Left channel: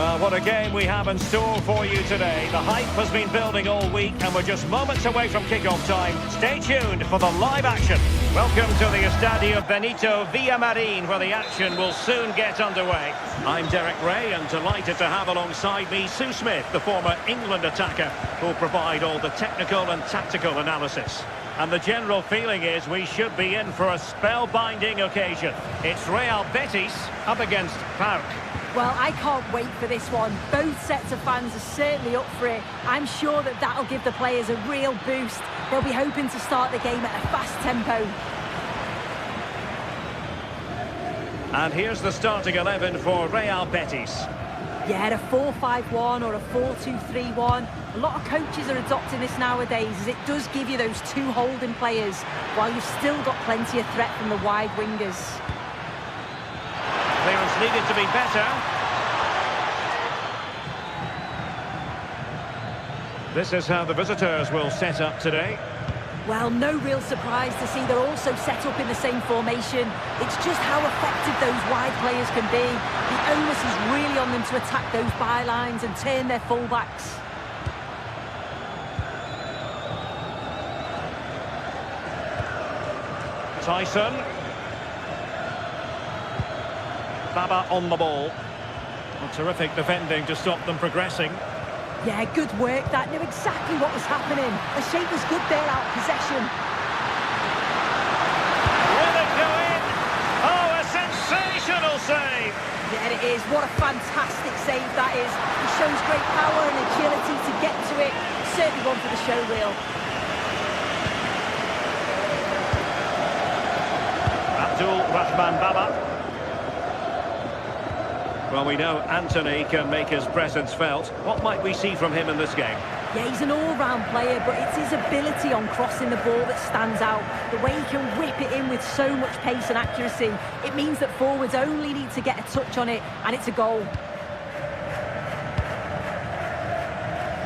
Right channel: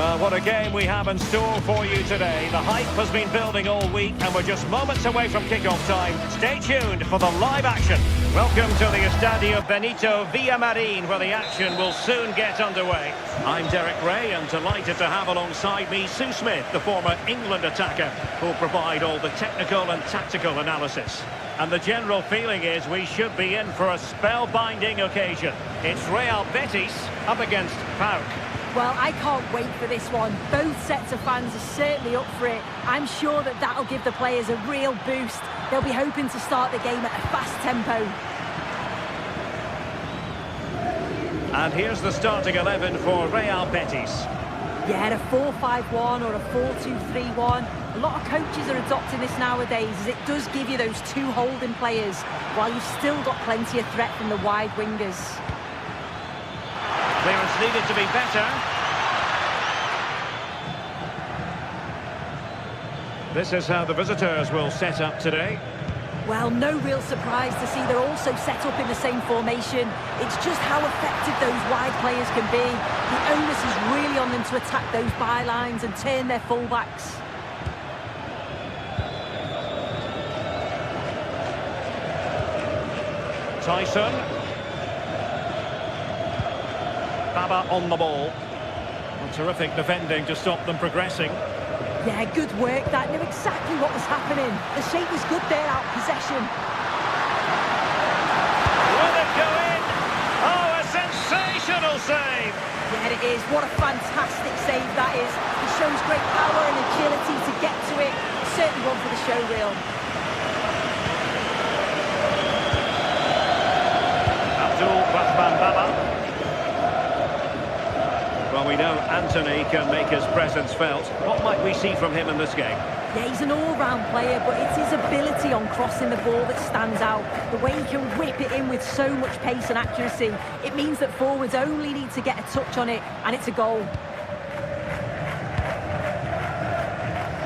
Well, what a game we have in store for you today. The hype has been building all week and we're just moments away from kick-off time. Stay tuned for the live action. Welcome to the Estadio Benito Villamarin, where the action will soon get underway. I'm Derek Ray and delighted to have alongside me Sue Smith, the former England attacker, who'll provide all the technical and tactical analysis. And the general feeling is we should be in for a spellbinding occasion. It's Real Betis up against PAOK. Well, I can't wait for this one. Both sets of fans are certainly up for it. I'm sure that that'll give the players a real boost. They'll be hoping to start the game at a fast tempo. And here's the starting 11 for Real Betis. Yeah, a 4-5-1 or a 4-2-3-1. A lot of coaches are adopting this nowadays, as it does give you those two holding players, while you've still got plenty of threat from the wide wingers. Clearance needed to be better. This is how the visitors will set up today. Well, no real surprise to see they're also set up in the same formation. It's just how effective those wide players can be. The onus is really on them to attack those bylines and turn their fullbacks. Tyson. Baba on the ball. Well, terrific defending to stop them progressing. Yeah, good work. That knew exactly what was happening. The shape was good there, out of possession. Will it go in? Oh, a sensational save! Yeah, it is. What a fantastic save that is. He shows great power and agility to get to it. Certainly one for the show reel. Abdul Rahman Baba. Well, we know Anthony can make his presence felt. What might we see from him in this game? Yeah, he's an all-round player, but it's his ability on crossing the ball that stands out. The way he can whip it in with so much pace and accuracy. It means that forwards only need to get a touch on it, and it's a goal.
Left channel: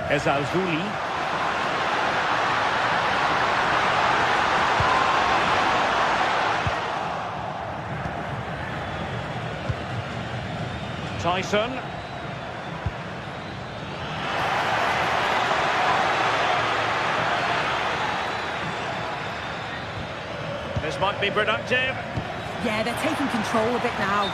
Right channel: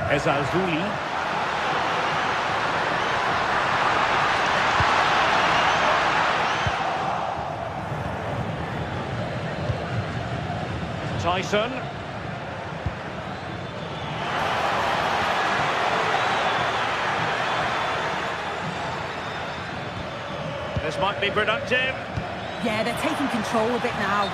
Ezalzouli. Tyson. This might be productive. Yeah, they're taking control of it now.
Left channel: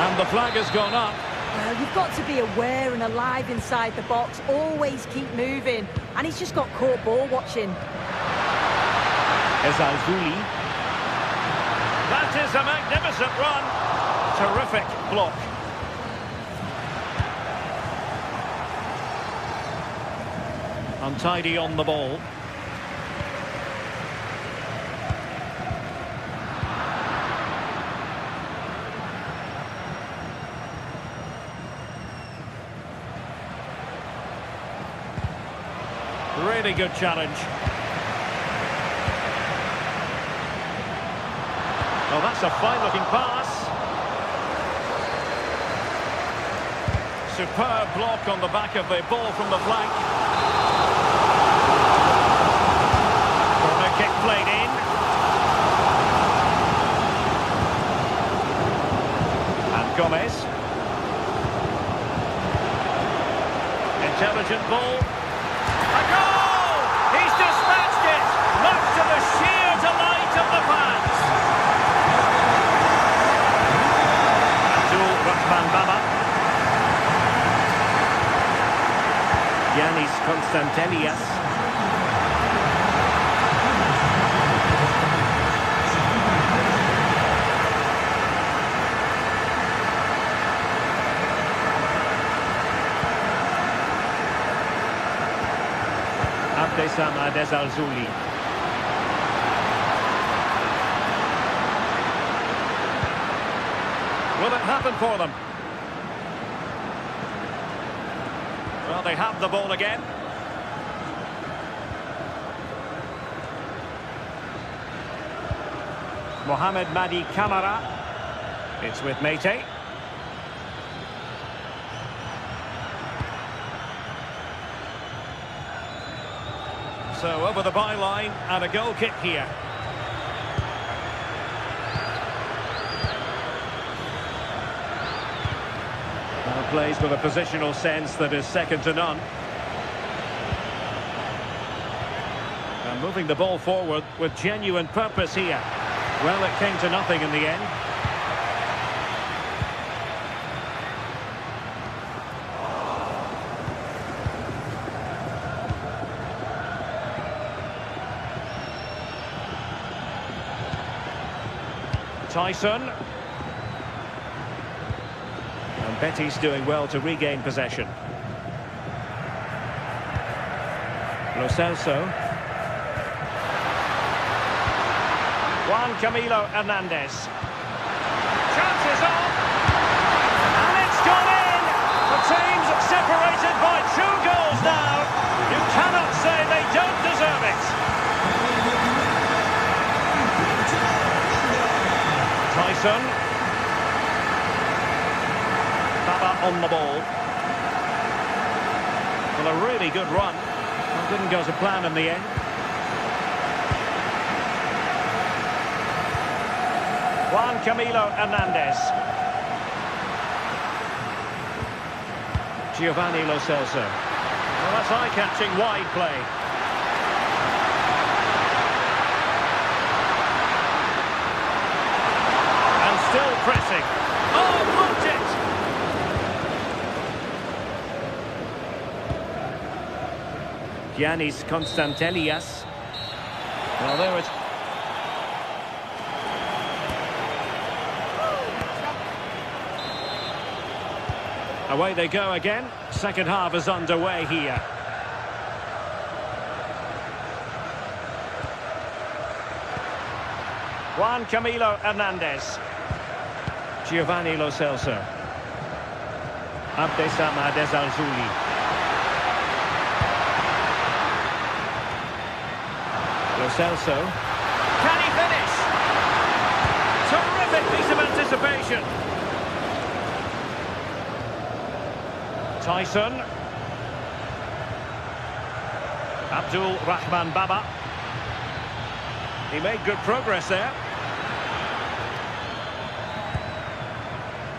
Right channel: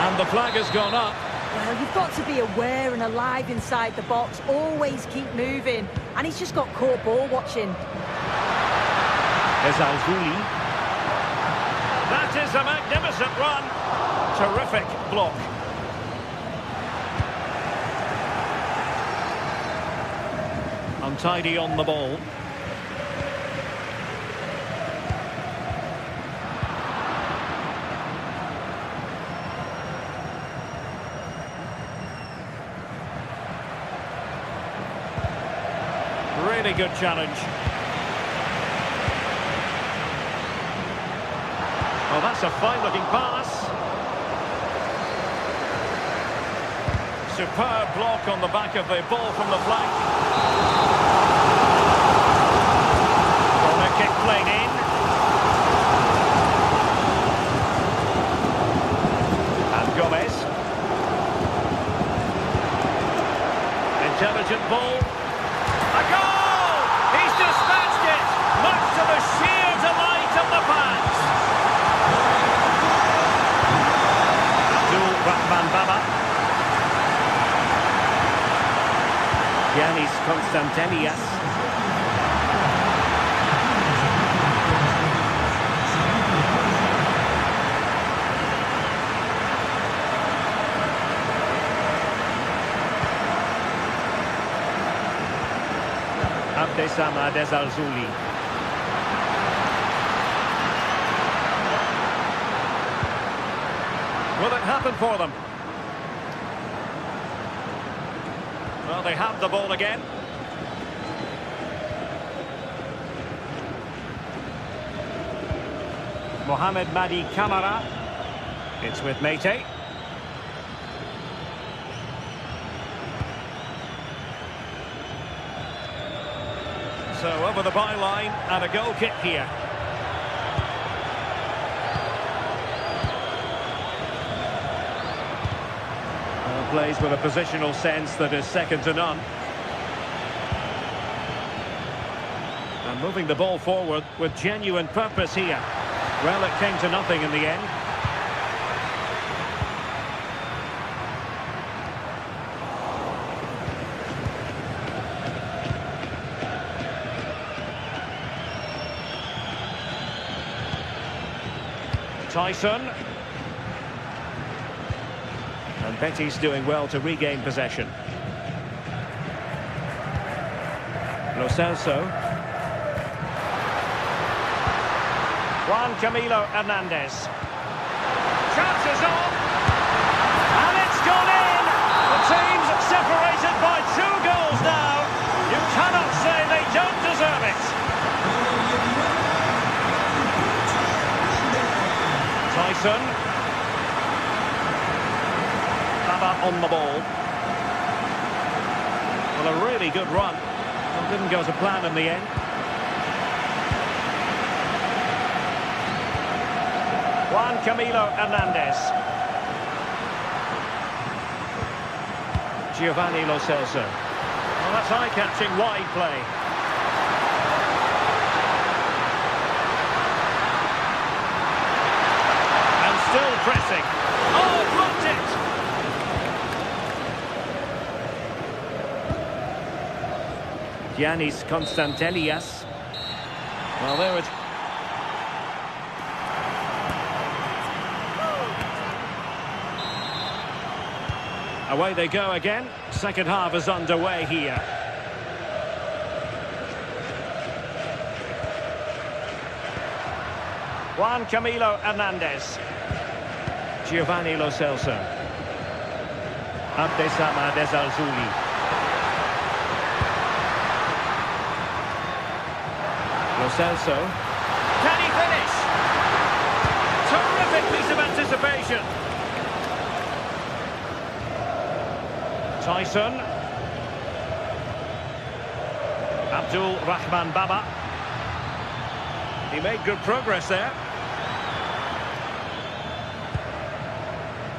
And the flag has gone up. Well, you've got to be aware and alive inside the box. Always keep moving. And he's just got caught ball watching. Ezalzouli. That is a magnificent run. Terrific block. Untidy on the ball. Really good challenge. Well, that's a fine-looking pass. Superb block on the back of the ball from the flank. Kick played in. And Gomez. Intelligent ball. A goal! He's dispatched it, much to the sheer delight of the fans. Abdul Rahman Baba. Yanis Konstantelias. Abdessamad Ezalzouli. Will it happen for them? Well, they have the ball again. Mohamed Madi Camara. It's with Mete. So over the byline and a goal kick here. Plays with a positional sense that is second to none. And moving the ball forward with genuine purpose here. Well, it came to nothing in the end. Tyson. And Betty's doing well to regain possession. Lo Celso. Juan Camilo Hernandez. Chances on. And it's gone in. The team's separated by 2 goals now. You cannot say they don't deserve it. Tyson. Baba on the ball. Well, a really good run. Well, didn't go to plan in the end. Juan Camilo Hernandez. Giovanni Lo Celso. Well, that's eye-catching wide play. And still pressing. Oh, blocked it! Giannis Constantelias. Well, there it... Away they go again. Second half is underway here. Juan Camilo Hernandez. Giovanni Lo Celso. Abdesama Desalzuli. Lo Celso. Can he finish? Terrific piece of anticipation. Tyson. Abdul Rahman Baba. He made good progress there.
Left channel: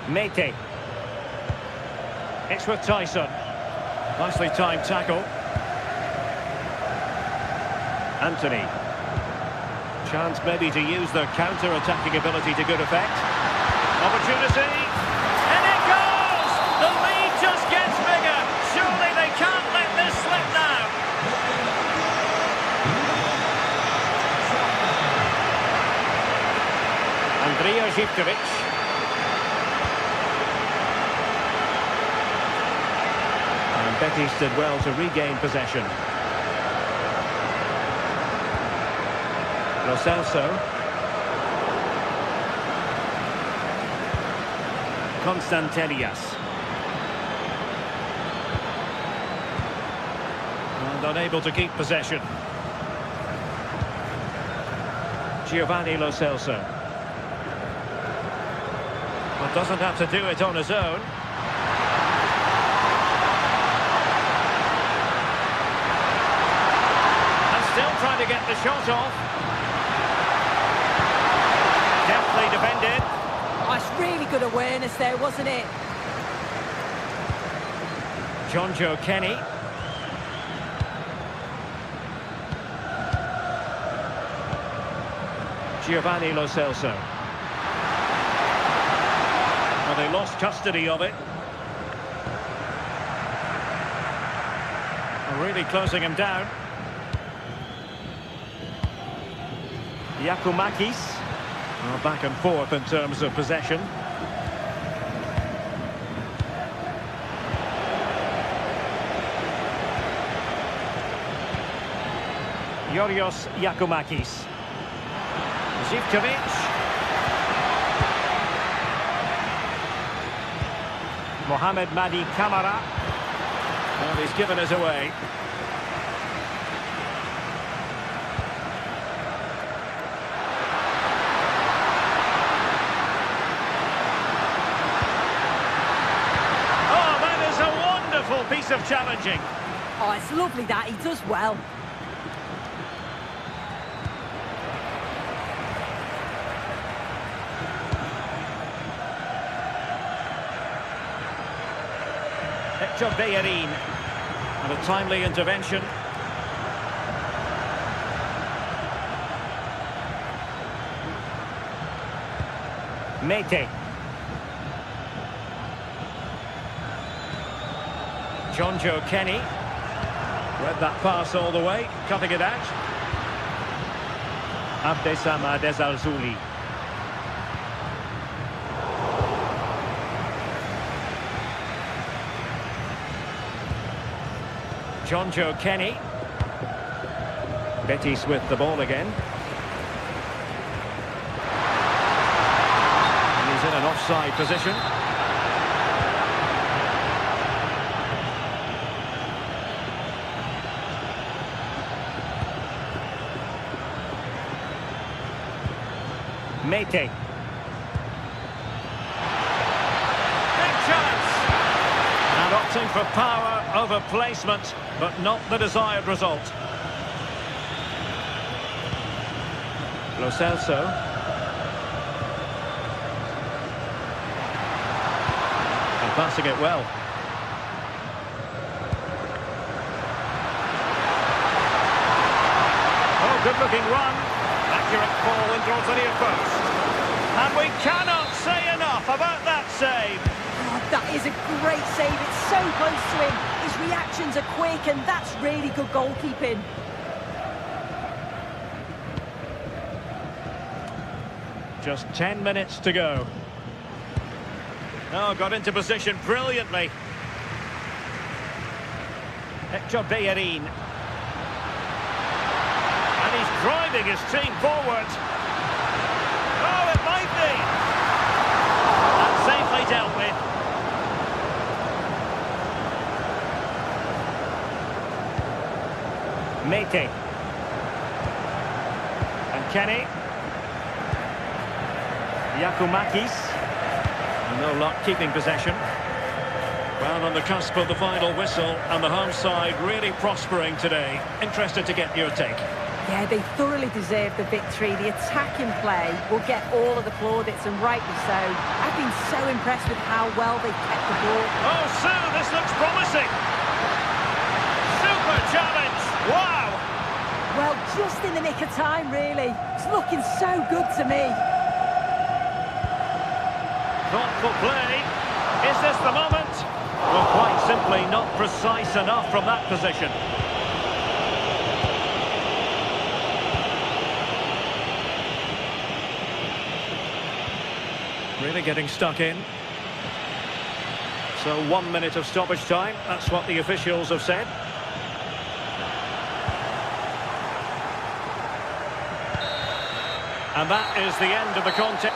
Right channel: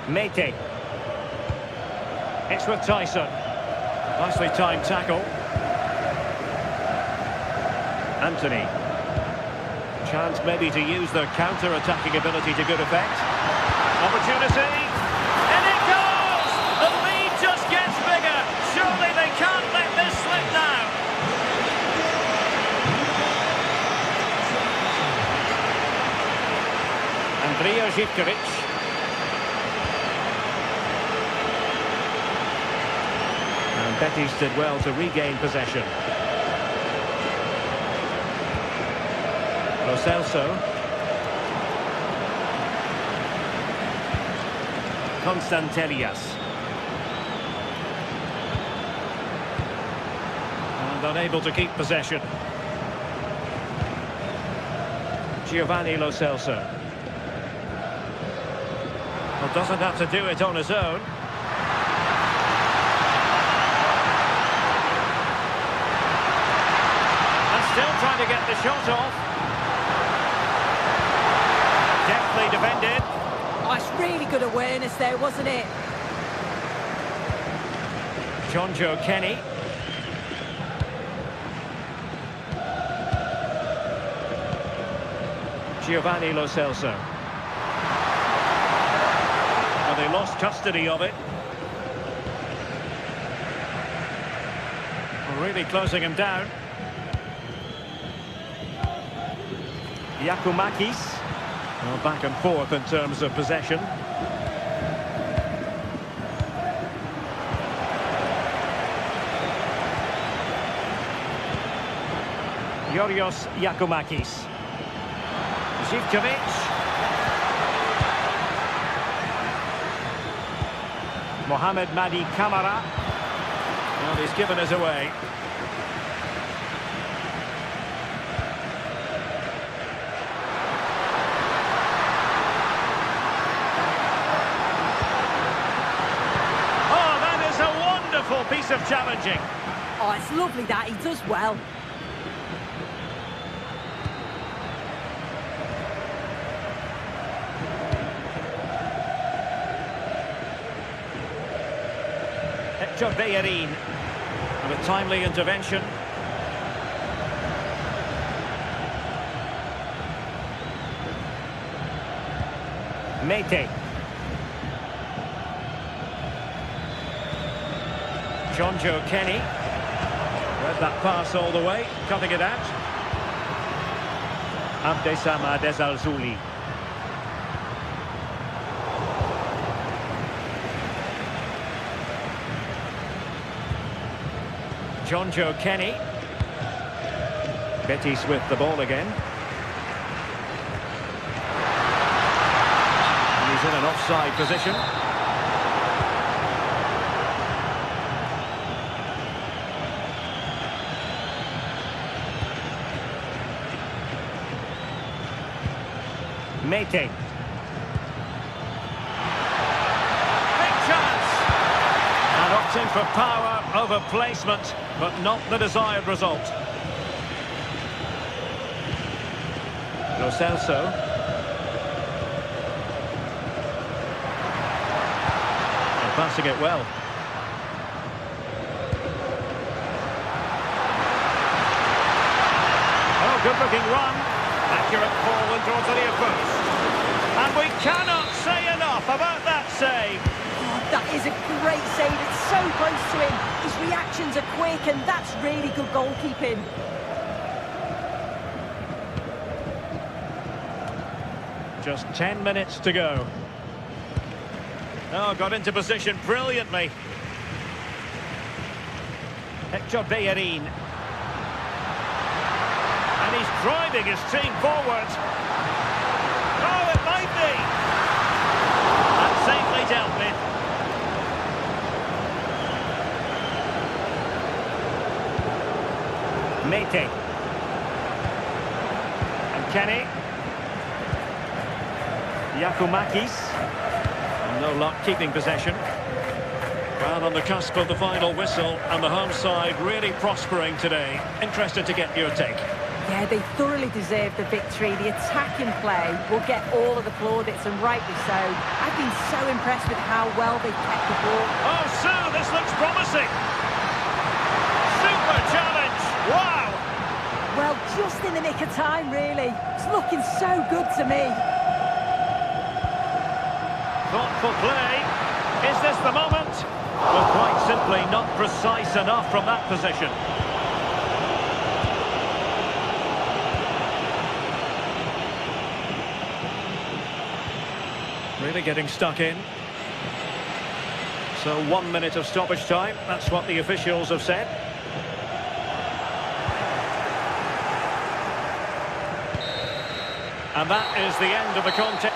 Mete. It's with Tyson. Nicely timed tackle. Anthony. Chance maybe to use their counter-attacking ability to good effect. Opportunity. And it goes! The lead just gets bigger. Surely they can't let this slip now. Andrija Zivkovic. And Betis did well to regain possession. Lo Celso. Constantelias. And unable to keep possession. Giovanni Lo Celso. Well, doesn't have to do it on his own. And still trying to get the shot off. Deftly defended. Oh, it's really good awareness there, wasn't it? Jonjo Kenny. Giovanni Lo Celso. Well, they lost custody of it. Really closing him down. Yakumakis. Well, back and forth in terms of possession. Yorios Yakumakis. Zivkovic. Mohamed Madi Kamara. Well, he's given us away. Oh, that is a wonderful piece of challenging. Oh, it's lovely that. He does well. Hector Bellerin. And a timely intervention. Mete. Jonjo Kenny. Read that pass all the way, cutting it out. Abdessamad Ezalzouli. Jonjo Kenny. Betis with the ball again. And he's in an offside position. Mete. Big chance! And opting for power over placement, but not the desired result. Lo Celso. And passing it well. Oh, good-looking run. Accurate ball in towards the near post. And we cannot say enough about that save. Oh, that is a great save. It's so close to him. His reactions are quick, and that's really good goalkeeping. Just 10 minutes to go. Oh, got into position brilliantly. Hector Bellerin. And he's driving his team forward. Oh, it might be. And safely dealt with. Mete. And Kenny. Yakumakis. And no luck keeping possession. Well, on the cusp of the final whistle, and the home side really prospering today. Interested to get your take. Yeah, they thoroughly deserve the victory. The attacking play will get all of the plaudits, and rightly so. I've been so impressed with how well they've kept the ball. Oh, Sue, this looks promising. Super challenge. Wow. Well, just in the nick of time, really. It's looking so good to me. Thoughtful play. Is this the moment? Well, quite simply not precise enough from that position. Really getting stuck in. So 1 minute of stoppage time. That's what the officials have said. And that is the end of the contest.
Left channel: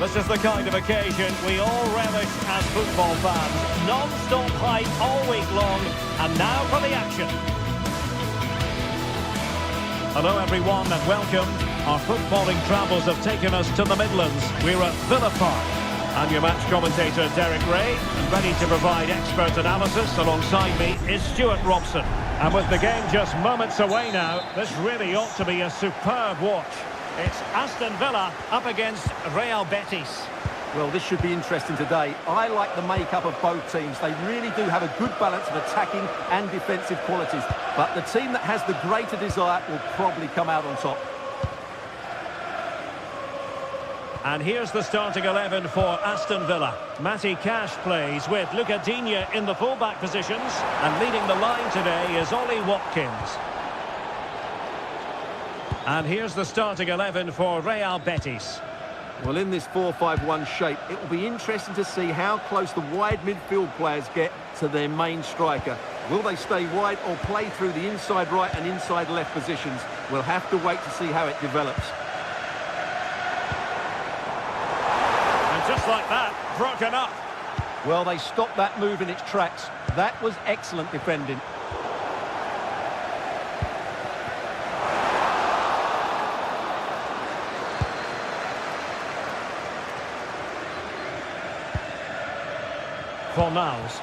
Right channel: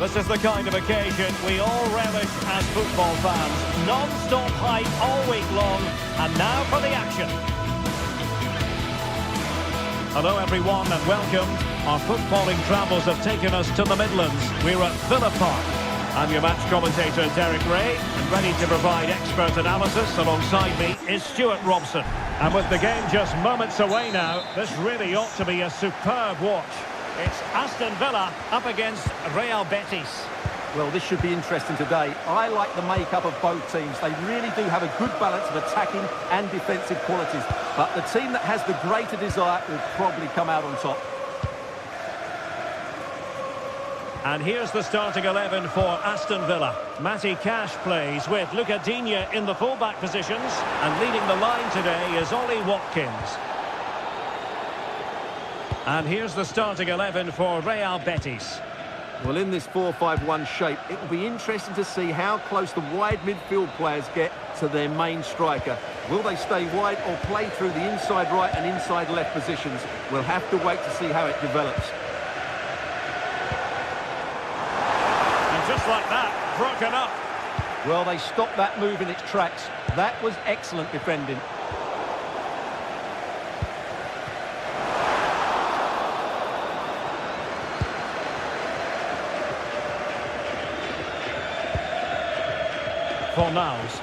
This is the kind of occasion we all relish as football fans. Non-stop hype all week long, and now for the action. Hello everyone and welcome. Our footballing travels have taken us to the Midlands. We're at Villa Park. I'm your match commentator Derek Ray, and ready to provide expert analysis alongside me is Stuart Robson. And with the game just moments away now, this really ought to be a superb watch. It's Aston Villa up against Real Betis. Well, this should be interesting today. I like the makeup of both teams. They really do have a good balance of attacking and defensive qualities. But the team that has the greater desire will probably come out on top. And here's the starting 11 for Aston Villa. Matty Cash plays with Luca Digne in the fullback positions. And leading the line today is Ollie Watkins. And here's the starting 11 for Real Betis. Well, in this 4-5-1 shape, it will be interesting to see how close the wide midfield players get to their main striker. Will they stay wide or play through the inside right and inside left positions? We'll have to wait to see how it develops. And just like that, broken up. Well, they stopped that move in its tracks. That was excellent defending. Fornals.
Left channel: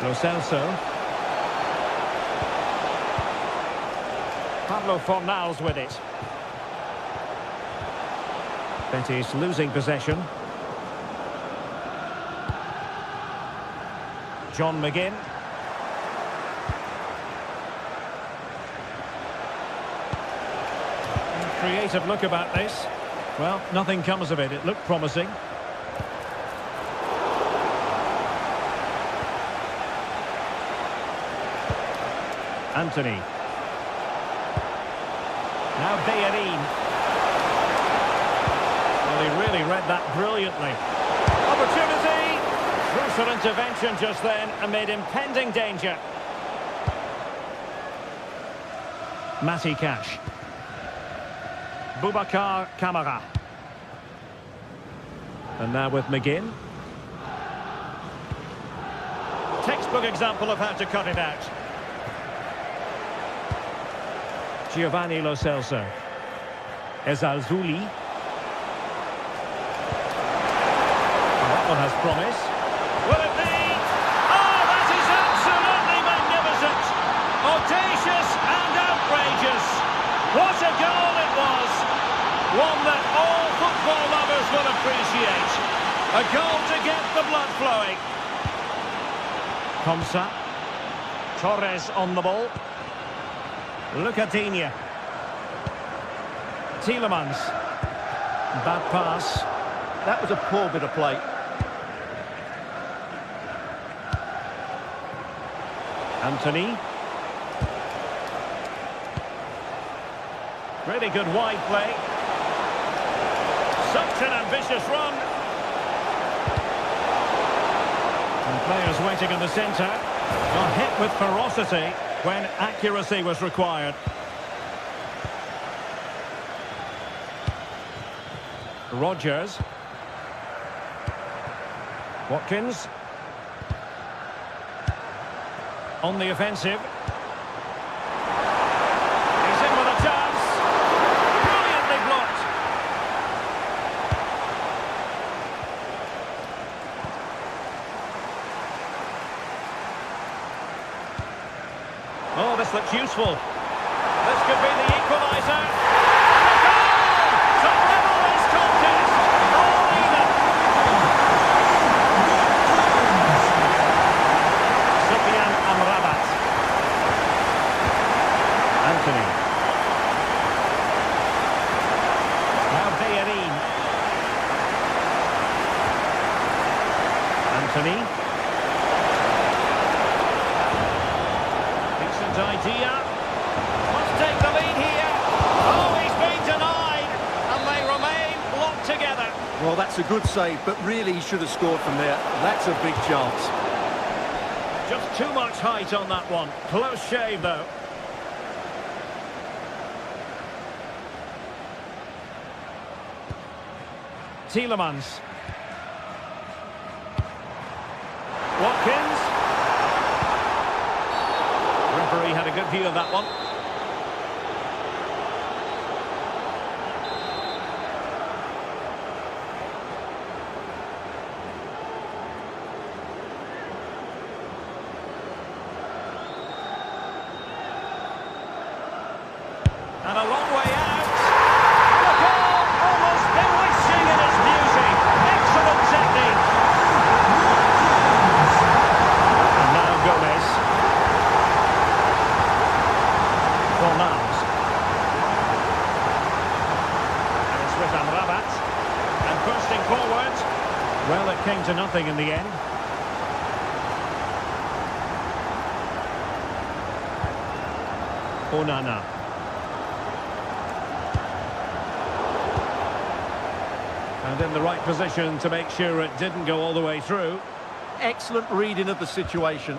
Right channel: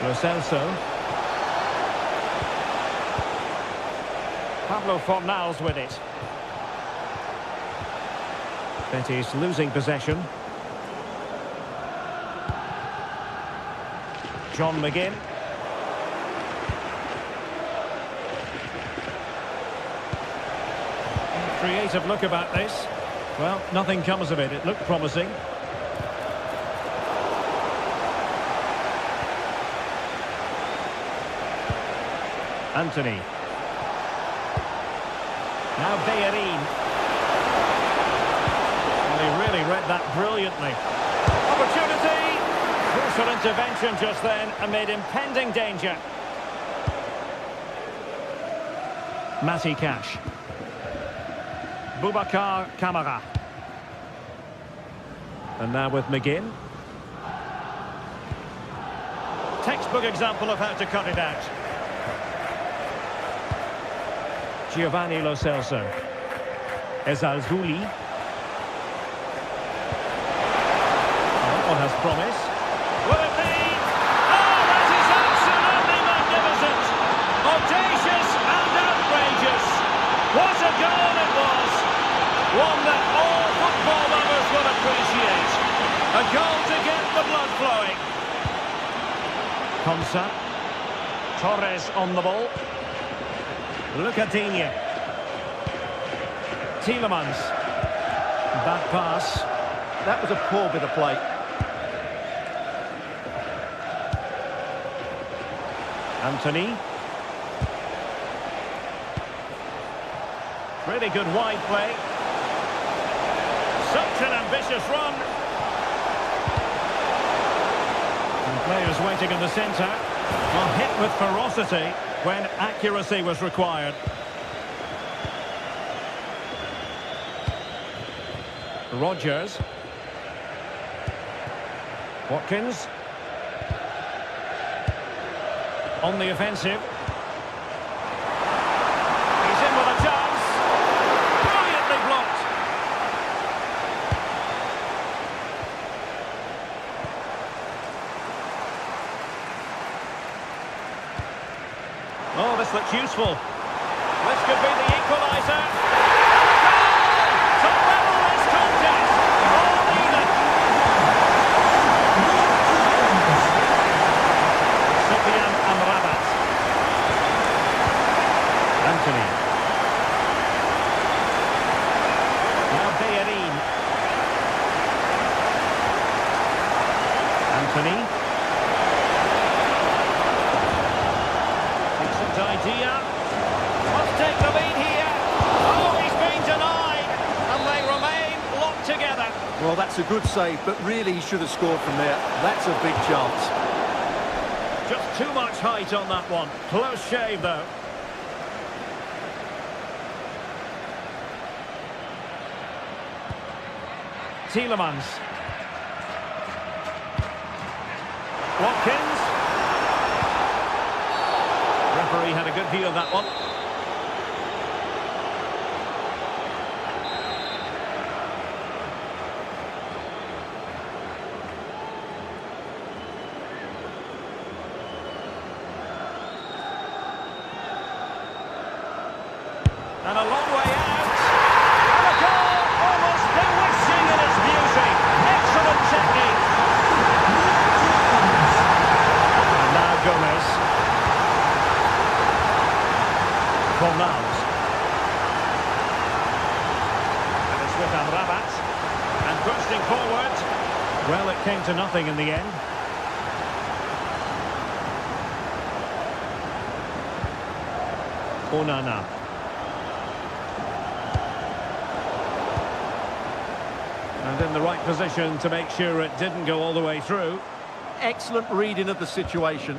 Lo Celso. Pablo Fornals with it. Betis losing possession. John McGinn. Creative look about this. Well, nothing comes of it. It looked promising. Anthony. Now Bellerin. Well, he really read that brilliantly. Opportunity! Crucial intervention just then amid impending danger. Matty Cash. Boubacar Kamara. And now with McGinn. Textbook example of how to cut it out. Giovanni Lo Celso. Ezalzouli. Oh, that one has promise. Will it be? Oh, that is absolutely magnificent! Audacious and outrageous. What a goal it was! One that all football lovers will appreciate. A goal to get the blood flowing. Komsa. Torres on the ball. Luca Digne. Tielemans. Bad pass. That was a poor bit of play. Anthony. Really good wide play. Such an ambitious run. And players waiting in the centre. Well, hit with ferocity when accuracy was required. Rodgers. Watkins. On the offensive. He's in with a chance. Brilliantly blocked. Oh, this looks useful. This could be the equaliser. And a goal to level this contest. All even. Sufyan Amrabat. Anthony. Now Bellerin. Anthony. Decent idea. Must take the lead here. Oh, he's been denied. And they remain locked together. Well, that's a good save, but really he should have scored from there. That's a big chance. Just too much height on that one. Close shave, though. Tielemans. Watkins. Referee had a good view of that one. And a long way out. And a goal almost bewitching in its beauty. Excellent technique. And now Gomez. Fornals. And it's with Amrabat. And bursting forward. Well, it came to nothing in the end. Onana. And in the right position to make sure it didn't go all the way through. Excellent reading of the situation.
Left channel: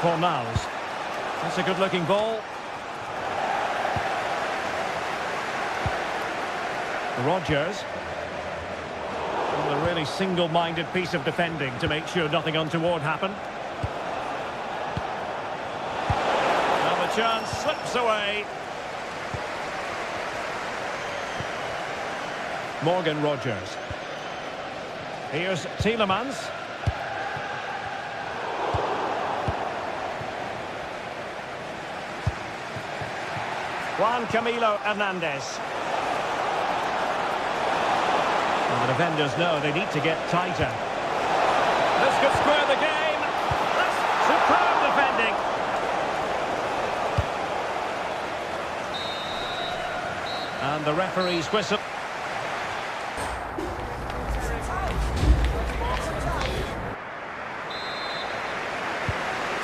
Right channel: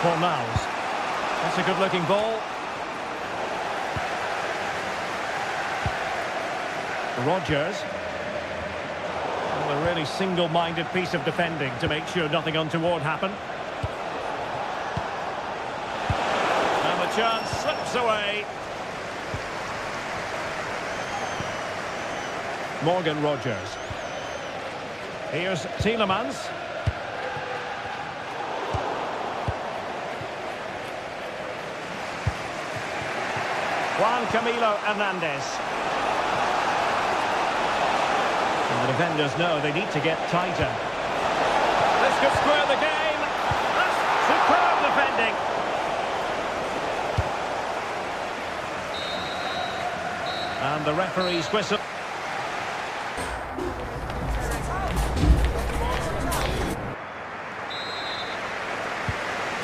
Fornals. That's a good-looking ball. Rodgers. Well, a really single-minded piece of defending to make sure nothing untoward happened. And the chance slips away. Morgan Rodgers. Here's Tielemans. Juan Camilo Hernandez. And the defenders know they need to get tighter. This could square the game. That's superb defending. And the referee's whistle.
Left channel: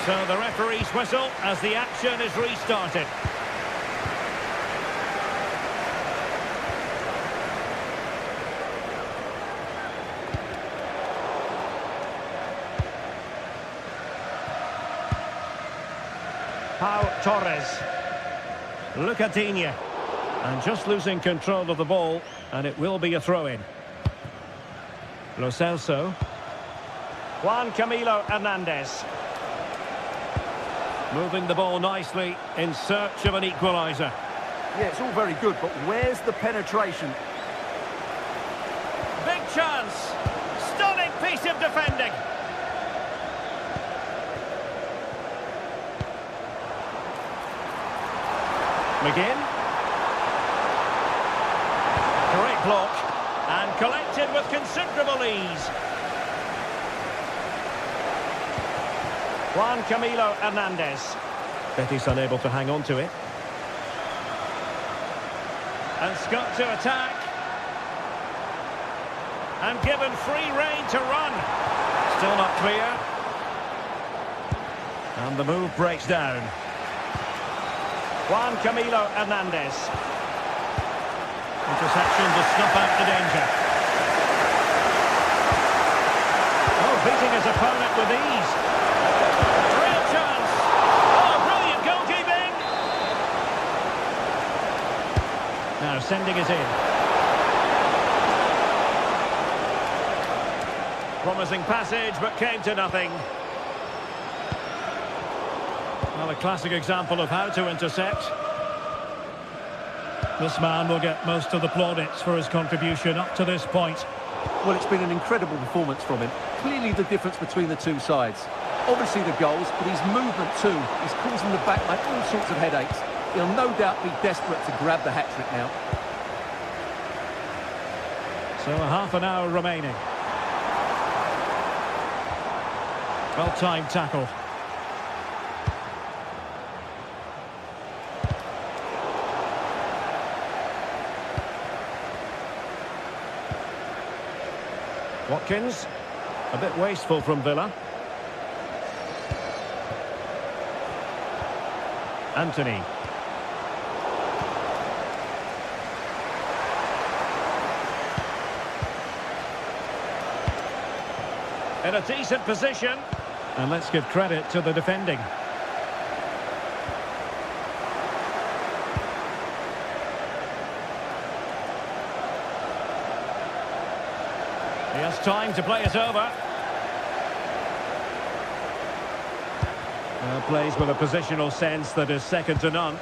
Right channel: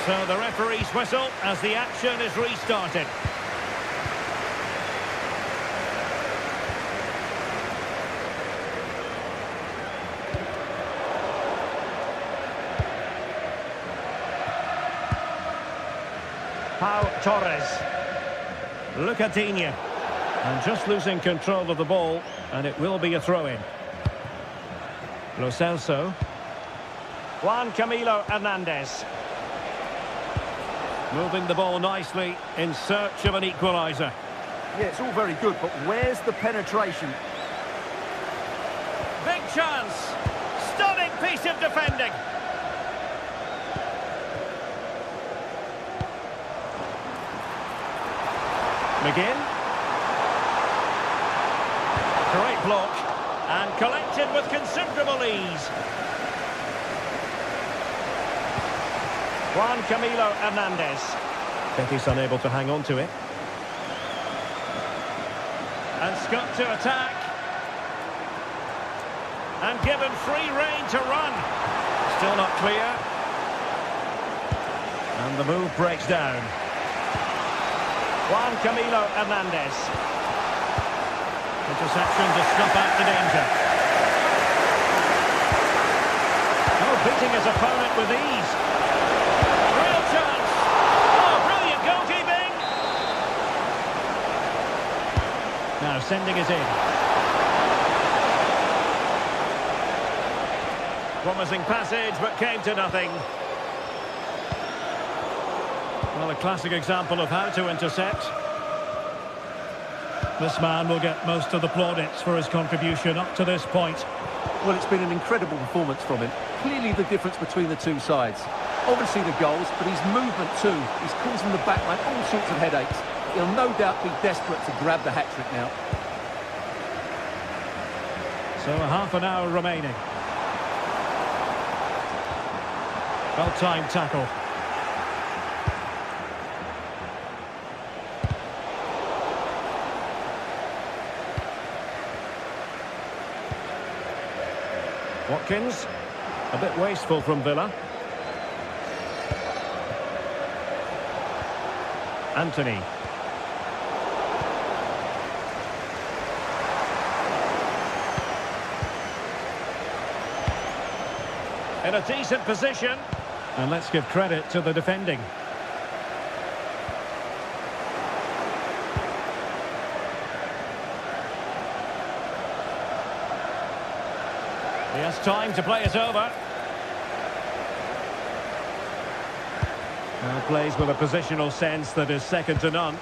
So the referee's whistle as the action is restarted. Pau Torres. Lucadinha. And just losing control of the ball, and it will be a throw-in. Lo Celso. Juan Camilo Hernandez. Moving the ball nicely in search of an equaliser. Yeah, it's all very good, but where's the penetration? Big chance. Stunning piece of defending. McGinn. Great block. And collected with considerable ease. Juan Camilo Hernandez. Betis unable to hang on to it. And Scott to attack. And given free rein to run. Still not clear. And the move breaks down. Juan Camilo Hernandez. Interception to snuff out the danger. Oh, beating his opponent with ease. Real chance. Oh, brilliant goalkeeping. Now sending it in. Promising passage, but came to nothing. Well, a classic example of how to intercept. This man will get most of the plaudits for his contribution up to this point. Well, it's been an incredible performance from him. Clearly the difference between the two sides. Obviously the goals, but his movement too. He's causing the backline all sorts of headaches. He'll no doubt be desperate to grab the hat-trick now. So a half an hour remaining. Well-timed tackle. Watkins, a bit wasteful from Villa. Anthony. In a decent position. And let's give credit to the defending. He has time to play it over. Now plays with a positional sense that is second to none.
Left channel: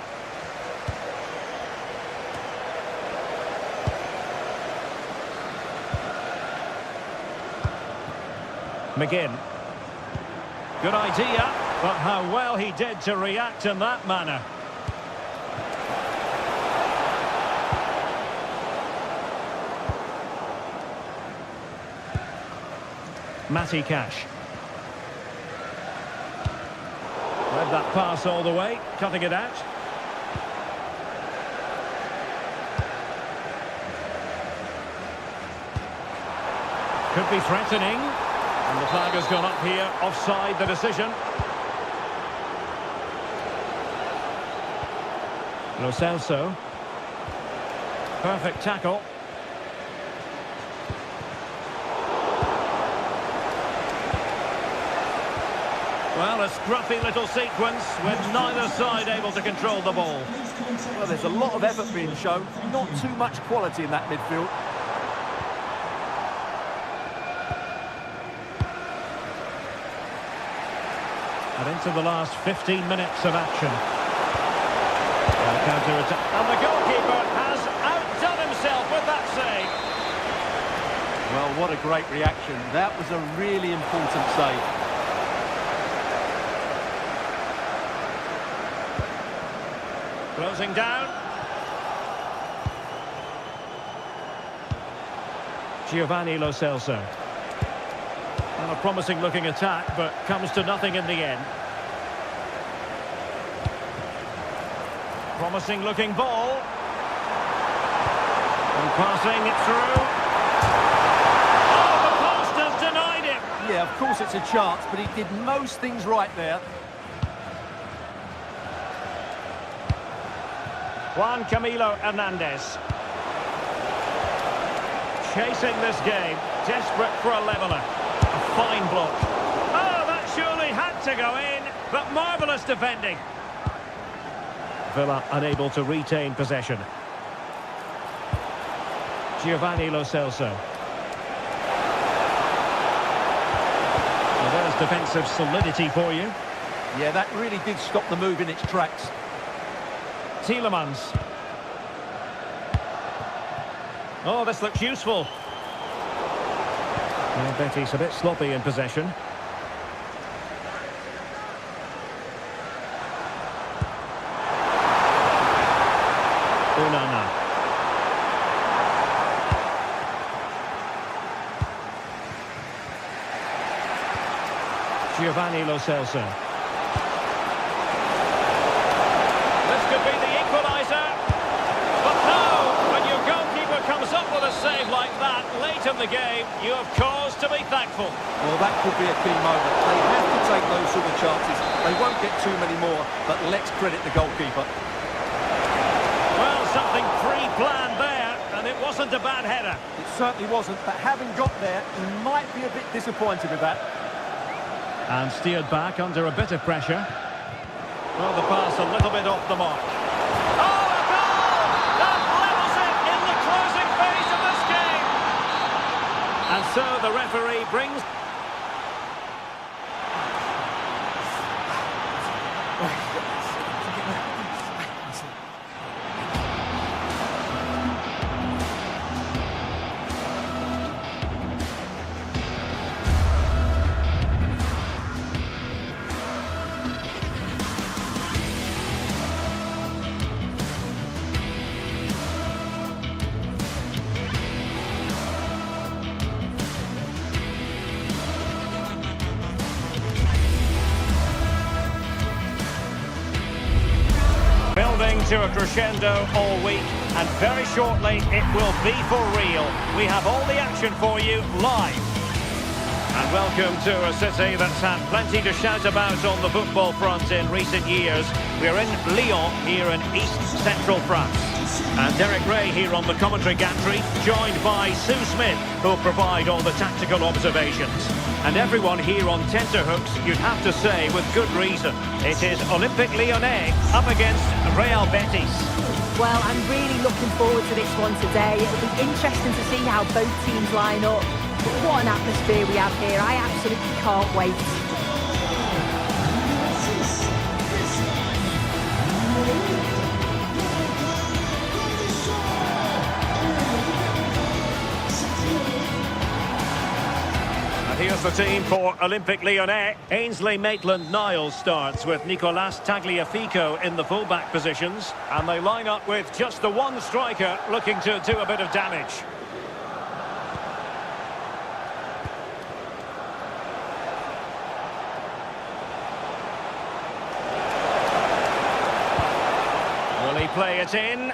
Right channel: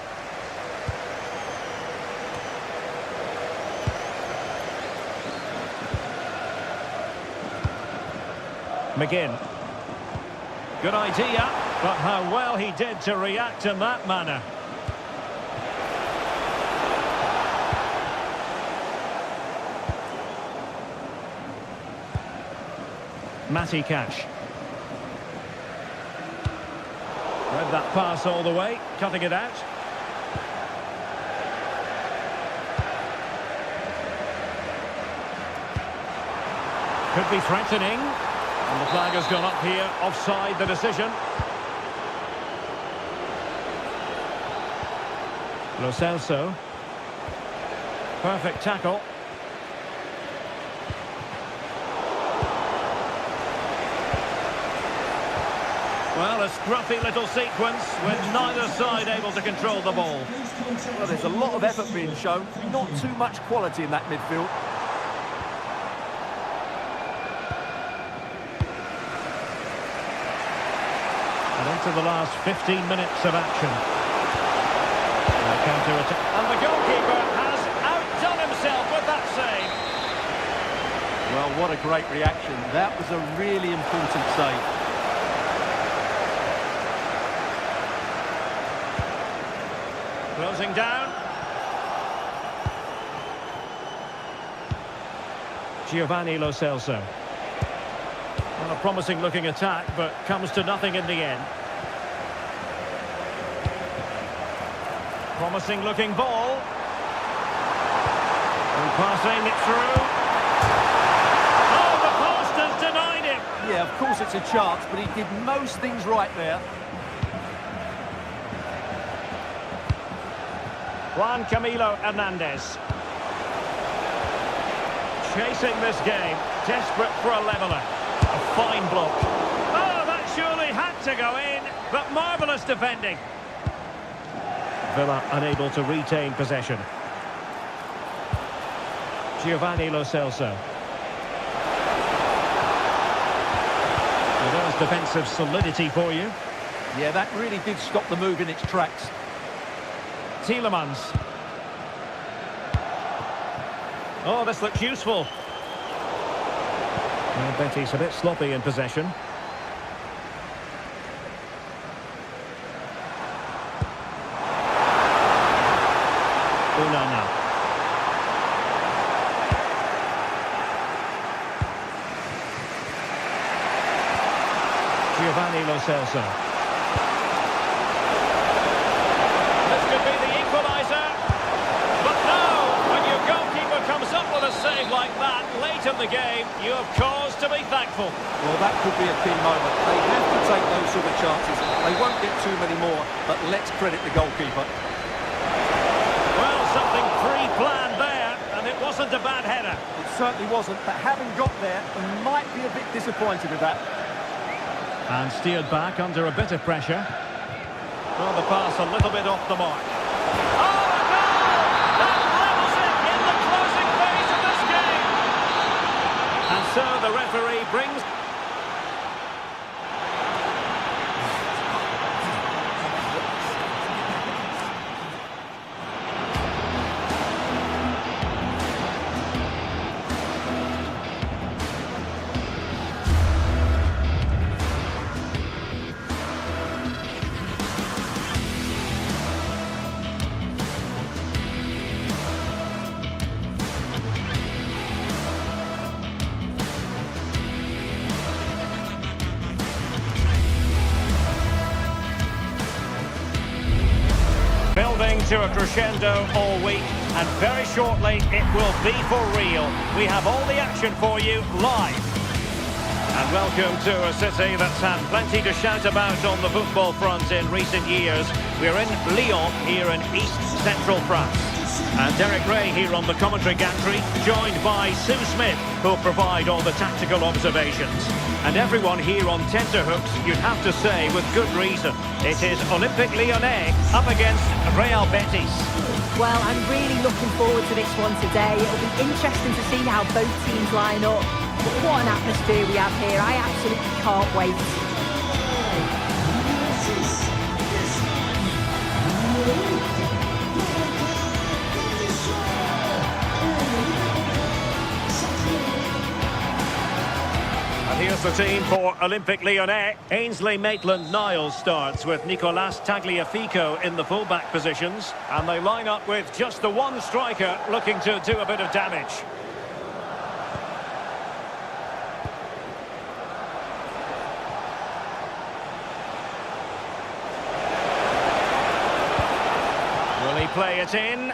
McGinn. Good idea. But how well he did to react in that manner. Matty Cash. Read that pass all the way, cutting it out. Could be threatening. And the flag has gone up here, offside the decision. Lo Celso. Perfect tackle. Well, a scruffy little sequence with neither side able to control the ball. Well, there's a lot of effort being shown, not too much quality in that midfield. And into the last 15 minutes of action. Counter-attack. And the goalkeeper has outdone himself with that save. Well, what a great reaction. That was a really important save. Closing down. Giovanni Lo Celso. Well, a promising looking attack, but comes to nothing in the end. Promising looking ball. And passing it through. Oh, the post has denied him. Yeah, of course it's a chance, but he did most things right there. Juan Camilo Hernandez. Chasing this game, desperate for a leveller. A fine block. Oh, that surely had to go in, but marvellous defending. Villa unable to retain possession. Giovanni Lo Celso. Well, there's defensive solidity for you. Yeah, that really did stop the move in its tracks. Tielemans. Oh, this looks useful. Well, Betty's a bit sloppy in possession. Onana. Giovanni Lo Celso. This could be the equaliser. But no, when your goalkeeper comes up with a save like that late in the game, you have cause to be thankful. Well, that could be a key moment. They have to take those sort of chances. They won't get too many more, but let's credit the goalkeeper. Well, something pre-planned there, and it wasn't a bad header. It certainly wasn't, but having got there, he might be a bit disappointed with that. And steered back under a bit of pressure. Well, the pass a little bit off the mark. Oh, a goal! That levels it in the closing phase of this game. And so the referee brings... Building to a crescendo all week, and very shortly it will be for real. We have all the action for you live. And welcome to a city that's had plenty to shout about on the football front in recent years. We're in Lyon, here in east-central France. And Derek Ray here on the commentary gantry, joined by Sue Smith, who'll provide all the tactical observations. And everyone here on tenterhooks, you'd have to say, with good reason. It is Olympique Lyonnais up against Real Betis. Well, I'm really looking forward to this one today. It'll be interesting to see how both teams line up. But what an atmosphere we have here. I absolutely can't wait. And here's the team for Olympique Lyonnais. Ainsley Maitland-Niles starts with Nicolas Tagliafico in the full-back positions. And they line up with just the one striker looking to do a bit of damage. Will he play it in?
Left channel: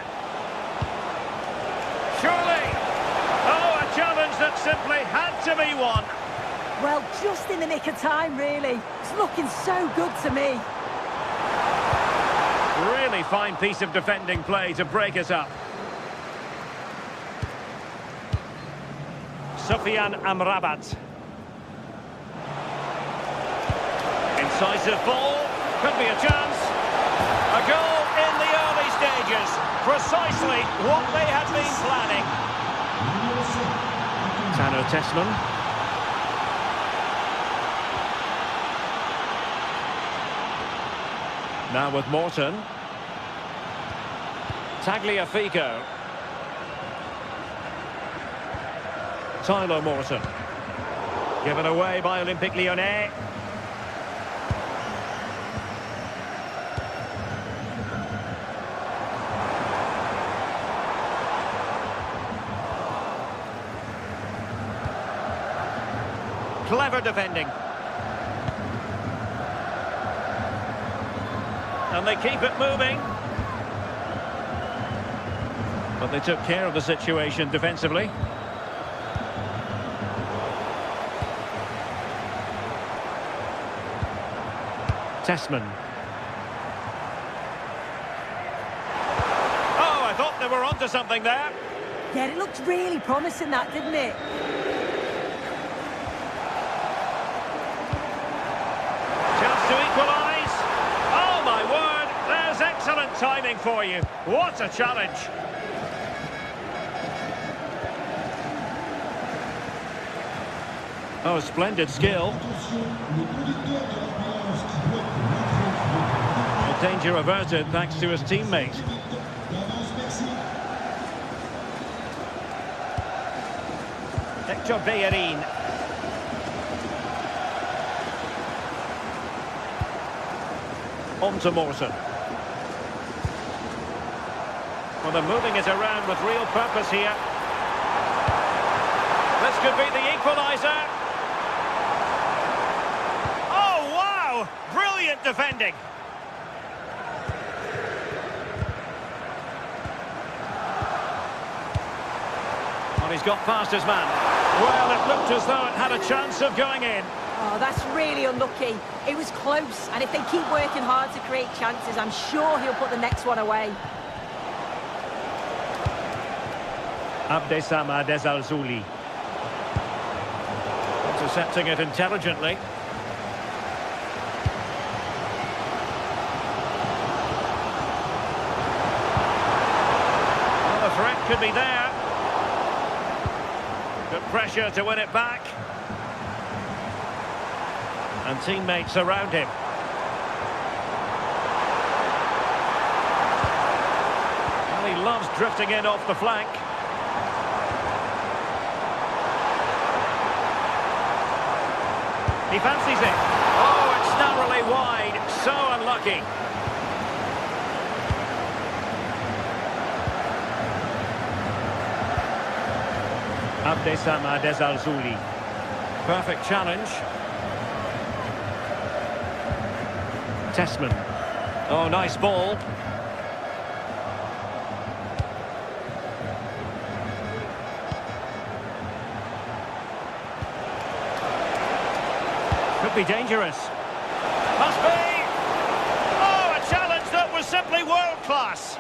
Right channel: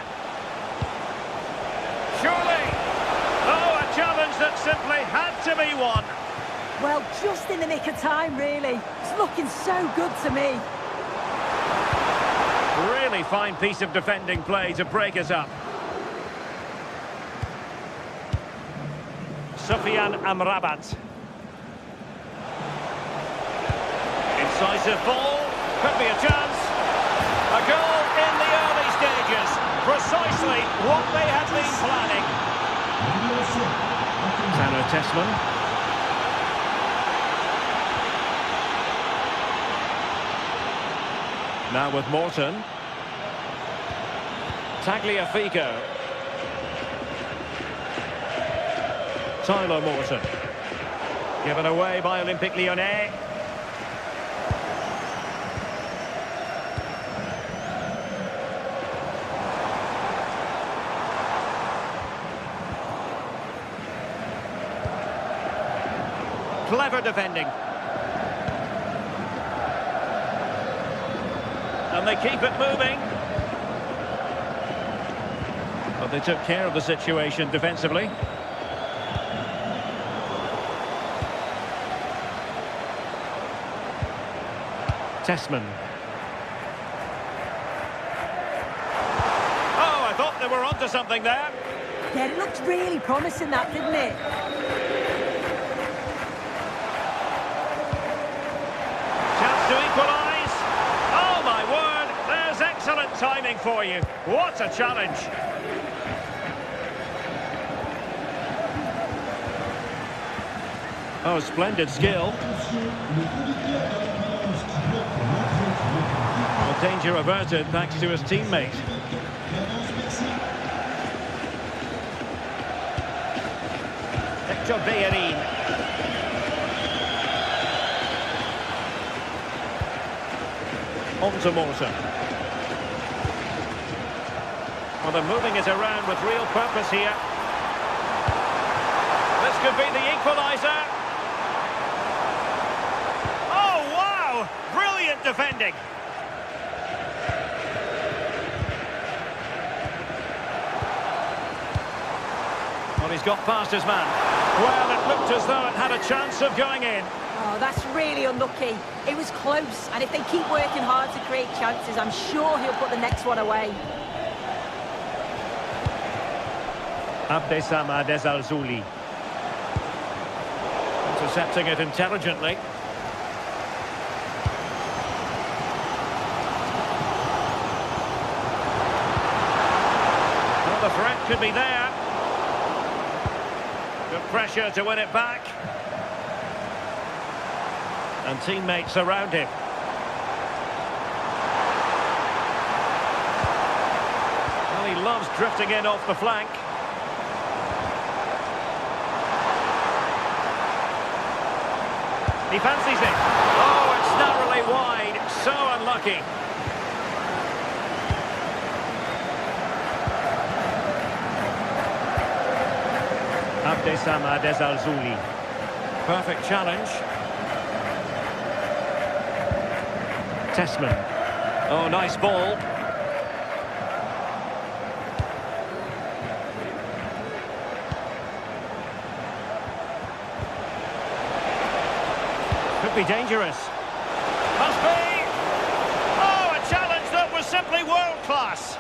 Surely! Oh, a challenge that simply had to be won. Well, just in the nick of time, really. It's looking so good to me. Really fine piece of defending play to break it up. Sofiane Amrabat. Incisive ball. Could be a chance. A goal in the early stages. Precisely what they had been planning. Tano Tessman. Now with Morton. Tagliafico. Tyler Morton. Given away by Olympique Lyonnais. Clever defending. And they keep it moving. But they took care of the situation defensively. Tessman. Oh, I thought they were onto something there. Yeah, it looked really promising, that, didn't it? Chance to equalise. Oh, my word. There's excellent timing for you. What a challenge. Oh, splendid skill. Well, danger averted thanks to his teammate. Hector Bellerin. On to Morton. Well, they're moving it around with real purpose here. This could be the equaliser. Oh, wow! Brilliant defending. Well, he's got past his man. Well, it looked as though it had a chance of going in. Oh, that's really unlucky. It was close, and if they keep working hard to create chances, I'm sure he'll put the next one away. Abdessamad Al-Zouli. Intercepting it intelligently. Well, the threat could be there. Good pressure to win it back. And teammates around him. Well, he loves drifting in off the flank. He fancies it. Oh, it's narrowly wide. So unlucky. Abdessamad Al-Zouli. Perfect challenge. Tessman. Oh, nice ball. Could be dangerous. Must be. Oh, a challenge that was simply world class.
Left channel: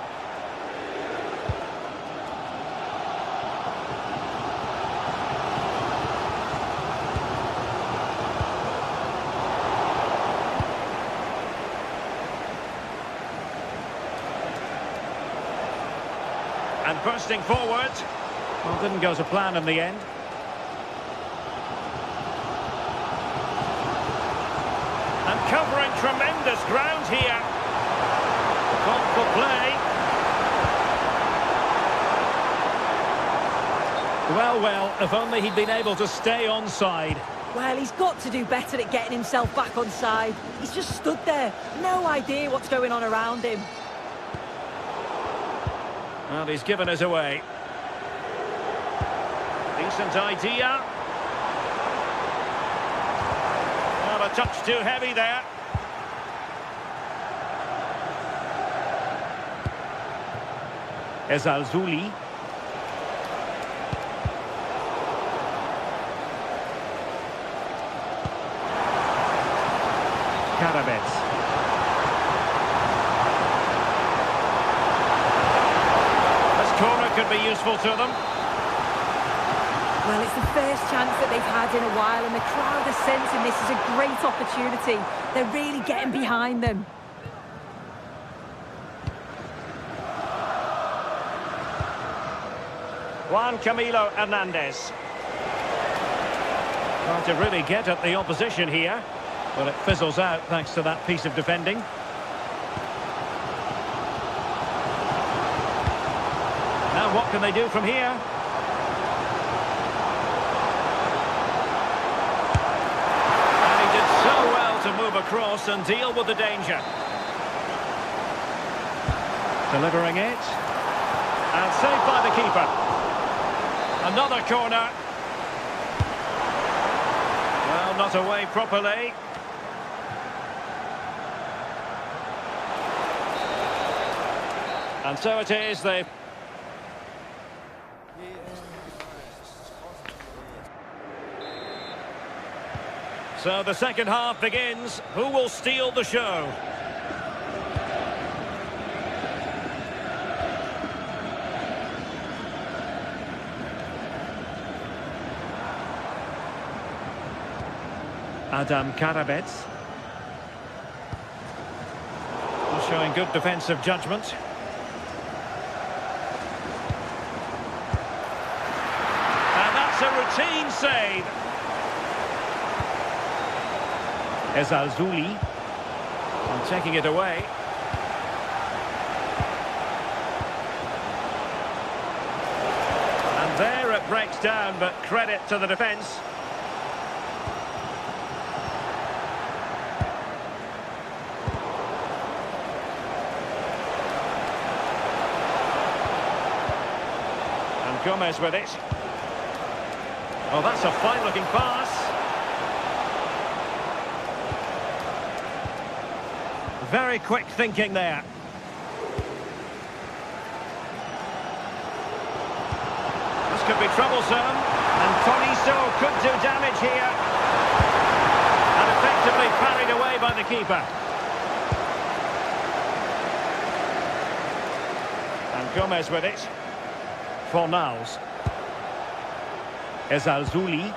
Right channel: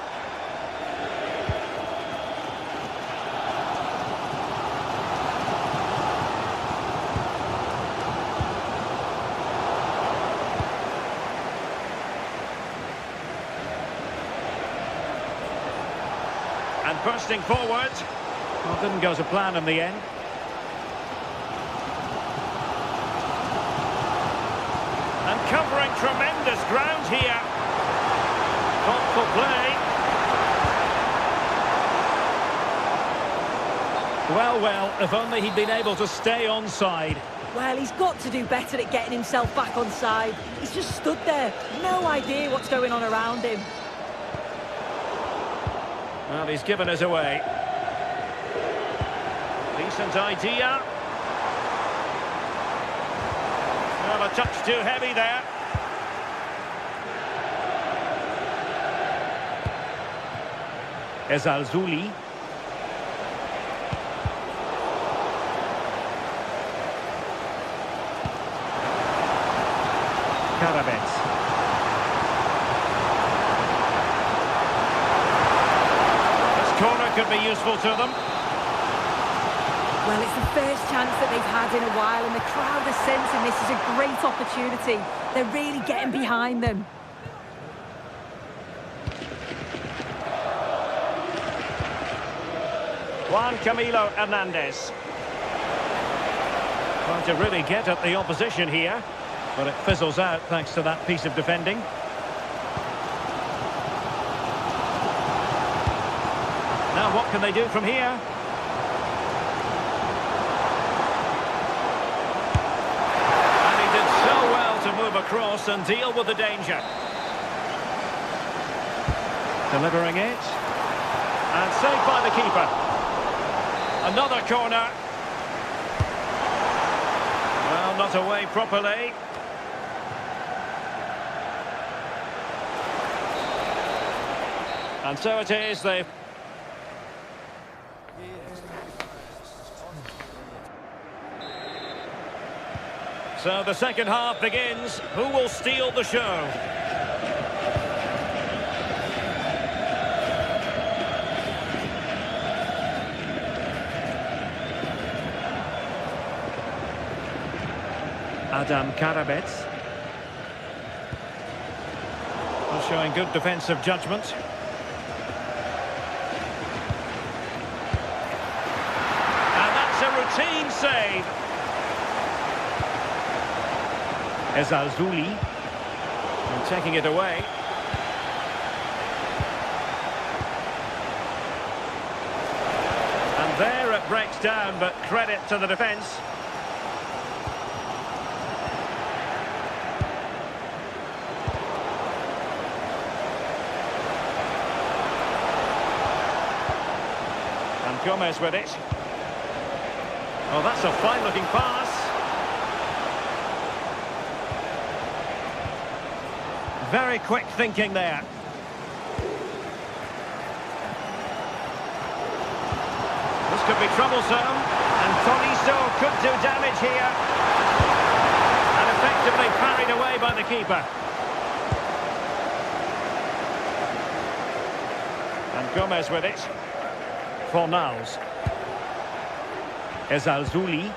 And bursting forward. Well, didn't go to plan in the end. And covering tremendous ground here. Thoughtful play. Well, if only he'd been able to stay onside. Well, he's got to do better at getting himself back on side. He's just stood there, no idea what's going on around him. Well, he's given us away. Decent idea. Well, a touch too heavy there. Ezalzouli. Karabets. This corner could be useful to them. Well, it's the first chance that they've had in a while, and the crowd are sensing this is a great opportunity. They're really getting behind them. Juan Camilo Hernandez. Trying to really get at the opposition here, but it fizzles out thanks to that piece of defending. Now what can they do from here? And he did so well to move across and deal with the danger. Delivering it. And saved by the keeper. Another corner. Well, not away properly. And so it is, they've... So the second half begins. Who will steal the show? Adam Karabets. Showing good defensive judgment. And that's a routine save. Ezalzouli. And taking it away. And there it breaks down, but credit to the defence. Gomez with it. Oh, that's a fine-looking pass. Very quick thinking there. This could be troublesome. And Tolisso could do damage here. And effectively parried away by the keeper. And Gomez with it. Fornals. Ezalzouli.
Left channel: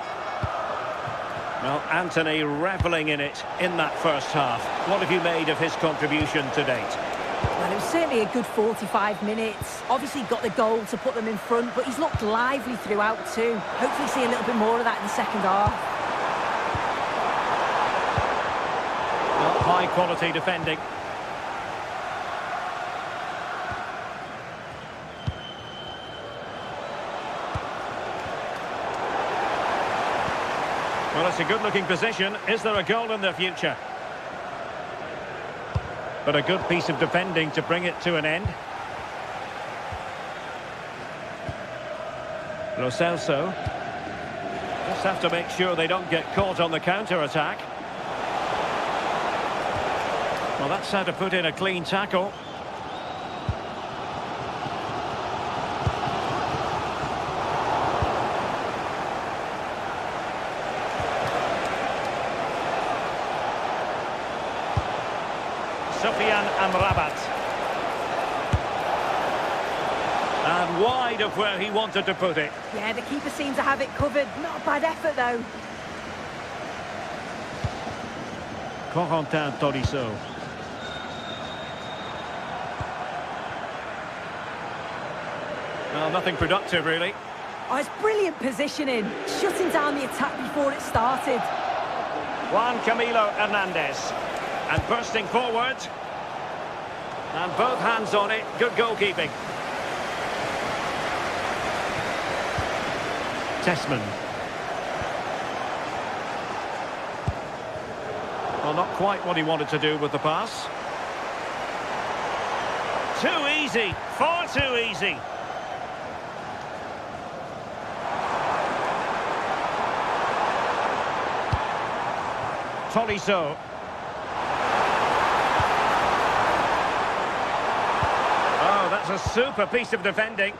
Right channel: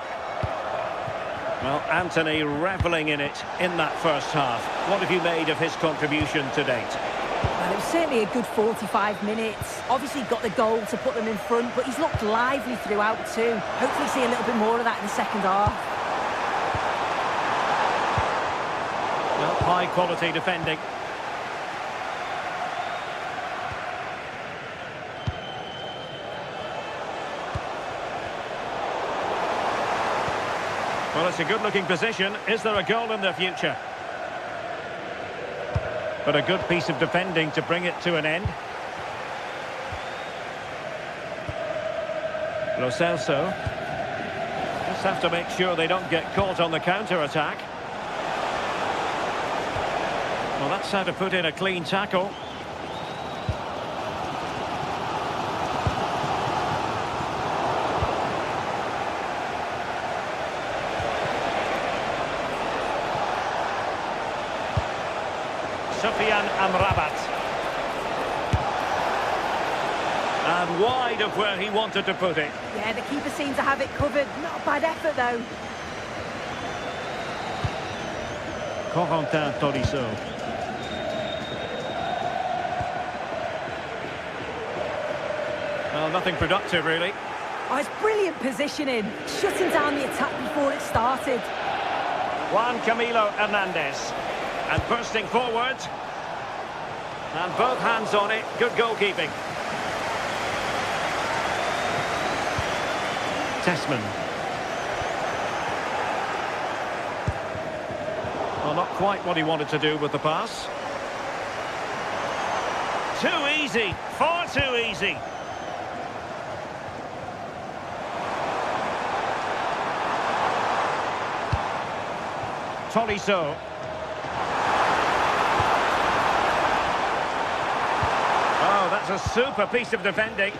Well, Anthony revelling in it in that first half. What have you made of his contribution to date? Well, it was certainly a good 45 minutes. Obviously got the goal to put them in front, but he's looked lively throughout too. Hopefully see a little bit more of that in the second half. Well, high quality defending. Well, it's a good-looking position. Is there a goal in the future? But a good piece of defending to bring it to an end. Lo Celso. Just have to make sure they don't get caught on the counter-attack. Well, that's how to put in a clean tackle. Sofian Amrabat. And wide of where he wanted to put it. Yeah, the keeper seemed to have it covered. Not a bad effort, though. Corentin Tolisso. Well, nothing productive, really. Oh, it's brilliant positioning. Shutting down the attack before it started. Juan Camilo Hernandez. And bursting forward. And both hands on it. Good goalkeeping. Tessman. Well, not quite what he wanted to do with the pass. Too easy, far too easy. Tolisso. Oh, that's a super piece of defending.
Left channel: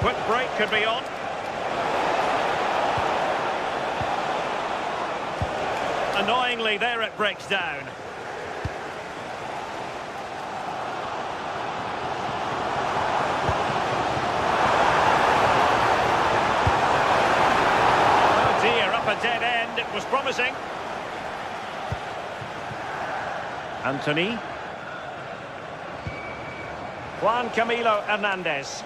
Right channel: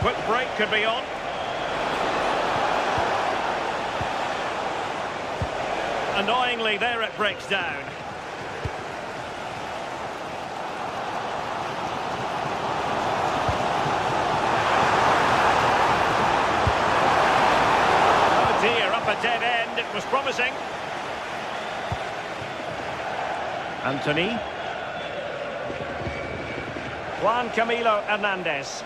Quick break could be on. Annoyingly, there it breaks down. Oh dear, up a dead end. It was promising. Anthony. Juan Camilo Hernandez.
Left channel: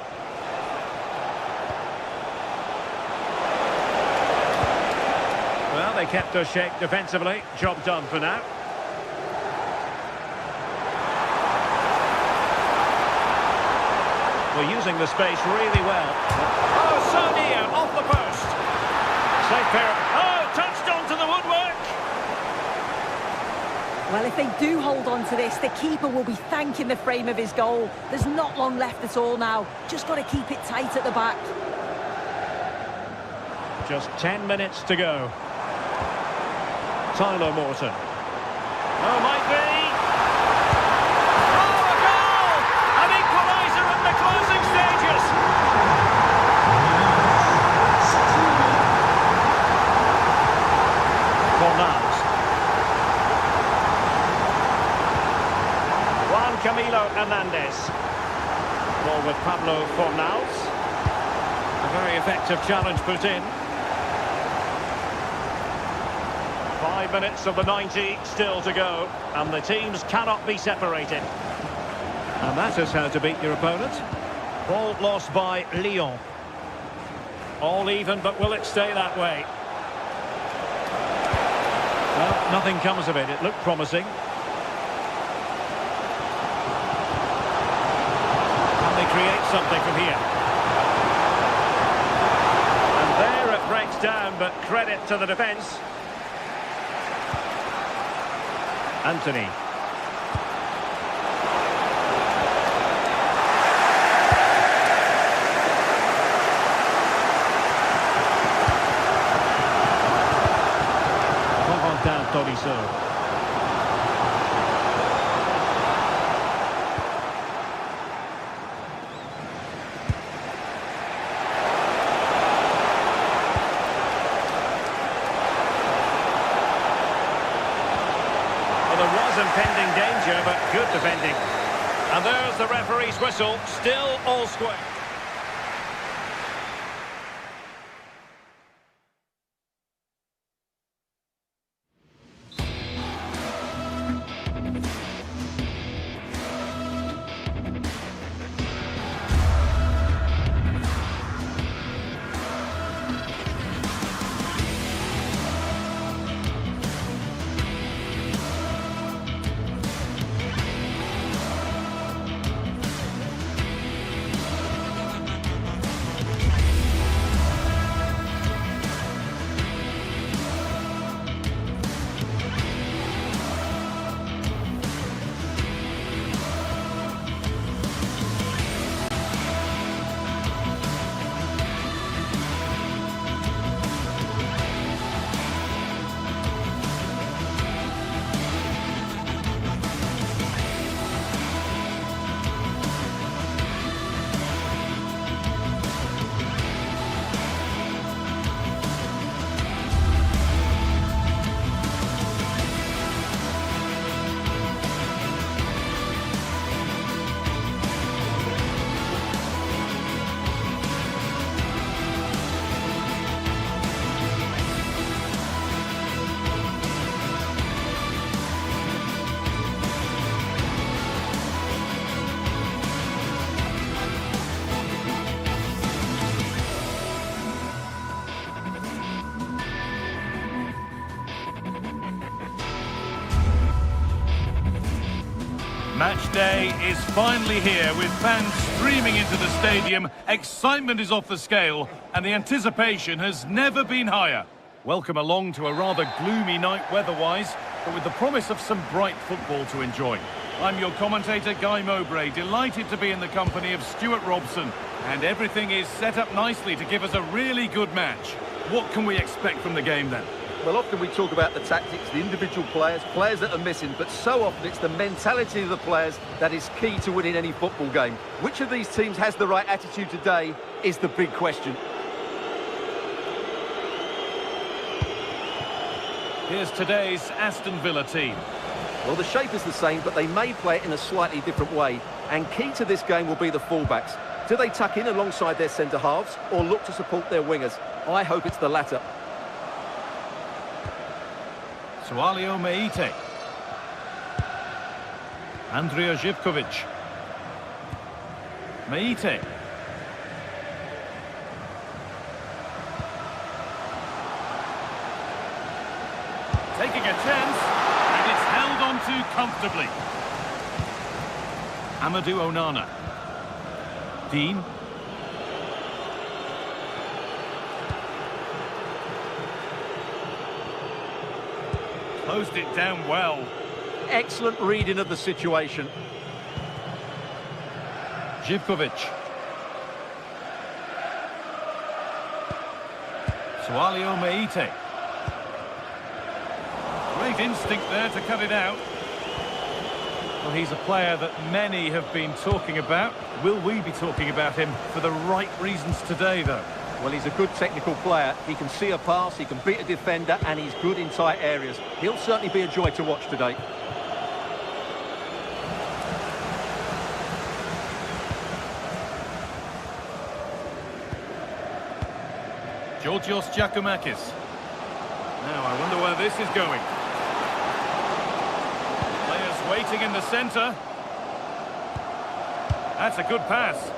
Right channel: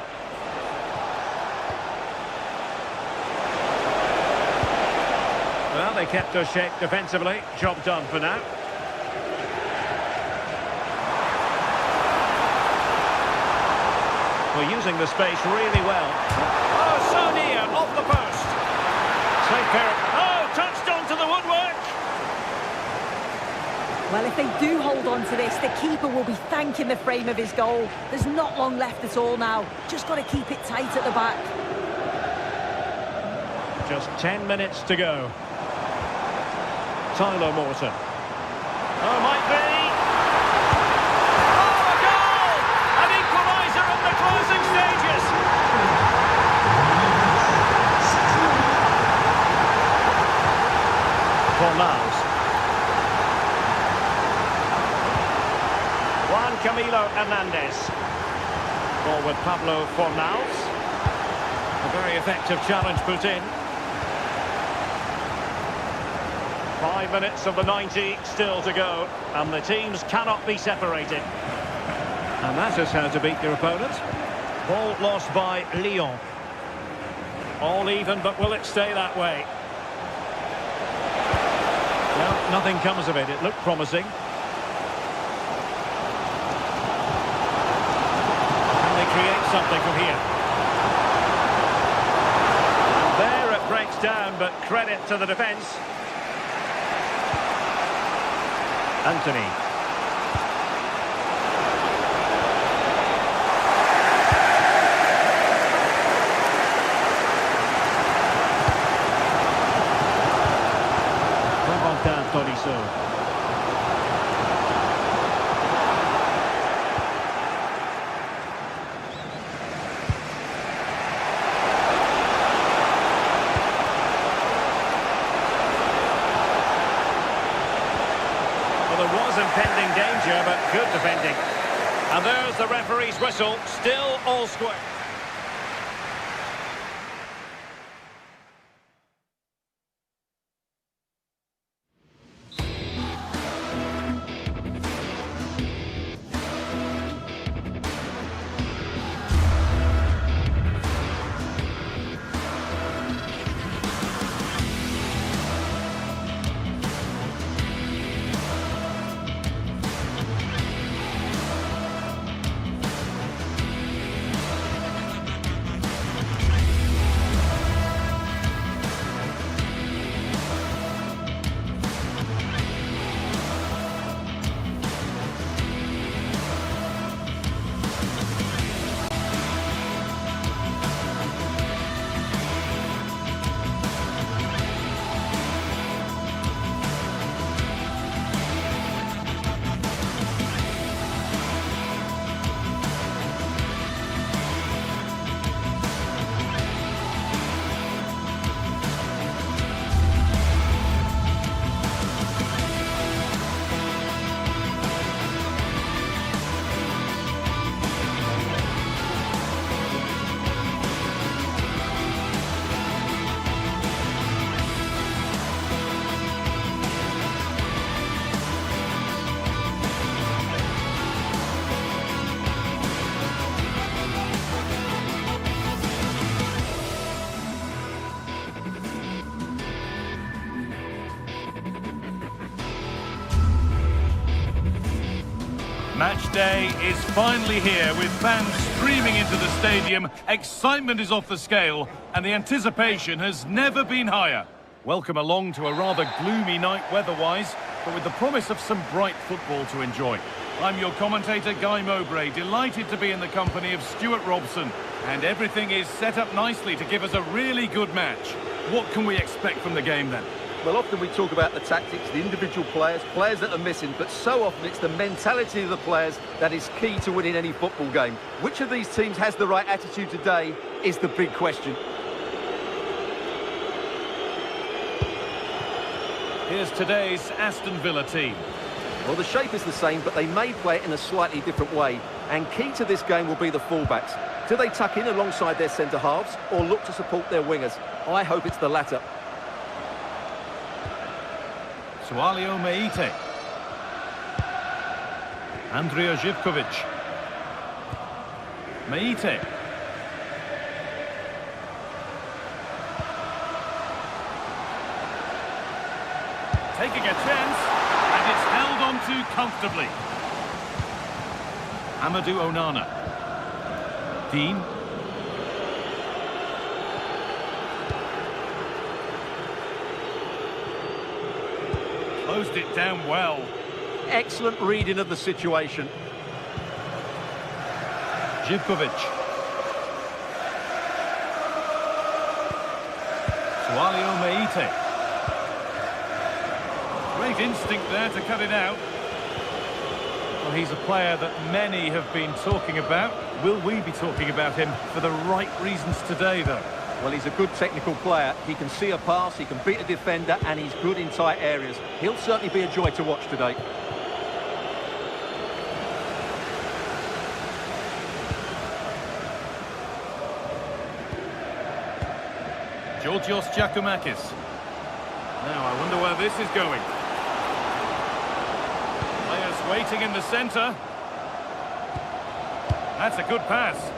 Well, they kept us shape defensively. Job done for now. We're using the space really well. Oh, so near, off the post. Safe pair. Oh, touched onto the woodwork. Well, if they do hold on to this, the keeper will be thanking the frame of his goal. There's not long left at all now. Just got to keep it tight at the back. Just 10 minutes to go. Tyler Morton. Oh, might be. Oh, a goal! An equaliser in the closing stages. Fornals. Juan Camilo Hernandez. Ball with Pablo Fornals. A very effective challenge put in. 5 minutes of the 90 still to go, and the teams cannot be separated. And that is how to beat your opponent. Ball lost by Lyon. All even, but will it stay that way? Well, nothing comes of it. It looked promising. Can they create something from here? And there it breaks down, but credit to the defence. Anthony. Corentin Tolisso. Well, there was impending danger, but good defending. And there's the referee's whistle, still all square. Match day is finally here with fans streaming into the stadium. Excitement is off the scale and the anticipation has never been higher. Welcome along to a rather gloomy night weather-wise, but with the promise of some bright football to enjoy. I'm your commentator, Guy Mowbray, delighted to be in the company of Stuart Robson. And everything is set up nicely to give us a really good match. What can we expect from the game then? Well, often we talk about the tactics, the individual players that are missing, but so often it's the mentality of the players that is key to winning any football game. Which of these teams has the right attitude today is the big question. Here's today's Aston Villa team. Well, the shape is the same, but they may play it in a slightly different way. And key to this game will be the fullbacks. Do they tuck in alongside their centre-halves or look to support their wingers? I hope it's the latter. Sualio Meite. Andrija Živković. Meite. Taking a chance, and it's held on to comfortably. Amadou Onana. Dean. Closed it down well. Excellent reading of the situation. Živković. Sualio Meite. Great instinct there to cut it out. Well, he's a player that many have been talking about. Will we be talking about him for the right reasons today, though? Well, he's a good technical player. He can see a pass, he can beat a defender, and he's good in tight areas. He'll certainly be a joy to watch today. Georgios Giacomakis. Now, I wonder where this is going. Players waiting in the centre. That's a good pass.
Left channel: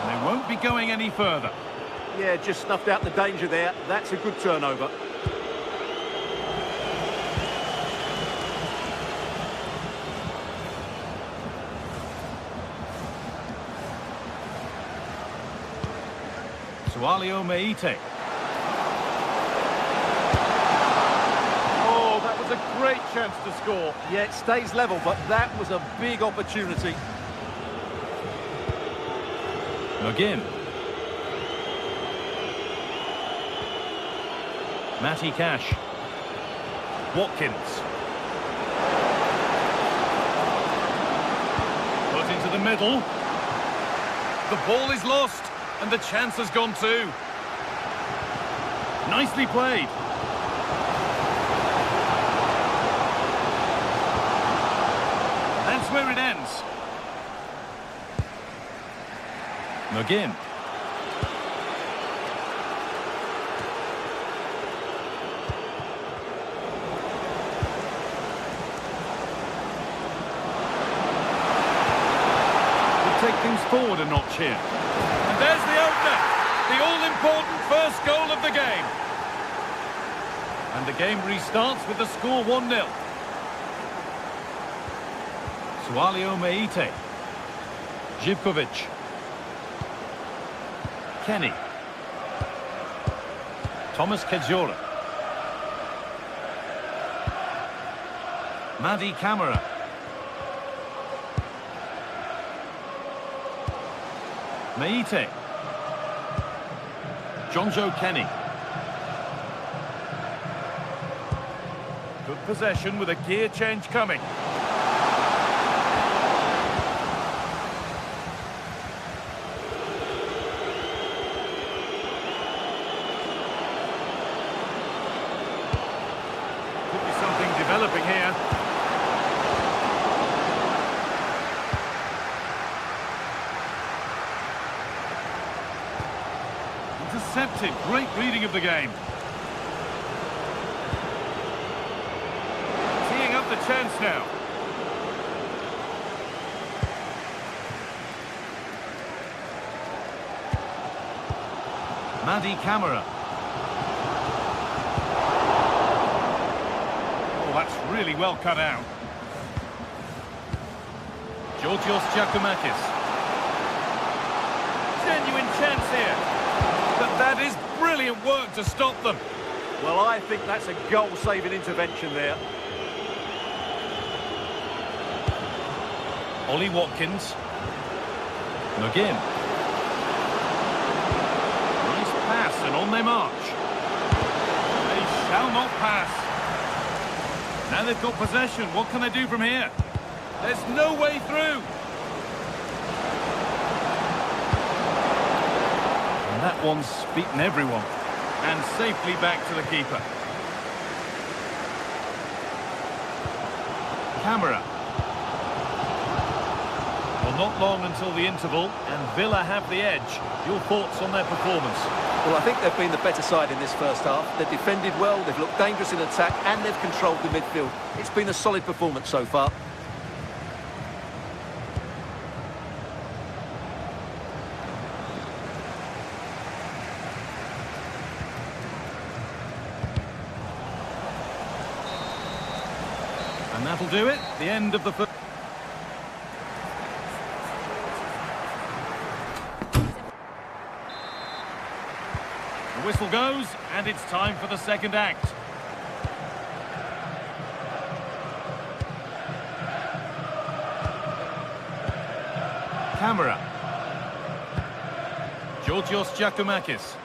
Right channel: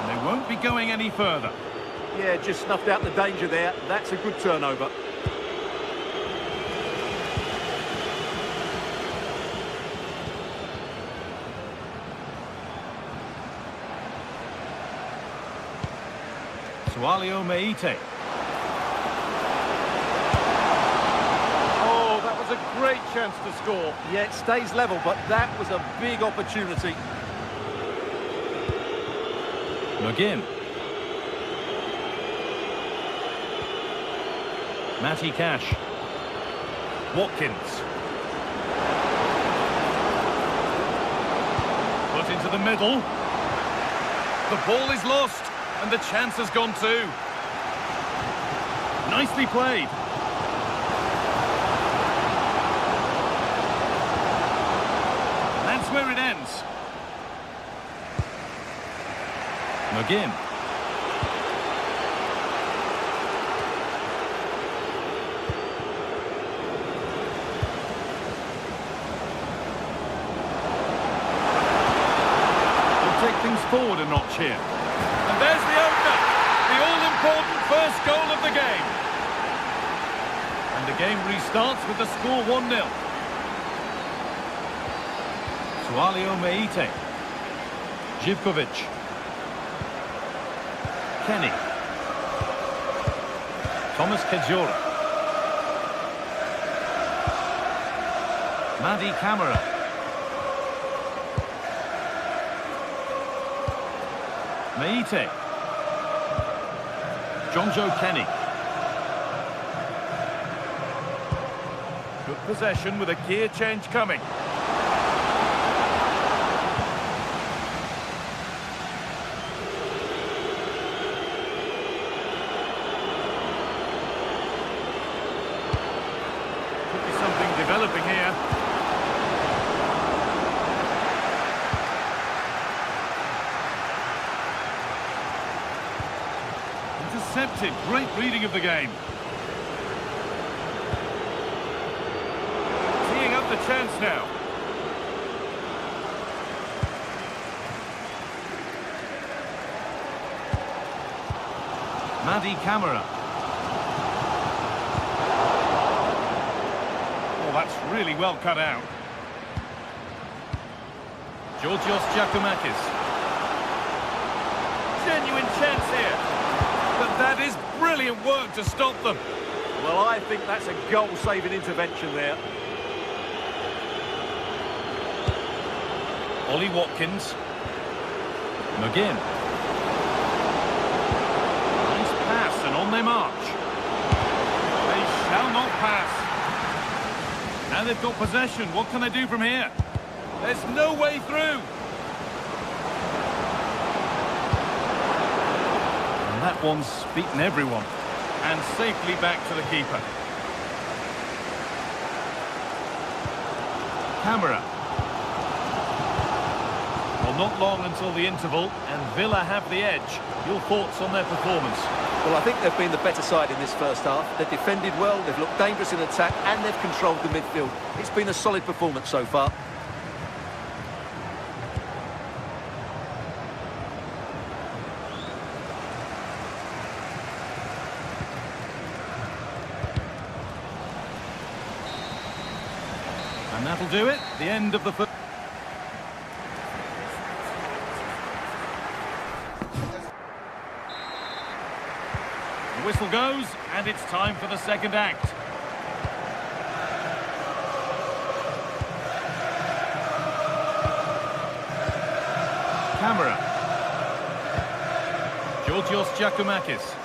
And they won't be going any further. Yeah, just snuffed out the danger there. That's a good turnover. Sualio Meite. Oh, that was a great chance to score. Yeah, it stays level, but that was a big opportunity. McGinn. Matty Cash. Watkins. Put into the middle. The ball is lost. And the chance has gone too. Nicely played. And that's where it ends. McGinn. Could take things forward a notch here. And there's the opener, the all-important first goal of the game. And the game restarts with the score 1-0. Sualio Meite. Živković. Kenny. Thomas Kedzora. Madi Camara. Meite. Jonjo Kenny. Good possession with a gear change coming. Could be something developing here. Intercepted. Great reading of the game. Teeing up the chance now. Madi Camara. Oh, that's really well cut out. Georgios Giacomakis. Genuine chance here. But that is brilliant work to stop them. Well, I think that's a goal-saving intervention there. Ollie Watkins. McGinn. Nice pass, and on they march. They shall not pass. Now they've got possession. What can they do from here? There's no way through. And that one's beaten everyone. And safely back to the keeper. Camara. Well, not long until the interval, and Villa have the edge. Your thoughts on their performance? Well, I think they've been the better side in this first half. They've defended well, they've looked dangerous in attack, and they've controlled the midfield. It's been a solid performance so far. And that'll do it. The end of the first. The whistle goes, and it's time for the second act. Camara. Georgios Giacomakis.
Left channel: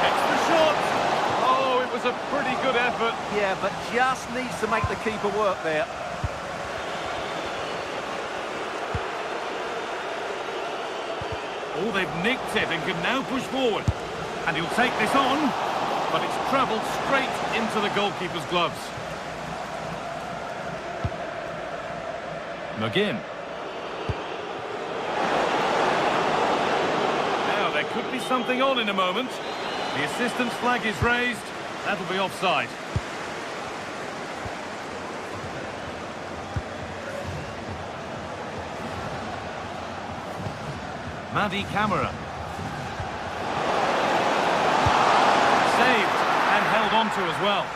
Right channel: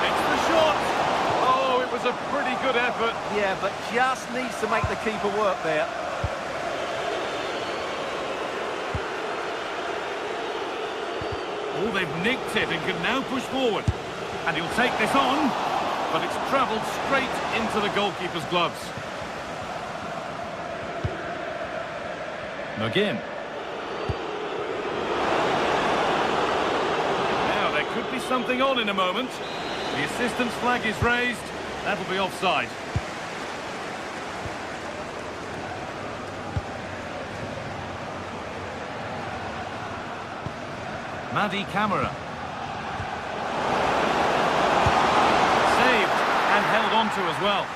Takes the shot. Oh, it was a pretty good effort. Yeah, but just needs to make the keeper work there. Oh, they've nicked it and can now push forward. And he'll take this on, but it's travelled straight into the goalkeeper's gloves. McGinn. Now, there could be something on in a moment. The assistant's flag is raised. That'll be offside. Madi Camara. Saved and held on to as well.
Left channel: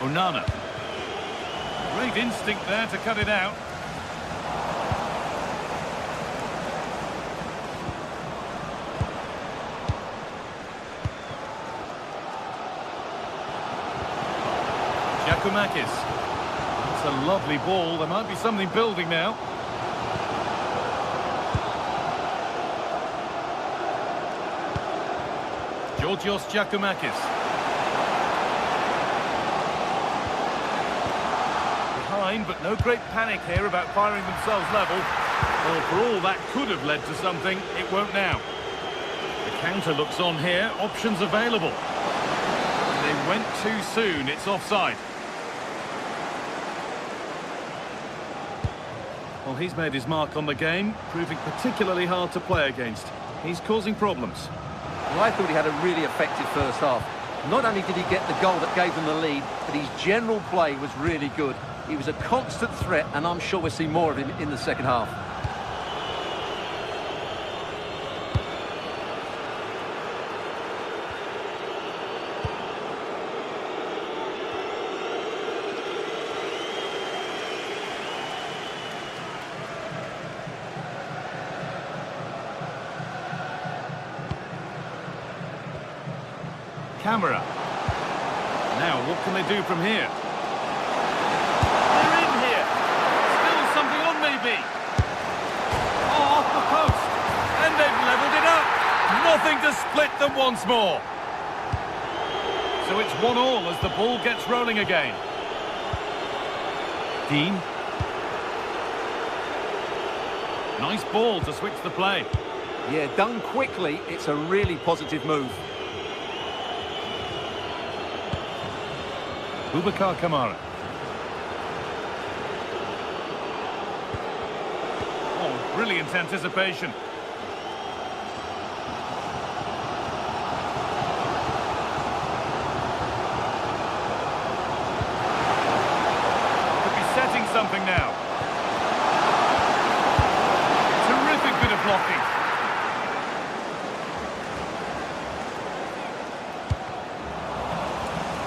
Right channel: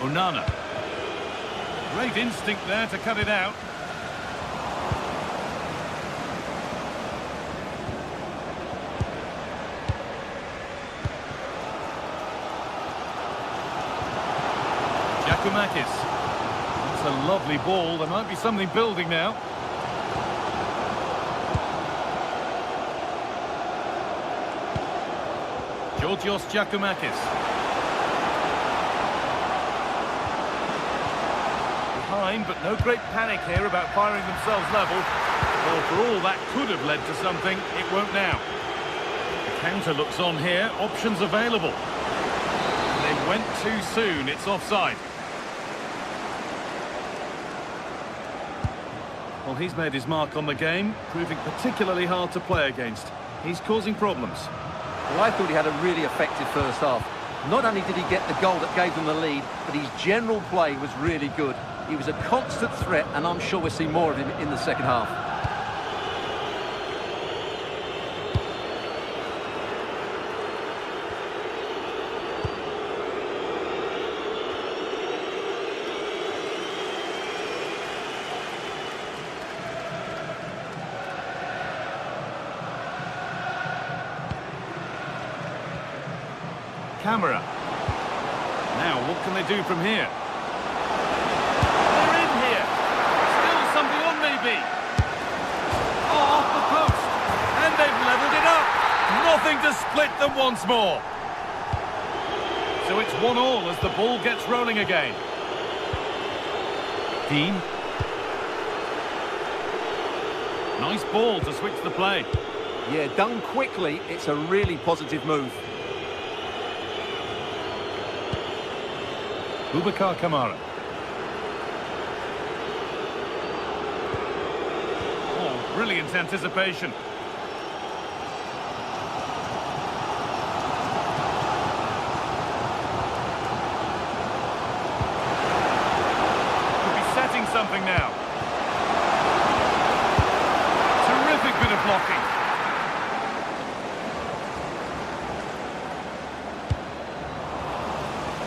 Onana. Great instinct there to cut it out. Giacomakis. That's a lovely ball. There might be something building now. Georgios Giacomakis. Behind, but no great panic here about firing themselves level. Well, for all that could have led to something, it won't now. The counter looks on here. Options available. And they went too soon. It's offside. Well, he's made his mark on the game, proving particularly hard to play against. He's causing problems. Well, I thought he had a really effective first half. Not only did he get the goal that gave them the lead, but his general play was really good. He was a constant threat, and I'm sure we'll see more of him in the second half. Camara. Now, what can they do from here? They're in here. Still something on, maybe. Oh, off the post. And they've levelled it up. Nothing to split them once more. So it's 1-1 as the ball gets rolling again. Dean. Nice ball to switch the play. Yeah, done quickly. It's a really positive move. Boubacar Kamara. Oh, brilliant anticipation. Could be setting something now. blocking.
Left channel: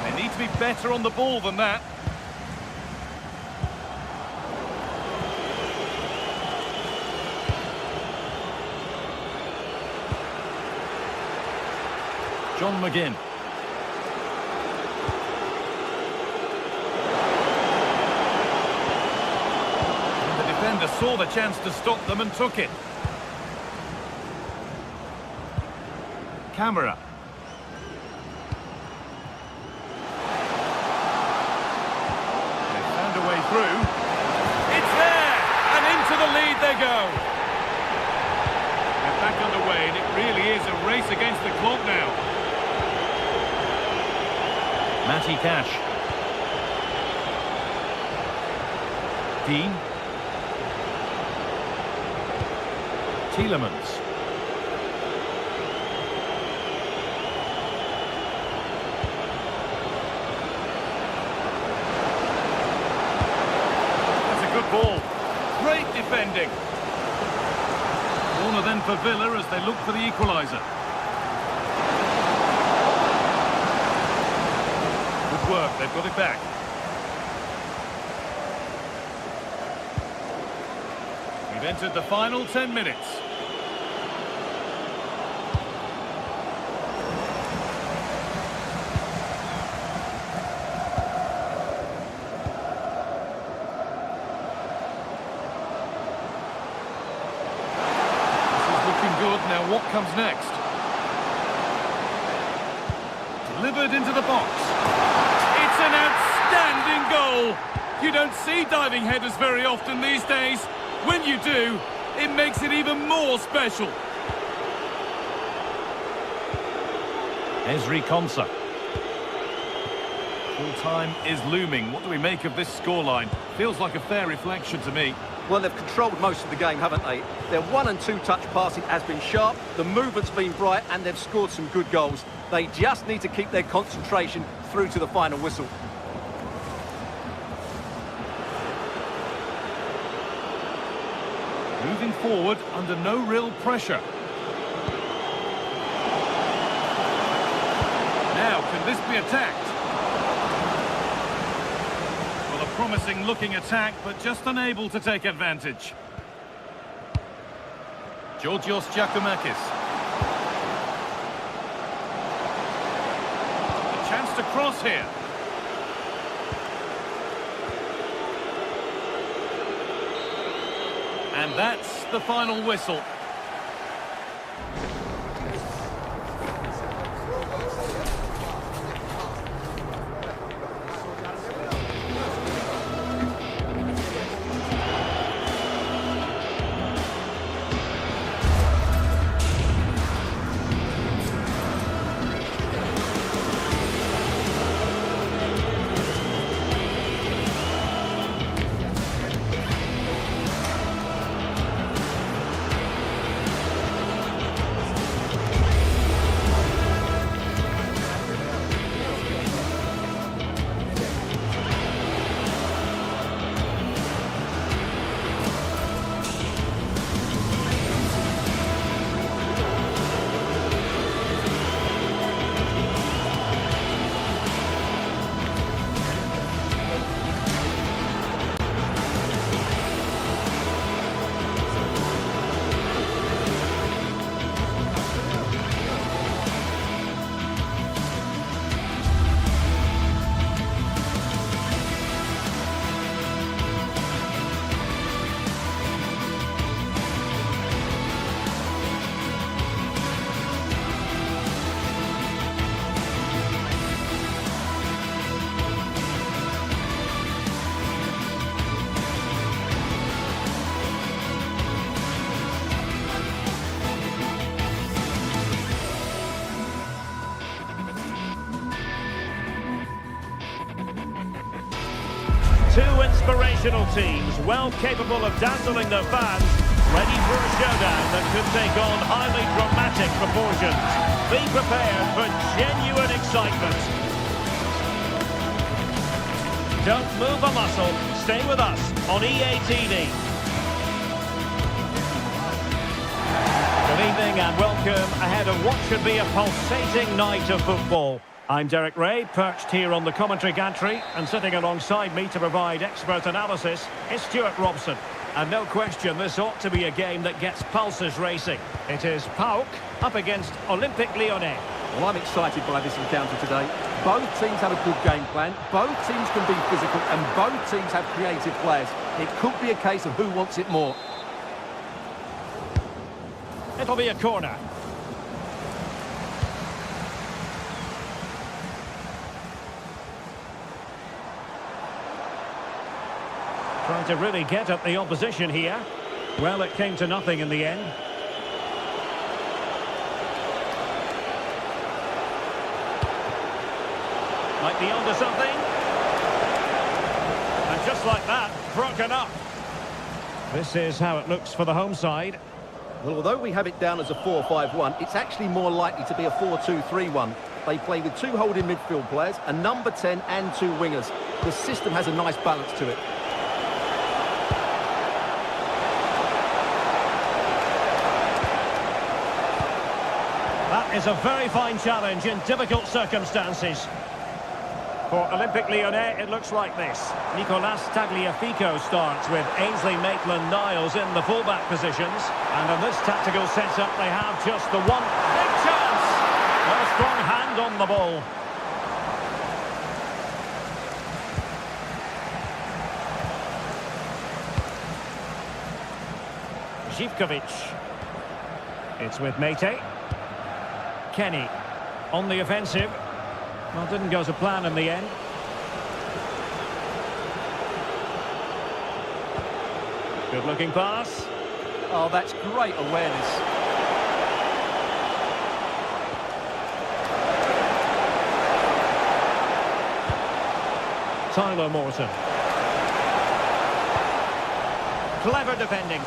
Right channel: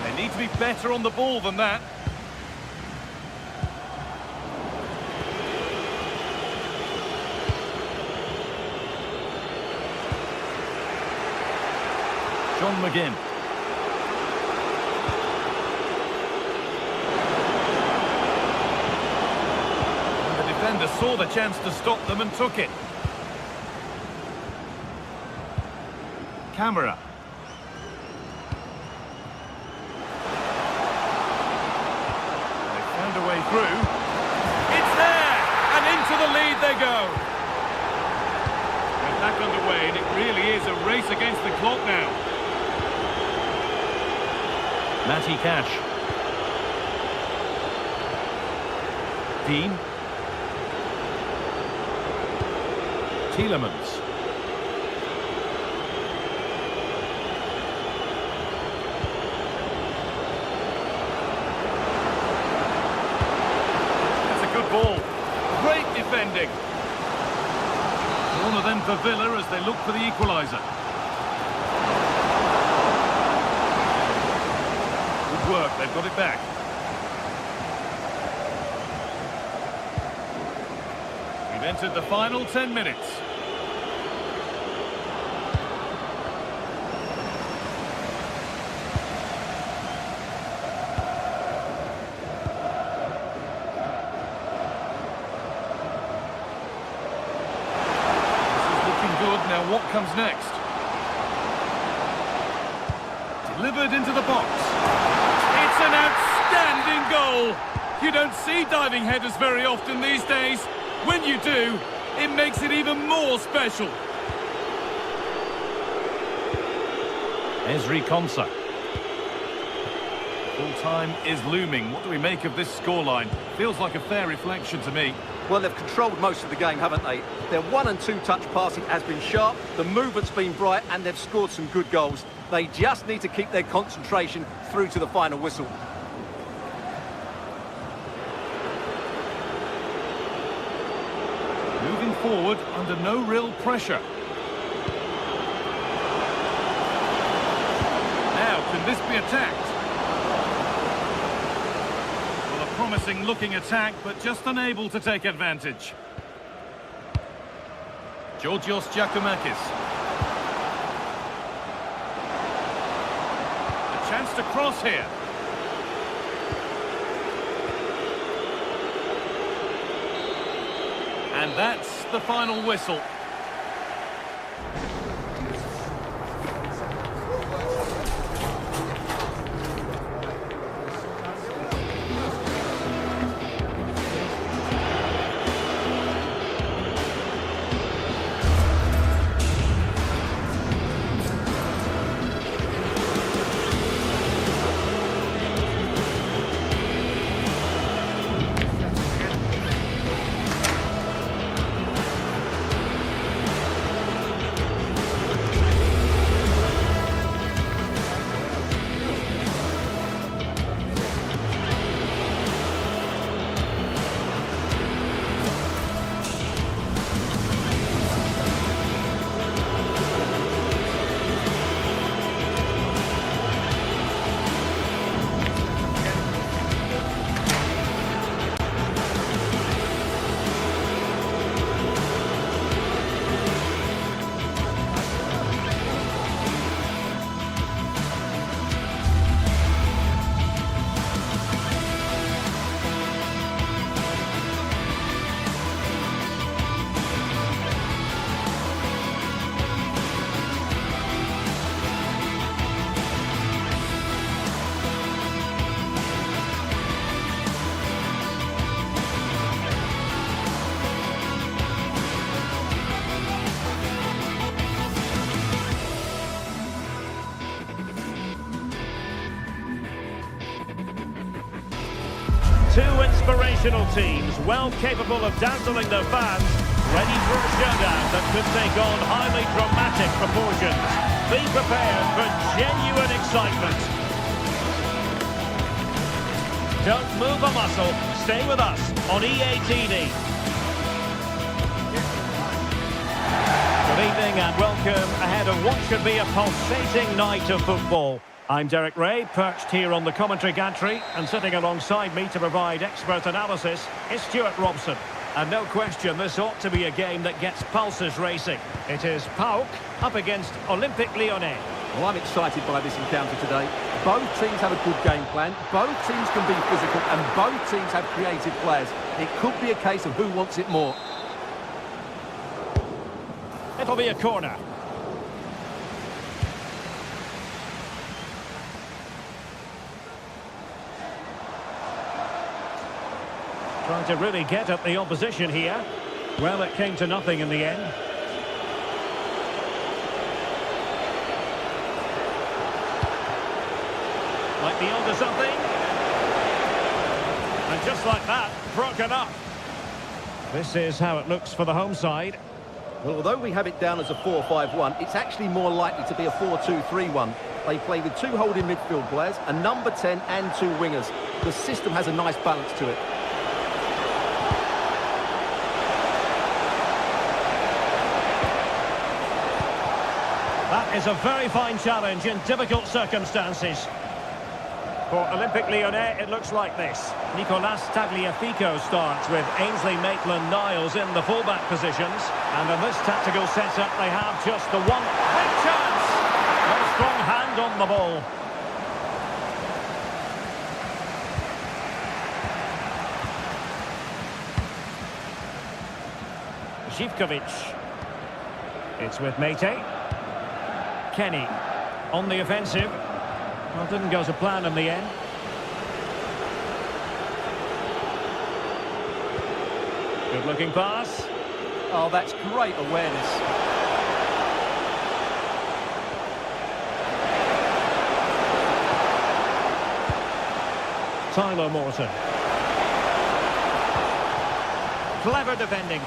They need to be better on the ball than that. John McGinn. And the defender saw the chance to stop them and took it. Camera. They found a way through. It's there! And into the lead they go. They're back underway, and it really is a race against the clock now. Matty Cash. Dean. Tielemans. That's a good ball. Great defending. Corner then for Villa as they look for the equaliser. Good work, they've got it back. We've entered the final 10 minutes. This is looking good. Now what comes next? Delivered into the box. It's an outstanding goal. You don't see diving headers very often these days. When you do, it makes it even more special. Ezri Konsa. Full time is looming. What do we make of this scoreline? Feels like a fair reflection to me. Well, they've controlled most of the game, haven't they? Their 1- and 2-touch passing has been sharp, the movement's been bright, and they've scored some good goals. They just need to keep their concentration through to the final whistle. Moving forward under no real pressure. Now, can this be attacked? Well, a promising looking attack, but just unable to take advantage. Georgios Giacomakis. A chance to cross here. And that's the final whistle. Two inspirational teams, well capable of dazzling their fans, ready for a showdown that could take on highly dramatic proportions. Be prepared for genuine excitement. Don't move a muscle. Stay with us on EA TV. Good evening and welcome ahead of what should be a pulsating night of football. I'm Derek Ray, perched here on the commentary gantry, and sitting alongside me to provide expert analysis is Stuart Robson. And no question, this ought to be a game that gets pulses racing. It is PAOK up against Olympique Lyonnais. Well, I'm excited by this encounter today. Both teams have a good game plan, both teams can be physical, and both teams have creative players. It could be a case of who wants it more. It'll be a corner. Trying to really get at the opposition here. Well, it came to nothing in the end. Might be onto something. And just like that, broken up. This is how it looks for the home side. Well, although we have it down as a 4-5-1, it's actually more likely to be a 4-2-3-1. They play with two holding midfield players, a number 10 and two wingers. The system has a nice balance to it. That is a very fine challenge in difficult circumstances. For Olympique Lyonnais, it looks like this. Nicolas Tagliafico starts with Ainsley Maitland-Niles in the fullback positions. And in this tactical setup, they have just the one big chance. Well, a strong hand on the ball. Zivkovic. It's with Mete. Kenny on the offensive. Well, it didn't go to plan in the end. Good-looking pass. Oh, that's great awareness. Tyler Morton. Clever defending.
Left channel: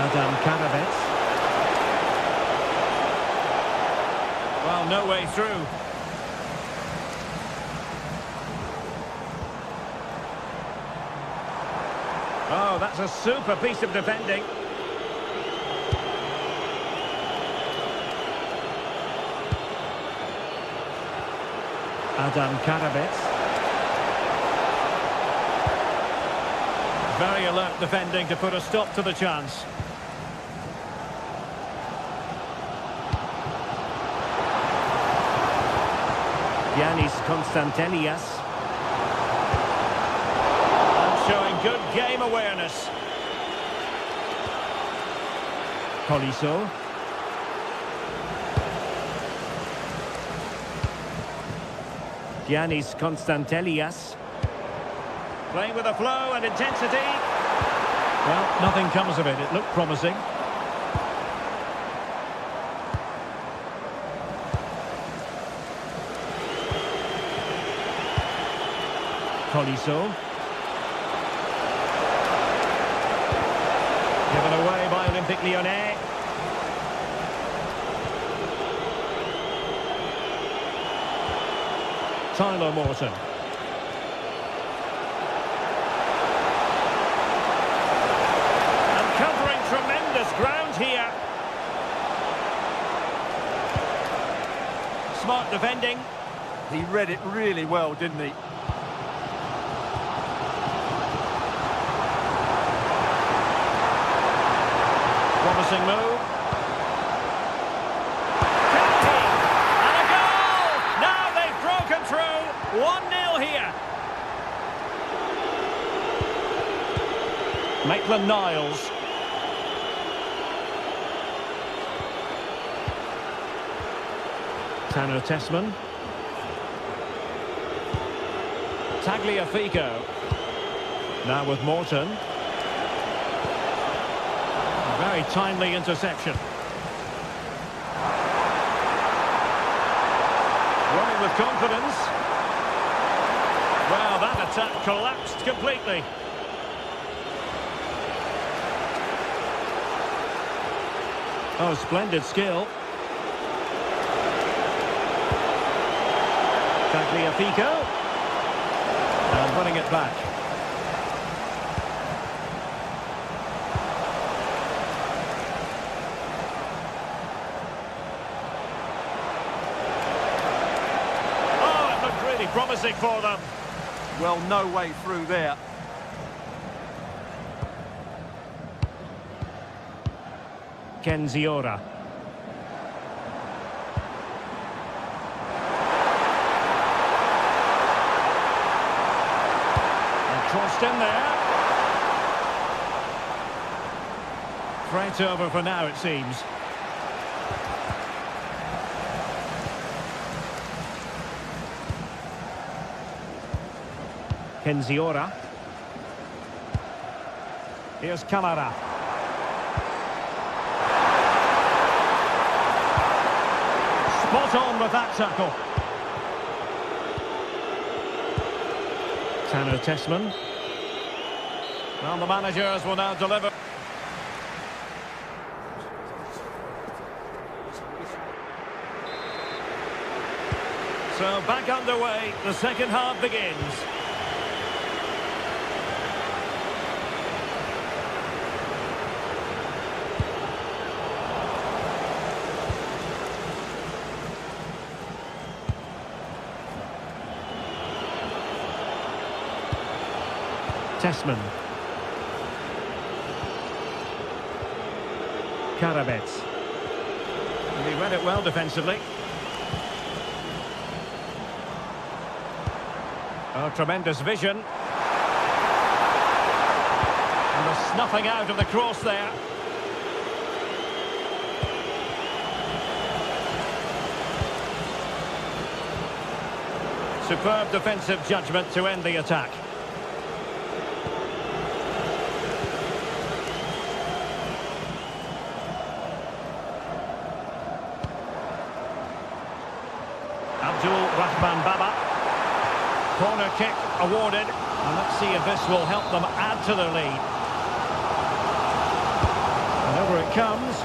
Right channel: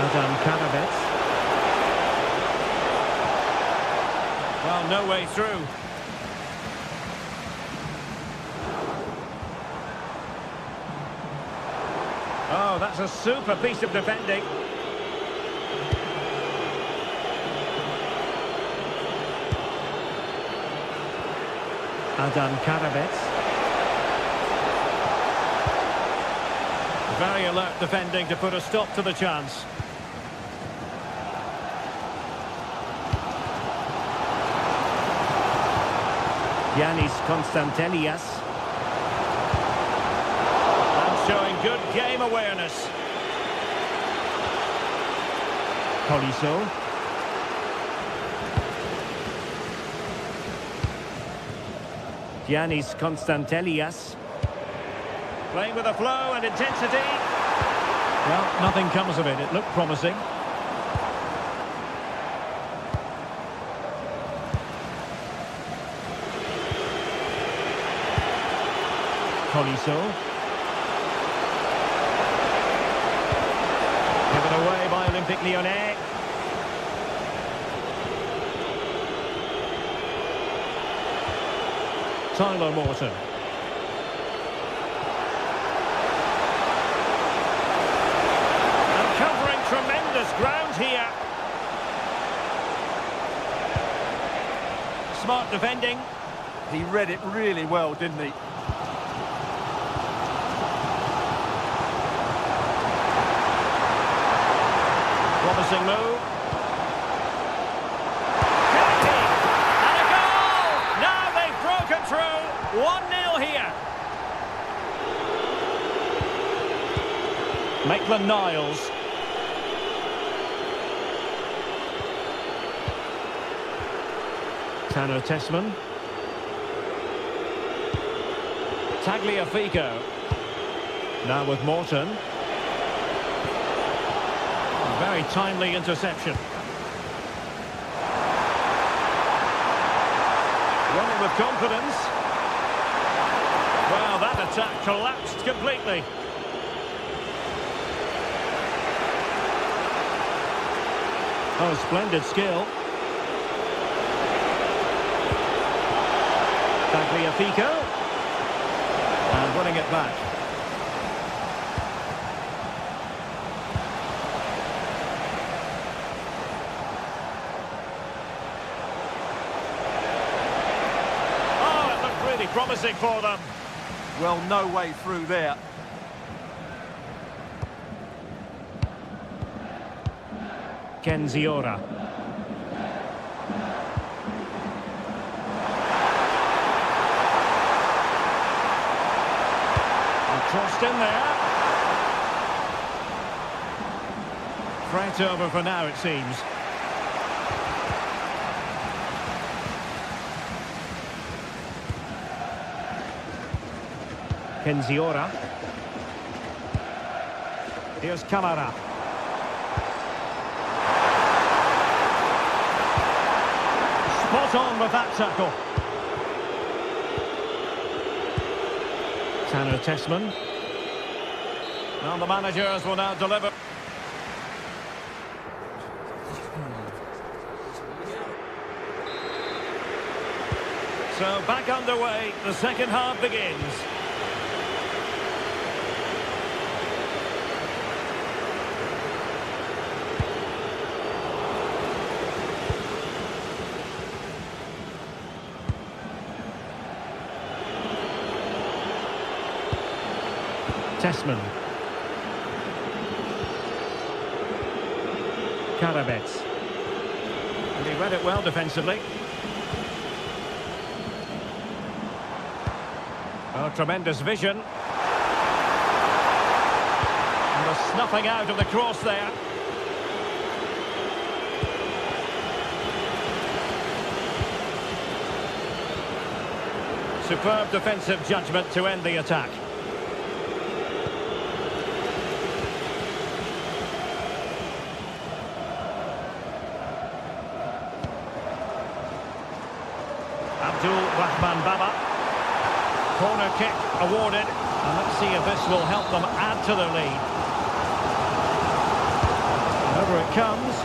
Adam Karabets. Well, no way through. Oh, that's a super piece of defending. Adam Karabets. Very alert defending to put a stop to the chance. Yanis Konstantelias. And showing good game awareness. Colisso. Yanis Konstantelias. Playing with a flow and intensity. Well, nothing comes of it. It looked promising. Colisso. Given away by Olympique Lyonnais. Tyler Morton. And covering tremendous ground here. Smart defending. He read it really well, didn't he? Promising move. Kennedy! And a goal! Now they've broken through. 1-0 here. Maitland-Niles. Tanner Tessman. Tagliafico. Now with Morton. Very timely interception. Running with confidence. Well, that attack collapsed completely. Oh, splendid skill. Tagliafico. And running it back. Oh, it looked really promising for them. Well, no way through there. Kenziora. And crossed in there. Threat over for now, it seems. Kenziora. Here's Camara. Spot on with that tackle. Tanner Tessman. Well, the managers will now deliver. So back underway, the second half begins. Tessman. Karabets. And he read it well defensively. Oh, tremendous vision. And the snuffing out of the cross there. Superb defensive judgment to end the attack. Rahman Baba. Corner kick awarded. And let's see if this will help them add to their lead. And over it comes.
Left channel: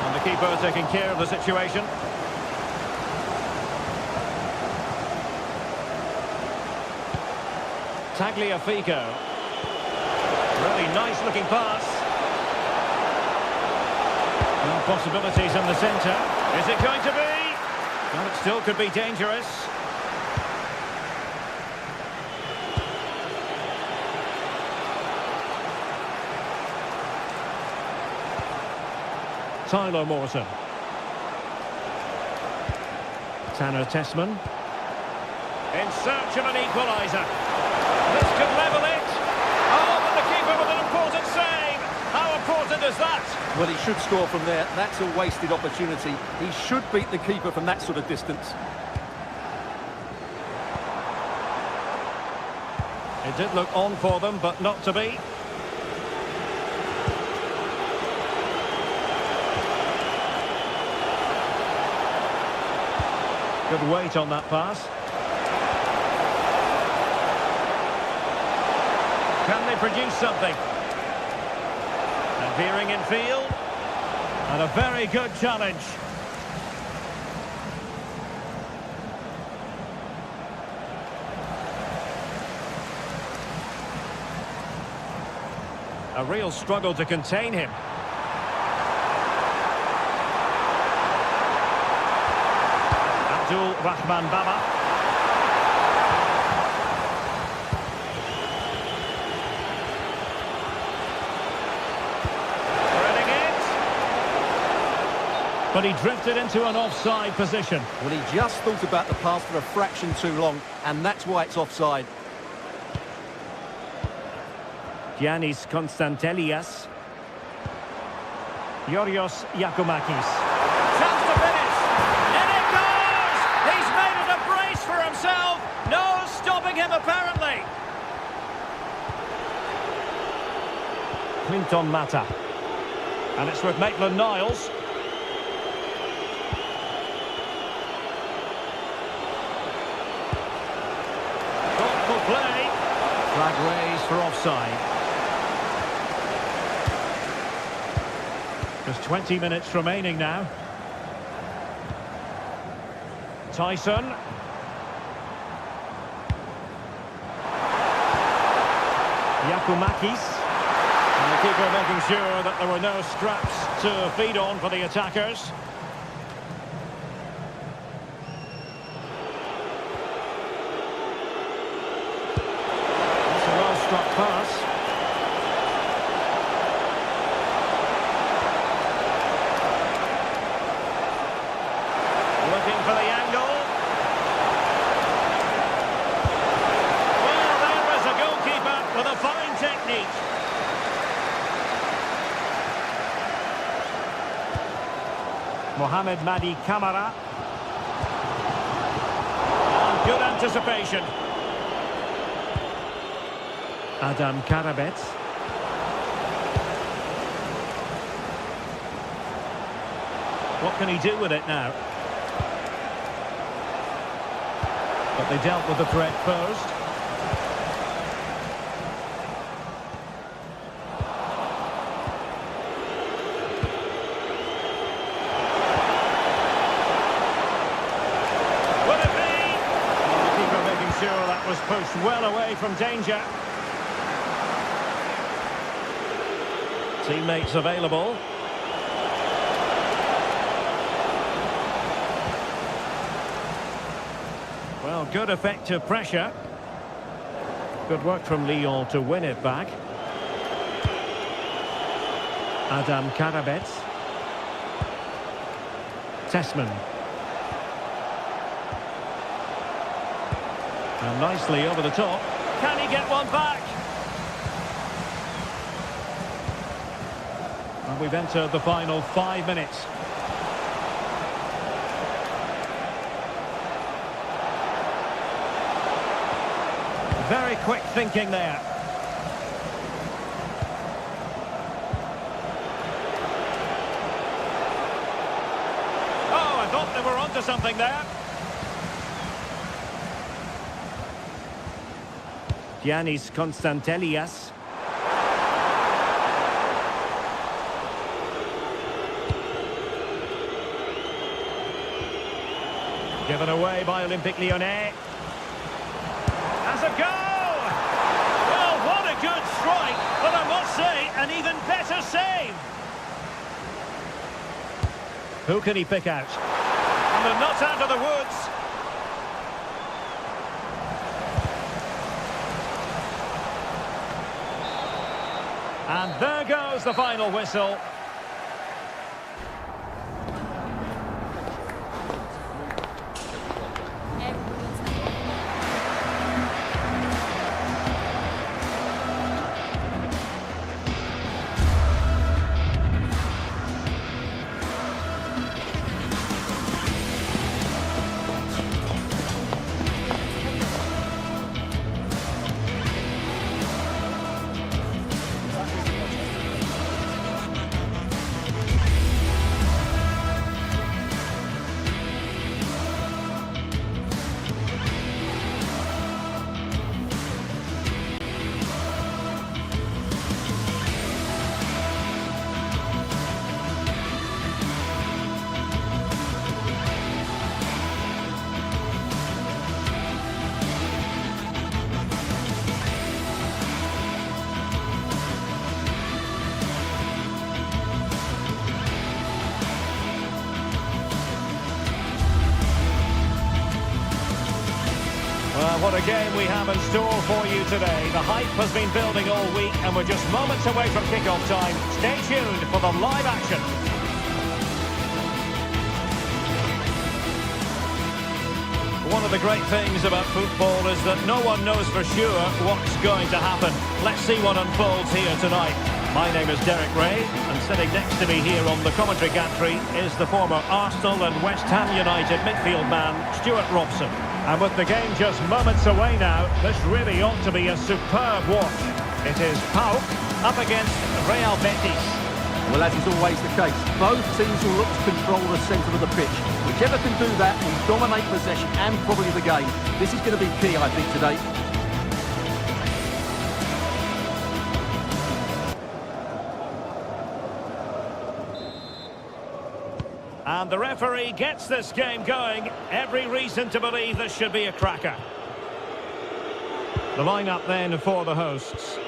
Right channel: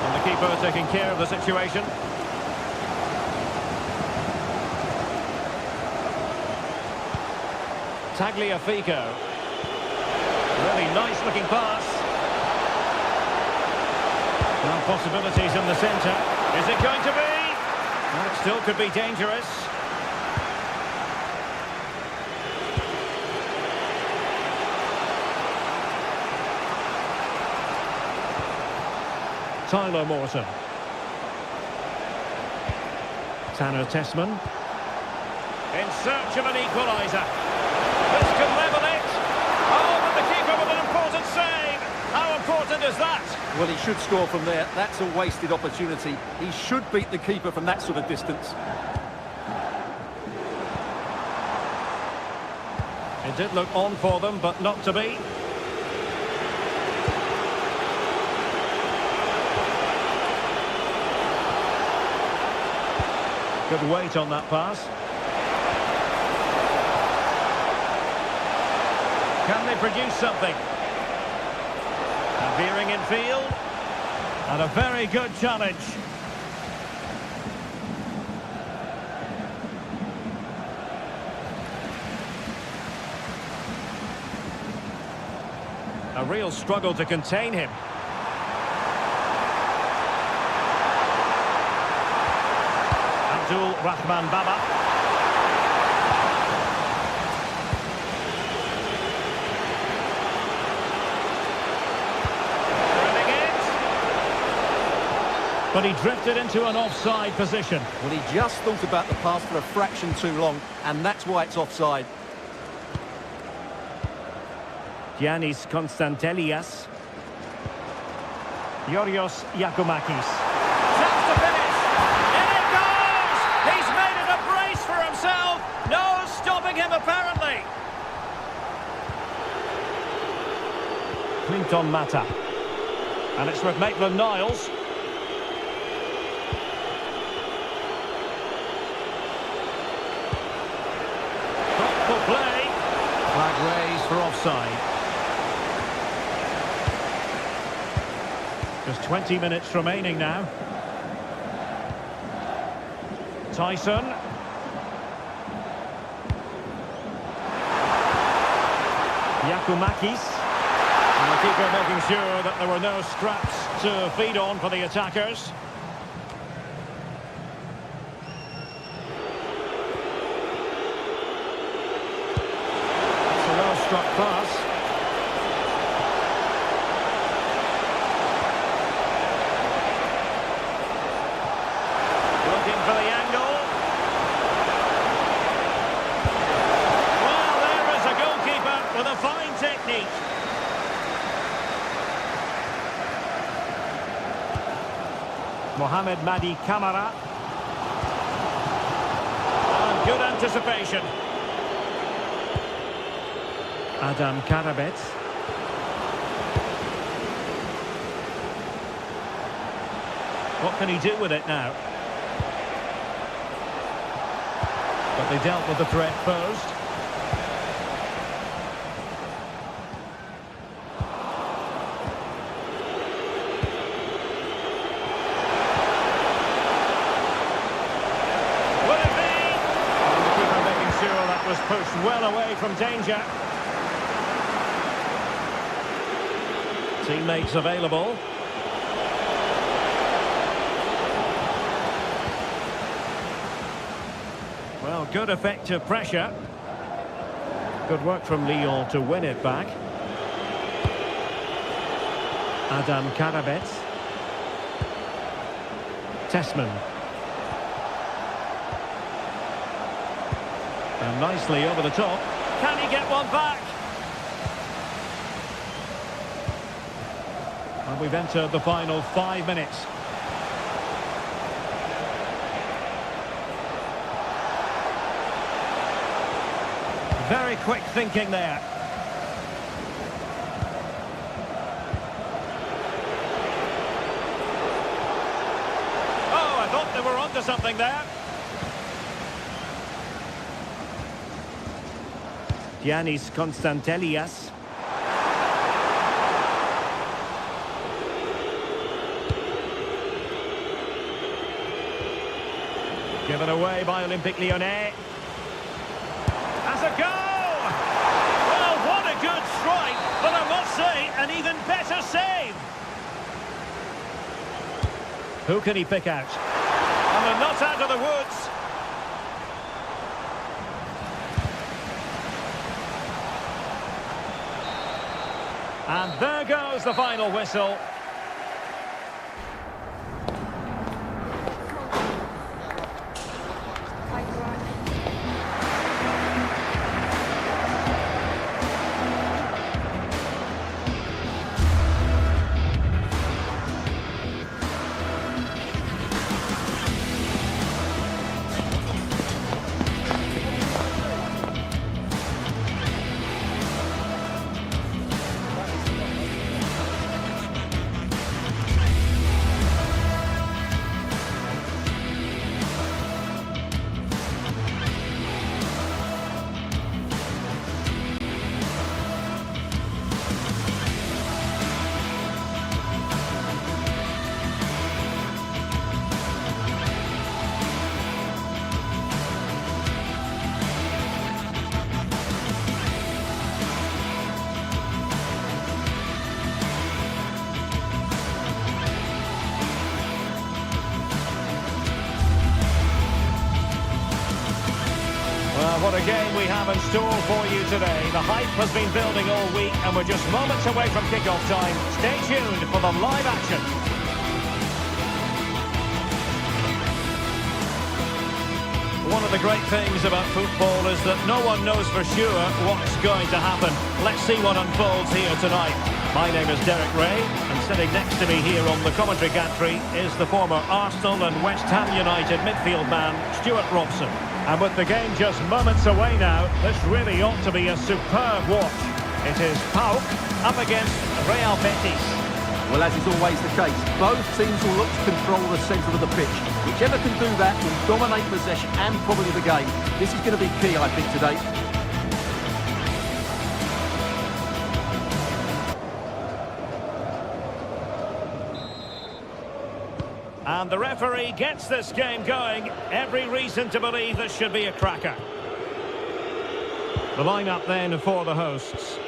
And the keeper taking care of the situation. Tagliafico. Really nice looking pass. Now possibilities in the centre. Is it going to be? Well, it still could be dangerous. Tyler Morton. Tanner Tessman. In search of an equaliser. This could level it. Oh, but the keeper with an important save. How important is that? Well, he should score from there. That's a wasted opportunity. He should beat the keeper from that sort of distance. It did look on for them, but not to be. Good weight on that pass. Can they produce something? And veering in field. And a very good challenge. A real struggle to contain him. Abdul Rahman Baba. But he drifted into an offside position. Well, he just thought about the pass for a fraction too long, and that's why it's offside. Giannis Konstantelias. Yorios Yakumakis. Chance to finish. In it goes! He's made it a brace for himself. No stopping him, apparently. Clinton Mata. And it's with Maitland-Niles. Flag raised for offside. Just 20 minutes remaining now. Tyson. Yakumakis. And the keeper making sure that there were no scraps to feed on for the attackers. That's a well-struck pass. Looking for the angle. Well, there is a goalkeeper with a fine technique. Mohamed Madi Kamara. And good anticipation. Adam Karabet. What can he do with it now? But they dealt with the threat posed. Will it be? And the keeper making sure that was pushed well away from danger. Teammates available. Well, good effective pressure. Good work from Lyon to win it back. Adam Karabet. Tessman. And nicely over the top. Can he get one back? And we've entered the final 5 minutes. Very quick thinking there. Oh, I thought they were onto something there. Giannis Konstantelias. Given away by Olympique Lyonnais. As a goal! Well, what a good strike, but I must say, an even better save. Who can he pick out? And they're not out of the woods. And there goes the final whistle. Well, what a game we have in store for you today. The hype has been building all week and we're just moments away from kick-off time. Stay tuned for the live action. One of the great things about football is that no one knows for sure what's going to happen. Let's see what unfolds here tonight. My name is Derek Ray, and sitting next to me here on the commentary gantry is the former Arsenal and West Ham United midfield man, Stuart Robson. And with the game just moments away now, this really ought to be a superb watch. It is PAOK up against Real Betis. Well, as is always the case, both teams will look to control the centre of the pitch. Whichever can do that will dominate possession and probably the game. This is going to be key, I think, today. And the referee gets this game going. Every reason to believe this should be a cracker. The lineup then for the hosts.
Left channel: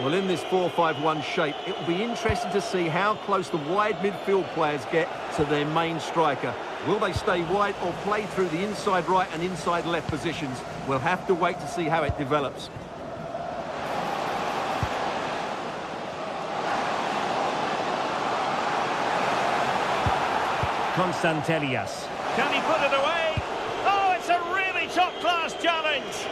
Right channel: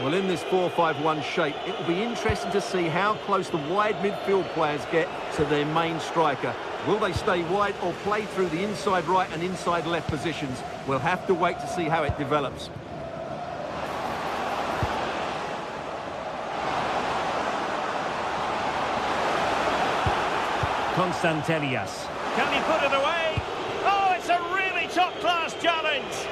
Well, in this 4-5-1 shape, it will be interesting to see how close the wide midfield players get to their main striker. Will they stay wide or play through the inside right and inside left positions? We'll have to wait to see how it develops. Constantelias. Can he put it away? Oh, it's a really top-class challenge.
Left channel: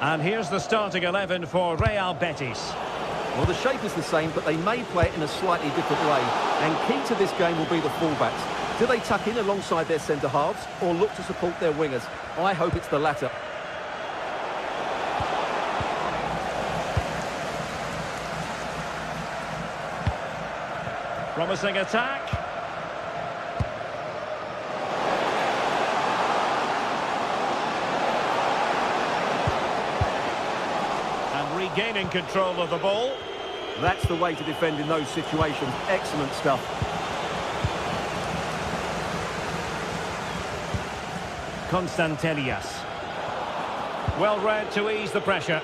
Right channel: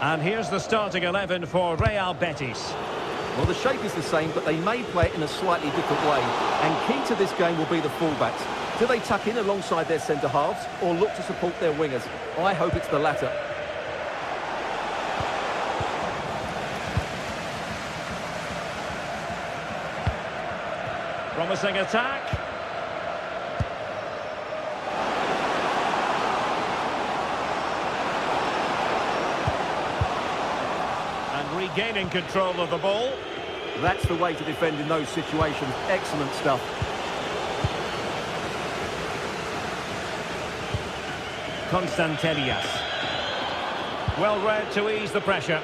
And here's the starting 11 for Real Betis. Well, the shape is the same, but they may play it in a slightly different way. And key to this game will be the fullbacks. Do they tuck in alongside their centre-halves or look to support their wingers? I hope it's the latter. Promising attack. And regaining control of the ball. That's the way to defend in those situations. Excellent stuff. Constantelias. Well read to ease the pressure.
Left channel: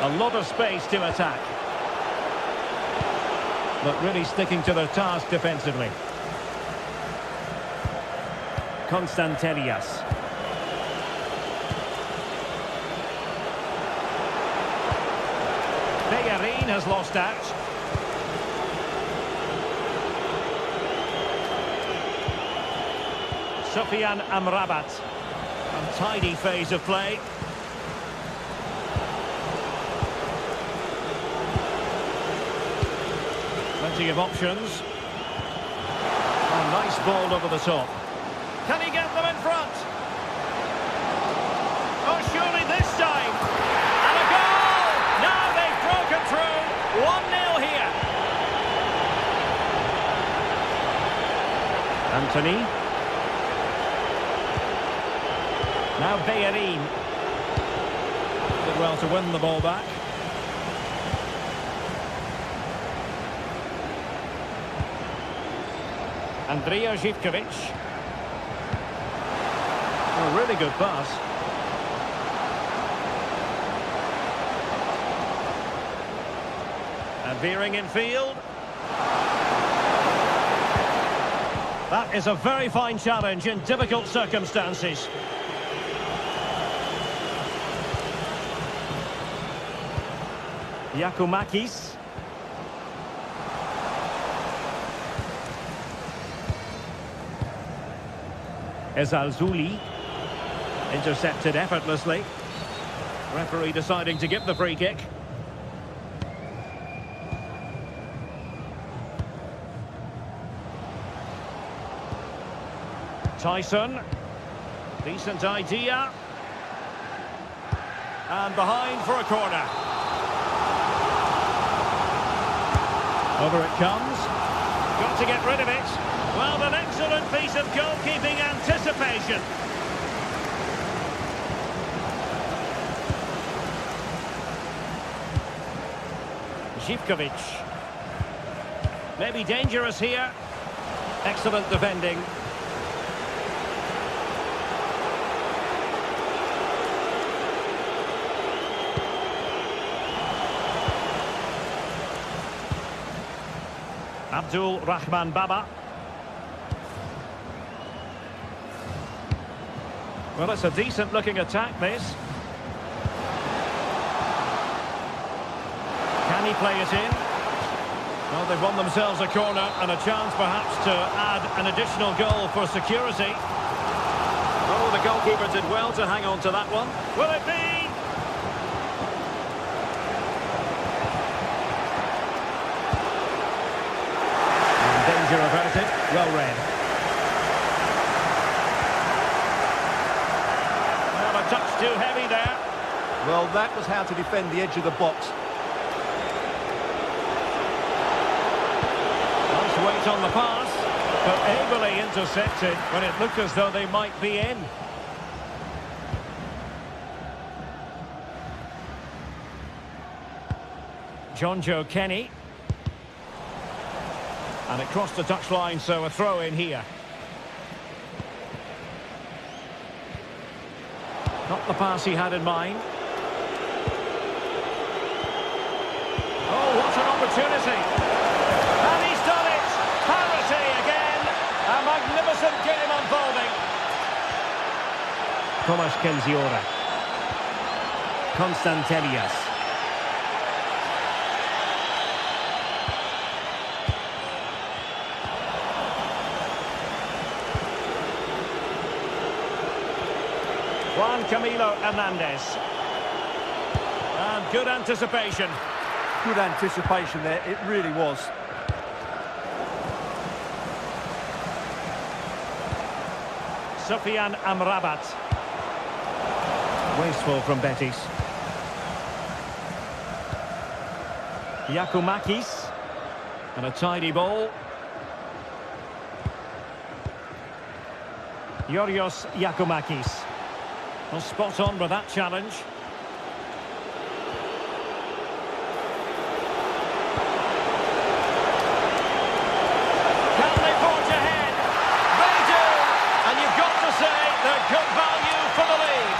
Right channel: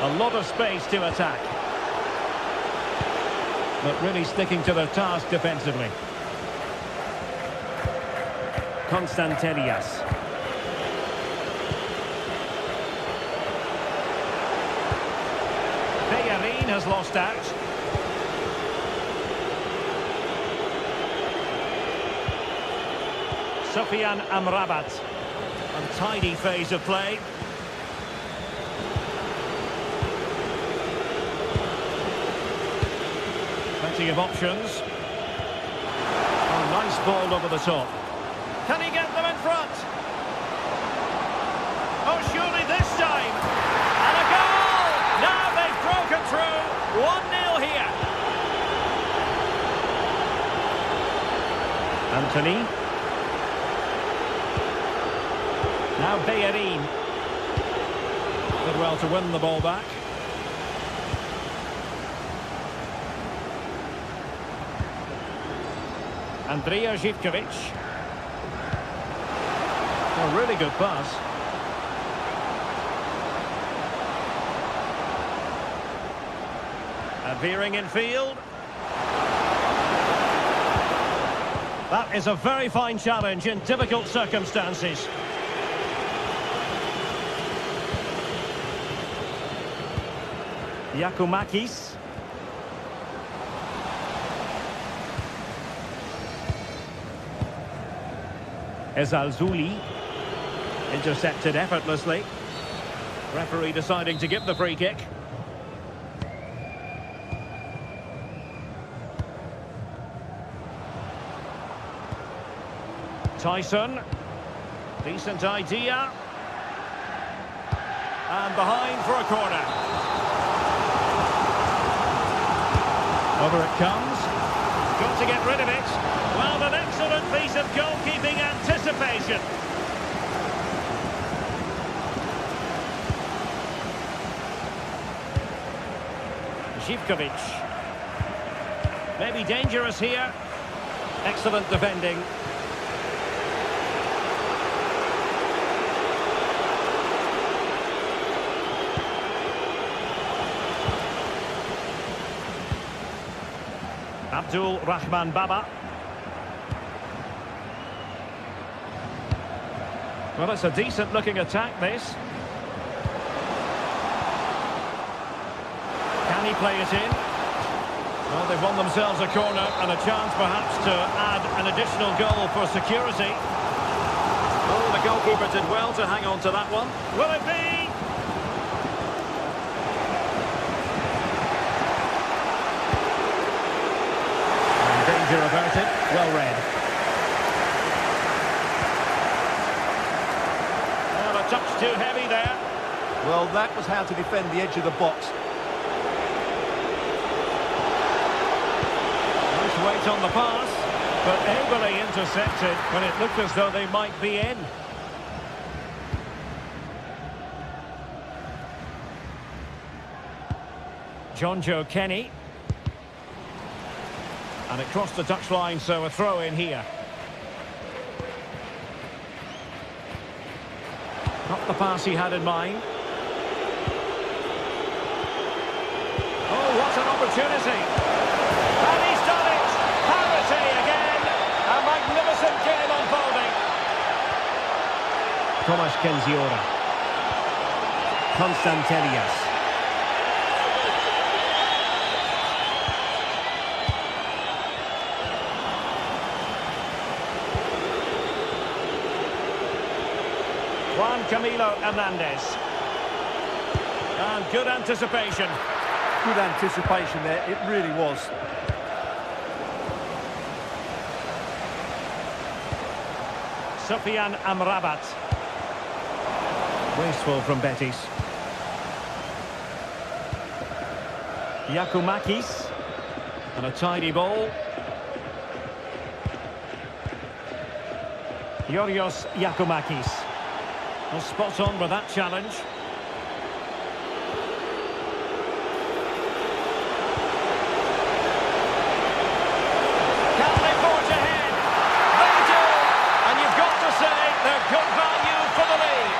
A lot of space to attack. But really sticking to their task defensively. Constantelias. Bellerin has lost out. Sofian Amrabat. Untidy phase of play. Plenty of options. Oh, nice ball over the top. Can he get them in front? Oh, surely this time. And a goal! Now they've broken through. 1-0 here. Anthony. Now Bellerin. Did well to win the ball back. Andrija Zivkovic. A really good pass. And veering in field. That is a very fine challenge in difficult circumstances. Yakumakis. Ezalzouli. Intercepted effortlessly. Referee deciding to give the free kick. Tyson. Decent idea. And behind for a corner. Over it comes. Got to get rid of it. Well, an excellent piece of goalkeeping anticipation. Zivkovic. Maybe dangerous here. Excellent defending. Abdul Rahman Baba. Well, it's a decent looking attack, this. Can he play it in? Well, they've won themselves a corner and a chance perhaps to add an additional goal for security. Oh, the goalkeeper did well to hang on to that one. Will it be? And danger averted. Well read. Well, a touch too heavy there. Well, that was how to defend the edge of the box. Nice weight on the pass, but ably intercepted when it looked as though they might be in. John Joe Kenny. And it crossed the touchline, so a throw in here. Not the pass he had in mind. Oh, what an opportunity. And he's done it. Parity again. A magnificent game unfolding. Tomasz Kenziora. Konstantelias. Juan Camilo Hernandez. And good anticipation. Good anticipation there, it really was. Sufyan Amrabat. Wasteful from Betis. Giacomakis. And a tidy ball. Yorios Giacomakis. Well, spot on with that challenge. Can they forge ahead? They do! And you've got to say they're good value for the lead.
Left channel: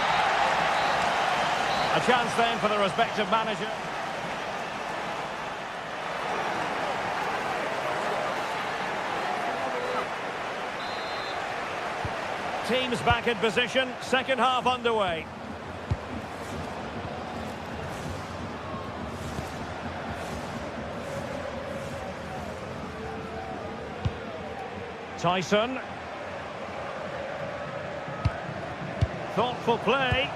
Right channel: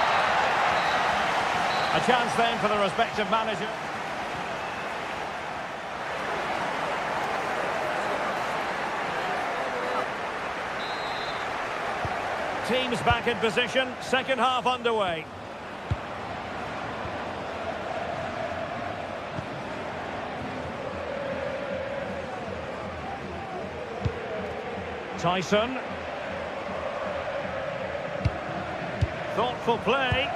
A chance then for the respective manager. Teams back in position, second half underway. Tyson. Thoughtful play.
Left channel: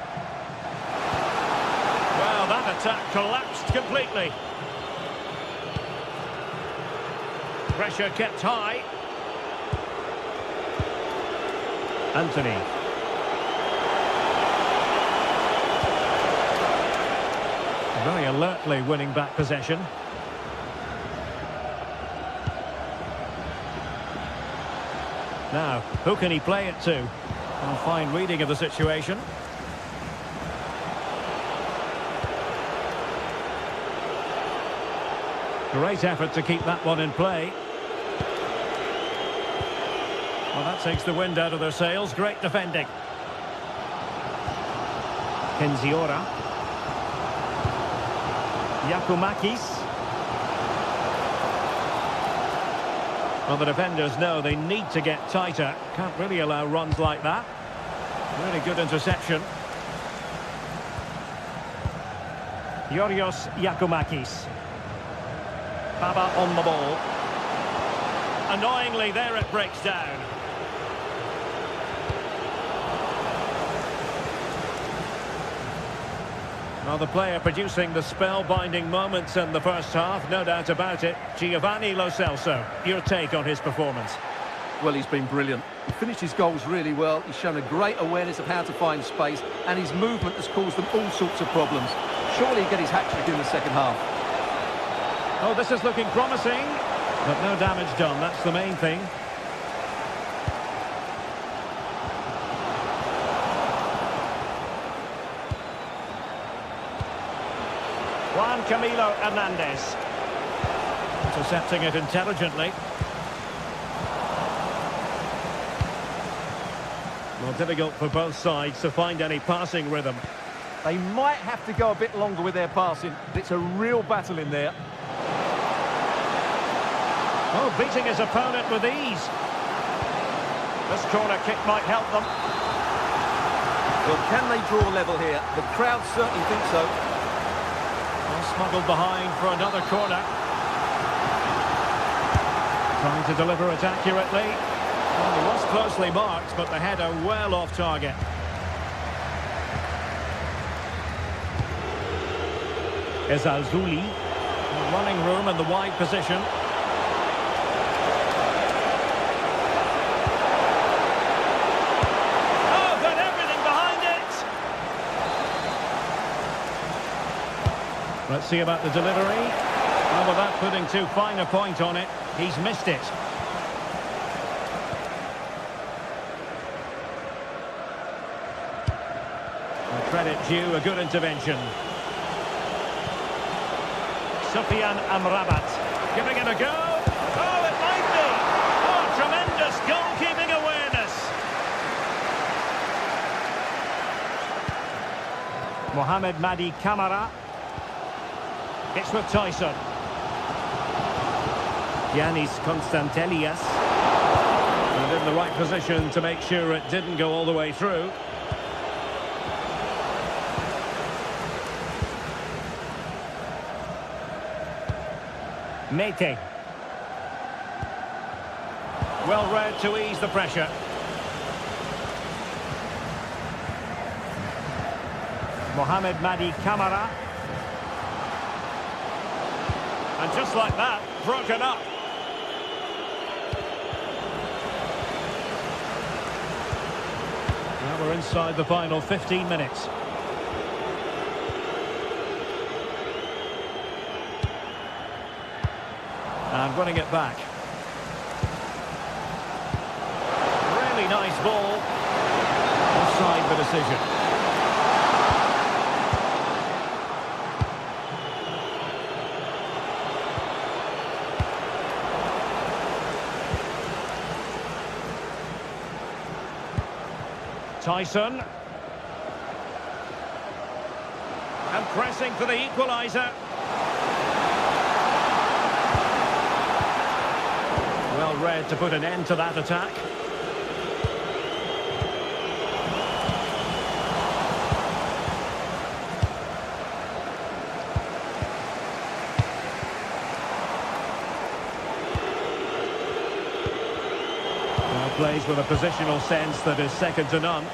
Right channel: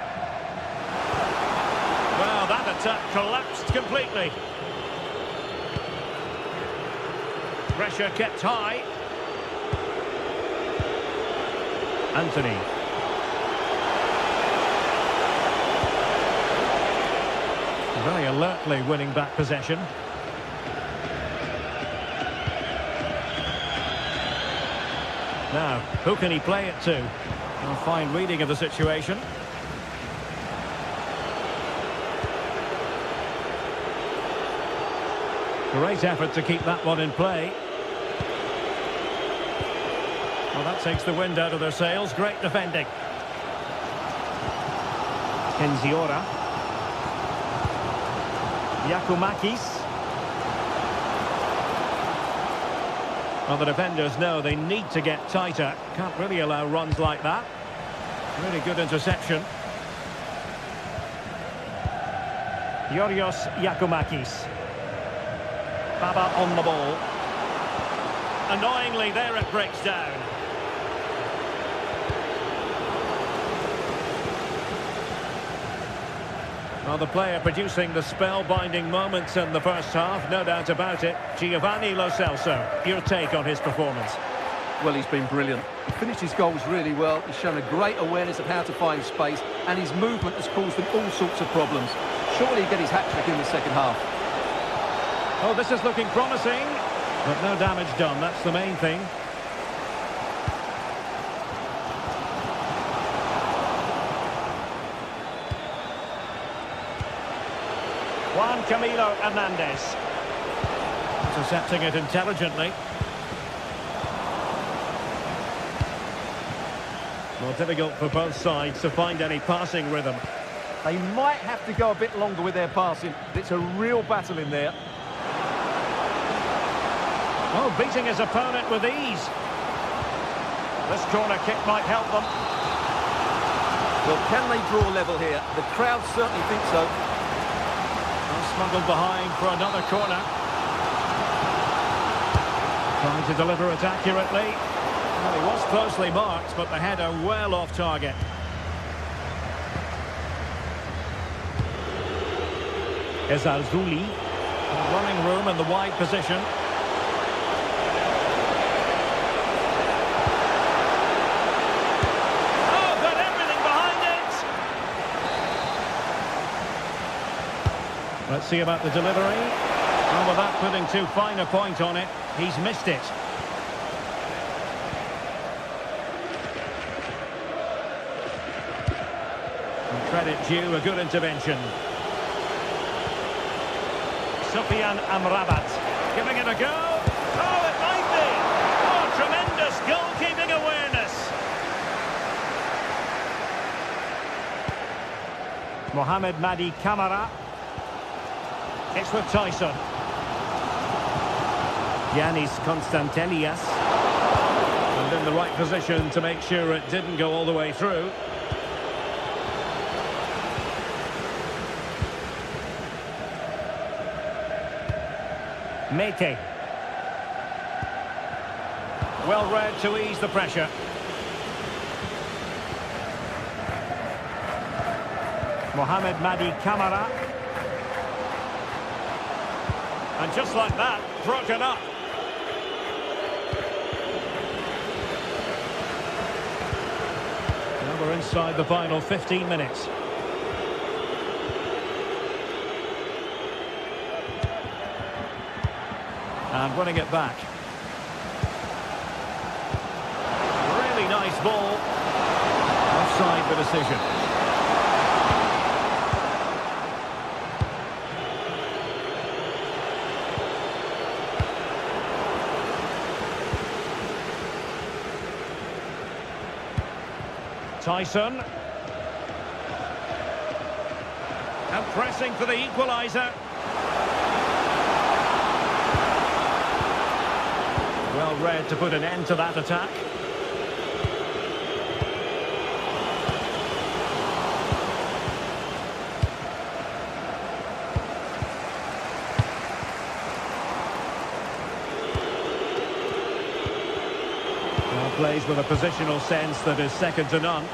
Well, that attack collapsed completely. Pressure kept high. Anthony. Very alertly winning back possession. Now, who can he play it to? A fine reading of the situation. Great effort to keep that one in play. Well, that takes the wind out of their sails. Great defending. Kenziora. Giacomakis. Well, the defenders know they need to get tighter. Can't really allow runs like that. Really good interception. Yorios Giacomakis. Baba on the ball. Annoyingly, there it breaks down. Well, the player producing the spellbinding moments in the first half, no doubt about it. Giovanni Lo Celso, your take on his performance? Well, he's been brilliant. He finished his goals really well. He's shown a great awareness of how to find space, and his movement has caused them all sorts of problems. Surely he'll get his hat-trick in the second half. Oh, this is looking promising, but no damage done. That's the main thing. Juan Camilo Hernandez. Intercepting it intelligently. Well, difficult for both sides to find any passing rhythm. They might have to go a bit longer with their passing. It's a real battle in there. Oh, beating his opponent with ease. This corner kick might help them. Well, can they draw level here? The crowd certainly think so. Well, smuggled behind for another corner. Trying to deliver it accurately. Well, he was closely marked, but the header well off target. Ezalzouli. Running room in the wide position. Let's see about the delivery. Well, without putting too fine a point on it, he's missed it. And credit due, a good intervention. Sufyan Amrabat. Giving it a go. Oh, it might be. Oh, tremendous goalkeeping awareness. Mohamed Madi Camara. It's with Tyson. Yanis Constantelias. And in the right position to make sure it didn't go all the way through. Mete. Well read to ease the pressure. Mohamed Madi Camara. And just like that, broken up. Now we're inside the final 15 minutes. And winning it back. Really nice ball. Offside the decision. Tyson. And pressing for the equaliser. Well read to put an end to that attack. Now plays with a positional sense that is second to none.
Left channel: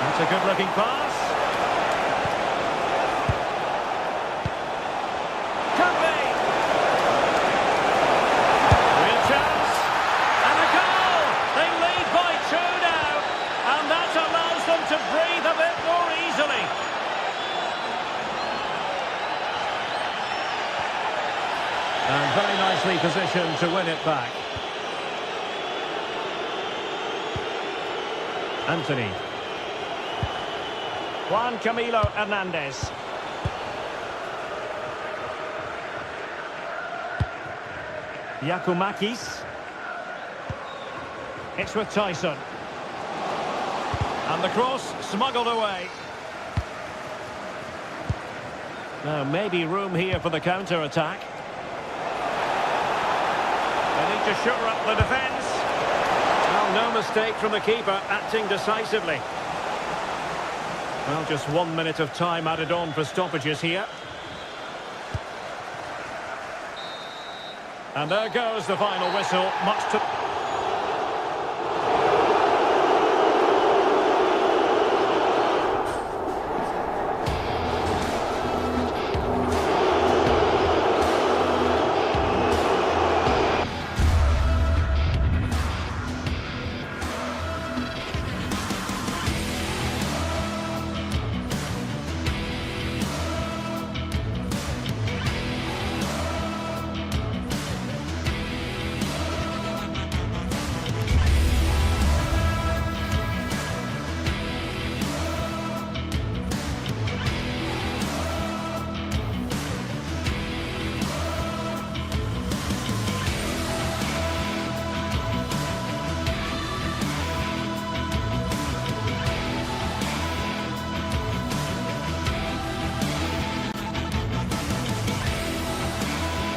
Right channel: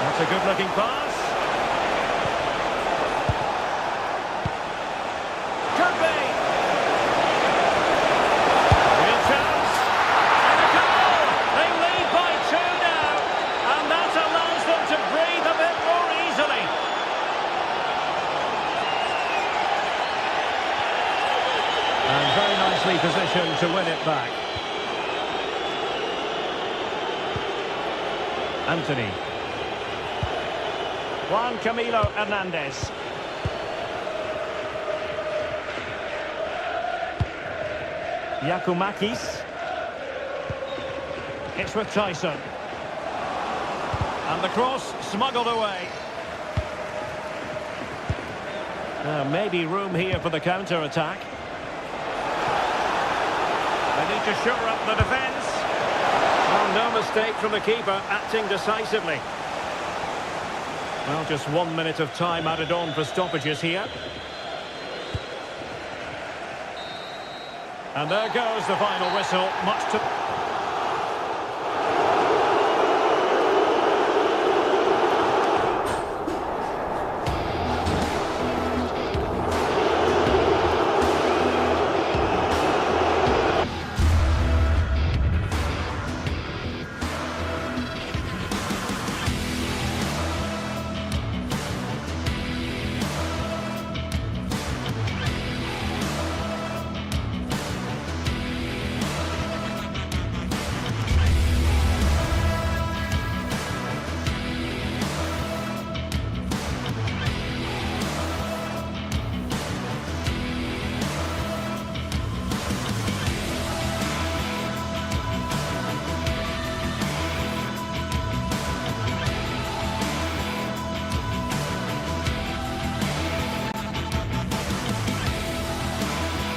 That's a good-looking pass. Could be. Real chance. And a goal! They lead by 2 now. And that allows them to breathe a bit more easily. And very nicely positioned to win it back. Anthony. Juan Camilo Hernandez. Yakumakis. It's with Tyson. And the cross smuggled away. Now maybe room here for the counter-attack. They need to shore up the defence. Well, no mistake from the keeper, acting decisively. Well, just 1 minute of time added on for stoppages here. And there goes the final whistle, much to...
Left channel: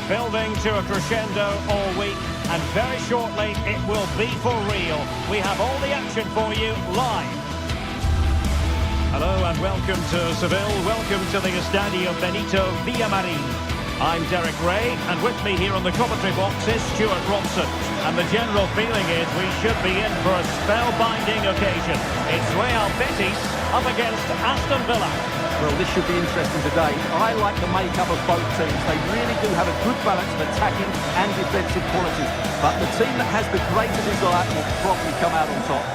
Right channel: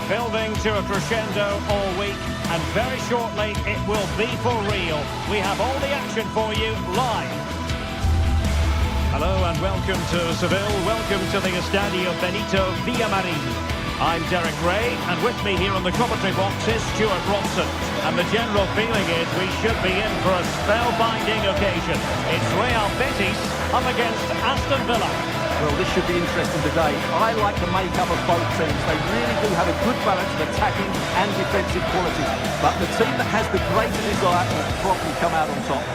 Building to a crescendo all week, and very shortly it will be for real. We have all the action for you live. Hello and welcome to Seville. Welcome to the Estadio Benito Villamarin. I'm Derek Ray, and with me here on the commentary box is Stuart Robson. And the general feeling is we should be in for a spellbinding occasion. It's Real Betis up against Aston Villa. Well, this should be interesting today. I like the makeup of both teams. They really do have a good balance of attacking and defensive qualities. But the team that has the greater desire will probably come out on top.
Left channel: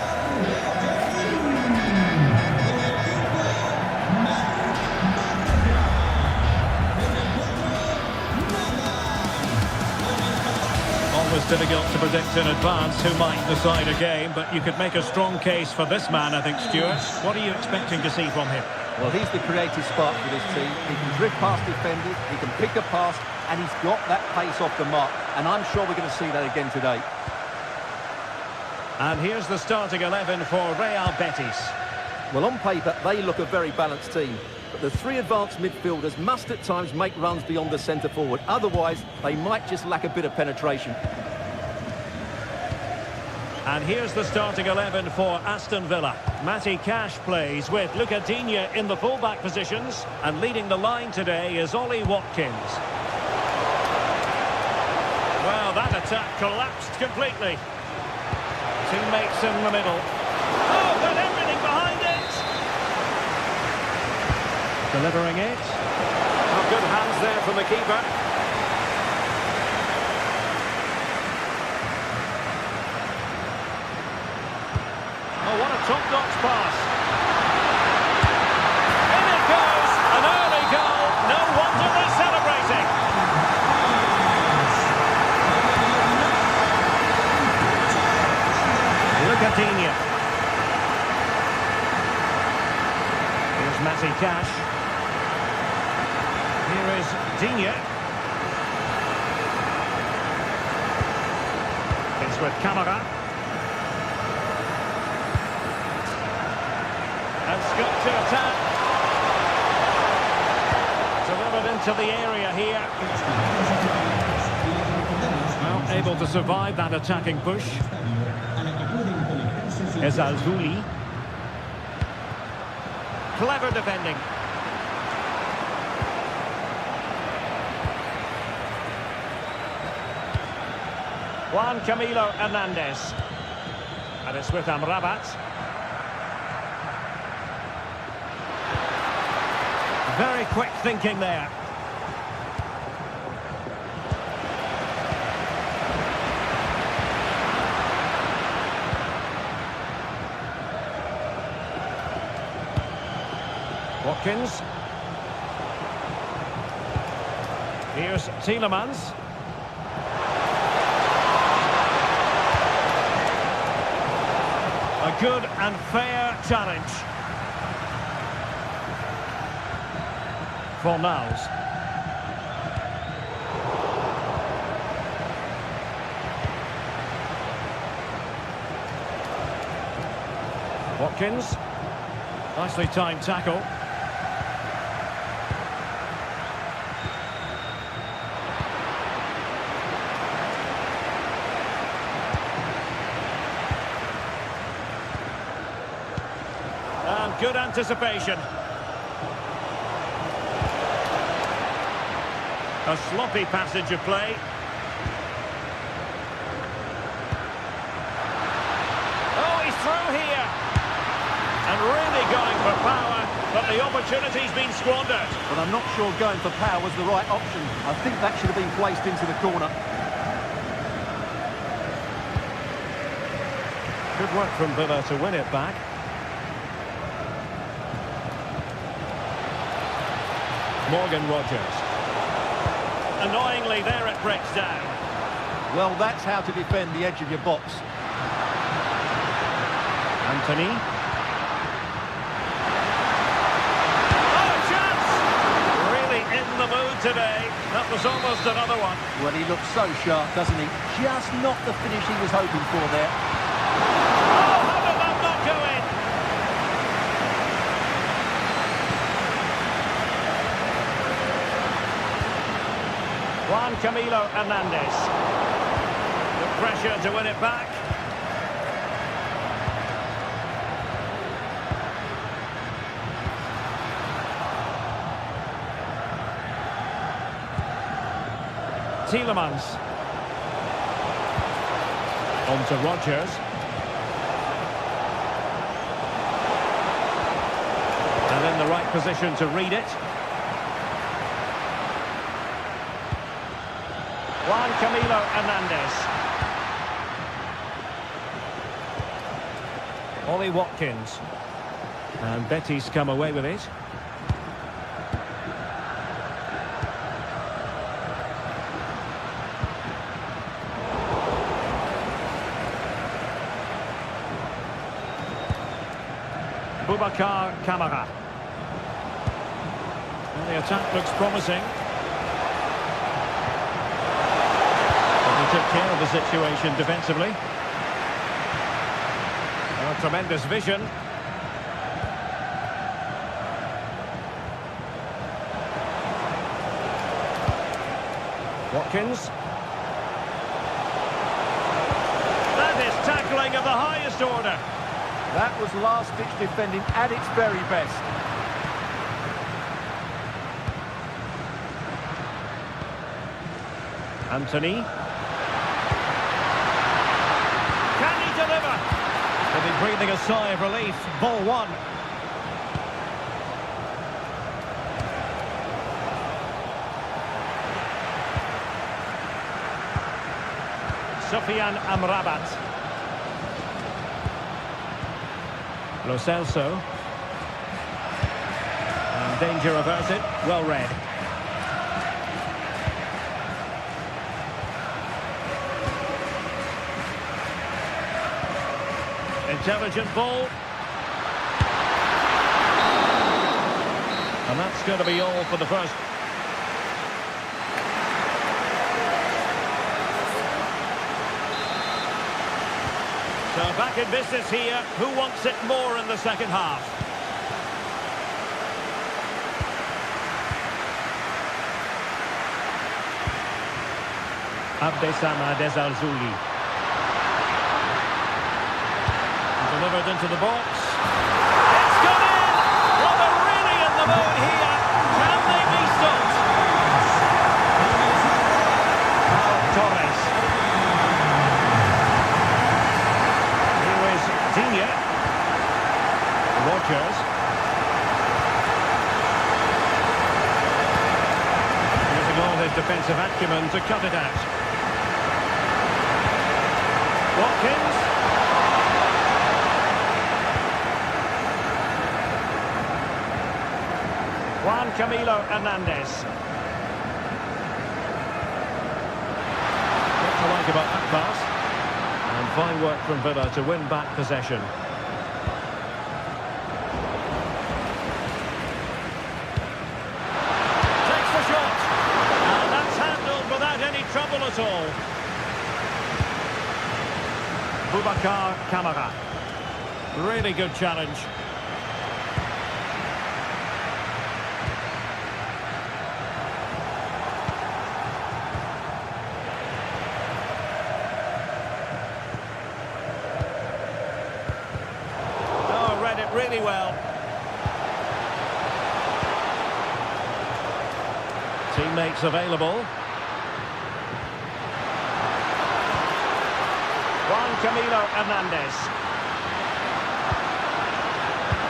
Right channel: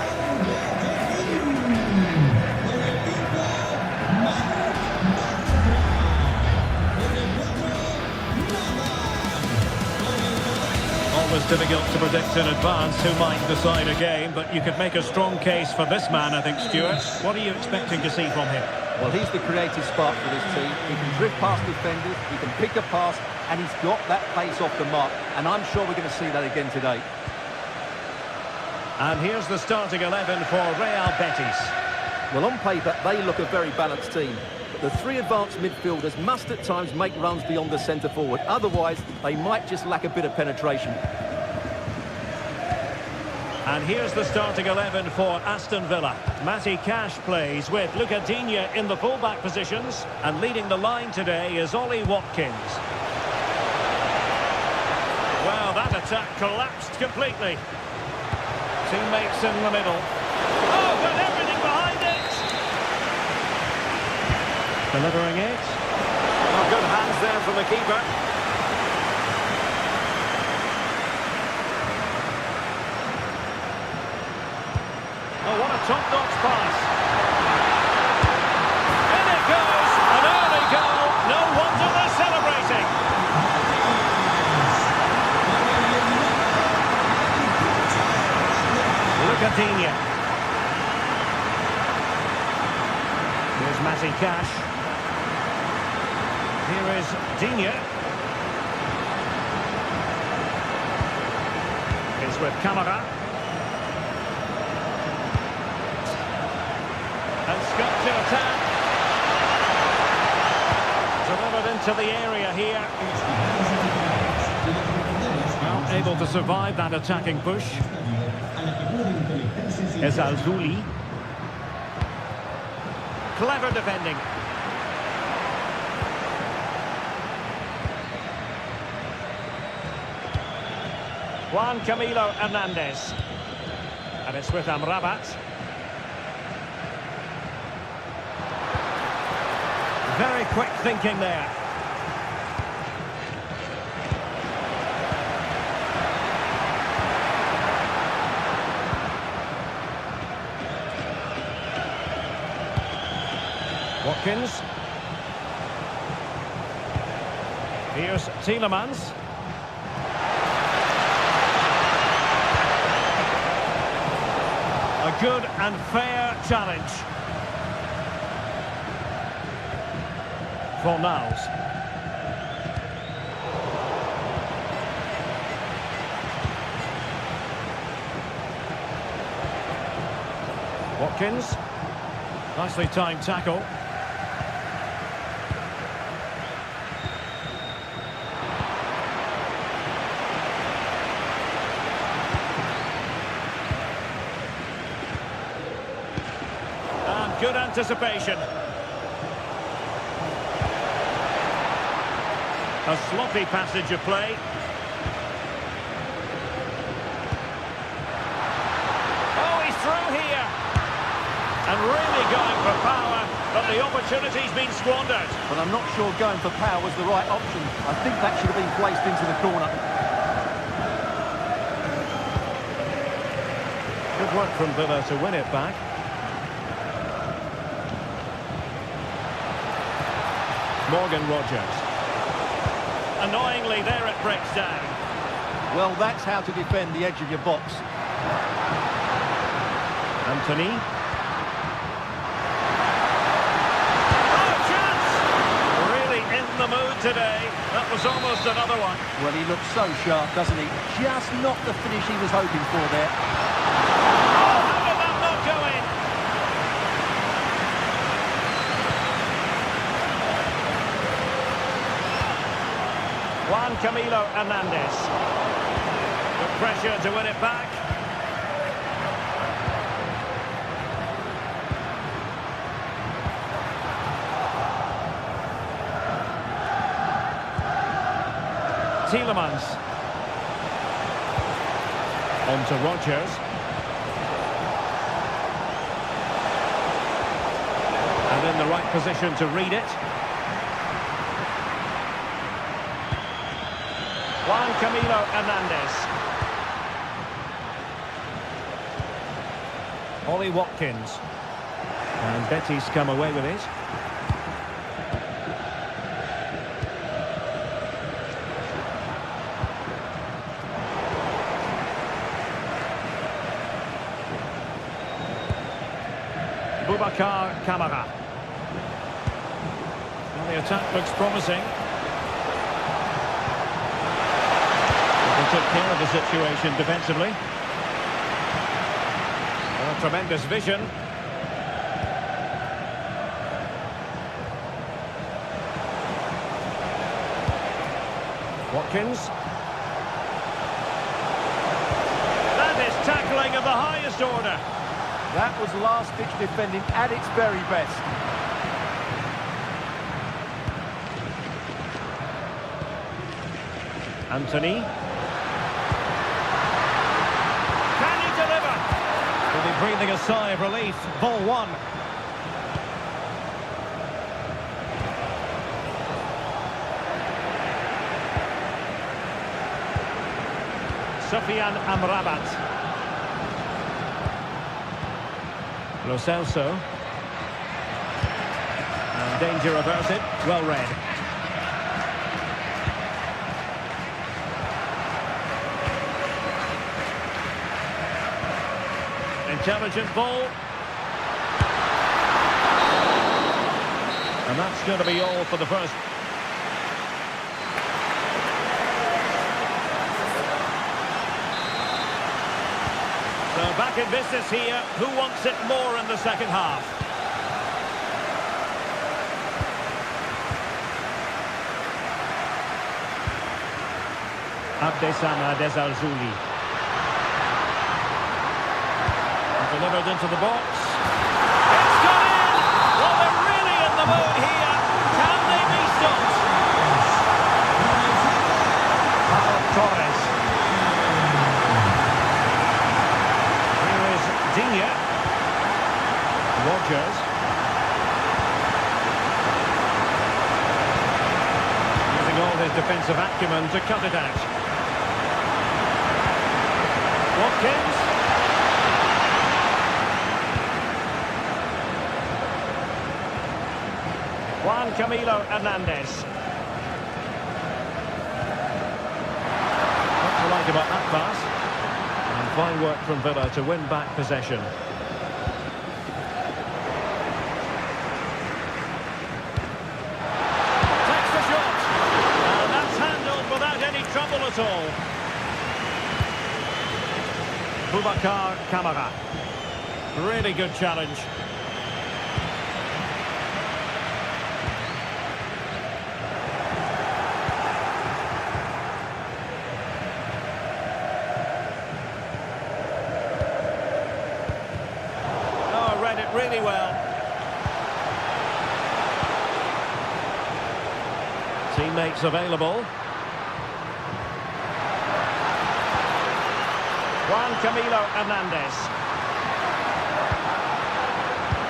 Always difficult to predict in advance who might decide a game, but you could make a strong case for this man, I think, Stuart. What are you expecting to see from him? Well, he's the creative spark for this team. He can drift past defenders, he can pick a pass, and he's got that pace off the mark. And I'm sure we're going to see that again today. And here's the starting 11 for Real Betis. Well, on paper, they look a very balanced team. But the three advanced midfielders must at times make runs beyond the centre forward. Otherwise, they might just lack a bit of penetration. And here's the starting 11 for Aston Villa. Matty Cash plays with Luca Digne in the full-back positions. And leading the line today is Ollie Watkins. Well, that attack collapsed completely. Teammates in the middle. Oh, got everything behind it! Delivering it. Oh, good hands there from the keeper. Oh, what a top-notch pass. In it goes! An early goal. No wonder they're celebrating. Look at Digne. Here's Matty Cash. Here is Digne. It's with Camara. And Scott to attack. Delivered into the area here. Well, able to survive that attacking push. Ezalzouli. Clever defending. Juan Camilo Hernandez. And it's with Amrabat. Very quick thinking there. Watkins. Here's Tielemans. A good and fair challenge. For Niles. Watkins. Nicely timed tackle. And good anticipation. A sloppy passage of play. Oh, he's through here. And really going for power, but the opportunity's been squandered. But I'm not sure going for power was the right option. I think that should have been placed into the corner. Good work from Villa to win it back. Morgan Rogers. Annoyingly, there it breaks down. Well, that's how to defend the edge of your box. Anthony. Oh, a chance! Really in the mood today. That was almost another one. Well, he looks so sharp, doesn't he? Just not the finish he was hoping for there. Oh, how did that not go in? Juan Camilo Hernandez. The pressure to win it back. Tielemans. On to Rogers. And in the right position to read it. Juan Camilo Hernandez. Ollie Watkins. And Betis come away with it. Boubacar Kamara. Well, the attack looks promising. But they took care of the situation defensively. Oh, tremendous vision. Watkins. That is tackling of the highest order. That was last-ditch defending at its very best. Anthony. Can he deliver? Will be breathing a sigh of relief. Ball one. Sofiane Amrabat. Lo Celso. And danger averted. Well read. Intelligent ball. And that's going to be all for the first. So back in business here. Who wants it more in the second half? Abdessamad Ezalzouli. Delivered into the box. It's gone in! Well, they're really in the mood here. Can they be stopped? Pau Torres. Here is Digne. Rogers. Using all his defensive acumen to cut it out. Watkins. Juan Camilo Hernandez. What to like about that pass? And fine work from Villa to win back possession. Takes the shot. And that's handled without any trouble at all. Boubacar Kamara. Really good challenge. Read it really well. Teammates available. Juan Camilo Hernandez.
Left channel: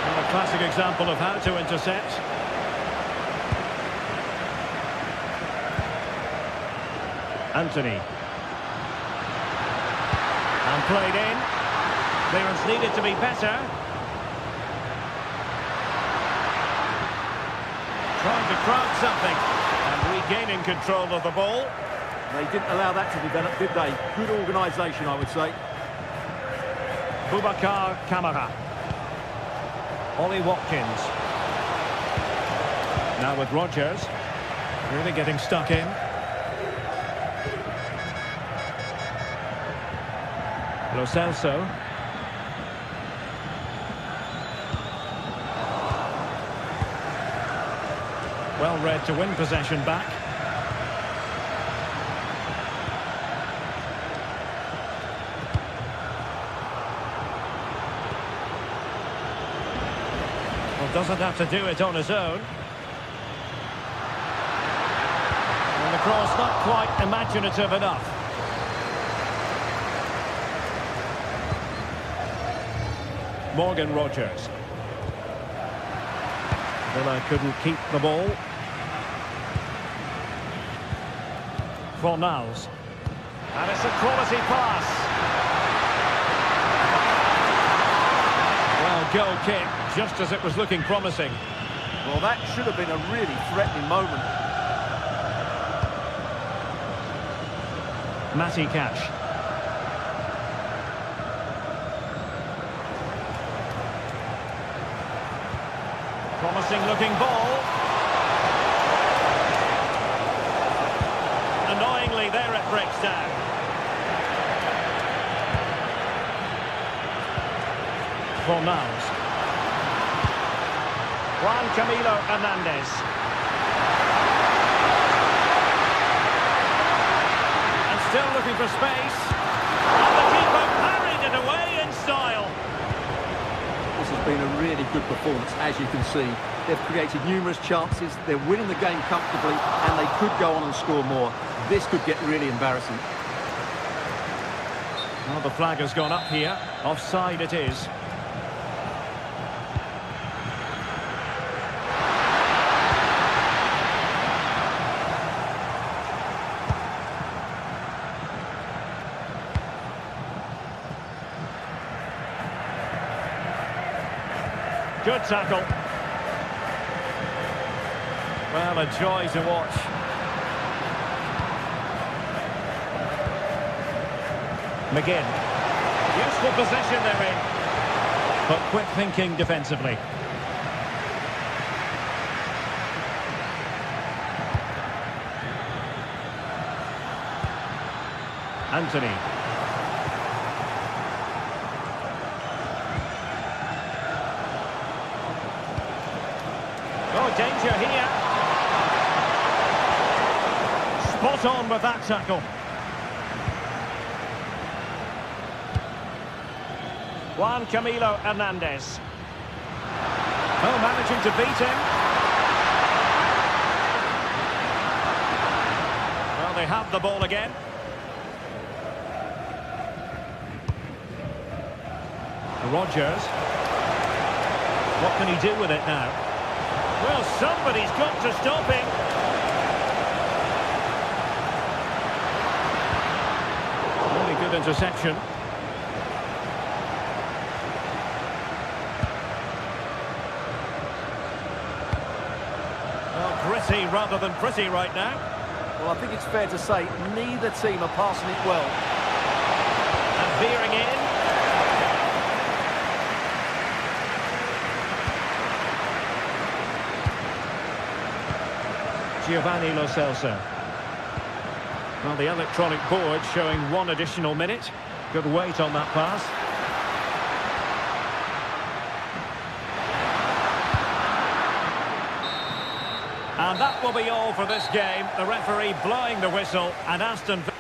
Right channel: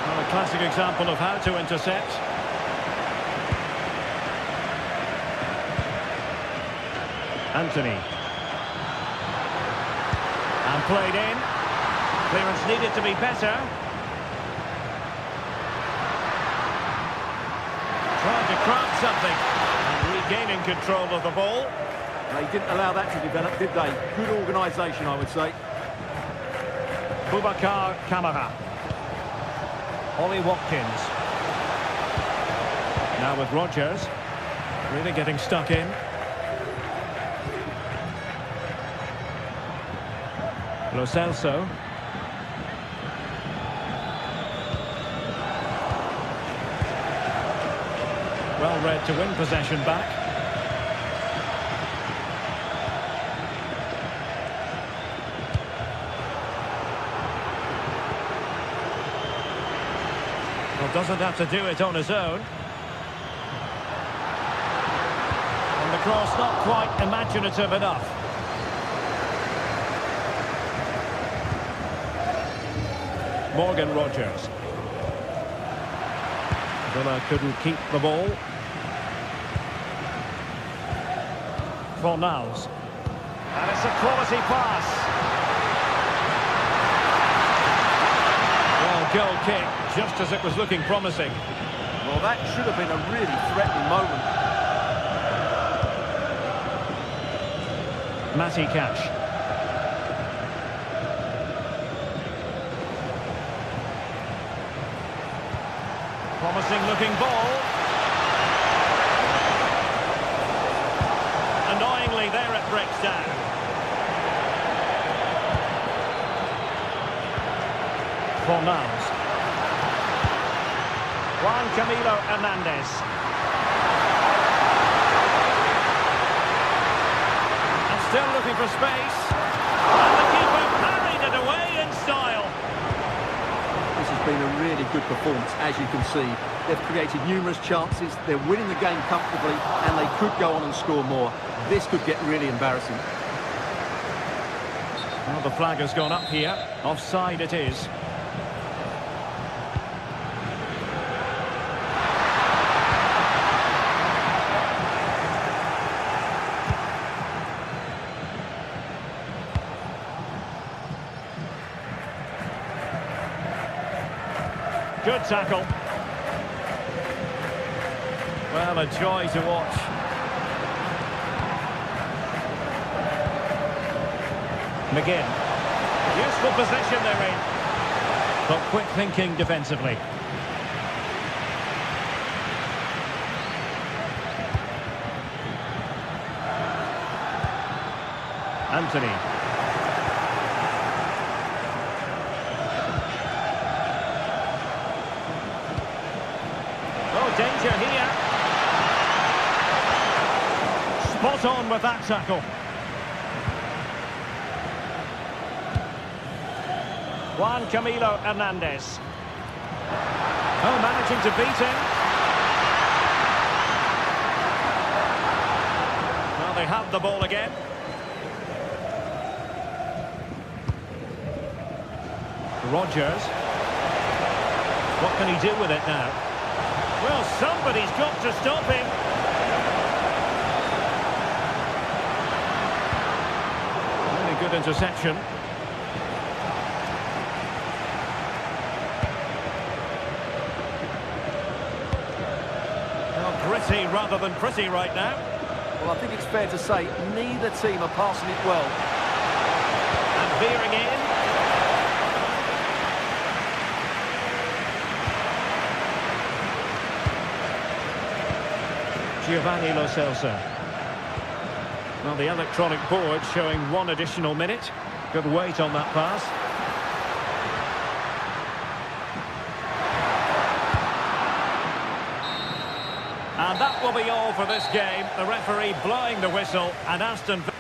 Well, a classic example of how to intercept. Anthony. And played in. Clearance needed to be better. Trying to craft something and regaining control of the ball. They didn't allow that to develop, did they? Good organisation, I would say. Boubacar Kamara. Ollie Watkins. Now with Rogers. Really getting stuck in. Lo Celso. Well read to win possession back. Well, doesn't have to do it on his own. And the cross not quite imaginative enough. Morgan Rogers. Villa couldn't keep the ball. Fornals. And it's a quality pass. Well, goal kick, just as it was looking promising. Well, that should have been a really threatening moment. Matty Cash. Promising looking ball. Annoyingly, there it breaks down. Fornals. Juan Camilo Hernandez. And still looking for space. And the keeper parried it away in style. This has been a really good performance, as you can see. They've created numerous chances, they're winning the game comfortably, and they could go on and score more. This could get really embarrassing. Well, the flag has gone up here. Offside it is. Good tackle. Well, a joy to watch. McGinn. Useful position they're in. But quick thinking defensively. Anthony. Oh, danger here. Spot on with that tackle. Juan Camilo Hernandez. Oh, managing to beat him. Well, they have the ball again. Rogers. What can he do with it now? Well, somebody's got to stop him. Really good interception. Well, gritty rather than pretty right now. Well, I think it's fair to say neither team are passing it well. And veering in. Giovanni Lo Celso. Well, the electronic board showing 1 additional minute. Good weight on that pass. And that will be all for this game. The referee blowing the whistle, and Aston Villa.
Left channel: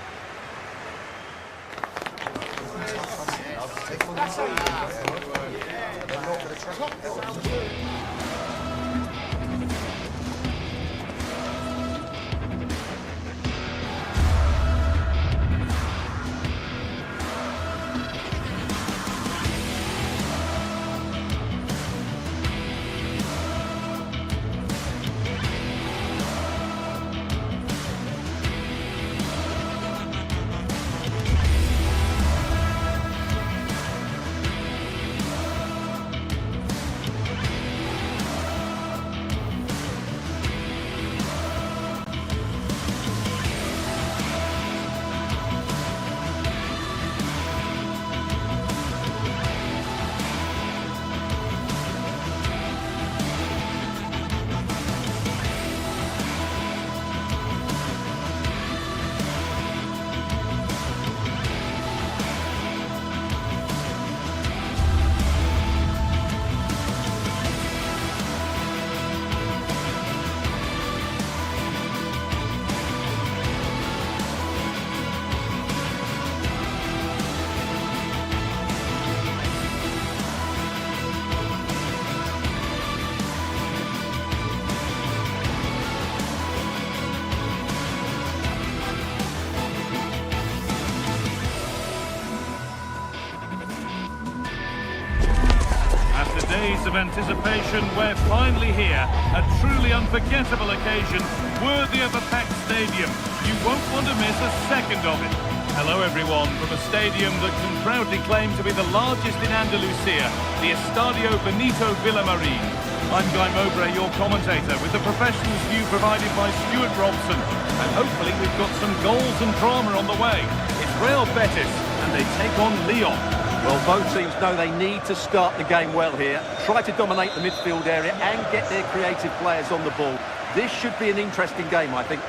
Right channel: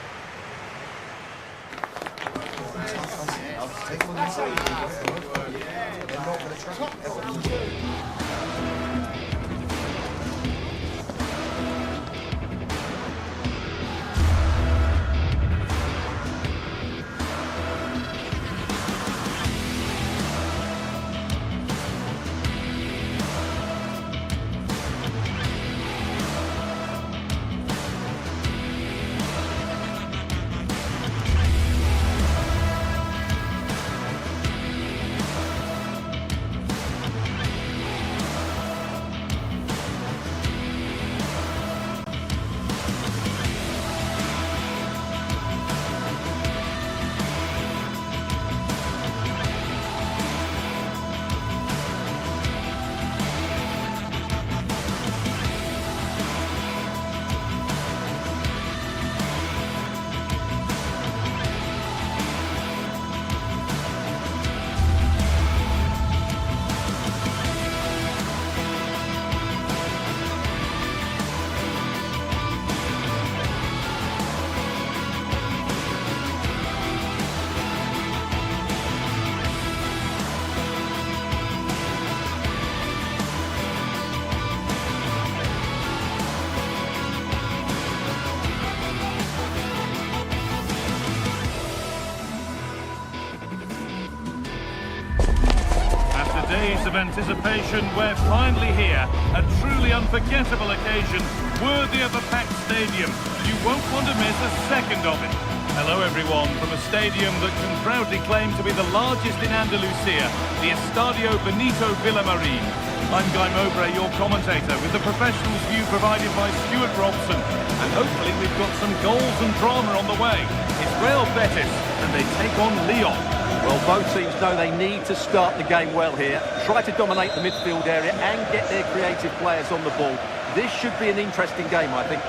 Days of anticipation, we're finally here. A truly unforgettable occasion, worthy of a packed stadium. You won't want to miss a second of it. Hello everyone, from a stadium that can proudly claim to be the largest in Andalusia, the Estadio Benito Villamarín. I'm Guy Mowbray, your commentator, with the professionals' view provided by Stuart Robson. And hopefully we've got some goals and drama on the way. It's Real Betis, and they take on Lyon. Well, both teams know they need to start the game well here. Try to dominate the midfield area and get their creative players on the ball. This should be an interesting game, I think.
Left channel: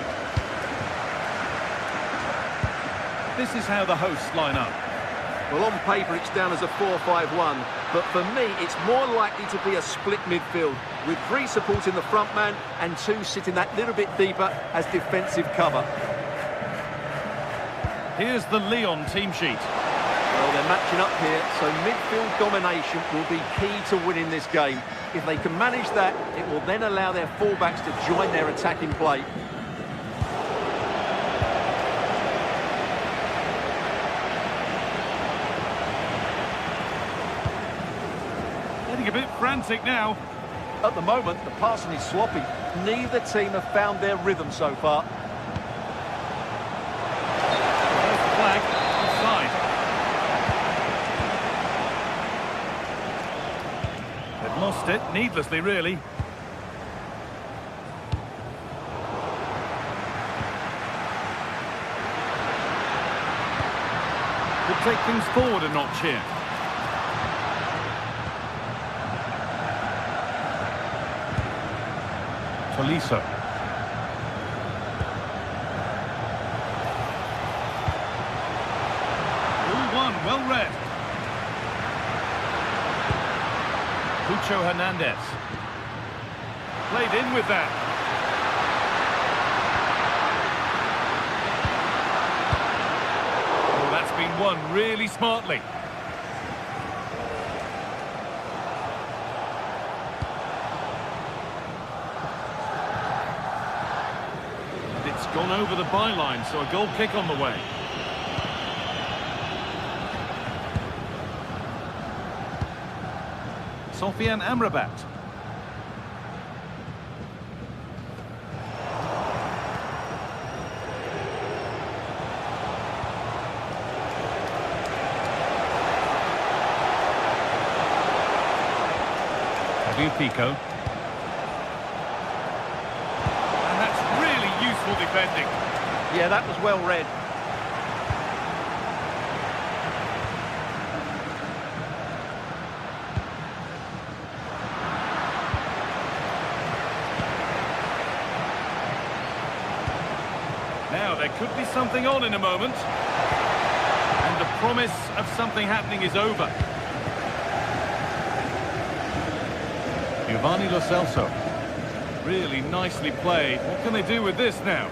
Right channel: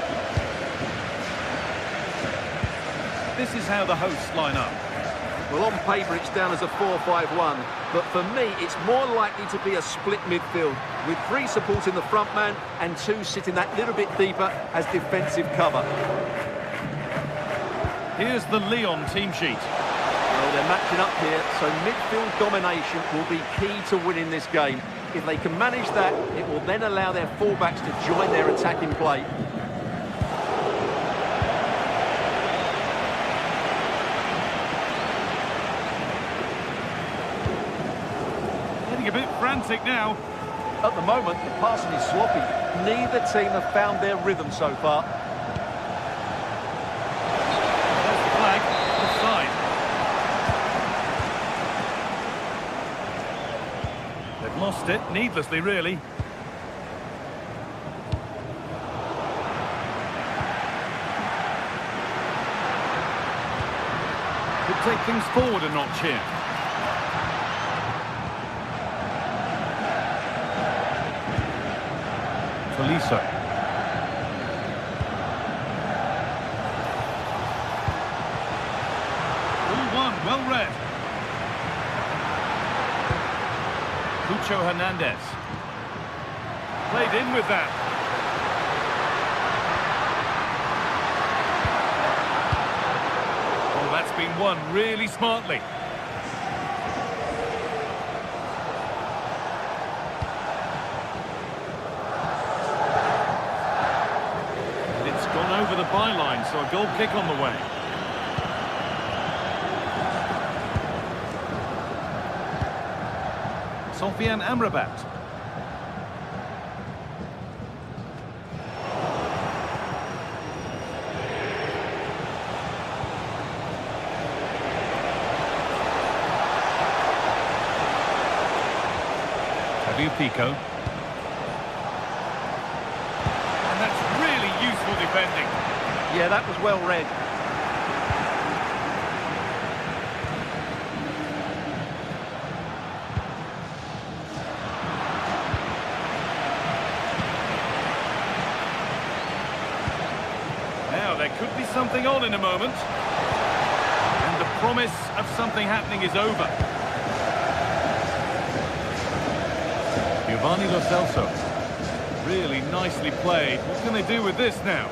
This is how the hosts line up. Well, on paper, it's down as a 4-5-1. But for me, it's more likely to be a split midfield, with 3 supporting the front man and 2 sitting that little bit deeper as defensive cover. Here's the Lyon team sheet. Well, they're matching up here, so midfield domination will be key to winning this game. If they can manage that, it will then allow their fullbacks to join their attacking play. Getting a bit frantic now. At the moment, the passing is sloppy. Neither team have found their rhythm so far. There's the flag, offside. They've lost it, needlessly really. Could take things forward a notch here. Tolisso. All one, well read. Cucho Hernandez. Played in with that. Oh, that's been won really smartly. It's gone over the byline, so a goal kick on the way. Sofian Amrabat. Fabio Pico. And that's really useful defending. Yeah, that was well read. Now, there could be something on in a moment. And the promise of something happening is over. Giovanni Lo Celso. Really nicely played. What can they do with this now?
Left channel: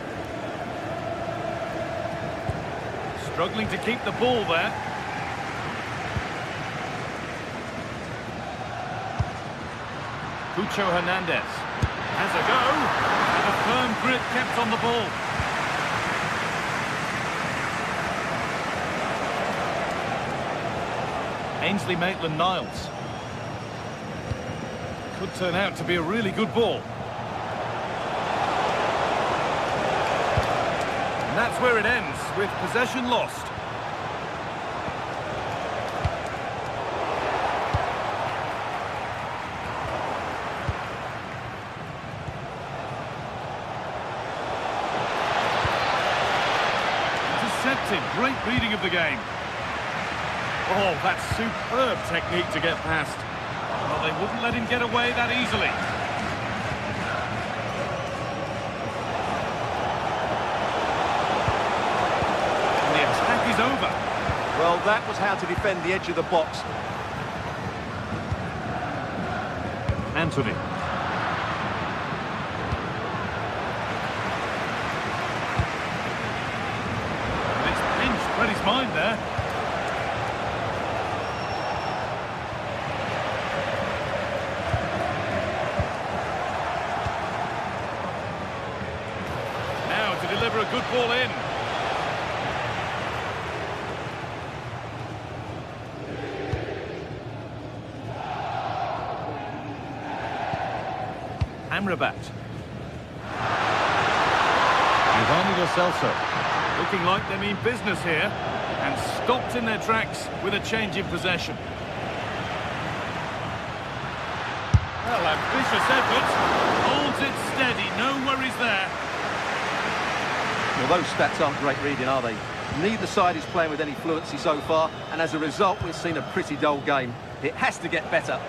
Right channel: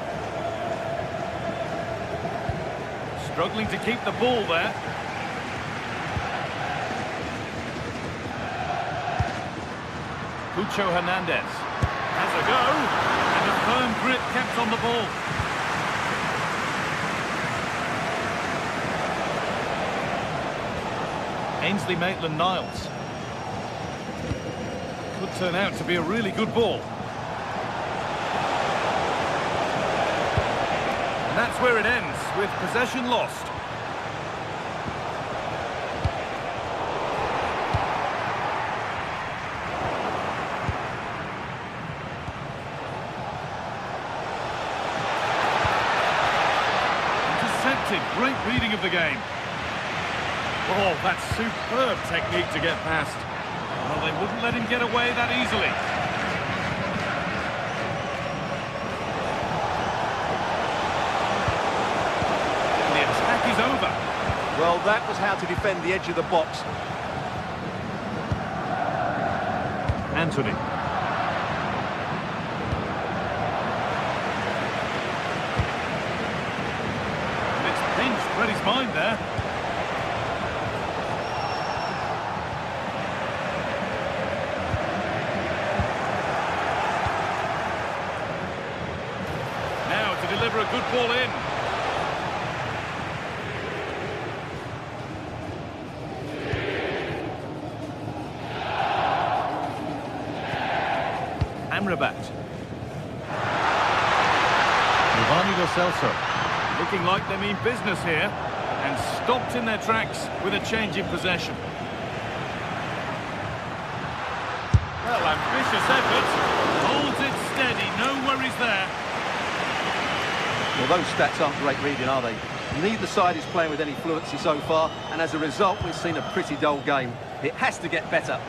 Struggling to keep the ball there. Cucho Hernandez has a go. And a firm grip kept on the ball. Ainsley Maitland-Niles. Could turn out to be a really good ball. And that's where it ends, with possession lost. Intercepted, great reading of the game. Oh, that's superb technique to get past. Well, they wouldn't let him get away that easily. And the attack is over. Well, that was how to defend the edge of the box. Anthony. And it's pinched Freddie's mind there. Now to deliver a good ball in. Amrabat. Giovanni Lo Celso. Looking like they mean business here. And stopped in their tracks with a change in possession. Well, ambitious effort. Holds it steady, no worries there. Well, those stats aren't great reading, are they? Neither side is playing with any fluency so far, and as a result, we've seen a pretty dull game. It has to get better.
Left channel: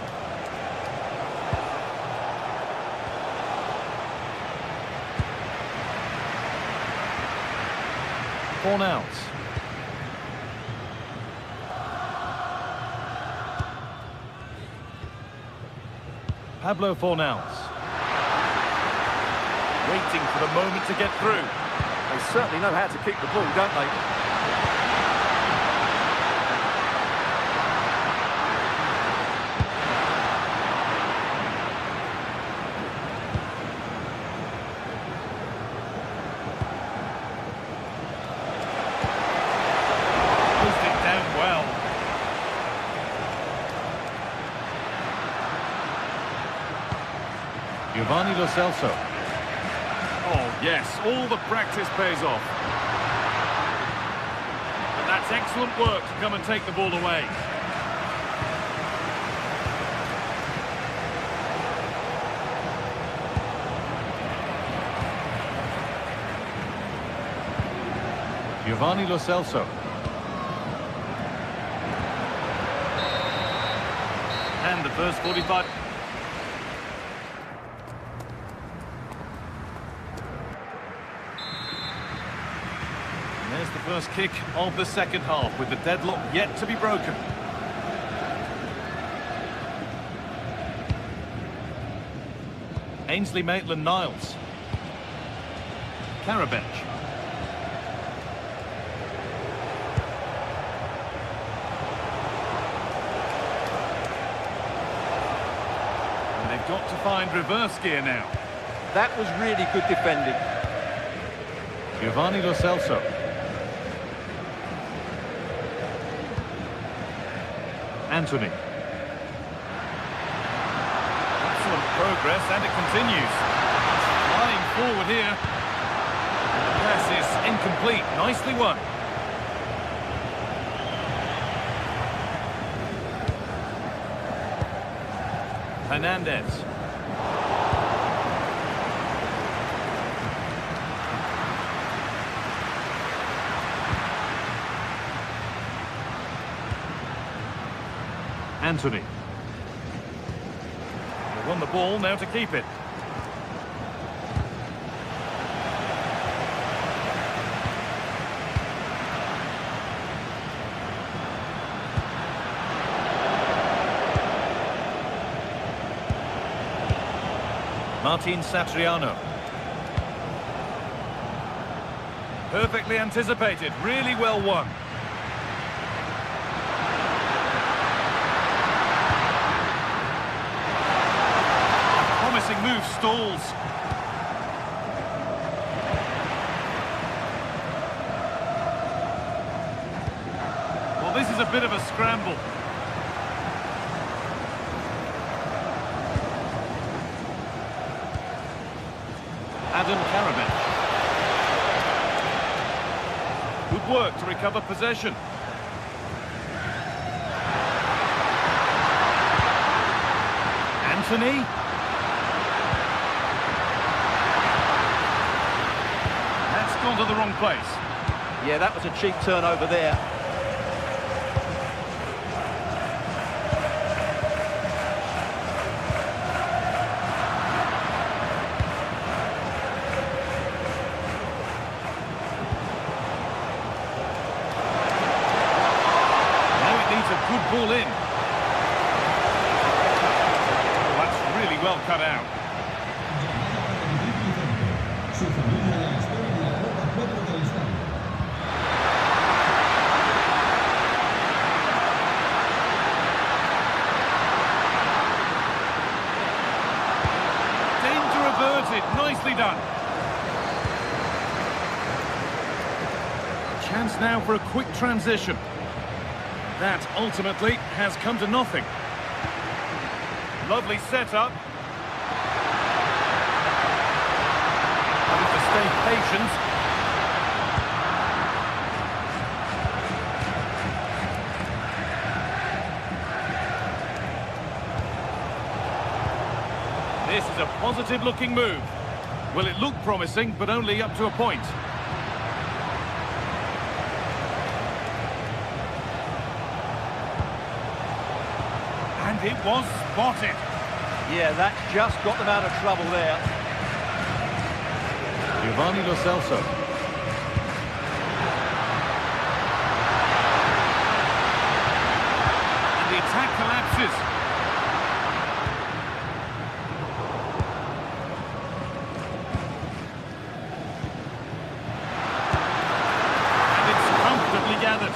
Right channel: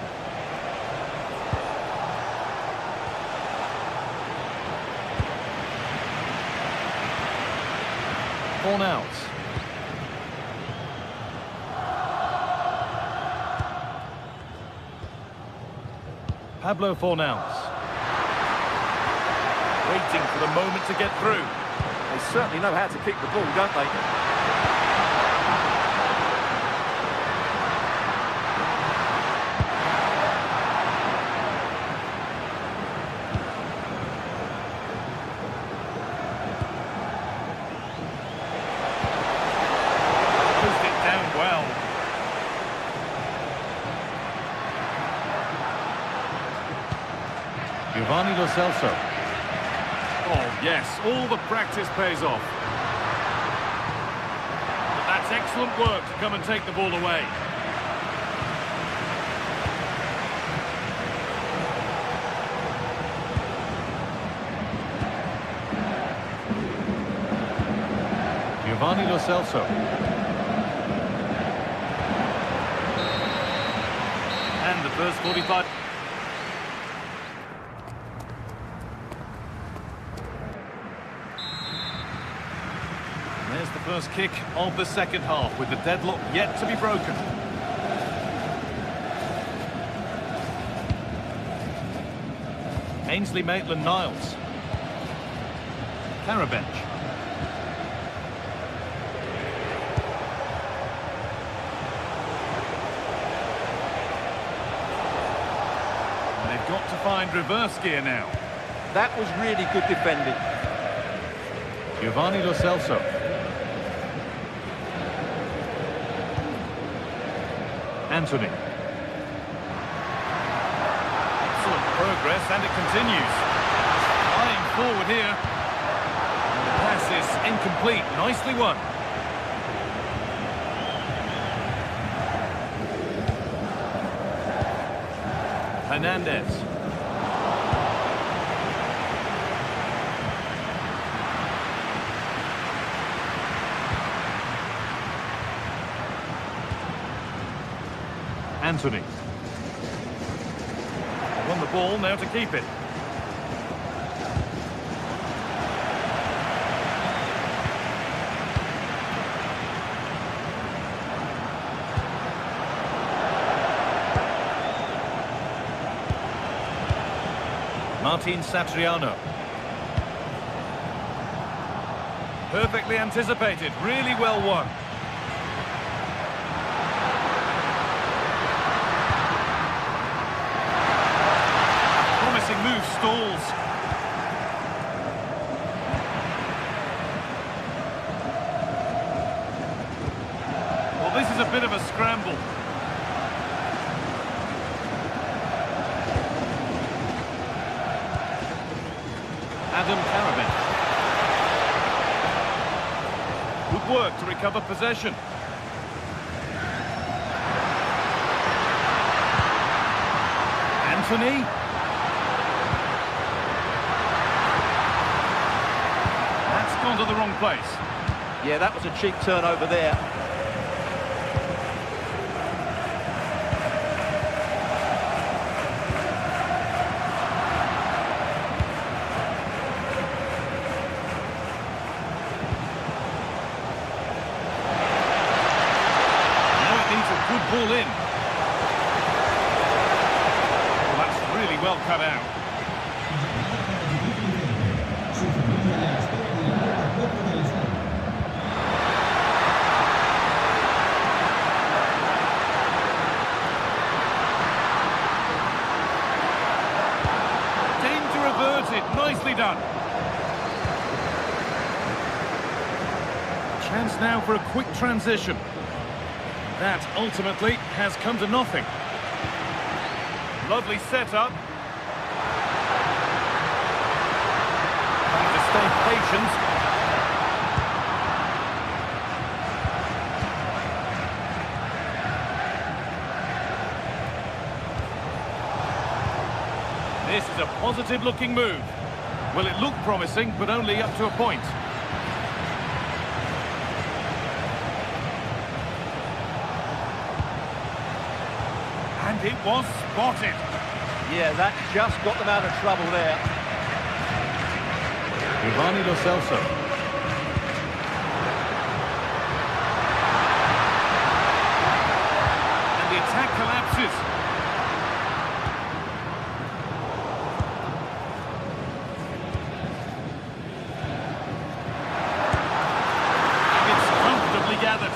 Fornals. Pablo Fornals. Waiting for the moment to get through. They certainly know how to kick the ball, don't they? Pushed it down well. Giovanni Lo Celso. Oh, yes, all the practice pays off. But that's excellent work to come and take the ball away. Giovanni Lo Celso. And the first 45... There's the first kick of the second half, with the deadlock yet to be broken. Ainsley Maitland-Niles. Karabench. And they've got to find reverse gear now. That was really good defending. Giovanni Lo Celso. Anthony. Excellent progress, and it continues. It's flying forward here. And the pass is incomplete. Nicely won. Hernandez. Anthony. They won the ball, now to keep it. Martin Satriano. Perfectly anticipated, really well won. Promising move stalls. Well, this is a bit of a scramble. Adam Karabench. Good work to recover possession. Anthony. That's gone to the wrong place. Yeah, that was a cheap turnover there. Now it needs a good ball in. Well, that's really well cut out. Danger averted, nicely done. Chance now for a quick transition. That ultimately has come to nothing. Lovely setup. Having to stay patient. This is a positive-looking move. Well, it looked promising, but only up to a point. And it was spotted. Yeah, that's just got them out of trouble there. Giovanni Lo Celso. And the attack collapses. And it's comfortably gathered.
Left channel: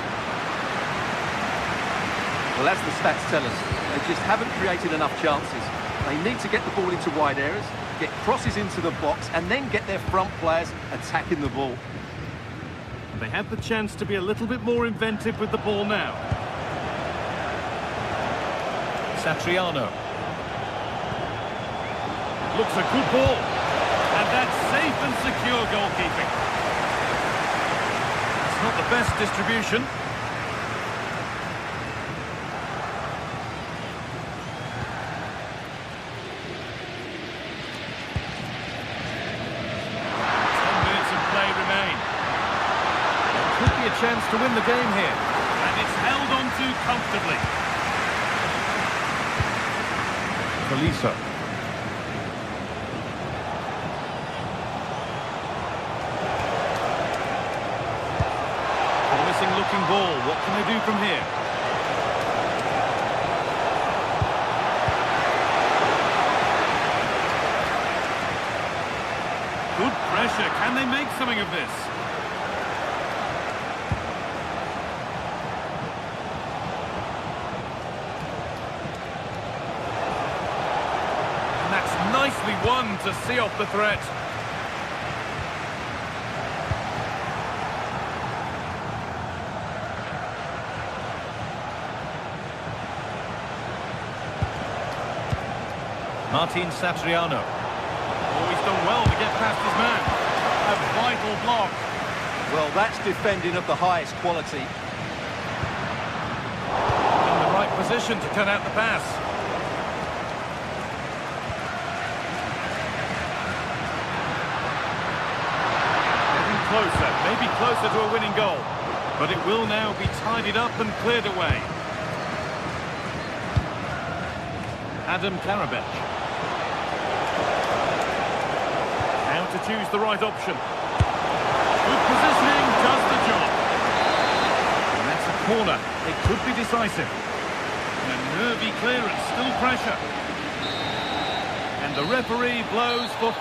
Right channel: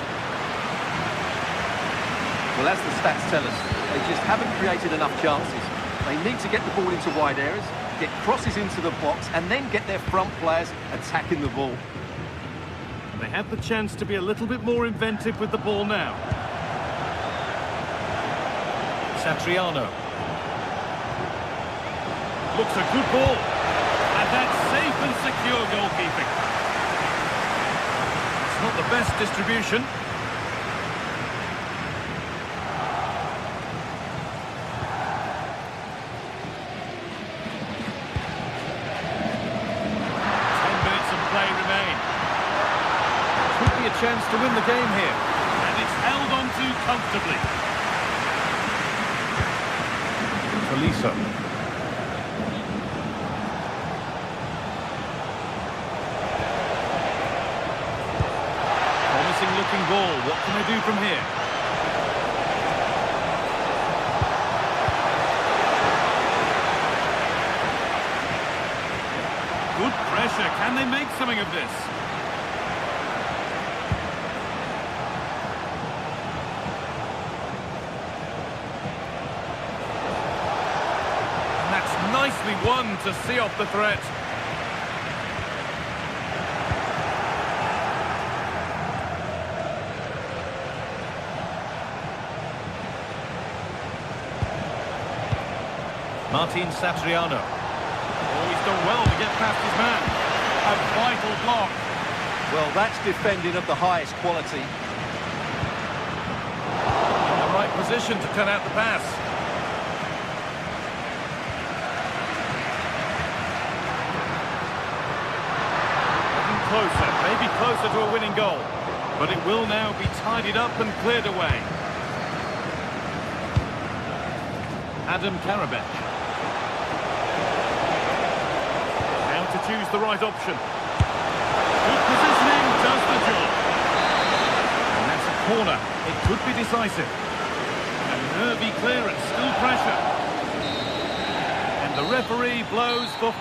Well, as the stats tell us, they just haven't created enough chances. They need to get the ball into wide areas, get crosses into the box, and then get their front players attacking the ball. And they have the chance to be a little bit more inventive with the ball now. Satriano. Looks a good ball. And that's safe and secure goalkeeping. It's not the best distribution. Play remain. There could be a chance to win the game here. And it's held on to comfortably. Tolisso. Promising looking ball. What can they do from here? Good pressure. Can they make something of this? And that's nicely won to see off the threat. Martin Satriano. Oh, he's done well to get past his man. A vital block. Well, that's defending of the highest quality. In the right position to cut out the pass. Getting closer, maybe closer to a winning goal. But it will now be tidied up and cleared away. Adam Karabech. To choose the right option. Good positioning, does the job. And that's a corner. It could be decisive. And a nervy clearance, still pressure. And the referee blows for...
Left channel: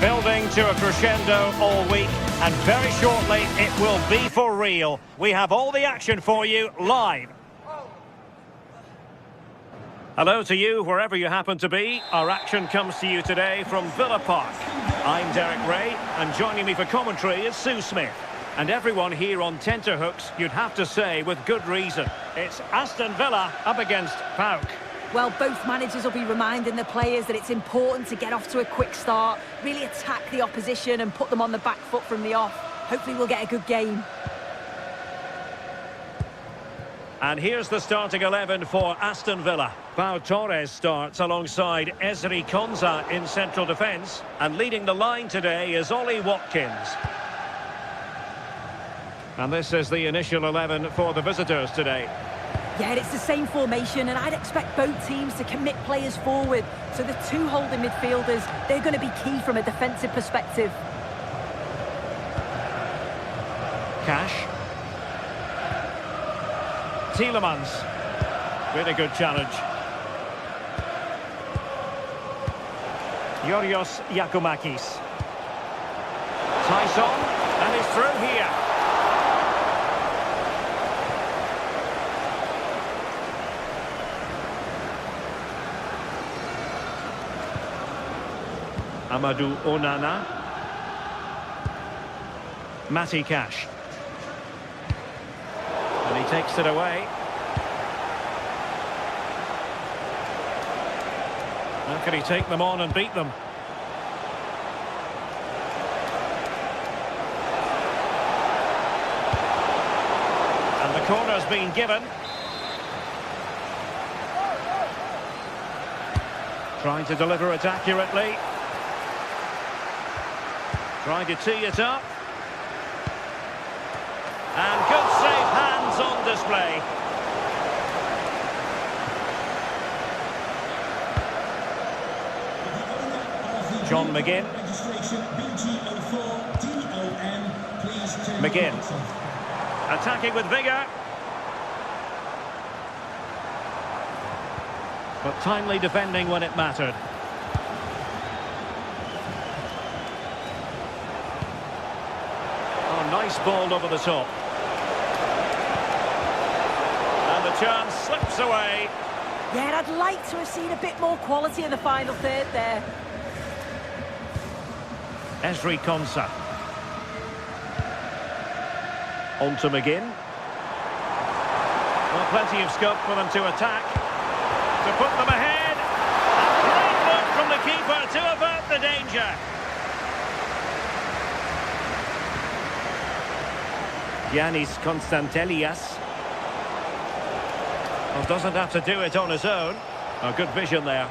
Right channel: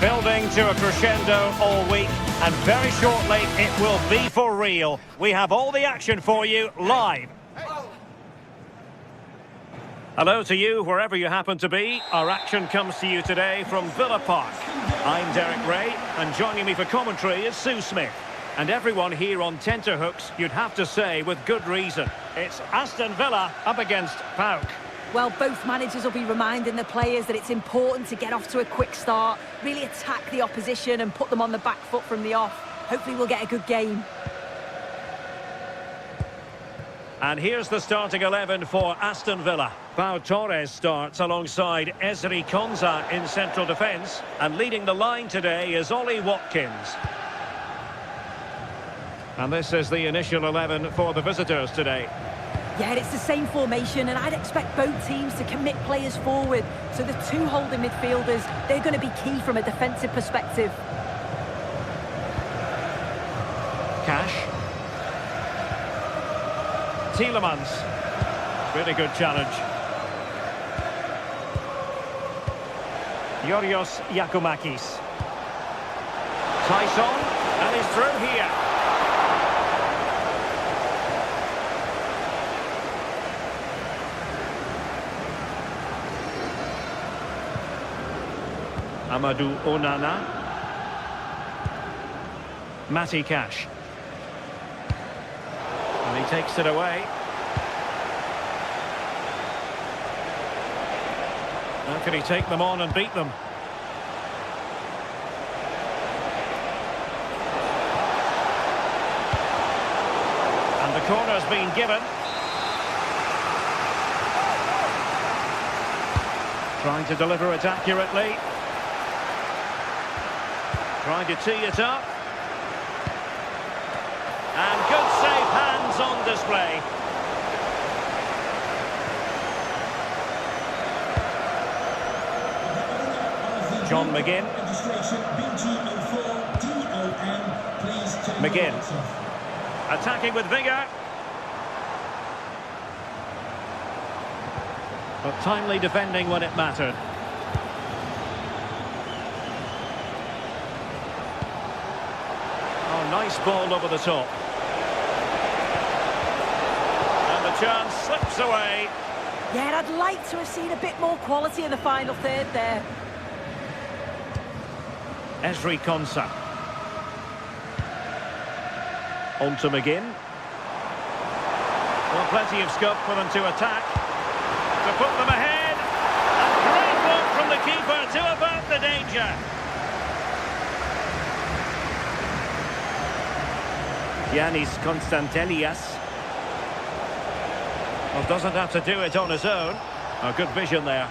Building to a crescendo all week. And very shortly, it will be for real. We have all the action for you live. Hello to you, wherever you happen to be. Our action comes to you today from Villa Park. I'm Derek Ray, and joining me for commentary is Sue Smith. And everyone here on tenterhooks, you'd have to say with good reason. It's Aston Villa up against PAOK. Well, both managers will be reminding the players that it's important to get off to a quick start, really attack the opposition and put them on the back foot from the off. Hopefully we'll get a good game. And here's the starting 11 for Aston Villa. Pau Torres starts alongside Ezri Konsa in central defence. And leading the line today is Ollie Watkins. And this is the initial 11 for the visitors today. Yeah, it's the same formation, and I'd expect both teams to commit players forward. So the two holding midfielders, they're going to be key from a defensive perspective. Cash. Tielemans. Really good challenge. Yorios Yakumakis. Tyson, and he's through here. Amadou Onana. Matty Cash. And he takes it away. How can he take them on and beat them? And the corner's been given. Trying to deliver it accurately. Trying to tee it up. And good safe hands on display. John McGinn. McGinn. Attacking with vigour. But timely defending when it mattered. Oh, nice ball over the top. And the chance slips away. Yeah, I'd like to have seen a bit more quality in the final third there. Ezri Konsa. On to McGinn. Well, plenty of scope for them to attack. To put them ahead. And great work from the keeper to avert the danger. Giannis Konstantelias. Well, doesn't have to do it on his own. Oh, good vision there.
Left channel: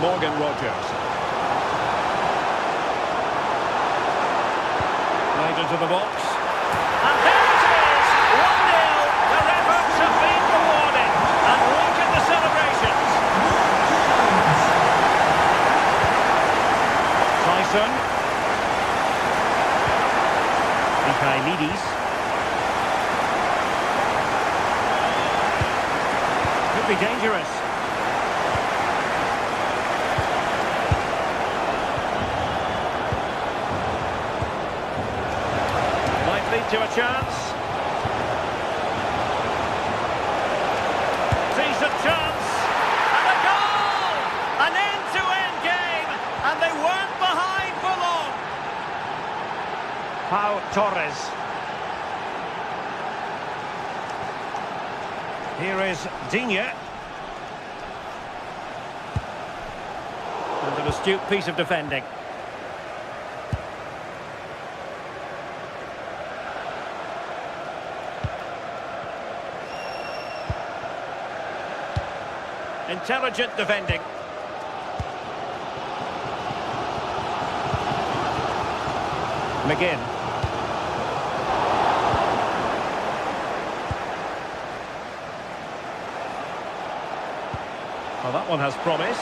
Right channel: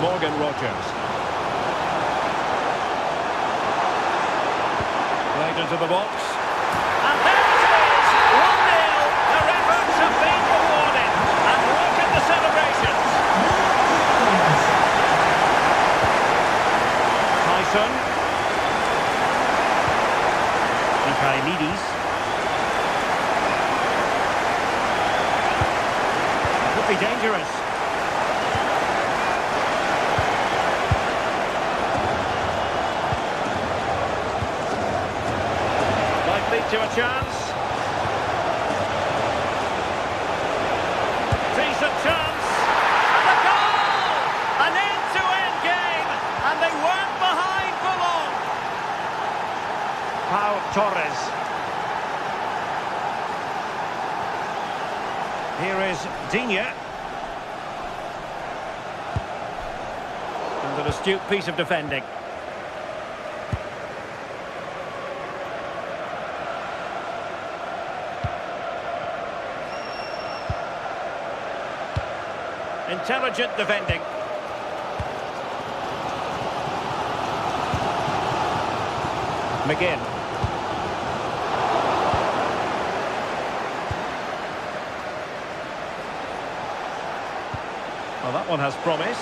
Morgan Rogers. Played into the box. And there it is! 1-0. Their efforts have been rewarded. And look at the celebrations. Tyson. Mikhailidis. Could be dangerous. Might lead to a chance. Decent chance. And a goal! An end-to-end game. And they weren't behind for long. Pau Torres. Here is Digne. And an astute piece of defending. Intelligent defending. McGinn. Well, that one has promise.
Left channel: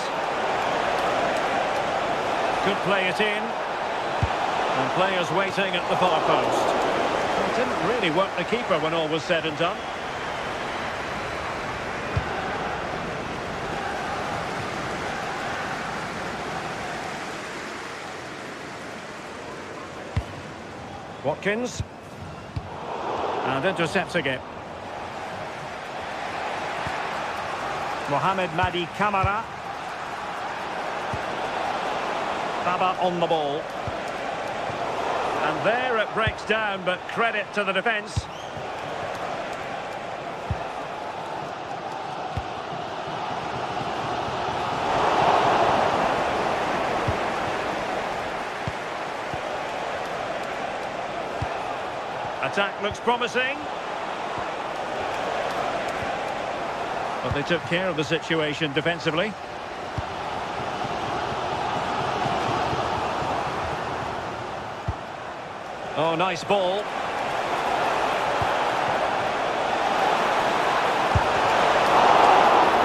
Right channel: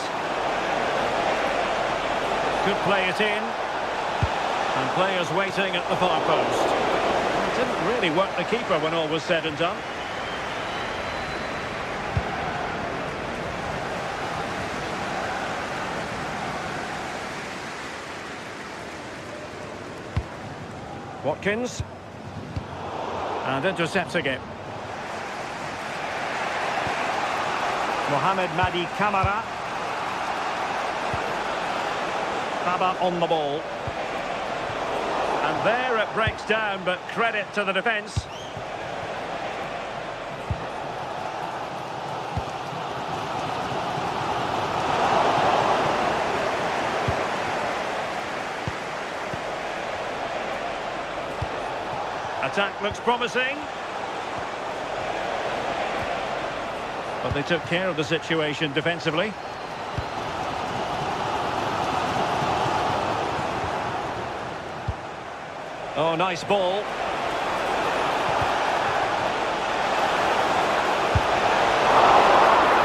Could play it in. And players waiting at the far post. Well, it didn't really work the keeper when all was said and done. Watkins. And intercepting it. Mohamed Madi Camara. Baba on the ball. And there it breaks down, but credit to the defence. Attack looks promising. But they took care of the situation defensively. Oh, nice ball.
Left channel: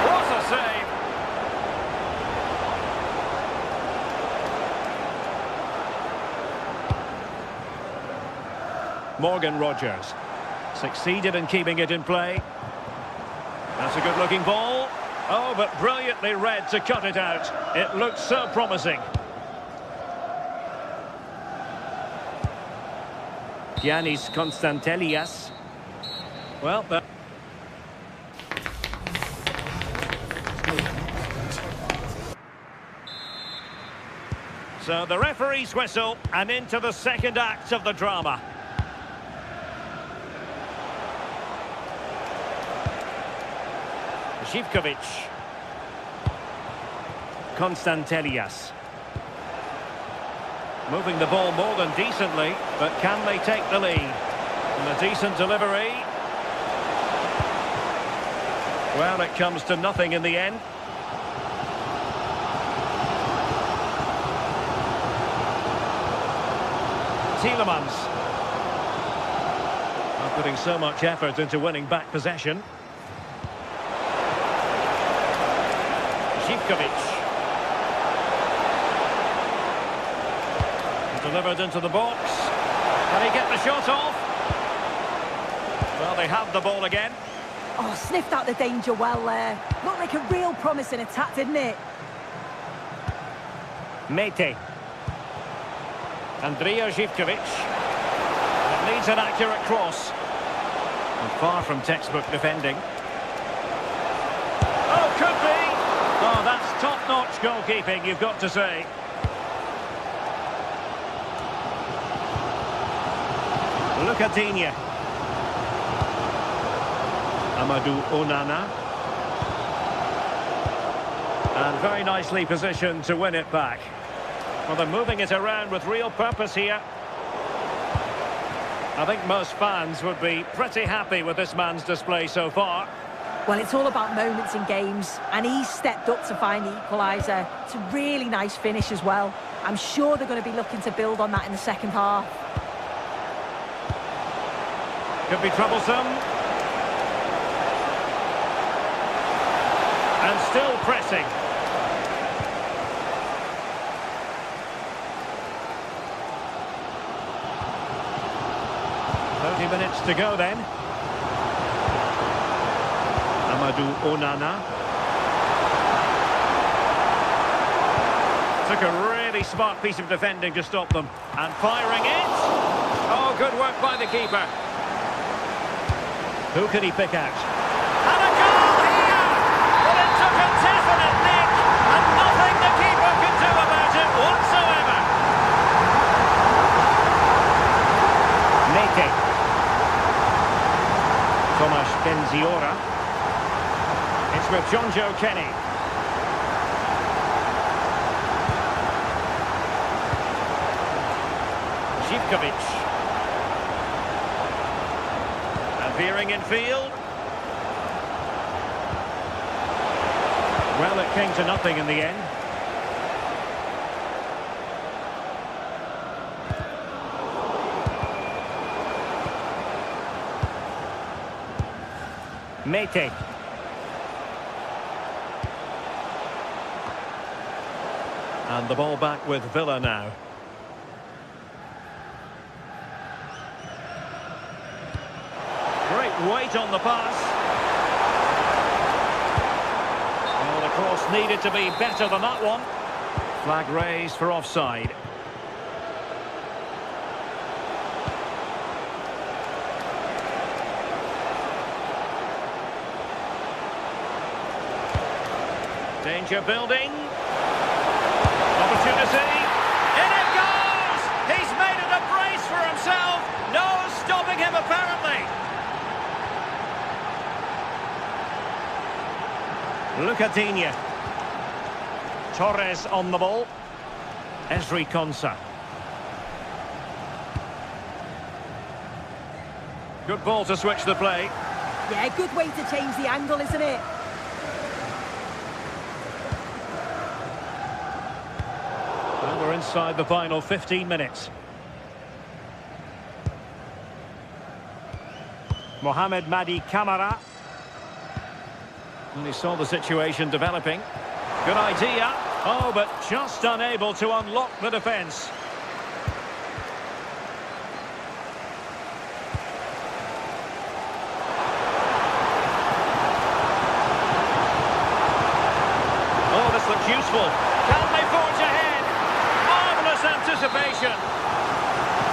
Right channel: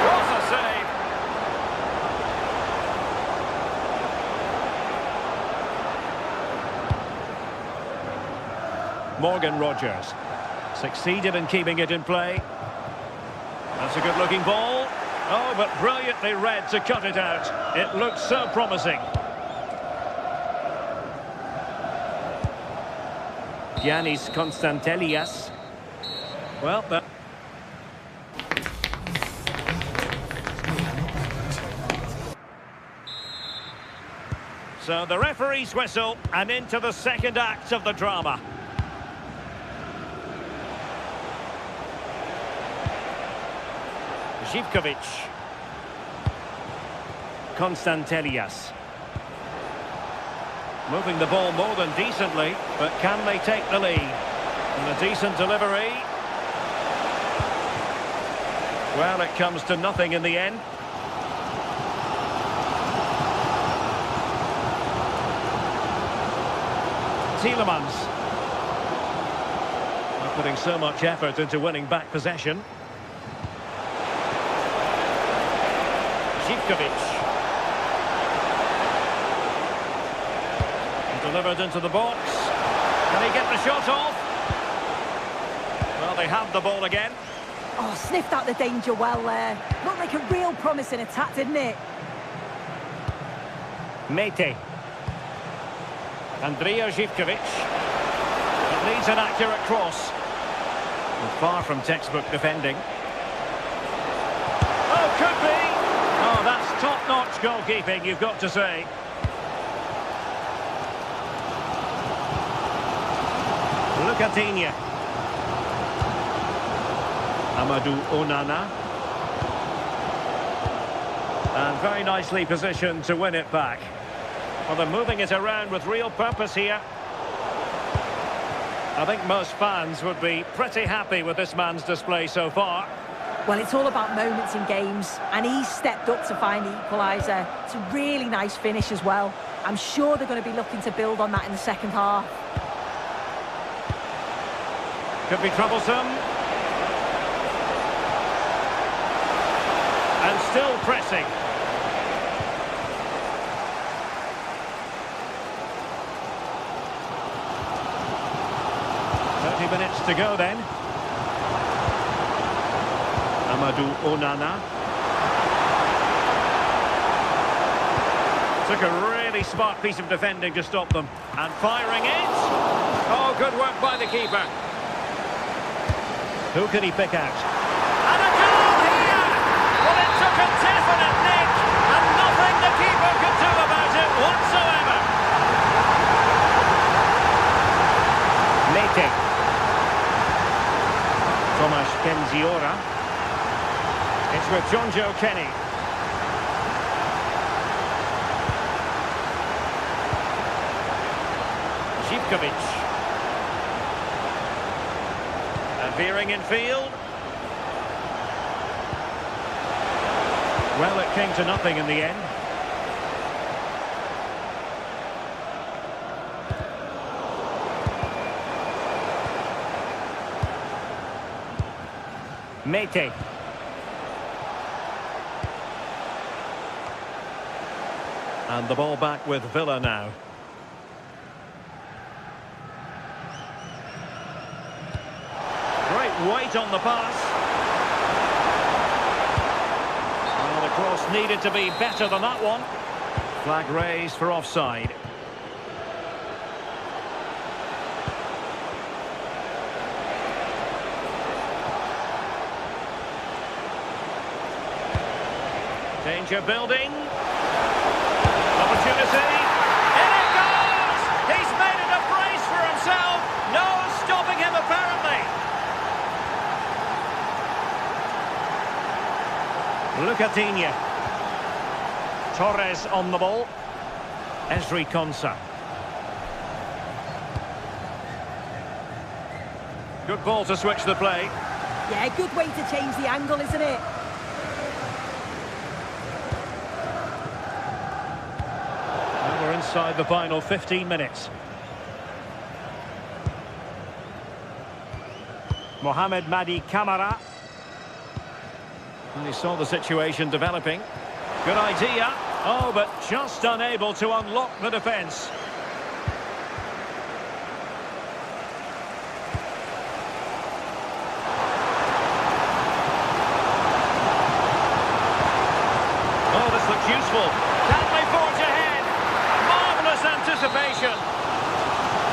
What a save! Morgan Rogers succeeded in keeping it in play. That's a good-looking ball. Oh, but brilliantly read to cut it out. It looked so promising. Giannis Konstantelias. Well, that... So the referee's whistle, and into the second act of the drama. Živkovic. Konstantelias. Moving the ball more than decently, but can they take the lead? And a decent delivery. Well, it comes to nothing in the end. Tielemans. Not putting so much effort into winning back possession. Živkovic. Delivered into the box. Can he get the shot off? Well, they have the ball again. Oh, sniffed out the danger well there. Looked like a real promising attack, didn't it? Mete. Andrija Živkovic. It needs an accurate cross. And far from textbook defending. Oh, could be! Oh, that's top-notch goalkeeping, you've got to say. Lucatinha. Amadou Onana. And very nicely positioned to win it back. Well, they're moving it around with real purpose here. I think most fans would be pretty happy with this man's display so far. Well, it's all about moments in games, and he's stepped up to find the equaliser. It's a really nice finish as well. I'm sure they're going to be looking to build on that in the second half. Could be troublesome. And still pressing. "30 minutes to go then. Amadou Onana. Took a really smart piece of defending to stop them. And firing it. Oh, good work by the keeper. Who can he pick out? And a goal here! Well, it took a definite nick, and nothing the keeper could do about it whatsoever. Mete. Tomasz Kenziora. It's with John Joe Kenny. Živkovic. Veering in field. Well, it came to nothing in the end. Mete. And the ball back with Villa now. Great weight on the pass. Well, the cross needed to be better than that one. Flag raised for offside. Danger building. Opportunity. In it goes! He's made it a brace for himself. No stopping him, apparently. Lucatinia. Torres on the ball. Esri Konsa. Good ball to switch the play. Yeah, good way to change the angle, isn't it? Well, we're inside the final 15 minutes. Mohamed Madi Camara. And he saw the situation developing. Good idea. Oh, but just unable to unlock the defence. Oh, this looks useful. Can they forge ahead? Marvellous anticipation.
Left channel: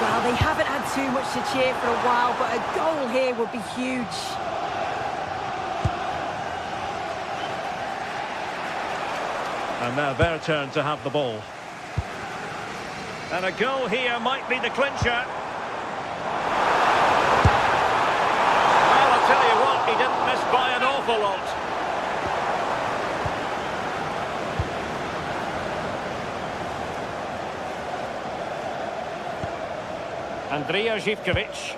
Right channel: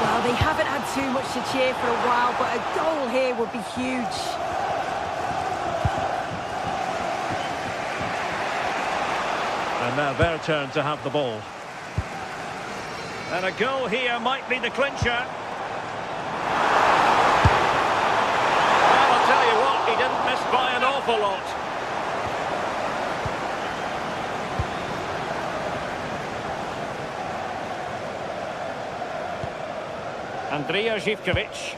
Well, they haven't had too much to cheer for a while, but a goal here would be huge. And now their turn to have the ball. And a goal here might be the clincher. Well, I'll tell you what, he didn't miss by an awful lot. Andrija Živković.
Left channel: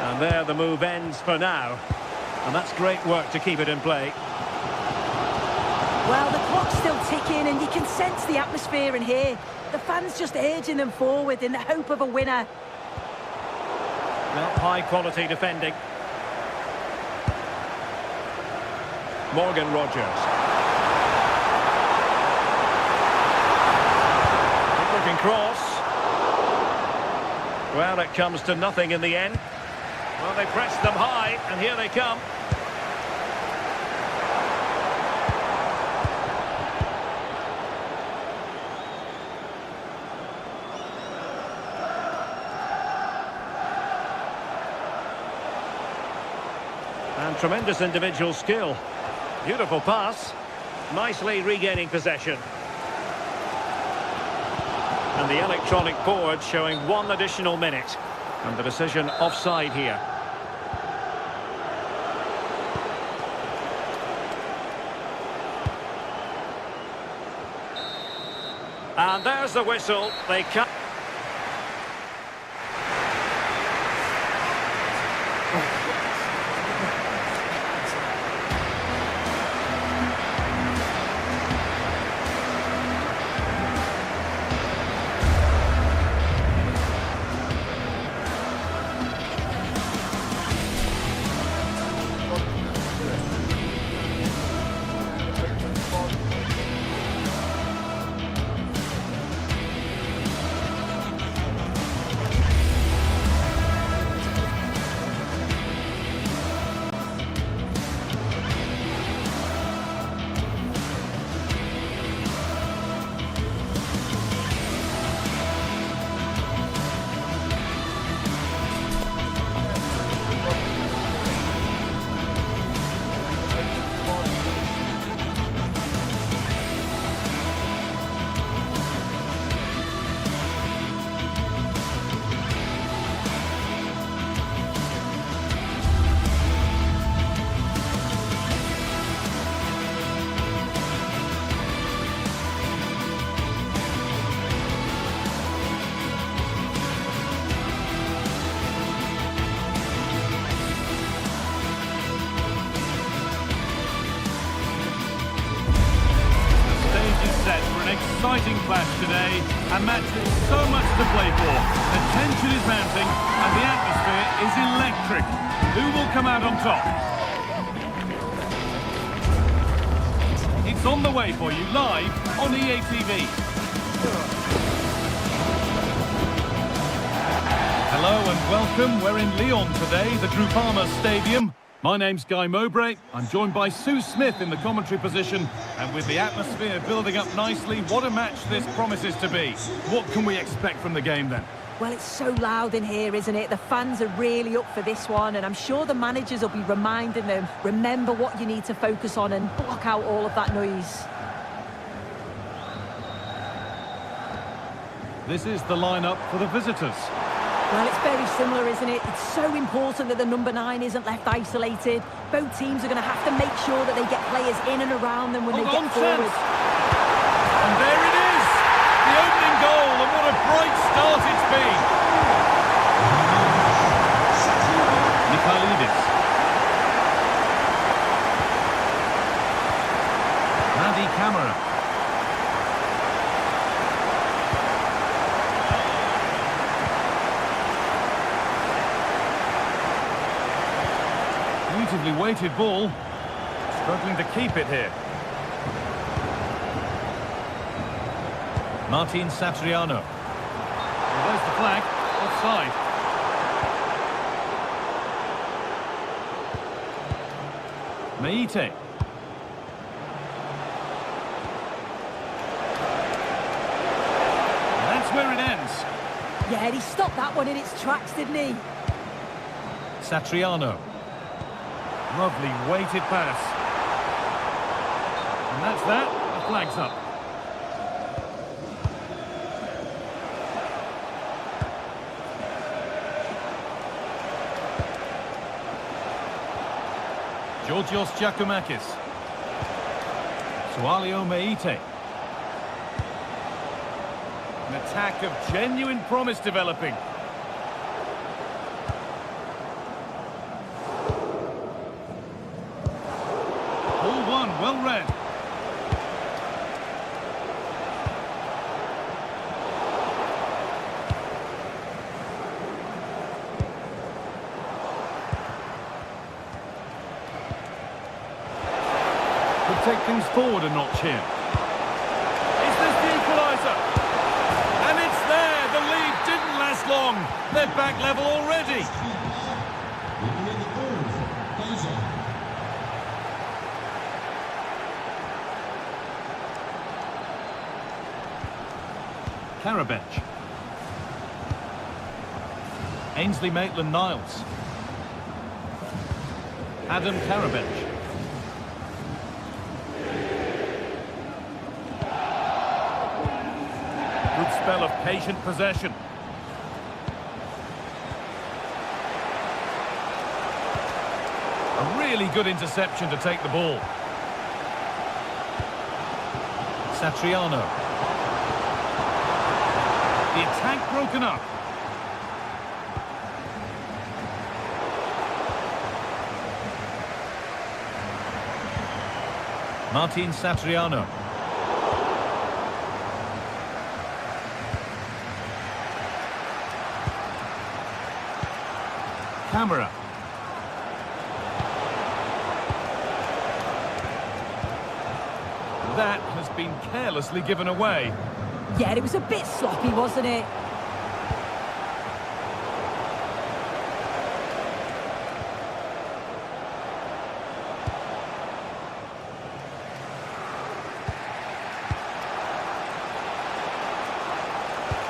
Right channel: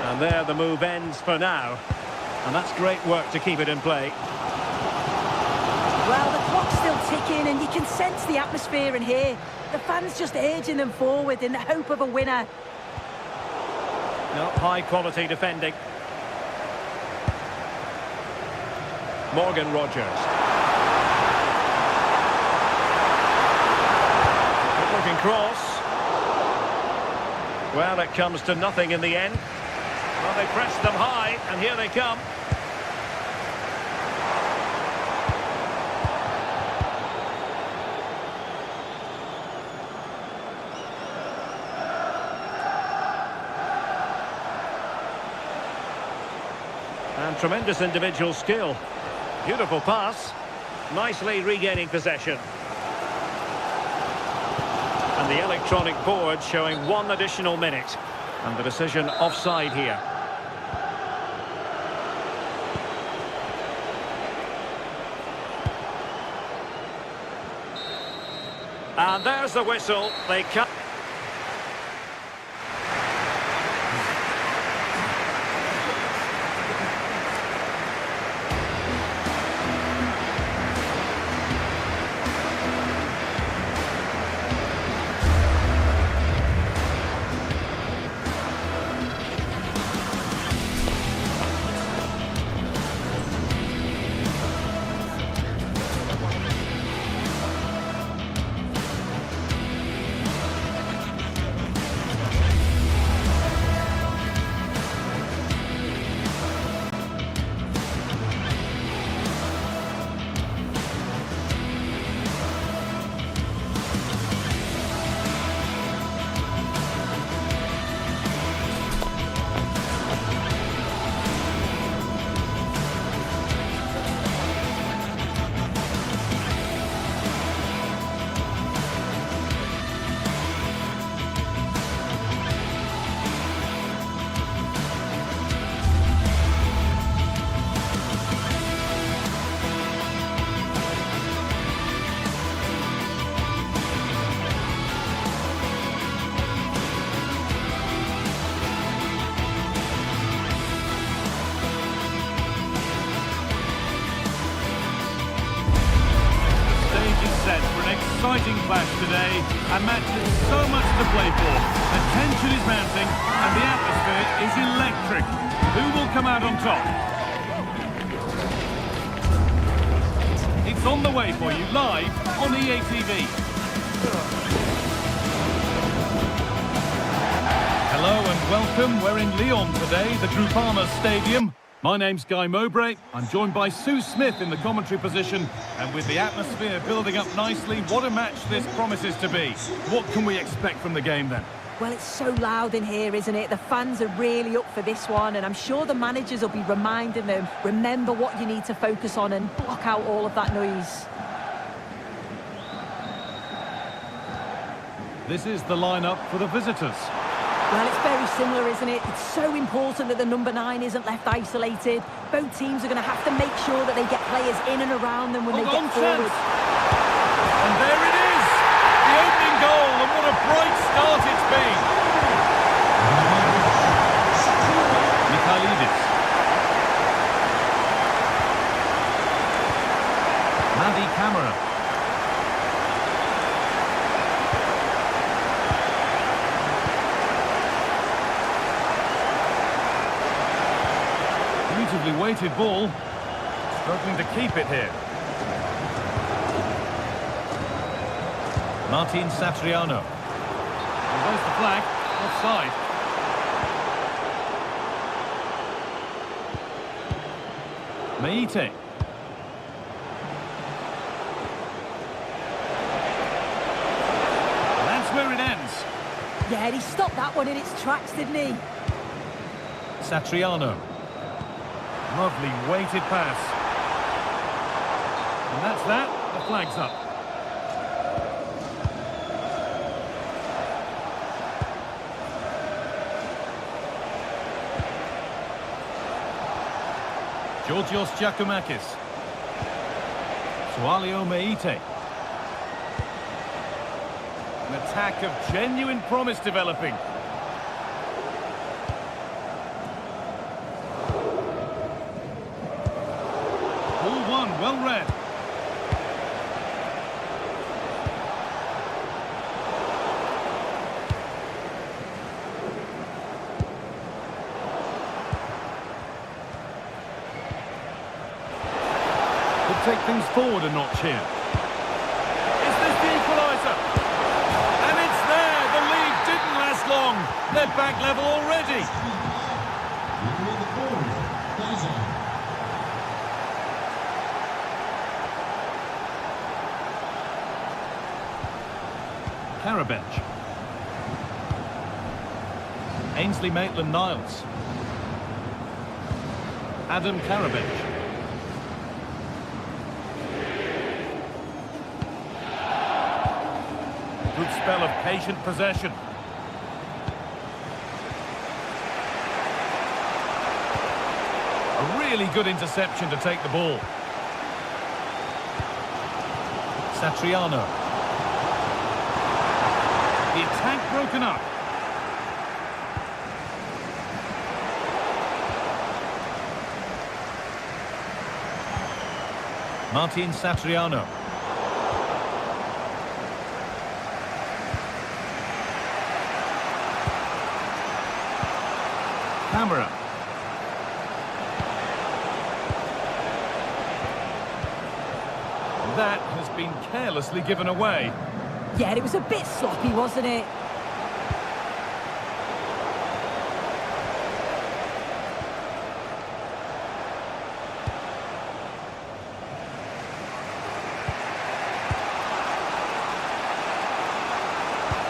And there the move ends for now. And that's great work to keep it in play. Well, the clock's still ticking and you can sense the atmosphere in here. The fans just urging them forward in the hope of a winner. No, high quality defending. Morgan Rogers. Good looking cross. Well, it comes to nothing in the end. Well, they pressed them high, and here they come. And tremendous individual skill. Beautiful pass. Nicely regaining possession. And the electronic board showing 1 additional minute. And the decision offside here. And there's the whistle. They come. Set for an exciting clash today, a match with so much to play for. The tension is mounting and the atmosphere is electric. Who will come out on top? It's on the way for you live on EA TV. Hello and welcome. We're in Lyon today, the Groupama Stadium. My name's Guy Mowbray. I'm joined by Sue Smith in the commentary position. And with the atmosphere building up nicely, what a match this promises to be. What can we expect from the game then? Well, it's so loud in here, isn't it? The fans are really up for this one, and I'm sure the managers will be reminding them, remember what you need to focus on and block out all of that noise. This is the lineup for the visitors. Well, it's very similar, isn't it? It's so important that the number 9 isn't left isolated. Both teams are going to have to make sure that they get players in and around them when they get forward. And there it is! The opening goal, and what a bright start it's been! Mikhailidis. Madi Camara. Beautifully weighted ball. Struggling to keep it here. Martin Satriano. Well, there's the flag. Offside. Meite. And that's where it ends. Yeah, he stopped that one in its tracks, didn't he? Satriano. Lovely weighted pass. And that's that. The flag's up. Georgios Giacomakis. Sualio Meite. An attack of genuine promise developing. Ball one, well read. Could take things forward a notch here. Is this the equaliser? And it's there! The lead didn't last long. They're back level already. Karabench. Ainsley Maitland-Niles. Adam Karabench. Good spell of patient possession. A really good interception to take the ball. Satriano. The attack broken up. Martin Satriano. Camera. That has been carelessly given away. Yeah, it was a bit sloppy, wasn't it?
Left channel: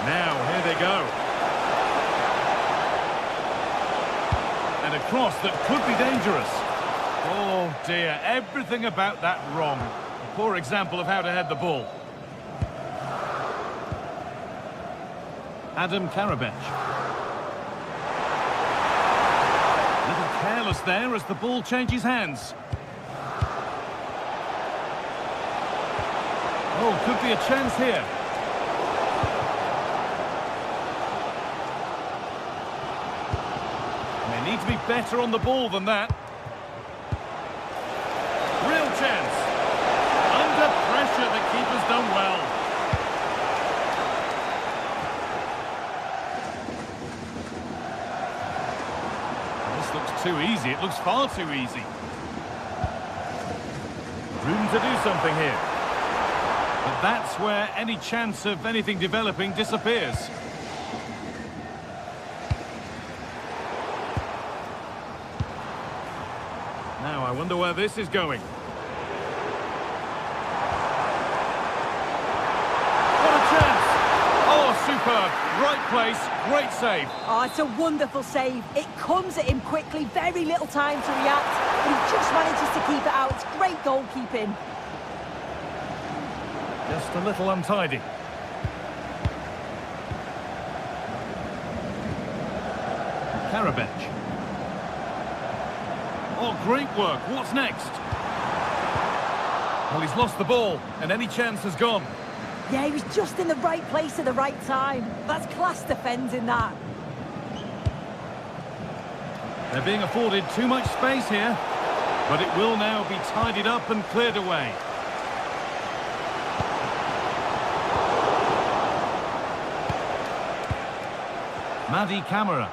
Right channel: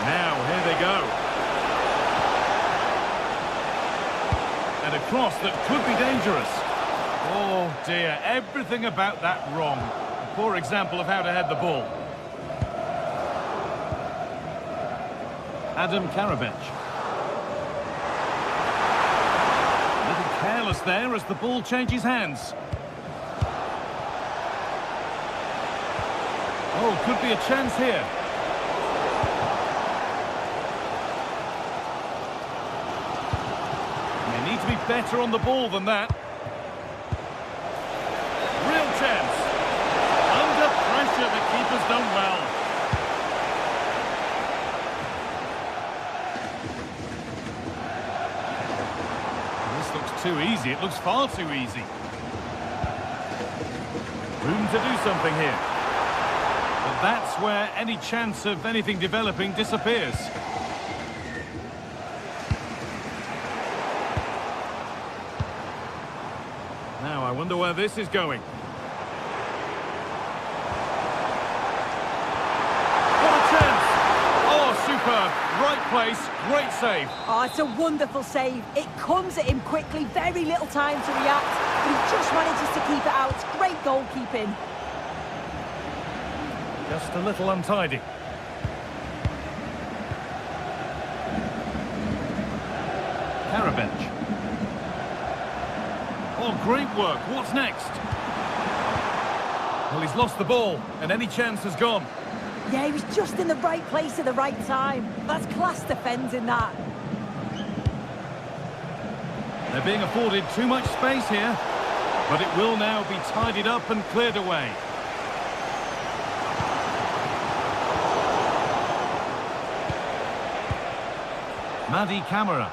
Now, here they go. And a cross that could be dangerous. Oh dear, everything about that wrong. A poor example of how to head the ball. Adam Karabench. A little careless there as the ball changes hands. Oh, could be a chance here. They need to be better on the ball than that. Real chance. Under pressure, the keeper's done well. This looks too easy. It looks far too easy. Room to do something here. But that's where any chance of anything developing disappears. Now, I wonder where this is going. What a chance! Oh, superb superb. Right place, great save. Oh, it's a wonderful save. It comes at him quickly, very little time to react, but he just manages to keep it out. It's great goalkeeping. Just a little untidy. Karabench. Oh, great work. What's next? Well, he's lost the ball, and any chance has gone. Yeah, he was just in the right place at the right time. That's class defending, that. They're being afforded too much space here, but it will now be tidied up and cleared away. Madi Camara.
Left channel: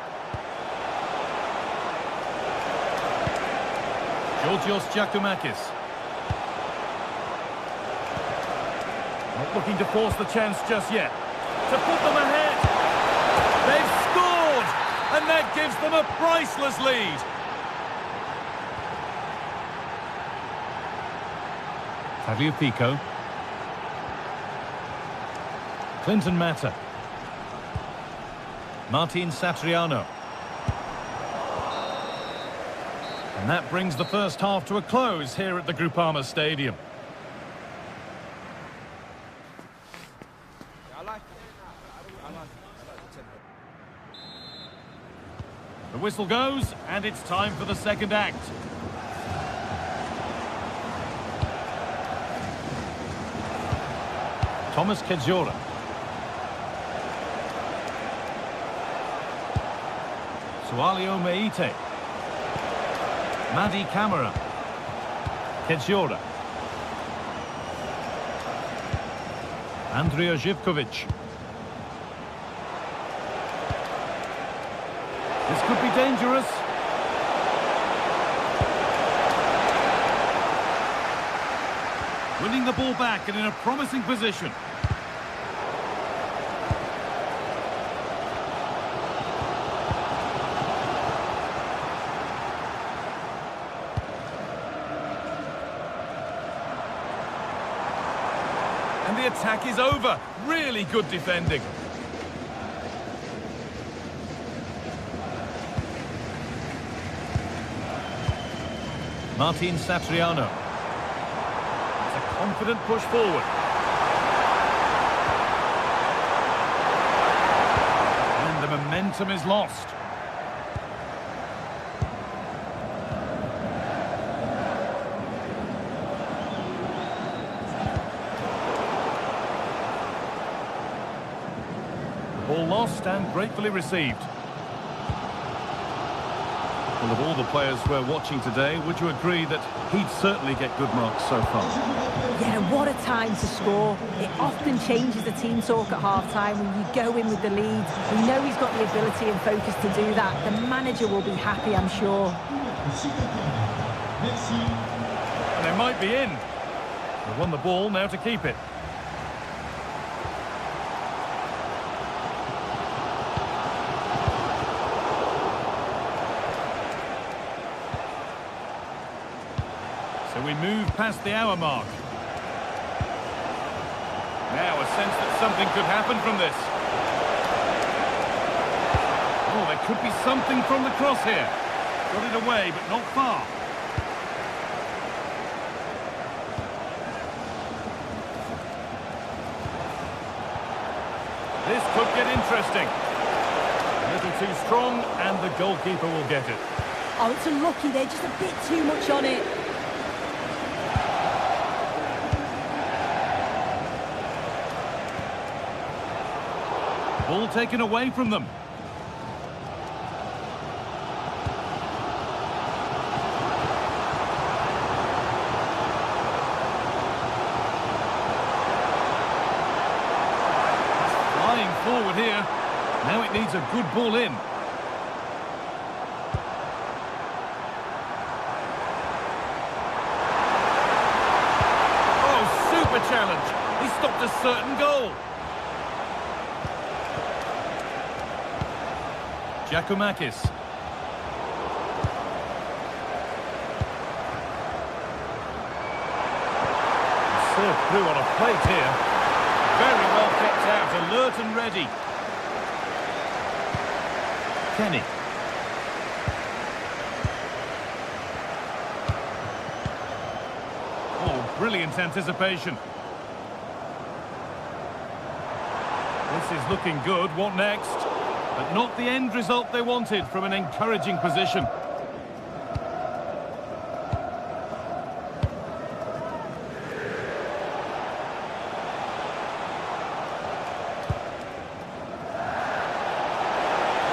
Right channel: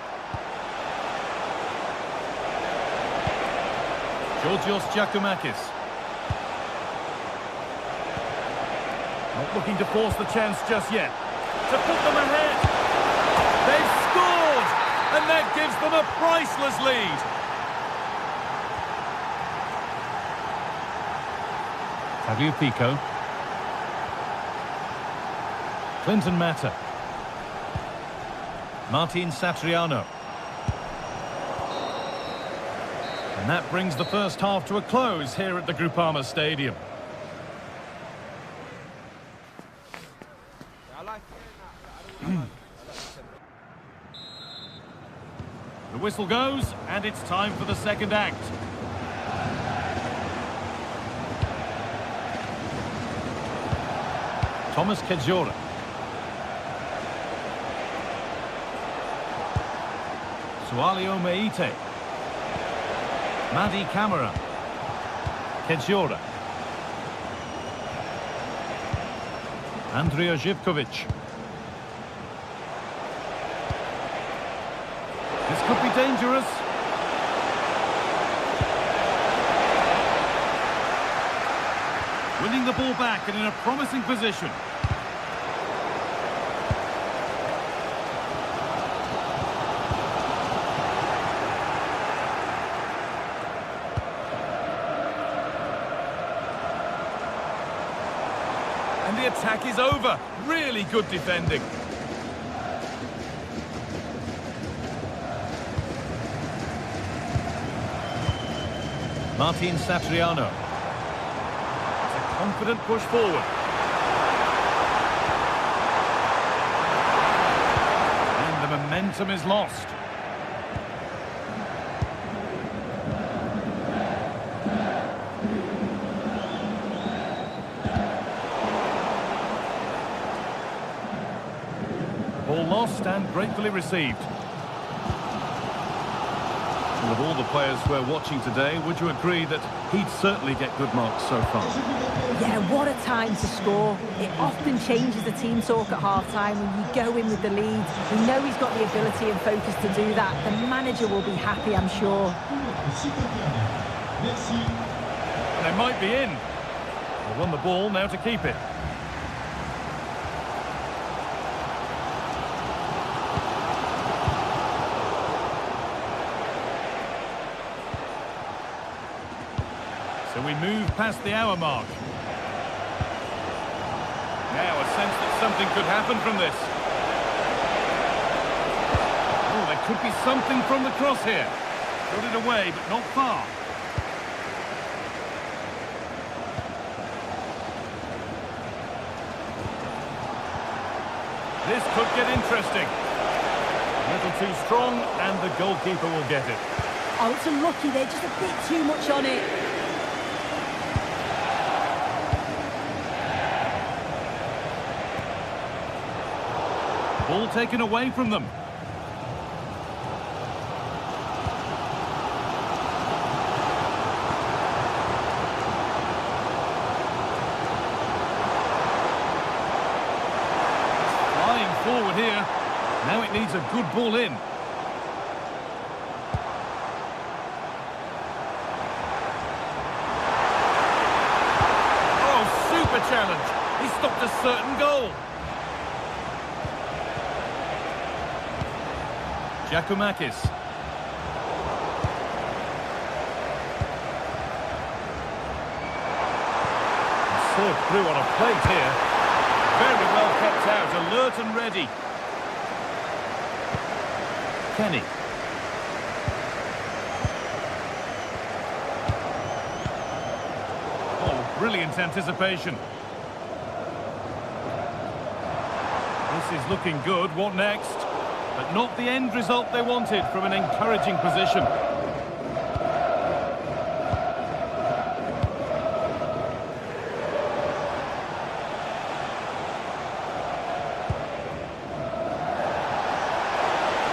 Georgios Giacomakis. Not looking to force the chance just yet. To put them ahead. They've scored! And that gives them a priceless lead. Tagliafico. Clinton Mata. Martin Satriano. And that brings the first half to a close here at the Groupama Stadium. The whistle goes, and it's time for the second act. Thomas Kedzora. Sualio Meite. Madi Camara. Kedzora. Andrija Živković. This could be dangerous. Winning the ball back and in a promising position. And the attack is over. Really good defending. Martin Satriano. It's a confident push forward. And the momentum is lost. The ball lost and gratefully received. Well, of all the players we're watching today, would you agree that he'd certainly get good marks so far? Yeah, what a time to score. It often changes the team talk at half-time when you go in with the lead. We know he's got the ability and focus to do that. The manager will be happy, I'm sure. And they might be in. They won the ball, now to keep it. So we move past the hour mark. Now a sense that something could happen from this. Oh, there could be something from the cross here. Got it away, but not far. This could get interesting. A little too strong, and the goalkeeper will get it. Oh, it's unlucky. They're just a bit too much on it. Ball taken away from them. It's flying forward here. Now it needs a good ball in. Oh, super challenge. He stopped a certain goal. Giacomakis. Served through on a plate here. Very well kept out, alert and ready. Kenny. Oh, brilliant anticipation. This is looking good. What next? But not the end result they wanted from an encouraging position.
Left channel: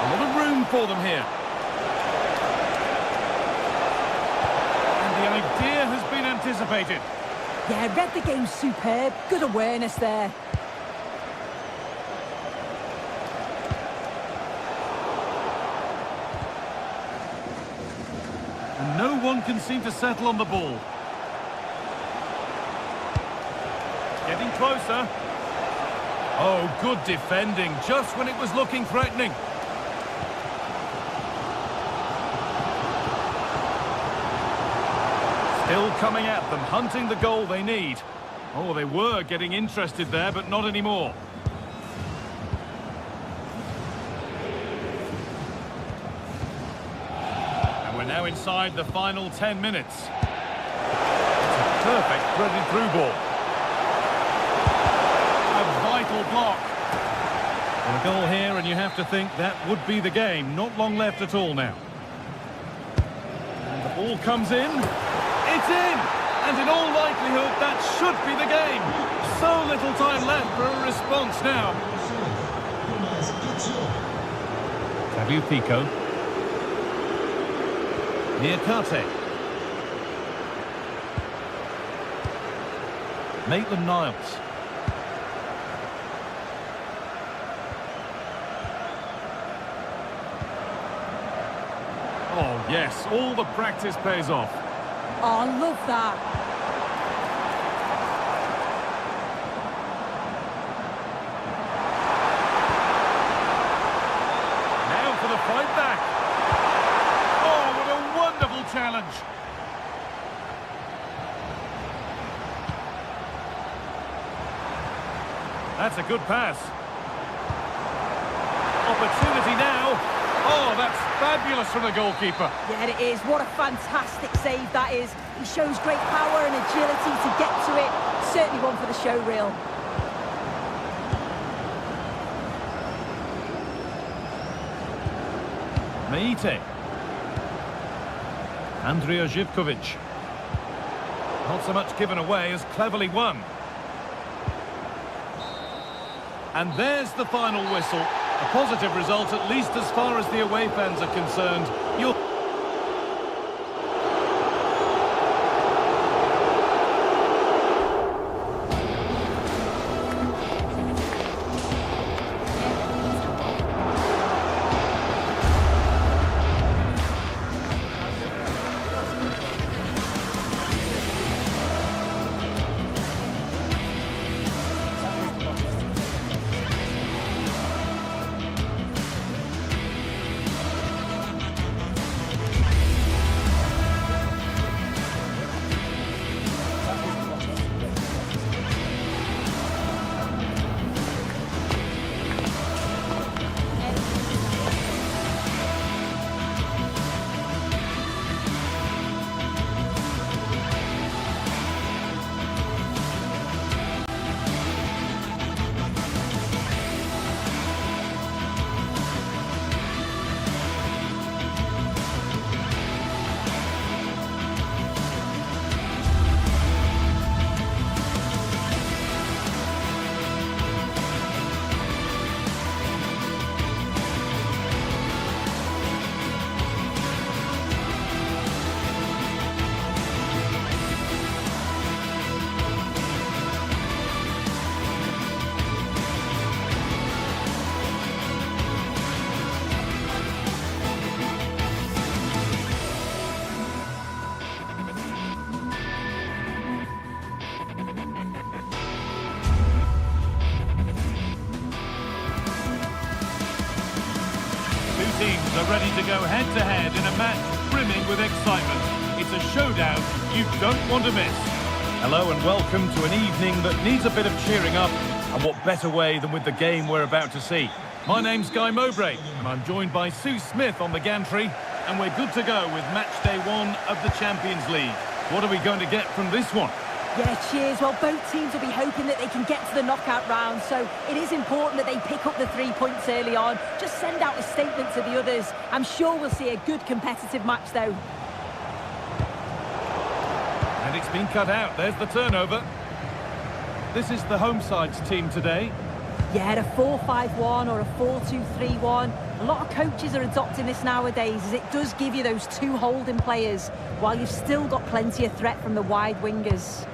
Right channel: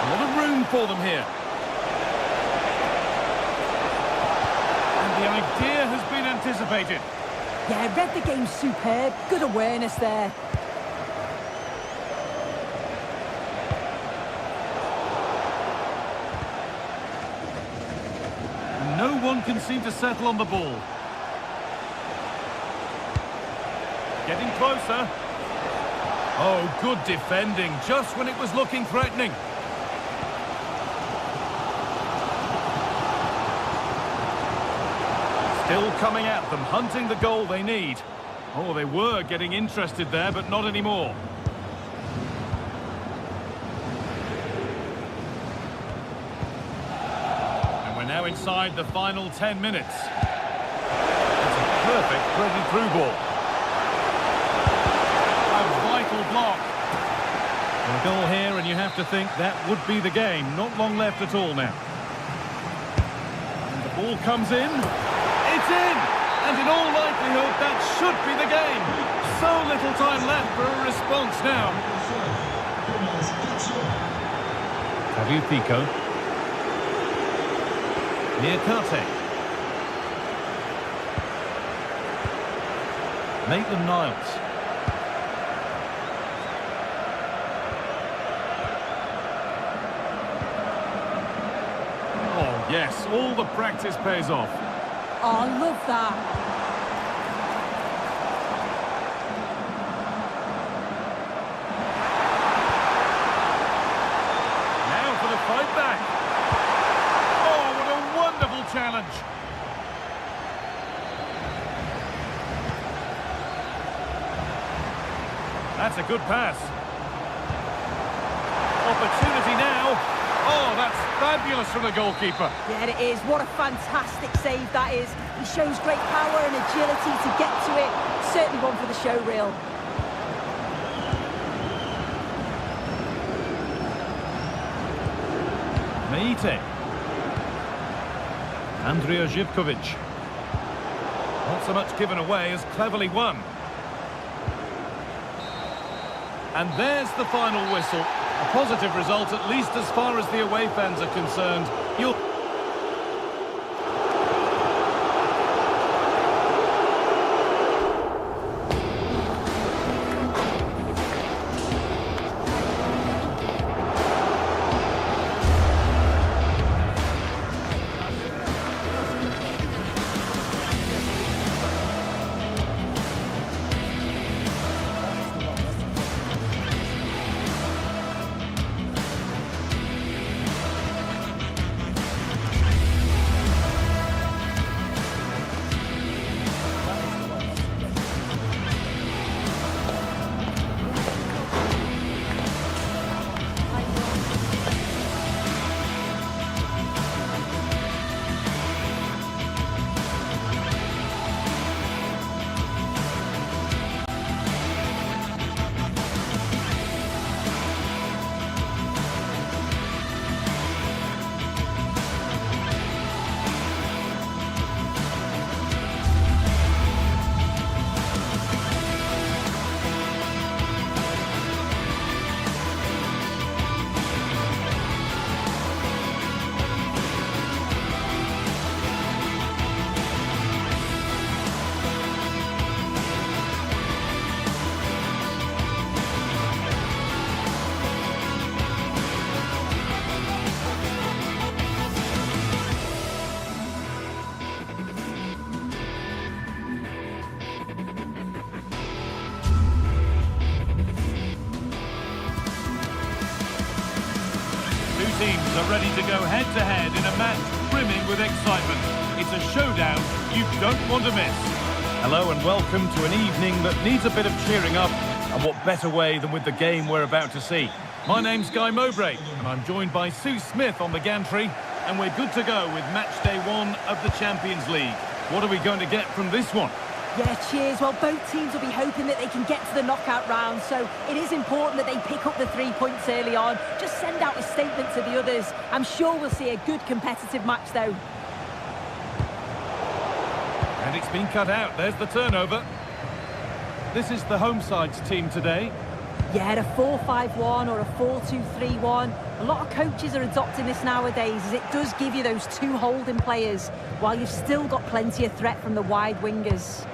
A lot of room for them here. And the idea has been anticipated. Yeah, read the game superb. Good awareness there. And no one can seem to settle on the ball. Getting closer. Oh, good defending, just when it was looking threatening. Still coming at them, hunting the goal they need. Oh, they were getting interested there, but not anymore. And we're now inside the final 10 minutes. It's a perfect threaded through ball. A vital block. Well, a goal here, and you have to think that would be the game. Not long left at all now. And the ball comes in. It's in! And in all likelihood, that should be the game. So little time left for a response now. Tagliafico. Niakate. Maitland-Niles. Oh, yes, all the practice pays off. Oh, I love that. Now for the fight back. Oh, what a wonderful challenge. That's a good pass. Opportunity now. Oh, that's fabulous from the goalkeeper. Yeah, it is. What a fantastic save that is. He shows great power and agility to get to it. Certainly one for the show reel. Meite. Andrija Živković. Not so much given away as cleverly won. And there's the final whistle. A positive result, at least as far as the away fans are concerned. Two teams are ready to go head-to-head in a match brimming with excitement. It's a showdown you don't want to miss. Hello and welcome to an evening that needs a bit of cheering up, and what better way than with the game we're about to see. My name's Guy Mowbray, and I'm joined by Sue Smith on the gantry, and we're good to go with match day 1 of the Champions League. What are we going to get from this one? Yeah, cheers. Well, both teams will be hoping that they can get to the knockout round, so it is important that they pick up the 3 points early on. Just send out a statement to the others. I'm sure we'll see a good competitive match, though. And it's been cut out. There's the turnover. This is the home side's team today. Yeah, a 4-5-1 or a 4-2-3-1. A lot of coaches are adopting this nowadays, as it does give you those 2 holding players, while you've still got plenty of threat from the wide wingers.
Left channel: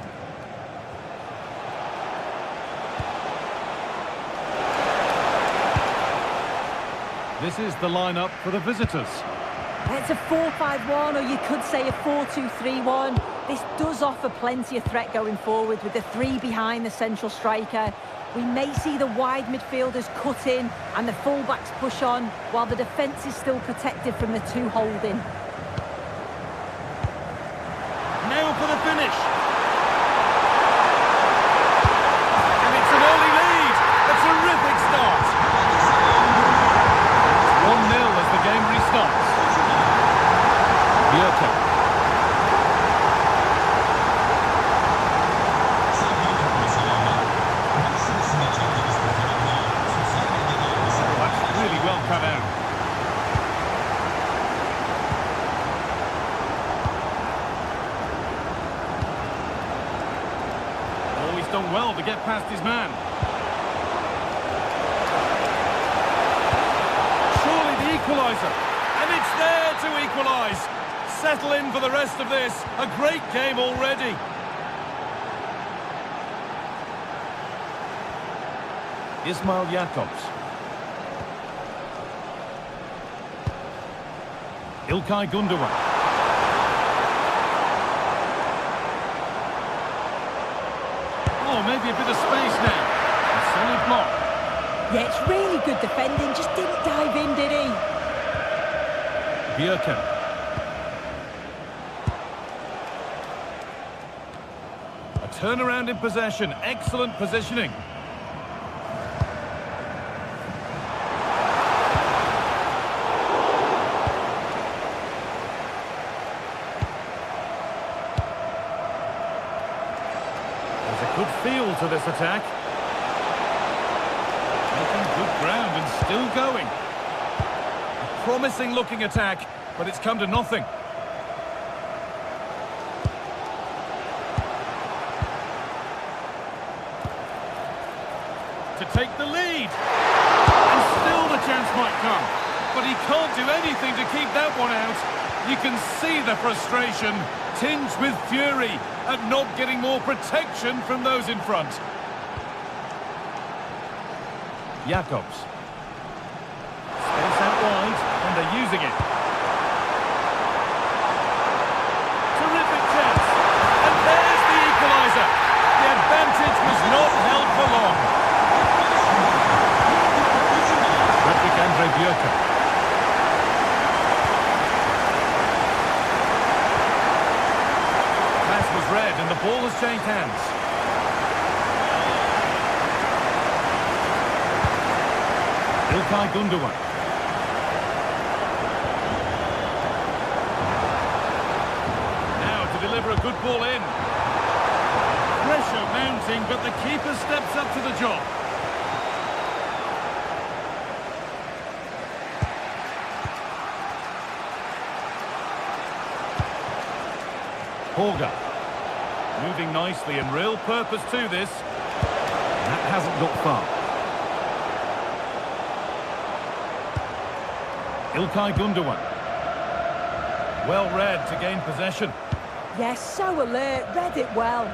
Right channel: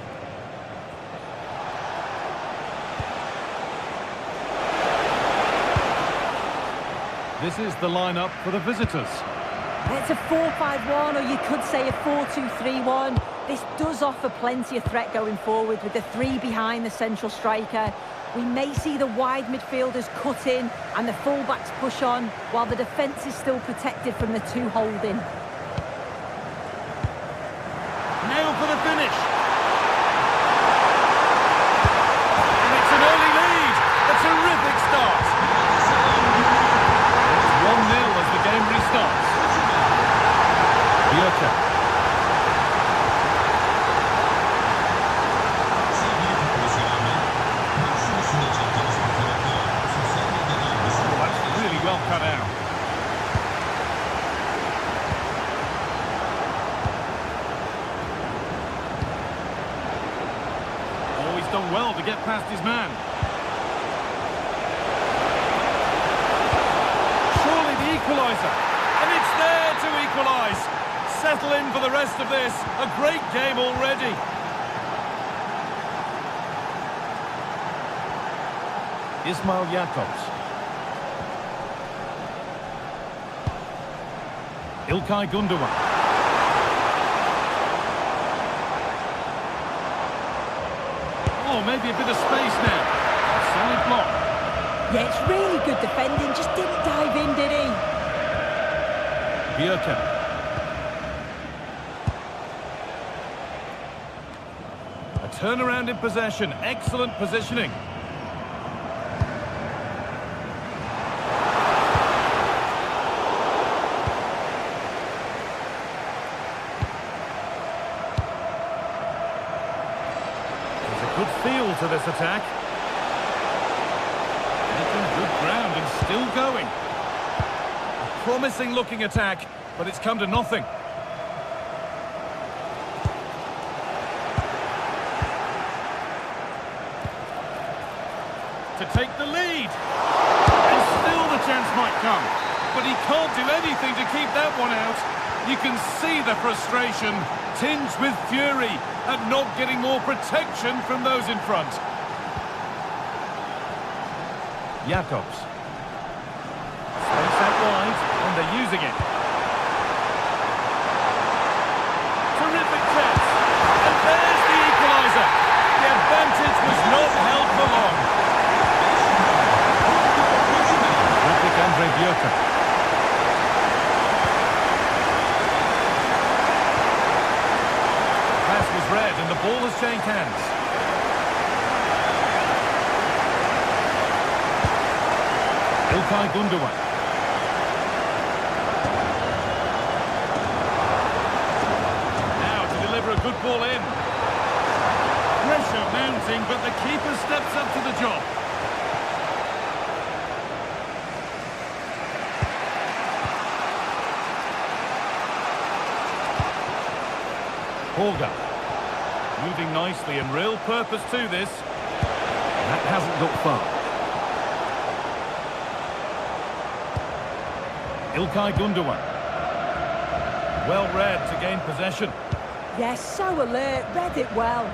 This is the lineup for the visitors. It's a 4-5-1, or you could say a 4-2-3-1. This does offer plenty of threat going forward with the 3 behind the central striker. We may see the wide midfielders cut in and the fullbacks push on, while the defence is still protected from the 2 holding. Now for the finish. And it's an early lead. A terrific start. It's 1-0 as the game restarts. Bjerke. Really well cut out. Oh, he's done well to get past his man. Surely the equaliser. And it's there to equalise. Settle in for the rest of this. A great game already. Ismail Jakobs. İlkay Gündoğan. Oh, maybe a bit of space now. A solid block. Yeah, it's really good defending. Just didn't dive in, did he? Bjerke. A turnaround in possession. Excellent positioning. Good feel to this attack. Making good ground and still going. A promising looking attack, but it's come to nothing. To take the lead. And still the chance might come. But he can't do anything to keep that one out. You can see the frustration, tinged with fury, at not getting more protection from those in front. Jakobs. Space out wide, and they're using it. Terrific chance. And there's the equaliser. The advantage was not held for long. Andre Bjerke. Pass was read and the ball has changed hands. İlkay Gündoğan. Now to deliver a good ball in. Pressure mounting, but the keeper steps up to the job. Holger. Moving nicely and real purpose to this. That hasn't got far. İlkay Gündoğan. Well read to gain possession. Yes, so alert, read it well.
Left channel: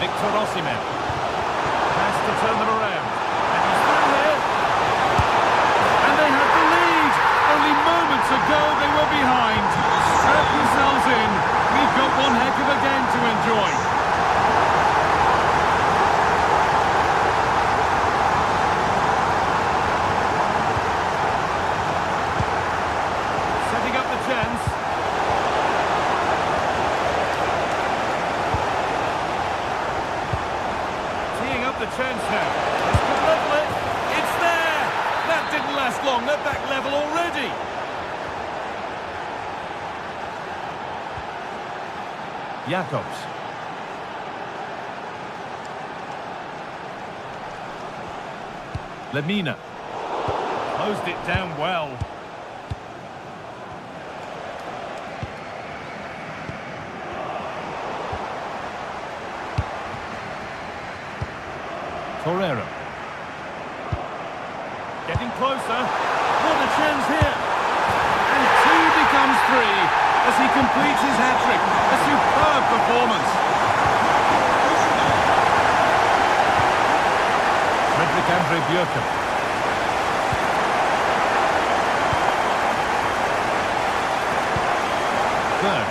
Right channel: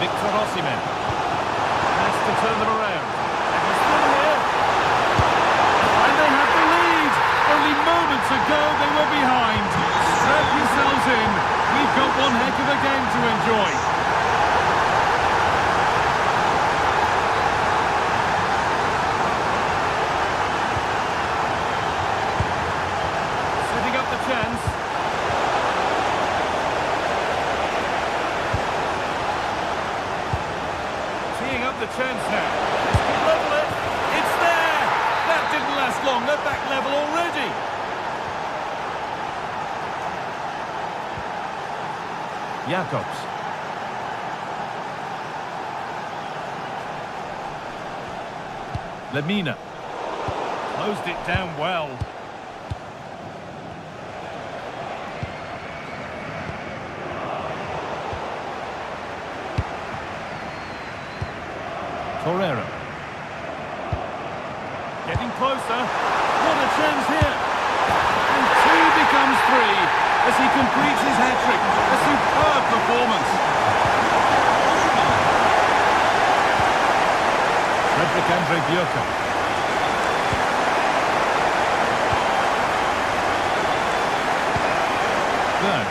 Victor Osimhen. Has to turn them around. And he's through here. And they have the lead. Only moments ago they were behind. Strap yourselves in. We've got one heck of a game to enjoy. Setting up the chance. teeing up the chance now. This could level it. It's there! That didn't last long. They're back level already. Jacobs. Lemina. Closed it down well. Torreira. Getting closer. What a chance here. And 2 becomes 3 as he completes his hat-trick. A superb performance. Frederick Andre Björken. Berg.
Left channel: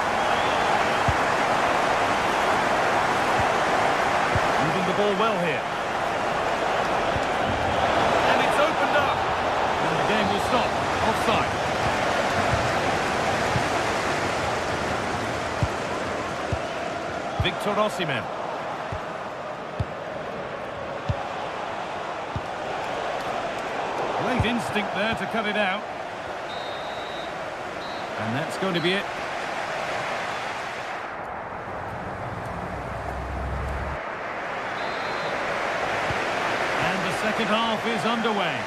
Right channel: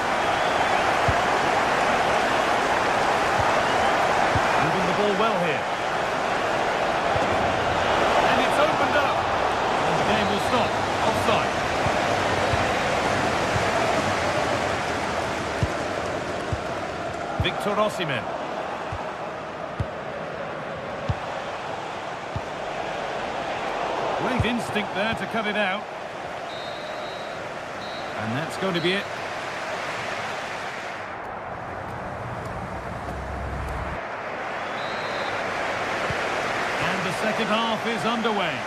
Moving the ball well here. And it's opened up. And the game will stop. Offside. Victor Osimhen. Great instinct there to cut it out. And that's going to be it. And the second half is underway.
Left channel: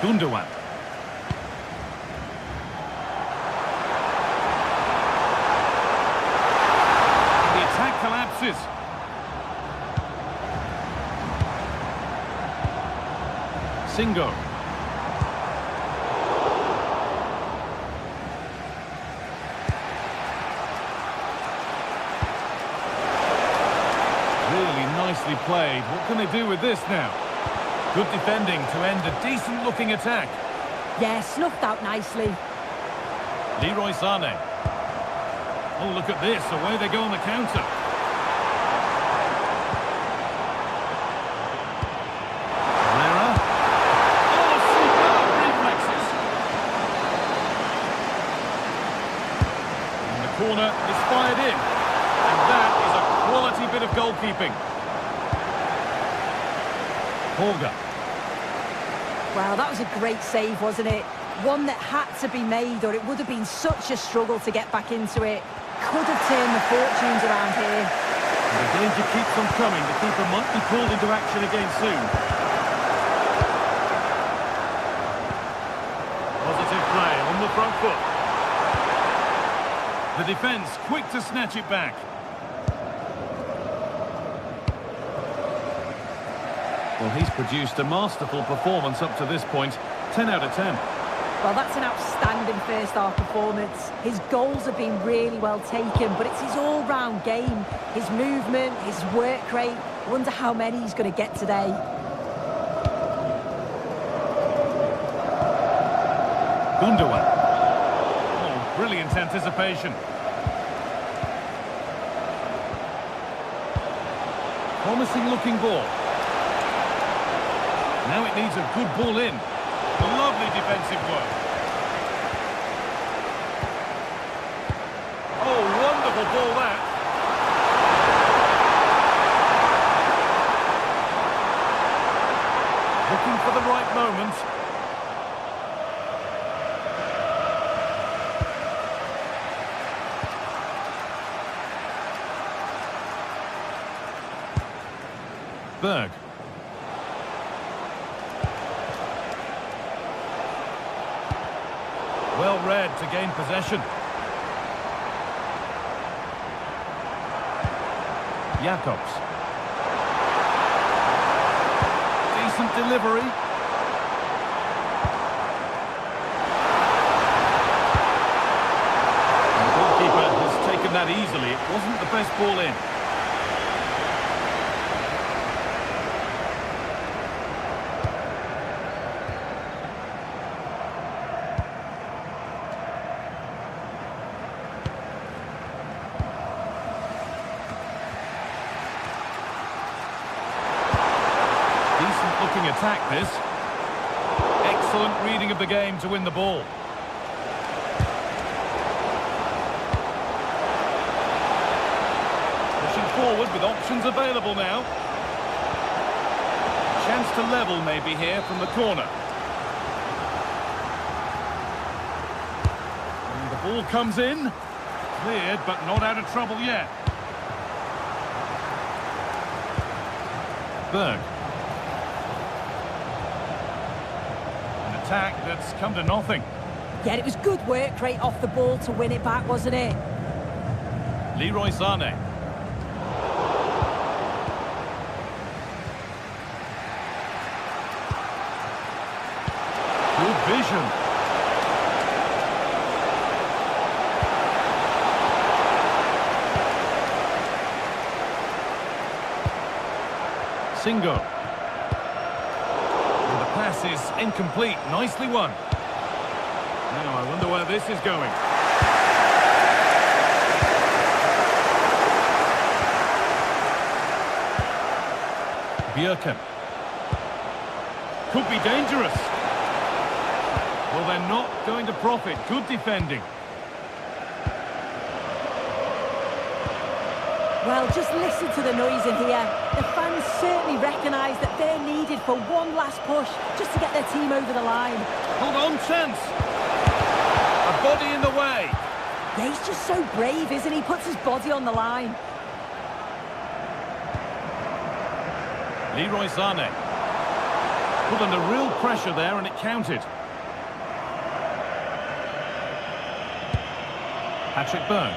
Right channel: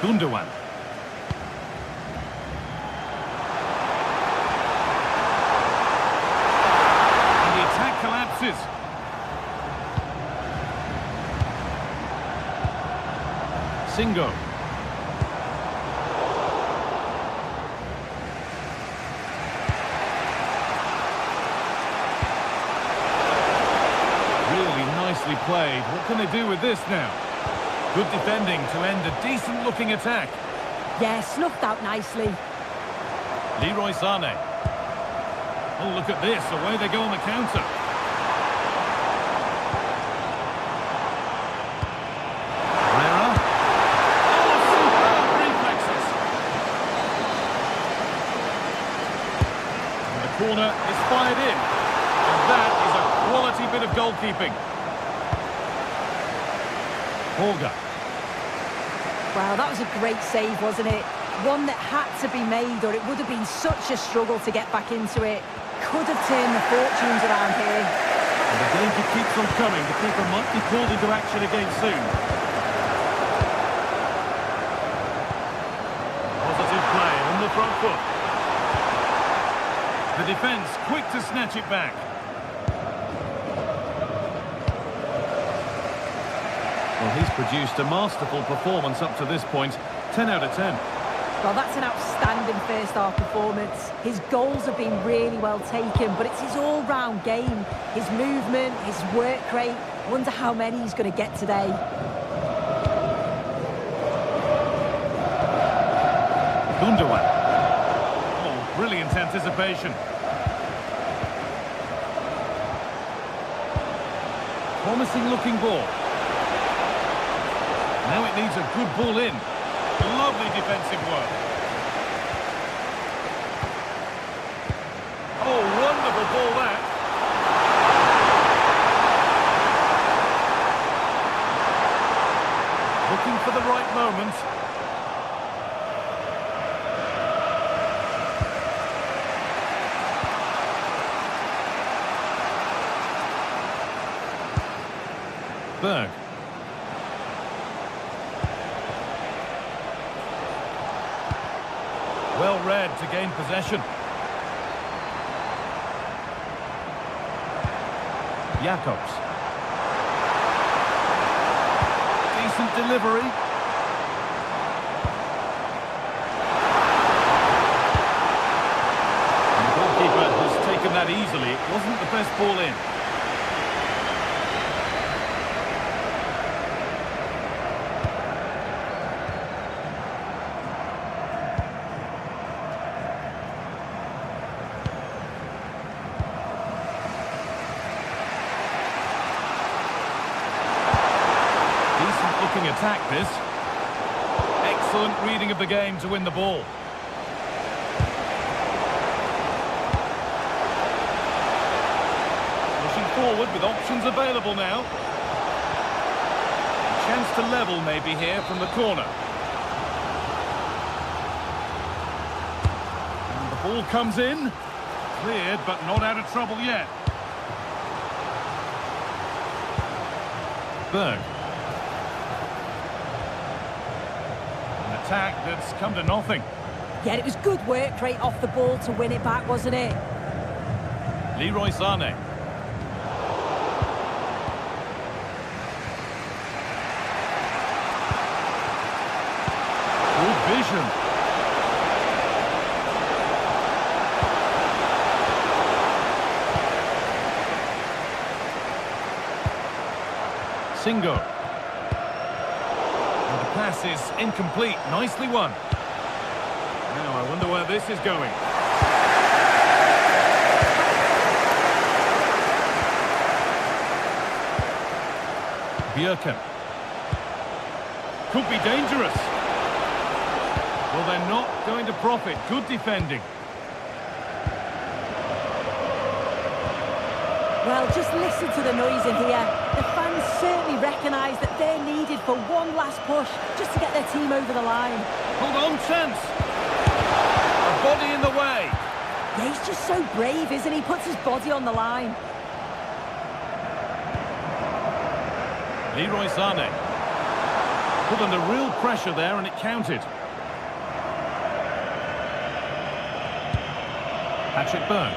Gundogan. And the attack collapses. Singo. Really nicely played. What can they do with this now? Good defending to end a decent-looking attack. Yeah, snuffed out nicely. Leroy Sané. Oh, look at this. Away they go on the counter. Herrera. Oh, superb reflexes. And the corner is fired in. And that is a quality bit of goalkeeping. Holger. Well, that was a great save, wasn't it? One that had to be made, or it would have been such a struggle to get back into it. Could have turned the fortunes around here. And the danger keeps on coming. The keeper might be called into action again soon. Positive play on the front foot. The defence quick to snatch it back. Well, he's produced a masterful performance up to this point. 10 out of 10. Well, that's an outstanding first-half performance. His goals have been really well taken, but it's his all-round game. His movement, his work rate. I wonder how many he's going to get today. Gundogan. Oh, brilliant anticipation. Promising-looking ball. Now it needs a good ball in. Lovely defensive work. Oh, wonderful ball that. Looking for the right moment. Berg. Well read to gain possession. Jacobs. Decent delivery. And the goalkeeper has taken that easily. It wasn't the best ball in. Decent looking attack this. Excellent reading of the game to win the ball. Pushing forward with options available now. Chance to level maybe here from the corner. And the ball comes in. Cleared, but not out of trouble yet. Berg. An attack that's come to nothing. Yeah, it was good work right off the ball to win it back, wasn't it? Leroy Sané. Good vision. Singo. And the pass is incomplete. Nicely won. Now I wonder where this is going. Bjerken. Could be dangerous. Well, they're not going to profit. Good defending. Well, just listen to the noise in here. The fans certainly recognise that they're needed for one last push just to get their team over the line. Hold on, chance. A body in the way. Yeah, he's just so brave, isn't he? Puts his body on the line. Leroy Sané. Put under real pressure there and it counted. Patrick Berg.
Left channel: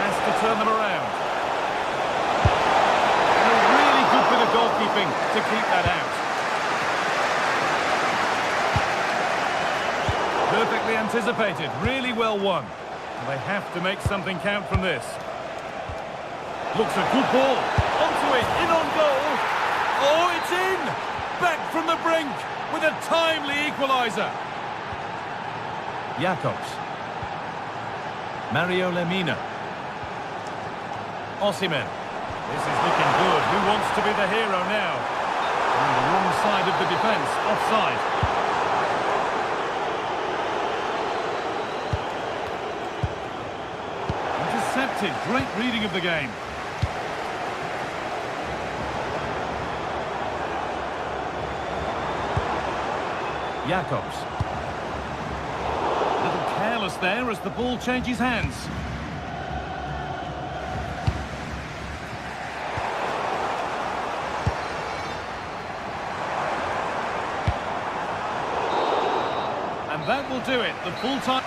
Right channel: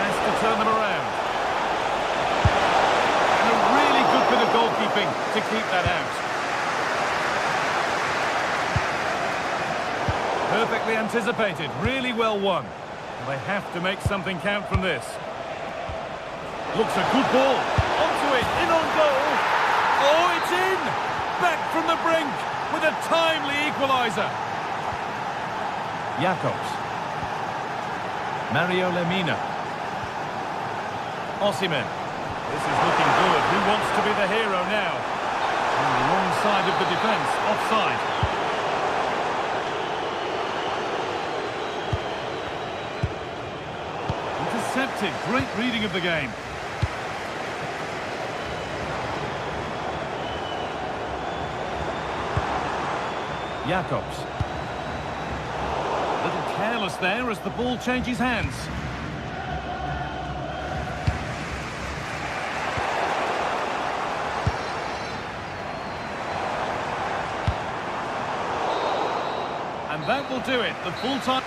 Has to turn them around. And a really good bit of goalkeeping to keep that out. Perfectly anticipated, really well won. And they have to make something count from this. Looks a good ball. Onto it, in on goal. Oh, it's in! Back from the brink with a timely equaliser. Jacobs. Mario Lemina. Osimhen. This is looking good. Who wants to be the hero now? On the wrong side of the defence. Offside. Intercepted. Great reading of the game. Jacobs. A little careless there as the ball changes hands. And that will do it. The full time.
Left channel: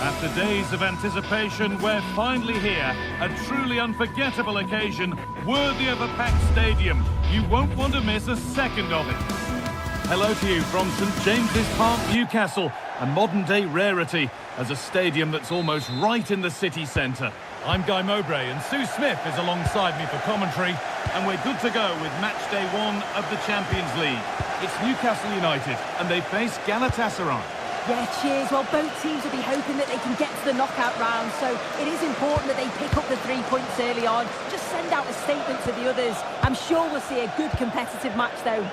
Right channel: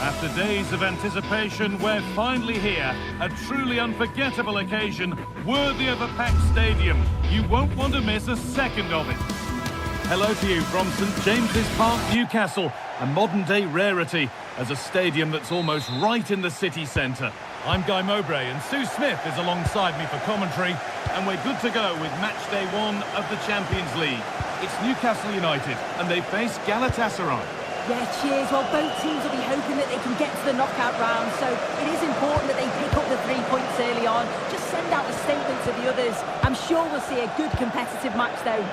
After days of anticipation, we're finally here. A truly unforgettable occasion, worthy of a packed stadium. You won't want to miss a second of it. Hello to you from St James's Park, Newcastle, a modern-day rarity as a stadium that's almost right in the city centre. I'm Guy Mowbray, and Sue Smith is alongside me for commentary, and we're good to go with match day 1 of the Champions League. It's Newcastle United, and they face Galatasaray. Yeah, cheers. Well, both teams will be hoping that they can get to the knockout round, so it is important that they pick up the 3 points early on. Just send out a statement to the others. I'm sure we'll see a good competitive match, though.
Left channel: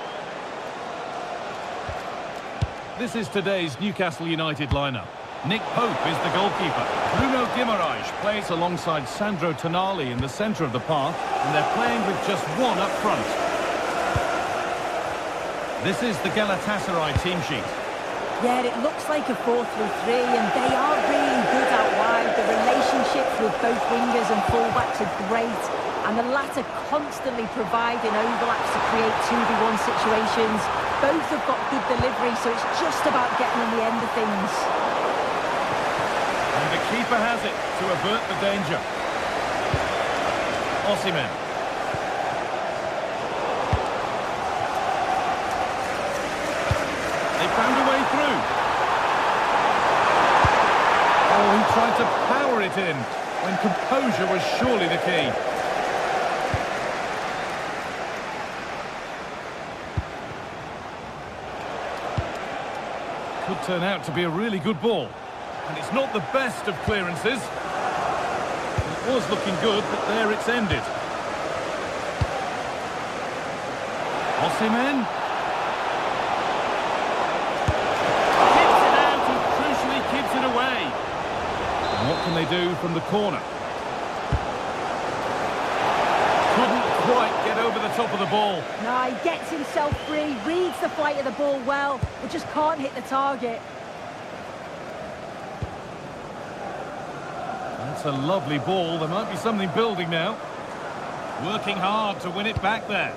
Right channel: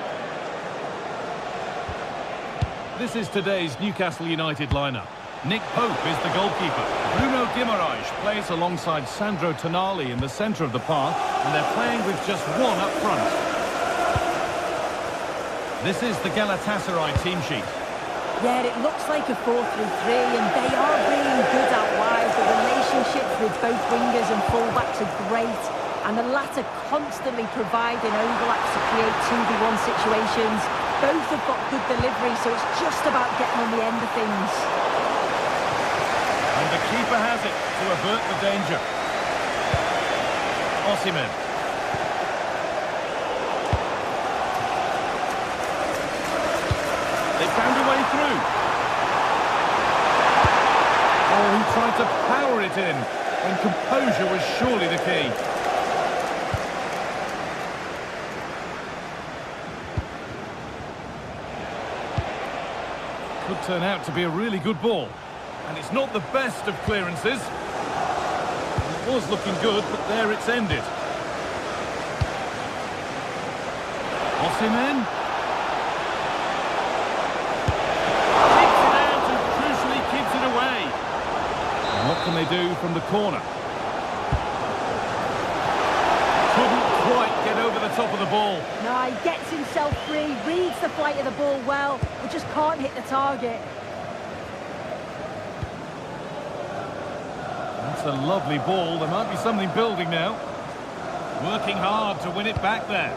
This is today's Newcastle United lineup. Nick Pope is the goalkeeper. Bruno Guimaraes plays alongside Sandro Tonali in the centre of the park, and they're playing with just one up front. This is the Galatasaray team sheet. Yeah, it looks like a 4-3-3, and they are really good out wide. The relationships with both wingers and fullbacks are great, and the latter constantly providing overlaps to create 2v1 situations. Both have got good delivery, so it's just about getting on the end of things. And the keeper has it to avert the danger. Osimhen. They found a way through. Oh, he tried to power it in when composure was surely the key. Could turn out to be a really good ball. And it's not the best of clearances. It was looking good, but there it's ended. Osimhen. Kicks it out and crucially keeps it away. And what can they do from the corner? Couldn't quite get over the top of the ball. No, he gets himself free, reads the flight of the ball well, but just can't hit the target. That's a lovely ball. There might be something building now. Working hard to win it back there.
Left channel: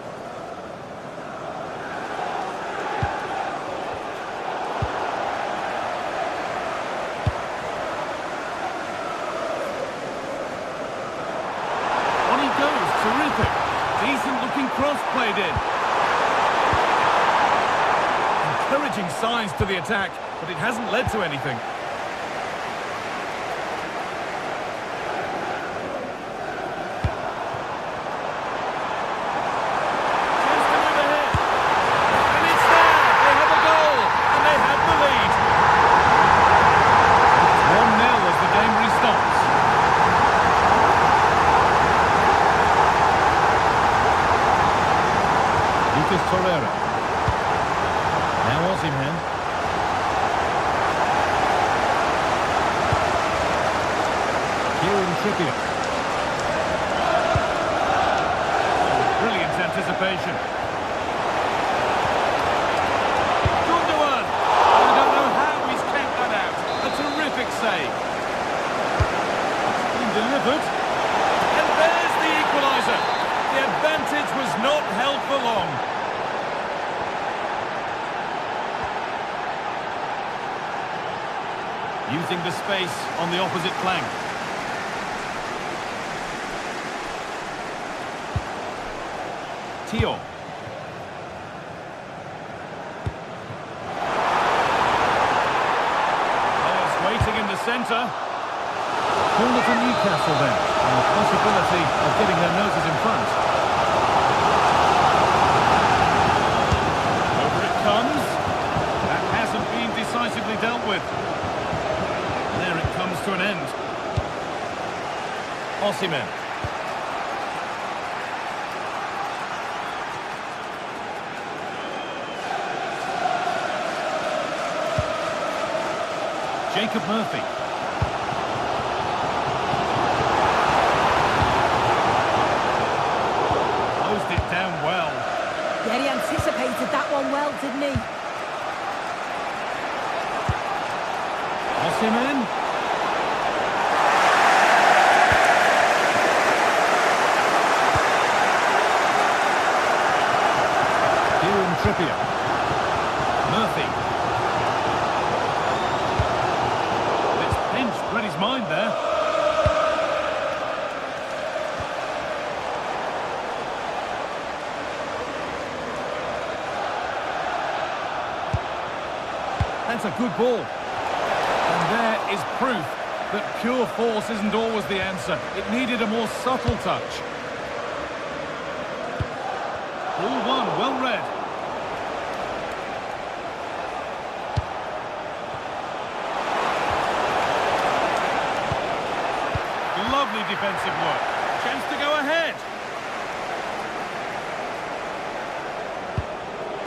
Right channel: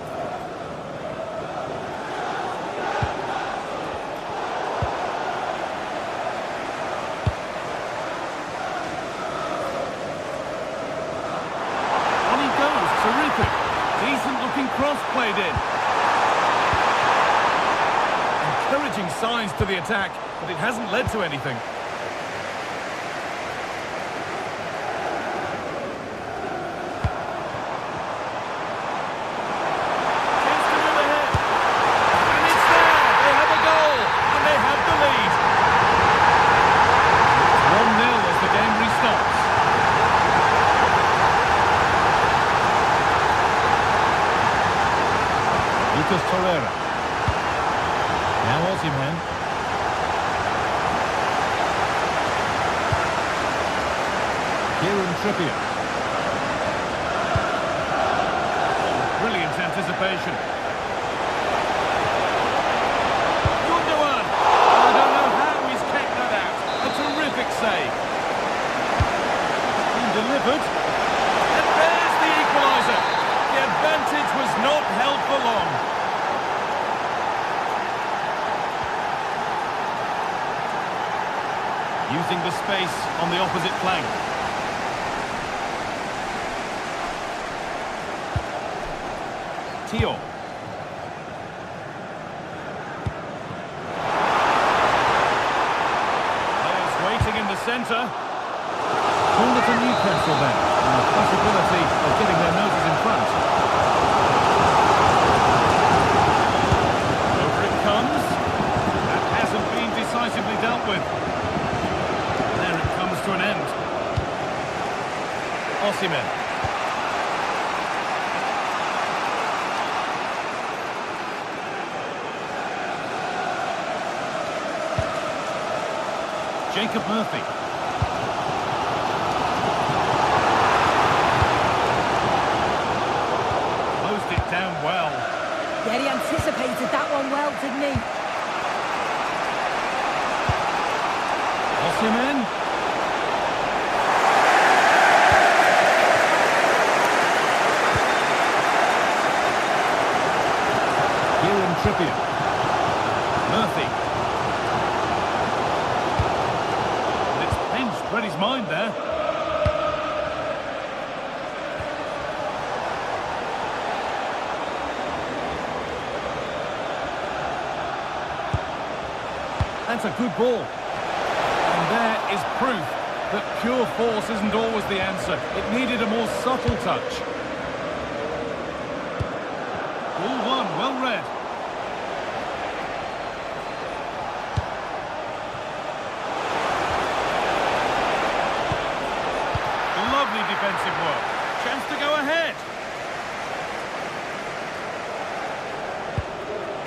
On he goes. Terrific. Decent looking cross played in. Encouraging signs to the attack, but it hasn't led to anything. Lucas Torreira. Now Osimhen. Kieran Trippier. Oh, brilliant anticipation. Gundogan. I don't know how he's kept that out. A terrific save. It's been delivered. And there's the equaliser. The advantage was not held for long. Using the space on the opposite flank. Tio. Players waiting in the centre. Corner to Newcastle then, and the possibility of getting their noses in front. Over it comes. That hasn't been decisively dealt with. There it comes to an end. Osimhen. Jacob Murphy. Closed it down well. Yeah, he anticipated that one well, didn't he? Osimhen. Kieran Trippier. Murphy. Well, it's pinched, read his mind there. That's a good ball. And there is proof that pure force isn't always the answer. It needed a more subtle touch. Ball one, well read. Lovely defensive work. Chance to go ahead.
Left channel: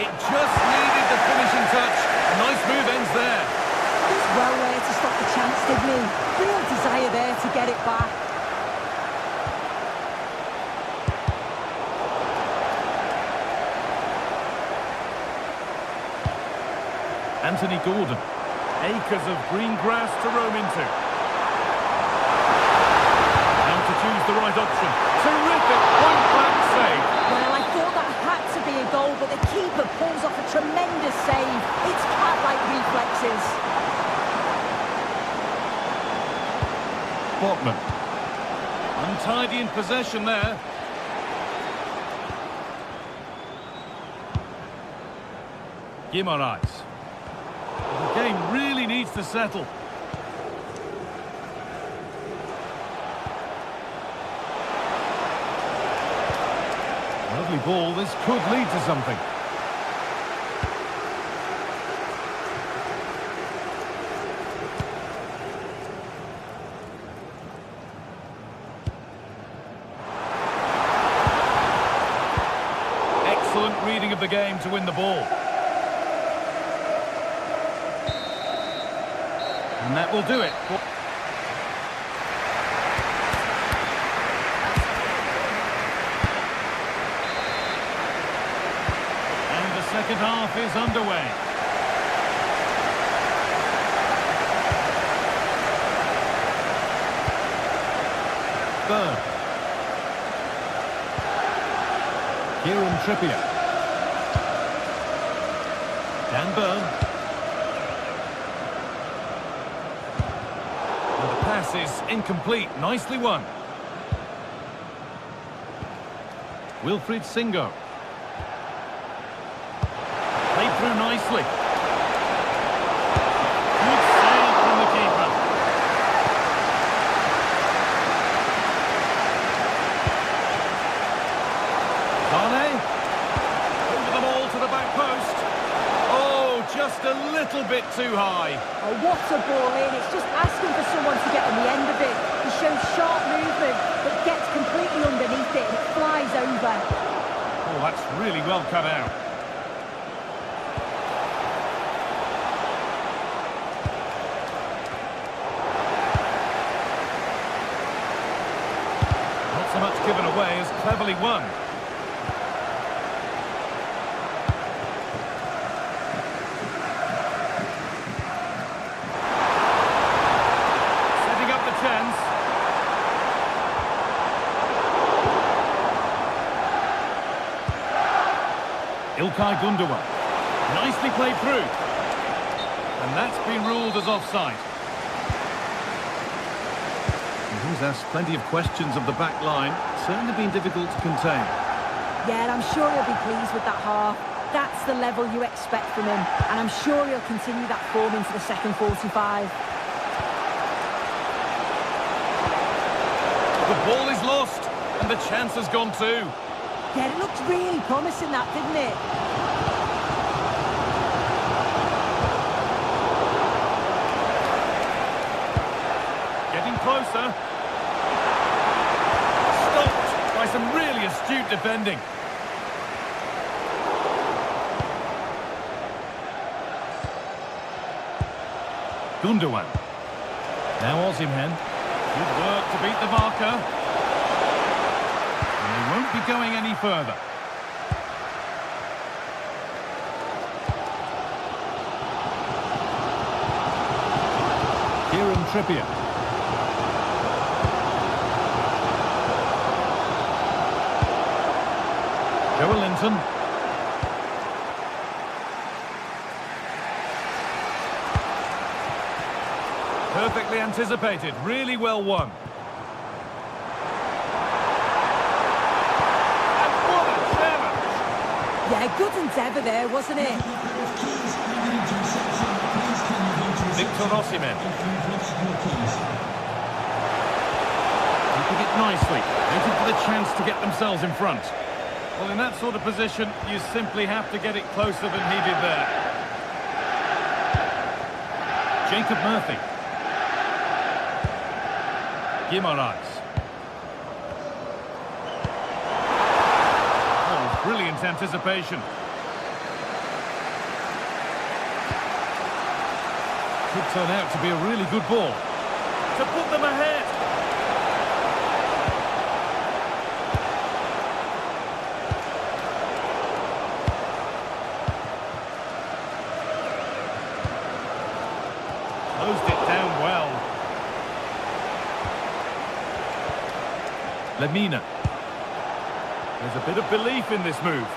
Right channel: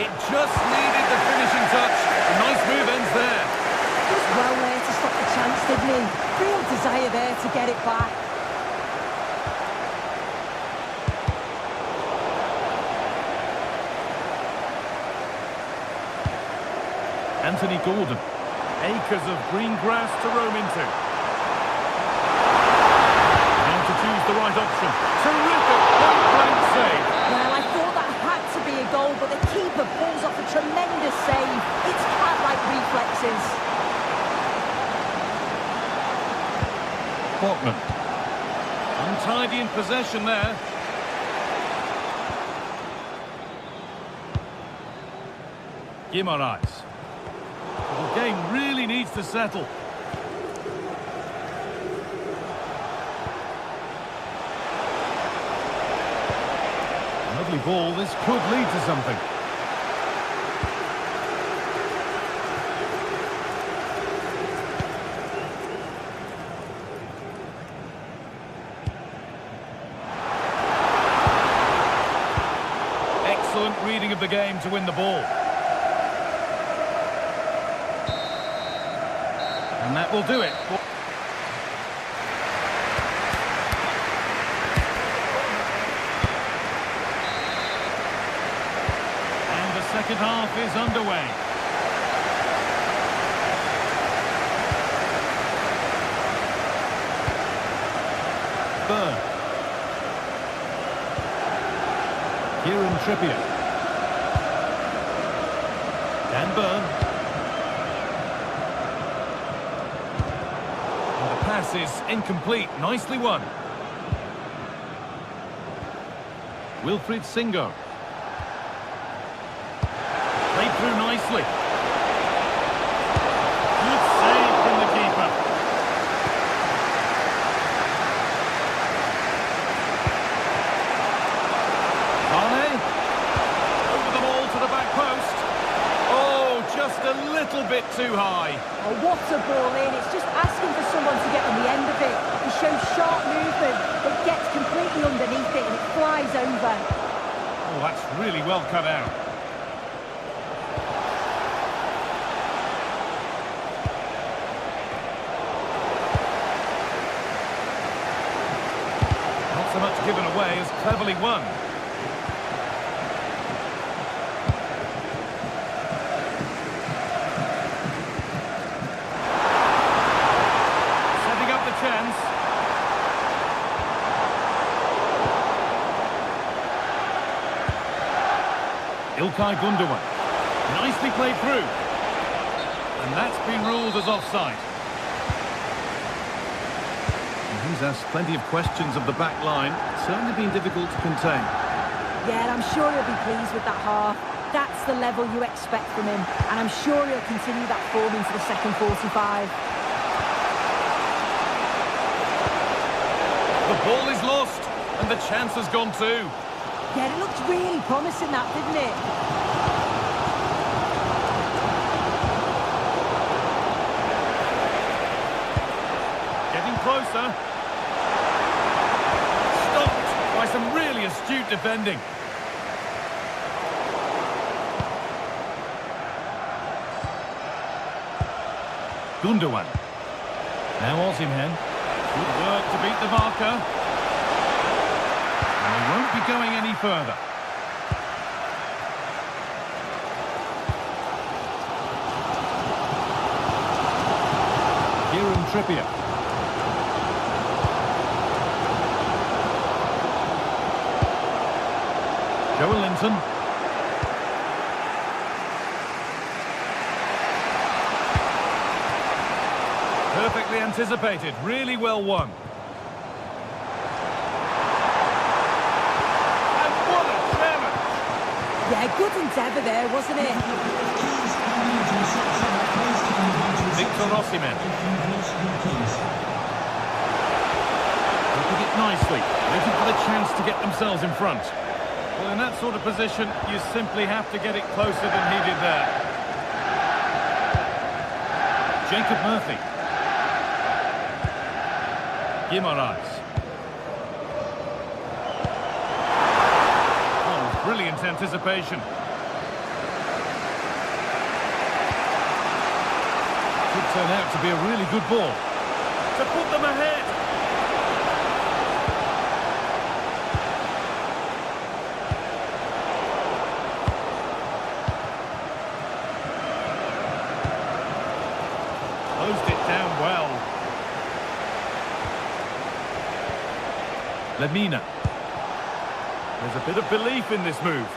It just needed the finishing touch. A nice move ends there. He was well there to stop the chance, didn't he? Real desire there to get it back. Anthony Gordon. Acres of green grass to roam into. Now to choose the right option. Terrific point-blank save. Well, I thought that had to be a goal, but the keeper pulls off a tremendous save. It's cat-like reflexes. Botman. Untidy in possession there. Guimaraes. The game really needs to settle. Lovely ball. This could lead to something. Excellent reading of the game to win the ball. And that will do it. And the second half is underway. Burn. Kieran Trippier. Dan Burn. And the pass is incomplete. Nicely won. Wilfried Singo. Played through nicely. Good save from the keeper. Zane. Over the ball to the back post. Oh, just a little bit too high. Oh, what a ball in. It's just asking for someone to get on the end of it. He shows sharp movement, but gets completely underneath it and it flies over. Oh, that's really well cut out. Not so much given away as cleverly won. Setting up the chance. Ilkay Gundogan. Nicely played through. And that's been ruled as offside. And he's asked plenty of questions of the back line. Certainly been difficult to contain. Yeah, and I'm sure he'll be pleased with that half. That's the level you expect from him. And I'm sure he'll continue that form into the second 45. The ball is lost. And the chance has gone too. Yeah, it looked really promising, that, didn't it? Getting closer. Stopped by some really astute defending. Gundogan. Now Osimhen. Good work to beat the marker. And they won't be going any further. Kieran Trippier. Joelinton. Perfectly anticipated, really well won. And what a challenge! Yeah, good endeavour there, wasn't it? Victor Osimhen. Keeping it nicely, waiting for the chance to get themselves in front. Well, in that sort of position, you simply have to get it closer than he did there. Jacob Murphy. Guimaraes. Oh, brilliant anticipation. Could turn out to be a really good ball. To put them ahead. Closed it down well. Lemina. There's a bit of belief in this move.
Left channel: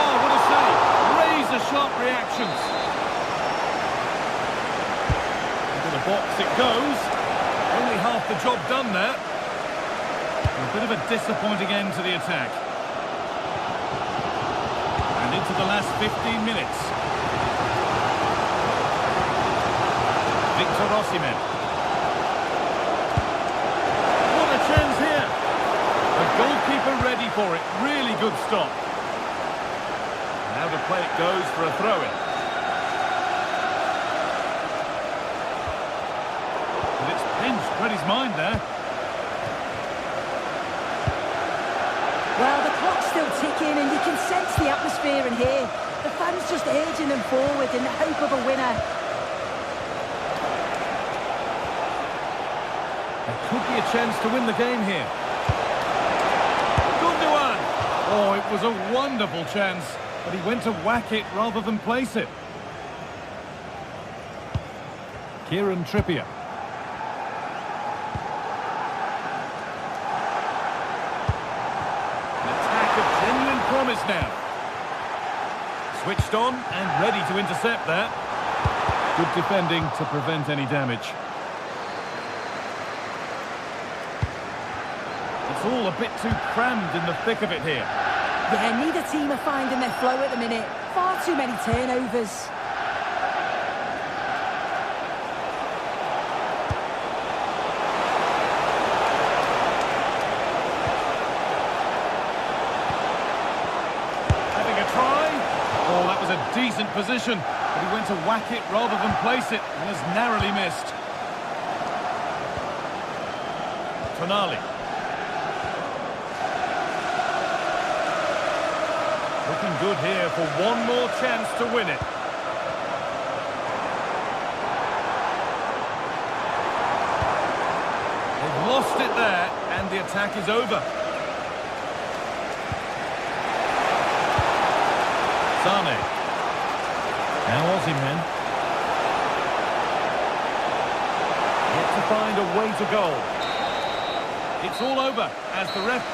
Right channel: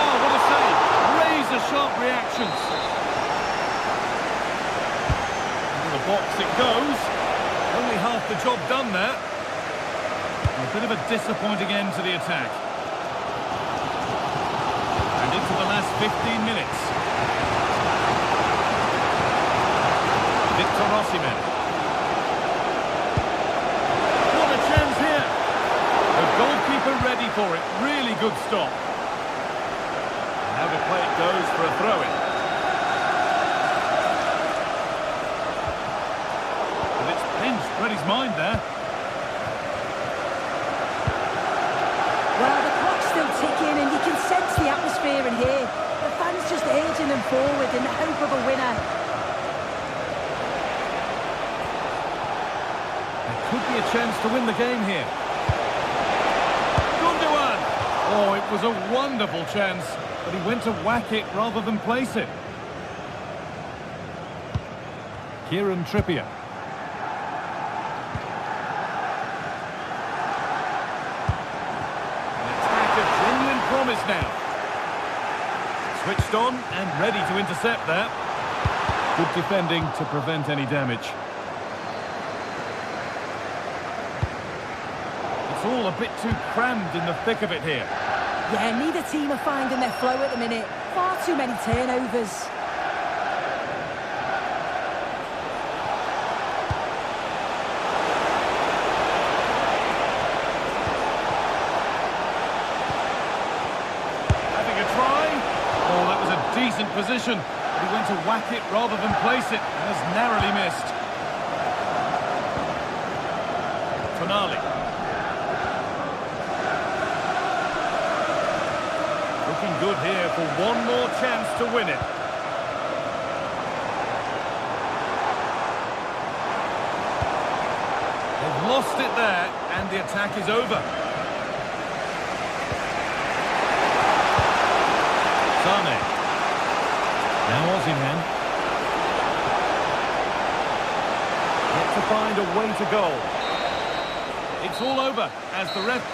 Oh, what a save. Razor-sharp reactions. Into the box it goes. Only half the job done there. And a bit of a disappointing end to the attack. And into the last 15 minutes. Victor Osimhen. What a chance here. The goalkeeper ready for it. Really good stop. And out of play it goes for a throw-in. But it's pinched Freddie's mind there. Well, the clock's still ticking and you can sense the atmosphere in here. The fans just urging them forward in the hope of a winner. There could be a chance to win the game here. Gundogan! Oh, it was a wonderful chance, but he went to whack it rather than place it. Kieran Trippier. An attack of genuine promise now. Switched on and ready to intercept there. Good defending to prevent any damage. It's all a bit too crammed in the thick of it here. Yeah, neither team are finding their flow at the minute. Far too many turnovers. Having a try. Oh, that was a decent position, but he went to whack it rather than place it and has narrowly missed. Tonali. Looking good here for one more chance to win it. They've lost it there, and the attack is over. Sane. Now Osimhen. Yet to find a way to goal. It's all over as the ref...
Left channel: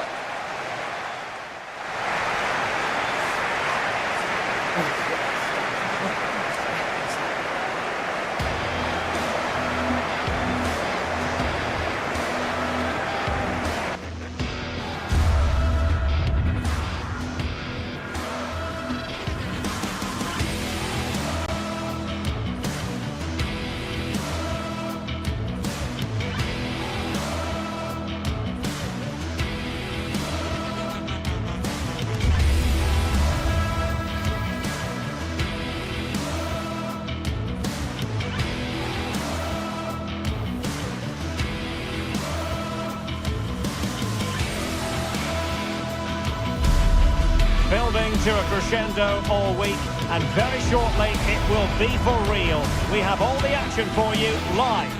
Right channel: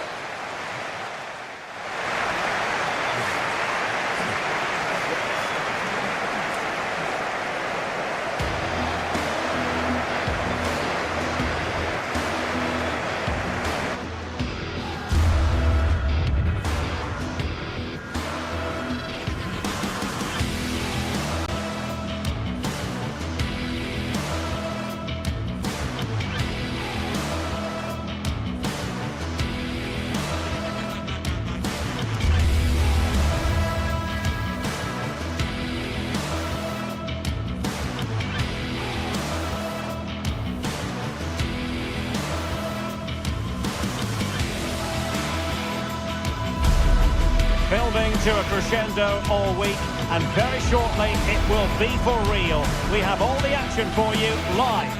Building to a crescendo all week, and very shortly it will be for real. We have all the action for you live.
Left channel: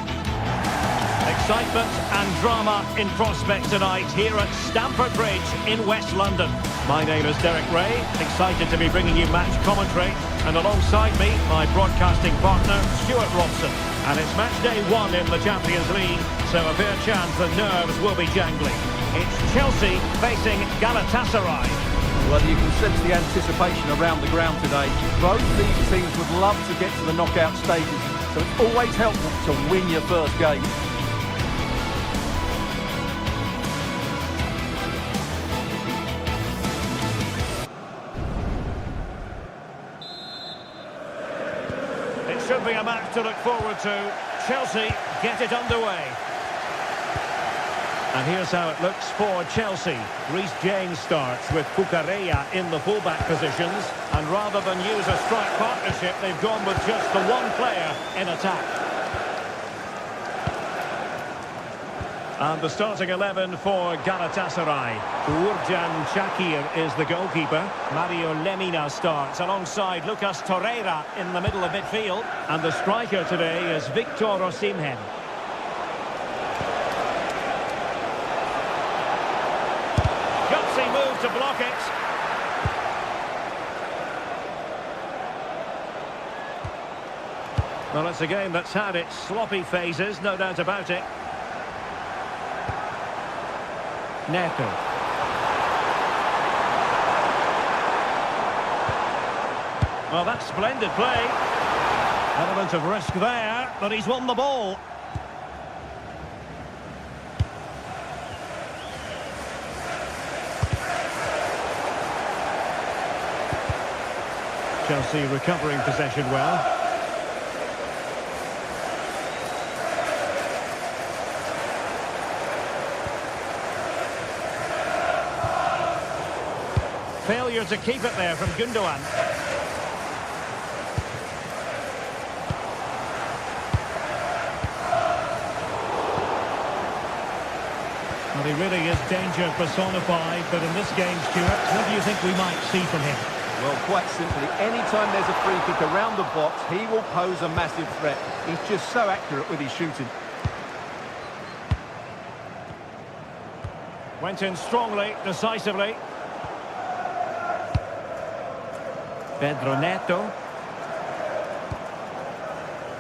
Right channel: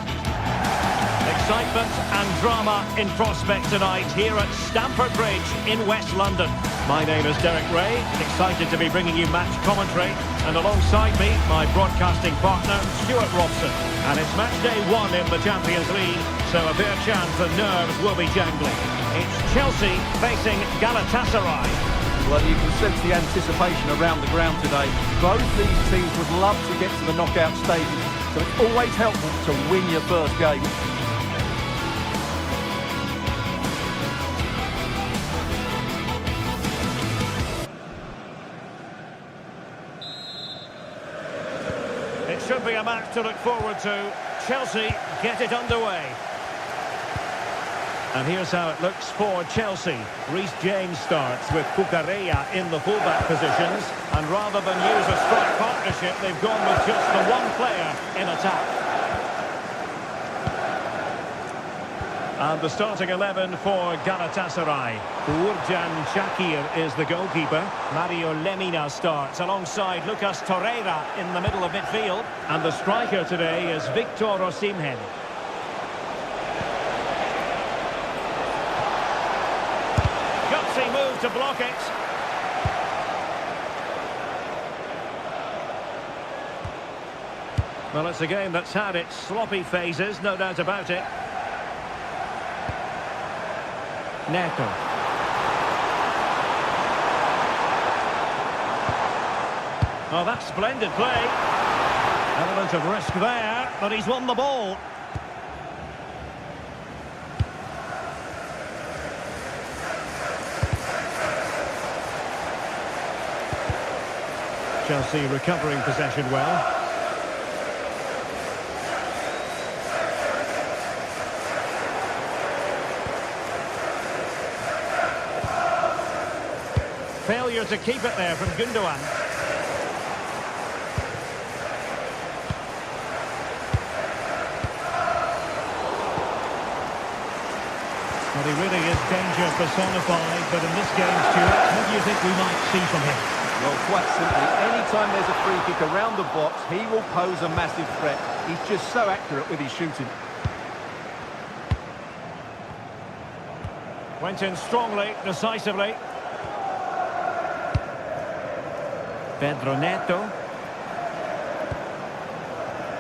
Excitement and drama in prospect tonight here at Stamford Bridge in West London. My name is Derek Ray, excited to be bringing you match commentary, and alongside me, my broadcasting partner, Stuart Robson. And it's match day 1 in the Champions League, so a fair chance the nerves will be jangling. It's Chelsea facing Galatasaray. Well, you can sense the anticipation around the ground today. Both these teams would love to get to the knockout stages, so it's always helpful to win your first game. It should be a match to look forward to. Chelsea get it underway. And here's how it looks for Chelsea. Reece James starts with Cucurella in the fullback positions. And rather than use a strike partnership, they've gone with just the one player in attack. And the starting 11 for Galatasaray. Uğurcan Çakır is the goalkeeper. Mario Lemina starts alongside Lucas Torreira in the middle of midfield. And the striker today is Victor Osimhen. Gutsy move to block it. Well, it's a game that's had its sloppy phases, no doubt about it. Neto. Oh, that's splendid play. Element of risk there, but he's won the ball. Chelsea recovering possession well. Failure to keep it there from Gundogan. Well, he really is danger personified, but in this game, Stuart, what do you think we might see from him? Well, quite simply, anytime there's a free kick around the box, he will pose a massive threat. He's just so accurate with his shooting. Went in strongly, decisively. Pedro Neto.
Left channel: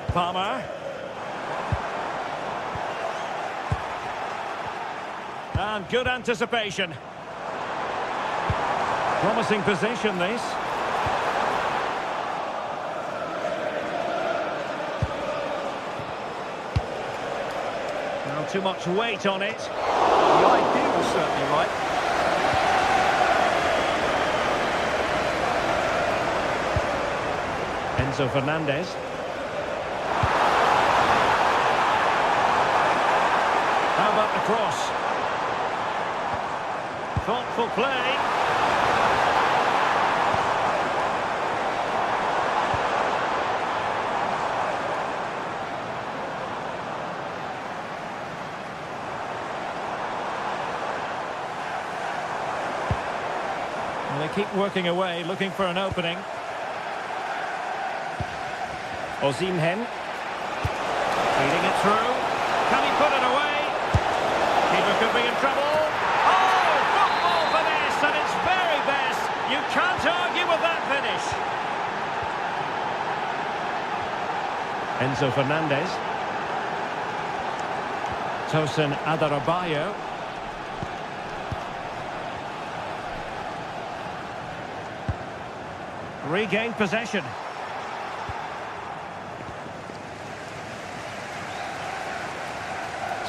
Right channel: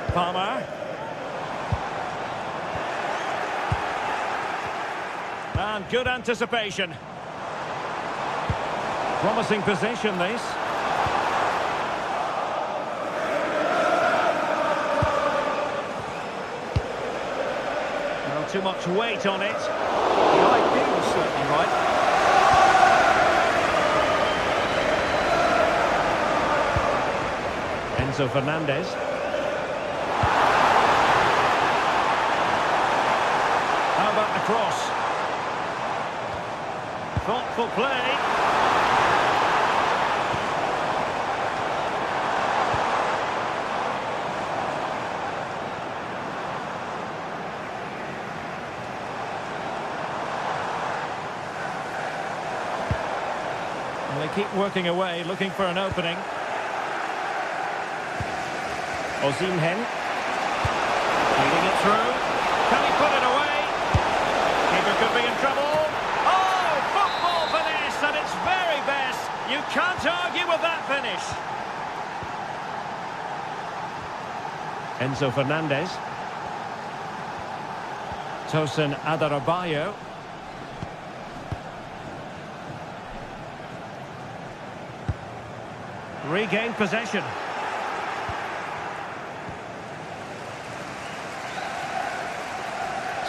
Palmer. And good anticipation. Promising position, this. Not too much weight on it. The idea was certainly right. Enzo Fernandez. How about the cross? Thoughtful play. Well, they keep working away, looking for an opening. Osimhen. Feeding it through. Can he put it away? Keeper could be in trouble. Oh, football finesse at its very best. You can't argue with that finish. Enzo Fernandez. Tosin Adarabioyo. Regained possession.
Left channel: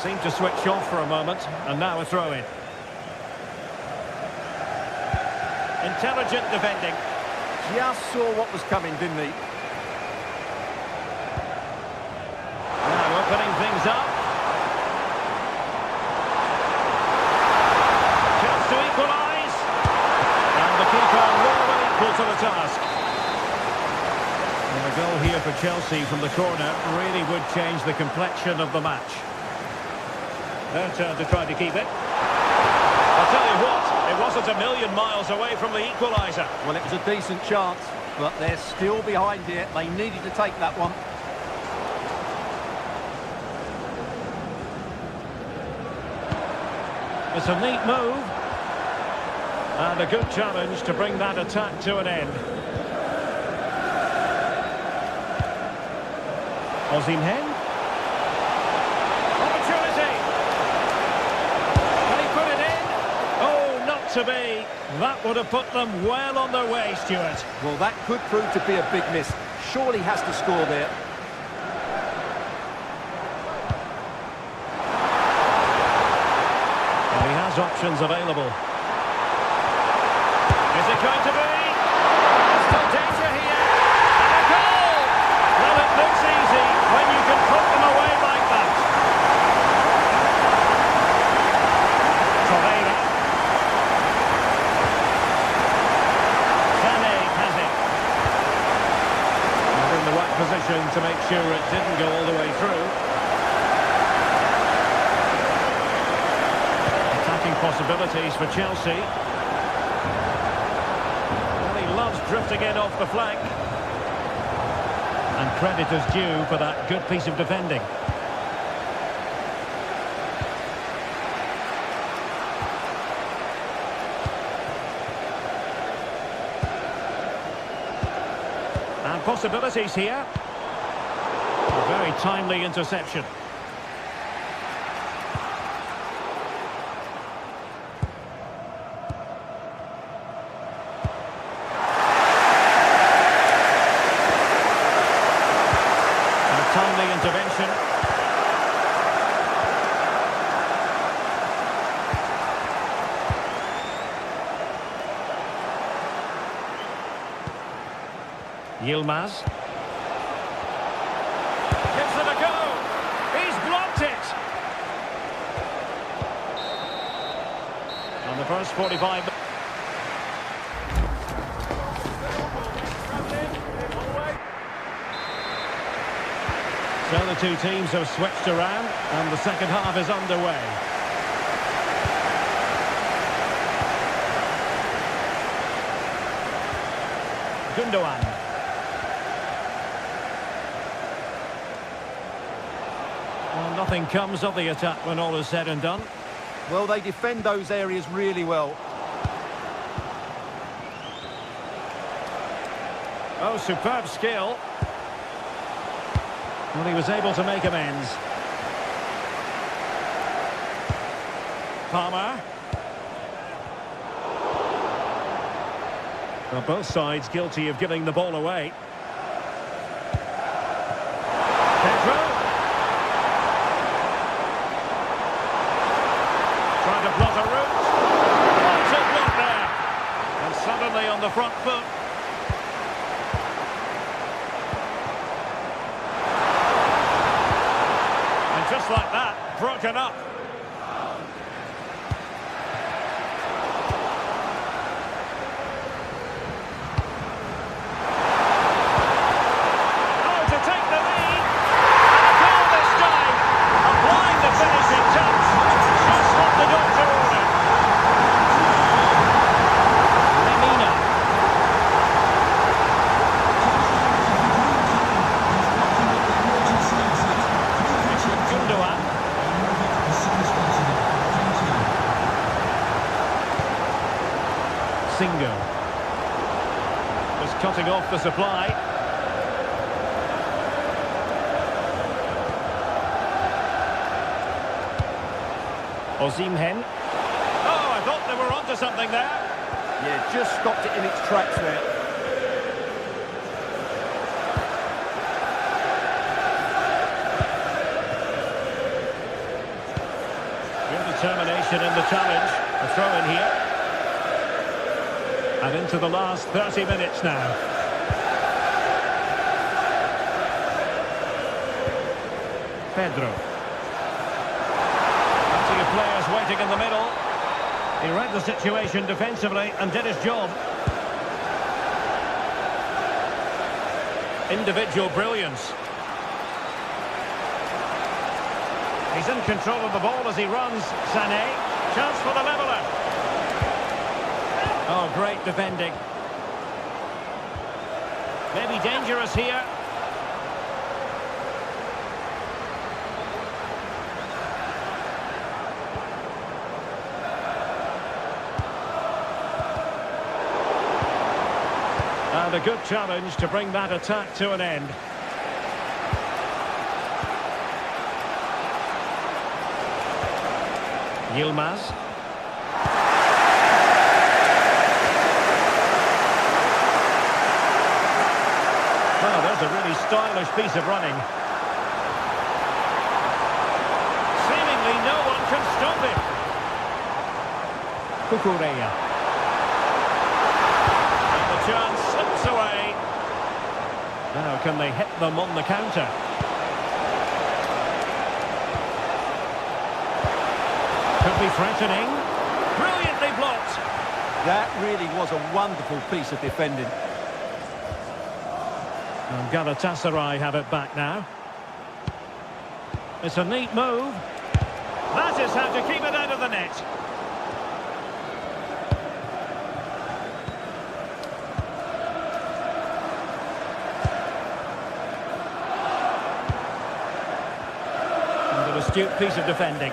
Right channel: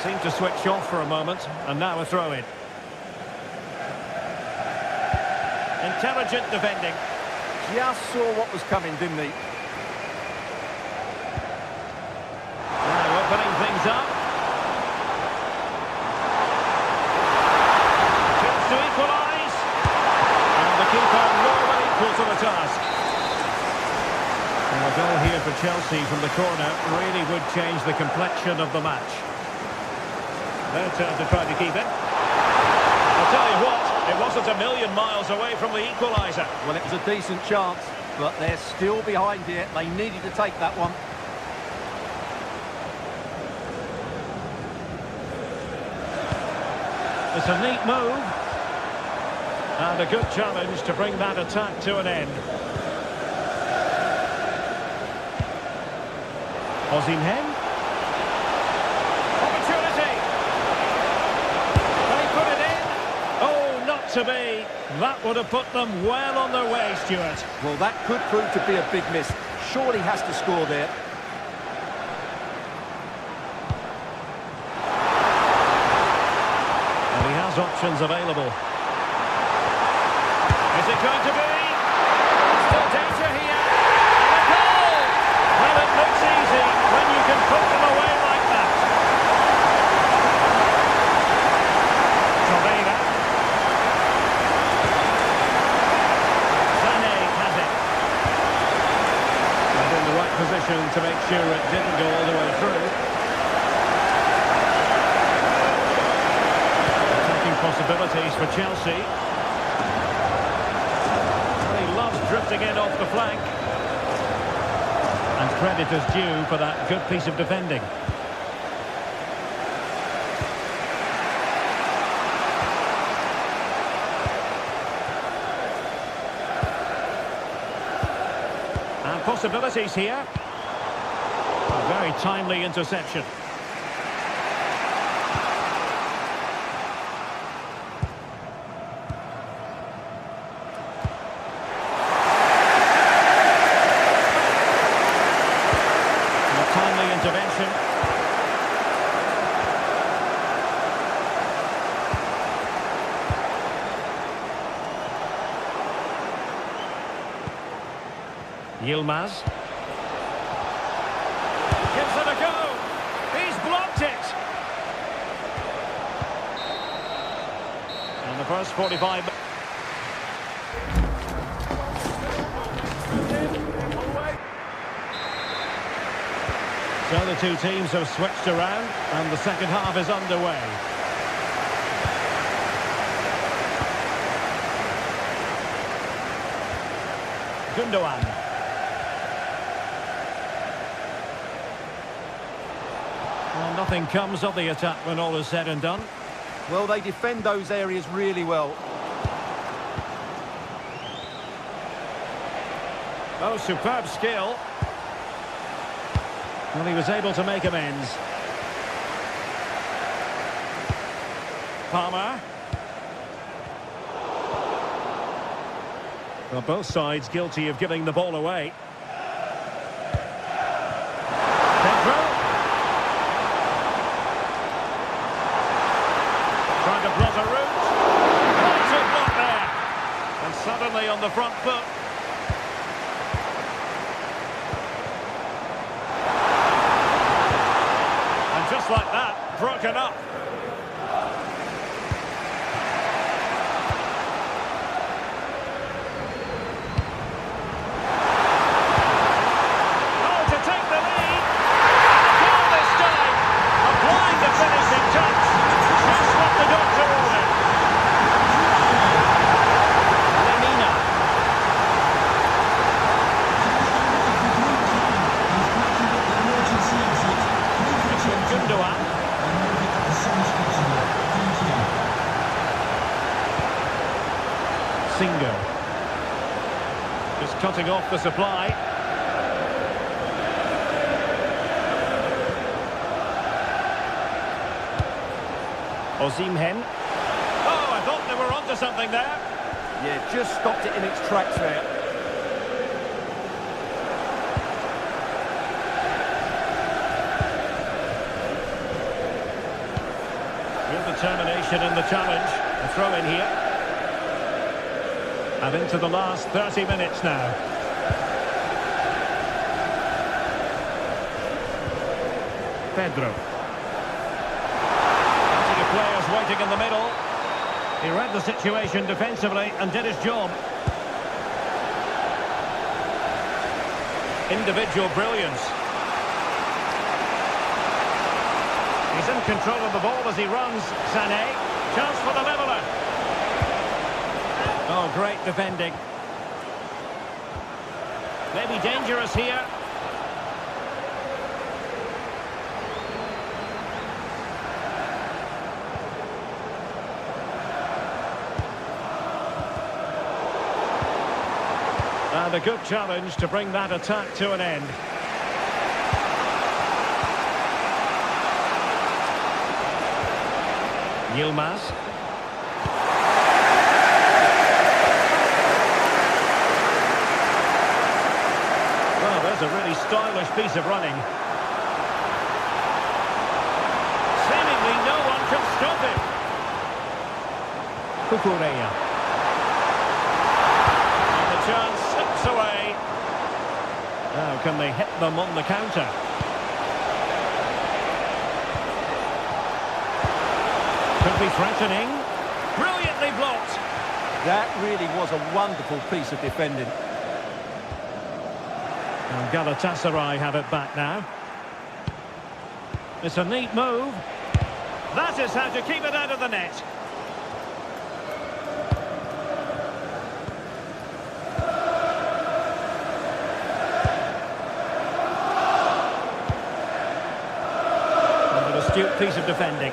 Seemed to switch off for a moment, and now a throw-in. Intelligent defending. Just saw what was coming, didn't he? Now opening things up. Chance to equalise. And the keeper more than equal to the task. And a goal here for Chelsea from the corner really would change the complexion of the match. Their turn to try to keep it. I'll tell you what, it wasn't a million miles away from the equaliser. Well, it was a decent chance, but they're still behind here. They needed to take that one. It's a neat move. And a good challenge to bring that attack to an end. Osimhen. Opportunity. Can he put it in? Oh, not to be. That would have put them well on their way, Stuart. Well, that could prove to be a big miss. Surely has to score there. And he has options available. Is it going to be? There's still danger here. And a goal! Well, it put them away like that. Torreira. Sané has it. And in the right position to make sure it didn't go all the way through. Attacking possibilities for Chelsea. Well, he loves drifting in off the flank. And credit is due for that good piece of defending. And possibilities here. A very timely interception. And a timely intervention. Yilmaz. Gives it a go. He's blocked it. On the first 45. So the two teams have switched around and the second half is underway. Gundogan. Well, nothing comes of the attack when all is said and done. Well, they defend those areas really well. Oh, superb skill. Well, he was able to make amends. Palmer. Well, both sides guilty of giving the ball away. Pedro. Trying to block a route. Vital block there. And suddenly on the front foot. And just like that, broken up. Oh, to take the lead. And a goal this time. Applying the finishing touch. Just what the doctor ordered. Lemina. It's with Gundogan. Singo. Just cutting off the supply. Osimhen. Oh, I thought they were onto something there. Yeah, just stopped it in its tracks there. Real determination in the challenge. A throw in here. And into the last 30 minutes now. Pedro. Plenty of players waiting in the middle. He read the situation defensively and did his job. Individual brilliance. He's in control of the ball as he runs. Sané. Chance for the leveller. Oh, great defending. Maybe dangerous here. And a good challenge to bring that attack to an end. Yilmaz. Well, there's a really stylish piece of running. Seemingly no one can stop him. Cucurella. And the chance slips away. Now can they hit them on the counter? Could be threatening. Brilliantly blocked. That really was a wonderful piece of defending. And Galatasaray have it back now. It's a neat move. That is how to keep it out of the net. And an astute piece of defending.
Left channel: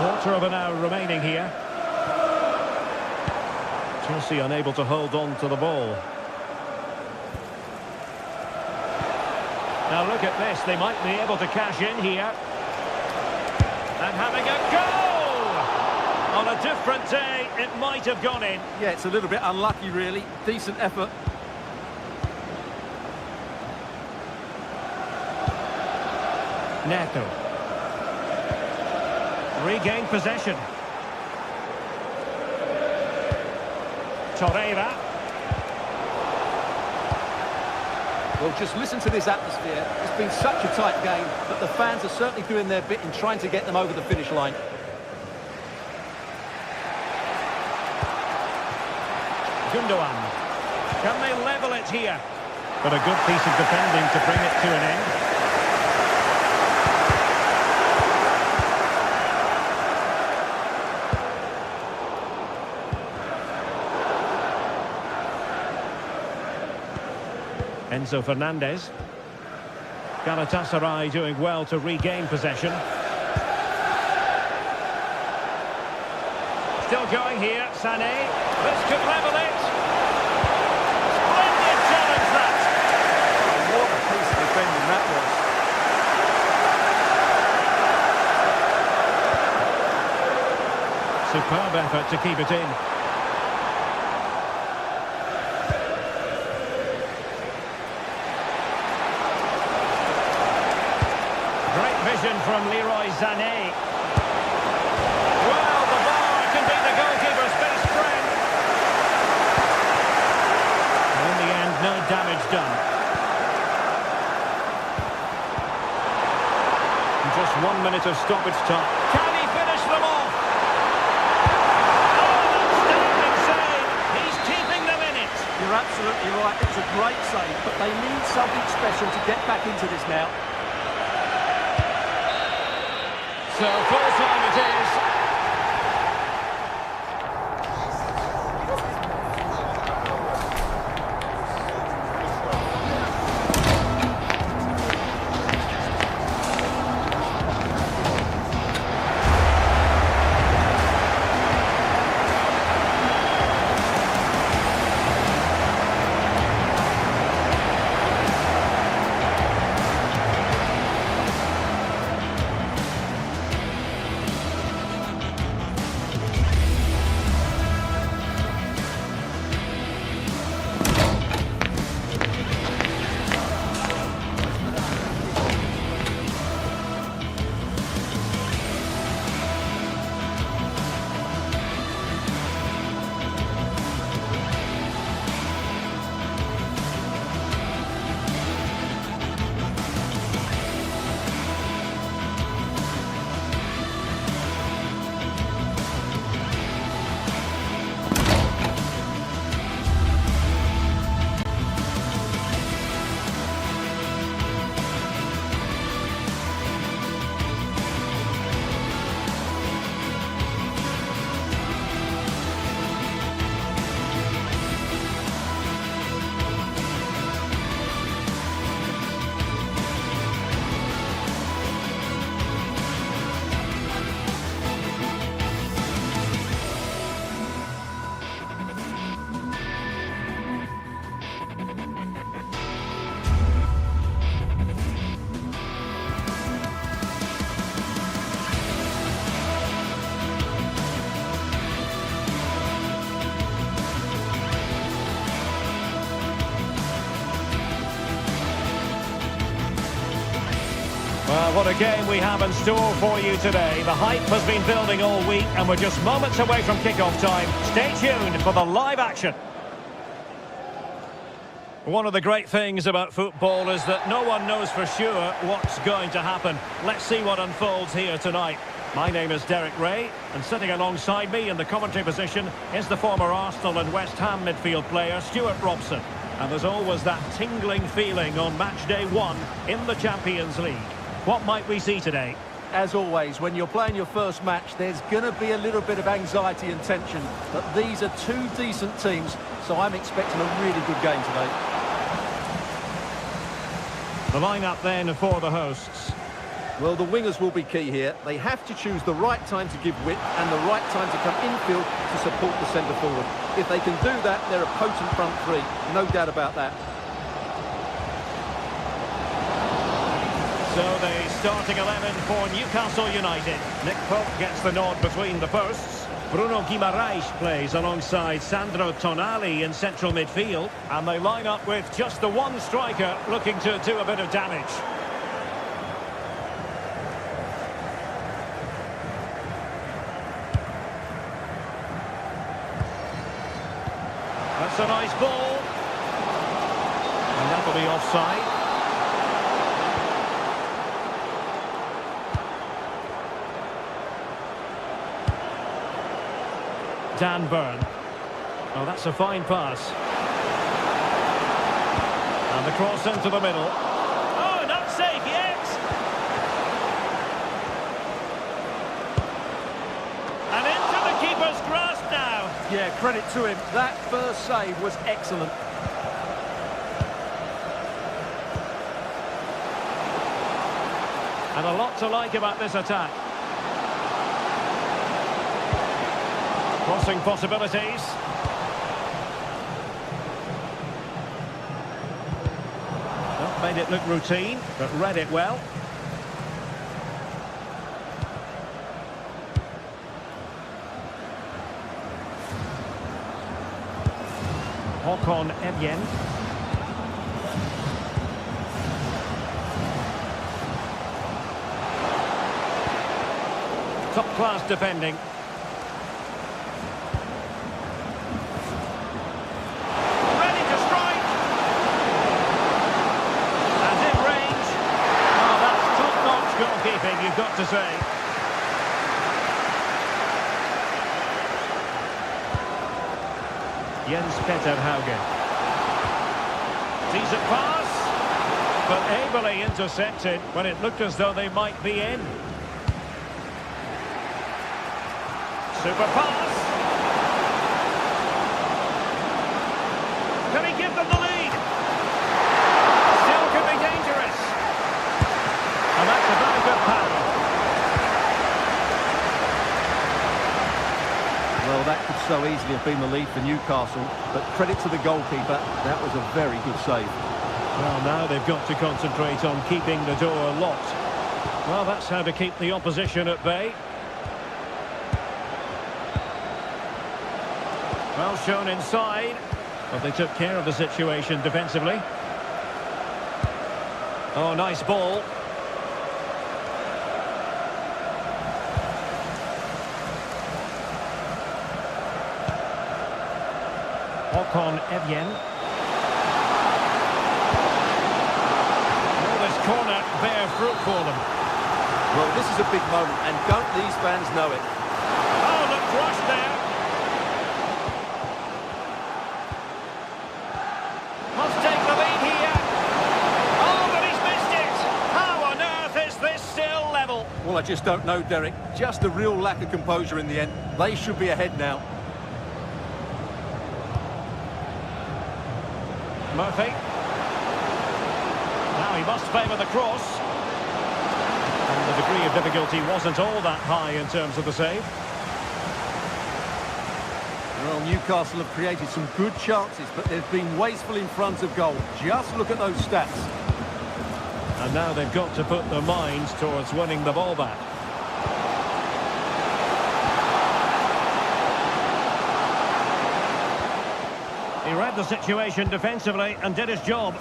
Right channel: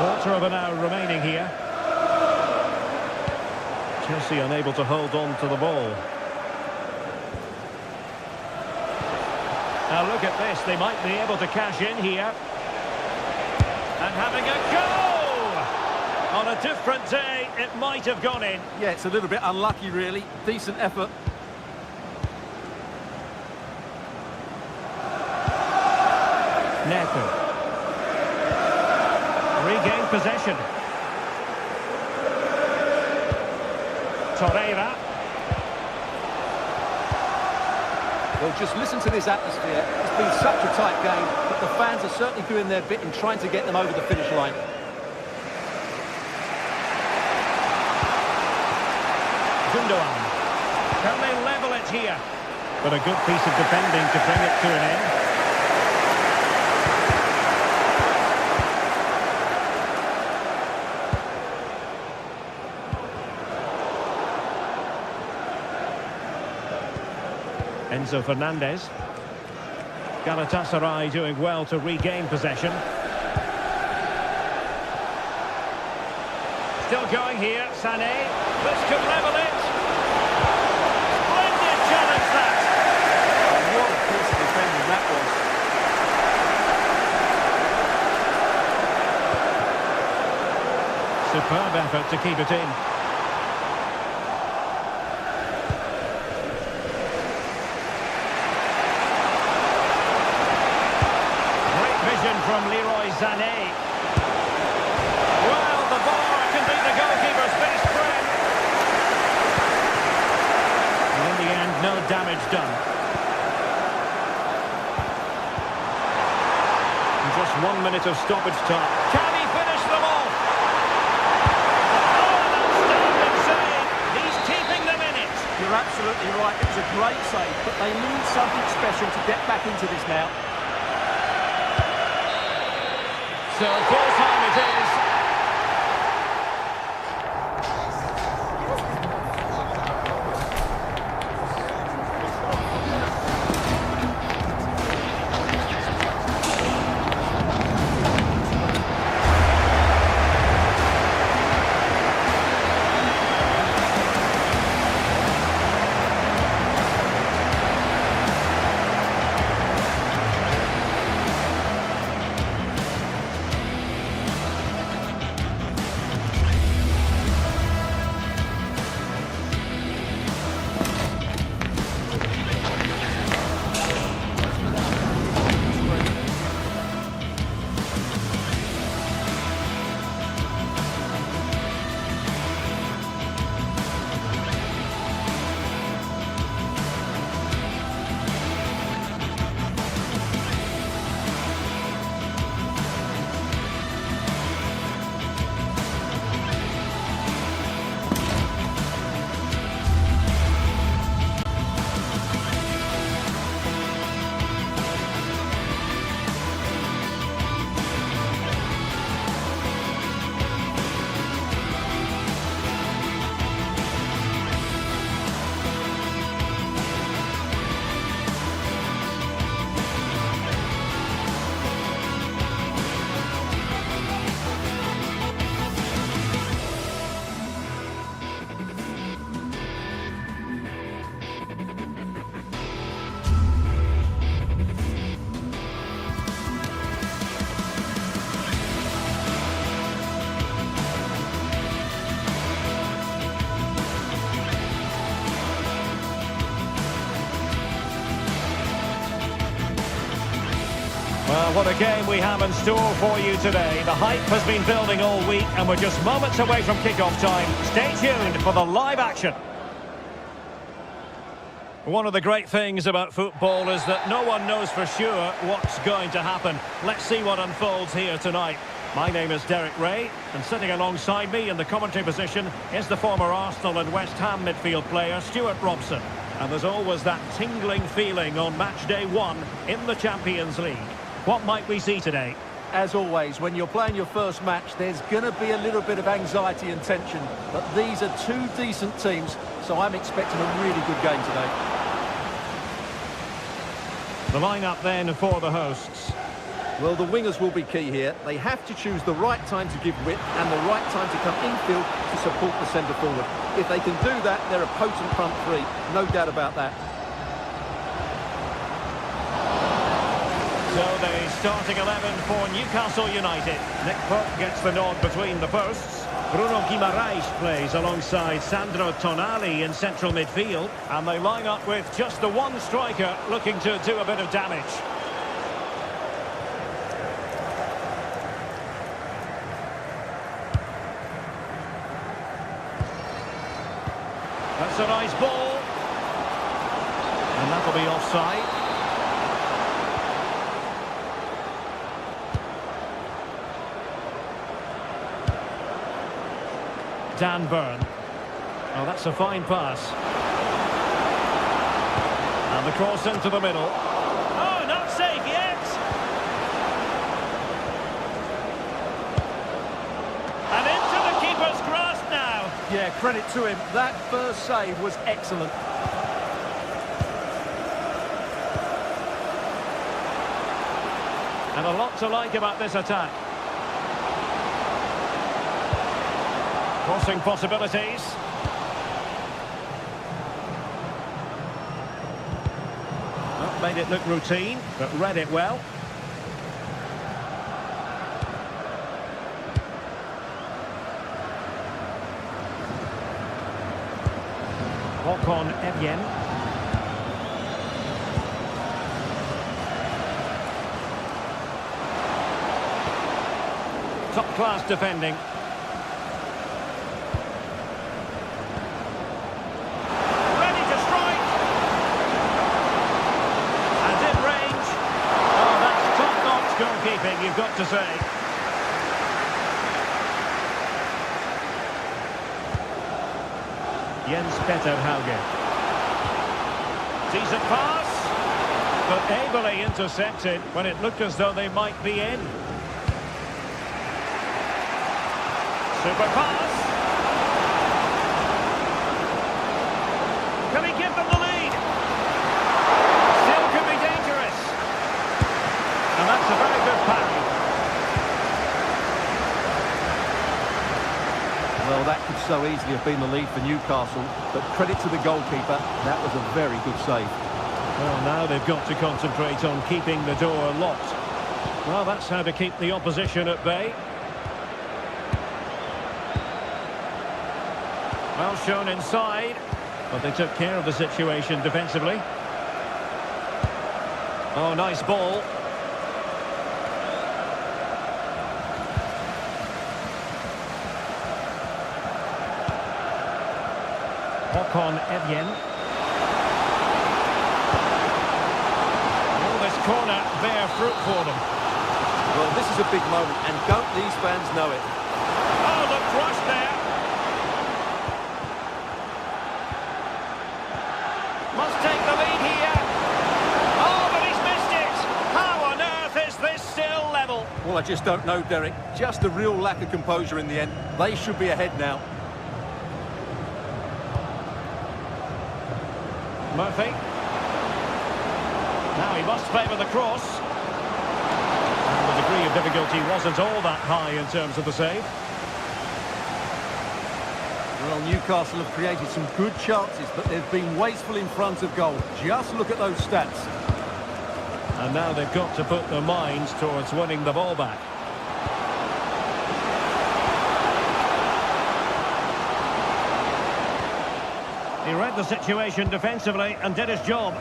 Quarter of an hour remaining here. Chelsea unable to hold on to the ball. Now look at this, they might be able to cash in here. And having a go! On a different day, it might have gone in. Yeah, it's a little bit unlucky, really. Decent effort. Neto. Regained possession. Torreira. Well, just listen to this atmosphere. It's been such a tight game, but the fans are certainly doing their bit in trying to get them over the finish line. Gundogan. Can they level it here? But a good piece of defending to bring it to an end. Enzo Fernandez. Galatasaray doing well to regain possession. Still going here, Sané. This could level it. Splendid challenge that. Oh, what a piece of defending that was. Superb effort to keep it in. Vision from Leroy Sané. Well, the bar can be the goalkeeper's best friend. And in the end, no damage done. And just 1 minute of stoppage time. Can he finish them off? Oh, an outstanding save. He's keeping them in it. You're absolutely right. It was a great save, but they need something special to get back into this now. So full time it is. Well, what a game we have in store for you today. The hype has been building all week and we're just moments away from kick-off time. Stay tuned for the live action. One of the great things about football is that no one knows for sure what's going to happen. Let's see what unfolds here tonight. My name is Derek Ray, and sitting alongside me in the commentary position is the former Arsenal and West Ham midfield player Stuart Robson. And there's always that tingling feeling on match day 1 in the Champions League. What might we see today? As always, when you're playing your first match, there's going to be a little bit of anxiety and tension. But these are two decent teams, so I'm expecting a really good game today. The lineup then for the hosts. Well, the wingers will be key here. They have to choose the right time to give width and the right time to come infield to support the centre forward. If they can do that, they're a potent front three. No doubt about that. So the starting 11 for Newcastle United. Nick Pope gets the nod between the posts. Bruno Guimaraes plays alongside Sandro Tonali in central midfield. And they line up with just the one striker looking to do a bit of damage. That's a nice ball. And that'll be offside. Dan Burn. Oh, that's a fine pass. And the cross into the middle. Oh, not safe yet. And into the keeper's grasp now. Yeah, credit to him. That first save was excellent. And a lot to like about this attack. Crossing possibilities. Well, made it look routine, but read it well. Håkon Evjen. Top-class defending. Ready to strike. And in range. Oh, that's top-notch goalkeeping, you've got to say. Jens Petter Hauge. Decent pass, but ably intercepted when it looked as though they might be in. Super pass. Can he give them the lead? Still could be dangerous. And that's a very good parry. Well, that could so easily have been the lead for Newcastle, but credit to the goalkeeper, that was a very good save. Well, now they've got to concentrate on keeping the door locked. Well, that's how to keep the opposition at bay. Well shown inside, but they took care of the situation defensively. Oh, nice ball. Håkon Evjen. Will this corner bear fruit for them? Well, this is a big moment, and don't these fans know it? Oh, look, rushed there. Must take the lead here. Oh, but he's missed it. How on earth is this still level? Well, I just don't know, Derek. Just a real lack of composure in the end. They should be ahead now. Murphy. Now he must favour the cross. And the degree of difficulty wasn't all that high in terms of the save. Well, Newcastle have created some good chances, but they've been wasteful in front of goal. Just look at those stats. And now they've got to put their minds towards winning the ball back. He read the situation defensively and did his job.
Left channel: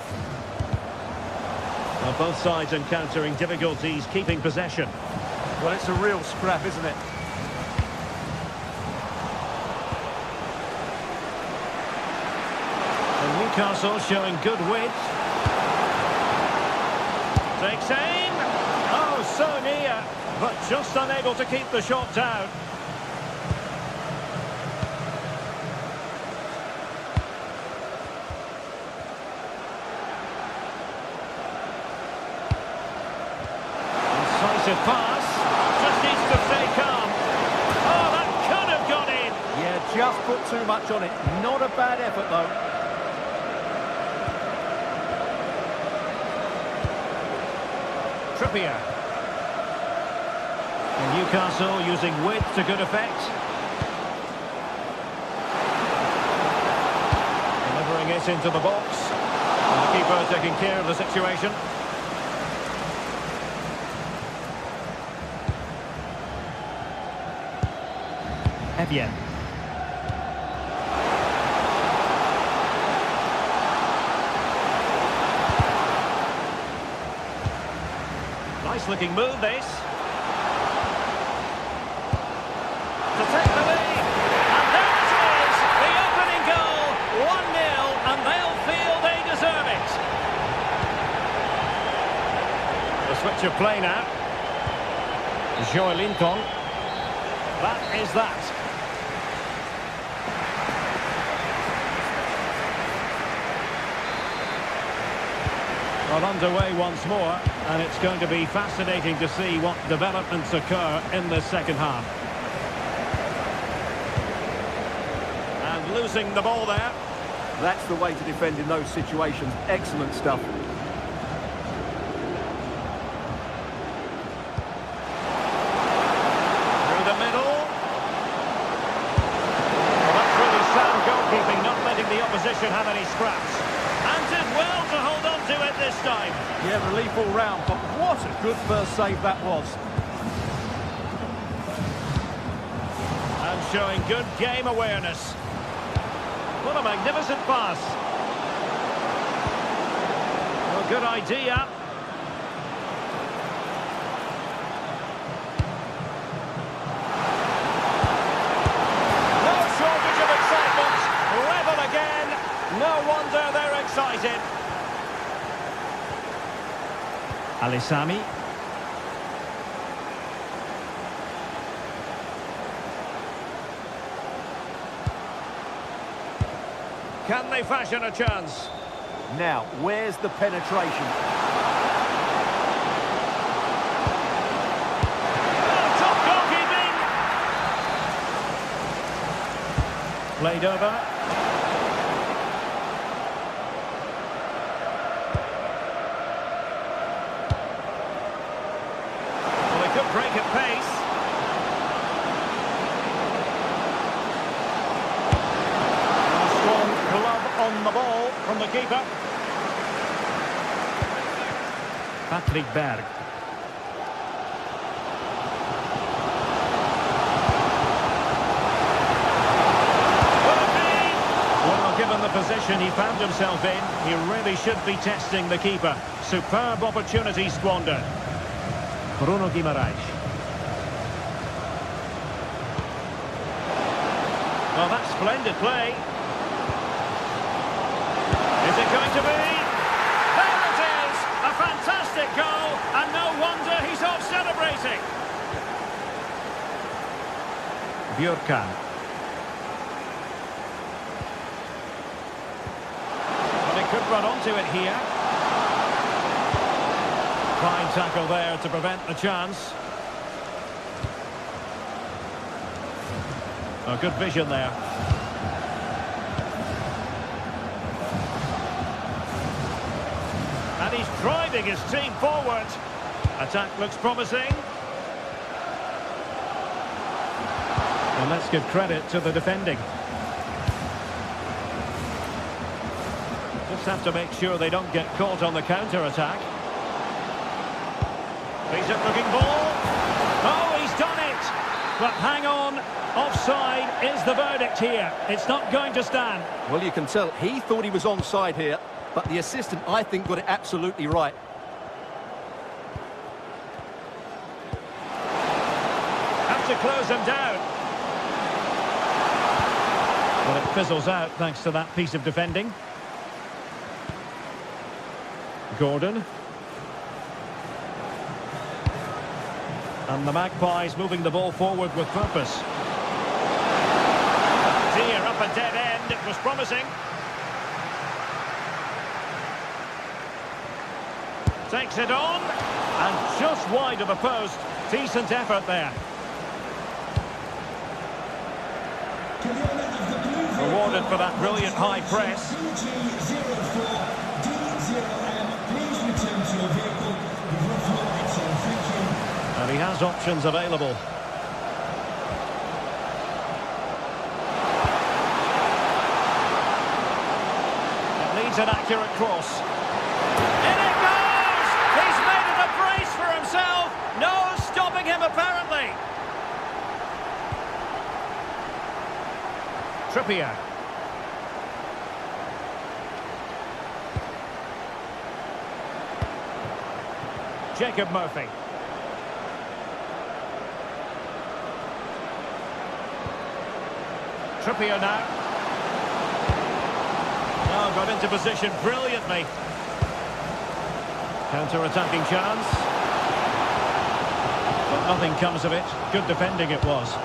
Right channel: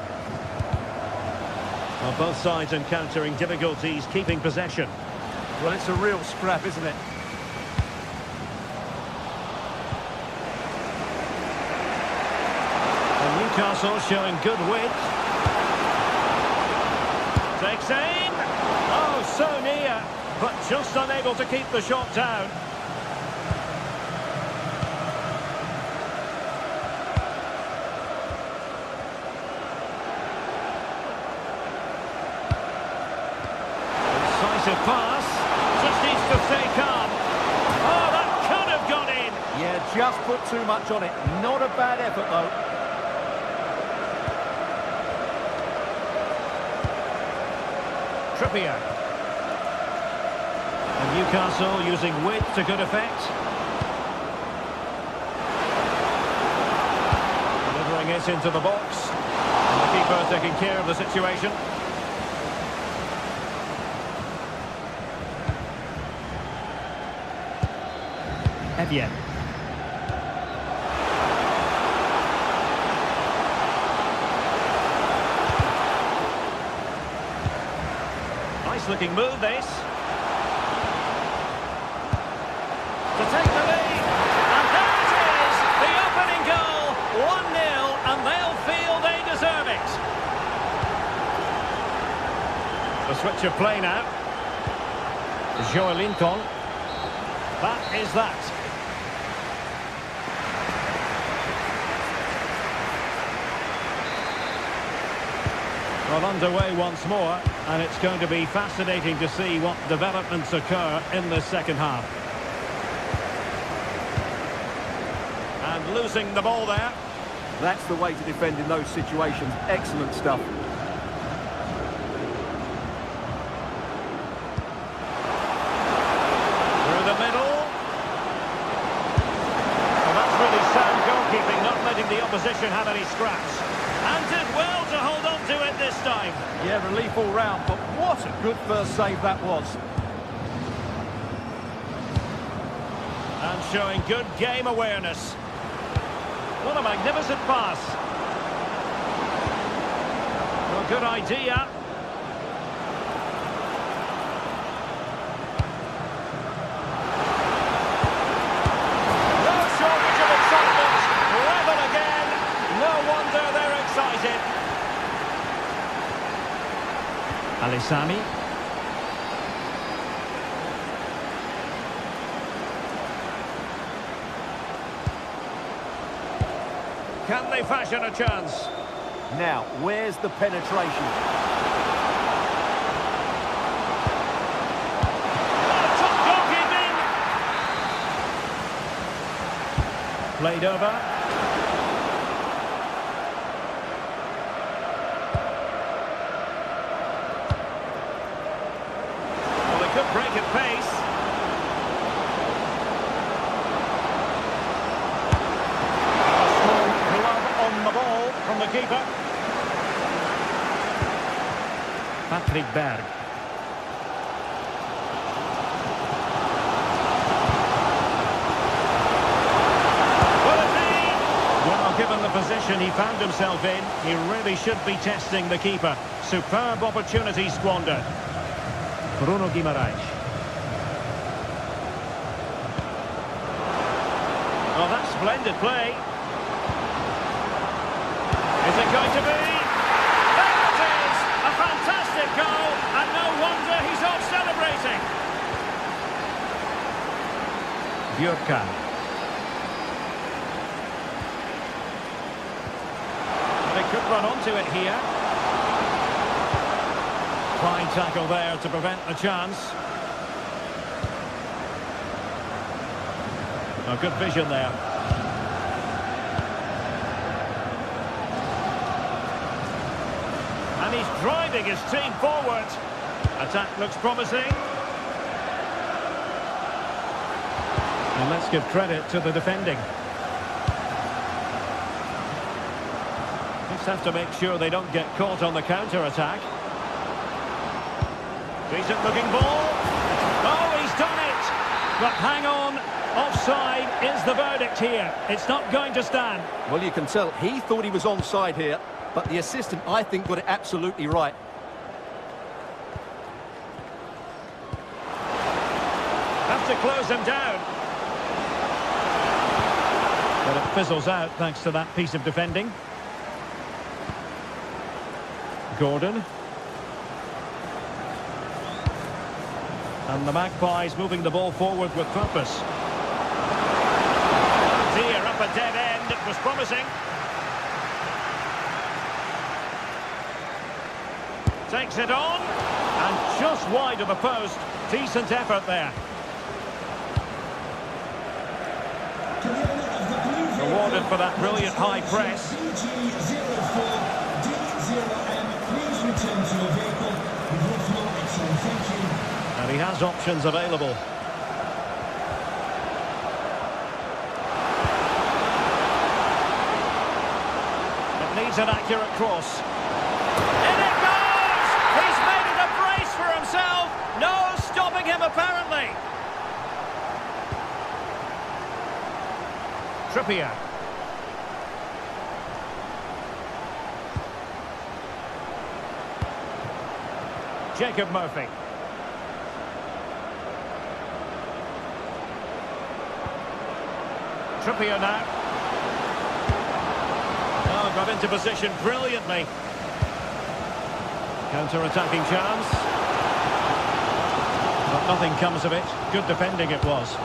Well, both sides encountering difficulties keeping possession. Well, it's a real scrap, isn't it? And Newcastle showing good width. Takes aim. Oh, so near, but just unable to keep the shot down. Incisive pass. Just needs to stay calm. Oh, that could have gone in. Yeah, just put too much on it. Not a bad effort, though. Trippier. And Newcastle using width to good effect. Delivering it into the box. And the keeper taking care of the situation. Evian. Nice looking move, this. To take the lead. And there it is! The opening goal. 1-0, and they'll feel they deserve it. The switch of play now. Joelinton. That is that. Well, underway once more, and it's going to be fascinating to see what developments occur in the second half. And losing the ball there. That's the way to defend in those situations. Excellent stuff. Through the middle. Well, that's really sound goalkeeping, not letting the opposition have any scraps. And did well to hold on to it this time. Yeah, relief all round, but what a good first save that was. And showing good game awareness. What a magnificent pass. Well, good idea. No shortage of excitement. Level again. No wonder they're excited. Alisami. Can they fashion a chance? Now, where's the penetration? Oh, top goalkeeping! Played over. Well, they could break at pace. Glove on the ball from the keeper. Patrick Berg. Will it be? Well, given the position he found himself in, he really should be testing the keeper. Superb opportunity squandered. Bruno Guimaraes. Oh, that's splendid play. Is it going to be? There it is! A fantastic goal, and no wonder he's off celebrating. Björkan. Well, they could run onto it here. Fine tackle there to prevent the chance. Oh, good vision there. And he's driving his team forward. Attack looks promising. And let's give credit to the defending. Just have to make sure they don't get caught on the counter-attack. Decent looking ball. Oh, he's done it. But hang on. Offside is the verdict here. It's not going to stand. Well, you can tell he thought he was onside here. But the assistant, I think, got it absolutely right. Have to close them down. But it fizzles out thanks to that piece of defending. Gordon. And the Magpies moving the ball forward with purpose. Oh dear, up a dead end. It was promising. Takes it on. And just wide of the post. Decent effort there. Rewarded for that brilliant high press. Please return to your vehicle. You've left your lights on. Thank you. And he has options available. It needs an accurate cross. In it goes! He's made it a brace for himself. No stopping him, apparently. Trippier. Jacob Murphy. Trippier now. Oh, got into position brilliantly. Counter-attacking chance. But nothing comes of it. Good defending it was.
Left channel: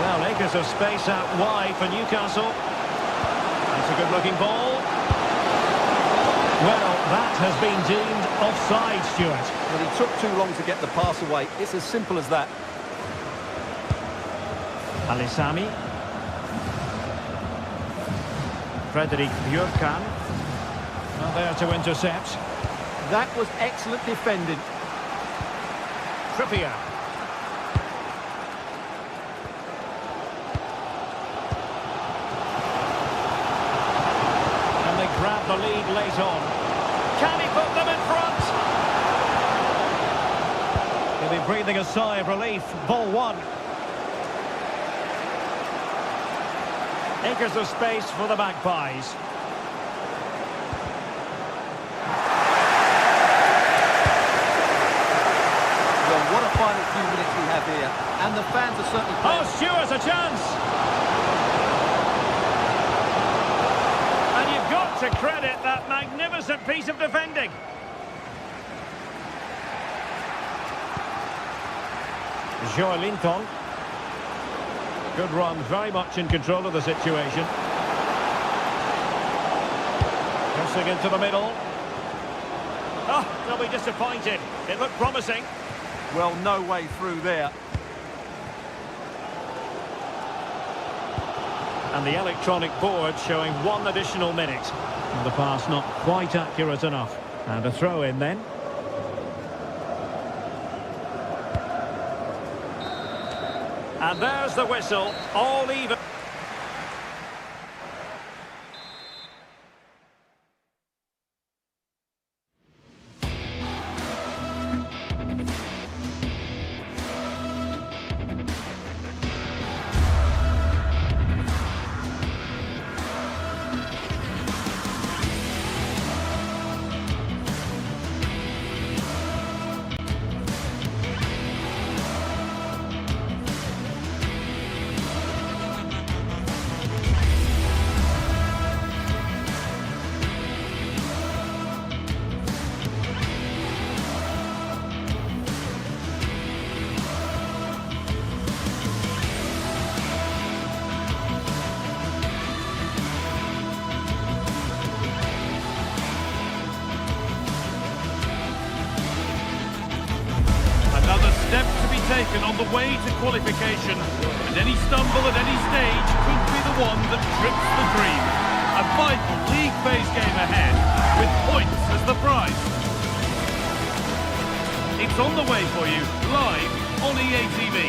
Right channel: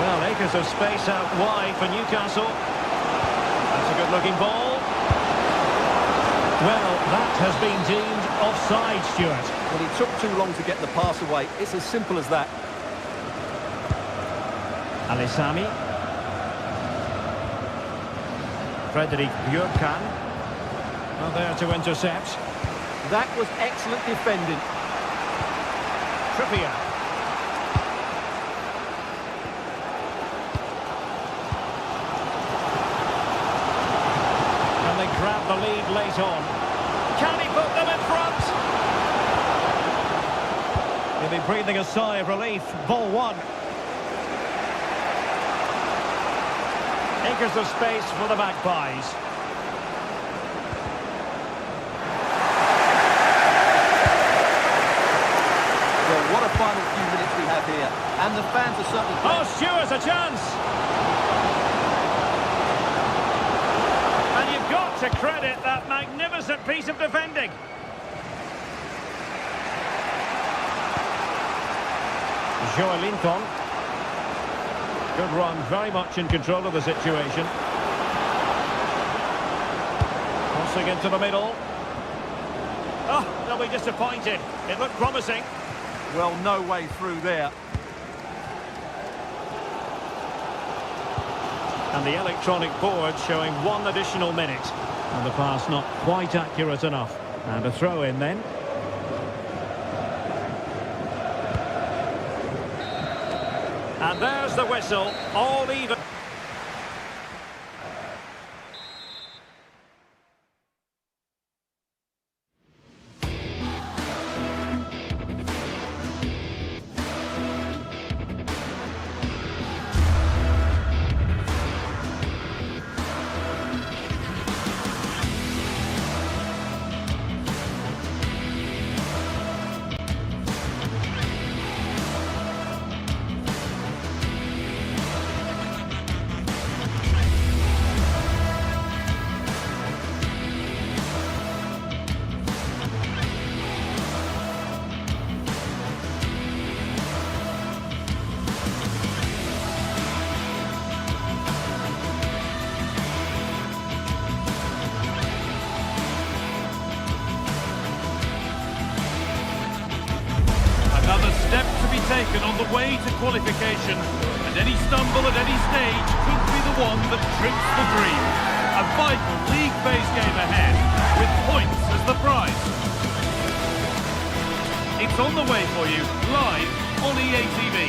Well, acres of space out wide for Newcastle. That's a good-looking ball. Well, that has been deemed offside, Stuart. Well, he took too long to get the pass away. It's as simple as that. Alisami. Frederick Björkan. Well, there to intercept. That was excellent defending. Trippier. Can they grab the lead late on? Can he put them in front? He'll be breathing a sigh of relief. Ball one. Acres of space for the Magpies. Well, what a final few minutes we have here. And the fans are certainly playing. Oh, Stewart's a chance! And you've got to credit that magnificent piece of defending. Joelinton. Good run, very much in control of the situation. Crossing into the middle. Oh, they'll be disappointed. It looked promising. Well, no way through there. And the electronic board showing 1 additional minute. And the pass not quite accurate enough. And a throw in then. And there's the whistle, all even. Another step to be taken on the way to qualification, and any stumble at any stage could be the one that trips the dream. A vital league phase game ahead, with points as the prize. It's on the way for you, live on EA TV.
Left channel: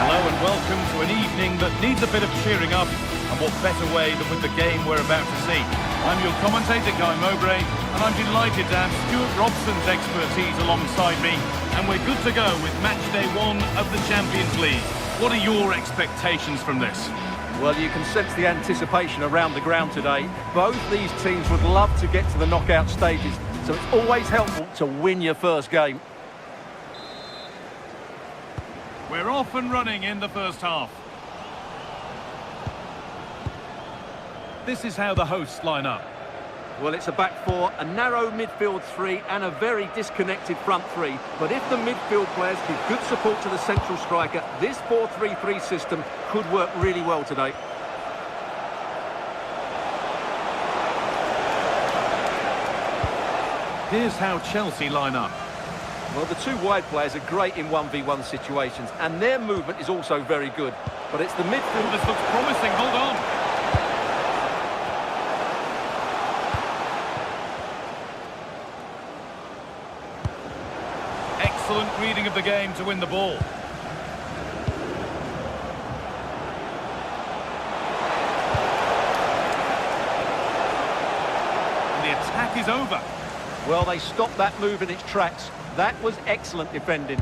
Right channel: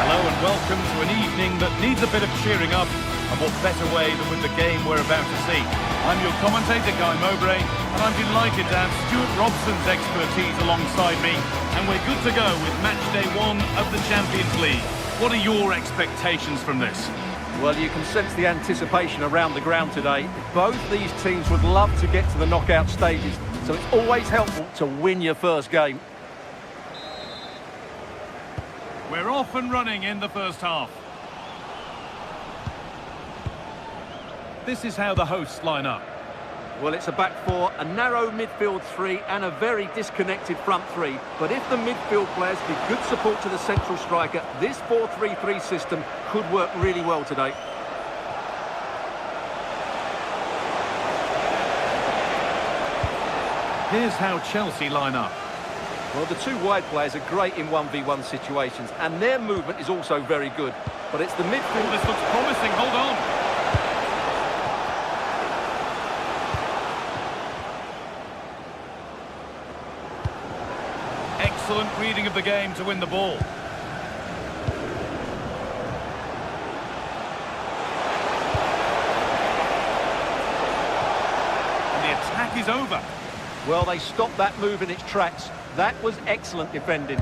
Hello and welcome to an evening that needs a bit of cheering up, and what better way than with the game we're about to see. I'm your commentator, Guy Mowbray, and I'm delighted to have Stuart Robson's expertise alongside me, and we're good to go with match day 1 of the Champions League. What are your expectations from this? Well, you can sense the anticipation around the ground today. Both these teams would love to get to the knockout stages, so it's always helpful to win your first game. We're off and running in the first half. This is how the hosts line up. Well, it's a back four, a narrow midfield three and a very disconnected front three. But if the midfield players give good support to the central striker, this 4-3-3 system could work really well today. Here's how Chelsea line up. Well, the two wide players are great in 1v1 situations, and their movement is also very good. But it's the midfield... Oh, this looks promising, hold on. Excellent reading of the game to win the ball. And the attack is over. Well, they stopped that move in its tracks. That was excellent defending.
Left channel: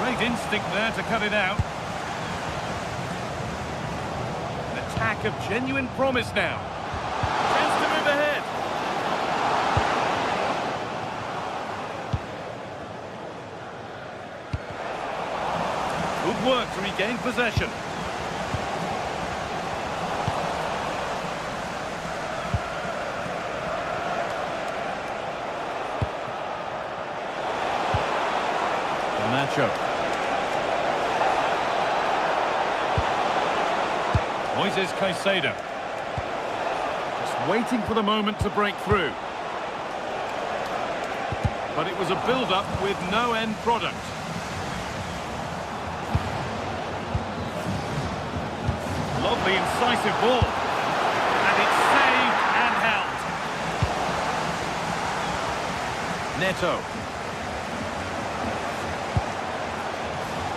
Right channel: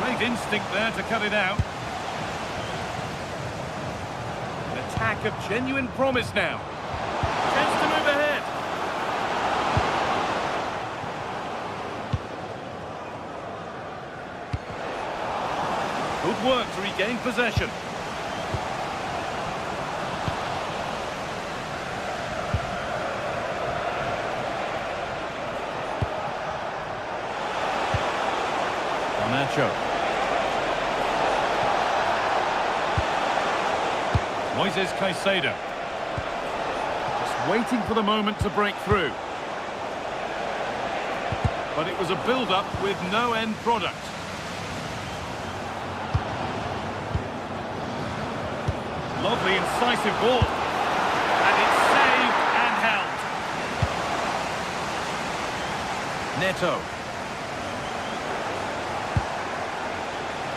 Great instinct there to cut it out. An attack of genuine promise now. Chance to move ahead. Good work to regain possession. Garnacho. Moises Caicedo. Just waiting for the moment to break through. But it was a build-up with no end product. Lovely, incisive ball. And it's saved and held. Neto.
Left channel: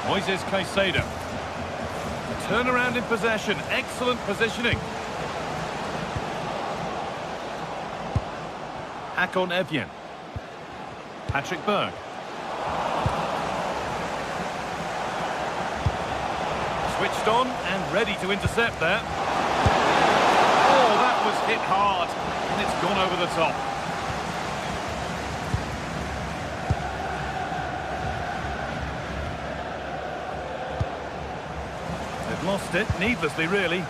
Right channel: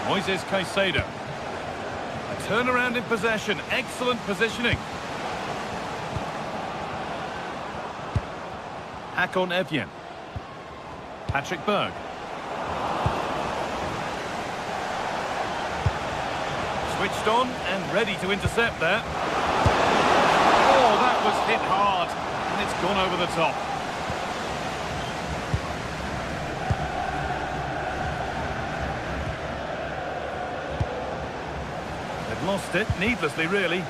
Moises Caicedo. A turnaround in possession. Excellent positioning. Hakon Evjen. Patrick Berg. Switched on and ready to intercept there. Oh, that was hit hard. And it's gone over the top. They've lost it, needlessly really.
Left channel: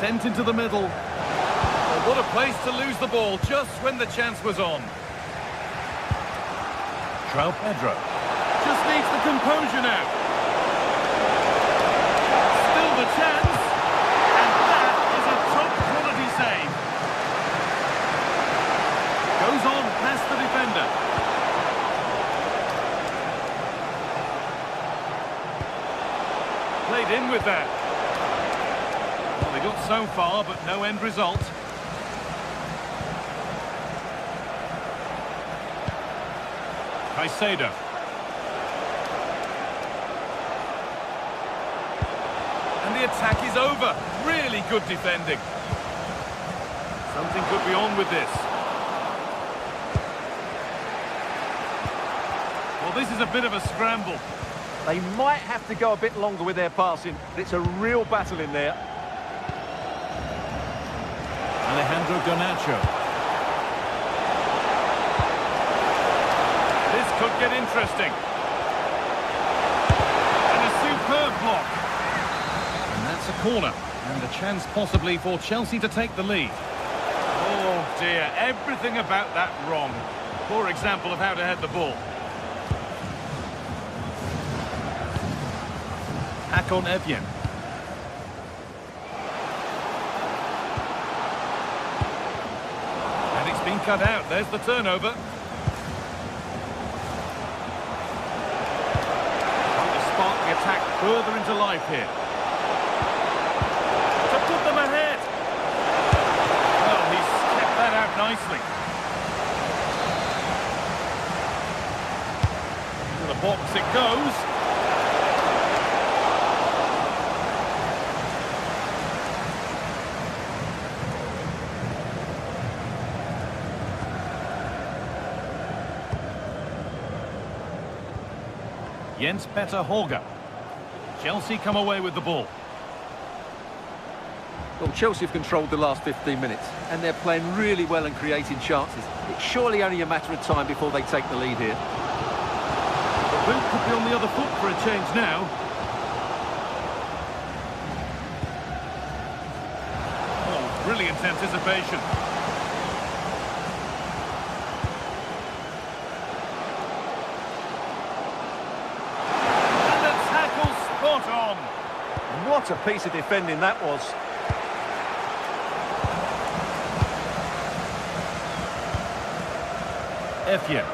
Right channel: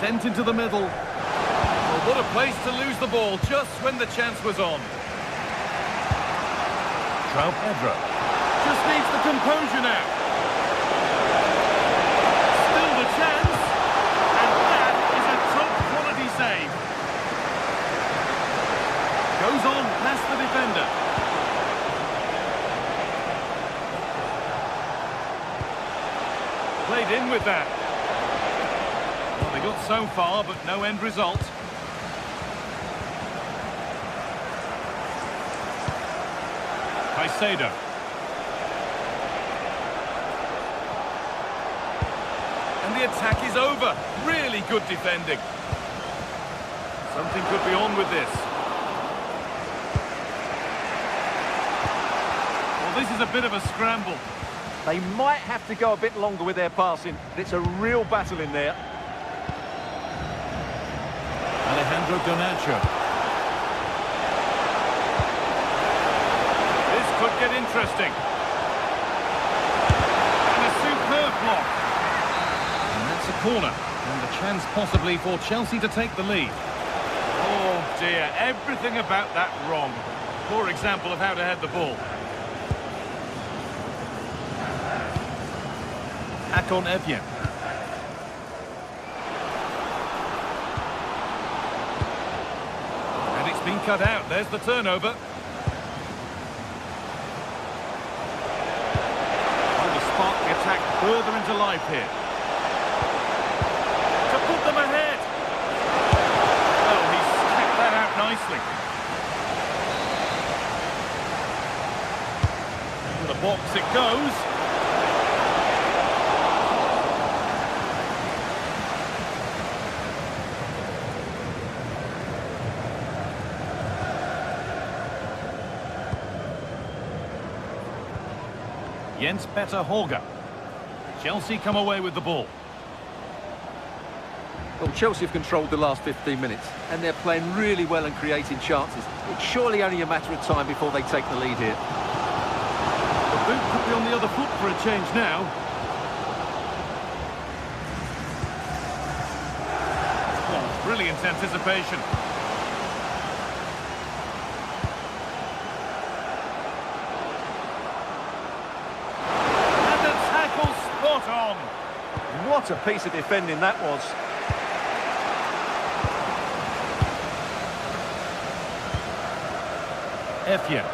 Sent into the middle. Well, what a place to lose the ball just when the chance was on. João Pedro. Just needs the composure now. Still the chance. And that is a top quality save. Goes on past the defender. Played in with that. Well, they got so far, but no end result. Caicedo. And the attack is over. Really good defending. Something could be on with this. Well, this is a bit of a scramble. They might have to go a bit longer with their passing. It's a real battle in there. Alejandro Garnacho. This could get interesting. And a superb block. And that's a corner. And a chance possibly for Chelsea to take the lead. Oh dear, everything about that wrong. Poor example of how to head the ball. Hakon Evjen. And it's been cut out. There's the turnover. Trying to spark the attack further into life here. To put them ahead. Well, he's kept that out nicely. To the box it goes. Jens Petter Horga. Chelsea come away with the ball. Well, Chelsea have controlled the last 15 minutes, and they're playing really well and creating chances. It's surely only a matter of time before they take the lead here. The boot could be on the other foot for a change now. Oh, brilliant anticipation. And the tackle spot on. What a piece of defending that was. Effian.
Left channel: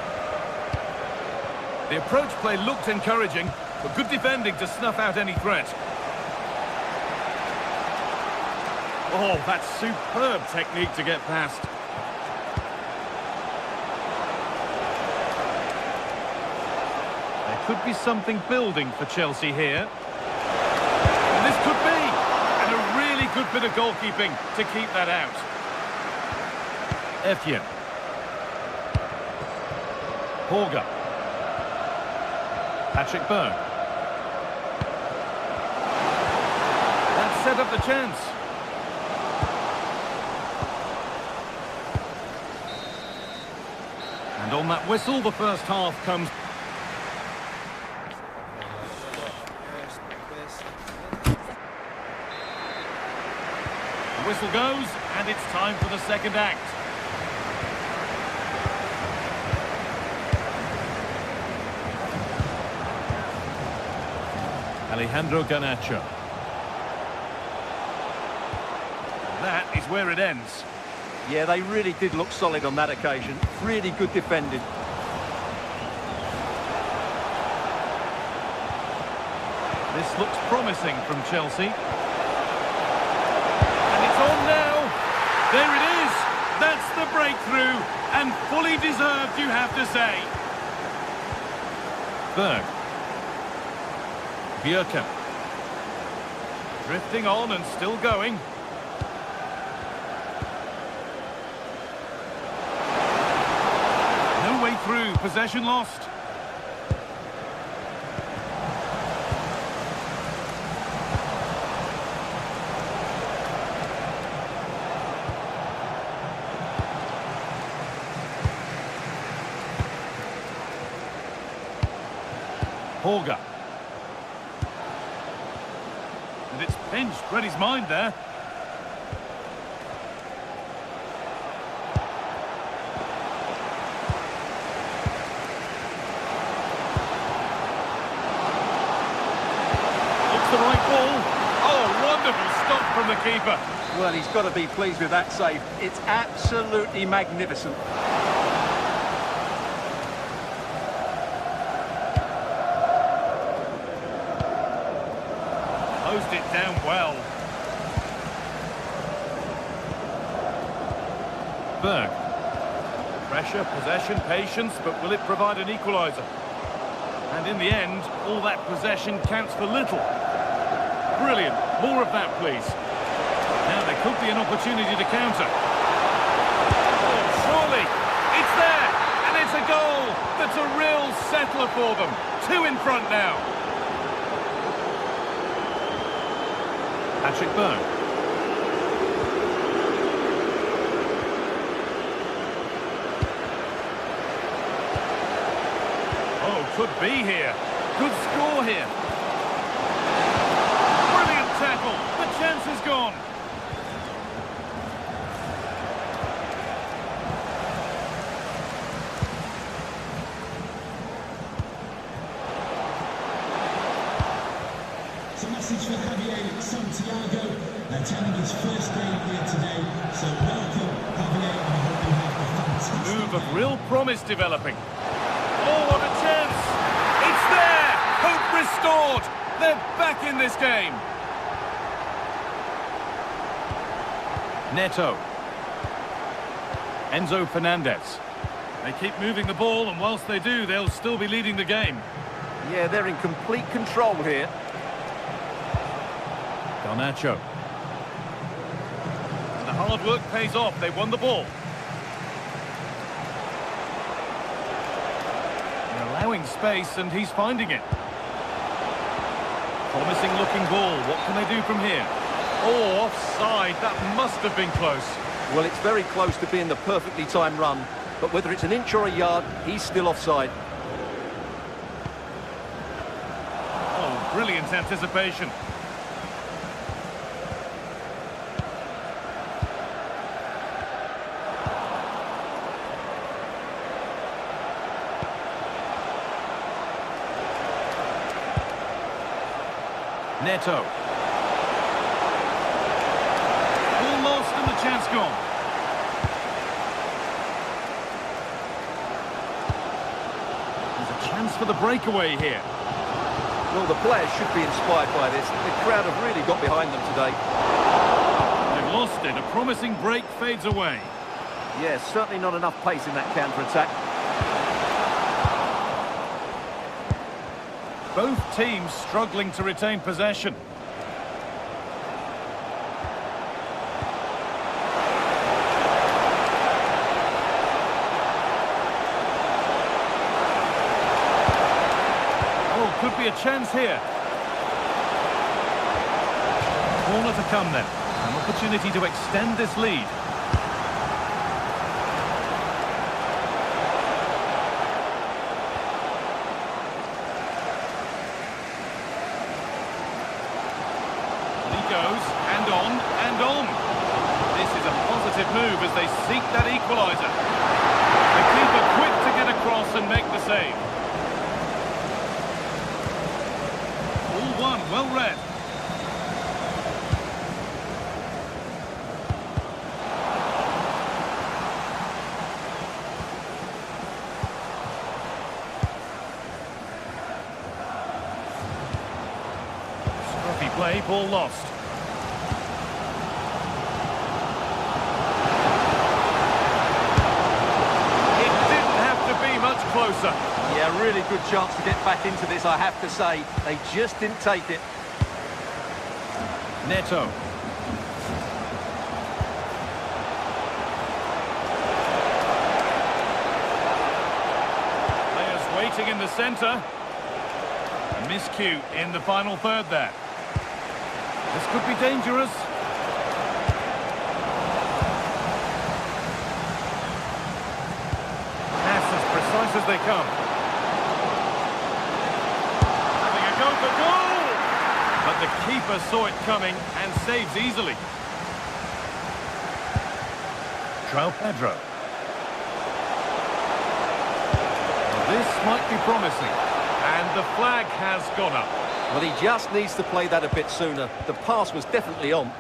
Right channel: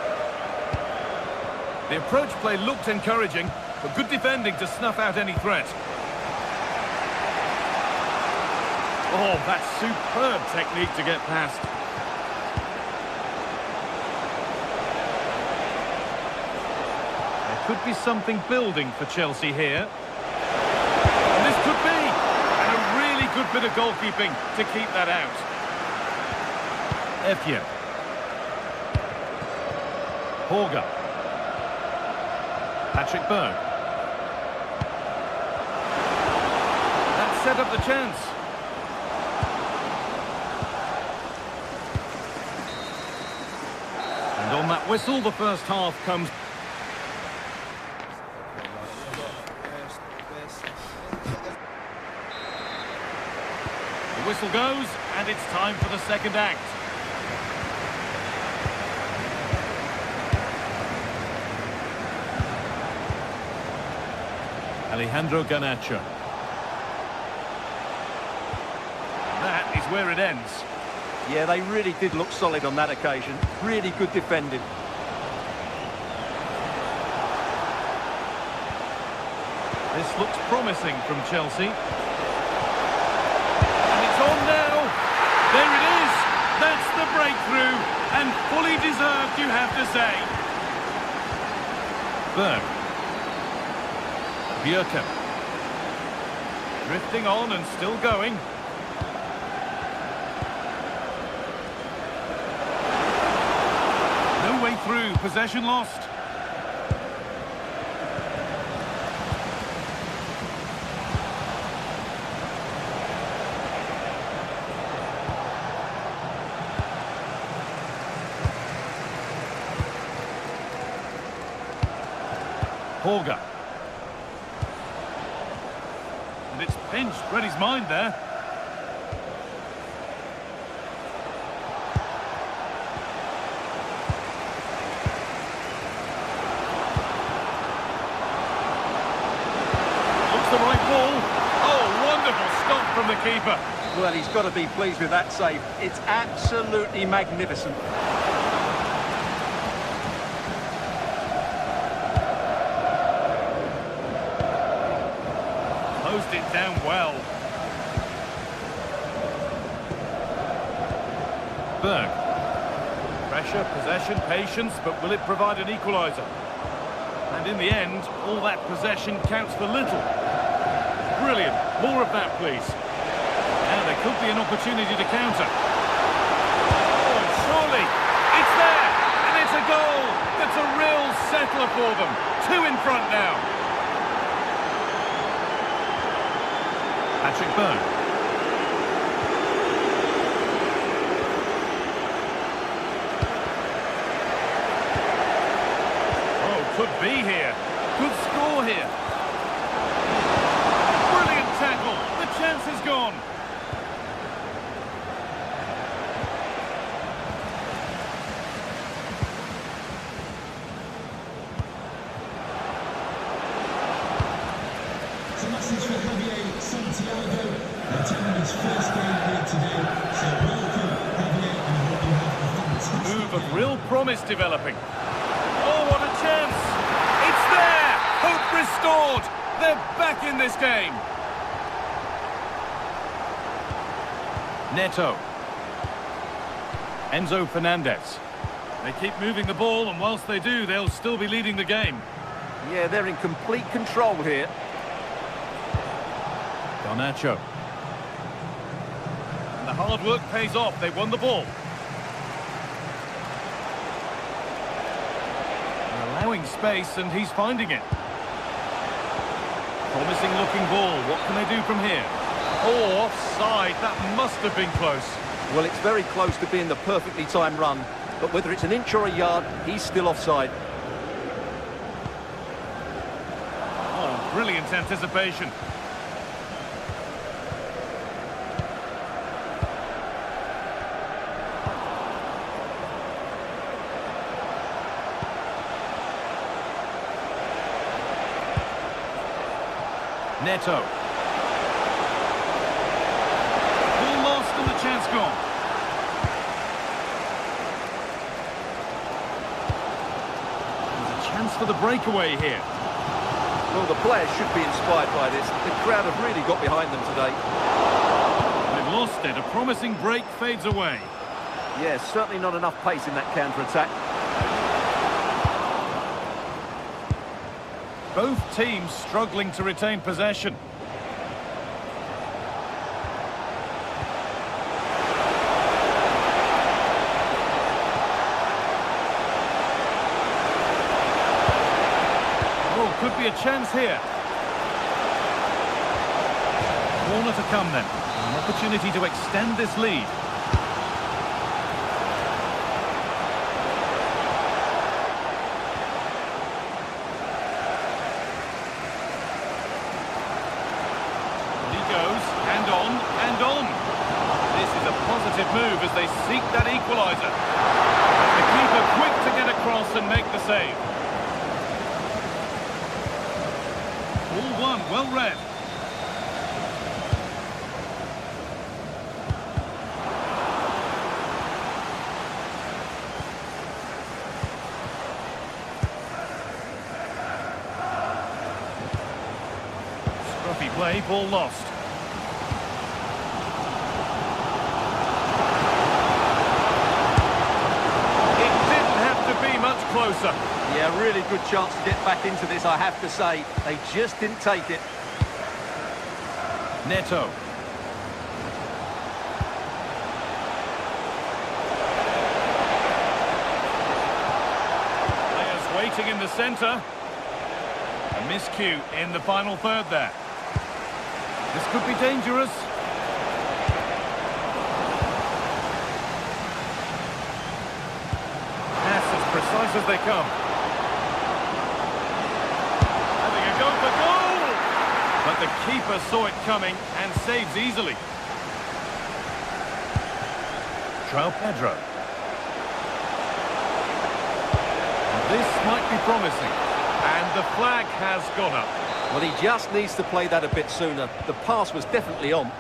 The approach play looked encouraging, but good defending to snuff out any threat. Oh, that's superb technique to get past. There could be something building for Chelsea here. And this could be. And a really good bit of goalkeeping to keep that out. Effian. Horga. Patrick Berg. That set up the chance. And on that whistle, the first half comes. The whistle goes, and it's time for the second act. Alejandro Garnacho. And that is where it ends. Yeah, they really did look solid on that occasion. Really good defending. This looks promising from Chelsea. And it's on now. There it is. That's the breakthrough. And fully deserved, you have to say. Berg. Bjerkan. Drifting on and still going. No way through. Possession lost. Horga. And it's pinched. Read his mind there. Looks the right ball. Oh, wonderful stop from the keeper. Well, he's got to be pleased with that save. It's absolutely magnificent. Closed it down well. Berg. Pressure, possession, patience, but will it provide an equaliser? And in the end, all that possession counts for little. Brilliant. More of that, please. Now there could be an opportunity to counter. Oh, surely. It's there. And it's a goal. That's a real settler for them. 2 in front now. Patrick Berg. Oh, could be here. Could score here. Brilliant tackle. The chance is gone. It's a message for Javier Santiago, attending his first game here today. So welcome, Javier, and I hope you have a fantastic Move of game. real promise developing. Oh, what a chance! It's there! Hope restored! They're back in this game. Neto. Enzo Fernandez. They keep moving the ball, and whilst they do, they'll still be leading the game. Yeah, they're in complete control here. Garnacho. And the hard work pays off. They won the ball. They're allowing space, and he's finding it. Promising looking ball. What can they do from here? Oh, offside. That must have been close. Well, it's very close to being the perfectly timed run, but whether it's an inch or a yard, he's still offside. Oh, brilliant anticipation. Neto. Ball lost and the chance gone. There's a chance for the breakaway here. Well, the players should be inspired by this. The crowd have really got behind them today. They've lost it. A promising break fades away. Yeah, certainly not enough pace in that counter-attack. Both teams struggling to retain possession. Oh, could be a chance here. Corner to come then. An opportunity to extend this lead. Goes, and on, and on. This is a positive move as they seek that equaliser. The keeper quick to get across and make the save. All one, well read. Scruffy play, ball lost. Be much closer. Yeah, really good chance to get back into this, I have to say. They just didn't take it. Neto. Players waiting in the centre. A miscue in the final third there. This could be dangerous. As precise as they come. Having a go for goal! But the keeper saw it coming and saves easily. João Pedro. Well, this might be promising. And the flag has gone up. Well, he just needs to play that a bit sooner. The pass was definitely on.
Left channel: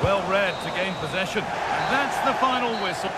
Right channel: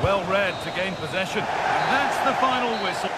Well read to gain possession. And that's the final whistle.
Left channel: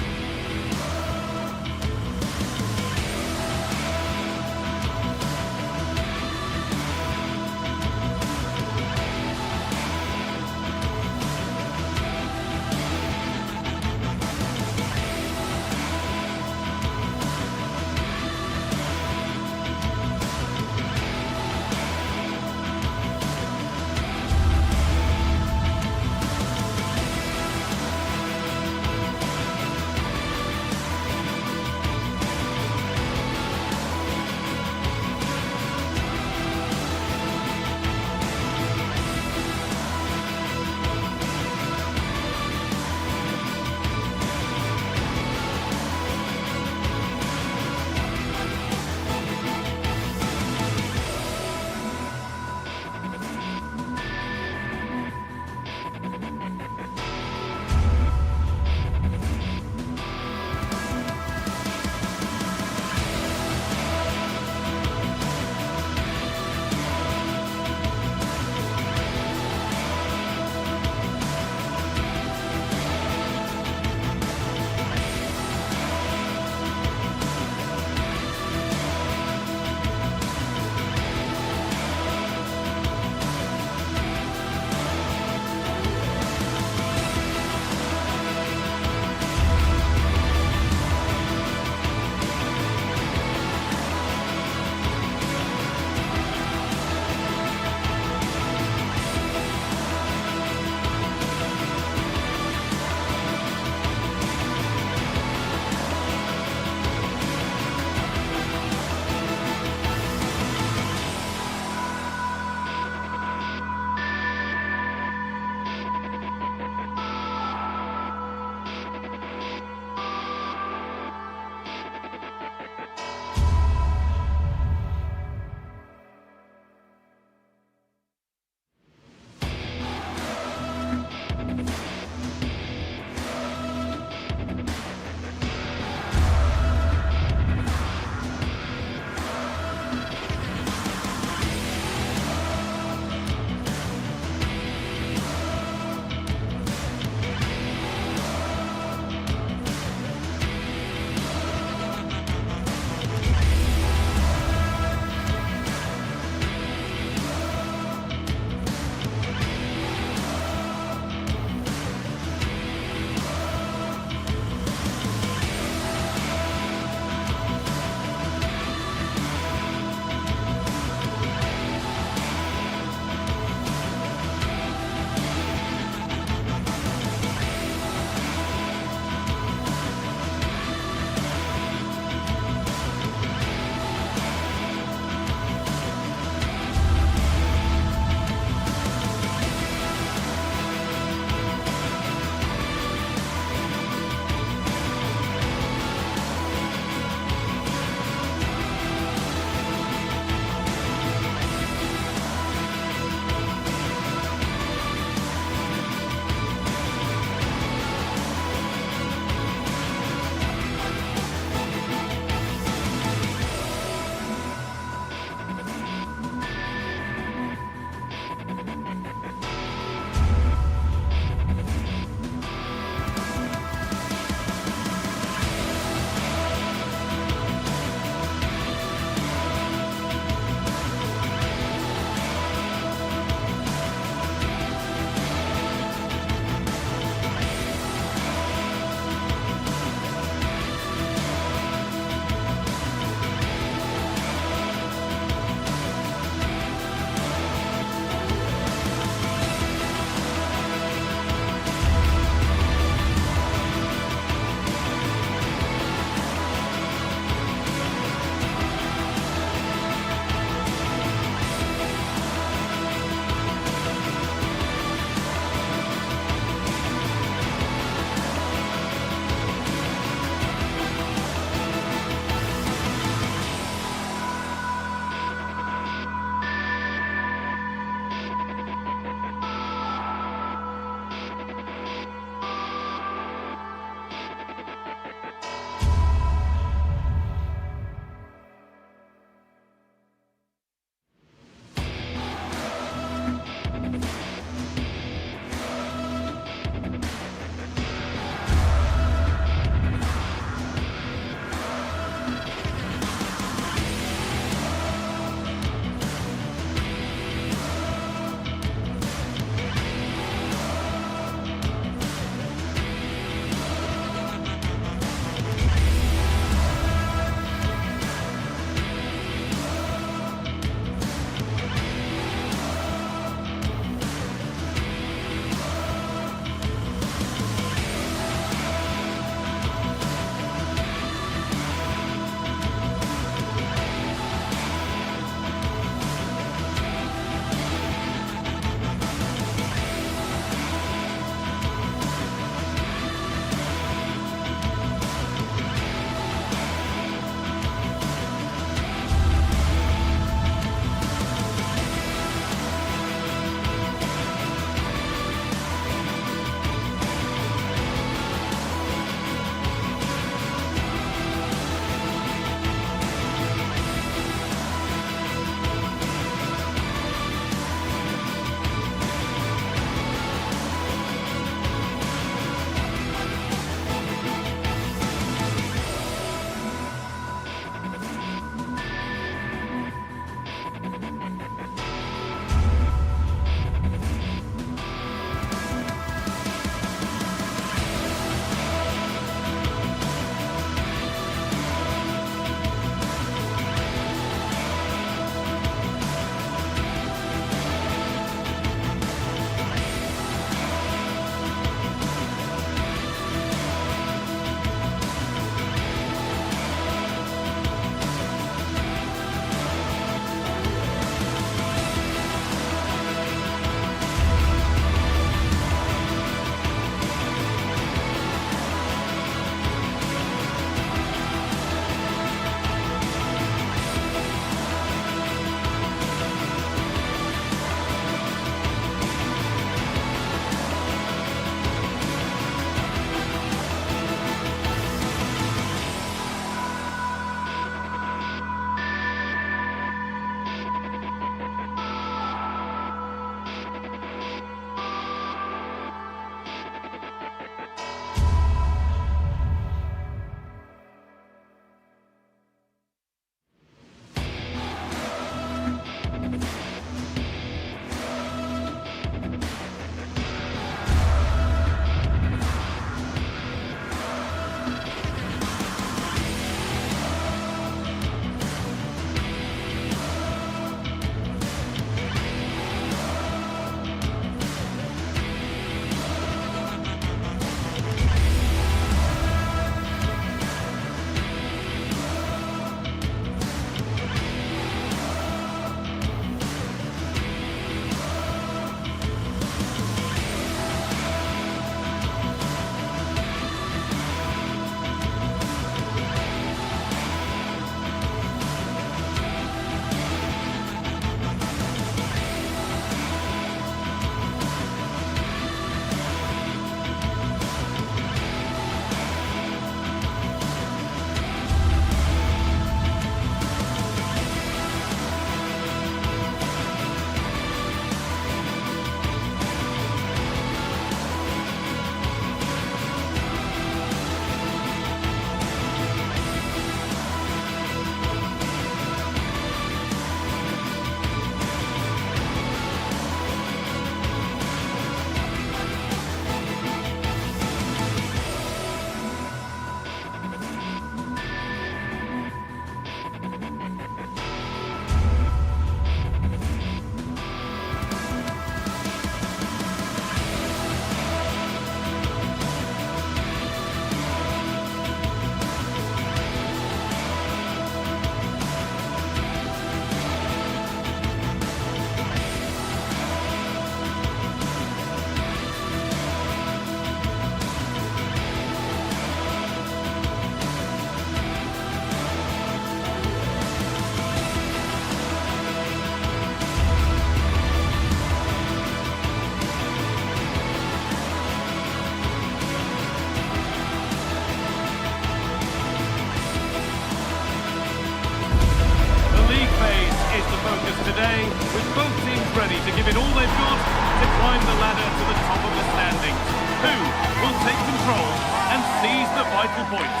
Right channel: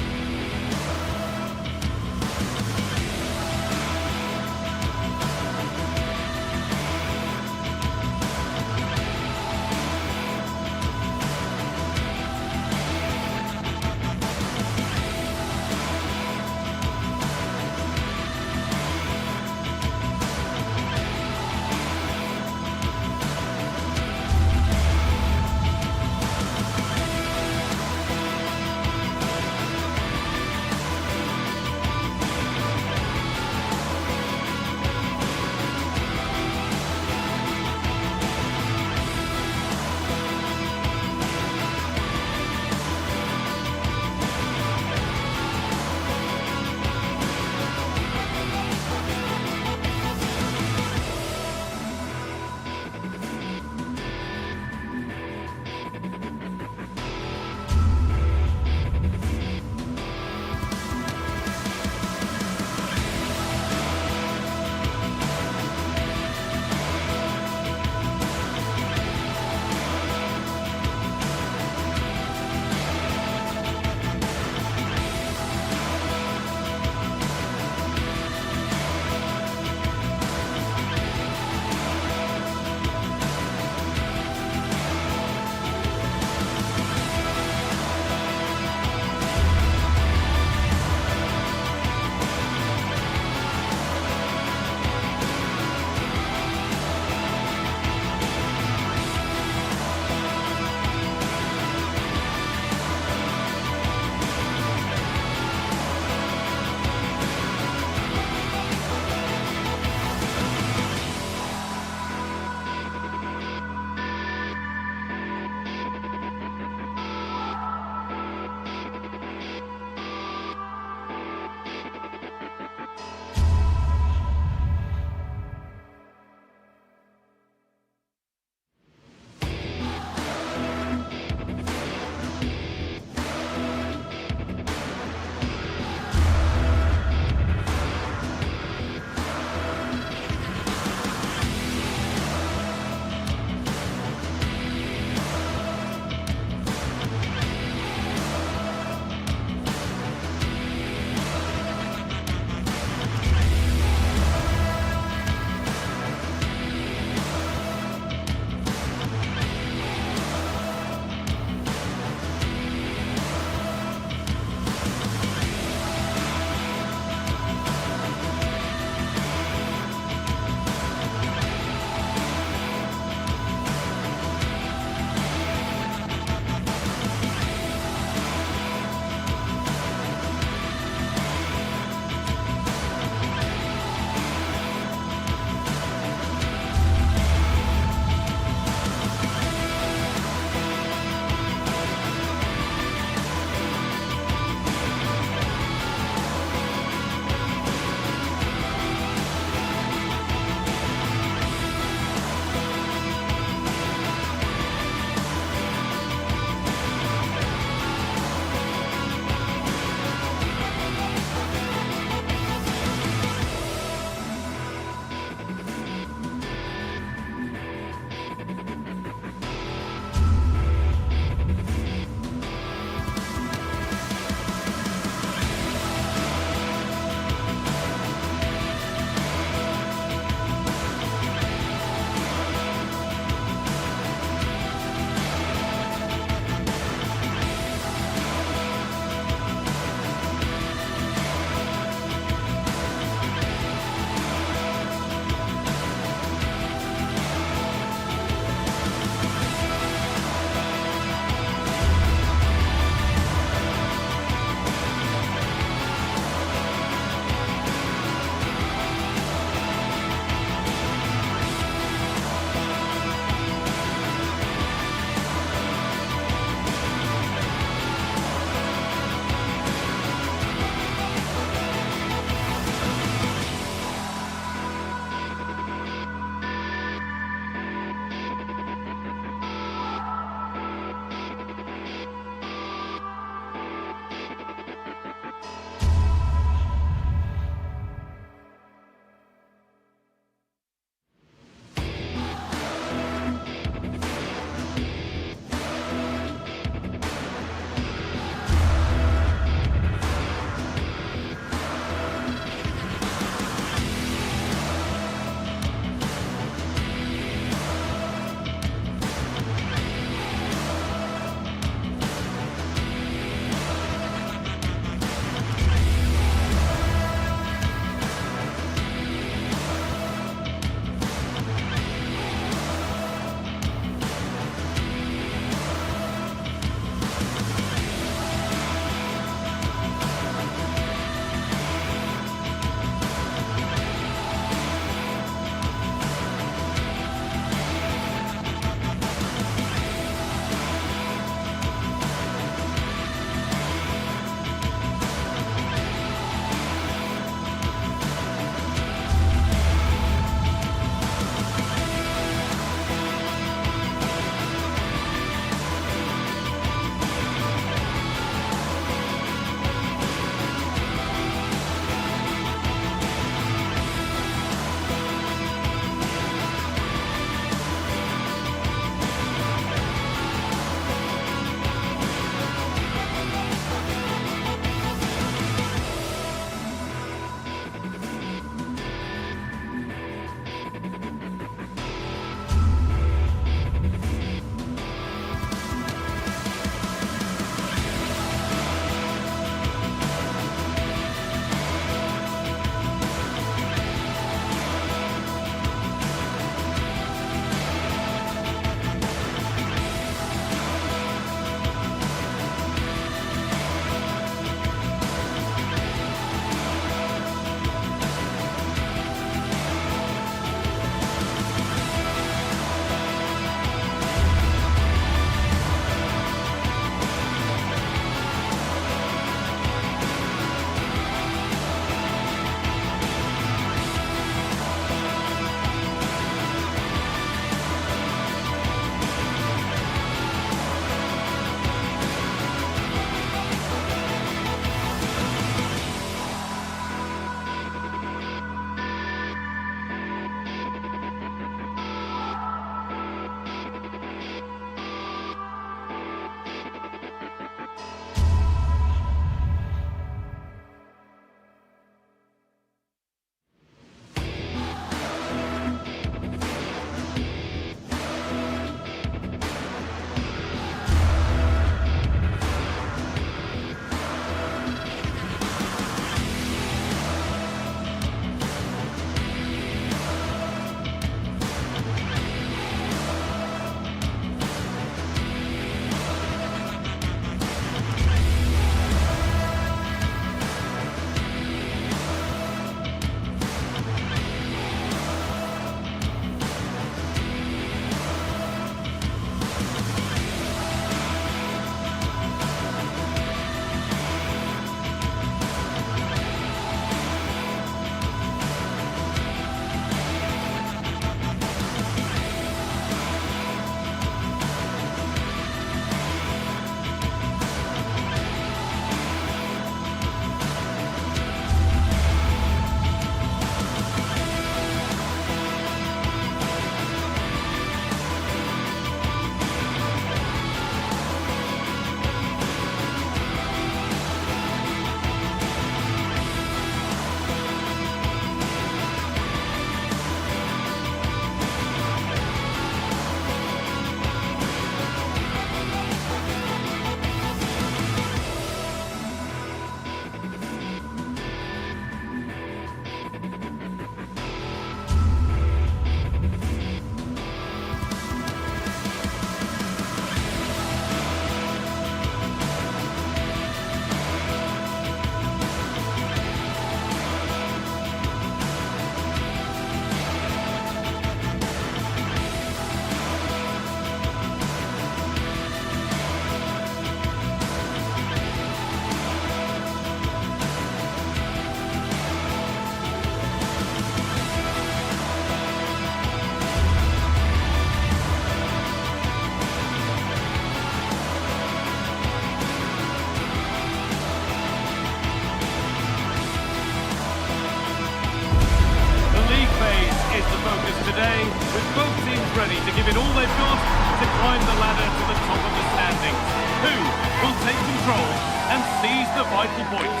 today, with both teams ready to give it all they've got to climb the ladder to the top of the standings. Who will take control and seize the vital points?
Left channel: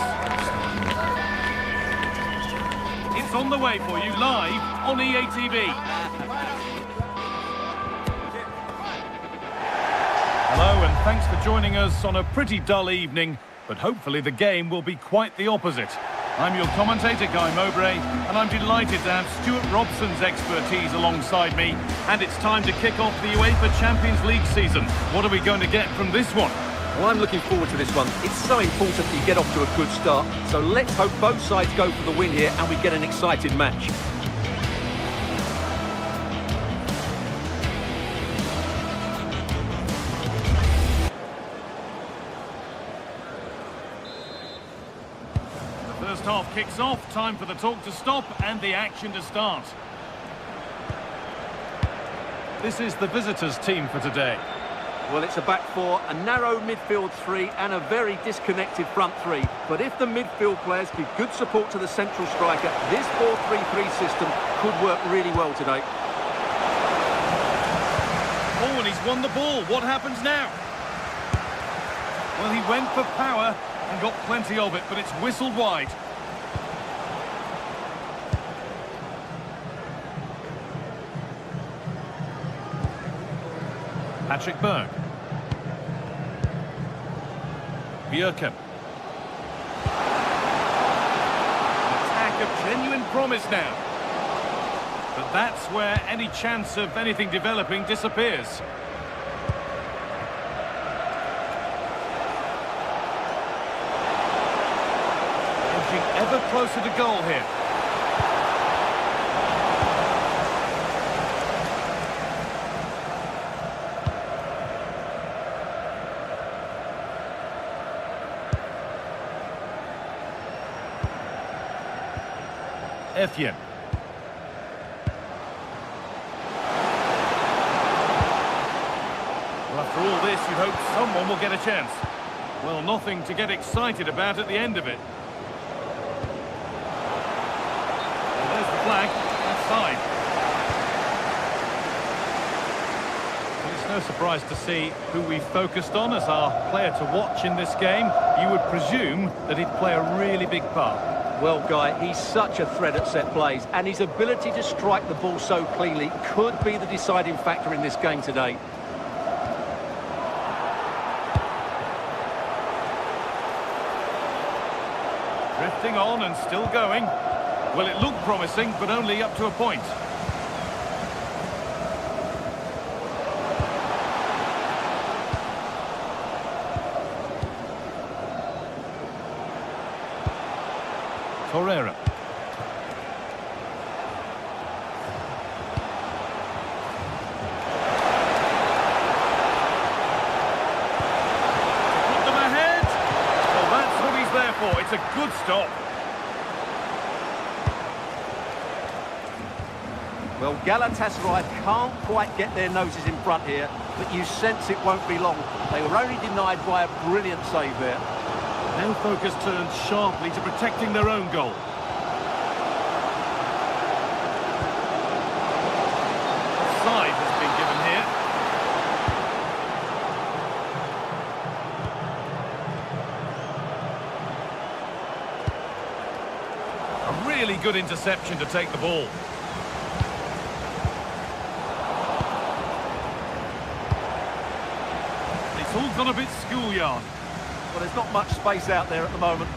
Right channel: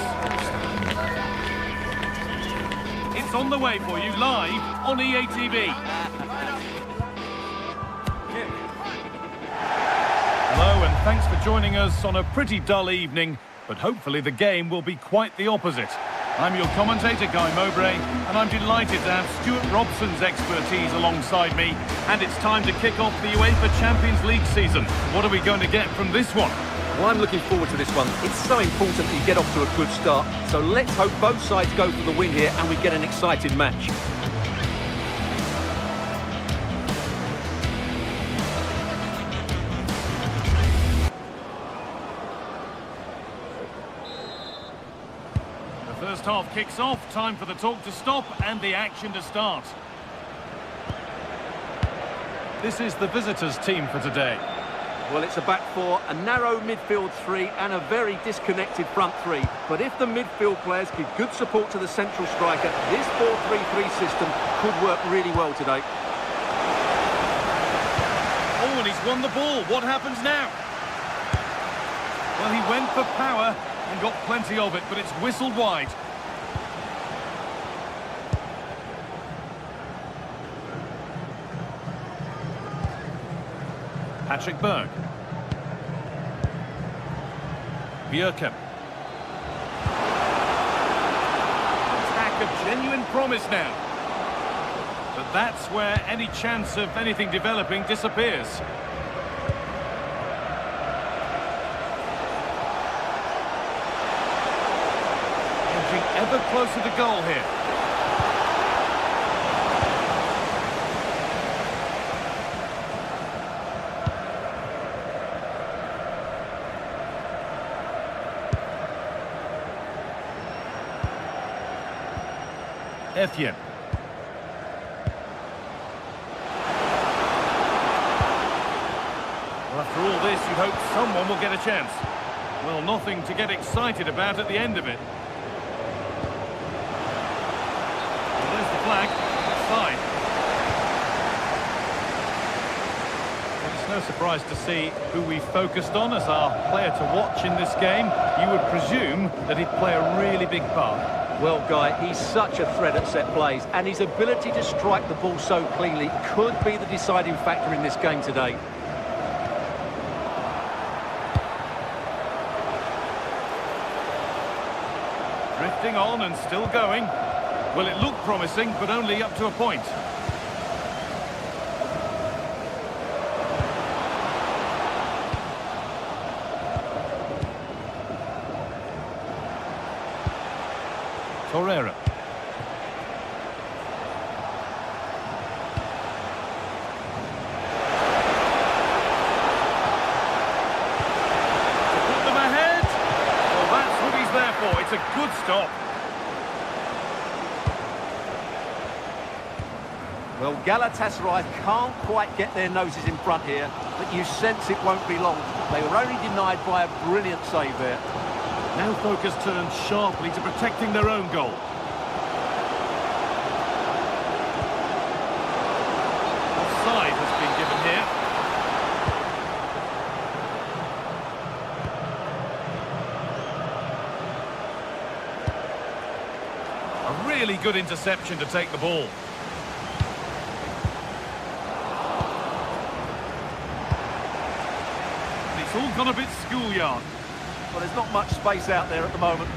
It's on the way for you live on EA TV. Hello and thanks for joining us on a pretty dull evening, but hopefully the game will be quite the opposite. I'm your commentator, Guy Mowbray, and I'm delighted to have Stuart Robson's expertise alongside me. And it's time to kick off the UEFA Champions League season. What are we going to get from this one? Well, I'm looking forward to this one. It's so important that you get off to a good start. So let's hope both sides go for the win here and we get an exciting match. First half kicks off, time for the talk to stop and the action to start. This is the visitors' team for today. Well, it's a back four, a narrow midfield three and a very disconnected front three. But if the midfield players give good support to the central striker, this 4-3-3 system could work really well today. Oh, and he's won the ball. What happens now? Well, he went for power and got plenty of it, but it's whistled wide. Patrick Berg. Bjerken. An attack of genuine promise now. But that's where any chance of anything developing disappears. Edging ever closer to goal here. Etienne. Well, after all this, you'd hope someone will get a chance. Well, nothing to get excited about at the end of it. Well, there's the flag. Offside. Well, it's no surprise to see who we focused on as our player to watch in this game. You would presume that he'd play a really big part. Well, Guy, he's such a threat at set plays, and his ability to strike the ball so cleanly could be the deciding factor in this game today. Drifting on and still going. Well, it looked promising, but only up to a point. Torreira. To put them ahead. Well, that's what he's there for. It's a good stop. Well, Galatasaray can't quite get their noses in front here, but you sense it won't be long. They were only denied by a brilliant save there. Now focus turns sharply to protecting their own goal. Offside has been given here. A really good interception to take the ball. And it's all gone a bit schoolyard. Well, there's not much space out there at the moment.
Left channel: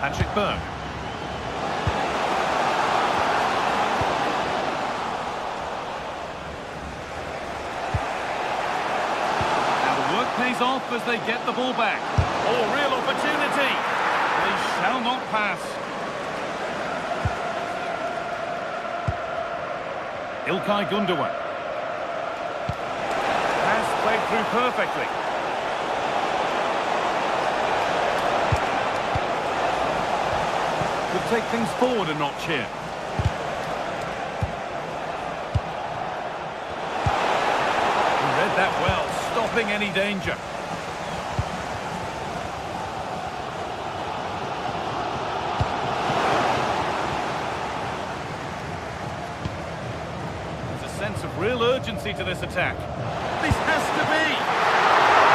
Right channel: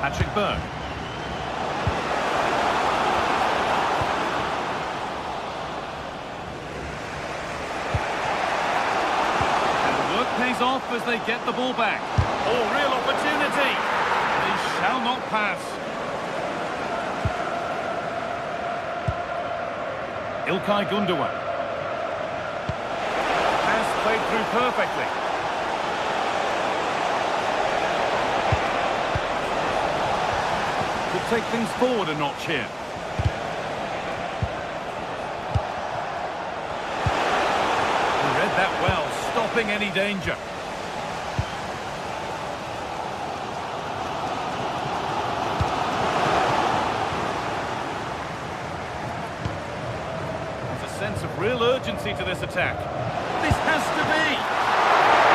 Patrick Berg. And the work pays off as they get the ball back. Oh, real opportunity. They shall not pass. İlkay Gundogan. Pass played through perfectly. Could take things forward a notch here. He read that well, stopping any danger. real urgency to this attack. This has to be!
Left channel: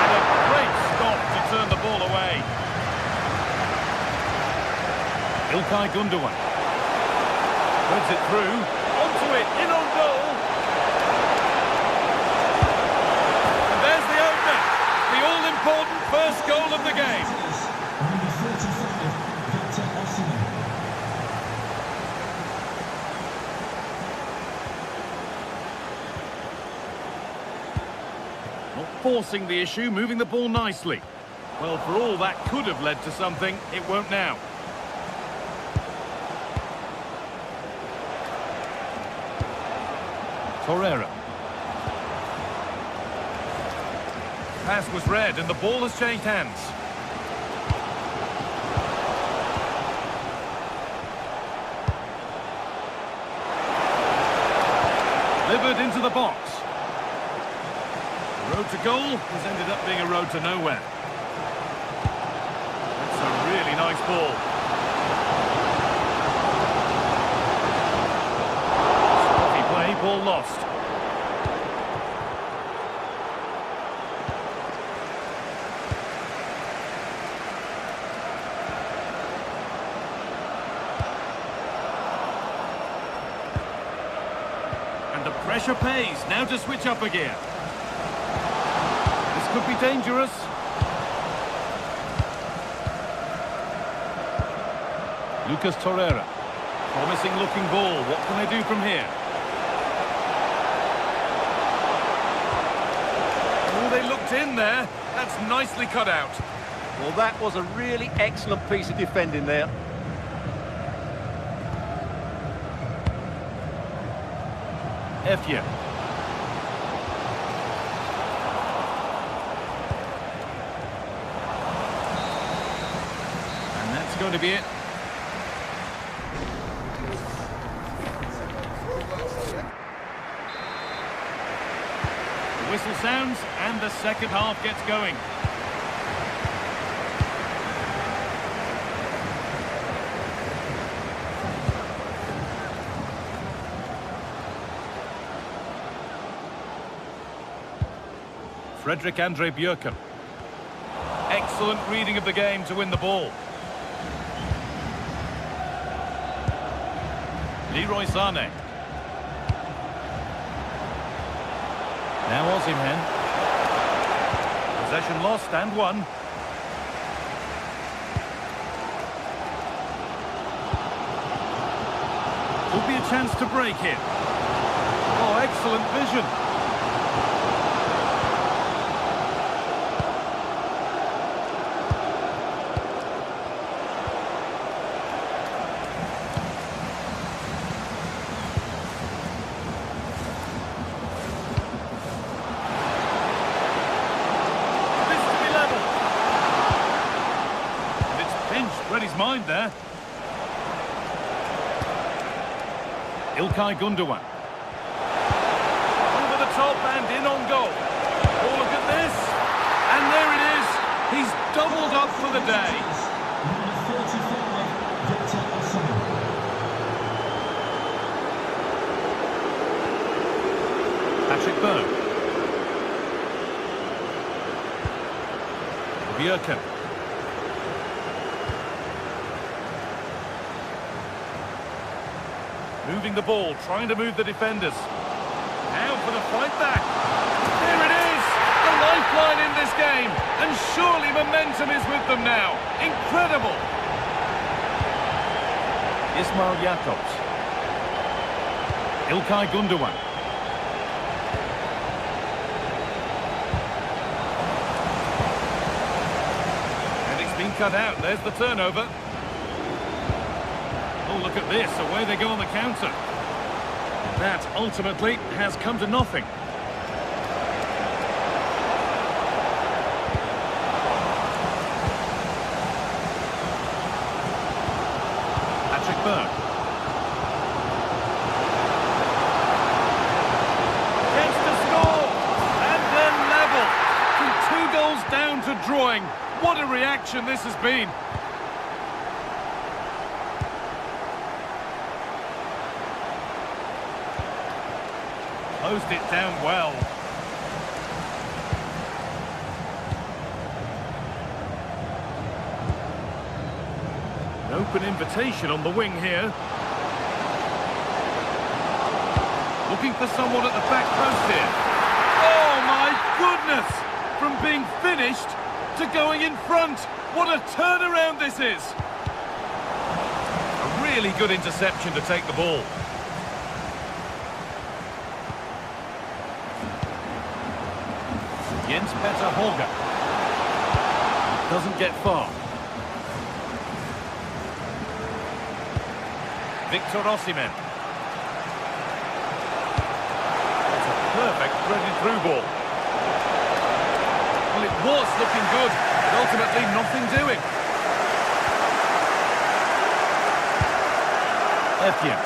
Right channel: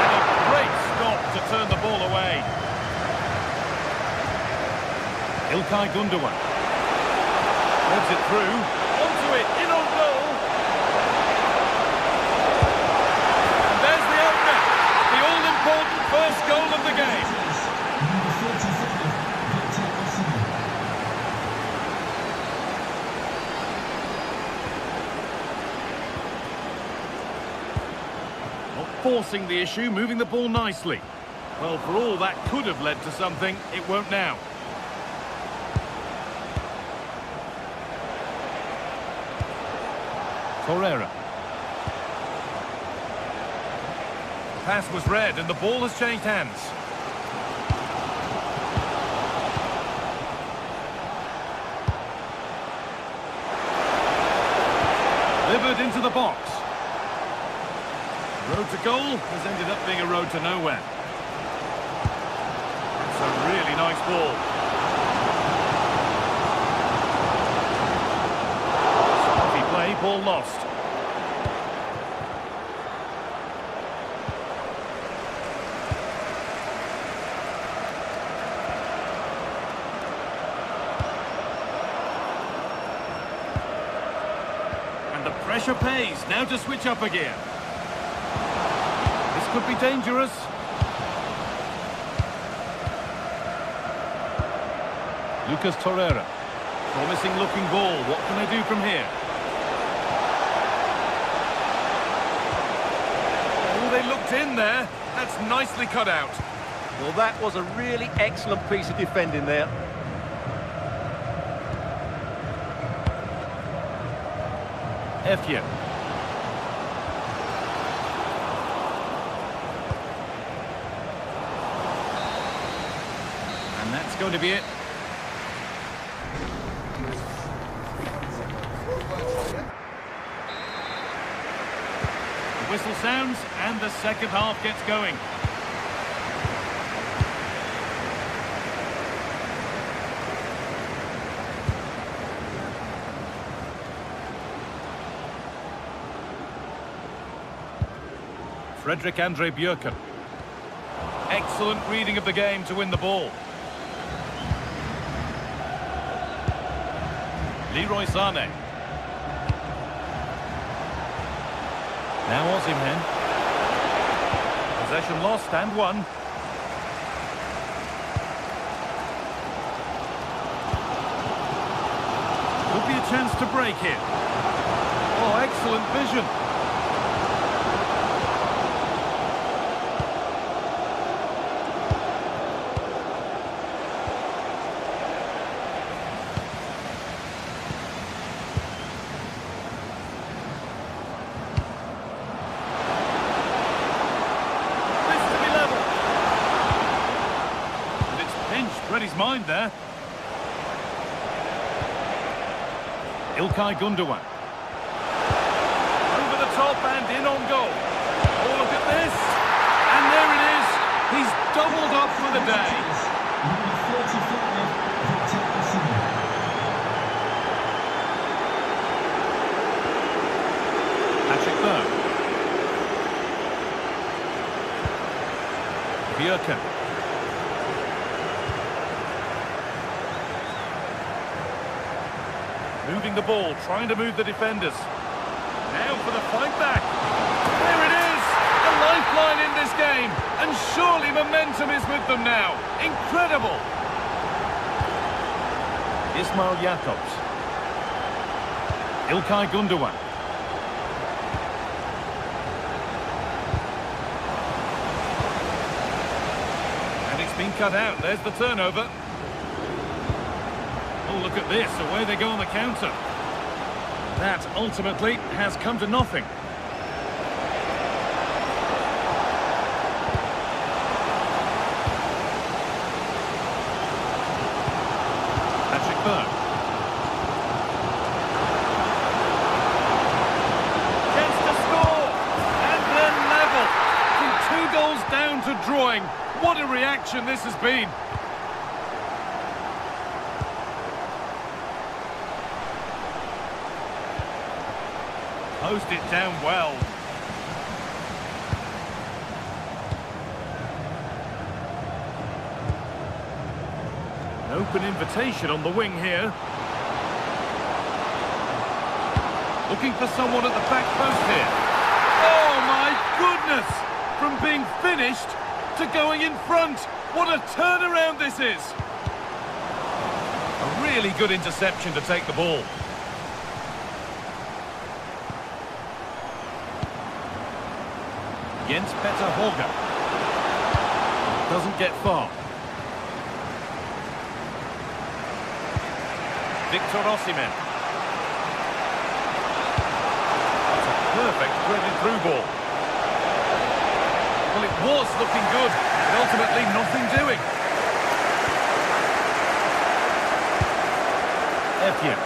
And a great stop to turn the ball away. İlkay Gündoğan. Threads it through. Onto it, in on goal. And there's the opener. The all-important first goal of the game. Number 45, Victor Osimhen. Not forcing the issue, moving the ball nicely. Well, for all that could have led to something, it won't now. Torreira. Pass was read and the ball has changed hands. Delivered into the box. The road to goal has ended up being a road to nowhere. That's a really nice ball. Sloppy play, ball lost. And the pressure pays. Now to switch up a gear. This could be dangerous. Lucas Torreira. Promising looking ball. What can they do from here? Oh, they looked in there. That's nicely cut out. Well, that was a really excellent piece of defending there. Efye. And that's going to be it. The whistle sounds and the second half gets going. Fredrik Andre Bjørken. Excellent reading of the game to win the ball. Leroy Sané. Now Osimhen. Possession lost and won. Could be a chance to break it. Oh, excellent vision. Read his mind there. İlkay Gündoğan. Over the top and in on goal. Oh, look at this. And there it is. He's doubled up for the day. Number 45, Victor Osimhen. Patrick Berg. Bjørken. Moving the ball, trying to move the defenders. Now for the fight back. There it is! A lifeline in this game. And surely momentum is with them now. Incredible! İsmail Jakobs. İlkay Gündoğan. And it's been cut out. There's the turnover. Oh, look at this. Away they go on the counter. That ultimately has come to nothing. Patrick Berg. Chance to score. And then level. From 2 goals down to drawing. What a reaction this has been. closed it down well. An open invitation on the wing here. Looking for someone at the back post here. Oh my goodness! From being finished to going in front. What a turnaround this is! A really good interception to take the ball. Jens Petter Holger. Doesn't get far. Victor Osimhen. That's a perfect threaded through ball. Well, it was looking good, but ultimately nothing doing. Etienne.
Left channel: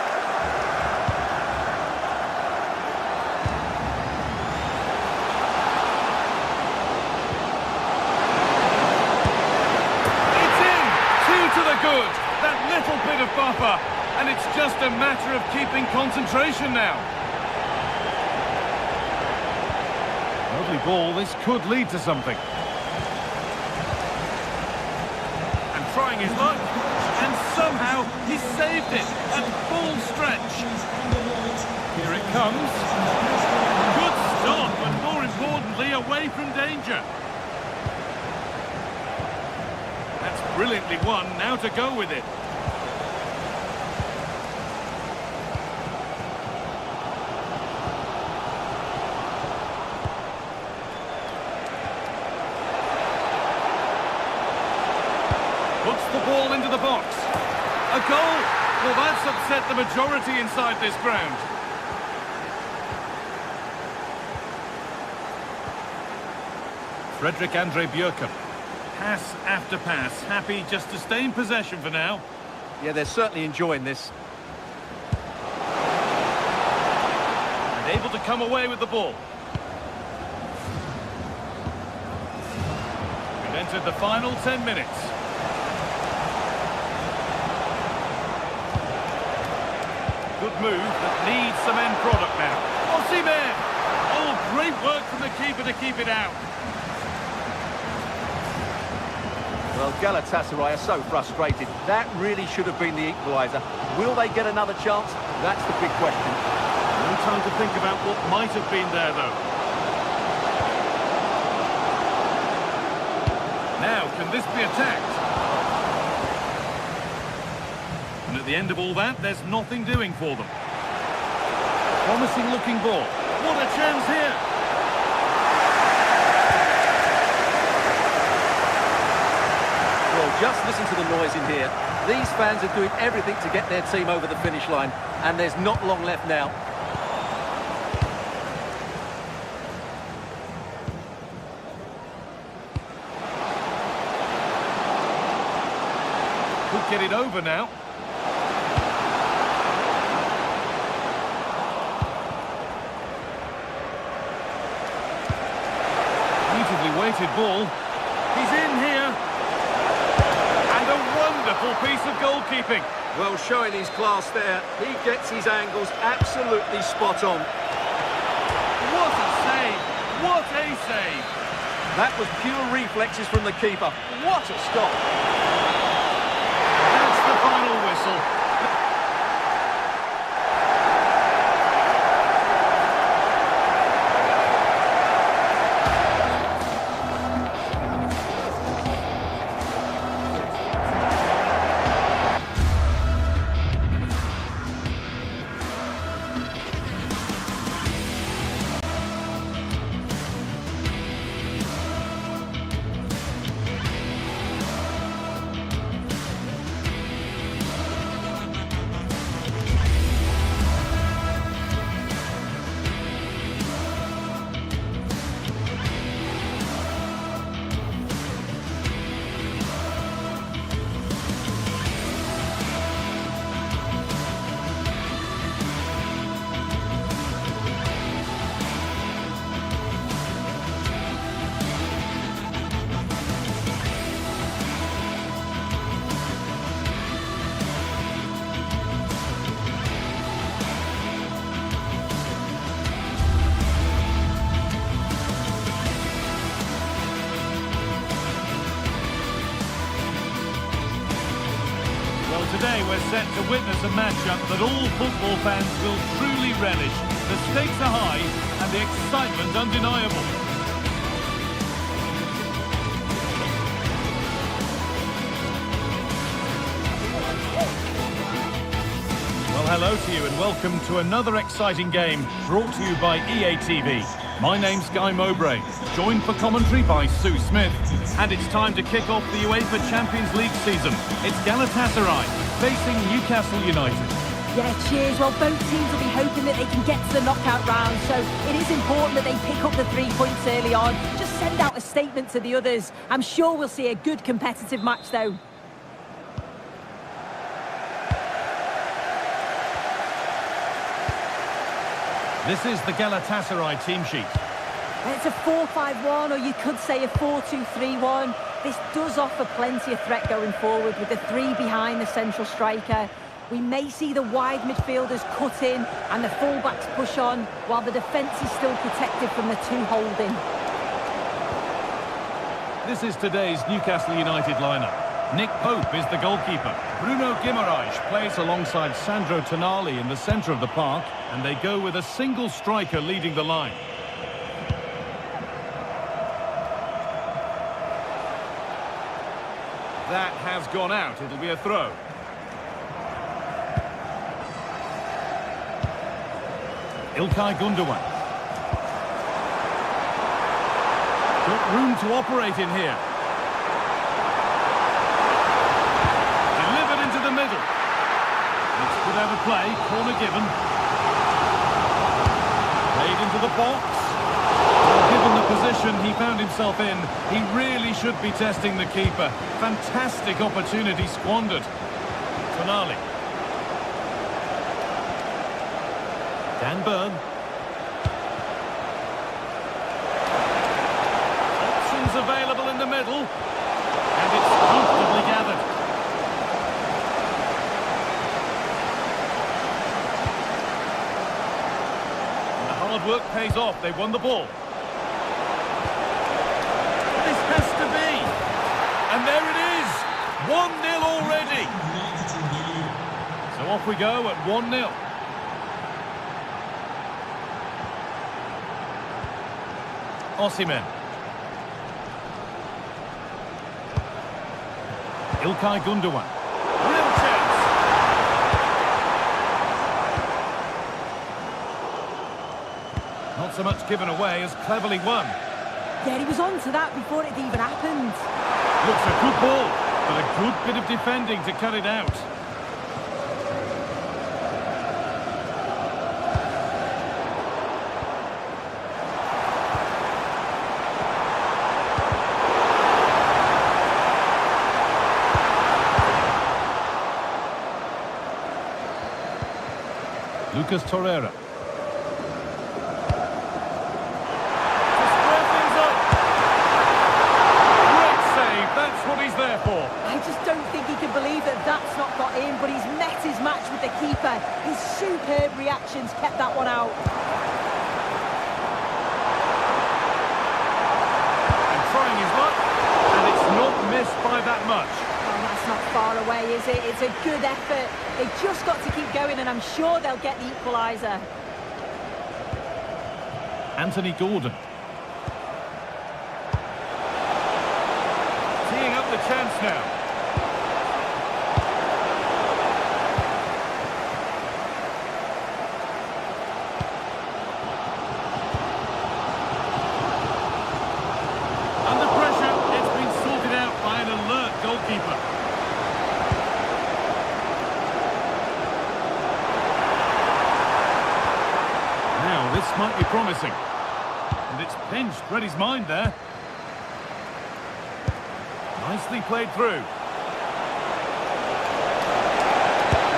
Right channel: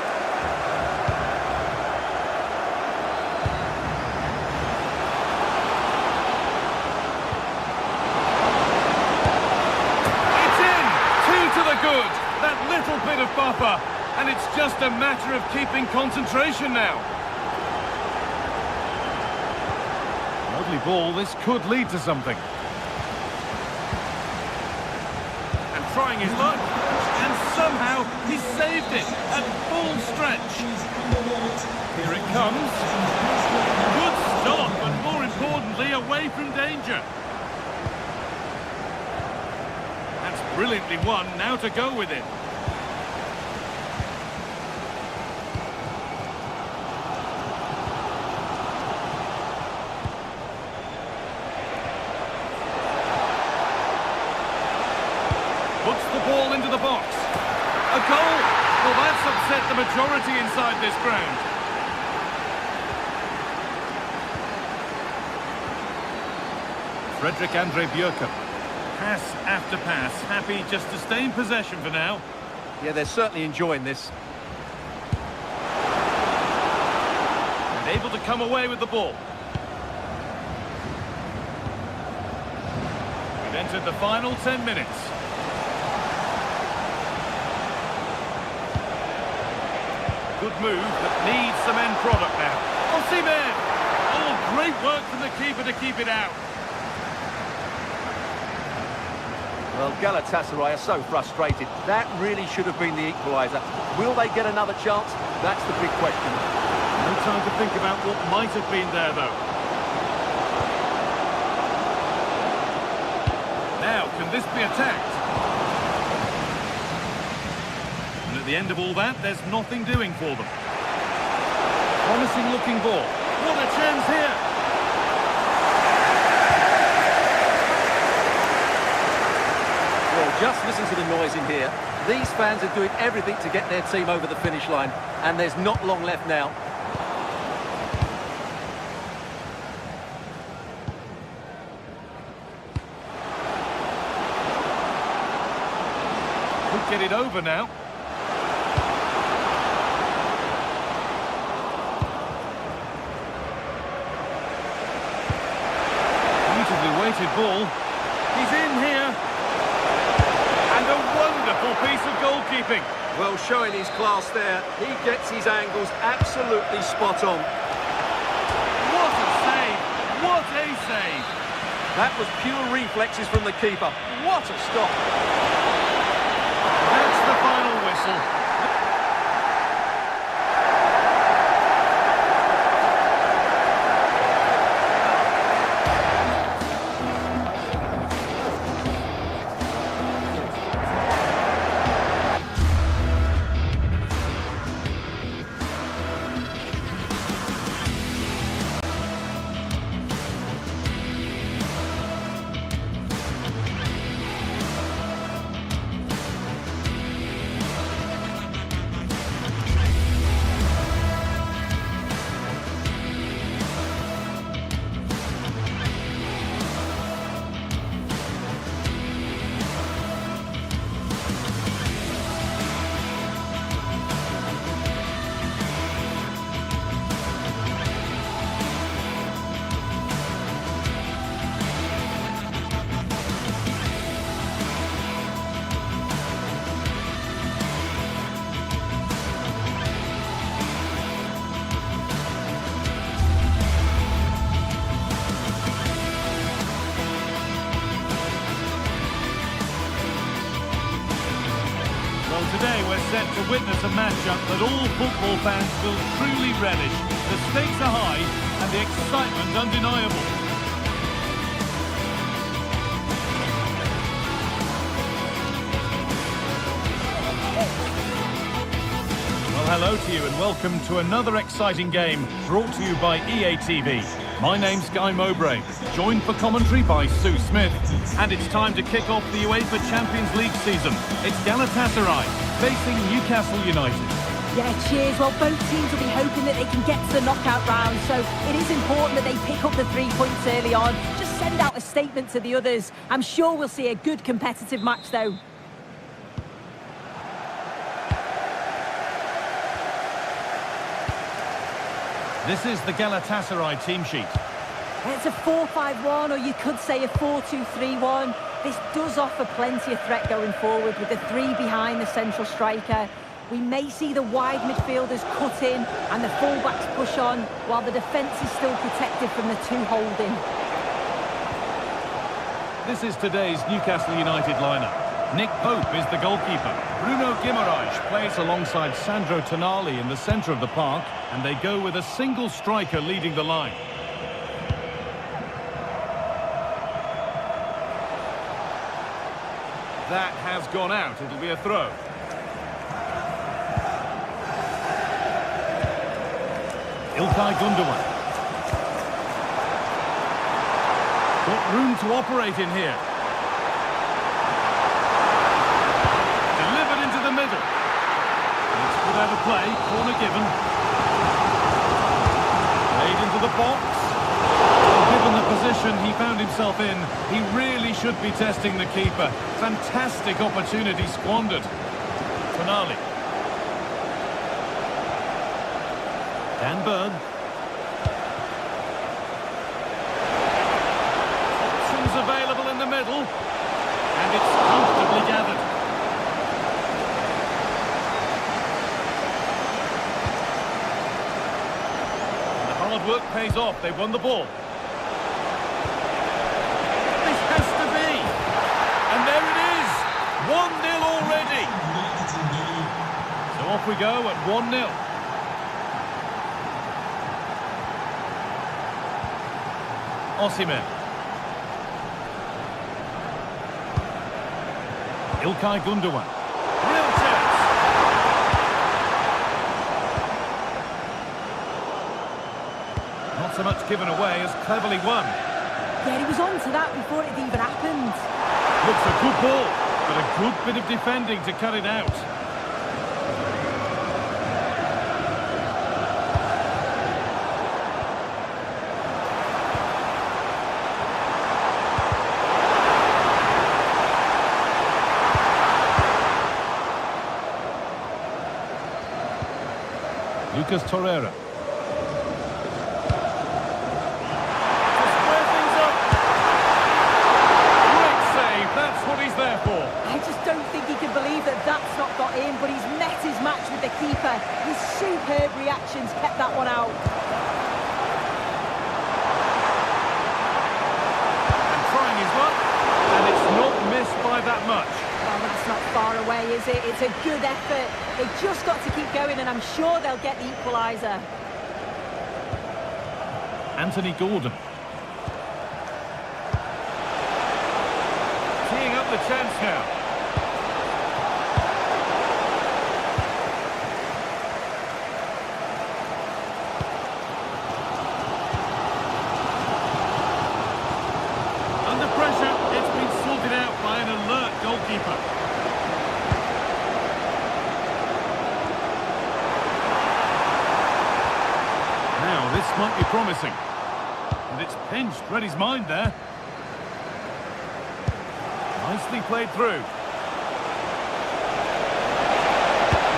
It's in! 2 to the good. That little bit of buffer. And it's just a matter of keeping concentration now. Lovely ball. This could lead to something. And trying his luck. And somehow he saved it at full stretch. Here it comes. Good stop, and more importantly, away from danger. That's brilliantly won. Now to go with it. Puts the ball into the box. A goal! Well, that's upset the majority inside this ground. Fredrik Andre Bjørken. Pass after pass. Happy just to stay in possession for now. Yeah, they're certainly enjoying this. And able to come away with the ball. We've entered the final 10 minutes. Good move that needs some end product now. Osimhen! Oh, great work from the keeper to keep it out. Well, Galatasaray are so frustrated. That really should have been the equaliser. Will they get another chance? That's the big question. No time to think about what might have been there, though. Now, can this be attacked? And at the end of all that, there's nothing doing for them. Promising looking ball. What a chance here! Well, just listen to the noise in here. These fans are doing everything to get their team over the finish line, and there's not long left now. Could get it over now. Beautifully weighted ball. He's in here. And a wonderful piece of goalkeeping. Well, showing his class there. He gets his angles absolutely spot on. What a save! What a save! That was pure reflexes from the keeper. What a stop! That's the final whistle. today we're set to witness a matchup that all football fans will truly relish. The stakes are high and the excitement undeniable. Well, hello to you and welcome to another exciting game brought to you by EA TV. My name's Guy Mowbray, joined for commentary by Sue Smith. And it's time to kick off the UEFA Champions League season. It's Galatasaray facing Newcastle United. Yeah, cheers. Well, both teams will be hoping that they can get to the knockout round, so it is important that they pick up the 3 points early on. Just send out a statement to the others. I'm sure we'll see a good competitive match, though. This is the Galatasaray team sheet. It's a 4-5-1, or you could say a 4-2-3-1. This does offer plenty of threat going forward with the 3 behind the central striker. We may see the wide midfielders cut in and the fullbacks push on, while the defence is still protected from the 2 holding. This is today's Newcastle United lineup. Nick Pope is the goalkeeper. Bruno Guimaraes plays alongside Sandro Tonali in the centre of the park, and they go with a single striker leading the line. That has gone out. It'll be a throw. İlkay Gündoğan. Got room to operate in here. Delivered into the middle. It's put out of play. Corner given. Played into the box. Well, given the position he found himself in, he really should be testing the keeper. Fantastic opportunity squandered. Tonali. Dan Burn. Options available in the middle. And it's comfortably gathered. And the hard work pays off. They won the ball. This has to be. And there it is. 1-0 already. So off we go at 1-0. Osimhen. İlkay Gündoğan. Real chance. Not so much given away as cleverly won. Yeah, he was on to that before it even happened. Looks a good ball, but a good bit of defending to cut it out. Lucas Torreira. To square things up. Great save, that's what he's there for. I just don't think he can believe that that's not got in, but he's met his match with the keeper. His superb reactions kept that one out. And trying his luck, and it's not missed by that much. Well, that's not far away, is it? It's a good effort. They've just got to keep going, and I'm sure they'll get the equaliser. Anthony Gordon. Teeing up the chance now. Under pressure, it's been sorted out by an alert goalkeeper. Now, this might be promising. And it's pinched, read his mind there. Nicely played through.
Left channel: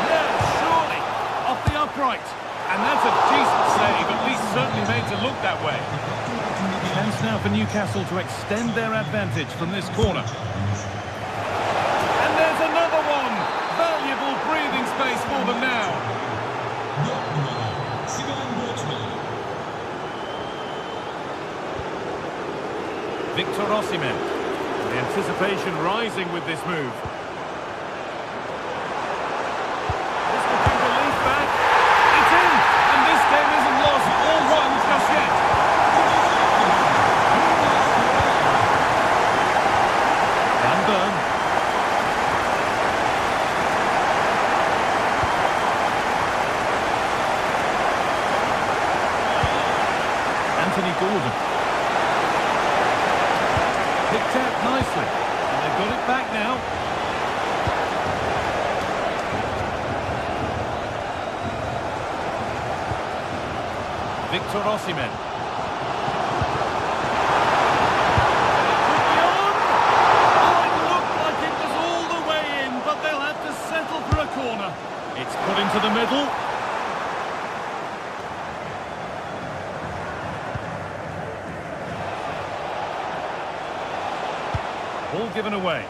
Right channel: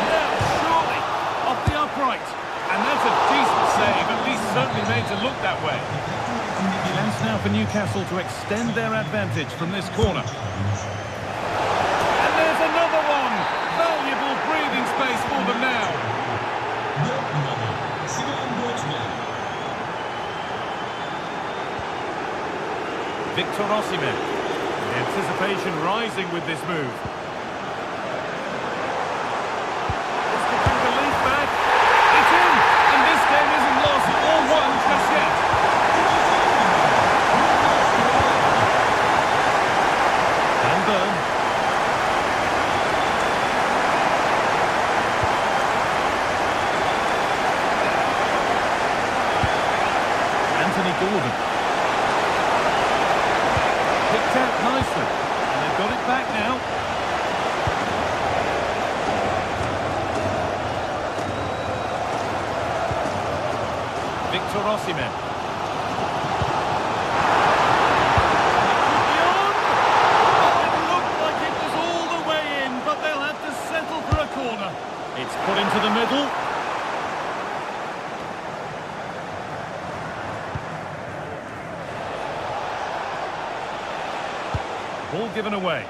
No, surely! Off the upright. And that's a decent save, at least certainly made to look that way. Chance now for Newcastle to extend their advantage from this corner. And there's another one! Valuable breathing space for them now. Victor Osimhen. The anticipation rising with this move. Picked out nicely. And they've got it back now. Victor Osimhen. And it could be on! Oh, it looked like it was all the way in, but they'll have to settle for a corner. It's put into the middle. Ball given away.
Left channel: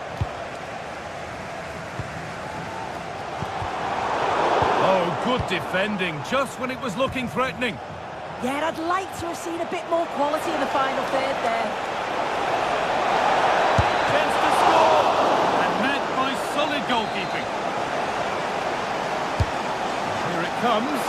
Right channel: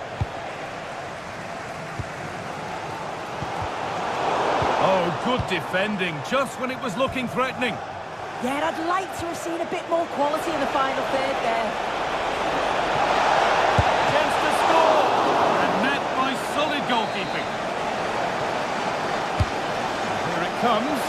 Oh, good defending, just when it was looking threatening. Yeah, I'd like to have seen a bit more quality in the final third there. Chance to score! And met by solid goalkeeping. Here it comes.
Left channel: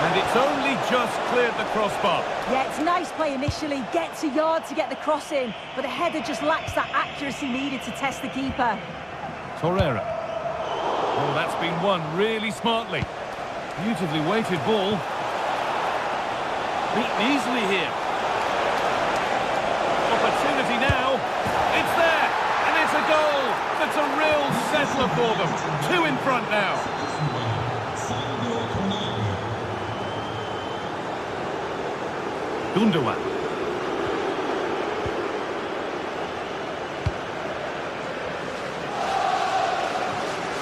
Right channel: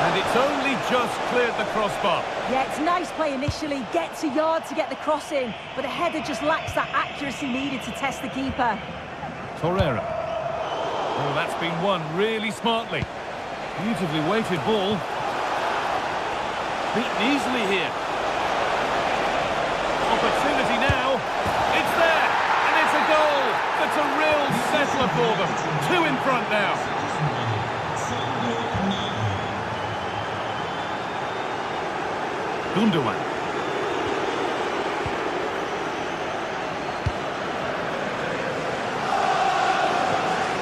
And it's only just cleared the crossbar. Yeah, it's nice play initially, gets a yard to get the cross in, but the header just lacks that accuracy needed to test the keeper. Torreira. Oh, that's been won really smartly. Beautifully weighted ball. Beaten easily here. Opportunity now. It's there, and it's a goal. That's a real settler for them. 2 in front now. Gundogan.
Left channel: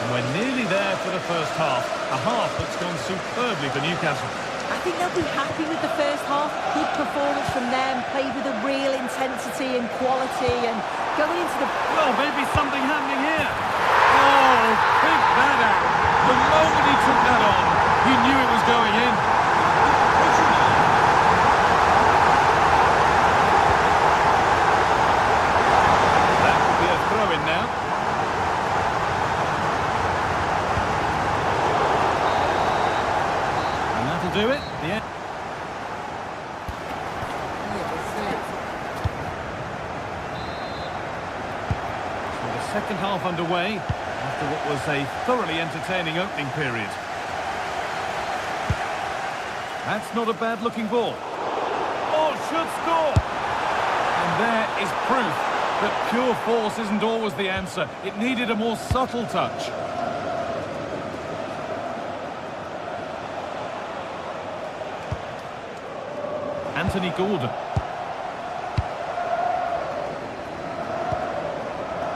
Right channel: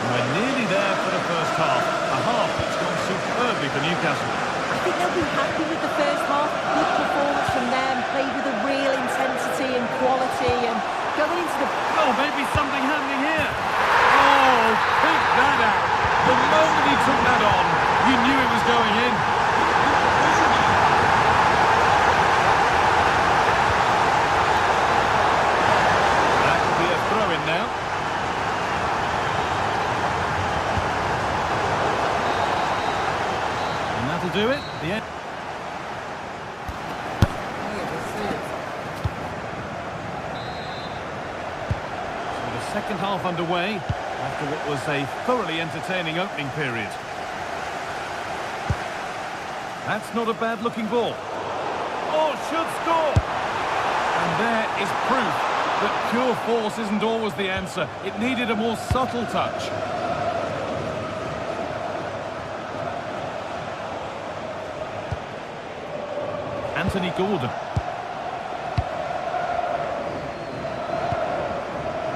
We're nearly there for the first half. A half that's gone superbly for Newcastle. I think they'll be happy with the first half. Good performance from them, played with a real intensity and quality, and going into the... Well, maybe something happening here. Oh, pick that out. The moment he took that on, you knew it was going in. That will be a throw-in now. And that'll do it. The end. So the second half underway after what was a thoroughly entertaining opening period. That's not a bad-looking ball. Oh, should score! And there is proof that pure force isn't always the answer. It needed a more subtle touch. Anthony Gordon.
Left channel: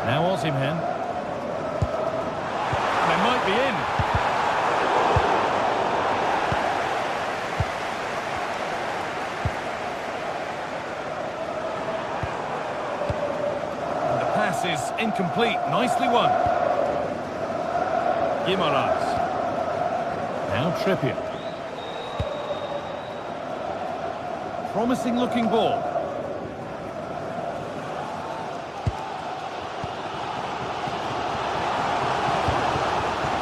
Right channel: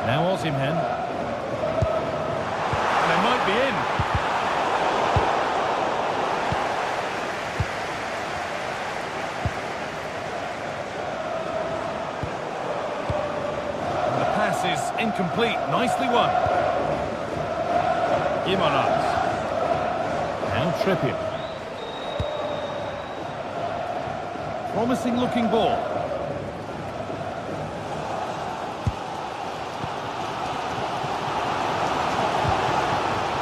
Now Osimhen. They might be in. And the pass is incomplete. Nicely won. Guimaraes. Now Trippier. Promising looking ball.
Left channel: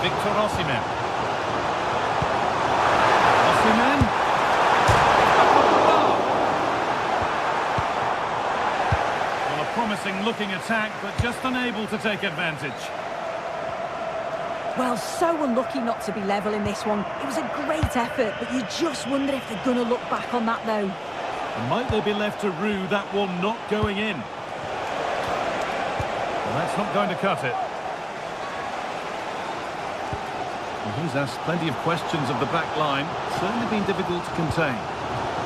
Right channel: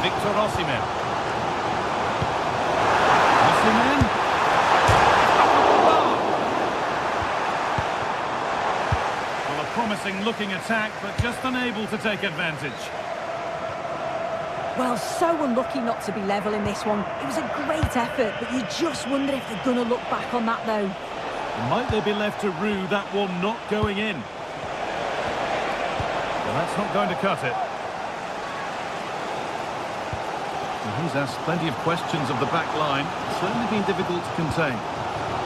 Victor Osimhen. Osimhen. Well, a promising looking attack, but just unable to take advantage. Well, so unlucky not to be level in this one. It was a great effort, but you just wonder if they're going to look back on that, though. Might they be left to rue that one not going in? Well, that's not going to cut it. Well, he's asked plenty of questions of the back line. Certainly been difficult to contain.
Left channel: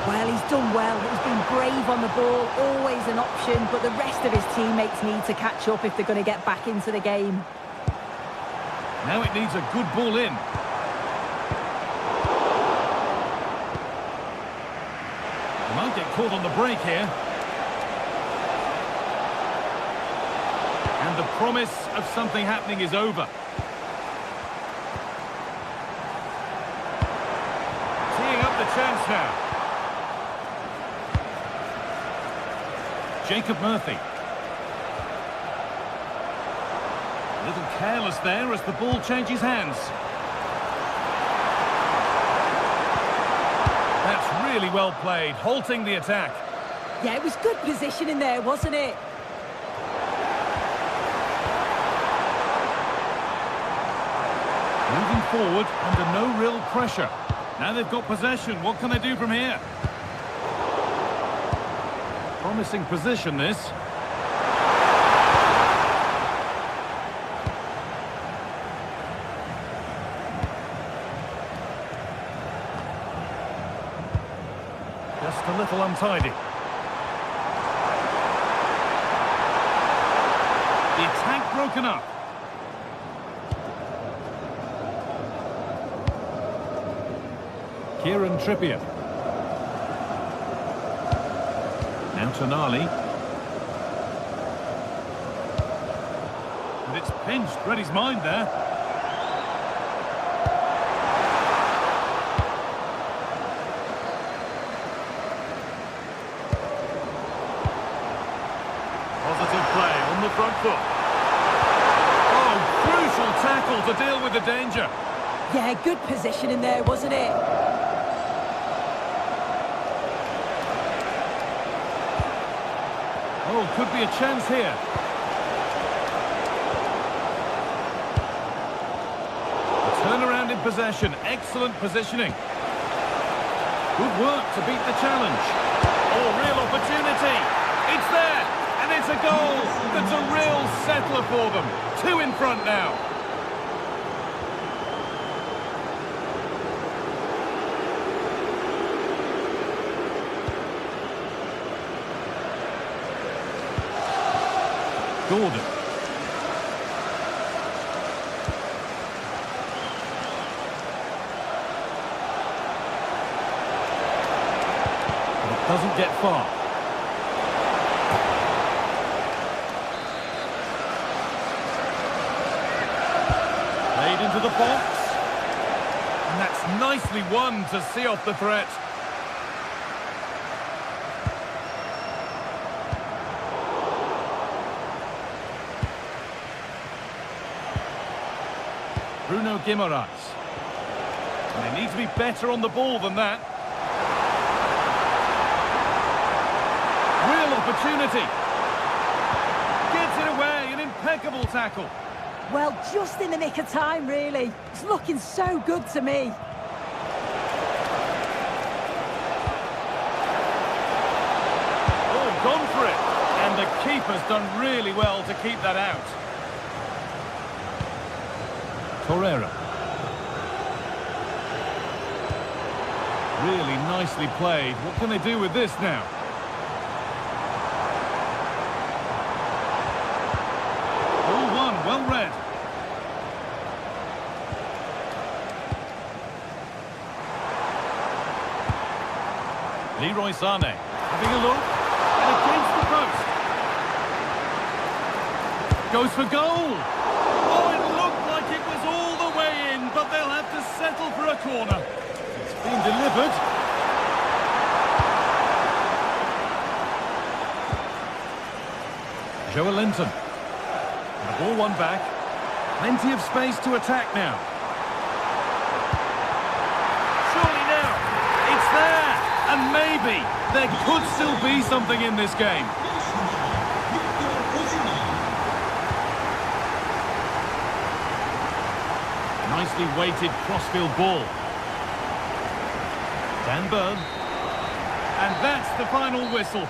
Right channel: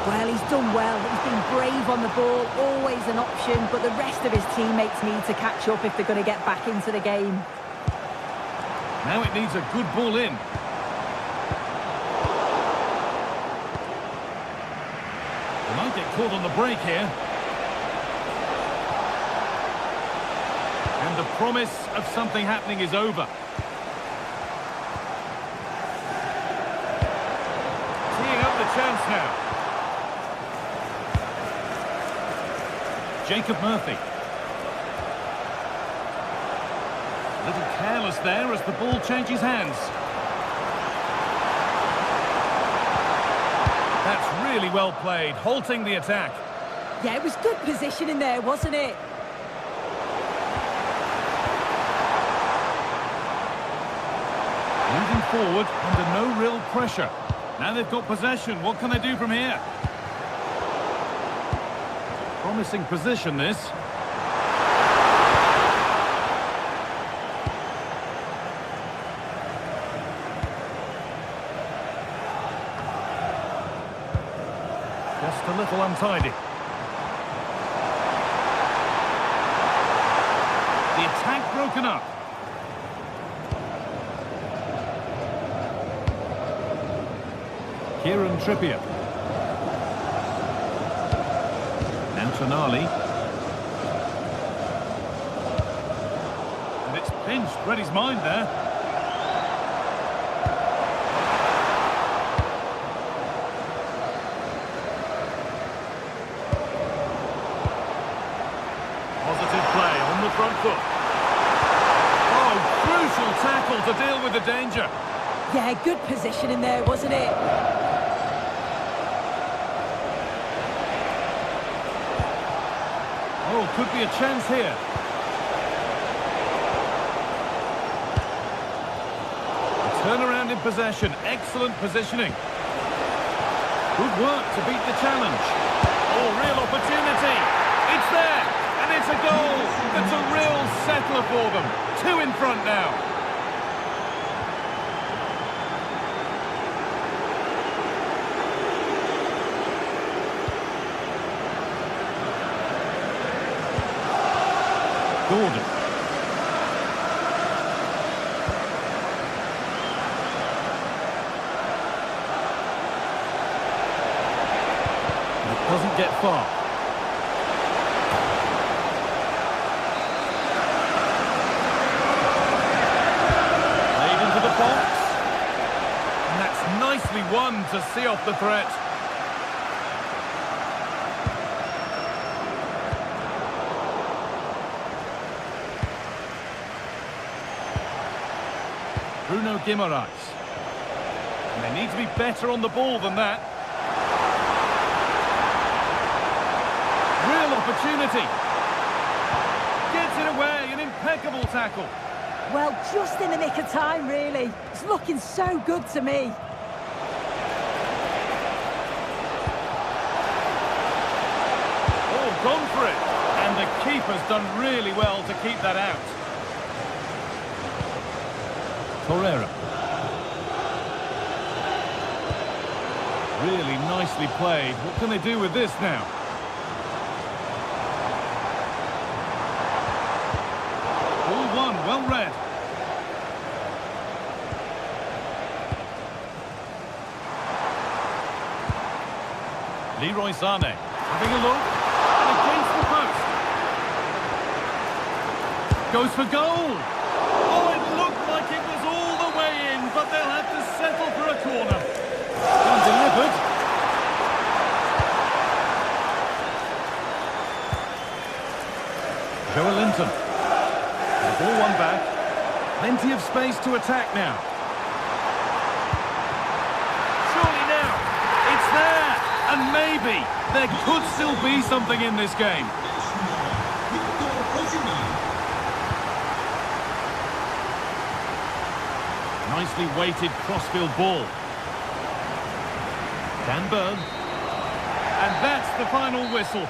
Well, he's done well. He's been brave on the ball, always an option, but the rest of his teammates need to catch up if they're going to get back into the game. Now it needs a good ball in. They might get caught on the break here. And the promise of something happening is over. Teeing up the chance now. Jacob Murphy. A little careless there as the ball changes hands. That's really well played, halting the attack. Yeah, it was good positioning there, wasn't it? Moving forward under no real pressure. Now they've got possession. What can they do from here? Promising position, this. Just a little untidy. The attack broken up. Kieran Trippier. Now Tonali. And it's pinched. Read his mind there. Positive play on the front foot. Oh, crucial tackle to deal with the danger. Yeah, good positioning there, wasn't it? Oh, could be a chance here. A turnaround in possession. Excellent positioning. Good work to beat the challenge. Oh, real opportunity. It's there. And it's a goal. That's a real settler for them. 2 in front now. Gordon. But it doesn't get far. Played into the box. And that's nicely won to see off the threat. Bruno Guimaraes. And they need to be better on the ball than that. Real opportunity. Gets it away, an impeccable tackle. Well, just in the nick of time, really. It's looking so good to me. Oh, gone for it. And the keeper's done really well to keep that out. Torreira. Really nicely played. What can they do with this now? Ball one, well read. Leroy Sané having a look. And against the post. Goes for goal. Oh, it looked like it was all the way in, but they'll have to settle for a corner. Being delivered. Joelinton. The ball won back. Plenty of space to attack now. Surely now. It's there. And maybe there could still be something in this game. Nicely weighted crossfield ball. Dan Burn. And that's the final whistle.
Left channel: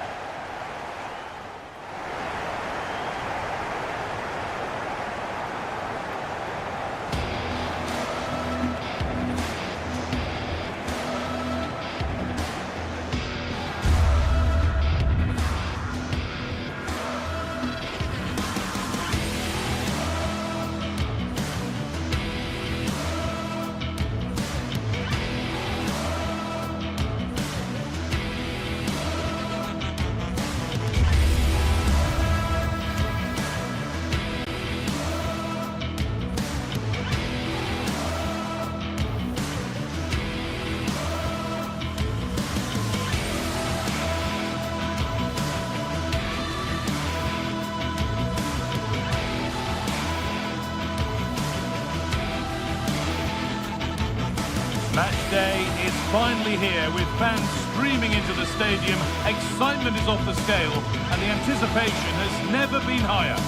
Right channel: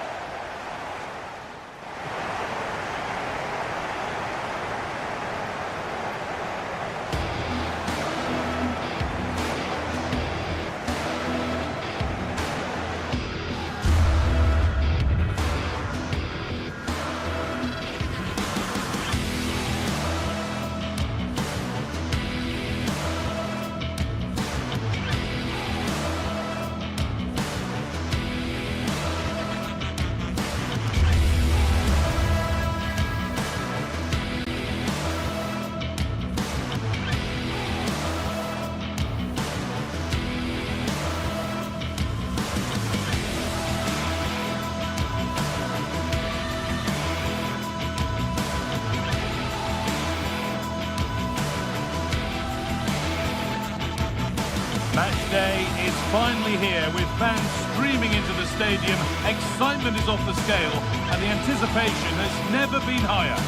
Match day is finally here with fans streaming into the stadium. Excitement is off the scale and the anticipation has never been higher.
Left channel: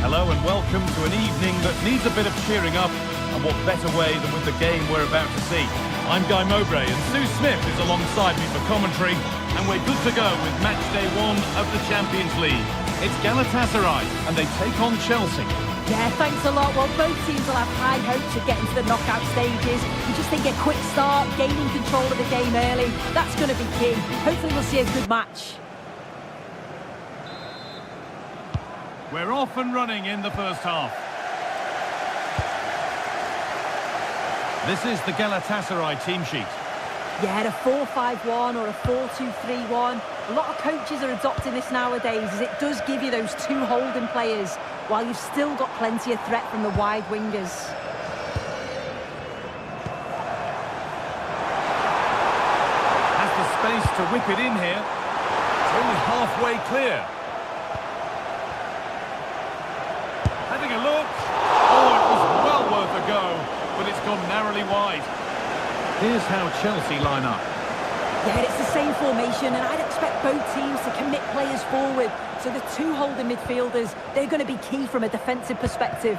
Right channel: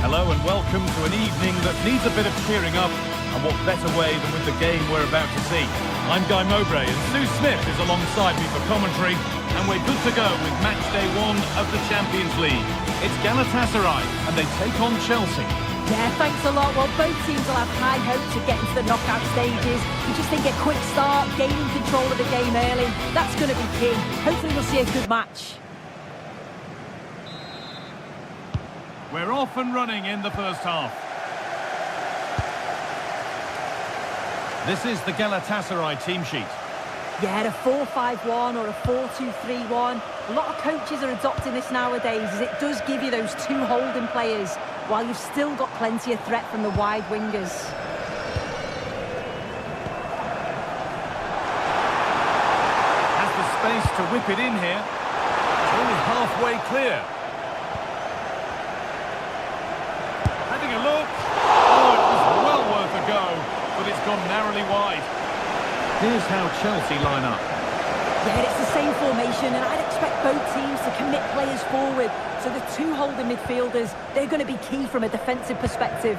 Hello and welcome to an evening that needs a bit of cheering up, and what better way than with the game we're about to see. I'm Guy Mowbray and Sue Smith is alongside me for commentary, and we're good to go with match day 1 of the Champions League. It's Galatasaray and they take on Chelsea. Yeah, thanks a lot. Well, both teams will have high hopes of getting to the knockout stages. You just think a quick start, gaining control of the game early, that's going to be key. Hopefully we'll see a good match. We're off and running in the first half. This is the Galatasaray team sheet. Yeah, a 4-5-1 or a 4-2-3-1. A lot of coaches are adopting this nowadays, as it does give you those two holding players, while you've still got plenty of threat from the wide wingers. Has the space to whip it in here. It's only halfway clear. Having a look. Oh, it was well worth a go, but it's gone narrowly wide. Here's how Chelsea line up. Yeah, it's the same formation, and I'd expect both teams to commit players forward. So the two holding midfielders, they're going to be key from a defensive perspective.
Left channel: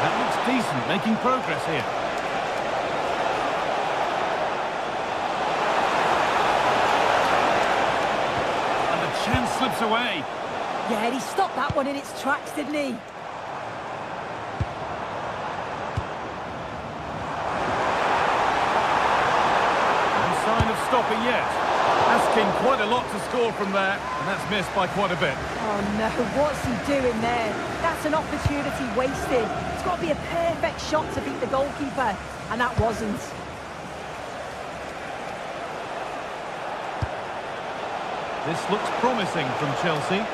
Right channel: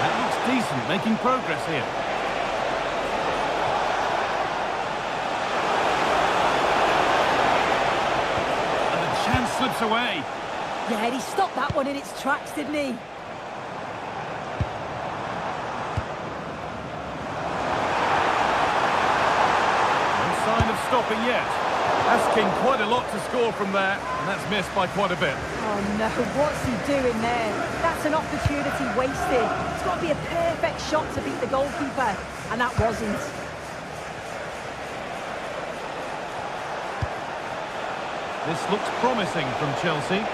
That looks decent, making progress here. And the chance slips away. Yeah, and he stopped that one in its tracks, didn't he? Sign of stopping yet. Asking quite a lot to score from there, and that's missed by quite a bit. Oh no, what's he doing there? That's an opportunity wasted. It's got to be a perfect shot to beat the goalkeeper, and that wasn't. This looks promising from Chelsea.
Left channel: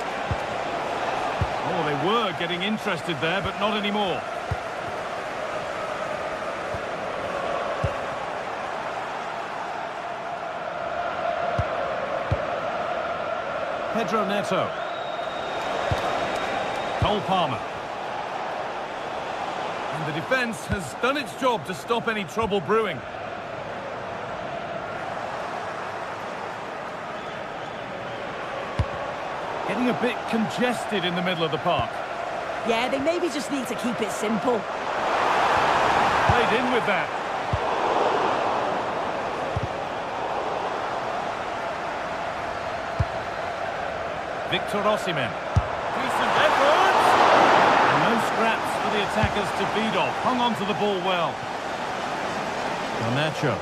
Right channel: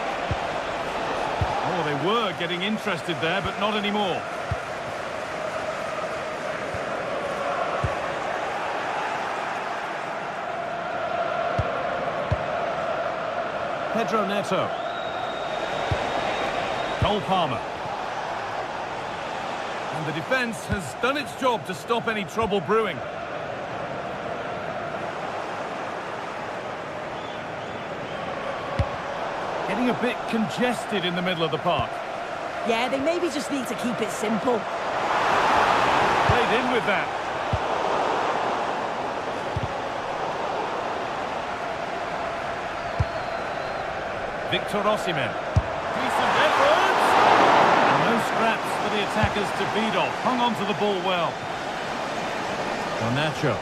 Oh, they were getting interested there, but not anymore. Pedro Neto. Cole Palmer. And the defence has done its job to stop any trouble brewing. Getting a bit congested in the middle of the park. Yeah, they maybe just need to keep it simple. Played in with that. Victor Osimhen. Decent effort! And no scraps for the attackers to feed off. Hung on to the ball well. Garnacho.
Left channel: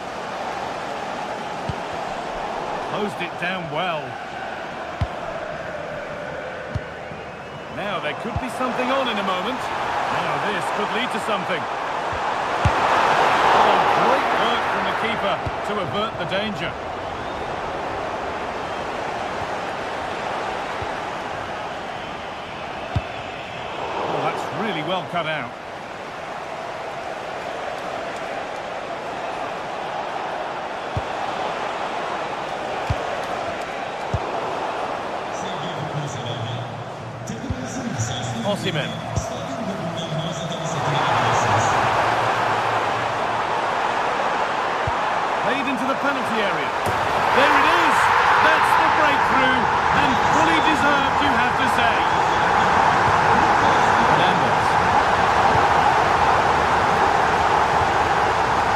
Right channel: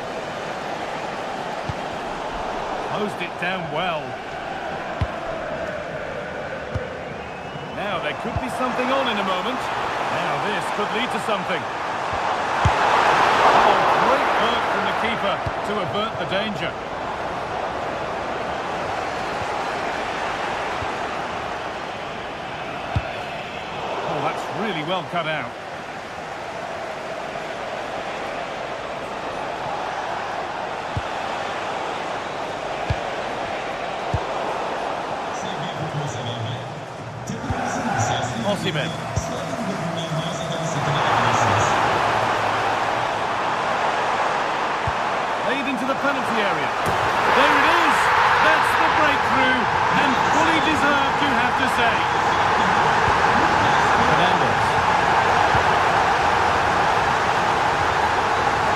Closed it down well. Now there could be something on in a moment. Now this could lead to something. Oh, great work from the keeper to avert the danger. That's really well cut out. Osimhen. Played into the penalty area. There it is! That's the breakthrough, and fully deserved, you have to say. Fernandes.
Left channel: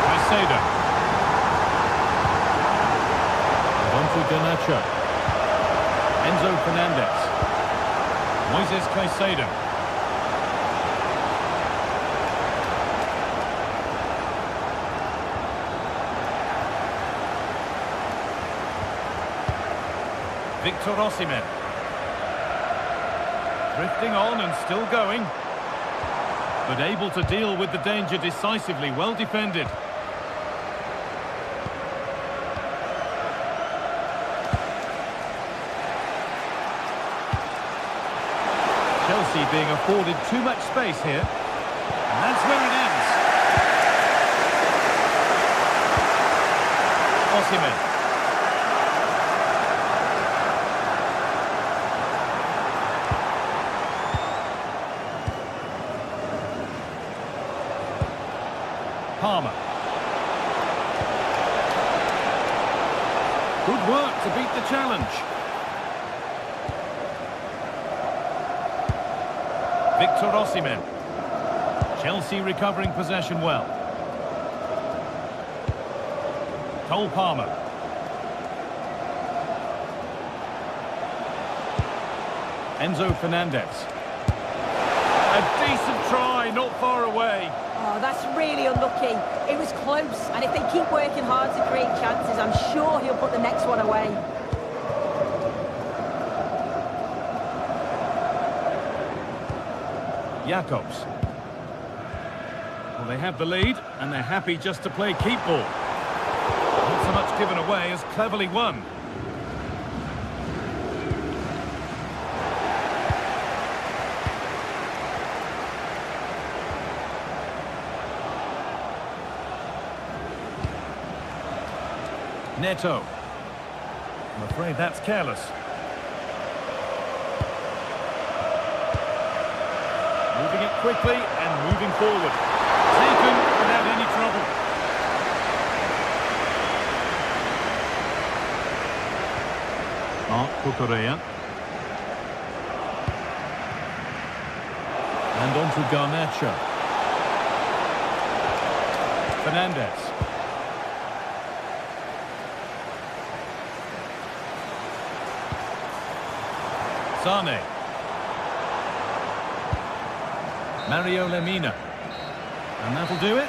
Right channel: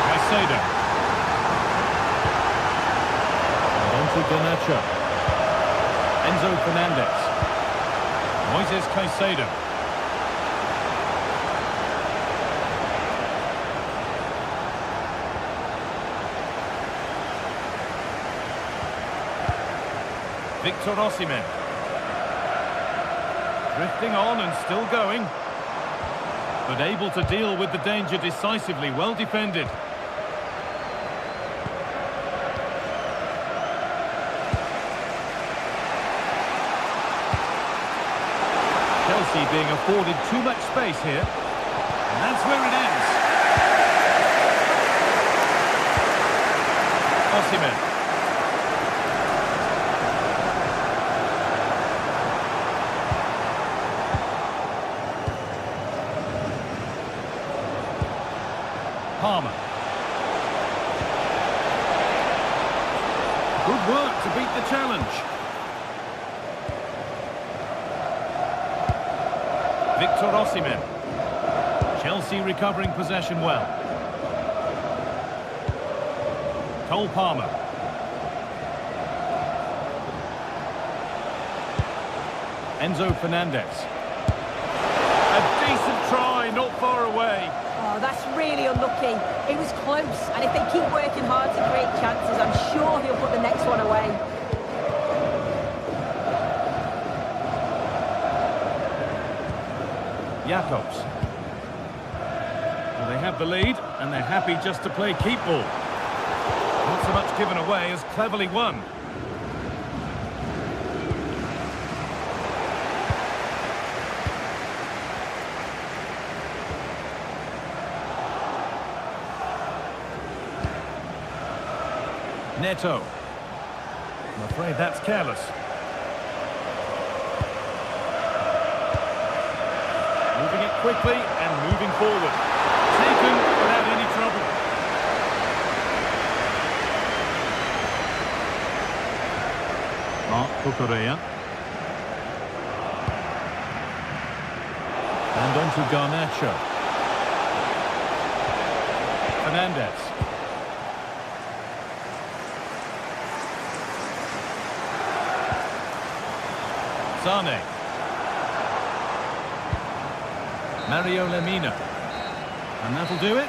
Caicedo. And on to Garnacho. Enzo Fernandez. Moises Caicedo. Victor Osimhen. Drifting on and still going. But able to deal with the danger decisively. Well defended. Chelsea being afforded too much space here. And that's where it ends. Osimhen. Palmer. Good work to beat the challenge. Victor Osimhen. Chelsea recovering possession well. Cole Palmer. Enzo Fernandez. A decent try, not far away. Oh, that's really unlucky. It was close, and if they keep working hard to create chances, I'm sure he'll put the next one away. Jacobs. Well, they have the lead, and they're happy just to play keep ball. Not so much given away as cleverly won. Neto. I'm afraid that's careless. Moving it quickly and moving forward. Taken without any trouble. Marc Cucurella. And on to Garnacho. Fernandez. Sane. Mario Lemina. And that'll do it.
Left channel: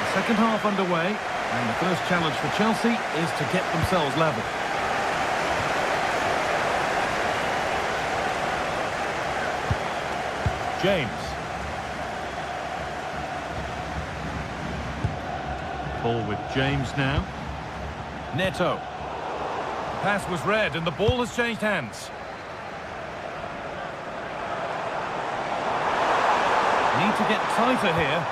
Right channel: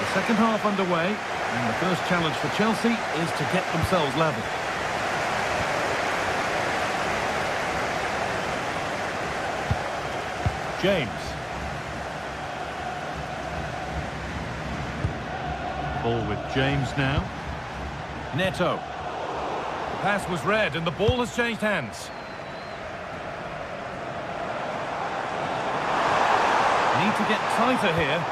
The second half underway, and the first challenge for Chelsea is to get themselves level. James. Ball with James now. Neto. The pass was read and the ball has changed hands. Need to get tighter here.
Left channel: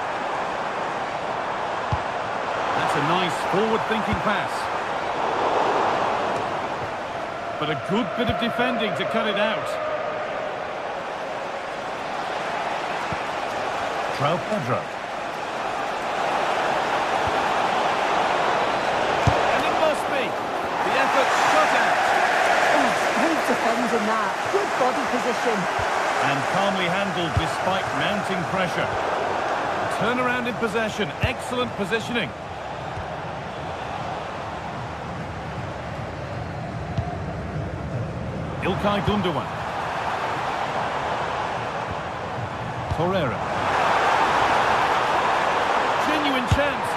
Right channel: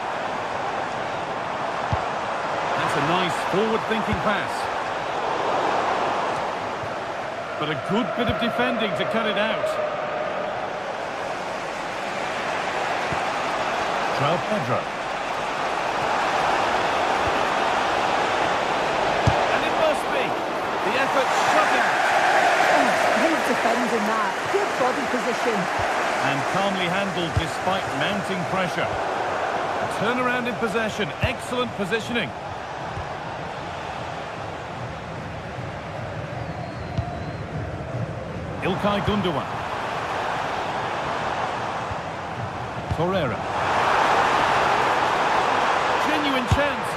That's a nice forward-thinking pass. But a good bit of defending to cut it out. João Pedro. The effort shut out. Oh, great defending that. Good body position. And calmly handled despite mounting pressure. A turnaround in possession. Excellent positioning. İlkay Gundogan. Torreira. Genuine chance.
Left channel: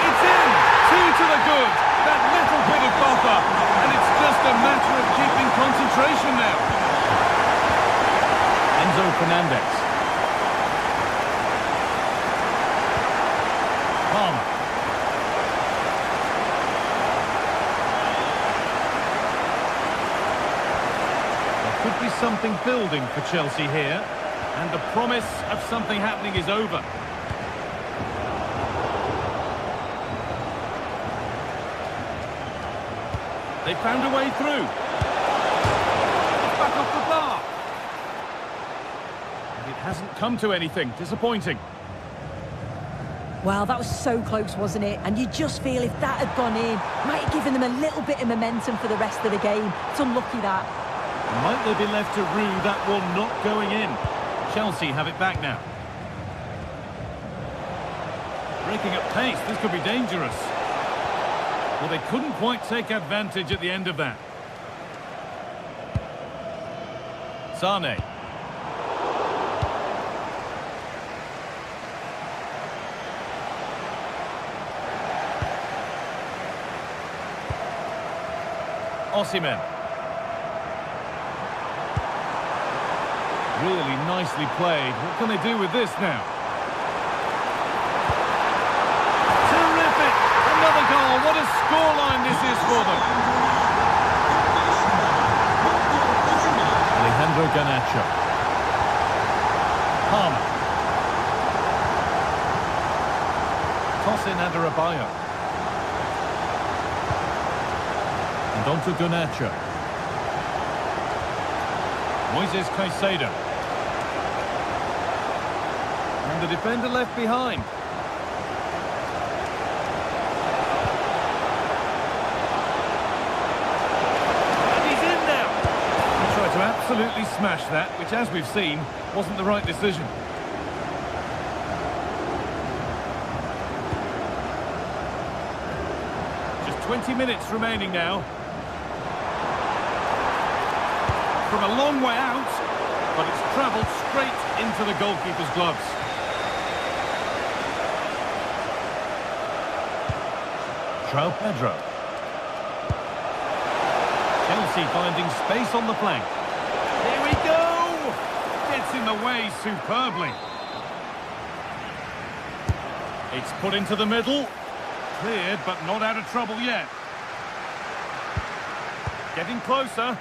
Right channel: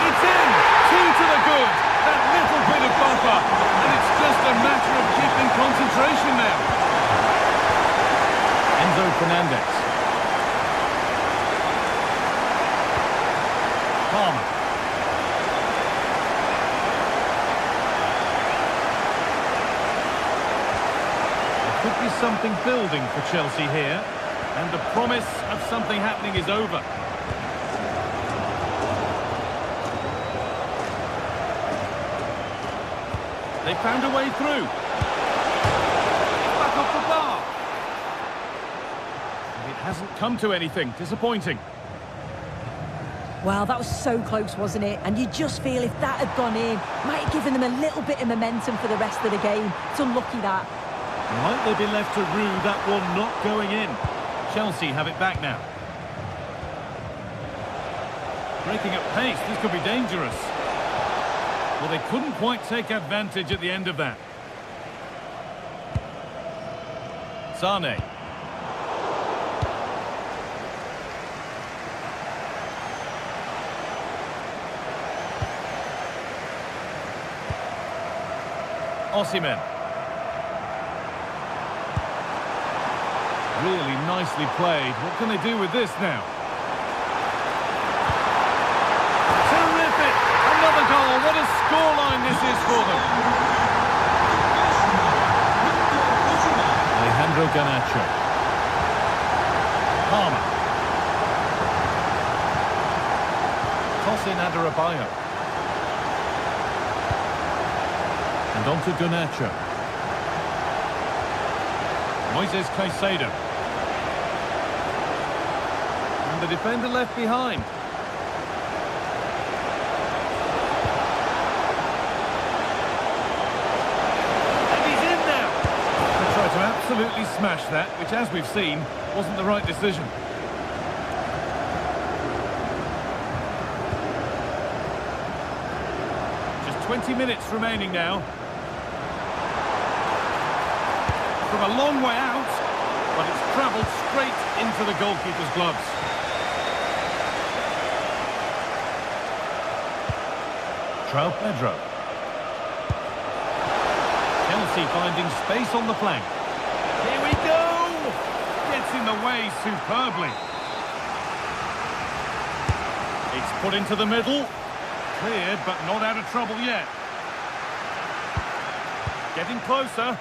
It's in. 2 to the good. That little bit of buffer, and it's just a matter of keeping concentration now. Enzo Fernandez. Palmer. There could be something building for Chelsea here, and the promise of something happening is over. They found a way through. It's back off the bar. And it hasn't come to anything. Disappointing. Well, that was so close, wasn't it? And you just feel if that had gone in, might have given them a little bit of momentum for the rest of the game. It's unlucky that. Might they be left to rue that one not going in? Chelsea have it back now. Breaking at pace, this could be dangerous. Well, they couldn't quite take advantage at the end of that. Sane. Osimhen. Really nicely played. What can they do with this now? Terrific! Another goal. What a scoreline this is for them. Alejandro Garnacho. Palmer. Tosin Adarabioyo. And on to Garnacho. Moises Caicedo. the defender left behind. And he's in now. They tried to absolutely smash that, which, as we've seen, wasn't the right decision. Just 20 minutes remaining now. From a long way out, but it's travelled straight into the goalkeeper's gloves. João Pedro. Chelsea finding space on the flank. Here we go! Gets in the way superbly. It's put into the middle. Cleared, but not out of trouble yet. Getting closer.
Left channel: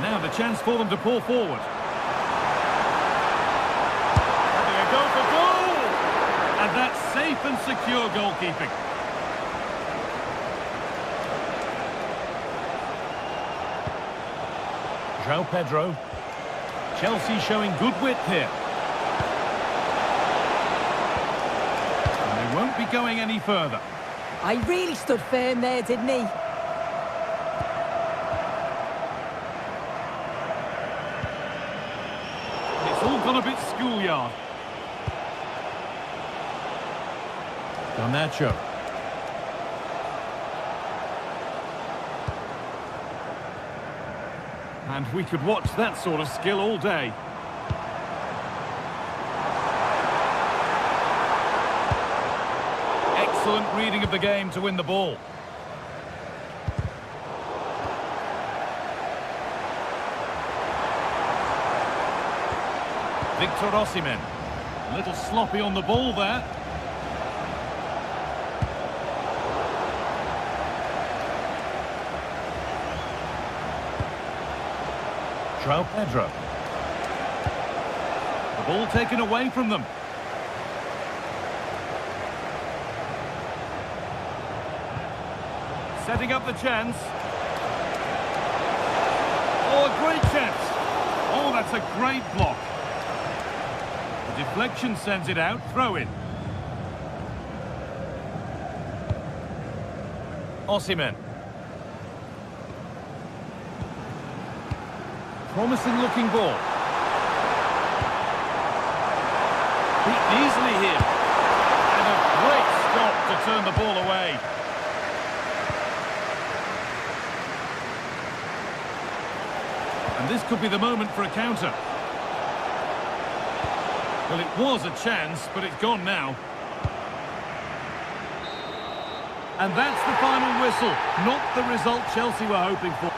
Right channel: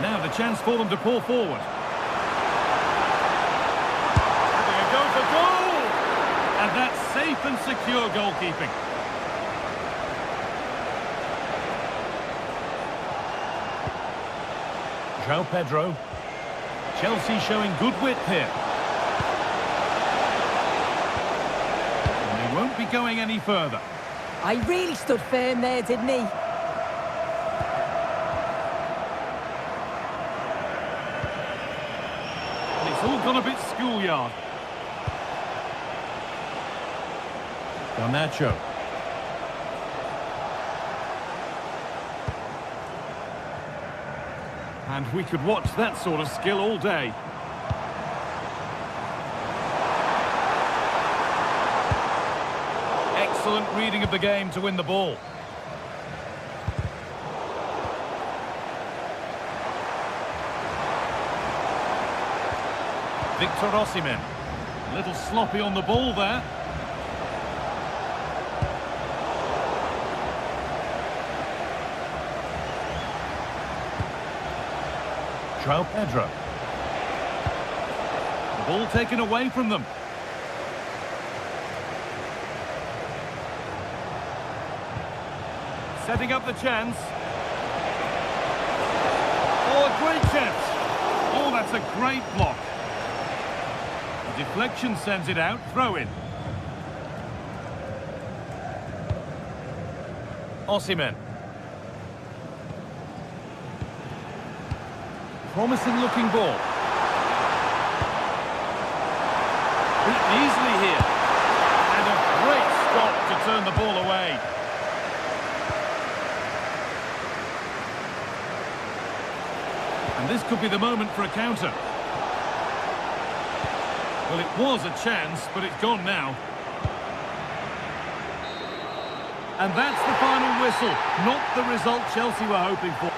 Now the chance for them to pull forward. Having a go for goal! And that's safe and secure goalkeeping. João Pedro. Chelsea showing good width here. And they won't be going any further. I really stood firm there, didn't he? It's all gone a bit schoolyard. Garnacho. And we could watch that sort of skill all day. Excellent reading of the game to win the ball. Victor Osimhen. A little sloppy on the ball there. João Pedro. The ball taken away from them. Setting up the chance. Oh, a great chance. Oh, that's a great block. The deflection sends it out. Throw in. Osimhen. Promising looking ball. Beaten easily here. And a great stop to turn the ball away. And this could be the moment for a counter. Well, it was a chance, but it's gone now. And that's the final whistle. Not the result Chelsea were hoping for.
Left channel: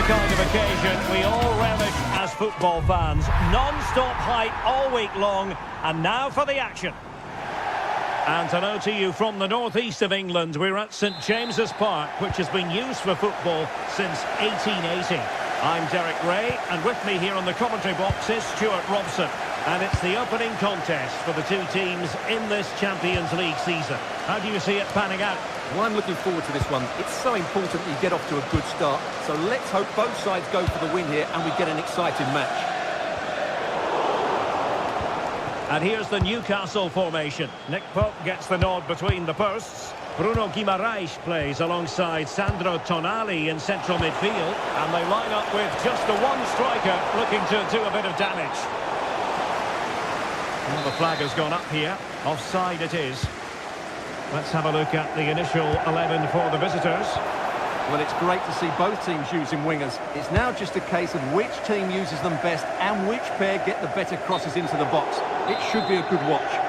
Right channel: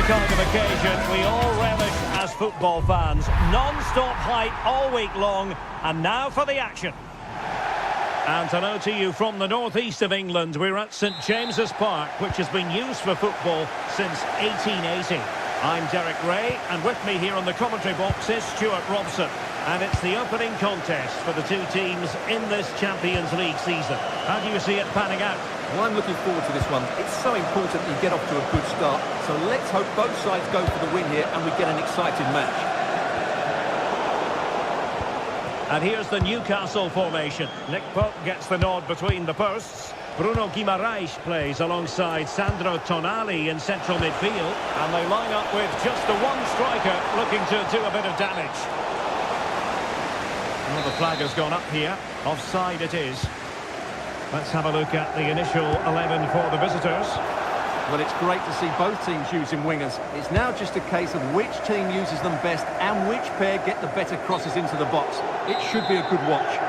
the kind of occasion we all relish as football fans. Non-stop hype all week long, and now for the action. And hello to you from the northeast of England. We're at St James's Park, which has been used for football since 1880. I'm Derek Ray, and with me here on the commentary box is Stuart Robson. And it's the opening contest for the two teams in this Champions League season. How do you see it panning out? Well, I'm looking forward to this one. It's so important that you get off to a good start. So let's hope both sides go for the win here and we get an exciting match. And here's the Newcastle formation. Nick Pope gets the nod between the posts. Bruno Guimaraes plays alongside Sandro Tonali in central midfield. And they line up with just the one striker looking to do a bit of damage. Well, the flag has gone up here. Offside it is. Let's have a look at the initial 11 for the visitors. Well, it's great to see both teams using wingers. It's now just a case of which team uses them best and which pair get the better crosses into the box. It should be a good watch.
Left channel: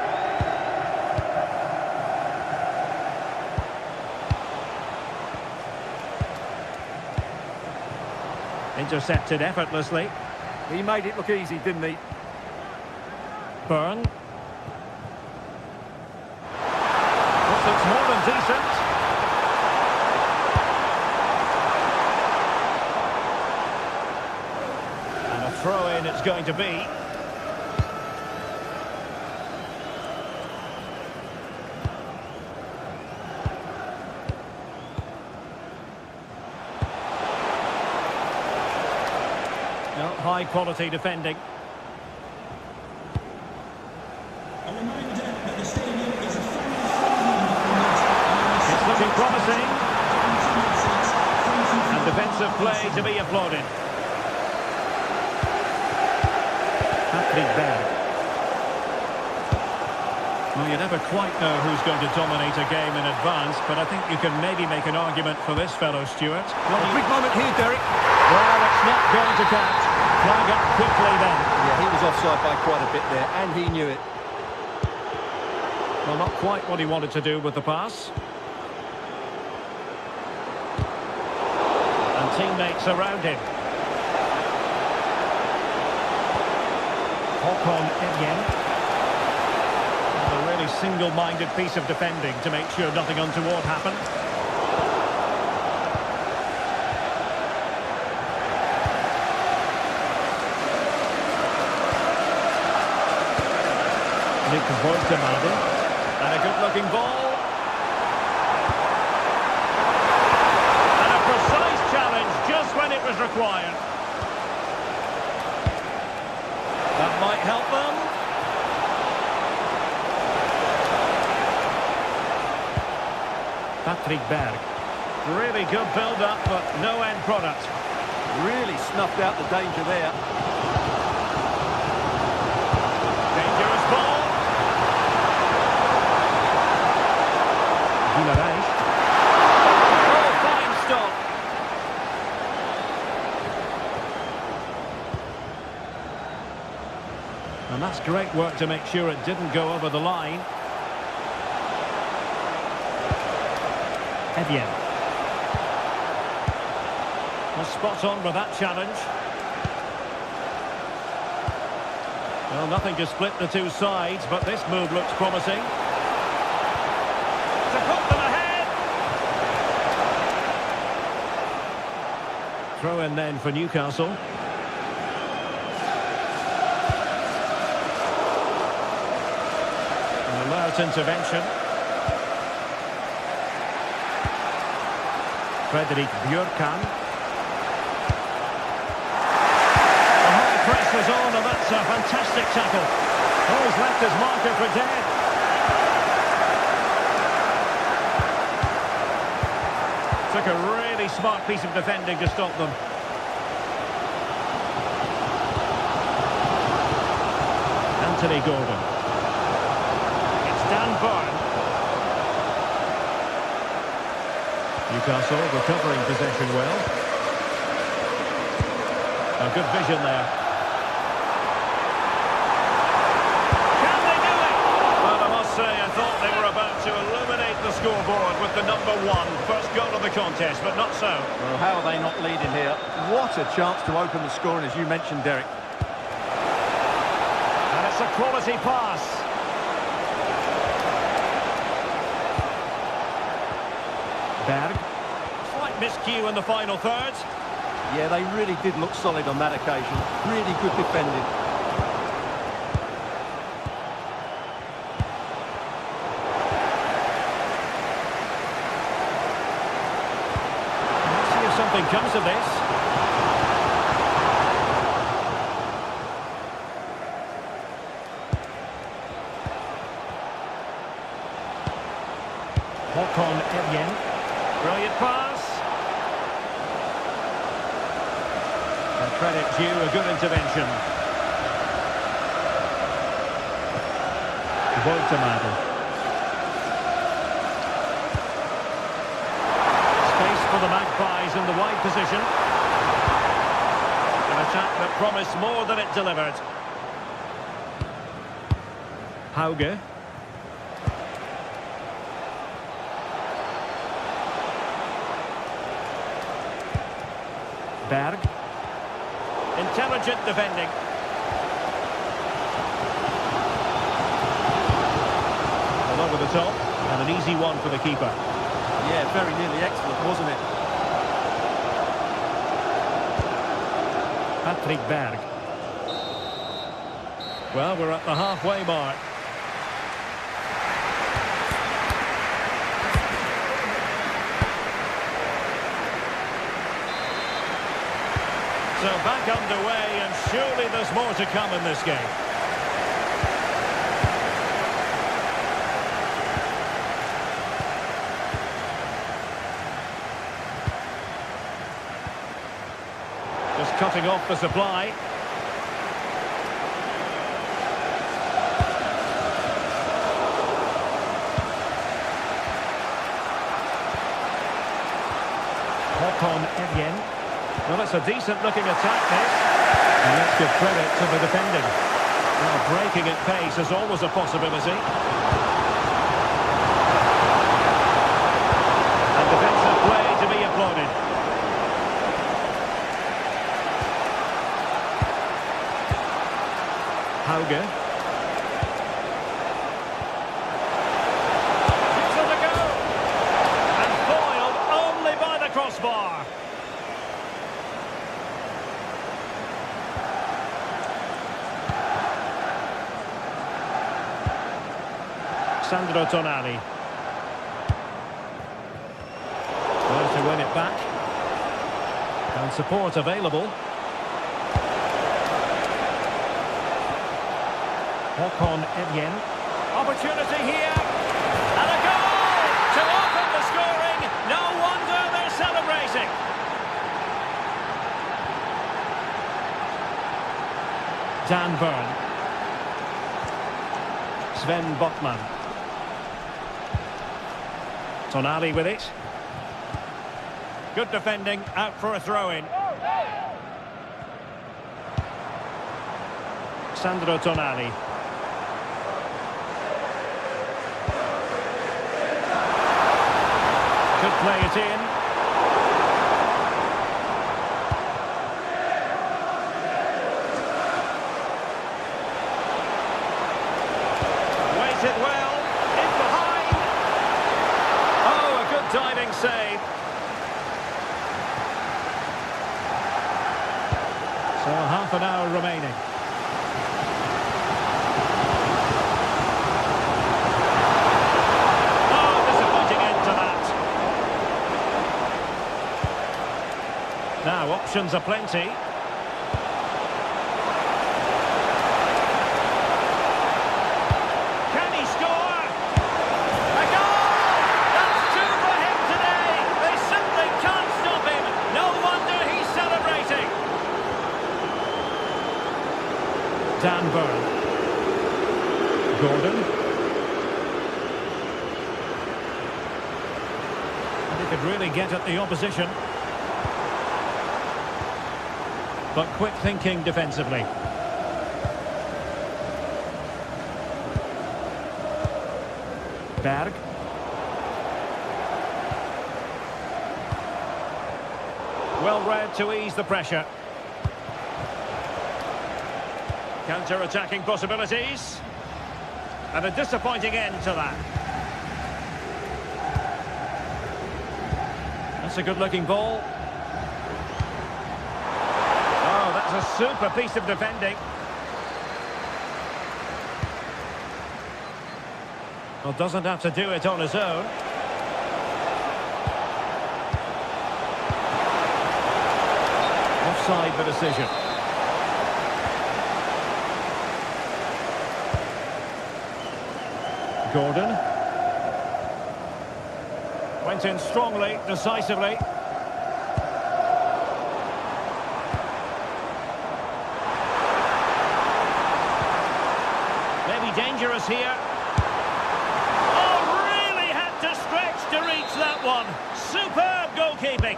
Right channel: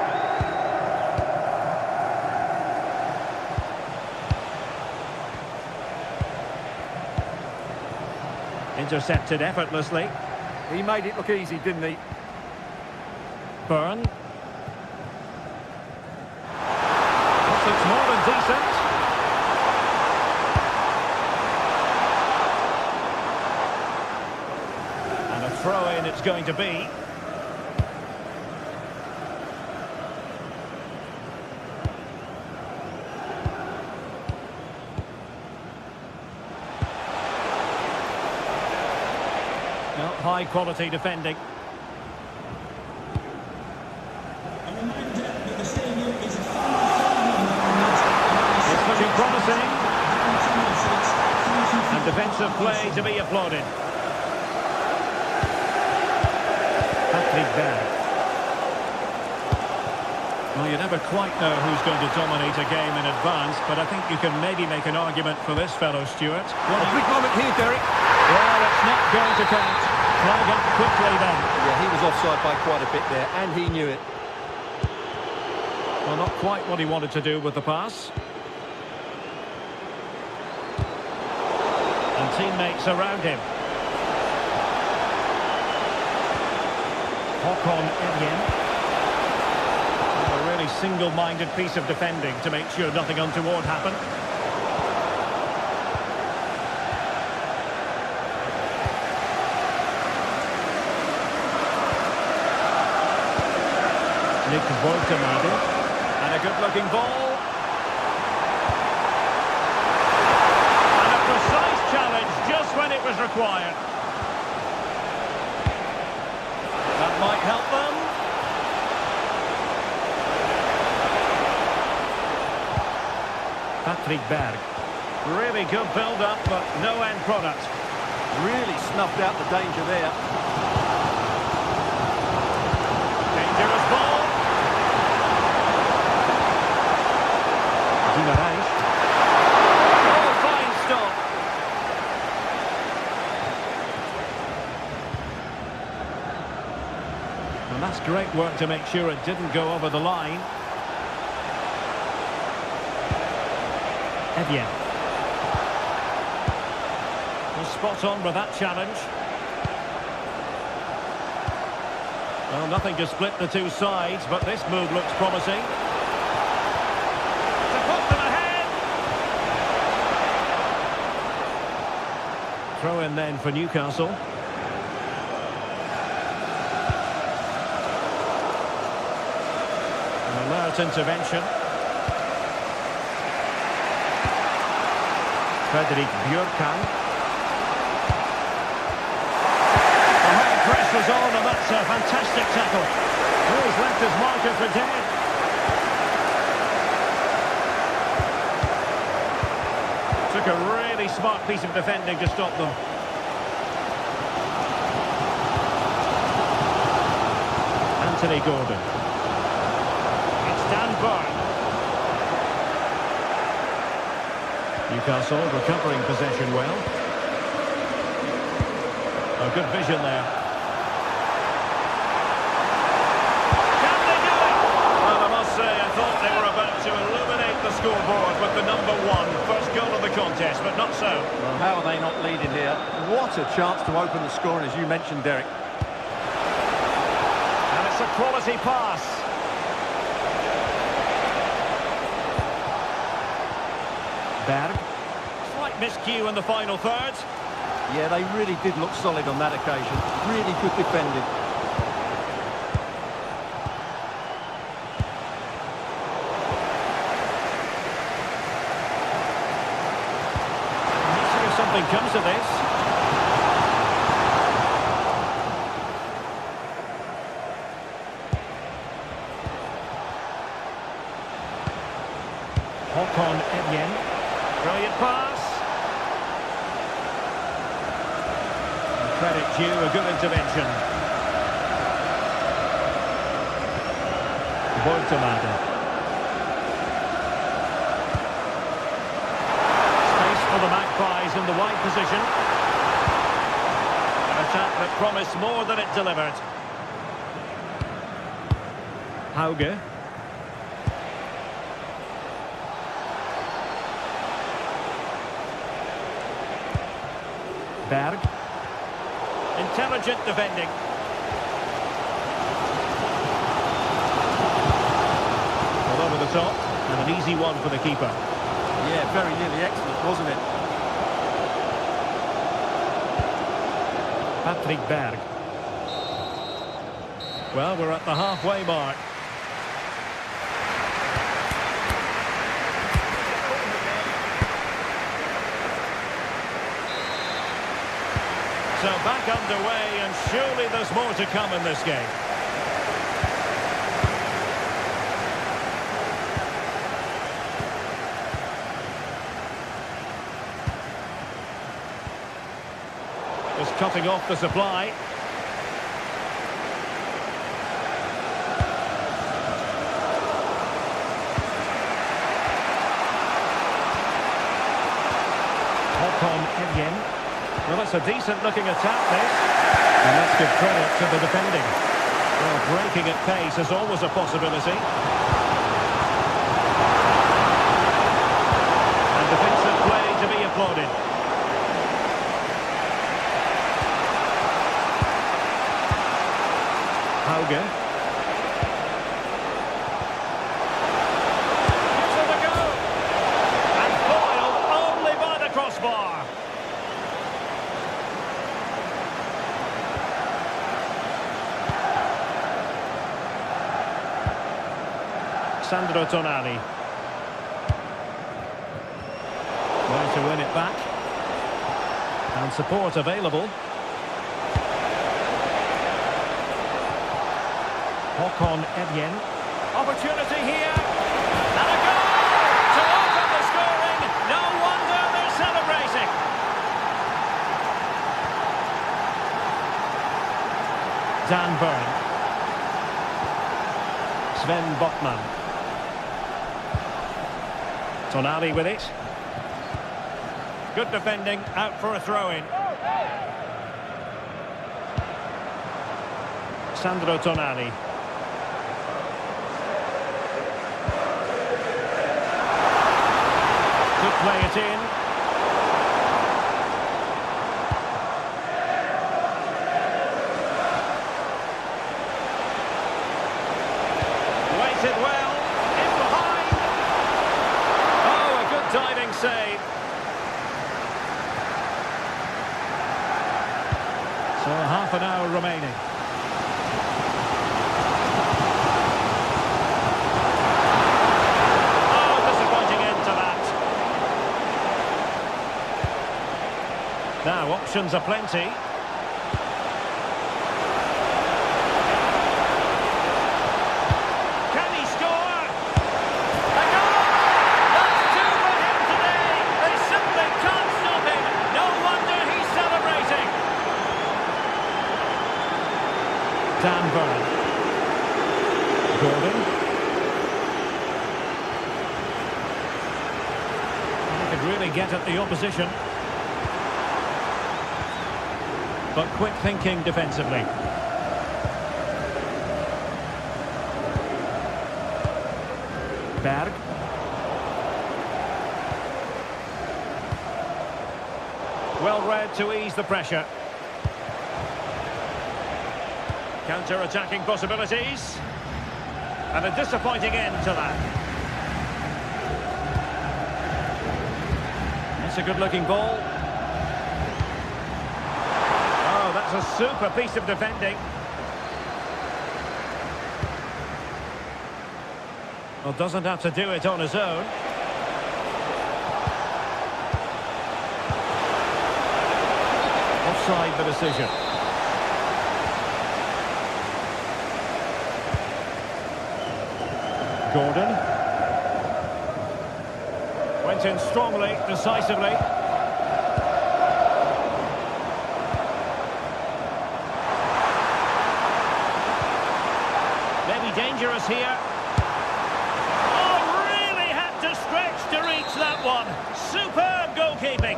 Intercepted effortlessly. He made it look easy, didn't he? Burn. This looks more than decent. And a throw-in it's going to be. Well, high-quality defending. A reminder that the stadium is a family-friendly environment. It's looking promising. And And defensive play to be applauded. Patrick Berg. Well, you never quite know who's going to dominate a game in advance, but I think you can maybe make an argument for this fellow, Stuart. A big moment here, Derek. Well, it's not going to count. Flag up quickly then. Yeah, he was offside by quite a bit there, and he knew it. Well, not quite what he wanted to do with the pass. And teammates around him. Håkon Evjen. A really single-minded piece of defending to make sure nothing untoward happened. Nick Woltemade. And a good-looking ball. And a precise challenge just when it was required. That might help them. Patrick Berg. Really good build-up, but no end product. Really snuffed out the danger there. Dangerous ball. Guimaraes. Oh, fine stop. And that's great work to make sure it didn't go over the line. Evjen. Well, spot on with that challenge. Well, nothing to split the two sides, but this move looks promising. To put them ahead. Throw in then for Newcastle. An alert intervention. Fredrik Björkan. The high press was on, and that's a fantastic tackle. Oh, he's left his marker for dead. Took a really smart piece of defending to stop them. Anthony Gordon. It's Dan Burn. Newcastle recovering possession well. A good vision there. Can they do it? Well, there must must say, I thought they were about to illuminate the scoreboard with the number 1. First goal of the contest, but not so. Well, how are they not leading here? What a chance to open the scoring, as you mentioned, Derek. And it's a quality pass. Berg. Slight miscue in the final third. Yeah, they really did look solid on that occasion. Really good defending. Let's see if something comes of this. Håkon Evjen. Brilliant pass. And credit due, a good intervention. Voigtemaade. Space for the Magpies in the wide position. An attack that promised more than it delivered. Hauge. Berg. Intelligent defending. Well, over the top, and an easy one for the keeper. Yeah, very nearly excellent, wasn't it? Patrick Berg. Well, we're at the halfway mark. So back underway, and surely there's more to come in this game. Just cutting off the supply. Håkon Evjen. Well, it's a decent-looking attack, this. And let's give credit to the defending. Well, breaking at pace is always a possibility. And defensive play to be applauded. Hauge. Gives it a go. And foiled only by the crossbar. Sandro Tonali. There to win it back. And support available. Håkon Evjen. Opportunity here. And a goal to open the scoring. No wonder they're celebrating. Dan Burn. Sven Botman. Tonali with it. Good defending, out for a throw-in. Sandro Tonali. Could play it in. Waited well. In behind. Oh, a good diving save. So half an hour remaining. Now, options are plenty. Can he score? A goal! That's 2 for him today. They simply can't stop him. No wonder he's celebrating. Dan Burn. Gordon. And he could really get at the opposition. But quick thinking defensively. Berg. Well read to ease the pressure. Counter-attacking possibilities. And a disappointing end to that. That's a good-looking ball. Oh, that's a super piece of defending. Well, doesn't have to do it on his own. Offside the decision. Gordon. Went in strongly, decisively. Maybe dangerous here. Oh, really had to stretch to reach that one. Superb goalkeeping.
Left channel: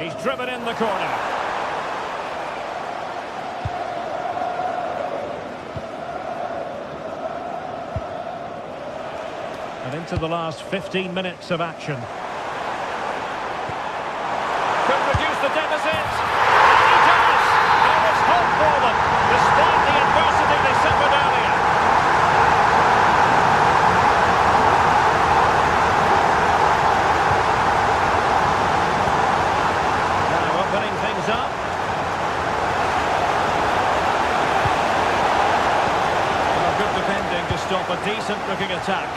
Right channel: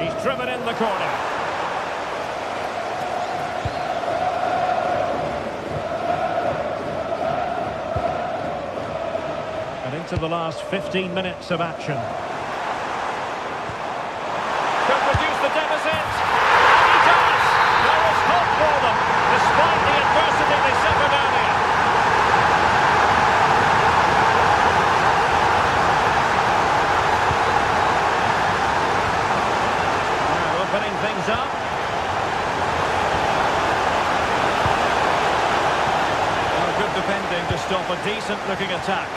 He's driven in the corner. And into the last 15 minutes of action. Could reduce the deficit. And he does. There is hope for them, despite the adversity they suffered earlier. Now opening things up. Well, good defending to stop a decent-looking attack.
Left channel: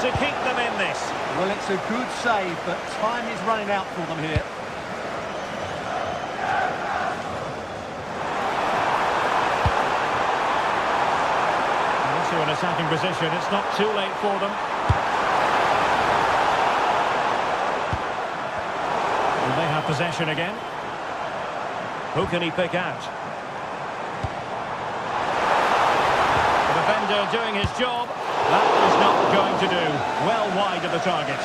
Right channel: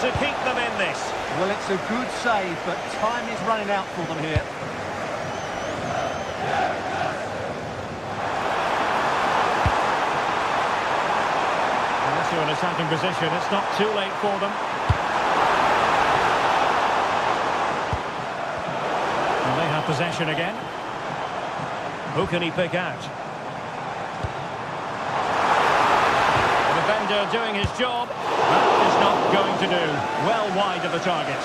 To keep them in this. Well, it's a good save, but time is running out for them here. And into an attacking position, it's not too late for them. And they have possession again. Who can he pick out? The defender doing his job. That is not going to do. Well wide of the target.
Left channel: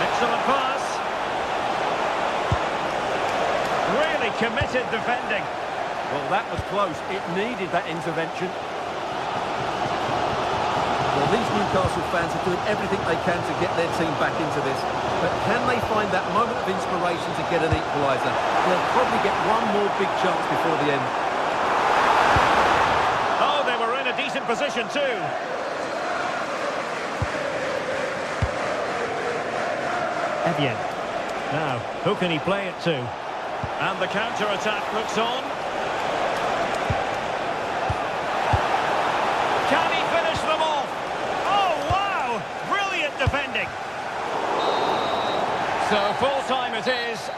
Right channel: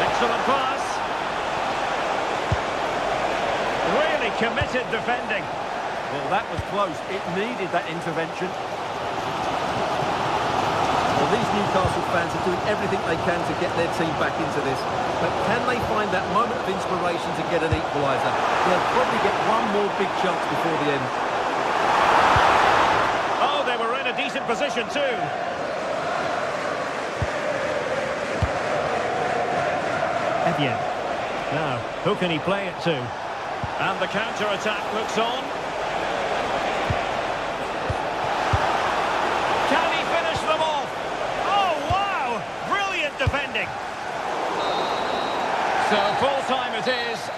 Excellent pass. Really committed defending. Well, that was close. It needed that intervention. Well, these Newcastle fans are doing everything they can to get their team back into this. But can they find that moment of inspiration to get an equaliser? They'll probably get one more big chance before the end. Oh, they were in a decent position too. Evian. Now, who can he play it to? And the counter-attack looks on. Can he finish them off? Oh, wow! Brilliant defending. So full-time it is.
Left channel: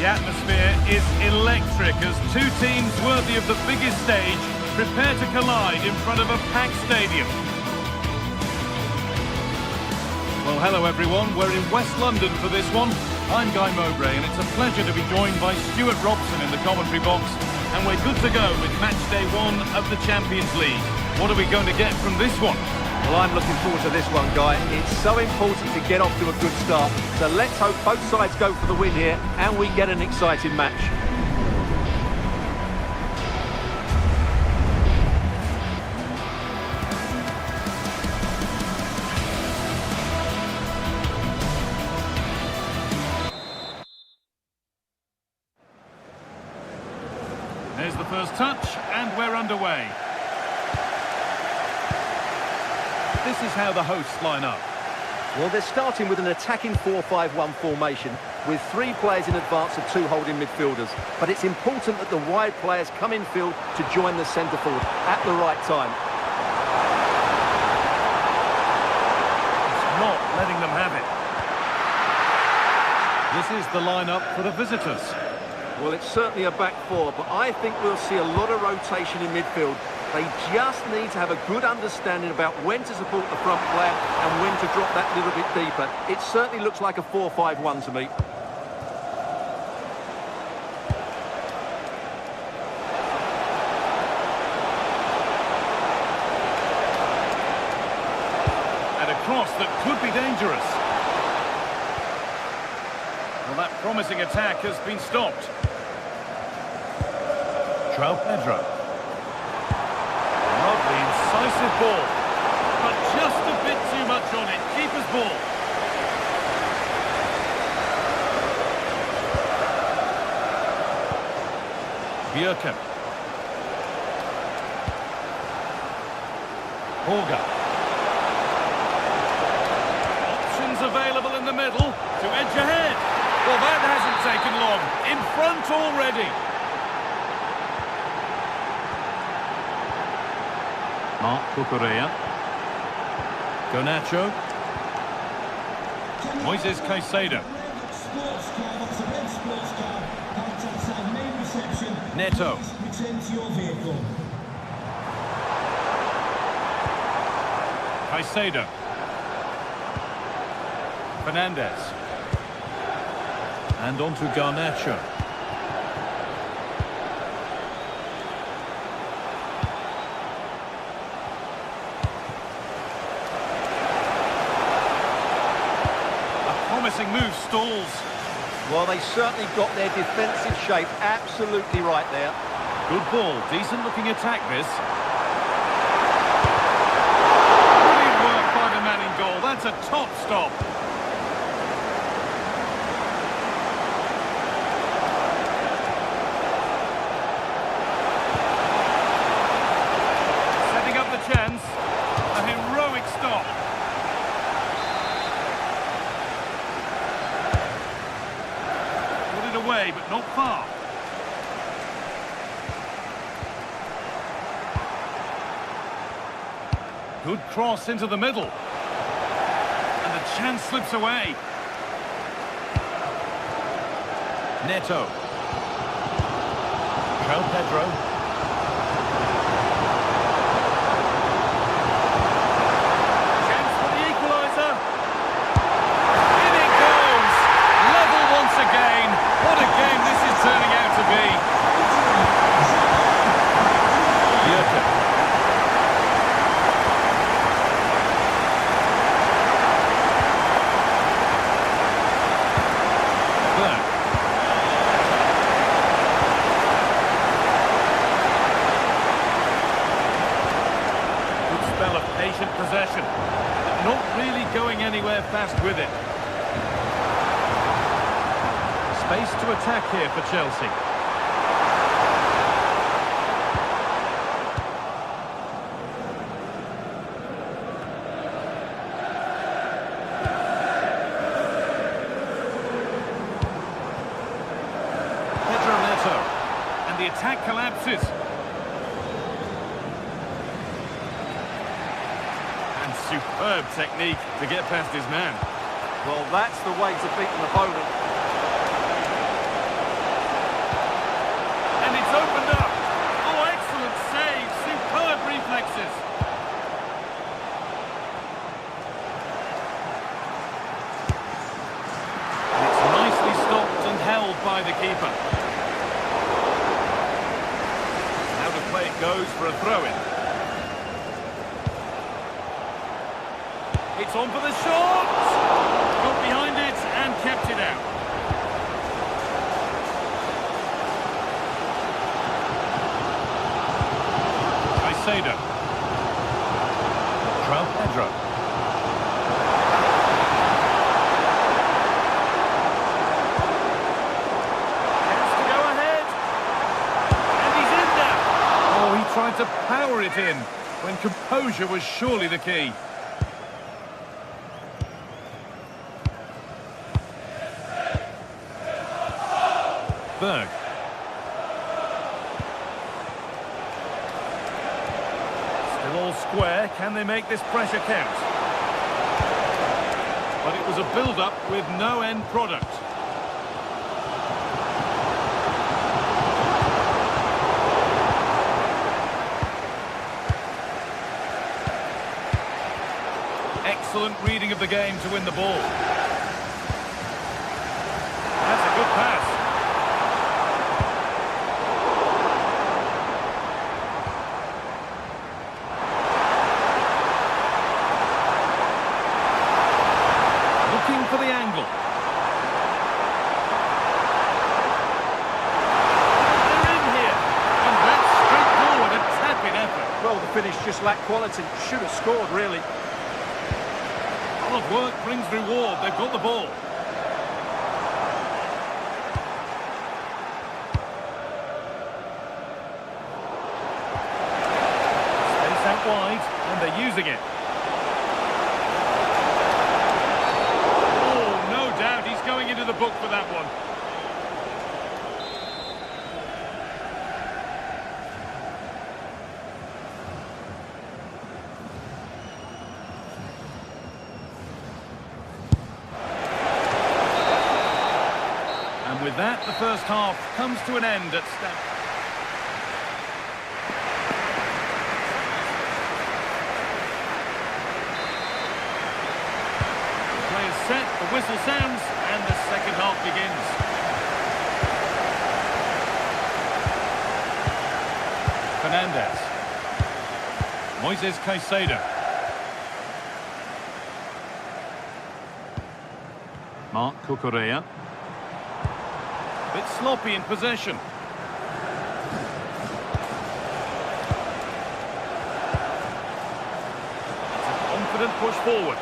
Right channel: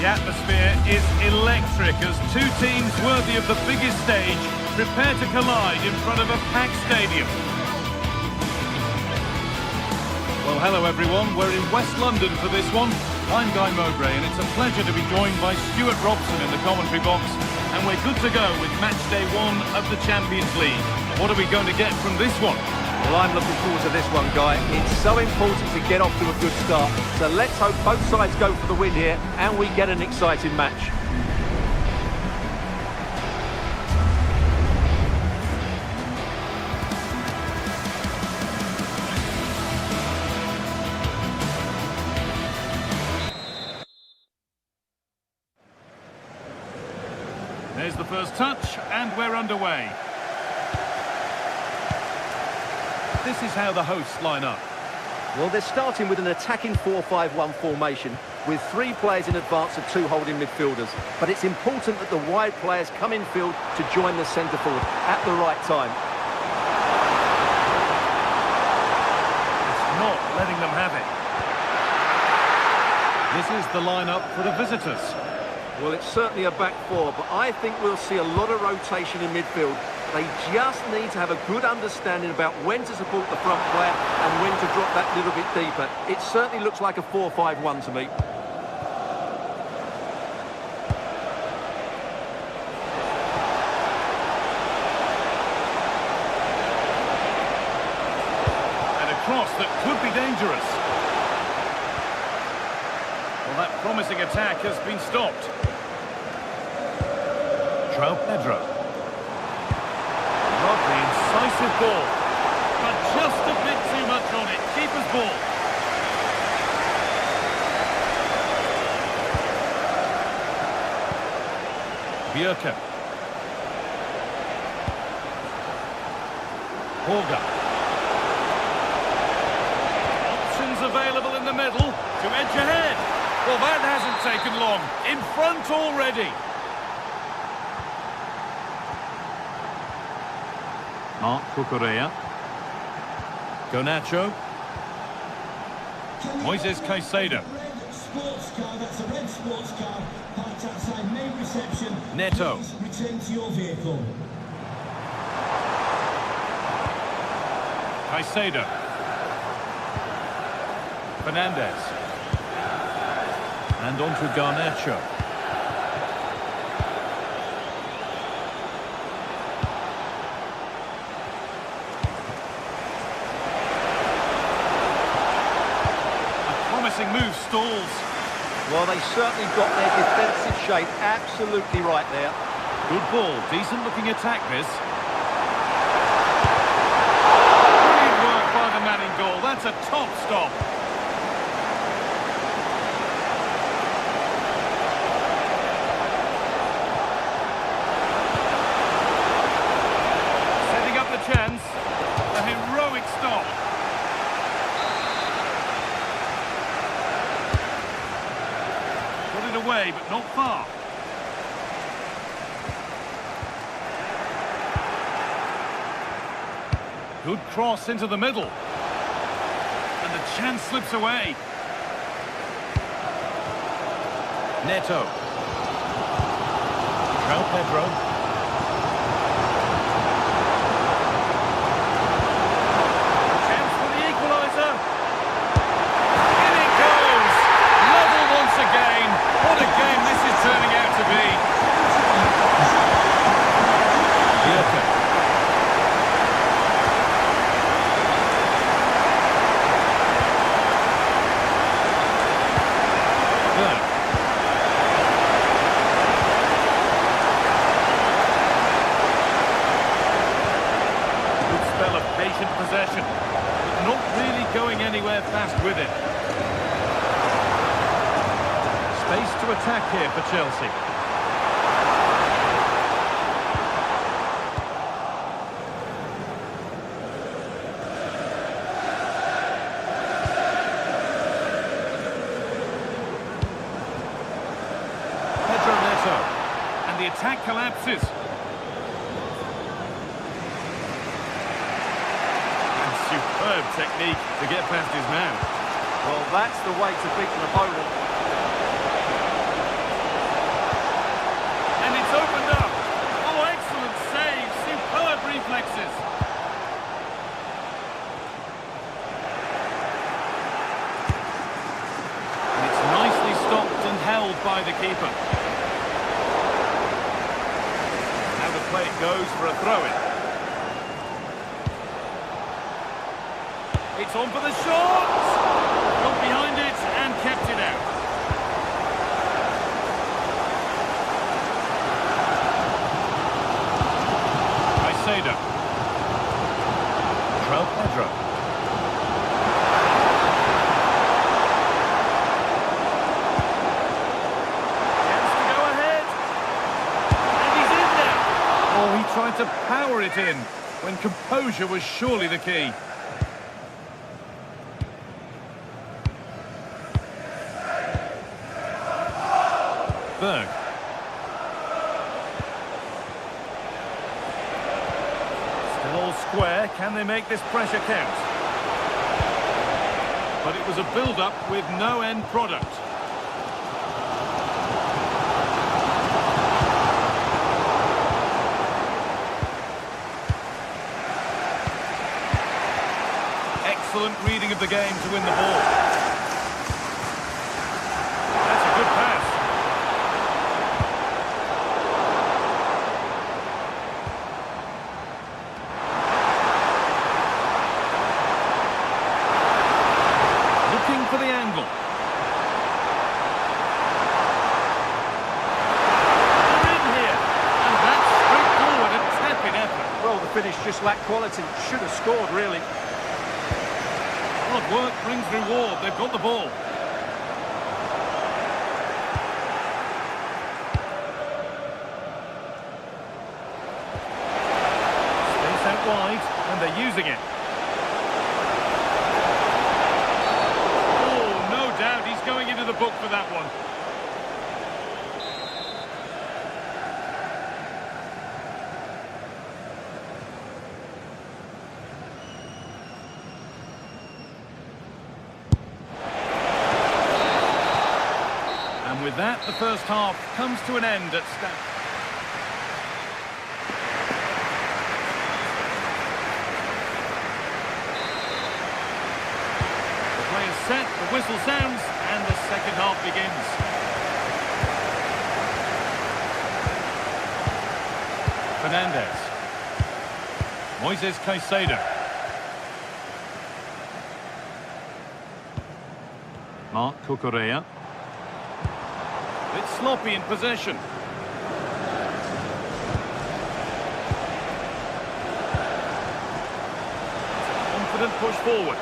The atmosphere is electric as two teams worthy of the biggest stage prepare to collide in front of a packed stadium. Well, hello everyone, we're in West London for this one. I'm Guy Mowbray and it's a pleasure to be joined by Stuart Robson in the commentary box, and we're good to go with match day 1 of the Champions League. What are we going to get from this one? Well, I'm looking forward to this one, Guy. It's so important to get off to a good start. So let's hope both sides go for the win here and we get an exciting match. There's the first touch, and we're underway. This is how the hosts line up. Well, they're starting with an attacking 4-5-1 formation with 3 players in advance of 2 holding midfielders. But it's important that the wide players come in field to join the centre forward at the right time. It's not letting them have it. This is the lineup for the visitors. Well, it's certainly a back 4, but I think we'll see a lot of rotation in midfield. They just need to have a good understanding about when to support the front player and when to drop that little bit deeper. It certainly looks like a 4-5-1 to me. And a cross that could be dangerous. Well, that promising attack has been stopped. Pedro. Lovely, incisive ball. But just a bit too much on it. Keeper's ball. Bjerken. Holger. Options available in the middle to edge ahead. Well, that hasn't taken long. In front already. Mark Cucurella. Garnacho. Moises Caicedo. Sports car, that's a red sports car, parked outside main reception. Neto. Please return to your vehicle. Caicedo. Fernandez. And on to Garnacho. Promising move stalls. Well, they certainly got their defensive shape absolutely right there. Good ball, decent looking attack this. Brilliant work by the man in goal, that's a top stop. Setting up the chance, a heroic stop. Got it away, but not far. Good cross into the middle. And the chance slips away. Neto. Pedro. Chance for the equaliser. In it goes. Level once again. What a game this is turning out to be. Bjerken. Good spell of patient possession, but not really going anywhere fast with it. Space to attack here for Chelsea. Neto, and the attack collapses. And superb technique to get past his man. Well, that's the way to beat an opponent. And it's opened up. Oh, excellent save, superb reflexes. And it's nicely stopped and held by the keeper. Now the play it goes for a throw-in. It's on for the shot! Got behind it and kept it out. Caicedo. Pedro. Chance to go ahead. And he's in there. Oh, he tried to power it in when composure was surely the key. Berg. Still all square. Can they make this pressure count? But it was a build-up with no end product. Excellent reading of the game to win the ball. That's a good pass. Looking for the angle. They're in here. And that's straightforward, a tap-in effort. Well, the finish just lacked quality. Should have scored, really. Hard work brings reward. They've got the ball. Space out wide, and they're using it. Oh, no doubt he's going into the book for that one. And with that, the first half comes to an end at Stamford. The play is set, the whistle sounds, and the second half begins. Fernandez. Moises Caicedo. Marc Cucurella. Bit sloppy in possession. It's a confident push forward.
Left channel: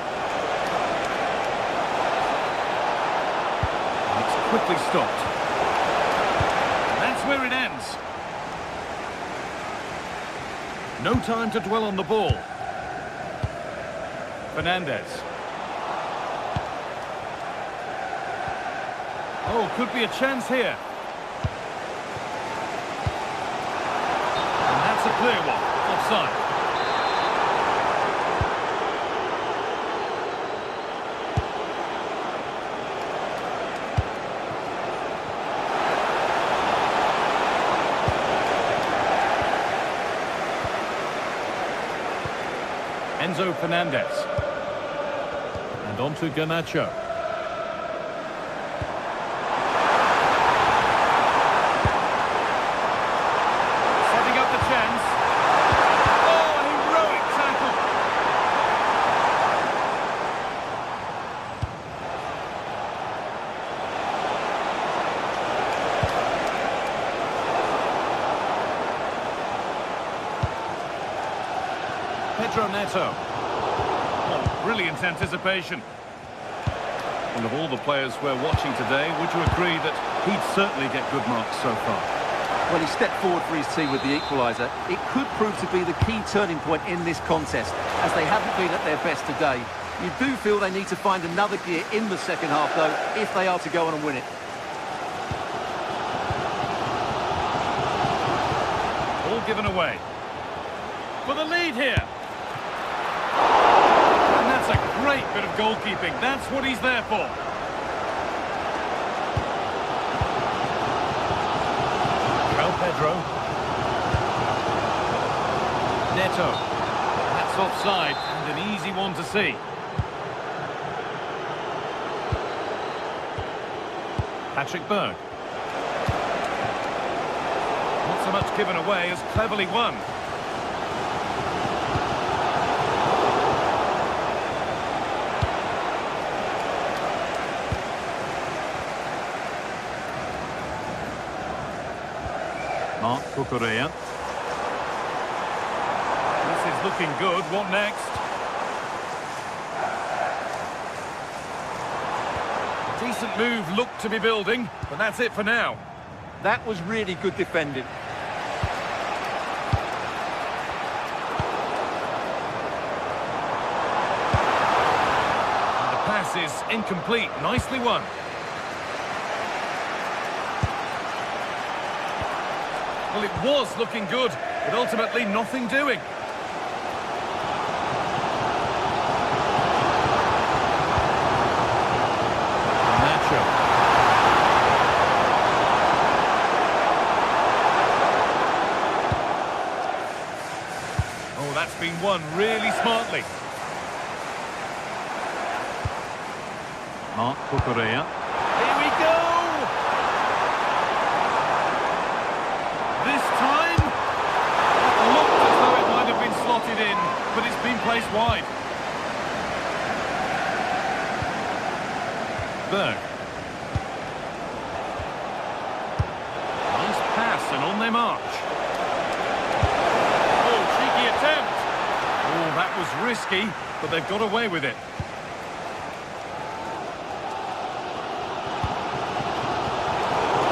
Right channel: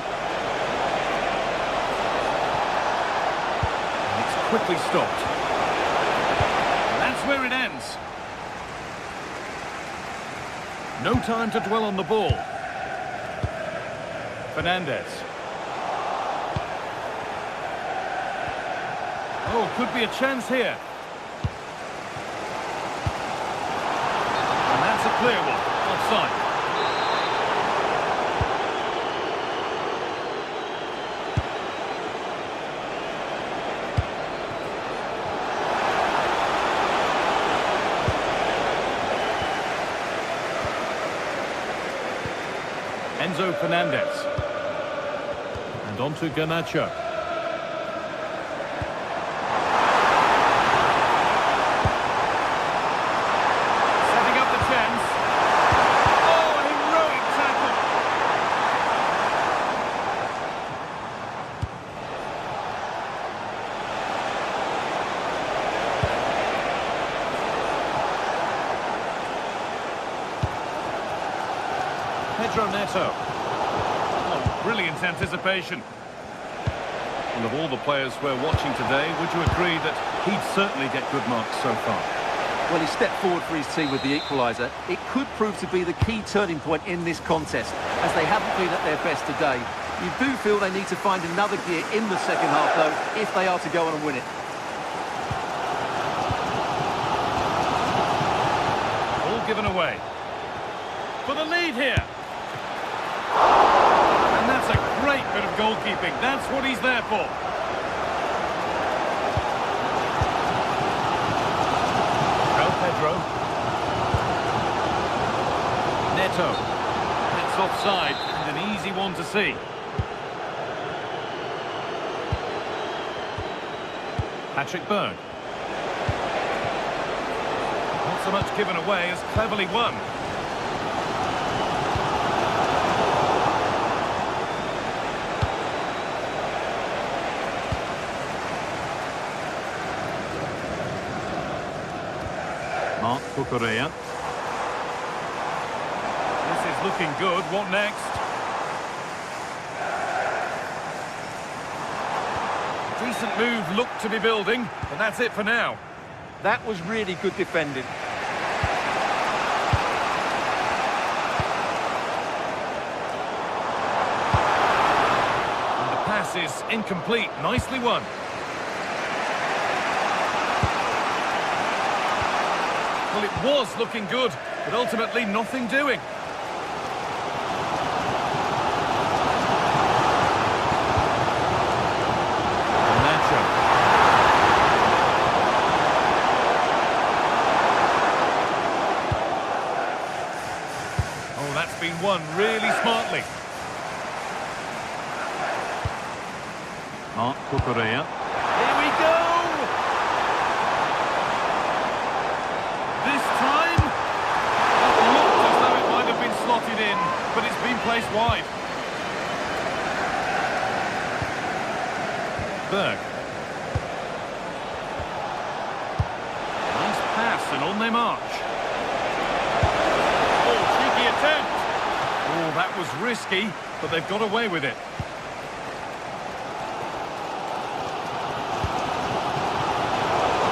And it's quickly stopped. And that's where it ends. No time to dwell on the ball. Fernandez. Oh, could be a chance here. And that's a clear one. Offside. Enzo Fernandez. And on to Garnacho. Chance. Oh, a heroic tackle. Pedro Neto. Oh, brilliant anticipation. Well, of all the players we're watching today, would you agree that he'd certainly get good marks so far? Well, he stepped forward for his team with the equaliser. It could prove to be the key turning point in this contest, as they haven't been at their best today. You do feel they need to find another gear in the second half, though, if they are to go on and win it. All given away. For the lead here. And that's a great bit of goalkeeping. That's what he's there for. Pedro. Neto. That's offside and an easy one to see. Patrick Berg. Not so much given away as cleverly won. Mark Cucurella. This is looking good. What next? A decent move looked to be building, but that's it for now. That was really good defending. And the pass is incomplete. Nicely won. Well, it was looking good, but ultimately nothing doing. Oh, that's been won really smartly. Mark Cucurella. Here we go! This time, that looked as though it might have been slotted in, but it's been placed wide. Berg. Nice pass, and on they march. Oh, cheeky attempt. Oh, that was risky, but they've got away with it.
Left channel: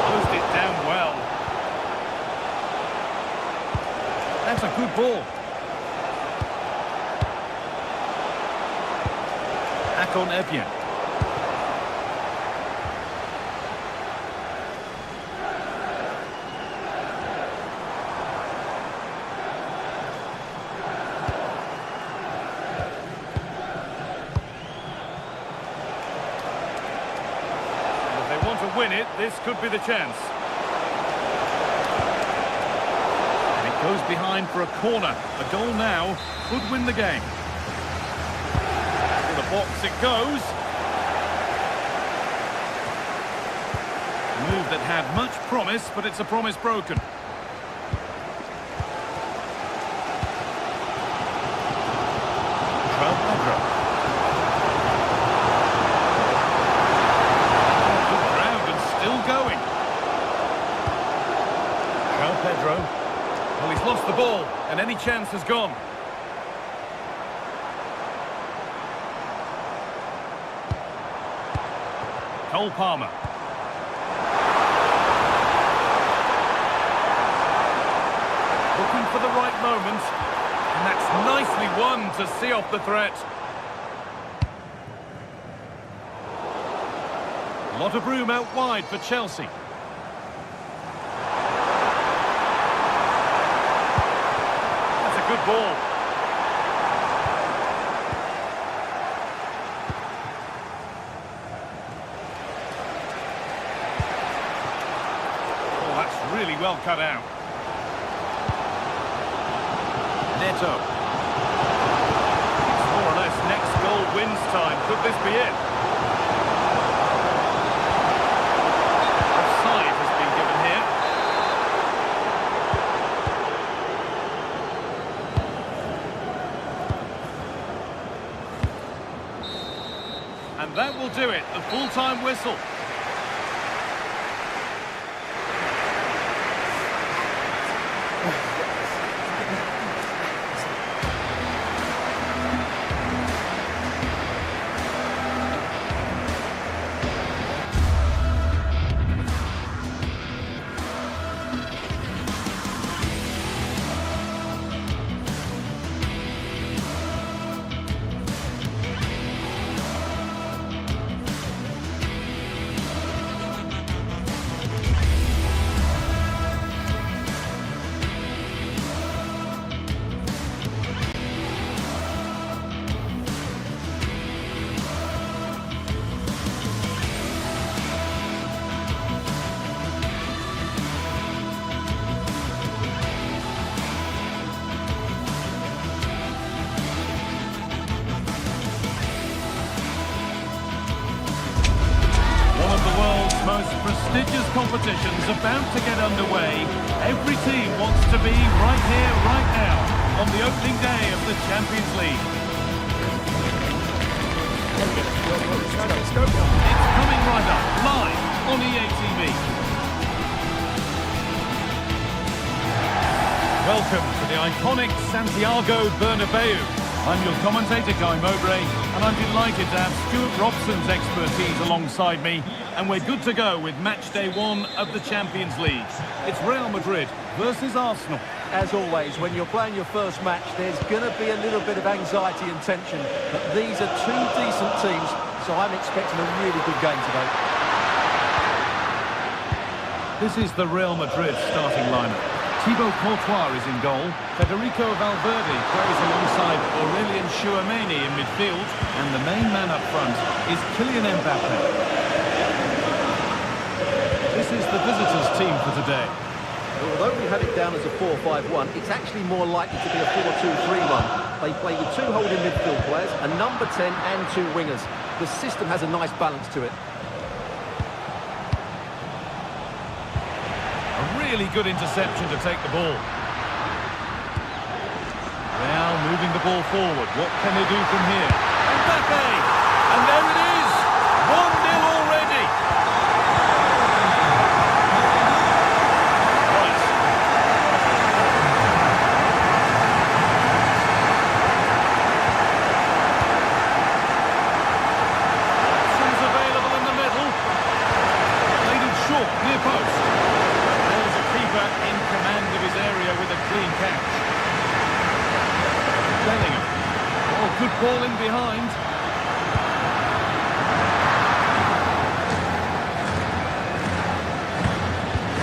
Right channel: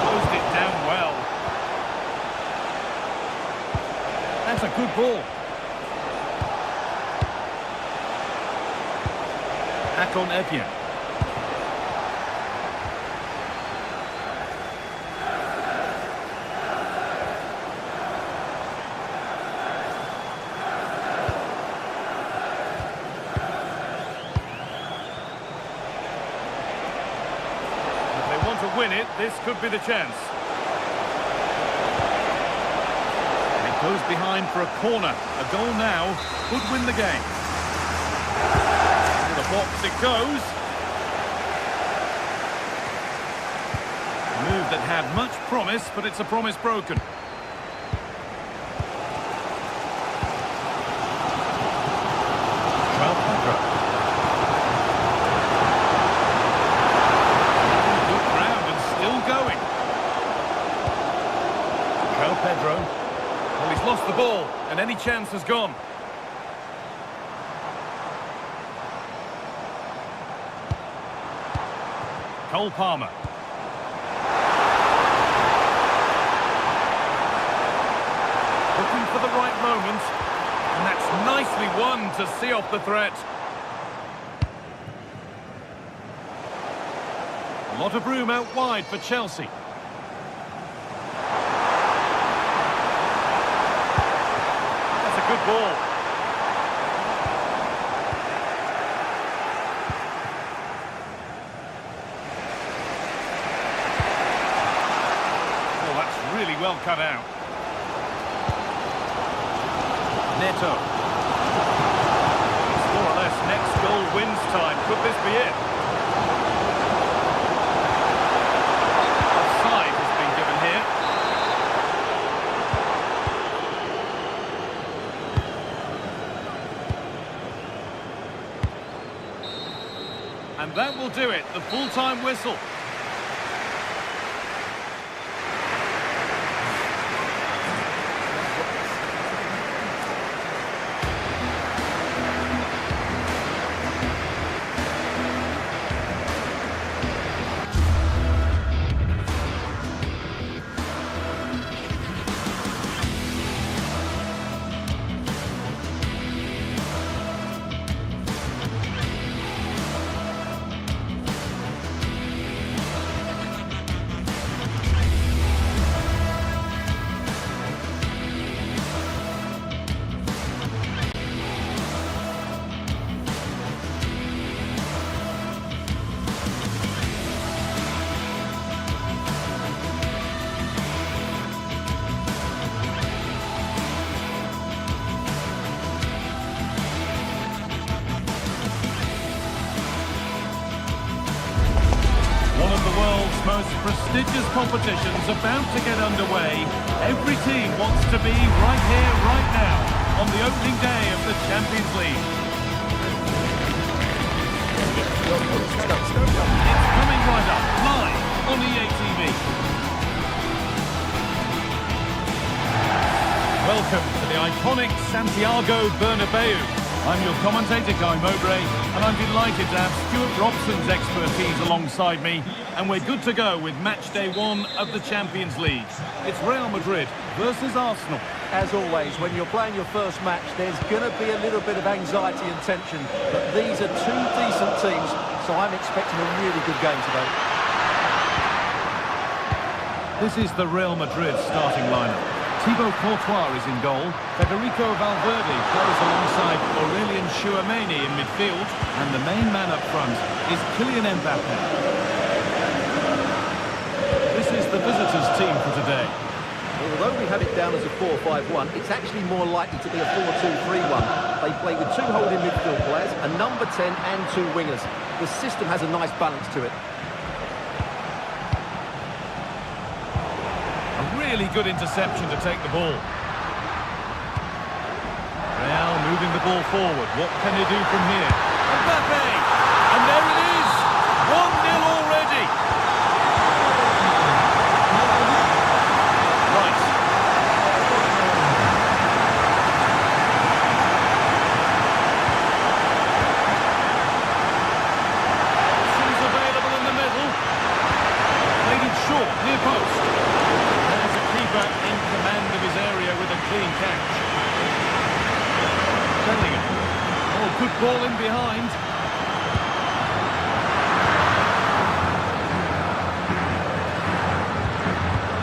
Closed it down well. That's a good ball. Akon Evian. If they want to win it, this could be the chance. Goes behind for a corner. A goal now could win the game. To the box it goes. A move that had much promise, but it's a promise broken. Pedro. Good ground and still going. Pedro. Well, he's lost the ball, and any chance has gone. Cole Palmer. Looking for the right moment, and that's nicely won to see off the threat. A lot of room out wide for Chelsea. Good ball. Oh, that's really well cut out. Neto. It's more or less next goal wins time. Could this be it? Offside has been given here. And that will do it, the full-time whistle. One of the world's most prestigious competitions about to get underway. Every team wants to be right here, right now, on the opening day of the Champions League. It's coming right up, live on EA TV. Welcome to the iconic Santiago Bernabeu. I'm your commentator, Guy Mowbray, and I'm delighted to have Stuart Robson's expertise alongside me, and we're good to go with match day 1 of the Champions League. It's Real Madrid versus Arsenal. As always, when you're playing your first match, there's going to be a little bit of anxiety and tension, but these are two decent teams, so I'm expecting a really good game today. This is the Real Madrid starting lineup. Thibaut Courtois is in goal. Federico Valverde plays alongside Aurelien Tchouameni in midfield. And the main man up front is Kylian Mbappe. This is the visitors' team for today. Well, although we have it down as a 4-5-1, it's actually more likely to be a 4-2-3-1. They play with 2 holding midfield players, a number 10 and 2 wingers. The system has a nice balance to it. A really good interception to take the ball. Real moving the ball forward. What can they do from here? Mbappe! And there it is! 1-0 already! Right. Options available in the middle. Played it short, near post. There's a keeper in command of his area with a clean catch. Bellingham. Oh, good ball in behind.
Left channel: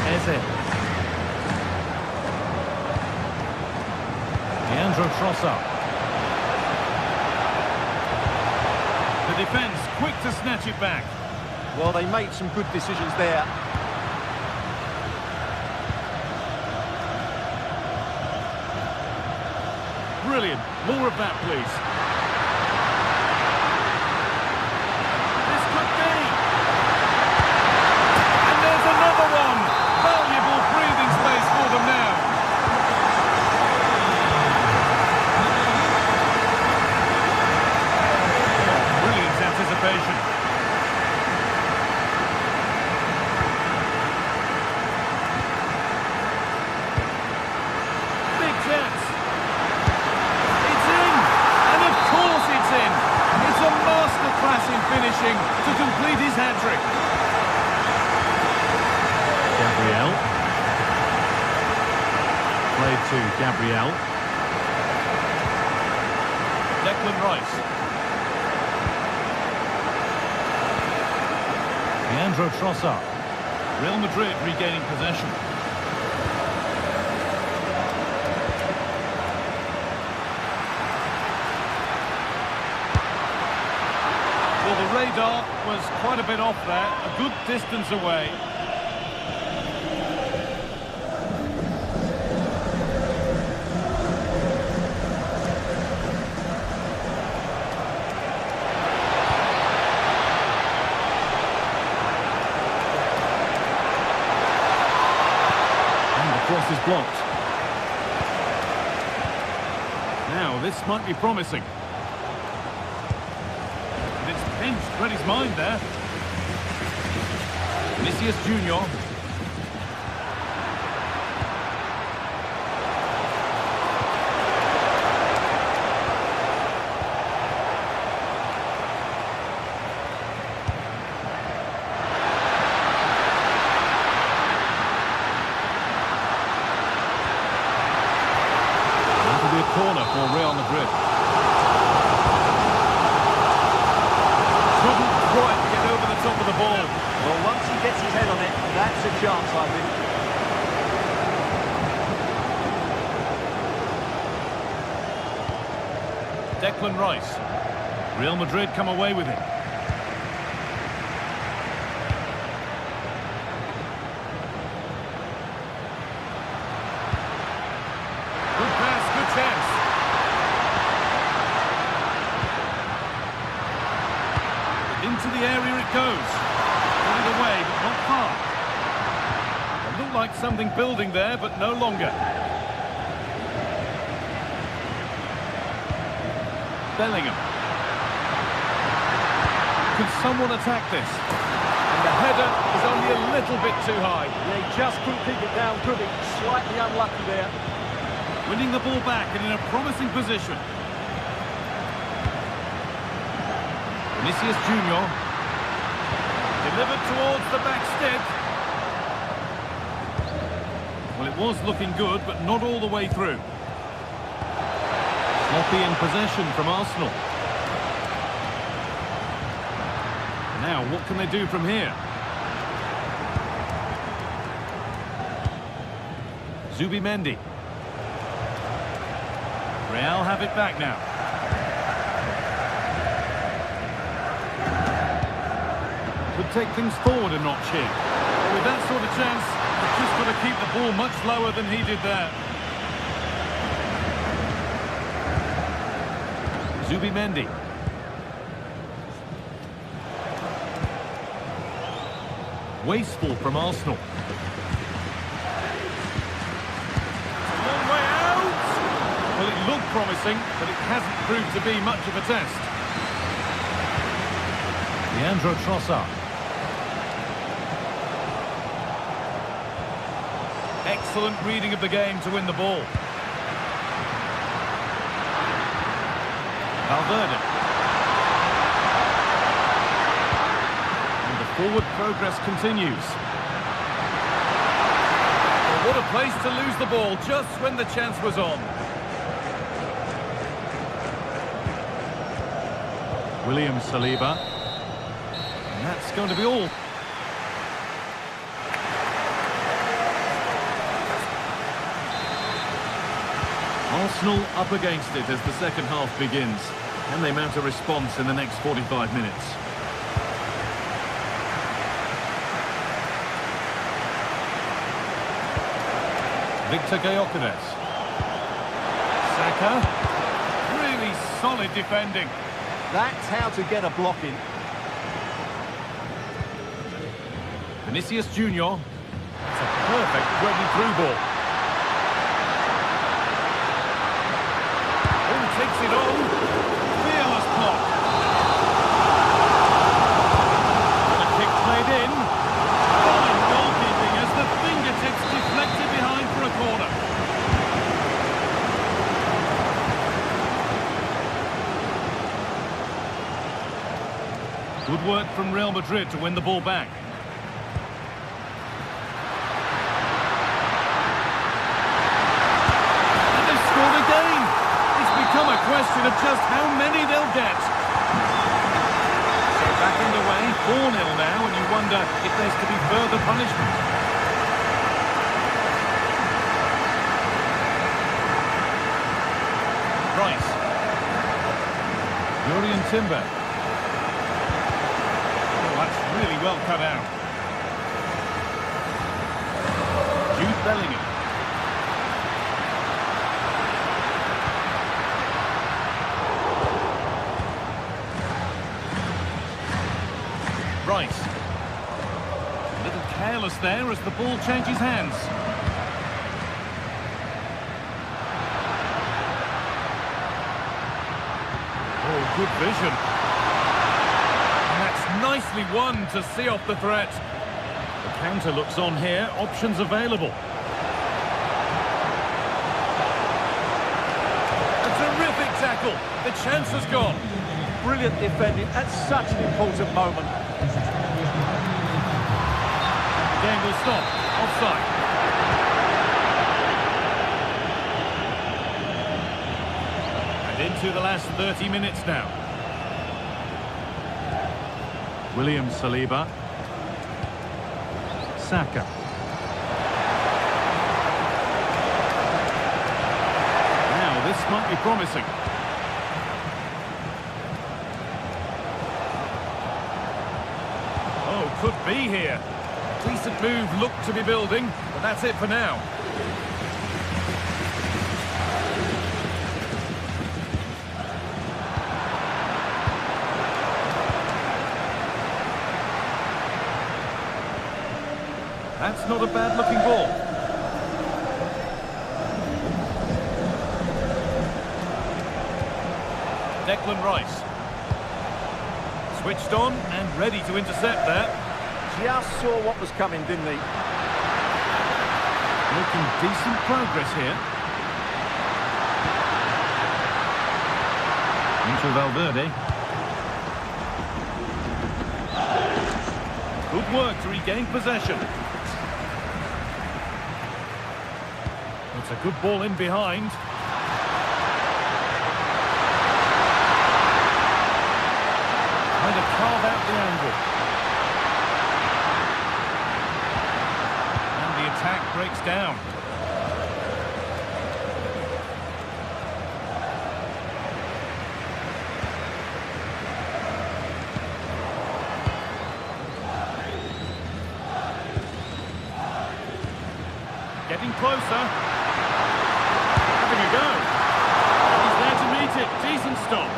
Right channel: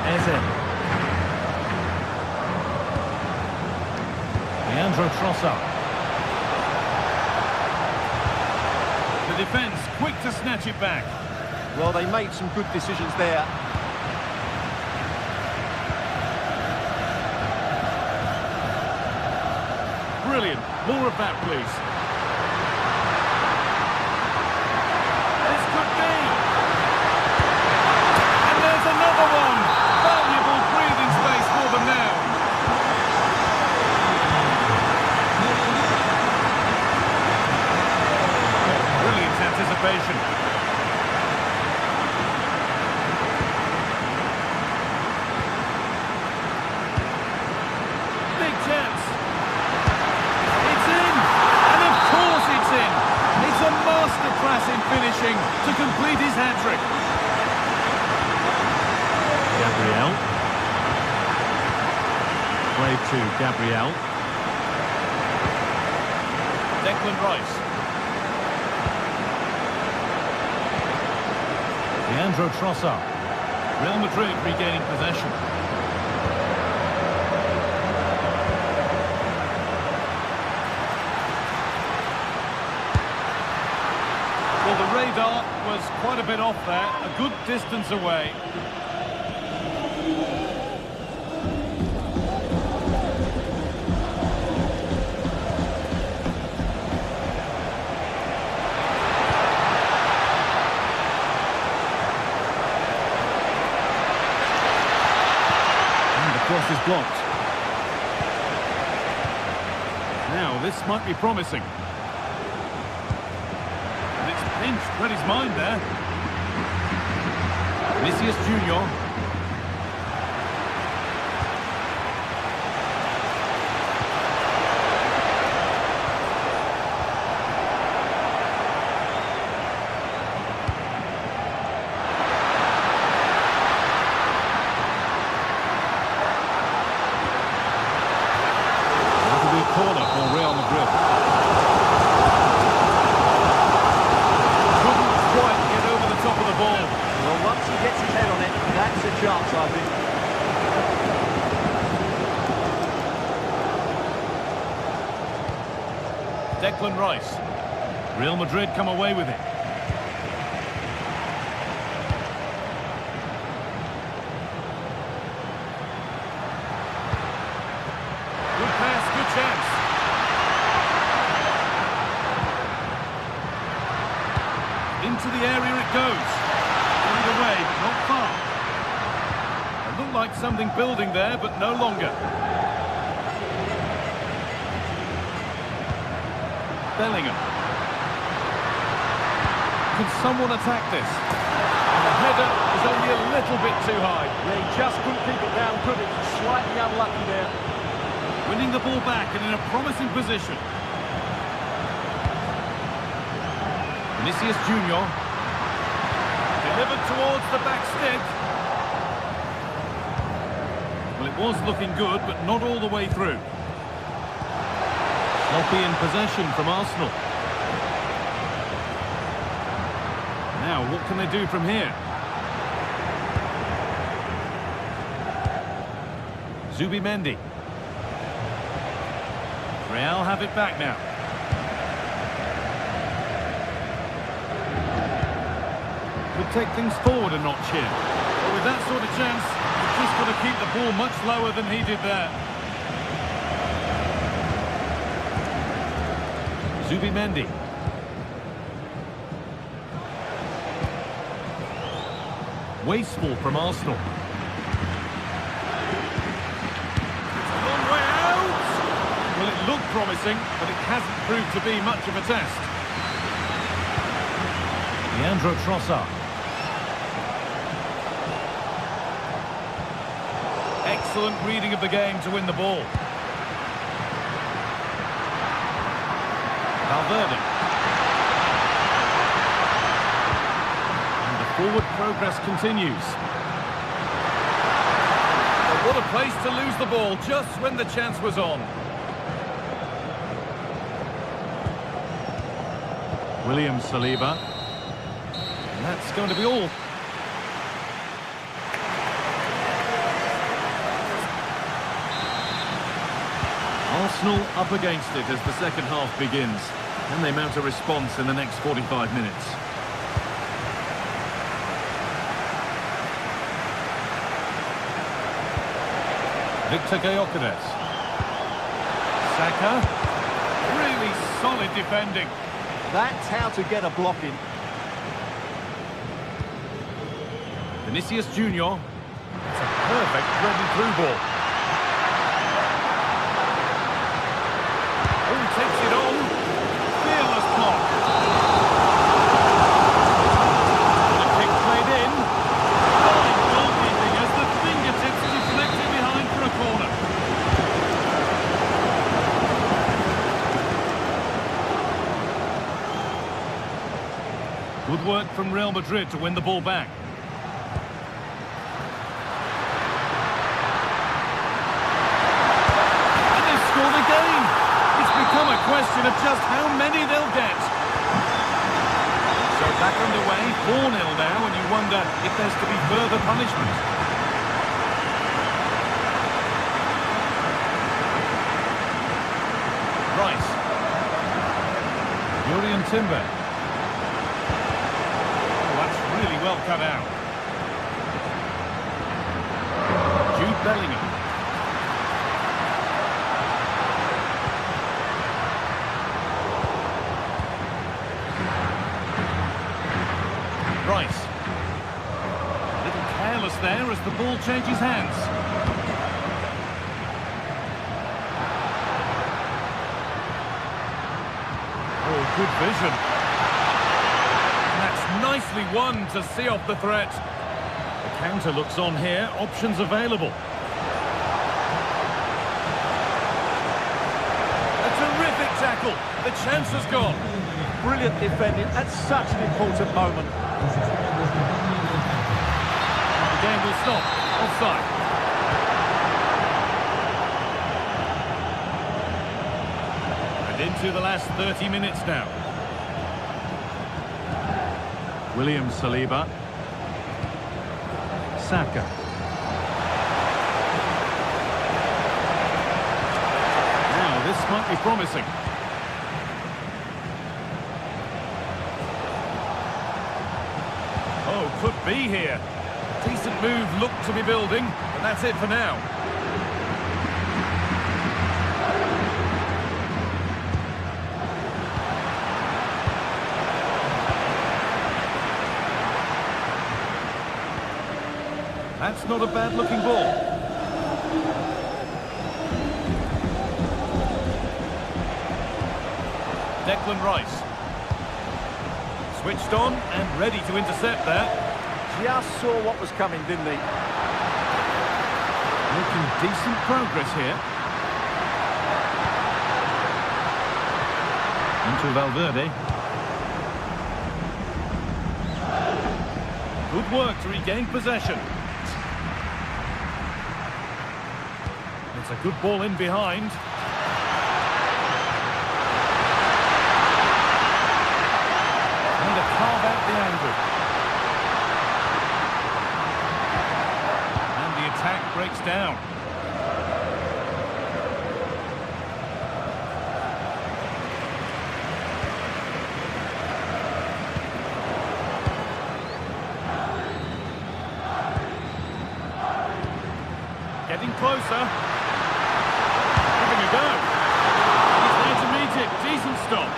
Eze. Leandro Trossard. The defence quick to snatch it back. Well, they made some good decisions there. Brilliant. More of that, please. This could be. And there's another one. Valuable breathing space for them now. Oh, brilliant anticipation. Big chance. It's in. It's a masterclass in finishing to complete his hat-trick. Gabriel. Played to Gabriel. Declan Rice. Leandro Trossard. Real Madrid regaining possession. Well, the radar was quite a bit off there, a good distance away. And the cross is blocked. Now, this might be promising. Pinched, read his mind there. Vinicius Junior. That'll be a corner for Real Madrid. Quite get over the top of the ball. Well, once he gets his head on it, that's a chance, I think. Declan Rice. Real Madrid come away with it. Good pass, good chance. Into the area it goes. Put it away, but not far. It looked like something building there, but no longer. Bellingham. Can someone attack this? And the header is only a little bit too high. Yeah, he just couldn't keep it down, could he? Slightly unlucky there. Winning the ball back and in a promising position. Vinicius Junior. Delivered towards the back stick. Well, it was looking good, but not all the way through. Sloppy in possession from Arsenal. Now, what can they do from here? Zubimendi. Real have it back now. Could take things forward a notch here. But with that sort of chance, you've just got to keep the ball much lower than he did there. Zubimendi. Wasteful from Arsenal. It's a long way out! Well, it looked promising, but it hasn't proved to be much of a test. Leandro Trossard. Excellent reading of the game to win the ball. Valverde. And the forward progress continues. Well, what a place to lose the ball just when the chance was on. William Saliba. And that's going to be all. Arsenal up against it as the second half begins. Can they mount a response in the next 45 minutes? Victor Gyökeres. Saka. Really solid defending. That's how to get a block in. Vinicius Junior. That's a perfect threaded through ball. Oh, takes it on. Fearless block. And a kick played in. Fine goalkeeping as the fingertips deflected behind for a corner. Good work from Real Madrid to win the ball back. And they've scored again. It's become a question of just how many they'll get. So back underway, 4-0 now, and you wonder if there's to be further punishment. Rice. Jurrien Timber. Oh, that's really well cut out. Jude Bellingham. Rice. A little careless there as the ball changes hands. Oh, good vision. And that's nicely won to see off the threat. The counter looks on here, options available. A terrific tackle. The chance has gone. Brilliant defending at such an important moment. The game will stop. Offside. And into the last 30 minutes now. William Saliba. Saka. Now this might be promising. Oh, could be here. A decent move looked to be building, but that's it for now. That's not a bad-looking ball. Declan Rice. Switched on and ready to intercept there. Just saw what was coming, didn't he? Making decent progress here. Into Valverde. Good work to regain possession. It's a good ball in behind. Trying to carve out the angle. And the attack breaks down. Getting closer. Having a go. He's there to meet it. Decent stop.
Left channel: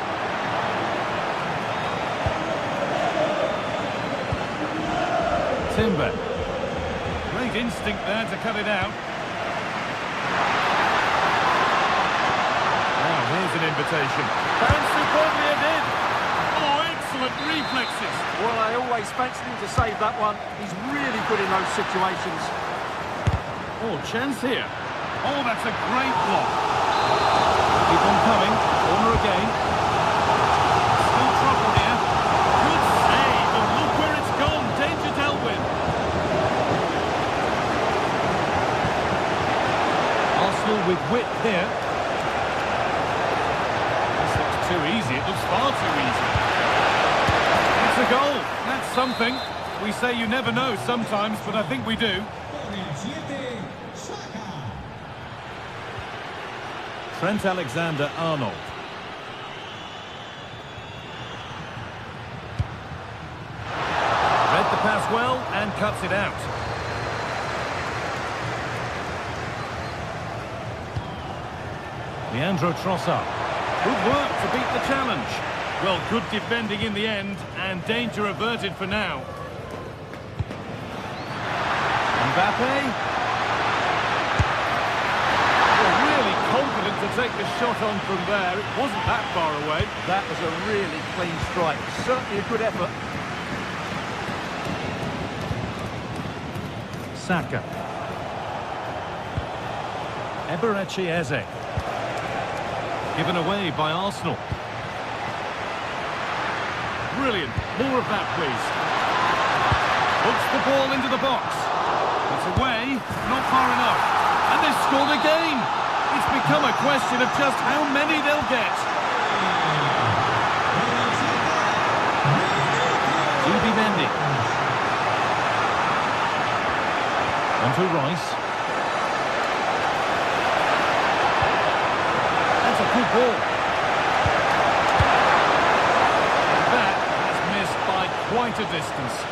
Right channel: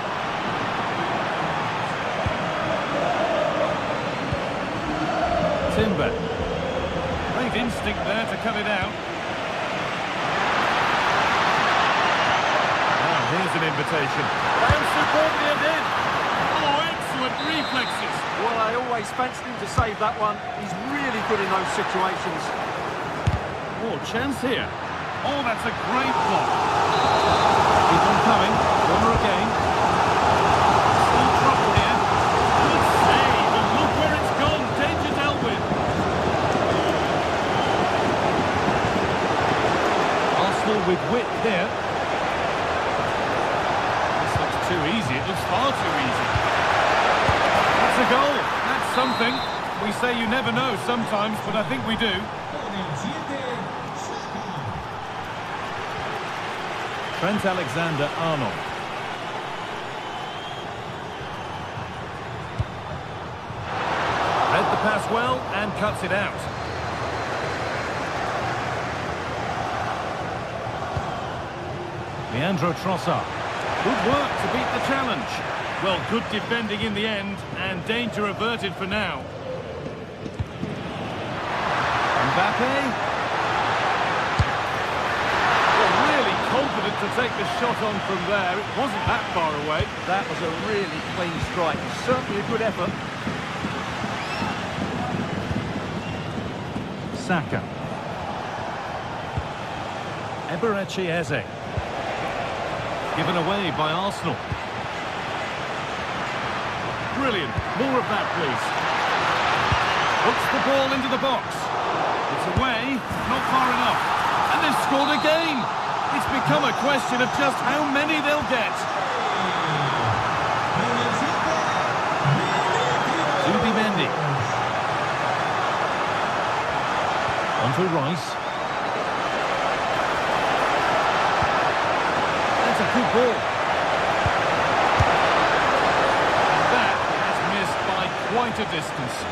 Timber. Great instinct there to cut it out. Now here's an invitation. Found superbly and in. Oh, excellent reflexes. Well, I always fancied him to save that one. He's really good in those situations. Oh, chance here. Oh, that's a great block. Keep on coming. Corner again. Still trouble here. Good save, and look where it's gone. Danger dealt with. Arsenal with width there. This looks too easy. It looks far too easy. That's a goal. That's something. We say you never know sometimes, but I think we do. Trent Alexander-Arnold. Read the pass well and cuts it out. Leandro Trossard. Good work to beat the challenge. Well, good defending in the end, and danger averted for now. Mbappe. Well, really confident to take the shot on from there. It wasn't that far away. That was a really clean strike. Certainly a good effort. Saka. Eberechi Eze. Given away by Arsenal. Brilliant. More of that, please. Puts the ball into the box. It's away, not far enough. And they've scored again. It's become a question of just how many they'll get. Zubimendi. On to Rice. That's a good ball. And that has missed by quite a distance.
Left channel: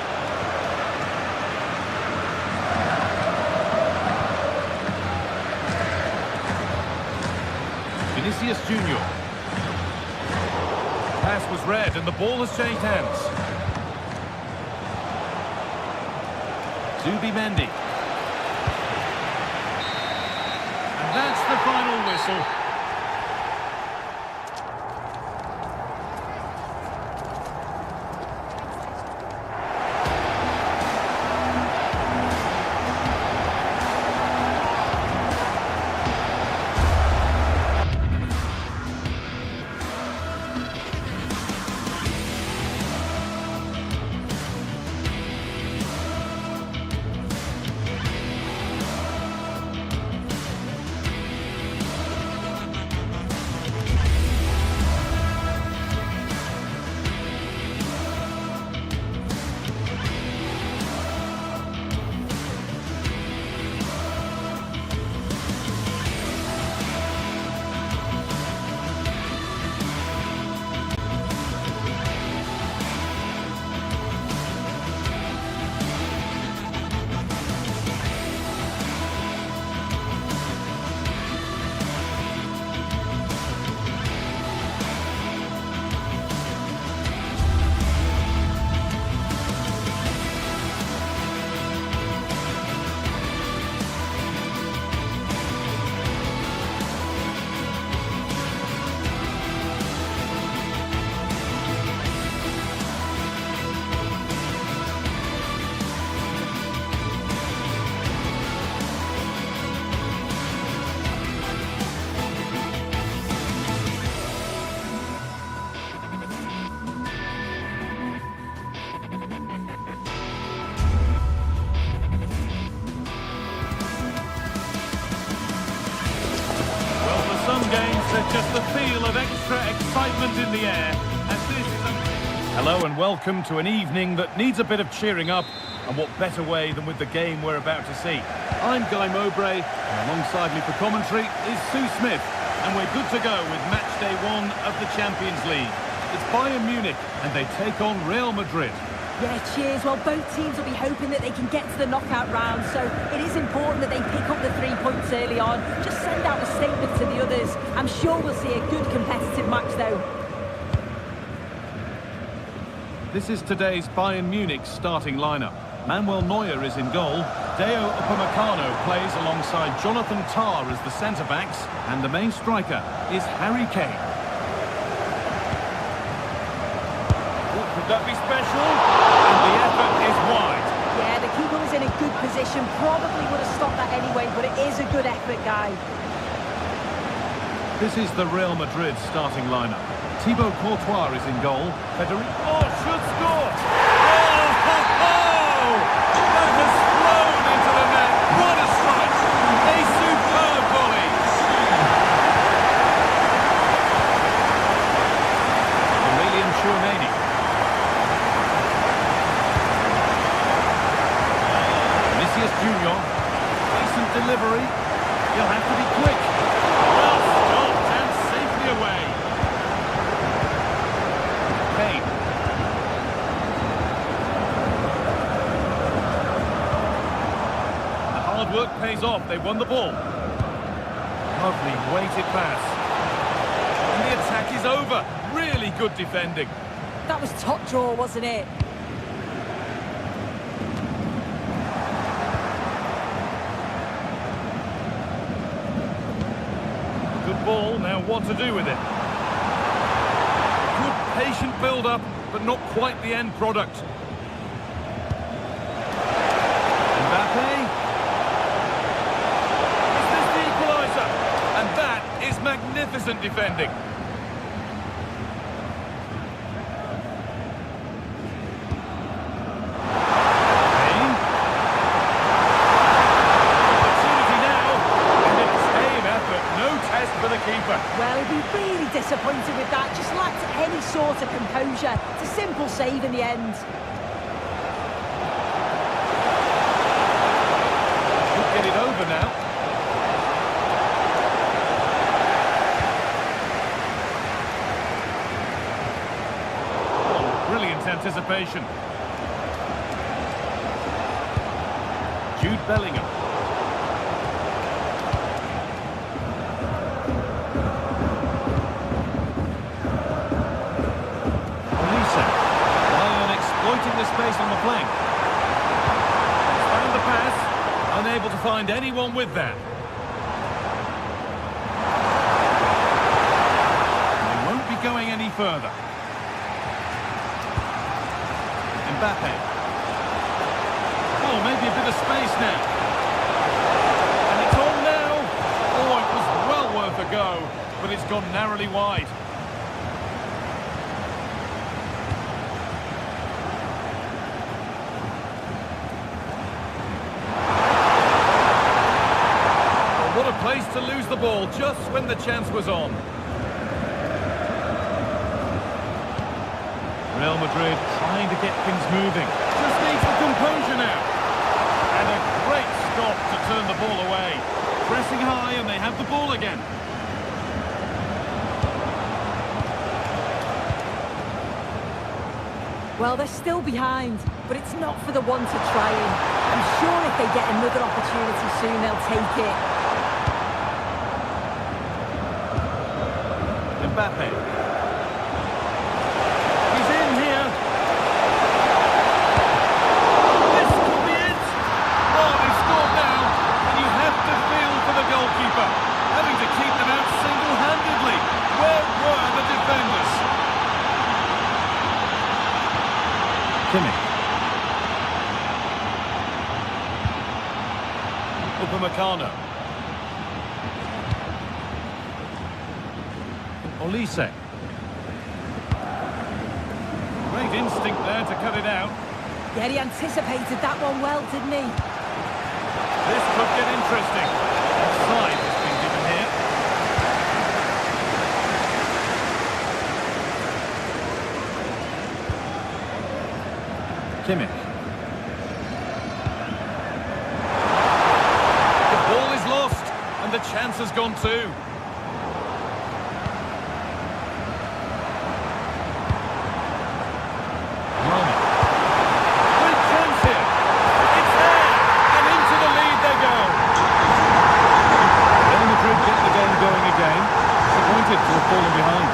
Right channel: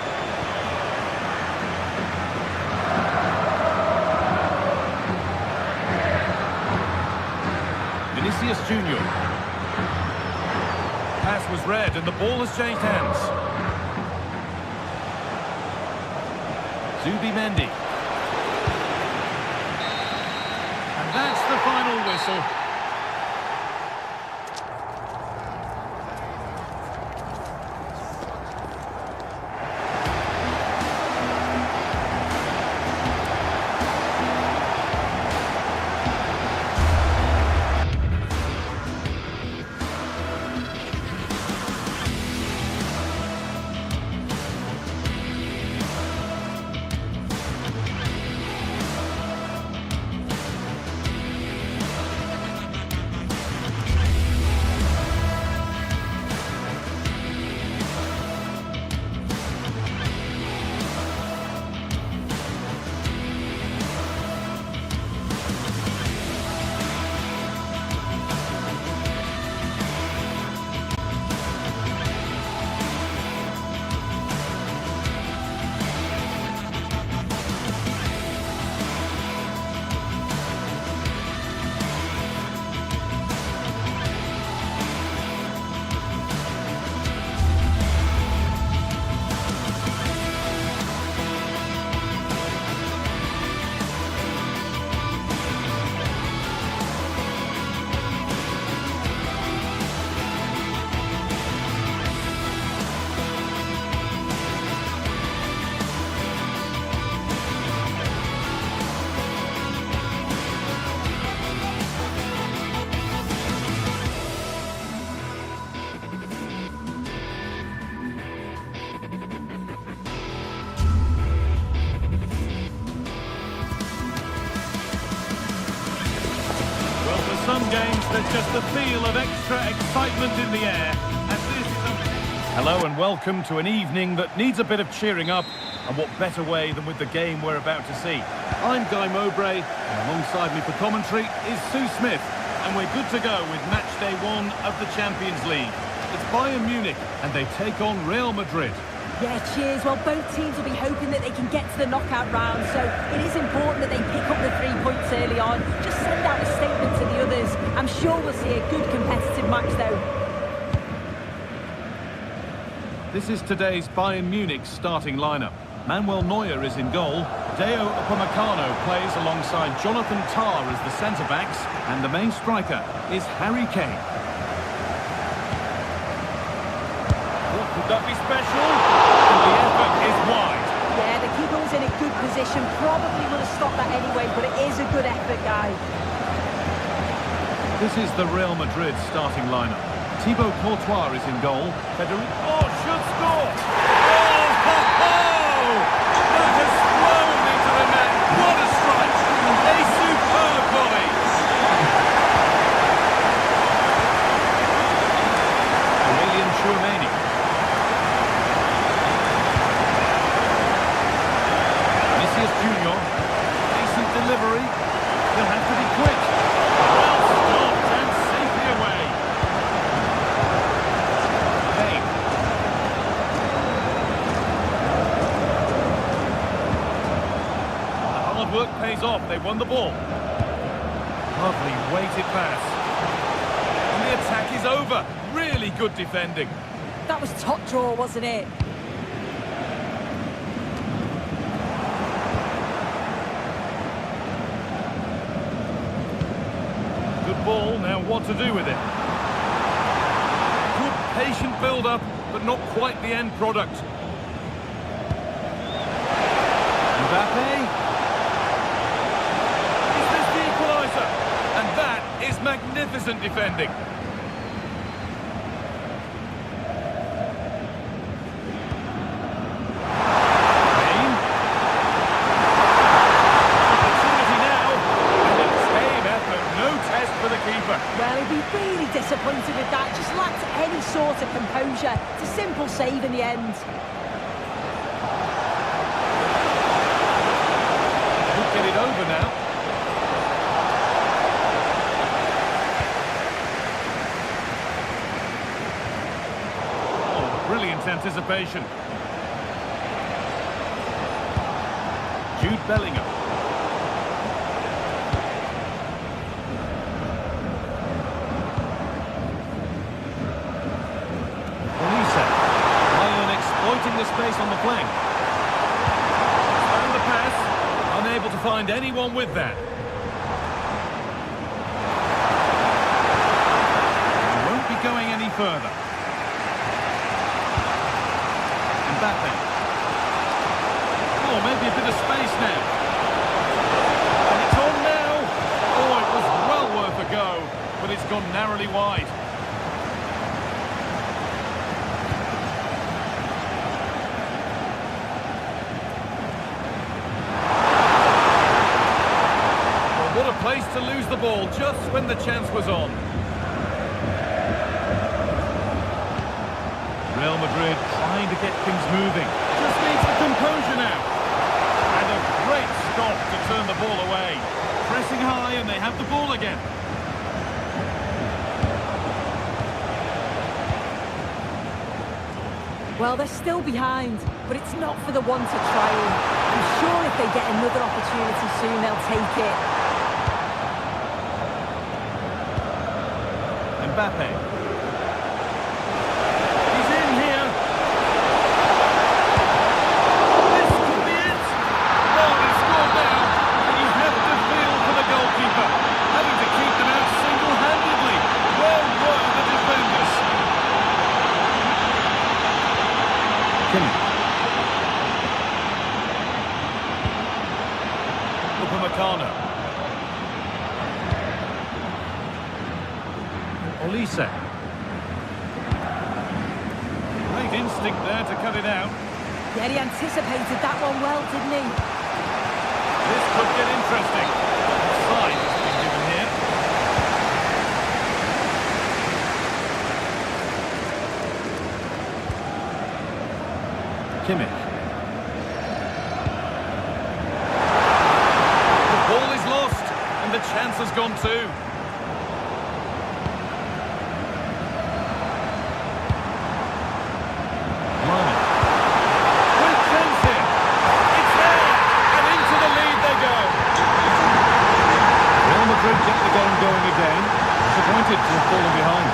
Vinicius Junior. Pass was read and the ball has changed hands. Zubimendi. And that's the final whistle. There's just the feel of extra excitement in the air, and this is a... Hello and welcome to an evening that needs a bit of cheering up, and what better way than with the game we're about to see. I'm Guy Mowbray, and alongside me for commentary is Sue Smith, and we're good to go with match day 1 of the Champions League. It's Bayern Munich, and they take on Real Madrid. Yeah, cheers. Well, both teams will be hoping that they can get to the knockout round, so it is important that they pick up the 3 points early on. Just send out a statement to the others. I'm sure we'll see a good competitive match, though. This is today's Bayern Munich starting lineup. Manuel Neuer is in goal. Deo Upamecano plays alongside Jonathan Tah as the centre-backs, and the main striker is Harry Kane. What could that be special? And the effort is wide. Yeah, the keeper was in a good position. Probably would have stopped that anyway, but it is a good effort, Guy. This is the Real Madrid starting lineup. Thibaut Courtois is in goal. Federico should score! Oh, ho, ho! That has flown into the net. What a strike! A superb volley! Aurelien Tchouameni. Vinicius Junior. Decent delivery. He'll have to be quick. Well stopped and safely away. Kane. The hard work pays off. They won the ball. Lovely weighted pass. And the attack is over. Really good defending. That was top draw, wasn't it? Good ball. Now what to do with it? Good patient build-up, but not quite the end product. Mbappe. Is this the equaliser? And that is magnificent defending. Kane. Opportunity now, and it's same effort. No test for the keeper. Well, he'd be really disappointed with that. Just lacked any sort of composure. It's a simple save in the end. Could get it over now. Oh, brilliant anticipation. Jude Bellingham. Bayern exploiting the space on the flank. Found the pass, unable to find anyone with that. He won't be going any further. Mbappe. Oh, maybe a bit of space now. And it's on now. Oh, it was well worth a go, but it's gone narrowly wide. What a place to lose the ball just when the chance was on. Real Madrid trying to get things moving. Just needs the composure now. And a great stop to turn the ball away. Pressing high and they have the ball again. Well, they're still behind, but it's not for the want of trying. I'm sure if they get another opportunity soon, they'll take it. Mbappe. He's in here. This could be it. Oh, they've scored now. And you have to feel for the goalkeeper. Having to keep them out single-handedly. Where were the defenders? Kimmich. Upamecano. Olise. Great instinct there to cut it out. Yeah, he anticipated that one well, didn't he? This could get interesting. Offside has been given here. Kimmich. The ball is lost, and the chance has gone too. Blimey. Great chance here. It's there, and into the lead they go. Real Madrid get the game going again. Disappointed to have fallen behind.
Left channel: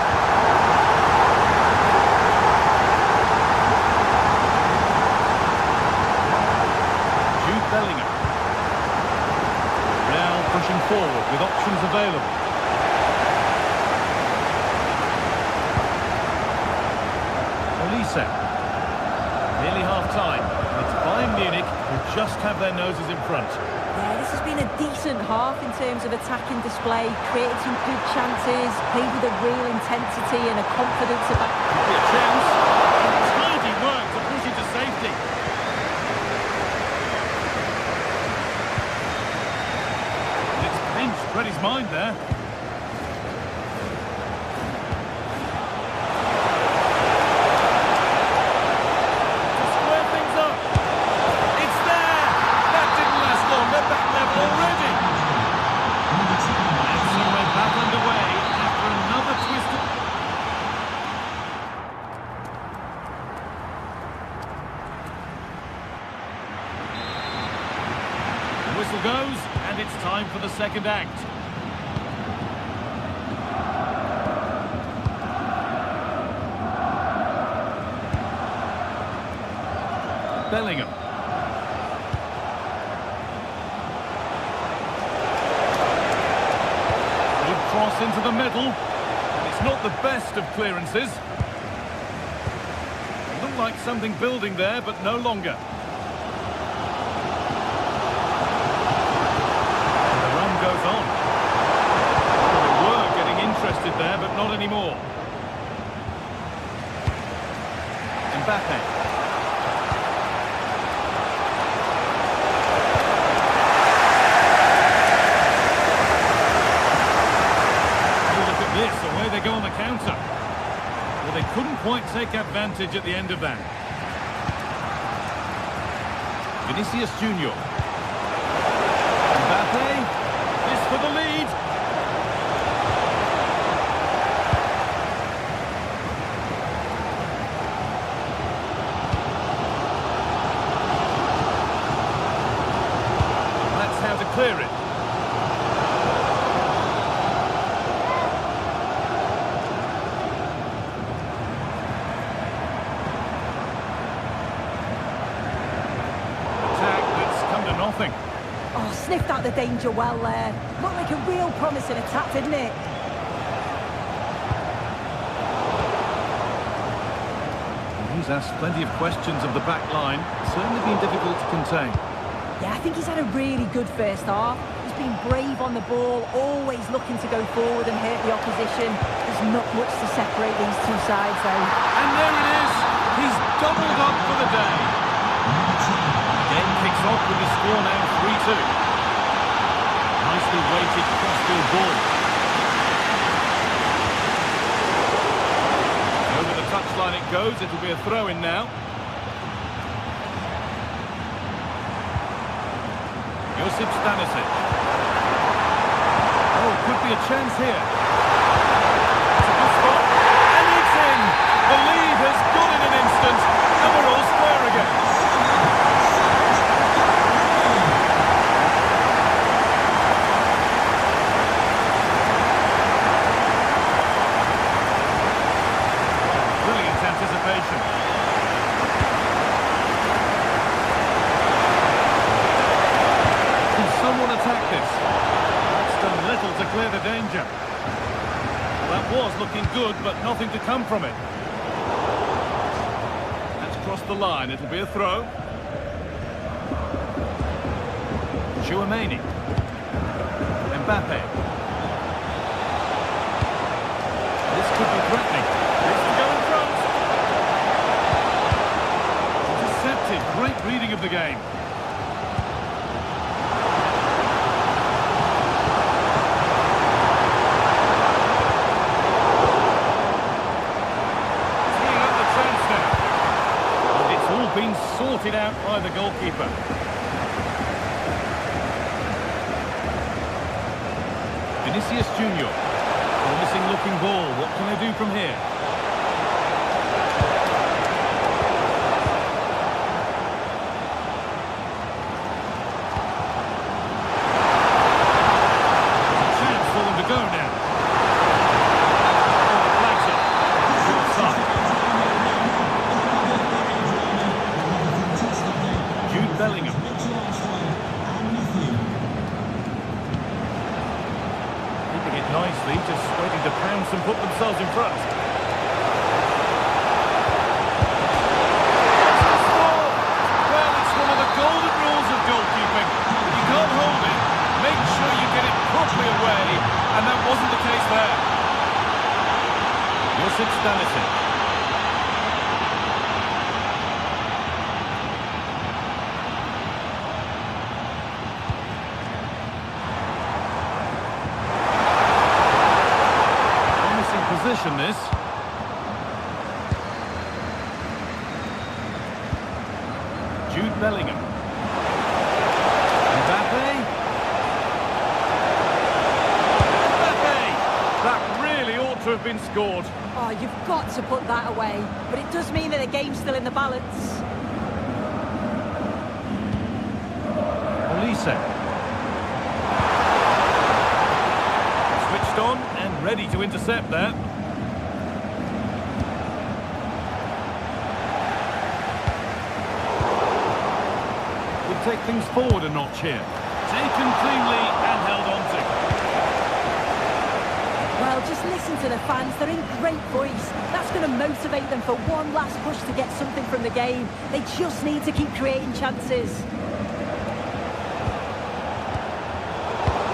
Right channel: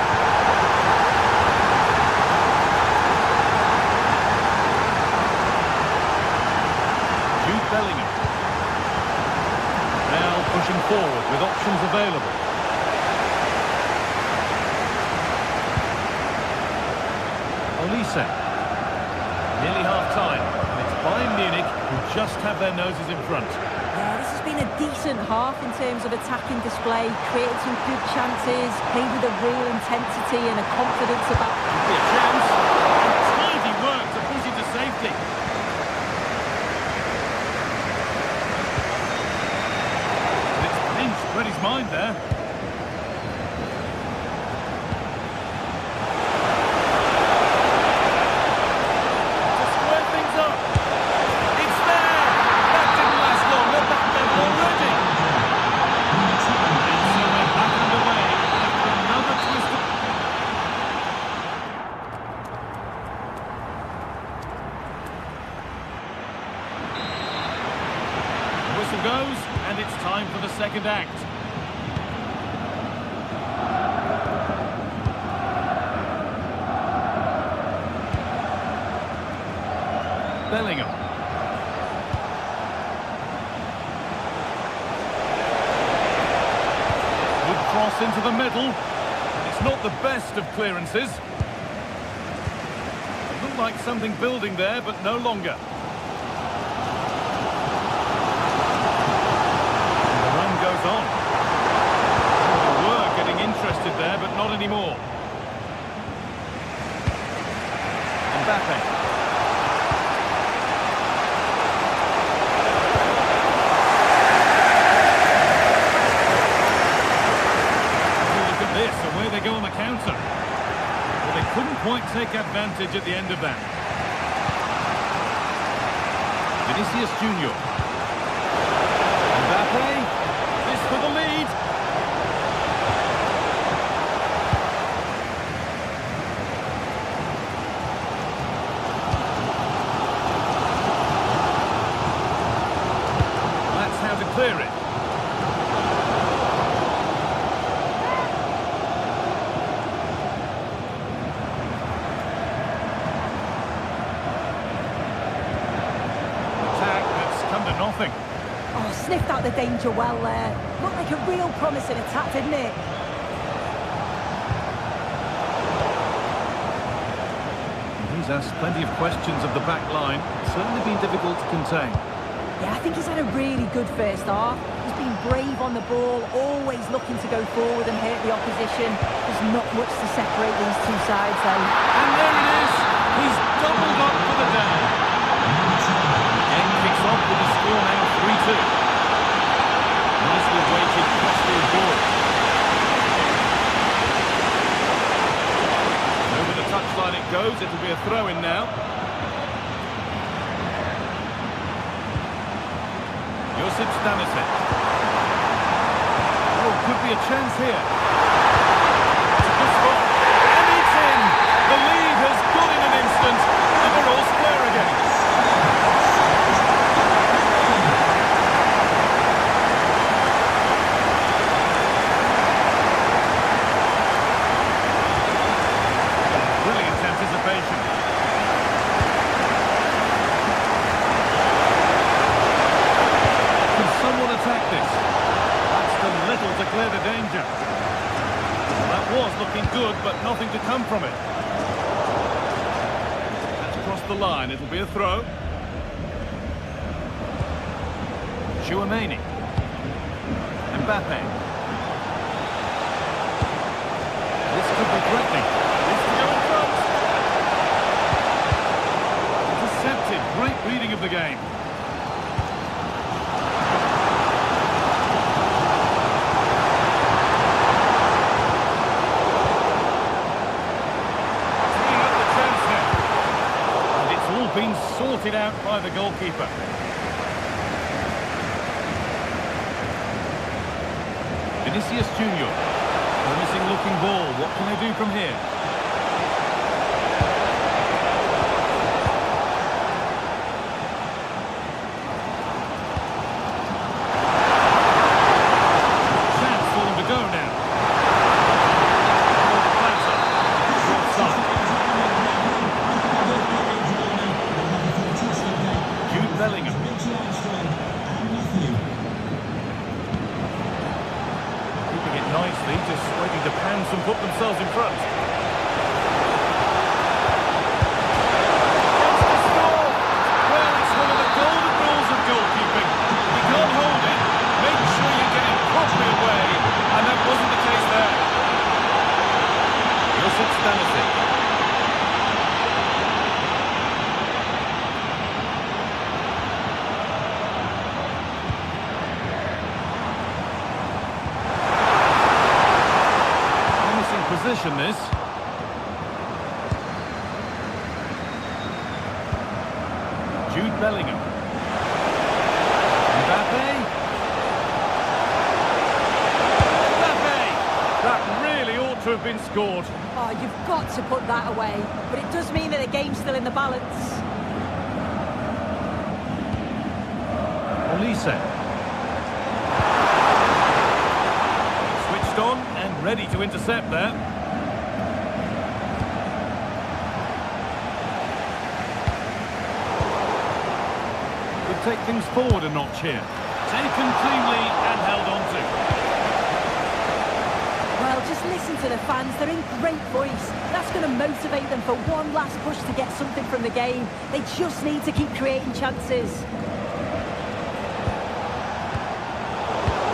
Bellingham. Real pushing forward with options available. Olise. Nearly half-time, and it's Bayern Munich who just have their noses in front. Yeah, this has been a decent half in terms of attacking display, created some good chances, played with a real intensity and a confidence about... Could be a chance, and tidy work to push it to safety. Read his mind there. To square things up. It's there. That didn't last long. They're back level already. And so we're back underway after another twist of... The whistle goes, and it's time for the second act. Bellingham. Good cross into the middle, and it's not the best of clearances. It looked like something building there, but no longer. And the run goes on. Oh, they were getting interested there, but not anymore. Mbappe. This, away they go on the counter. Well, they couldn't quite take advantage at the end of that. Vinicius Junior. Mbappe. This for the lead. That's how to clear it. Nothing. Oh, sniffed out the danger well there. Looked like a real promising attack, didn't it? He's asked plenty of questions of the back line. It's certainly been difficult to contain. Yeah, I think he's had a really good first half. He's been brave on the ball, always looking to go forward and hurt the opposition. There's not much to separate these two sides, though. And there it is. He's doubled up for the day. Game kicks off with the score now 3-2. Nicely weighted crossfield ball. Over the touchline it goes. It'll be a throw-in now. Josip Stanisic. Oh, could be a chance here. It's a good spot. And it's in! The lead has gone in an instant, and we're all square again. Anticipation. Can someone attack this? That's done little to clear the danger. Well, that was looking good, but nothing to come from it. That's crossed the line. It'll be a throw. Chouameni. Mbappe. This could be threatening. This could go in front. Intercepted. Great reading of the game. Teeing up the chance now. And it's all been sorted slotted out by the goalkeeper. Vinicius Junior. Promising looking ball. What can they do from here? There's a chance for them to go now. Oh, the flag's up. It's offside. Jude Bellingham. Keeping it nicely, just waiting to pounce and put themselves in front. Gets the score! Well, it's one of the golden rules of goalkeeping. If you can't hold it, make sure you get it properly away, and that wasn't the case there. Josip Stanisic. Position this. Jude Bellingham. Mbappe. That really ought to have been scored. Oh, you've got to put that away. But it does mean that the game's still in the balance. Olise. Switched on and ready to intercept there. Could take things forward a notch here. Taken cleanly and held on to. Well, just listen to the fans. They're in great voice. That's going to motivate them for one last push to get something from the game. They just need to keep creating chances.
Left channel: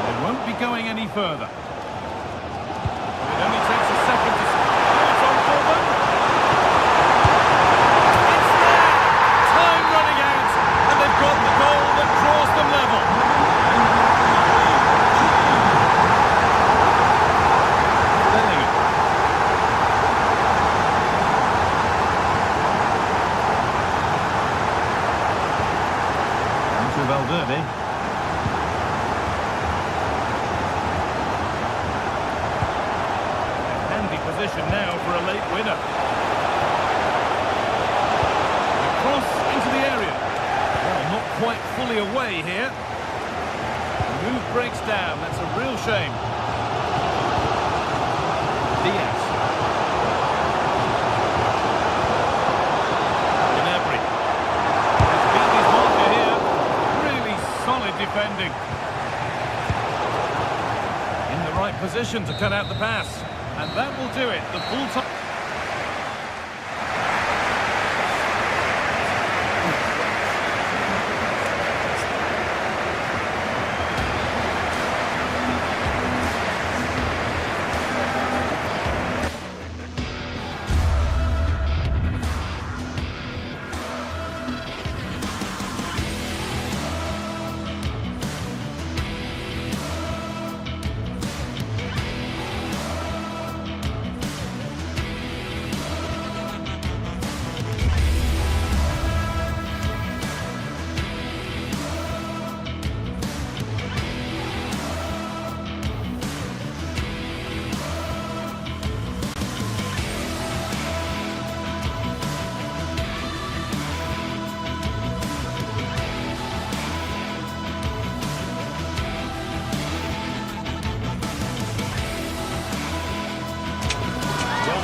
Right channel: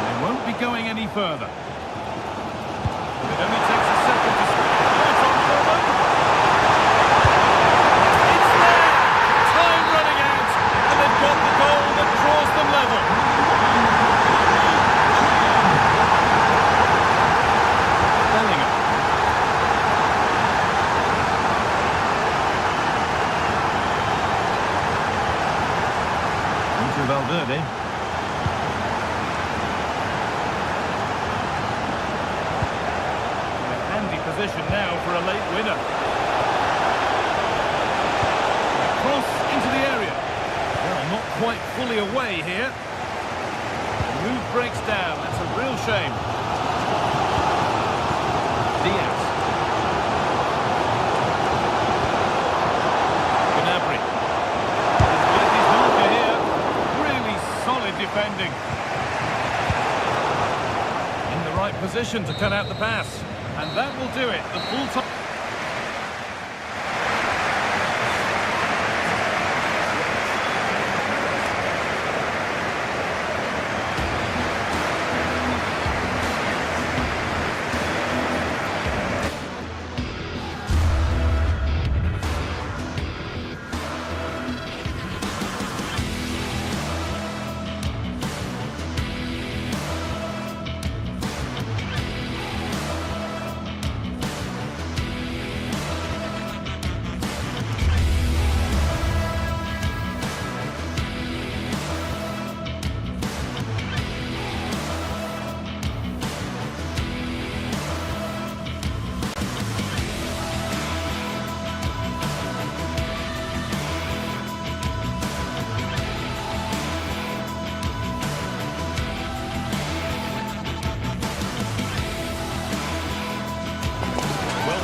They won't be going any further. It only takes a second to score. It's on for them. It's there! Time running out, and they've got the goal that draws them level. Bellingham. Into Valverde. Position now for a late winner. The cross into the area. Well, not quite fully away here. The move breaks down. That's a real shame. Diaz. Gnabry. He's beaten his marker here. Really solid defending. In the right position to cut out the pass. And that will do it, the full time.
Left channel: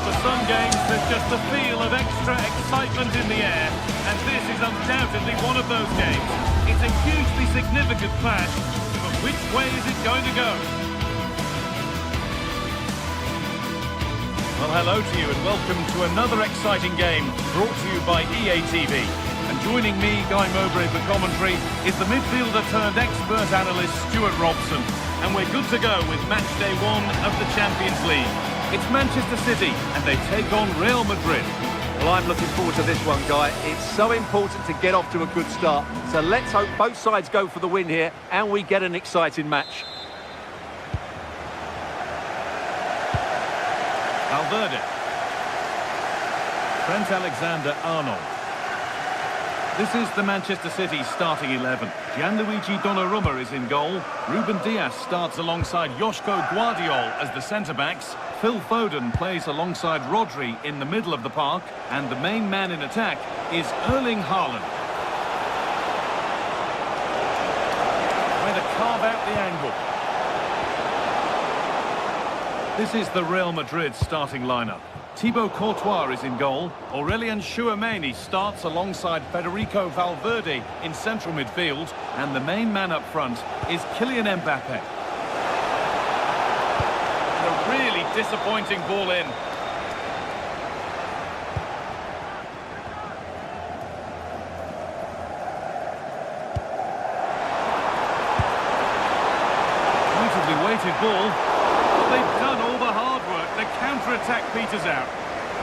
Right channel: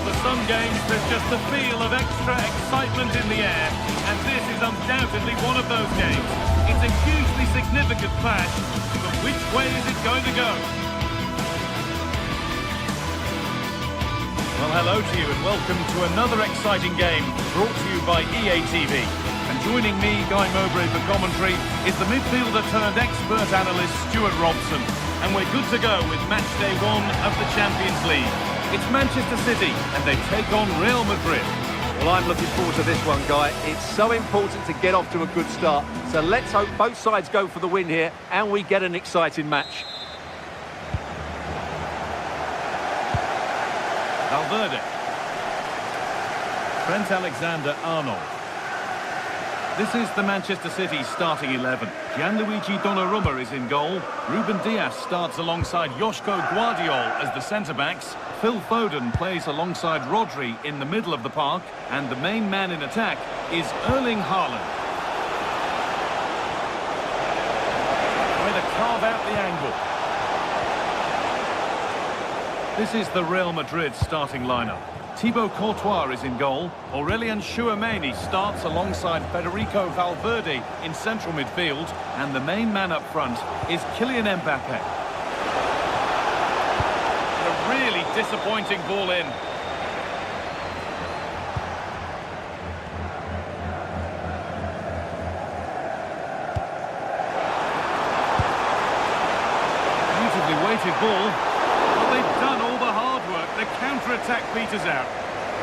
For some games, there's just a feel of extra excitement in the air, and this is undoubtedly one of those games. It's a hugely significant clash, but which way is it going to go? Well, hello to you and welcome to another exciting game brought to you by EA TV. And joining me, Guy Mowbray, for commentary is the midfielder turned expert analyst Stuart Robson. And we're good to go with match day 1 of the Champions League. It's Manchester City, and they take on Real Madrid. Well, I'm looking forward to this one, Guy. It's so important to get off to a good start. So let's hope both sides go for the win here, and we get an exciting match. Valverde. Trent Alexander-Arnold. This is the Manchester City starting 11. Gianluigi Donnarumma is in goal. Ruben Dias starts alongside Joško Guardiol as the centre-backs. Phil Foden plays alongside Rodri in the middle of the park. And the main man in attack is Erling Haaland. Trying to carve out the angle. This is the Real Madrid starting lineup. Thibaut Courtois is in goal. Aurelien Tchouameni starts alongside Federico Valverde in central midfield. And the main man up front is Kylian Mbappe. And a really disappointing ball in. Beautifully weighted ball. Well, they've done all the hard work. The counter-attack peters out.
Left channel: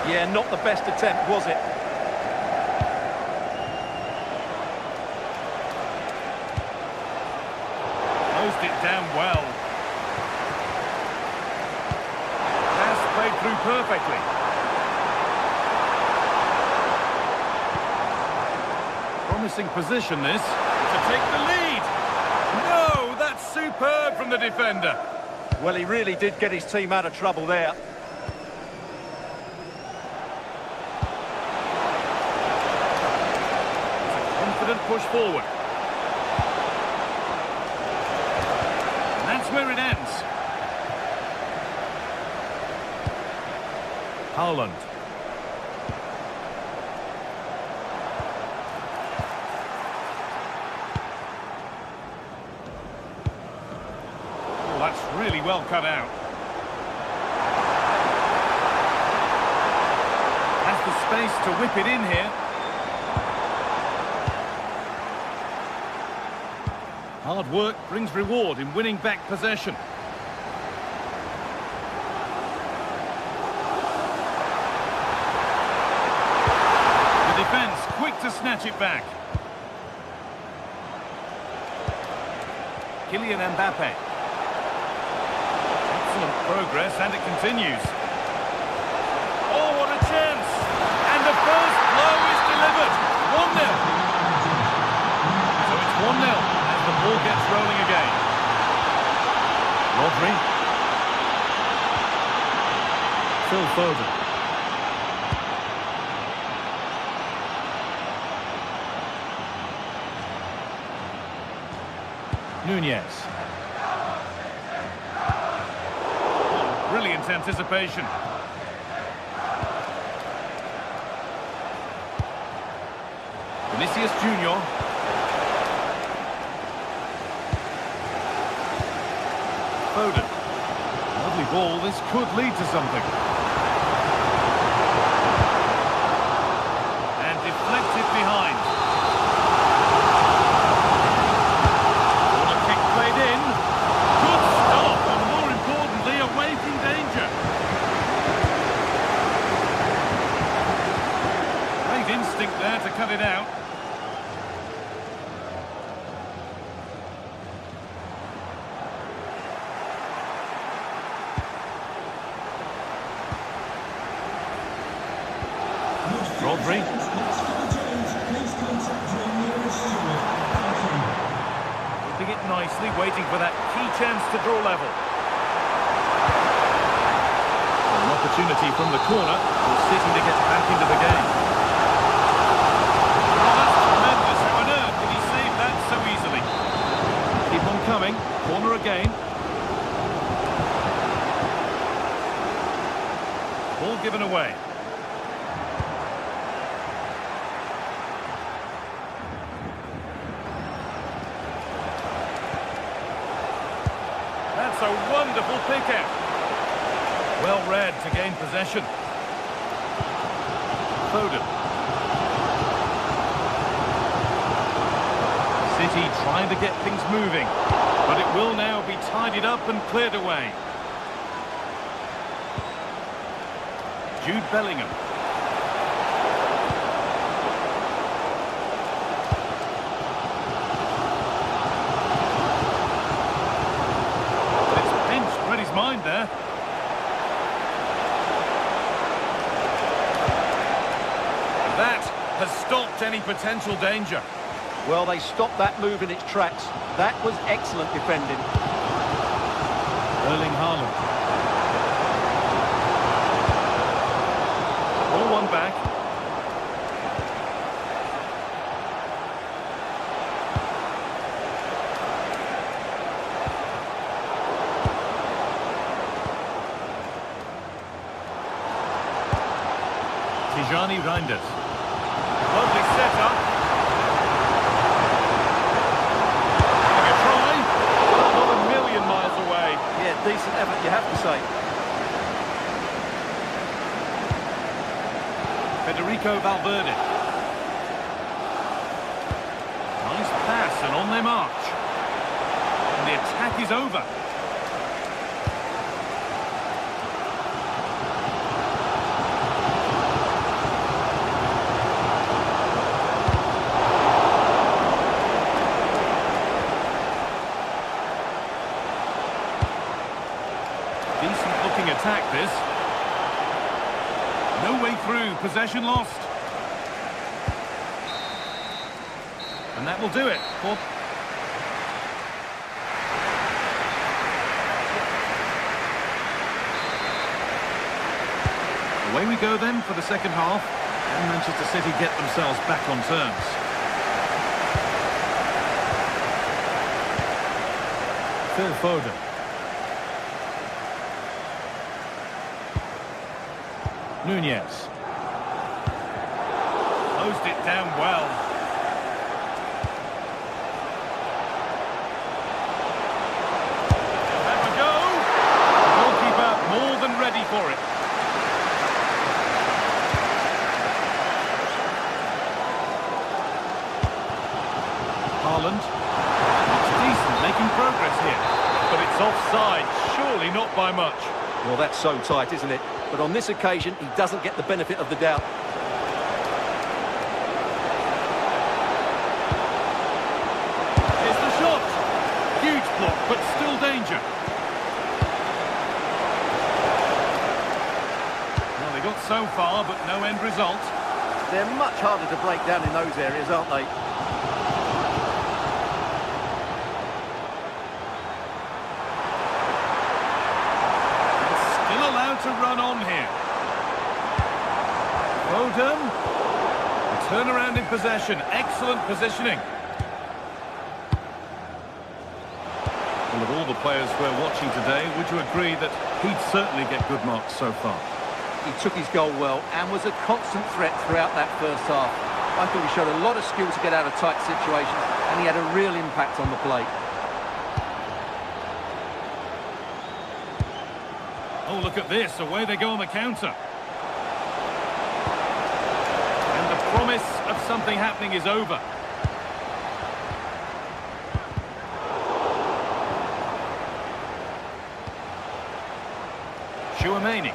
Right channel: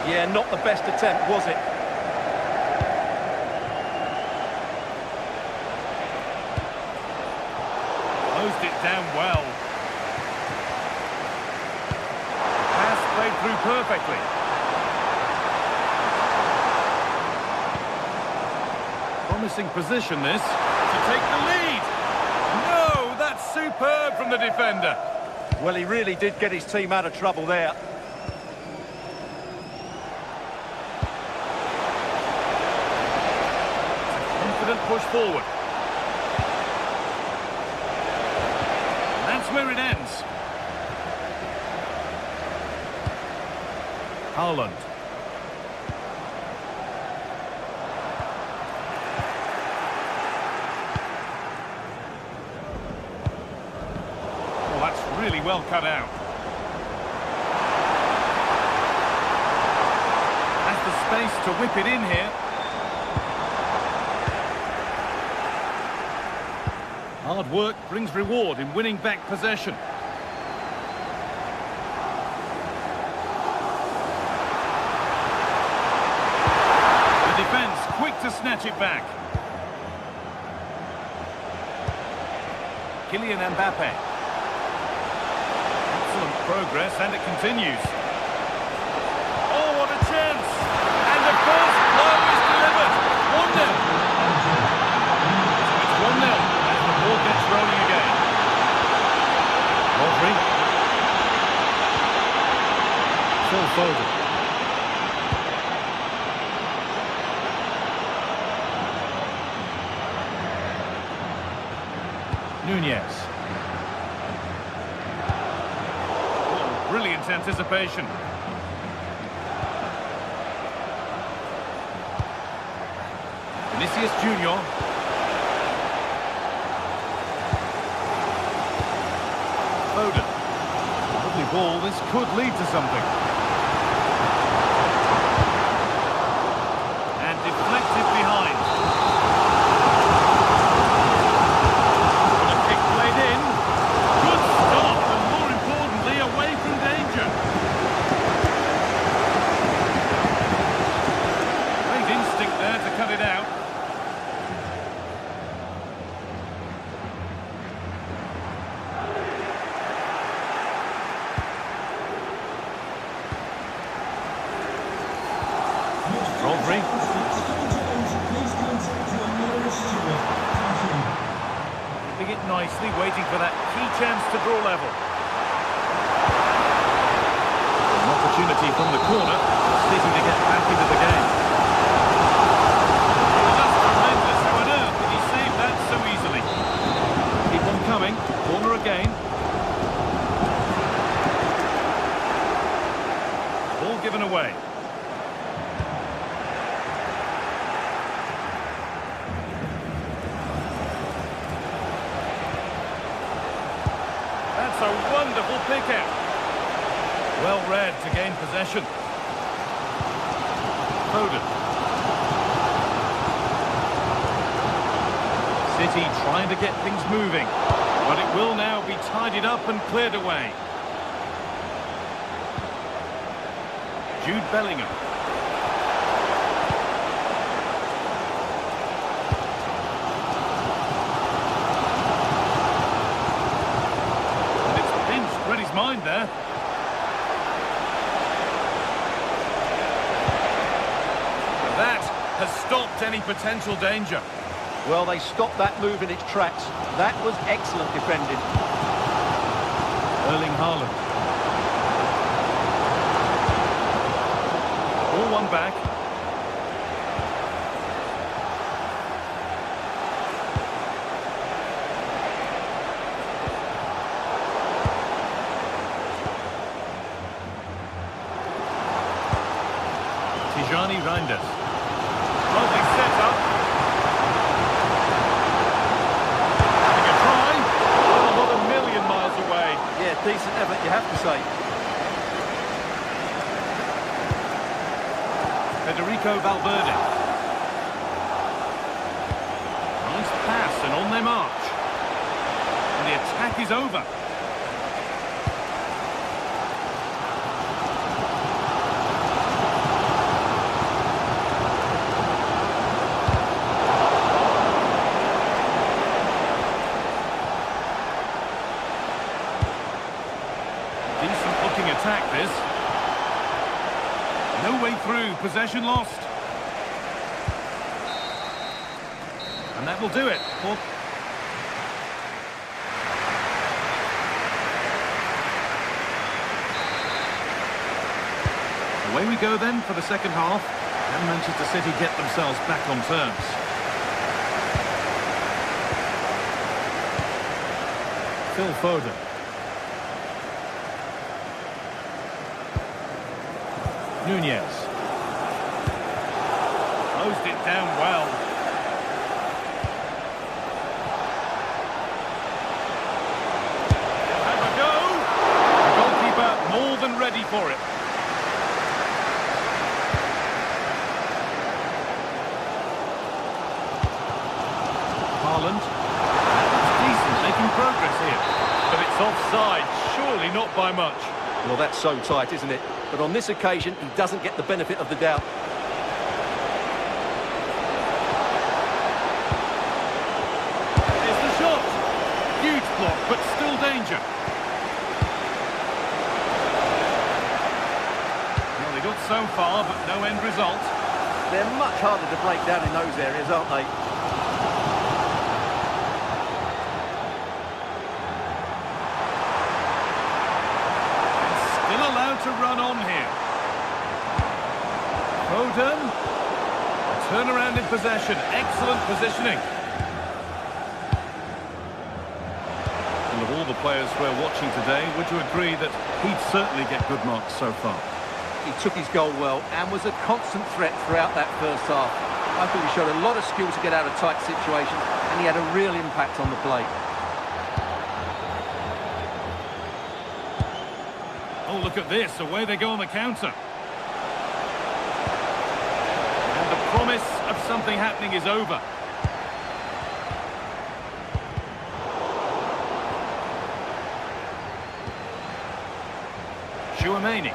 Yeah, not the best attempt, was it? Closed it down well. Pass played through perfectly. Promising position this, to take the lead. No, that's superb from the defender. Well, he really did get his team out of trouble there. Confident push forward. And that's where it ends. Haaland. Oh, that's really well cut out. Has the space to whip it in here. Hard work brings reward in winning back possession. The defence quick to snatch it back. Kylian Mbappe. Excellent progress, and it continues. Oh, what a chance! And the first blow is delivered. 1-0. So it's 1-0. The ball gets rolling again. Rodri. Phil Foden. Nunez. Oh, brilliant anticipation. Vinicius Junior. Foden. Lovely ball, this could lead to something. And deflected behind. What a kick played in. Good stop, and more importantly, away from danger. Great instinct there to cut it out. Rodri. Keeping it nicely, waiting for that key chance to draw level. An opportunity from the corner for City to get back into the game. Oh, that's tremendous. How on earth did he save that so easily? Keep on coming. Corner again. Ball given away. That's a wonderful pick-out. Well read to gain possession. Foden. City trying to get things moving, but it will now be tidied up and cleared away. Jude Bellingham. Read his mind there. And that has stopped any potential danger. Well, they stopped that move in its tracks. That was excellent defending. Erling Haaland. Ball one back. Tijani Reinders. Lovely setup. Having a try. Well, not a million miles away. Yeah, decent effort, you have to say. Federico Valverde. Nice pass and on they march. And the attack is over. Decent looking attack this. No way through, possession lost. And that will do it. Away we go then for the second half. And Manchester City get themselves back on terms. Phil Foden. Nunez. Closed it down well. They'll have a go. The goalkeeper more than ready for it. Haaland. That looks decent, making progress here. But it's offside, surely not by much. Well, that's so tight, isn't it? But on this occasion, he doesn't get the benefit of the doubt. Here's the shot. Huge block, but still danger. Well, they got so far, but no end result. They're much harder to break down in those areas, aren't they? Still allowed to run on here. Foden. A turnaround in possession. Excellent positioning. Well, of all the players we're watching today, would you agree that he'd certainly get good marks so far? He took his goal well and was a constant threat throughout that first half. I thought he showed a lot of skill to get out of tight situations, and he had a real impact on the play. Oh, look at this. Away they go on the counter. And the promise of something happening is over. Chouameni.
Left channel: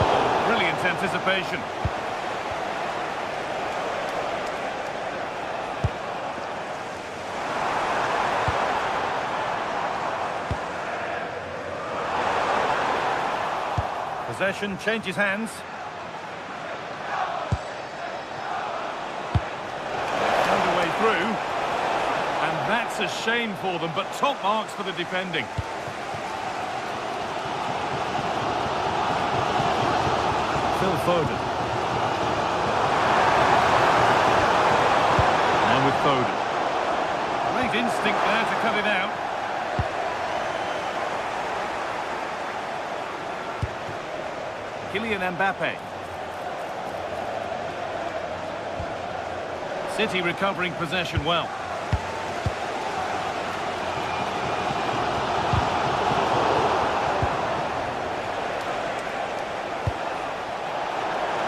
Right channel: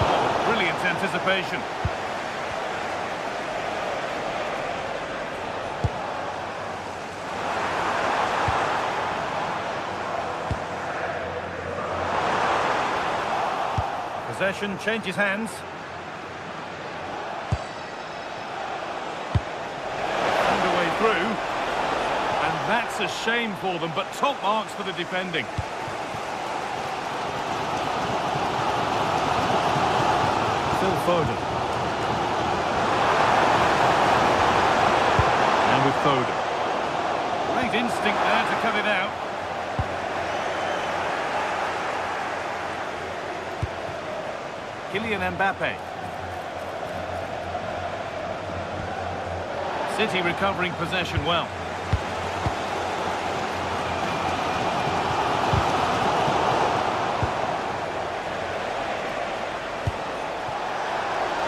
Oh, brilliant anticipation. Possession changes hands. Found a way through. And that's a shame for them, but top marks for the defending. Phil Foden. And with Foden. Great instinct there to cut it out. Kylian Mbappe. City recovering possession well.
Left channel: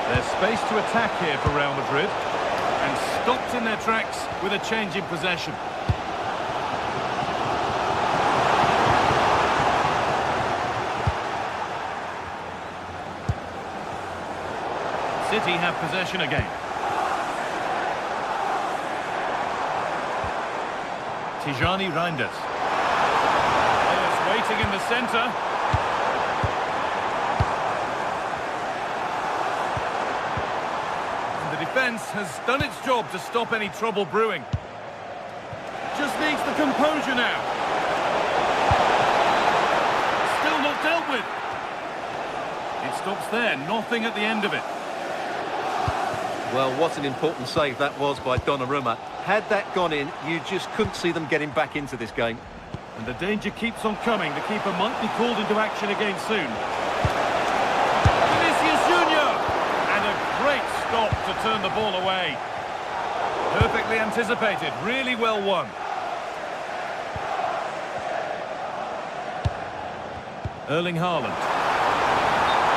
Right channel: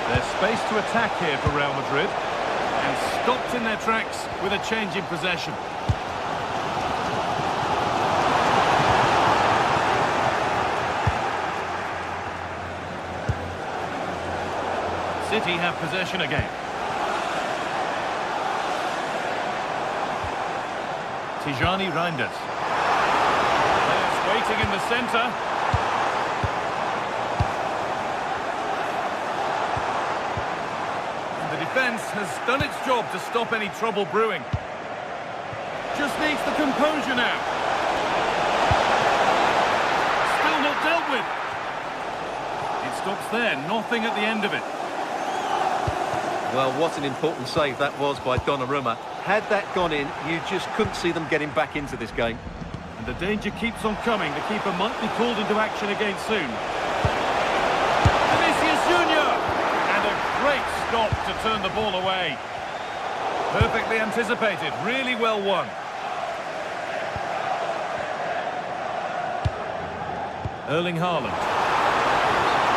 There's space to attack here for Real Madrid, and stopped in their tracks with a change in possession. City have possession again. Tijani Reinders. Players waiting in the centre. The defence has done its job to stop any trouble brewing. Just needs the composure now. Still not dealt with. It stops there, nothing at the end of it. Well, what an important save that was by Donnarumma. Had that gone in, you just couldn't see them getting back into this game. And the danger keeps on coming. The keeper might be called into action again soon. Vinicius Junior! And a great stop to turn the ball away. Perfectly anticipated, really well won. Erling Haaland.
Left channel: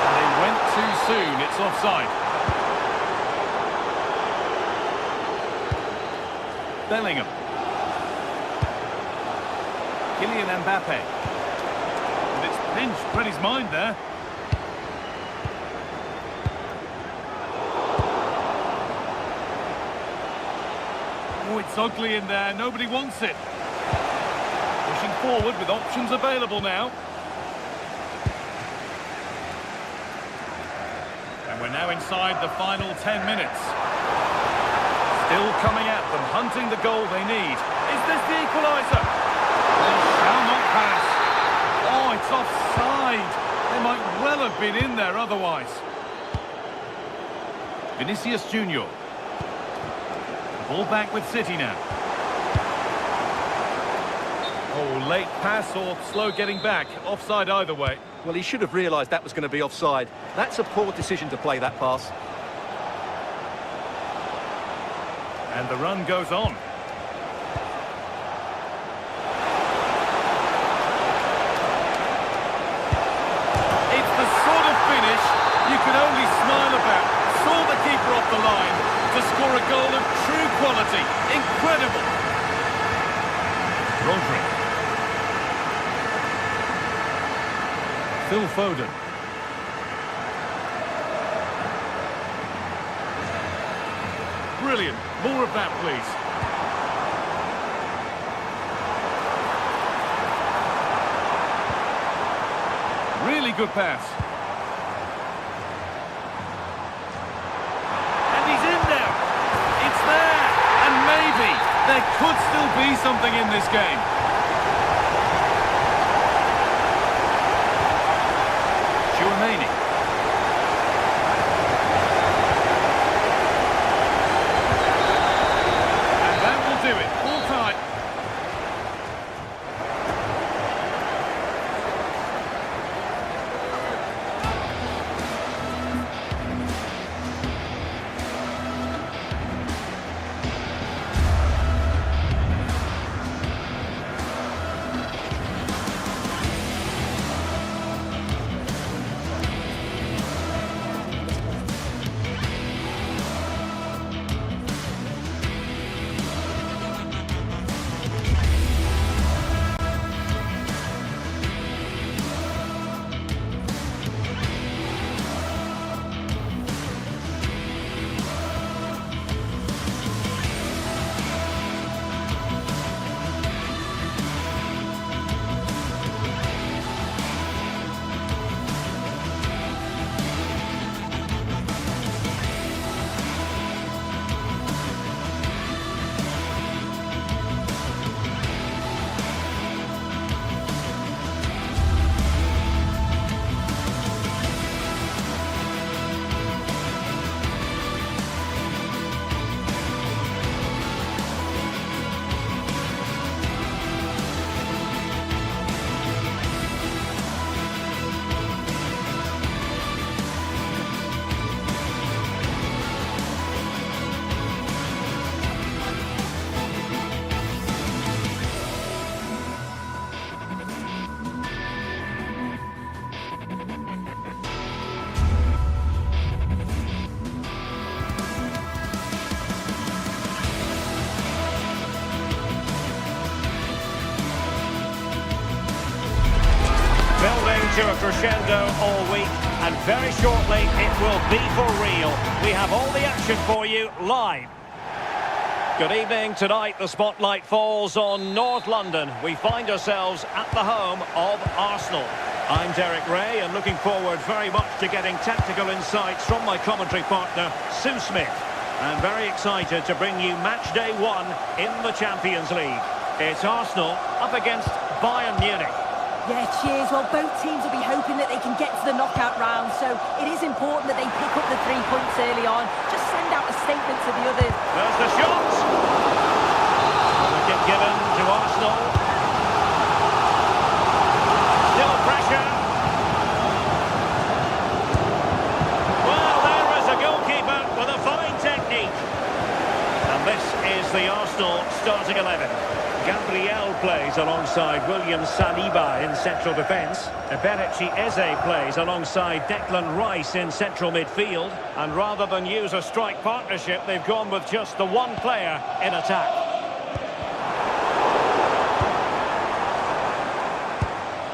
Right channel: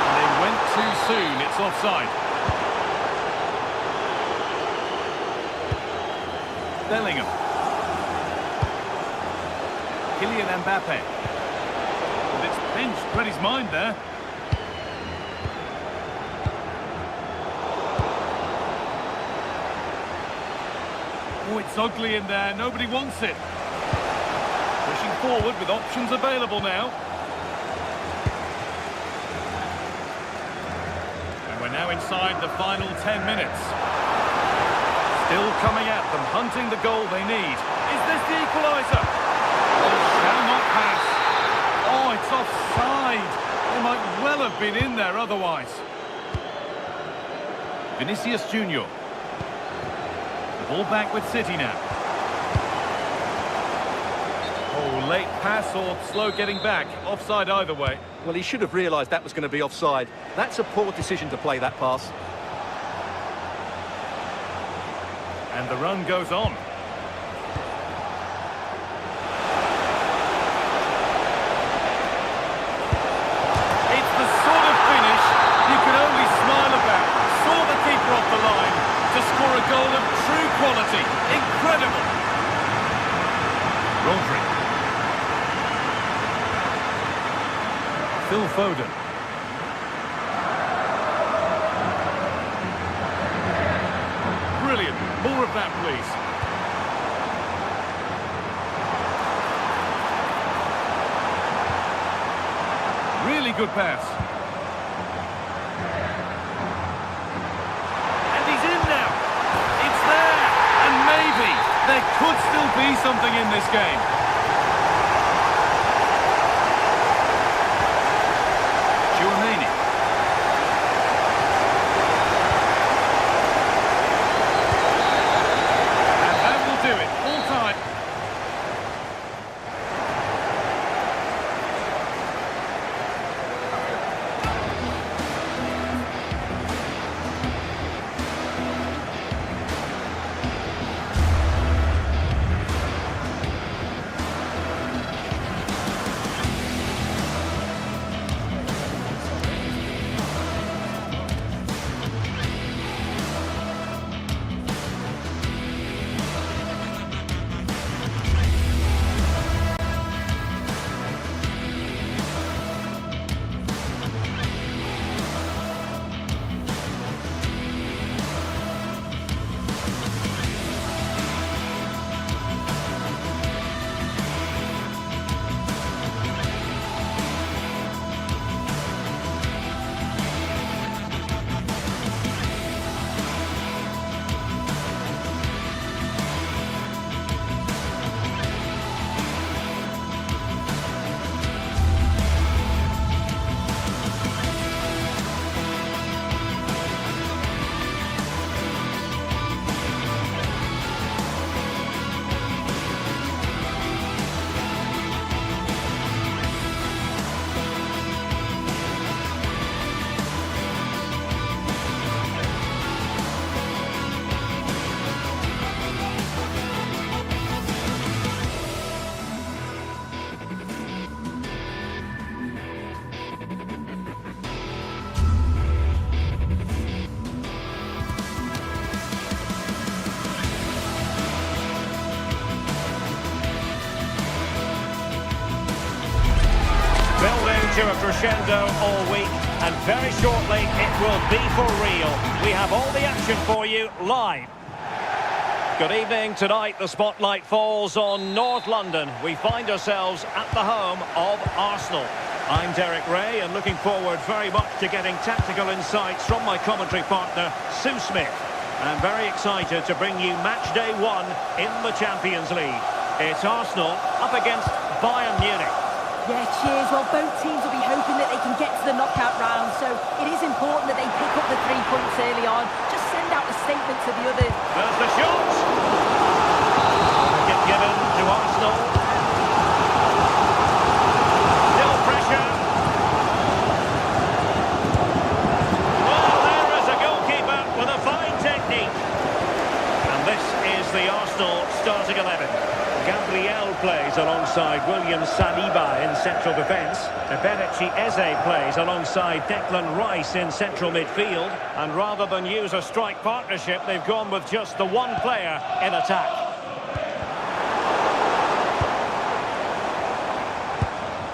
And they went too soon, it's offside. Bellingham. Kylian Mbappe. And it's pinched, read his mind there. Oh, it's ugly in there, nobody wants it. Pushing forward with options available now. And we're now inside the final 10 minutes. Still coming at them, hunting the goal they need. Is this the equaliser? They shall not pass. Oh, it's offside. They might well have been in there otherwise. Vinicius Junior. The ball back with City now. Oh, late pass or slow getting back. Offside either way. Well, he should have realised that was going to be offside. That's a poor decision to play that pass. And the run goes on. It's the sort of finish you can only smile about. Saw the keeper off the line to score a goal of true quality. Incredible. Rodri. Phil Foden. Brilliant. More of that, please. Really good pass. And he's in now. It's there. And maybe there could still be something in this game. Chouameni. Do it, full time. Building to a crescendo all week, and very shortly it will be for real. We have all the action for you live. Good evening. Tonight the spotlight falls on North London. We find ourselves at the home of Arsenal. I'm Derek Ray, and looking forward very much to getting tactical insights from my commentary partner, Sue Smith. And very excited to bring you match day 1 in the Champions League. It's Arsenal up against Bayern Munich. Yeah, cheers. Well, both teams will be hoping that they can get to the knockout round, so it is important that they pick up the 3 points early on. Just send out a statement to the others. There's the shot! Wicket given to Arsenal. Still pressure. Well, there is a goalkeeper with a fine technique. And this is the Arsenal starting 11. Gabriel plays alongside William Saliba in central defence. Eberechi Eze plays alongside Declan Rice in central midfield. And rather than use a strike partnership, they've gone with just the one player in attack.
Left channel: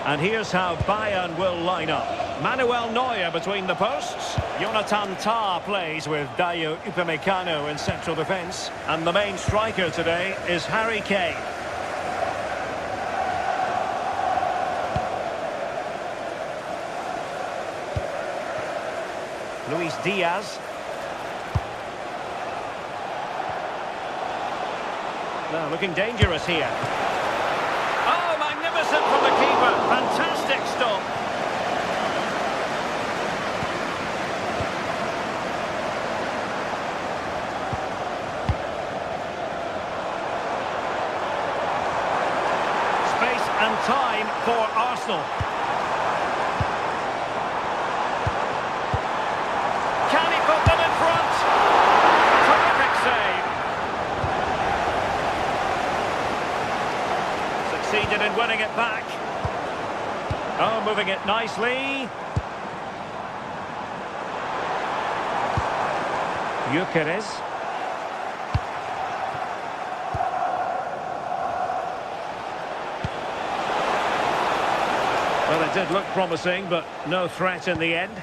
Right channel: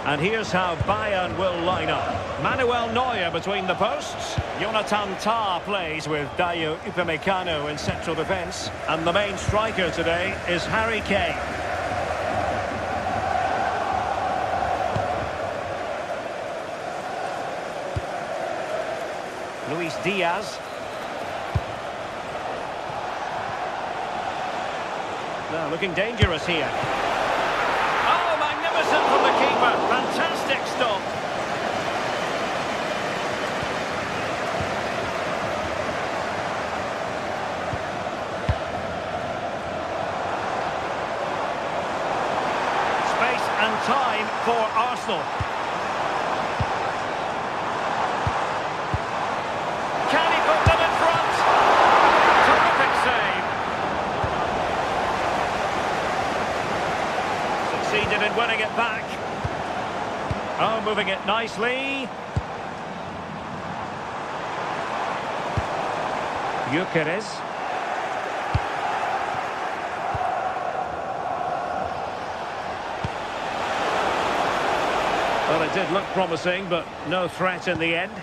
And here's how Bayern will line up. Manuel Neuer between the posts. Jonathan Tah plays with Dayo Upamecano in central defence. And the main striker today is Harry Kane. Luis Diaz. Now looking dangerous here. Oh, magnificent from the keeper. Fantastic stop. Space and time for Arsenal. Can he put them in front? Terrific save. Succeeded in winning it back. Oh, moving it nicely. Gyökeres. Well, it did look promising, but no threat in the end.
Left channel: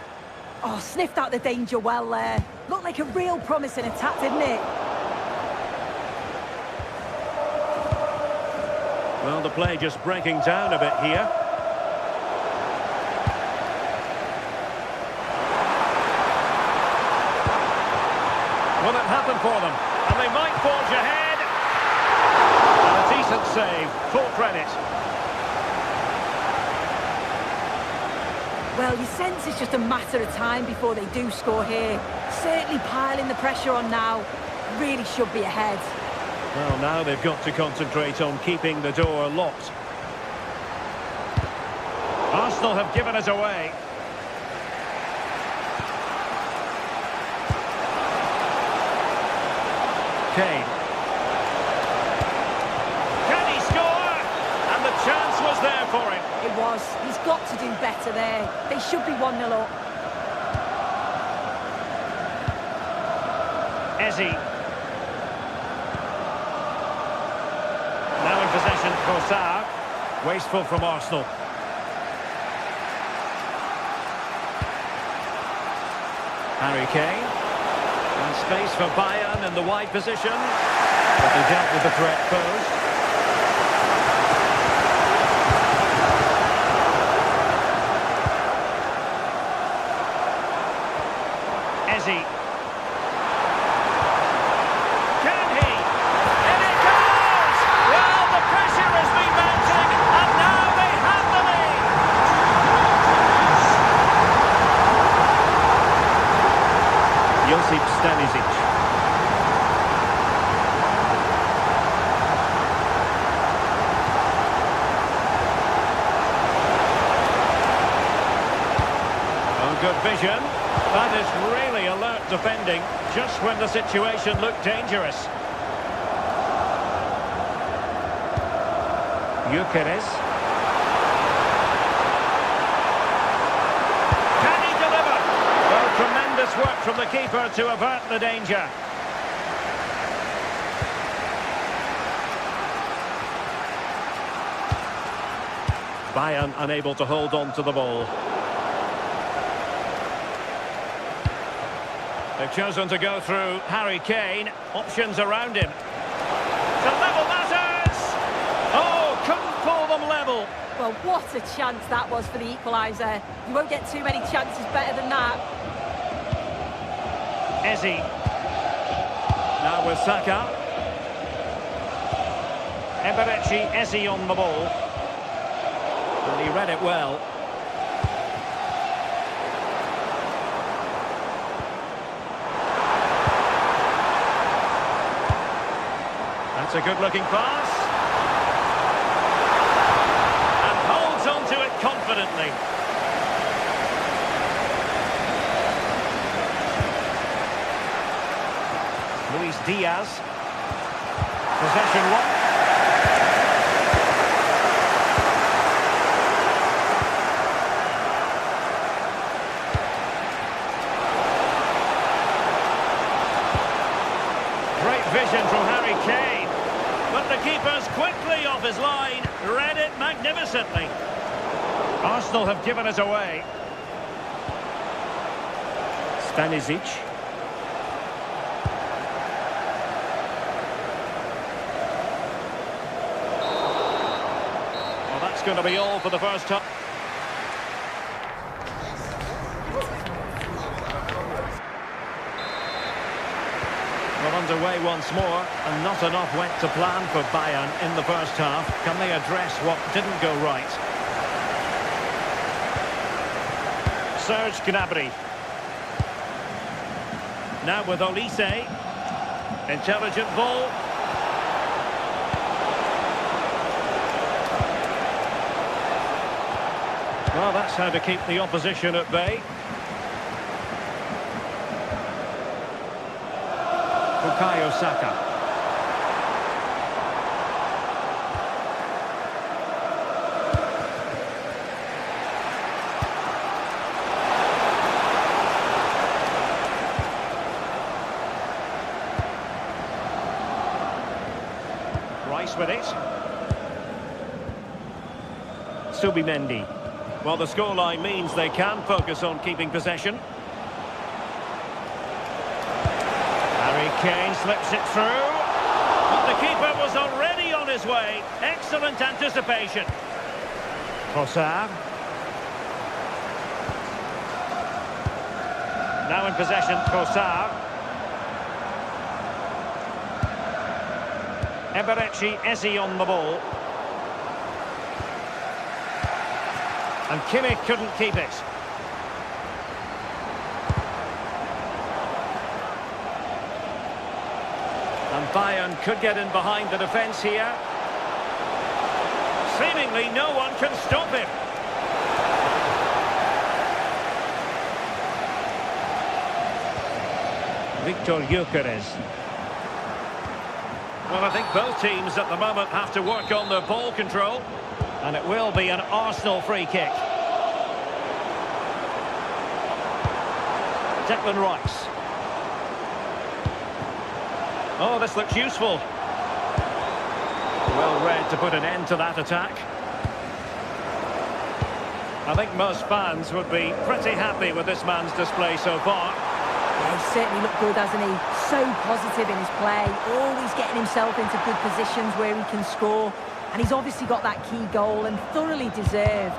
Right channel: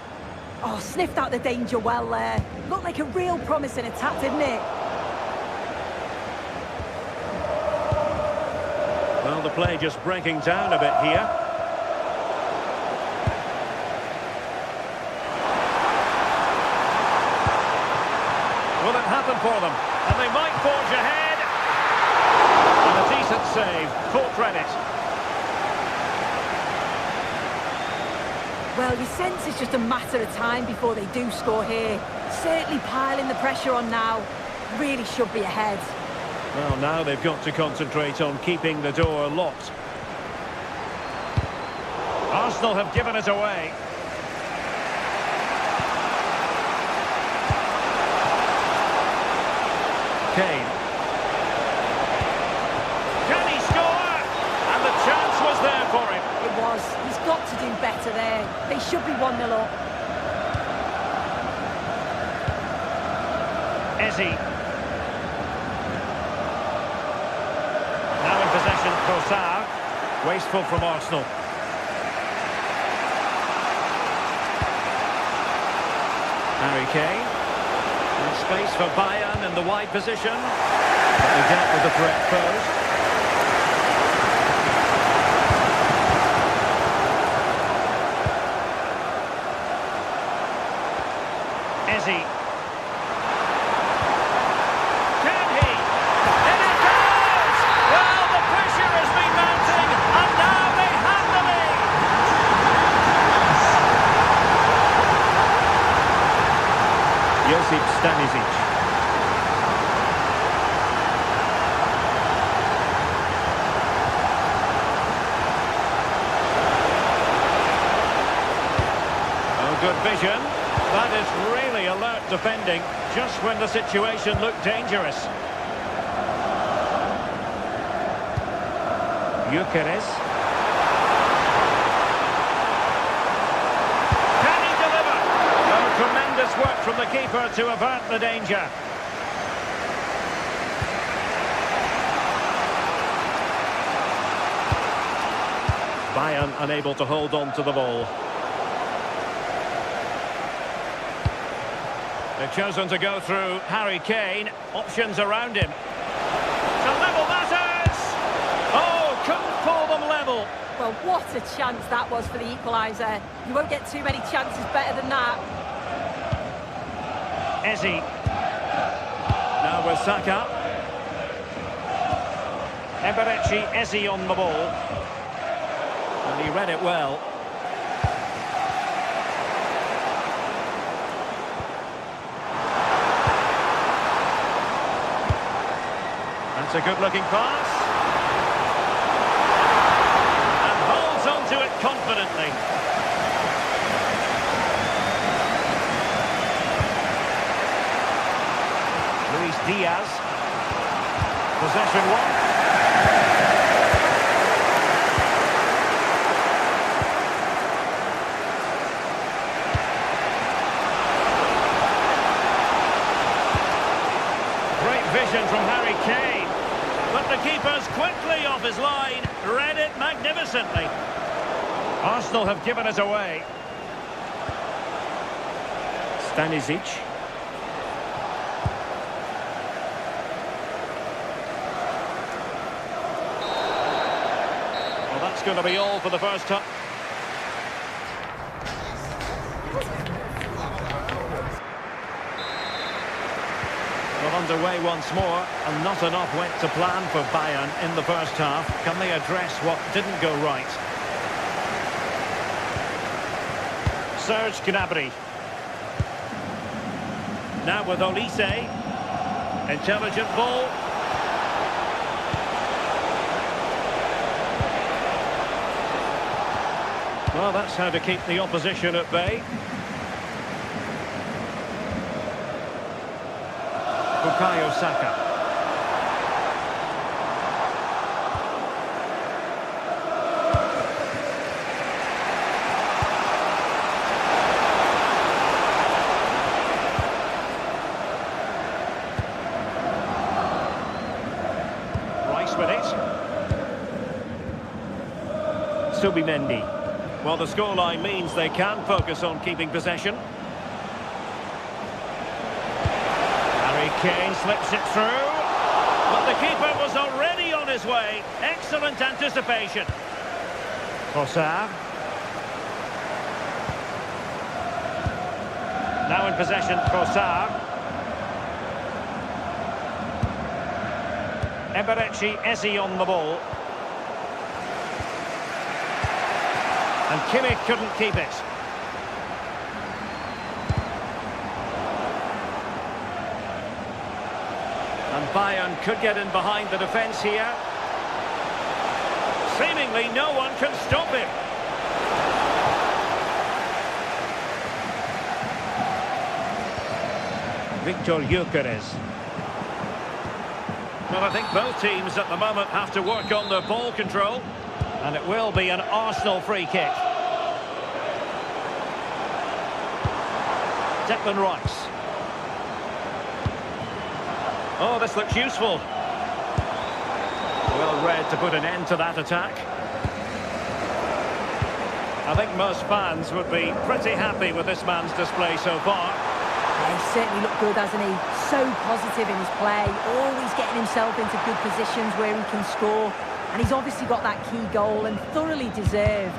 Oh, sniffed out the danger well there. Looked like a real promising attack, didn't it? Well, the play just breaking down a bit here. Will it happen for them? And they might forge ahead. And a decent save. Full credit. Well, you sense it's just a matter of time before they do score here. Certainly piling the pressure on now. Really should be ahead. Well, now they've got to concentrate on keeping the door locked. Arsenal have given it away. Kane. Can he score? And the chance was there for him. It was. He's got to do better there. They should be 1-0 up. Eze. Now in possession, Trossard. Wasteful from Arsenal. Harry Kane. And space for Bayern in the wide position. But they dealt with the threat posed. Eze. Can he? In it goes! Well, the pressure has been mounting, and now they have the lead. Josip Stanisic. Oh, good vision. That is really alert defending, just when the situation looked dangerous. Gyökeres. Can he deliver? Oh, tremendous work from the keeper to avert the danger. Bayern unable to hold on to the ball. They've chosen to go through Harry Kane. Options around him. To level matters! Oh, couldn't pull them level. Well, what a chance that was for the equaliser. You won't get too many chances better than that. Eze. Now with Saka. Eze on the ball. And he read it well. That's a good-looking pass. And holds on to it confidently. Luis Diaz. Possession one. Great vision from Harry Kane. But the keeper's quickly off his line. Read it magnificently. Arsenal have given us away. Stanisic. Well, that's going to be all for the first time. Well, underway once more, and not enough went to plan for Bayern in the first half. Can they address what didn't go right? Serge Gnabry. Now with Olise. Intelligent ball. Well, that's how to keep the opposition at bay. Bukayo Saka. Rice with it. Subimendi. Well, the scoreline means they can focus on keeping possession. Harry Kane slips it through. But the keeper was already on his way. Excellent anticipation. Trossard. Now in possession, Trossard. Eze on the ball. And Kimmich couldn't keep it. And Bayern could get in behind the defence here. Seemingly no one can stop him. Victor Gyökeres. Well, I think both teams at the moment have to work on their ball control. And it will be an Arsenal free kick. Declan Rice. Oh, this looks useful. Well read to put an end to that attack. I think most fans would be pretty happy with this man's display so far. Yeah, he's certainly looked good, hasn't he? So positive in his play, always getting himself into good positions where he can score. And he's obviously got that key goal and thoroughly deserved.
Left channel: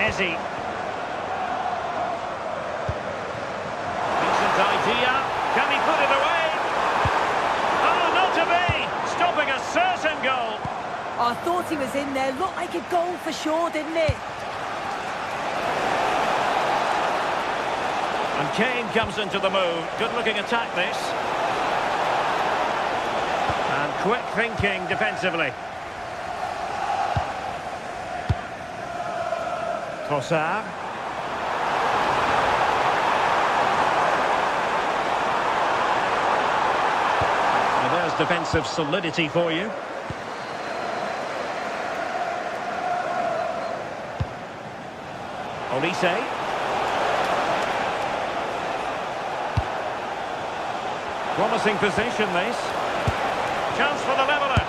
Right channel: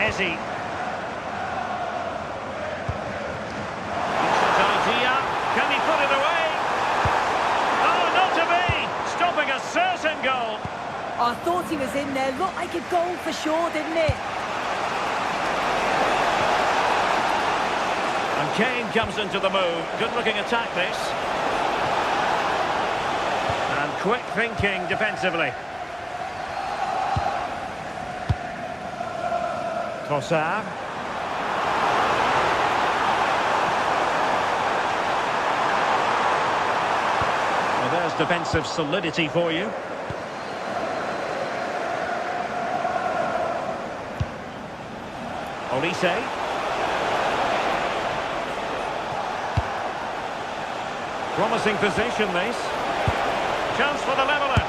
Eze. Decent idea. Can he put it away? Oh, not to be! Stopping a certain goal. I thought he was in there. Looked like a goal for sure, didn't it? And Kane comes into the move. Good-looking attack, this. And quick thinking defensively. Trossard. Well, there's defensive solidity for you. Olise. Promising position, this. Chance for the leveller.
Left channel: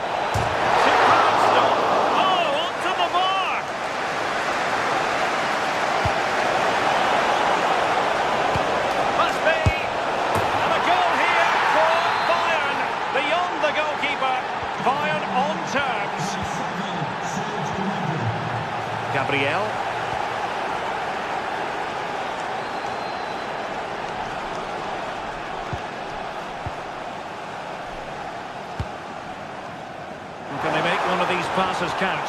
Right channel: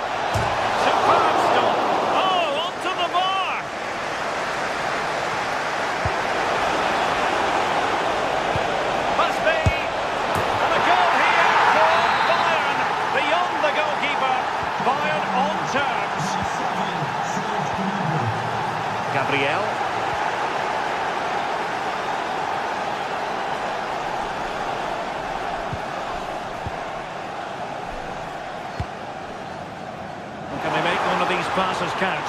Superb stop. Oh, onto the bar. Must be. And a goal here for Bayern. Beyond the goalkeeper. Bayern on terms. Gabriel. Can they make one of these passes count?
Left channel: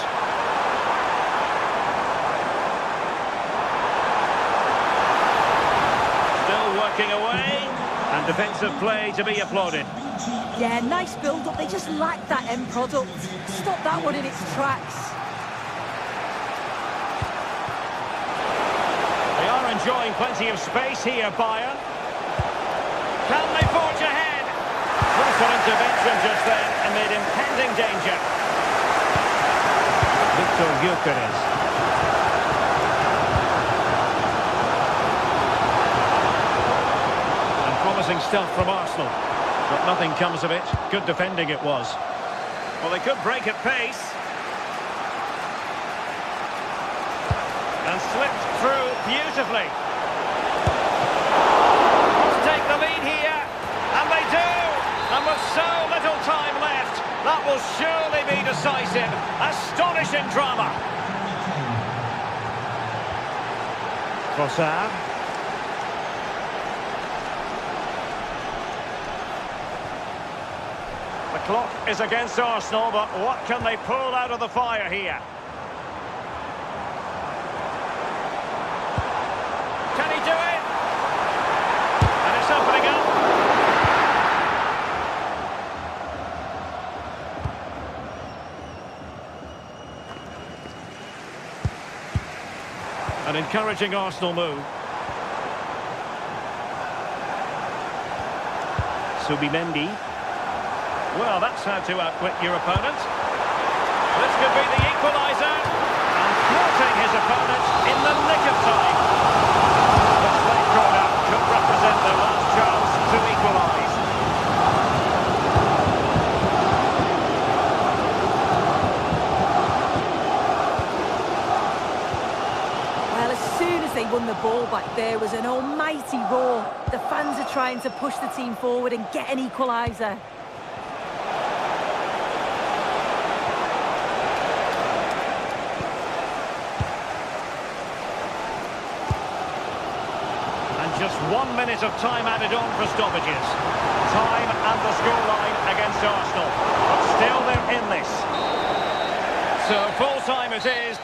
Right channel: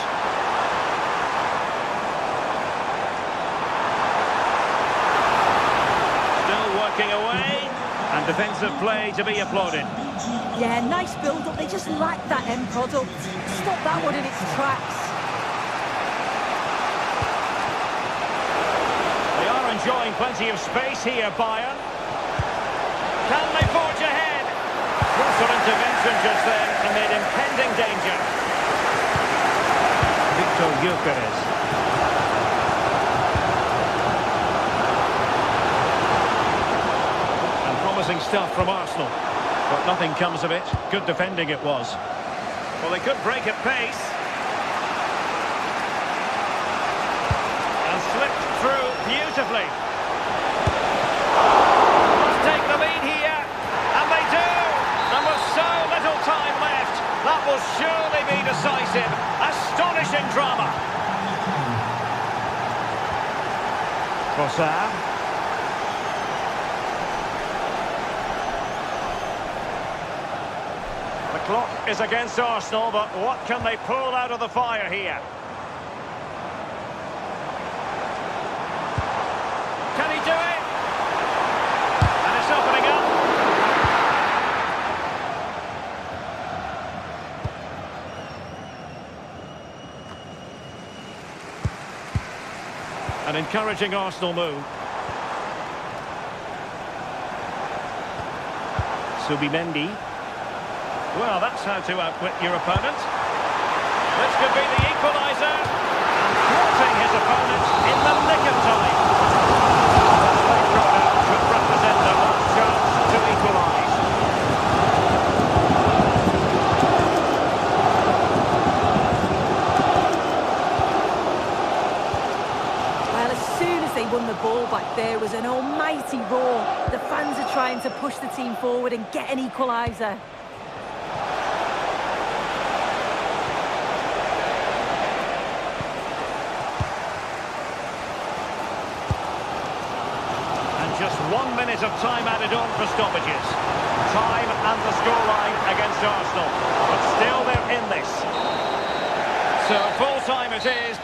Still working away, and defensive play to be applauded. Yeah, nice build-up. They just lack that end product. Stop that one in its tracks. They are enjoying plenty of space here, Bayern. Can they forge ahead? Crucial intervention just then amid impending danger. Victor Gyökeres. And promising stuff from Arsenal. But nothing comes of it. Good defending it was. Well, they could break at pace. And slipped through beautifully. Must take the lead here. And they do. And with so little time left, that will surely be decisive. Astonishing drama. Trossard. The clock is against Arsenal, but what can they pull out of the fire here? Can he do it? And it's opening up. An encouraging Arsenal move. Subimendi. Well, that's how to outwit your opponent. This could be the equaliser. And thwarting his opponent in the nick of time. This late corner could represent their last chance to equalise. Well, as soon as they won the ball back, there was an almighty roar. The fans are trying to push the team forward and get an equaliser. Just 1 minute of time added on for stoppages. Time and the scoreline against Arsenal. But still they're in this. So full time it is.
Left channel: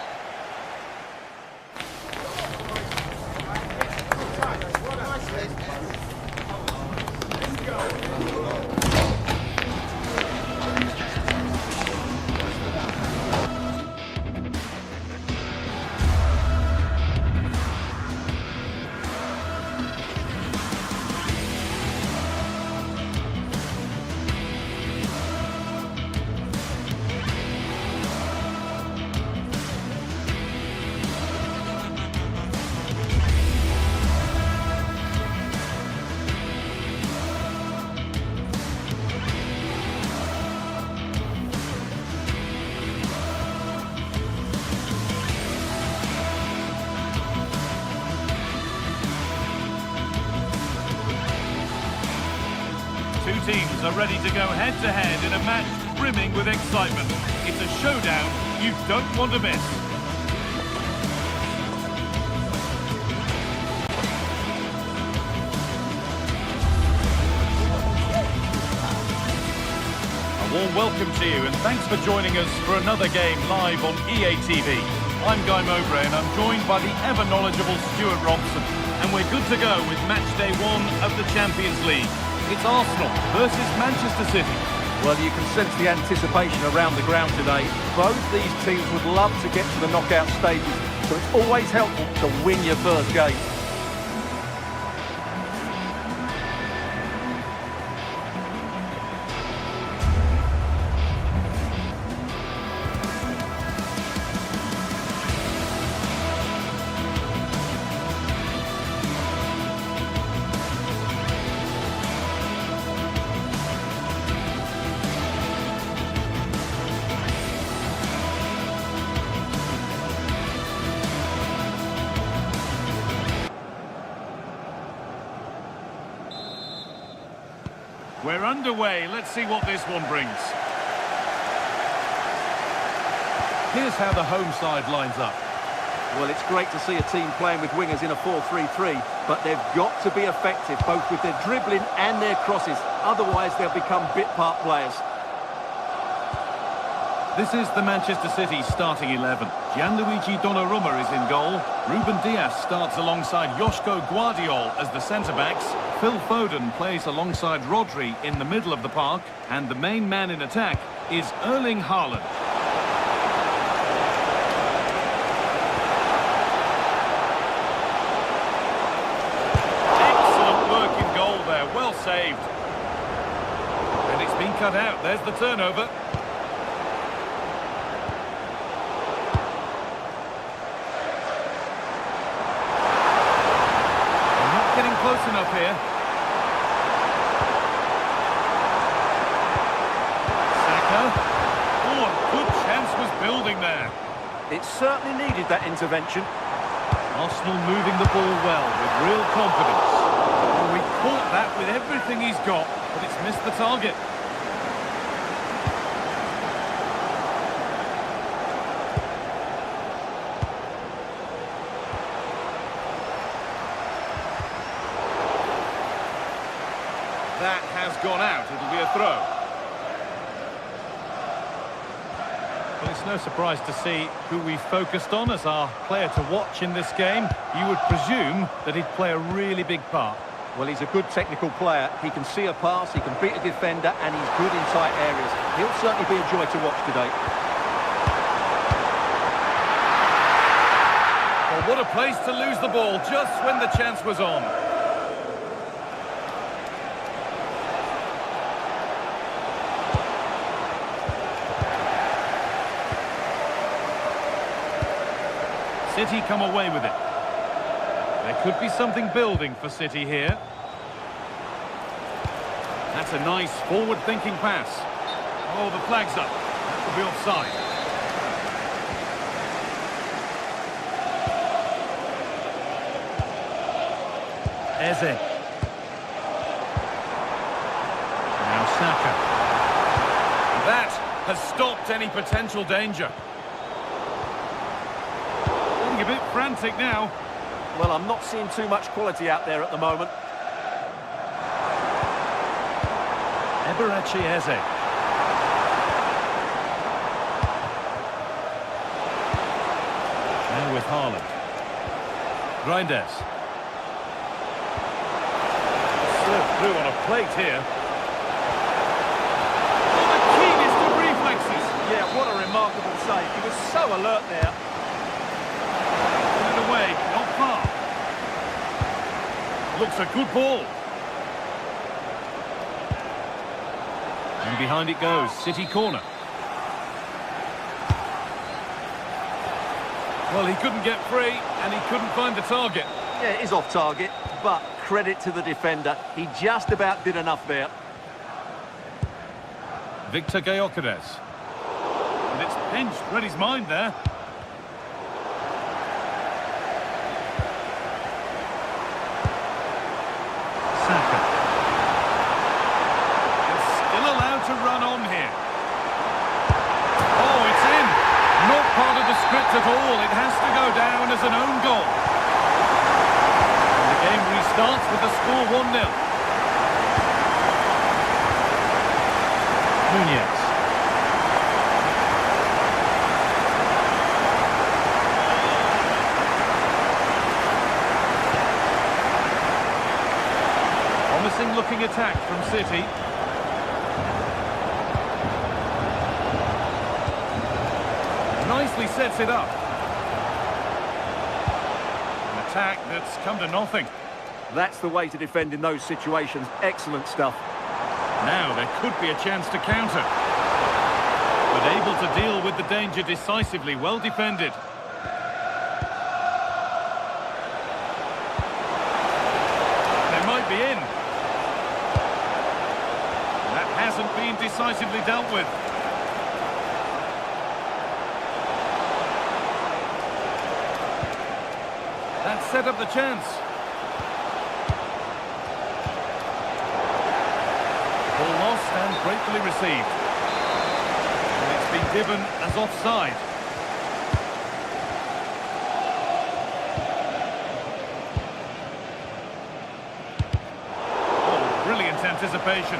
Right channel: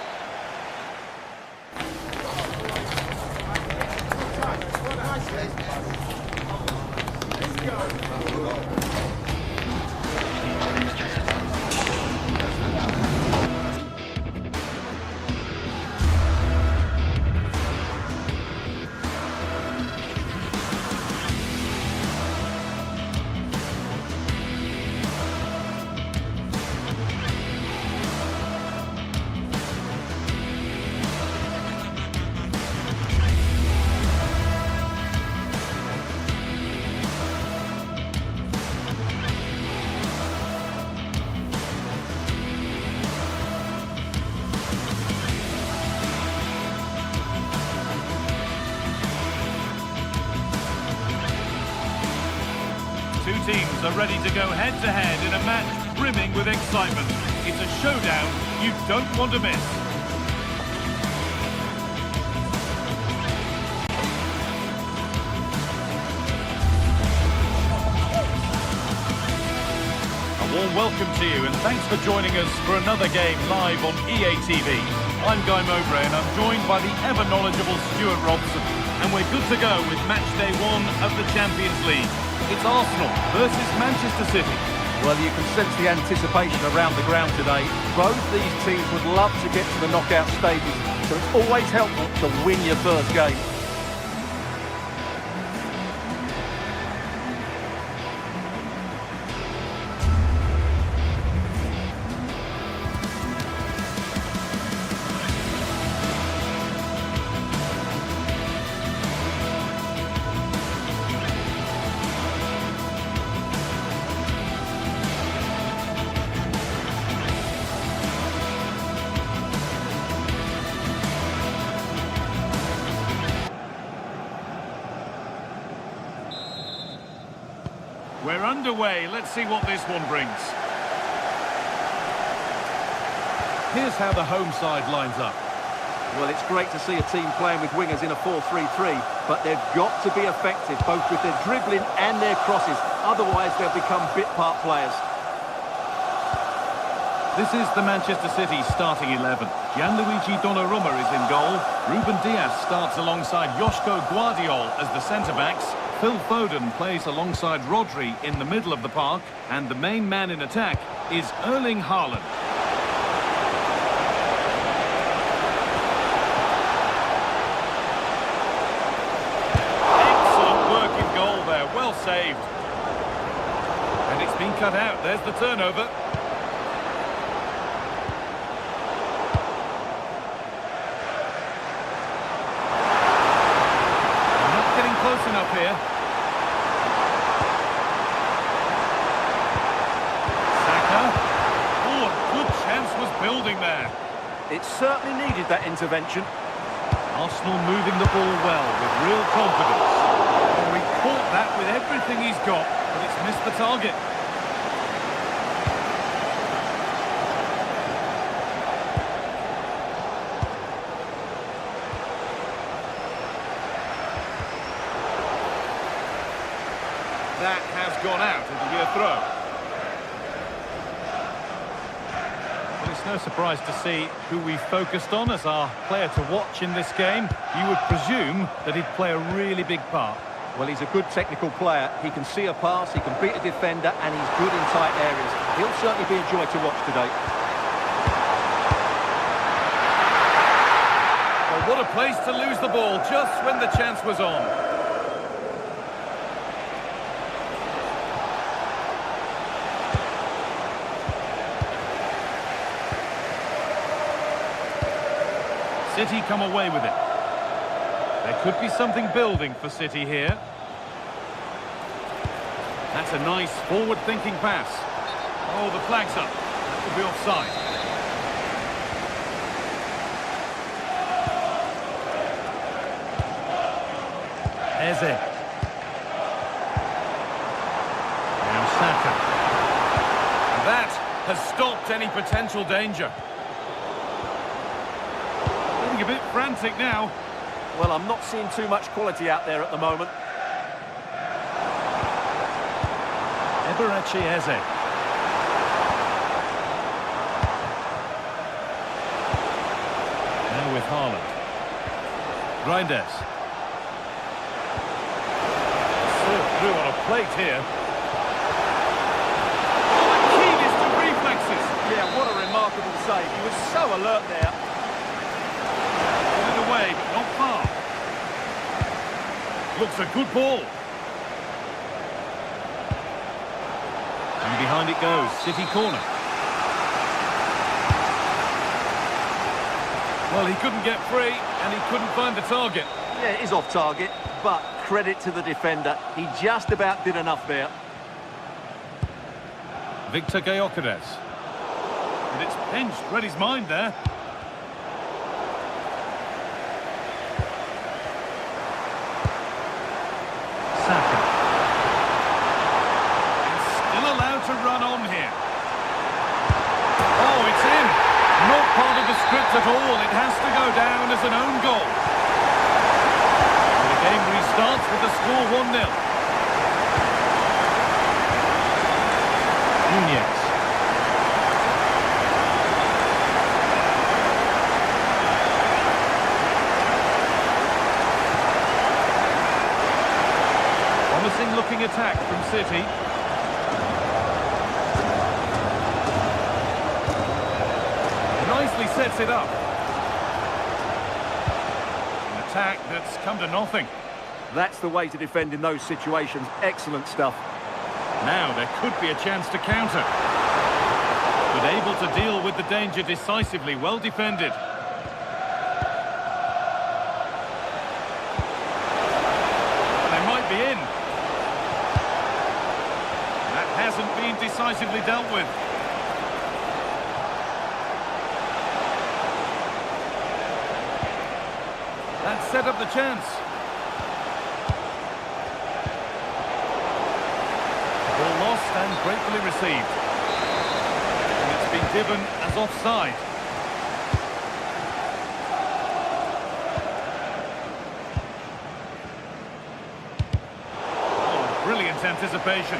Two teams are ready to go head-to-head in a match brimming with excitement. It's a showdown you don't want to miss. A warm welcome to you and thanks for joining us for another game live on EA TV. I'm Guy Mowbray and I'm joined by the ever-knowledgeable Stuart Robson. And we're good to go with match day 1 of the Champions League. It's Arsenal versus Manchester City. Well, you can sense the anticipation around the ground today. Both these teams would love to get to the knockout stages, so it's always helpful to win your first game. We're underway. Let's see what this one brings. Here's how the home side lines up. Well, it's great to see a team playing with wingers in a 4-3-3, but they've got to be effective, both with their dribbling and their crosses. Otherwise, they'll become bit-part players. This is the Manchester City starting 11. Gianluigi Donnarumma is in goal. Ruben Dias starts alongside Joško Guardiol as the centre-backs. Phil Foden plays alongside Rodri in the middle of the park. And the main man in attack is Erling Haaland. Excellent work in goal there, well saved. And it's been cut out, there's the turnover. Getting close enough here. Saka. Oh, a good chance was building there. It certainly needed that intervention. Arsenal moving the ball well with real confidence. Well, he caught that with everything he's got, but it's missed the target. That has gone out. It'll be a throw. Well, it's no surprise to see who we focused on as our player to watch in this game. You would presume that he'd play a really big part. Well, he's a good technical player. He can see a pass, he can beat a defender, and he's good in tight areas. He'll certainly be a joy to watch today. Well, what a place to lose the ball just when the chance was on. City come away with it. There could be something building for City here. That's a nice forward-thinking pass. Oh, the flag's up. That will be offside. Eze. Now Saka. And that has stopped any potential danger. Getting a bit frantic now. Well, I'm not seeing too much quality out there at the moment. Eberechi Eze. Now with Haaland. Reinders. Served through on a plate here. Oh, the keenest of reflexes. Yeah, what a remarkable save. He was so alert there. Away, but not far. Looks a good ball. And behind it goes, City corner. Well, he couldn't get free, and he couldn't find the target. Yeah, it is off target, but credit to the defender. He just about did enough there. Victor Gyökeres. And it's pinched, read his mind there. Saka. And still allowed to run on here. Oh, it's in. Not part of the script at all. It has to go down as an own goal. And the game restarts with the score 1-0. Nunez. Promising looking attack from City. Nicely sets it up. An attack that's come to nothing. That's the way to defend in those situations. Excellent stuff. Now there could be a chance to counter. But able to deal with the danger decisively. Well defended. They might be in. That hasn't been decisively dealt with. That set up the chance. Ball lost and gratefully received. And it's been given as offside. Oh, brilliant anticipation.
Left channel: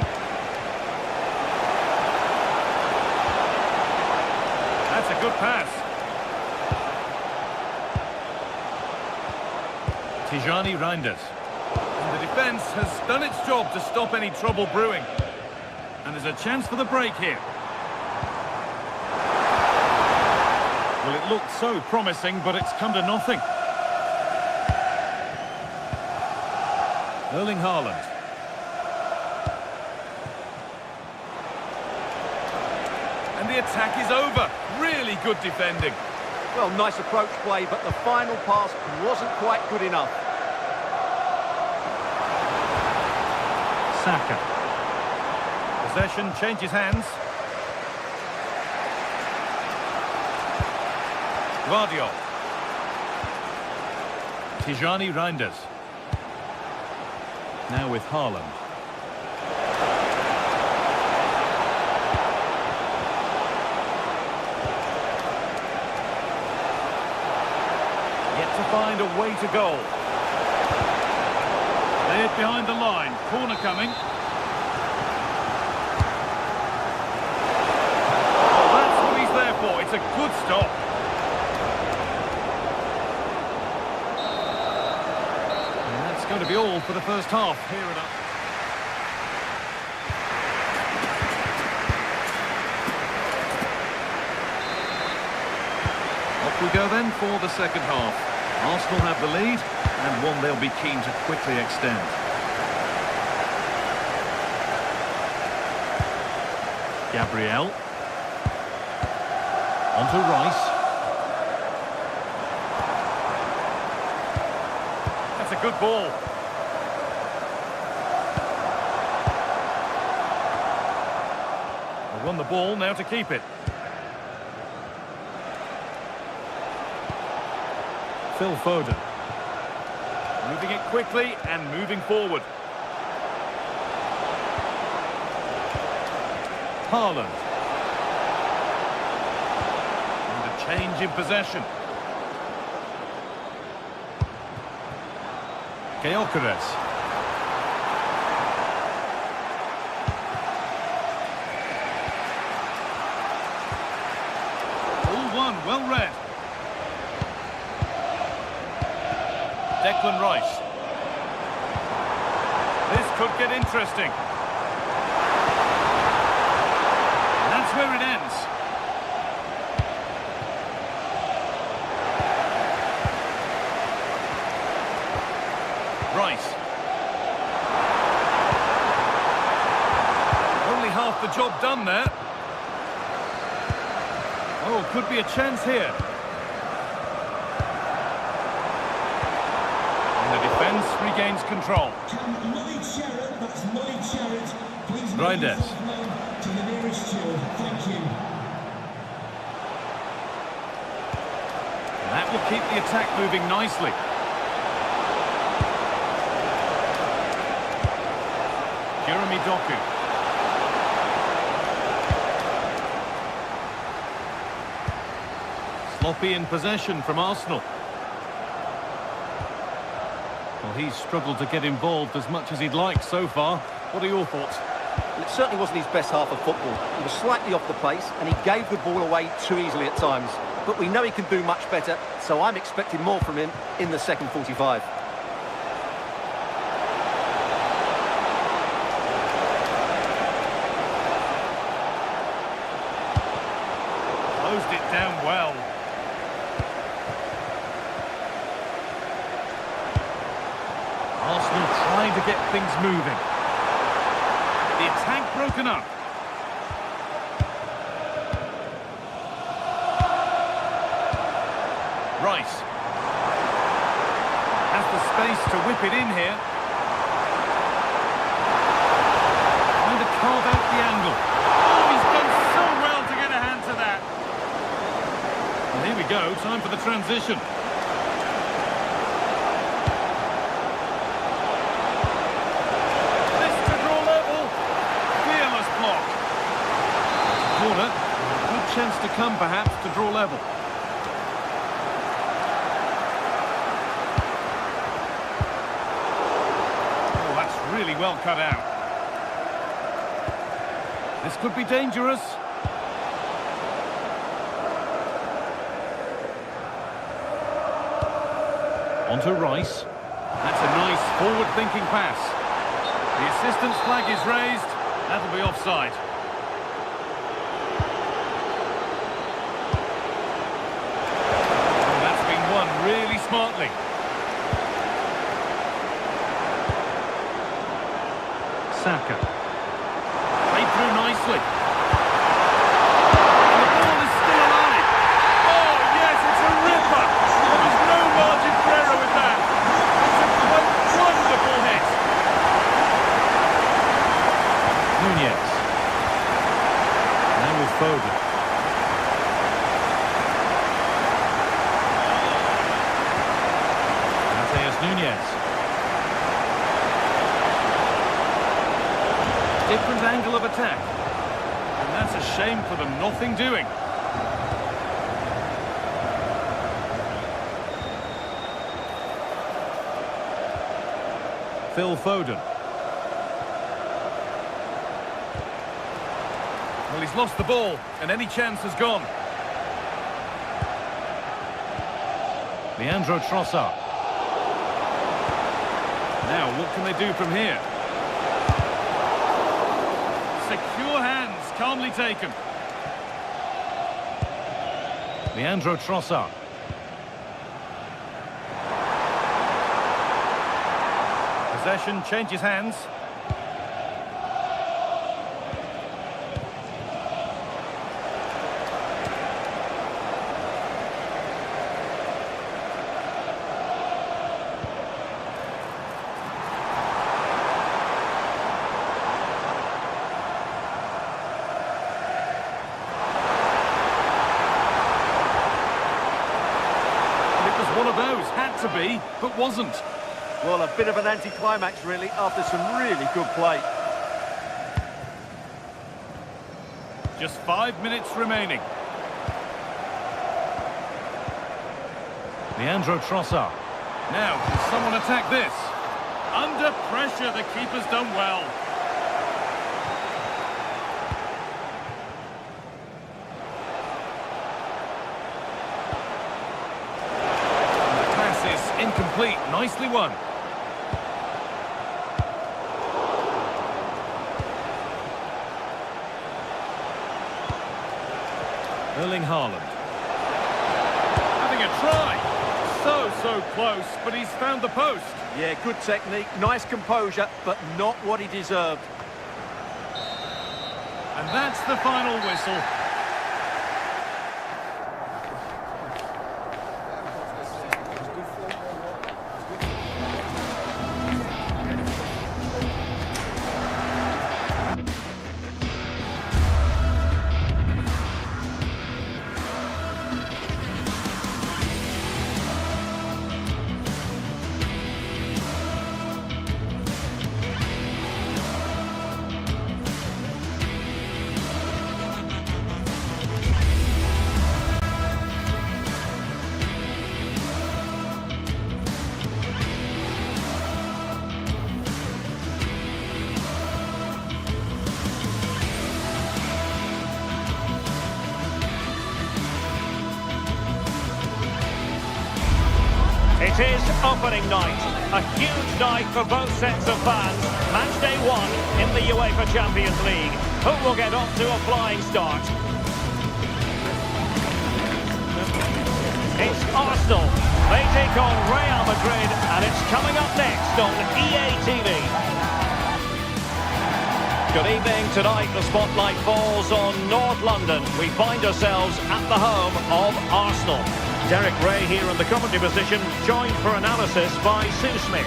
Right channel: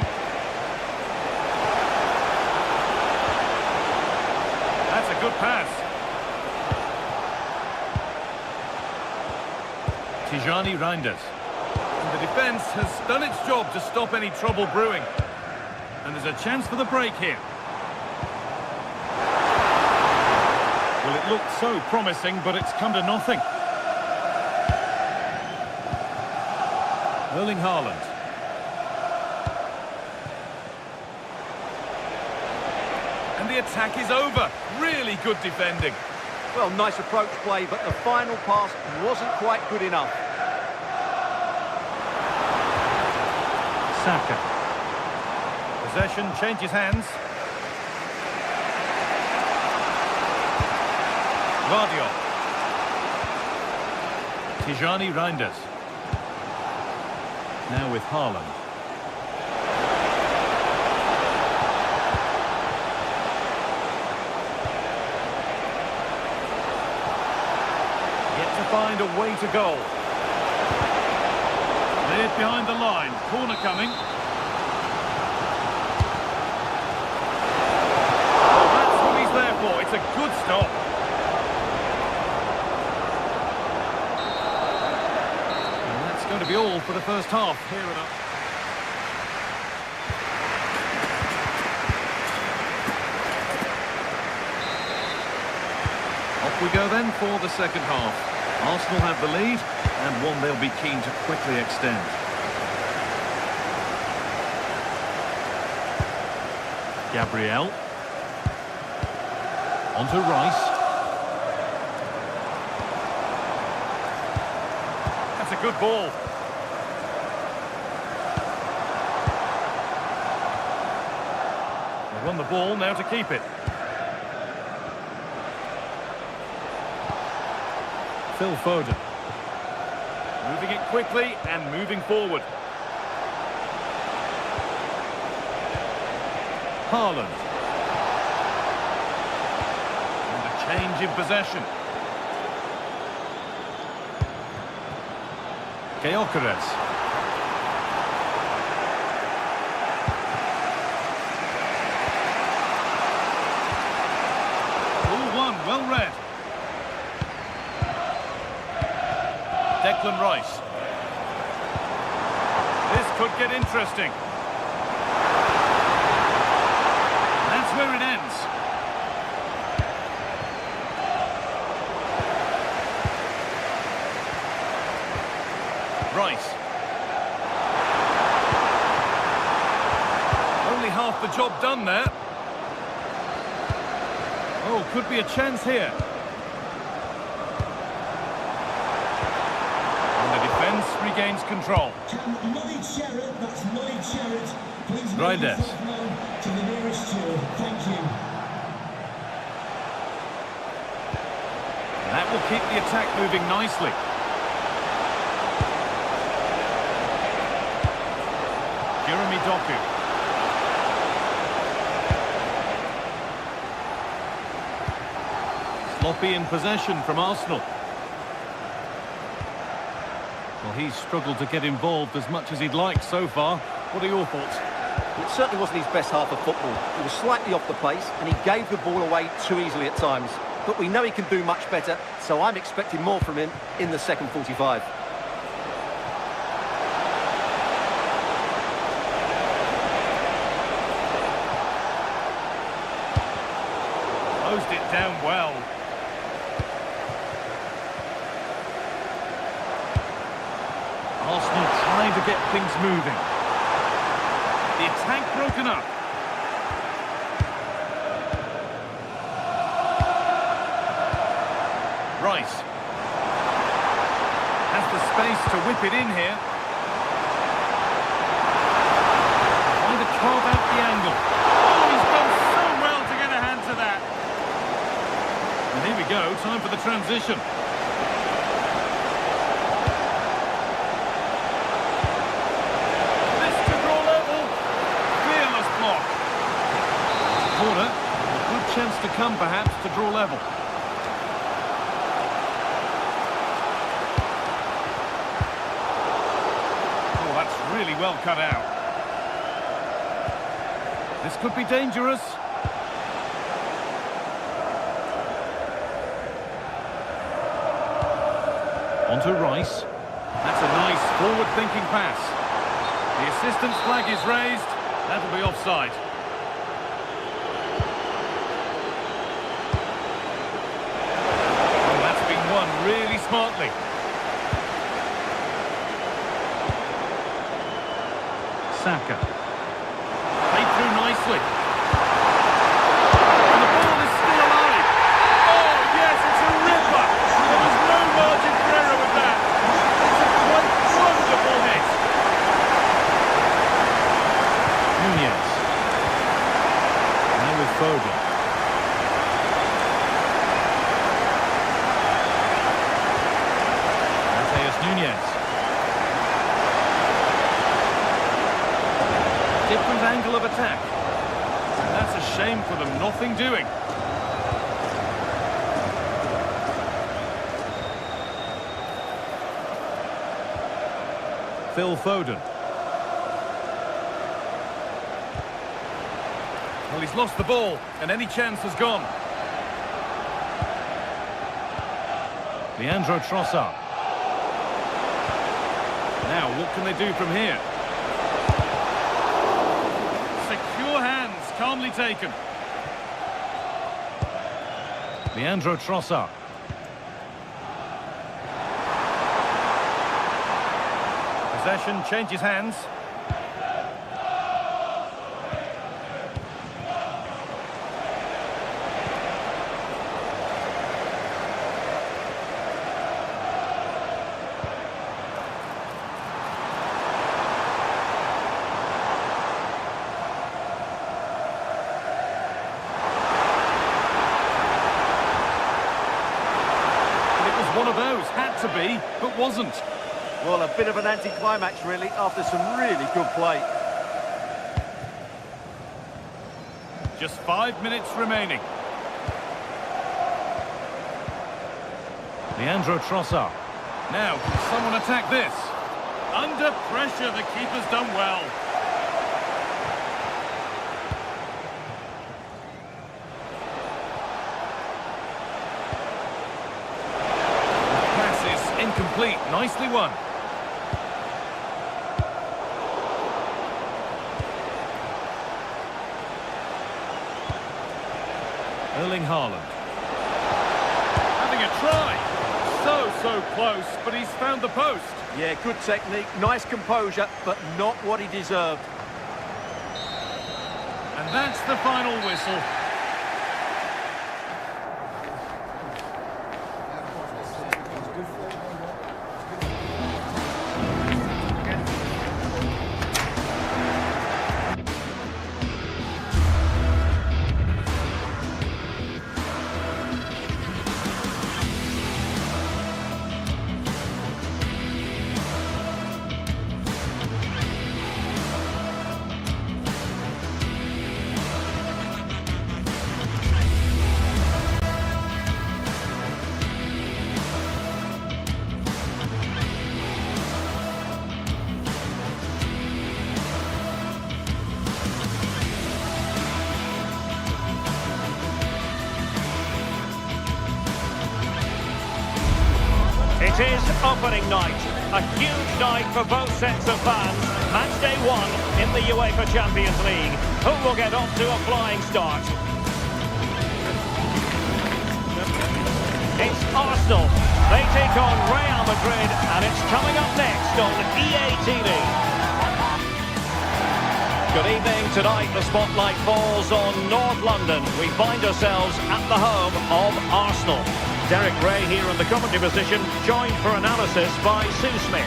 good pass. Tijani Reinders. And the defence has done its job to stop any trouble brewing. And there's a chance for the break here. Well, it looked so promising, but it's come to nothing. Erling Haaland. And the attack is over. Really good defending. Well, nice approach play, but the final pass wasn't quite good enough. Saka. Possession changes hands. Guardiola. Tijani Reinders. Now with Haaland. Yet to find a way to goal. Cleared behind the line. Corner coming. Oh, that's what he's there for. It's a good stop. And that's going to be all for the first half. Here it up. Off we go then for the second half. Arsenal have the lead, and one they'll be keen to quickly extend. Gabriel. On to Rice. That's a good ball. They won the ball, now to keep it. Phil Foden. Moving it quickly and moving forward. Haaland. And a change in possession. Gyökeres. All one, well read. Declan Rice. This could get interesting. And that's where it ends. Rice. Only half the job done there. Oh, could be a chance here. Defence regains control. Reinders. To the nearest steward. Thank you. And that will keep the attack moving nicely. Jeremy Doku. Sloppy in possession from Arsenal. Well, he's struggled to get involved as much as he'd like so far. What are your thoughts? Well, it certainly wasn't his best half of football. He was slightly off the pace and he gave the ball away too easily at times. But we know he can do much better, so I'm expecting more from him in the second 45. Closed it down well. Arsenal trying to get things moving. The attack broken up. Rice. Has the space to whip it in here. Trying to carve out the angle. Oh, he's done so well to get a hand to that. And here we go, time for the transition. Corner, a good chance to come perhaps to draw level. Oh, that's really well cut out. This could be dangerous. On to Rice. That's a nice forward-thinking pass. The assistant's flag is raised. That'll be offside. Oh, that's been won really smartly. Saka. Played through nicely. And the ball is still alive. Oh, yes, it's a ripper. There was no margin for error with that. It's a quite wonderful hit. Nunez. Now with Foden. Mateus Nunez. Different angle of attack. And that's a shame for them, nothing doing. Phil Foden. Well, he's lost the ball, and any chance has gone. Leandro Trossard. Now, what can they do from here? Secure hands, calmly taken. Leandro Trossard. Possession changes hands. It was one of those, had to be, but wasn't. Well, a bit of an anticlimax, really, after some really good play. Just 5 minutes remaining. Leandro Trossard. Now, can someone attack this? Under pressure, the keeper's done well. The pass is incomplete, nicely won. Erling Haaland. Having a try. So close, but he's found the post. Yeah, good technique, nice composure, but not what he deserved. And that's the final whistle. It is opening night, a huge night for both sets of fans. Match day 1 in the UEFA Champions League. Who will get off to a flying start? It's Arsenal. They take on Real Madrid, and it's coming up next on EA TV. Good evening. Tonight the spotlight falls on North London. We find ourselves at the home of Arsenal. Derek Ray here in the commentary position, joined for analysis by Sue Smith.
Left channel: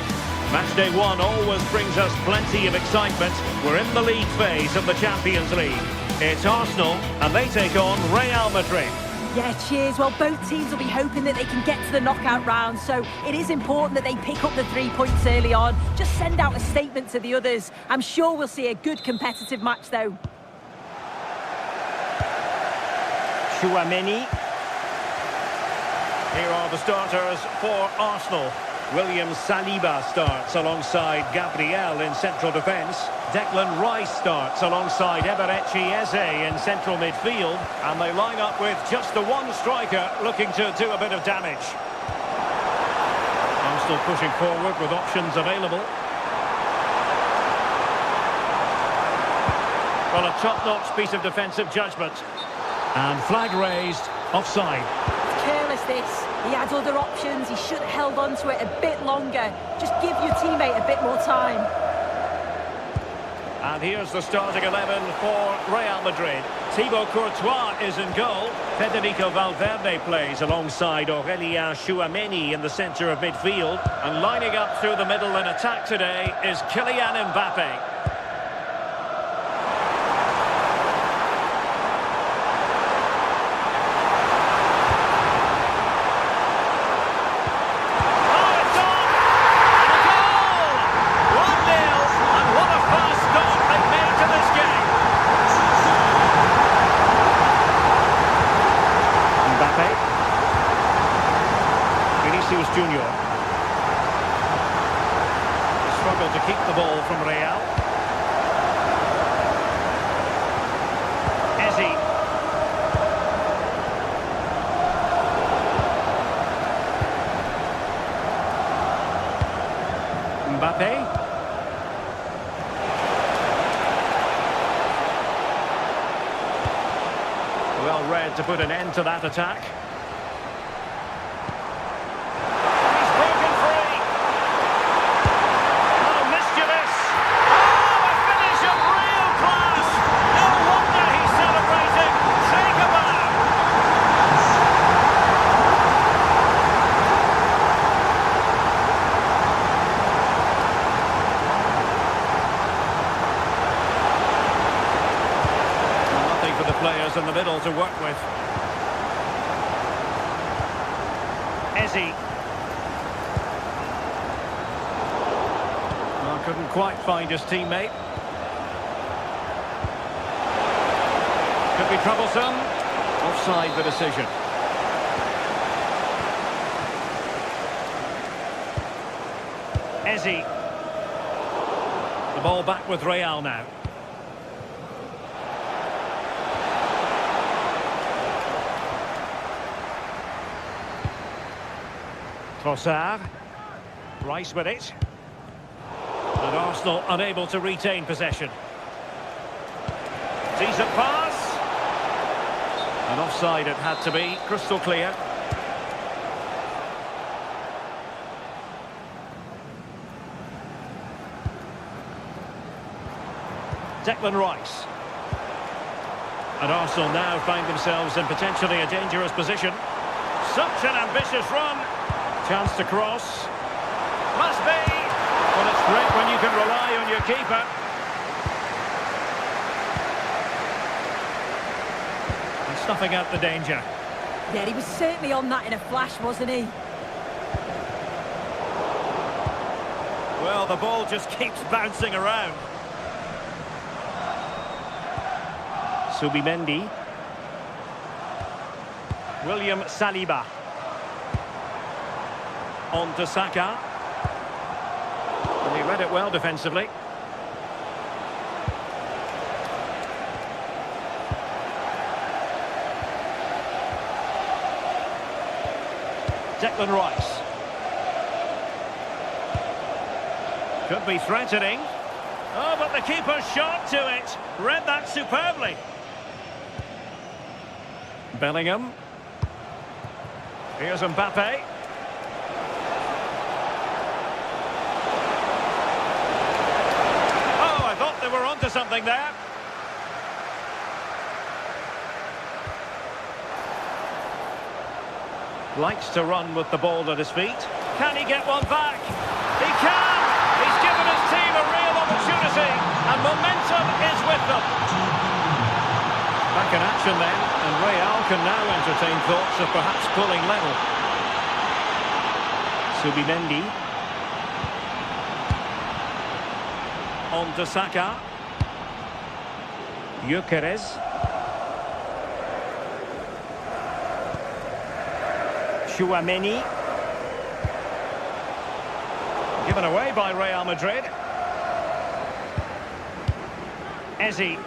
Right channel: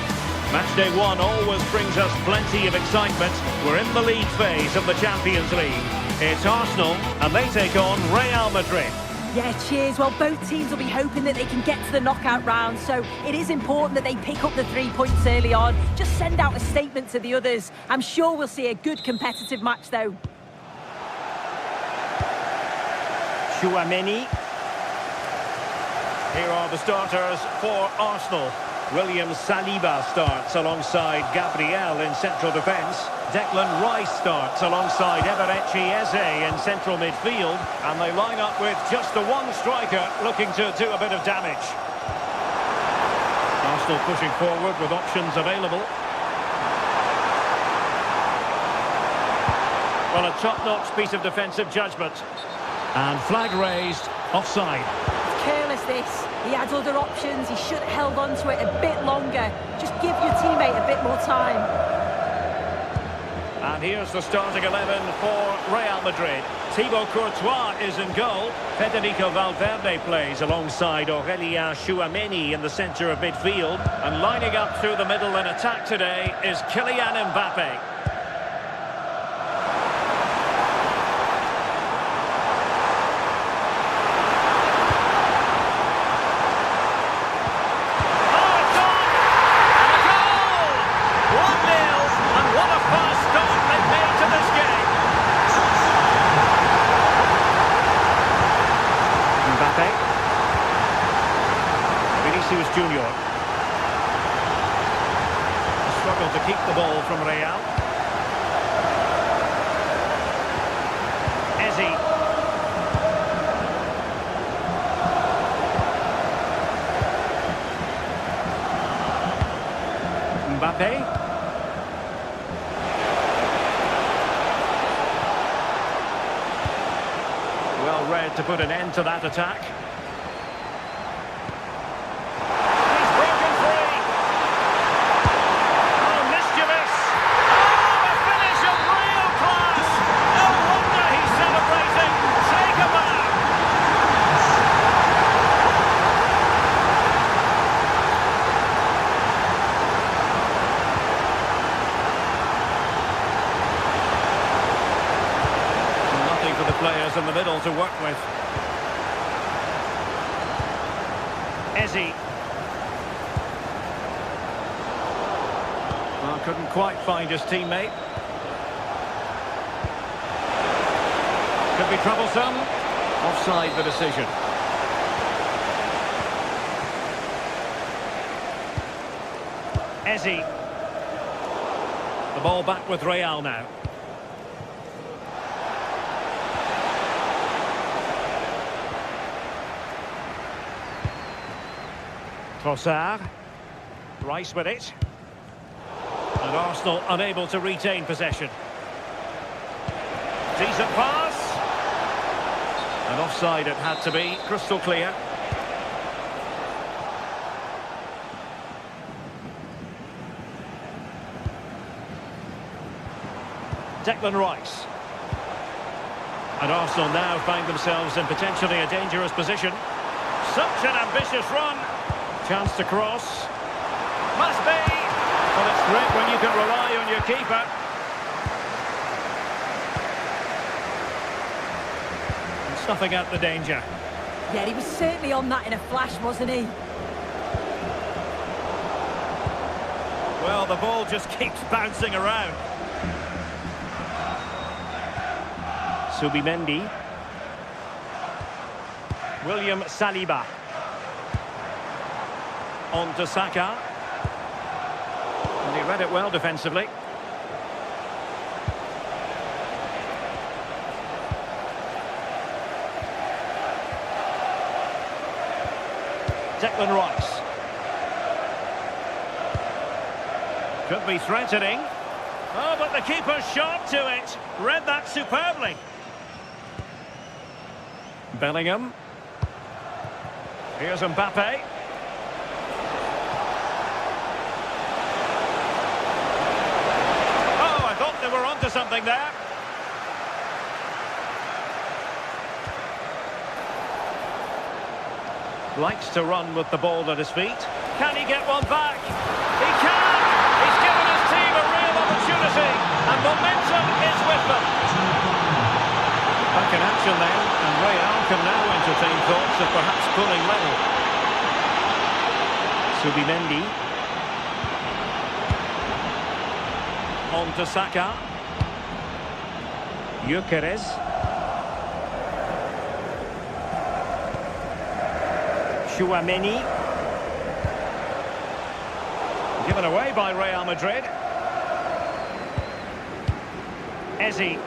Matchday 1 always brings us plenty of excitement. We're in the league phase of the Champions League. It's Arsenal, and they take on Real Madrid. Yeah, cheers. Well, both teams will be hoping that they can get to the knockout round, so it is important that they pick up the 3 points early on. Just send out a statement to the others. I'm sure we'll see a good competitive match, though. Chouameni. Here are the starters for Arsenal. William Saliba starts alongside Gabriel in central defence. Declan Rice starts alongside Eberechi Eze in central midfield. And they line up with just the one striker looking to do a bit of damage. Arsenal pushing forward with options available. Well, a top-notch piece of defensive judgment. And flag raised, offside. It's careless, this. He had other options. He should have held on to it a bit longer. Just give your teammate a bit more time. And here's the starting 11 for Real Madrid. Thibaut Courtois is in goal. Federico Valverde plays alongside Aurélien Tchouaméni in the centre of midfield. And lining up through the middle in attack today is Kylian Mbappe. Mbappe. Vinicius Junior. A struggle to keep the ball from Real. Ezzi. Mbappe. Well read to put an end to that attack. He's broken free. Oh, mischievous. Oh, a finish of real class. No wonder he's celebrating. Take a bow. For the players in the middle to work with. Ezzi. Well, couldn't quite find his teammate. Could be troublesome. Offside the decision. Ezzi. The ball back with Real now. Trossard. Rice with it. And Arsenal unable to retain possession. Decent pass. And offside it had to be, crystal clear. Declan Rice. And Arsenal now find themselves in potentially a dangerous position. Such an ambitious run. Chance to cross. Must be. Well, it's great when you can rely on your keeper. And snuffing out the danger. Yeah, he was certainly on that in a flash, wasn't he? Well, the ball just keeps bouncing around. Subimendi. William Saliba. On to Saka. And he read it well defensively. Declan Rice. Could be threatening. Oh, but the keeper's shot to it. Read that superbly. Bellingham. Here's Mbappe. Oh, I thought they were onto something there. Likes to run with the ball at his feet. Can he get one back? He can! He's given his team a real opportunity, and momentum is with them. Back in action then, and Real can now entertain thoughts of perhaps pulling level. Subimendi. On to Saka. Gyökeres. Tchouaméni. Given away by Real Madrid. Ezzi.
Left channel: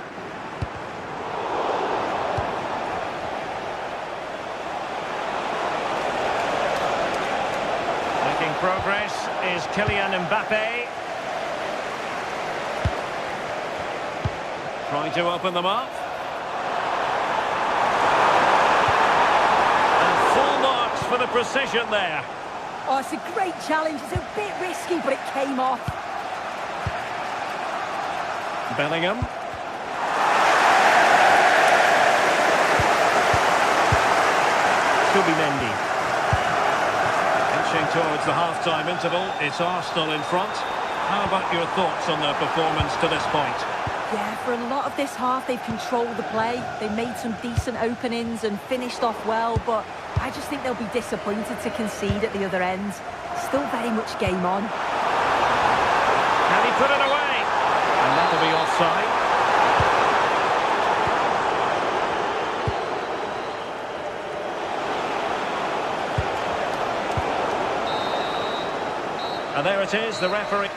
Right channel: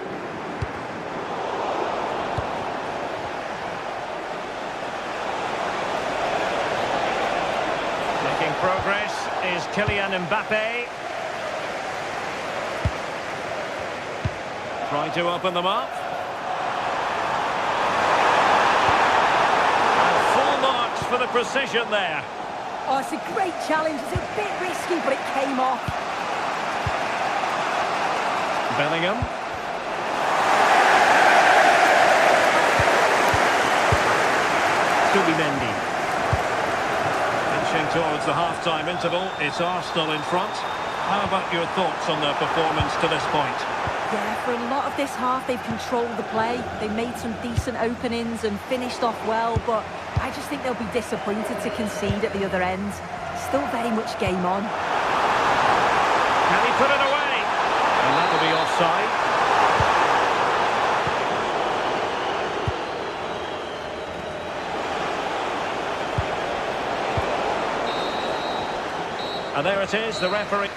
Making progress is Kylian Mbappe. Trying to open them up. And full marks for the precision there. Oh, it's a great challenge. It's a bit risky, but it came off. Bellingham. Subimendi. Inching towards the half-time interval, it's Arsenal in front. How about your thoughts on their performance to this point? Yeah, for a lot of this half, they've controlled the play. They made some decent openings and finished off well, but I just think they'll be disappointed to concede at the other end. Still very much game on. Can he put it away? And that'll be offside. And there it is, the referee.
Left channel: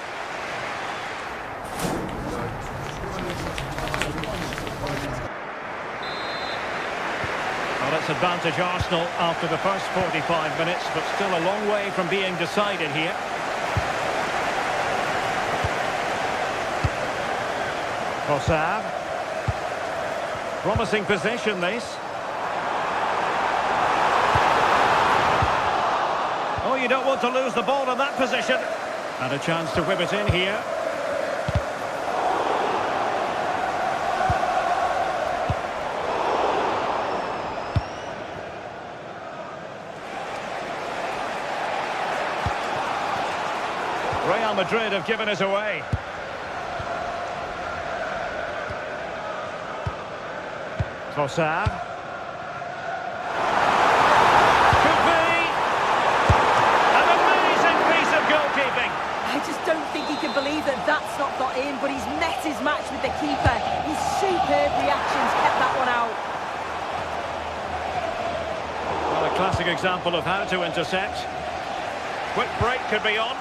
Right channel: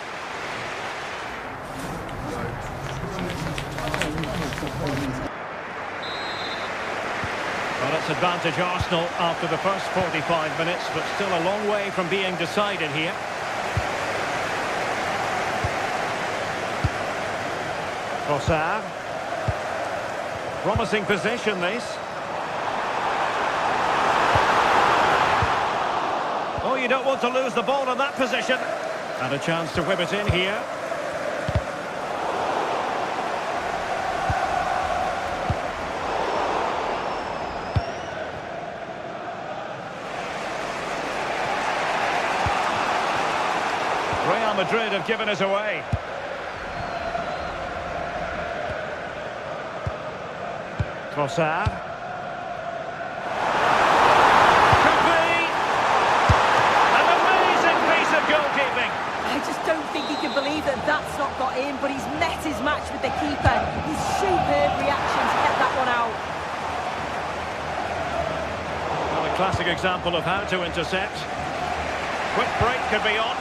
Well, it's advantage Arsenal after the first 45 minutes, but still a long way from being decided here. Trossard. Promising position, this. Oh, you don't want to lose the ball in that position. And a chance to whip it in here. Real Madrid have given us away. Trossard. Could be an amazing piece of goalkeeping. I just don't think he can believe that that's not got in, but he's met his match with the keeper. His superb reactions kept that one out. Well, a classic example of how to intercept. Quick break could be on.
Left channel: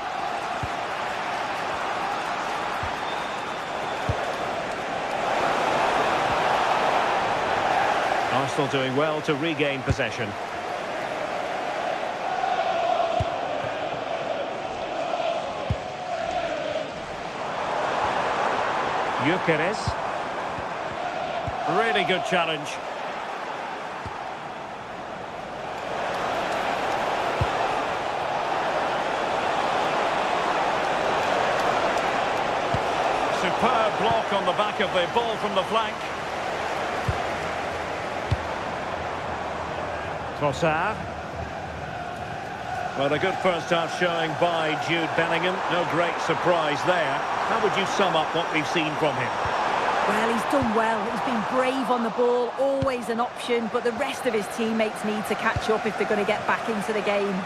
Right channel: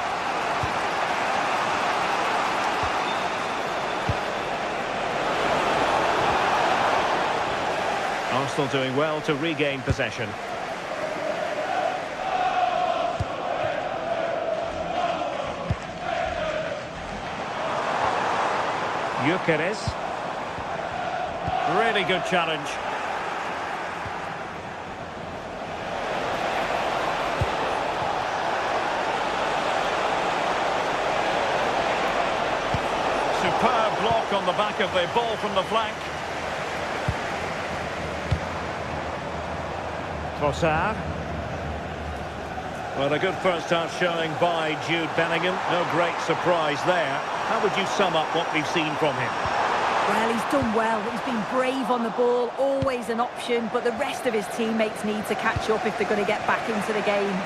Arsenal doing well to regain possession. Gyökeres. Really good challenge. Superb block on the back of the ball from the flank. Trossard. Well, a good first half showing by Jude Bellingham. No great surprise there. How would you sum up what we've seen from him? Well, he's done well. He's been brave on the ball, always an option, but the rest of his teammates need to catch up if they're going to get back into the game.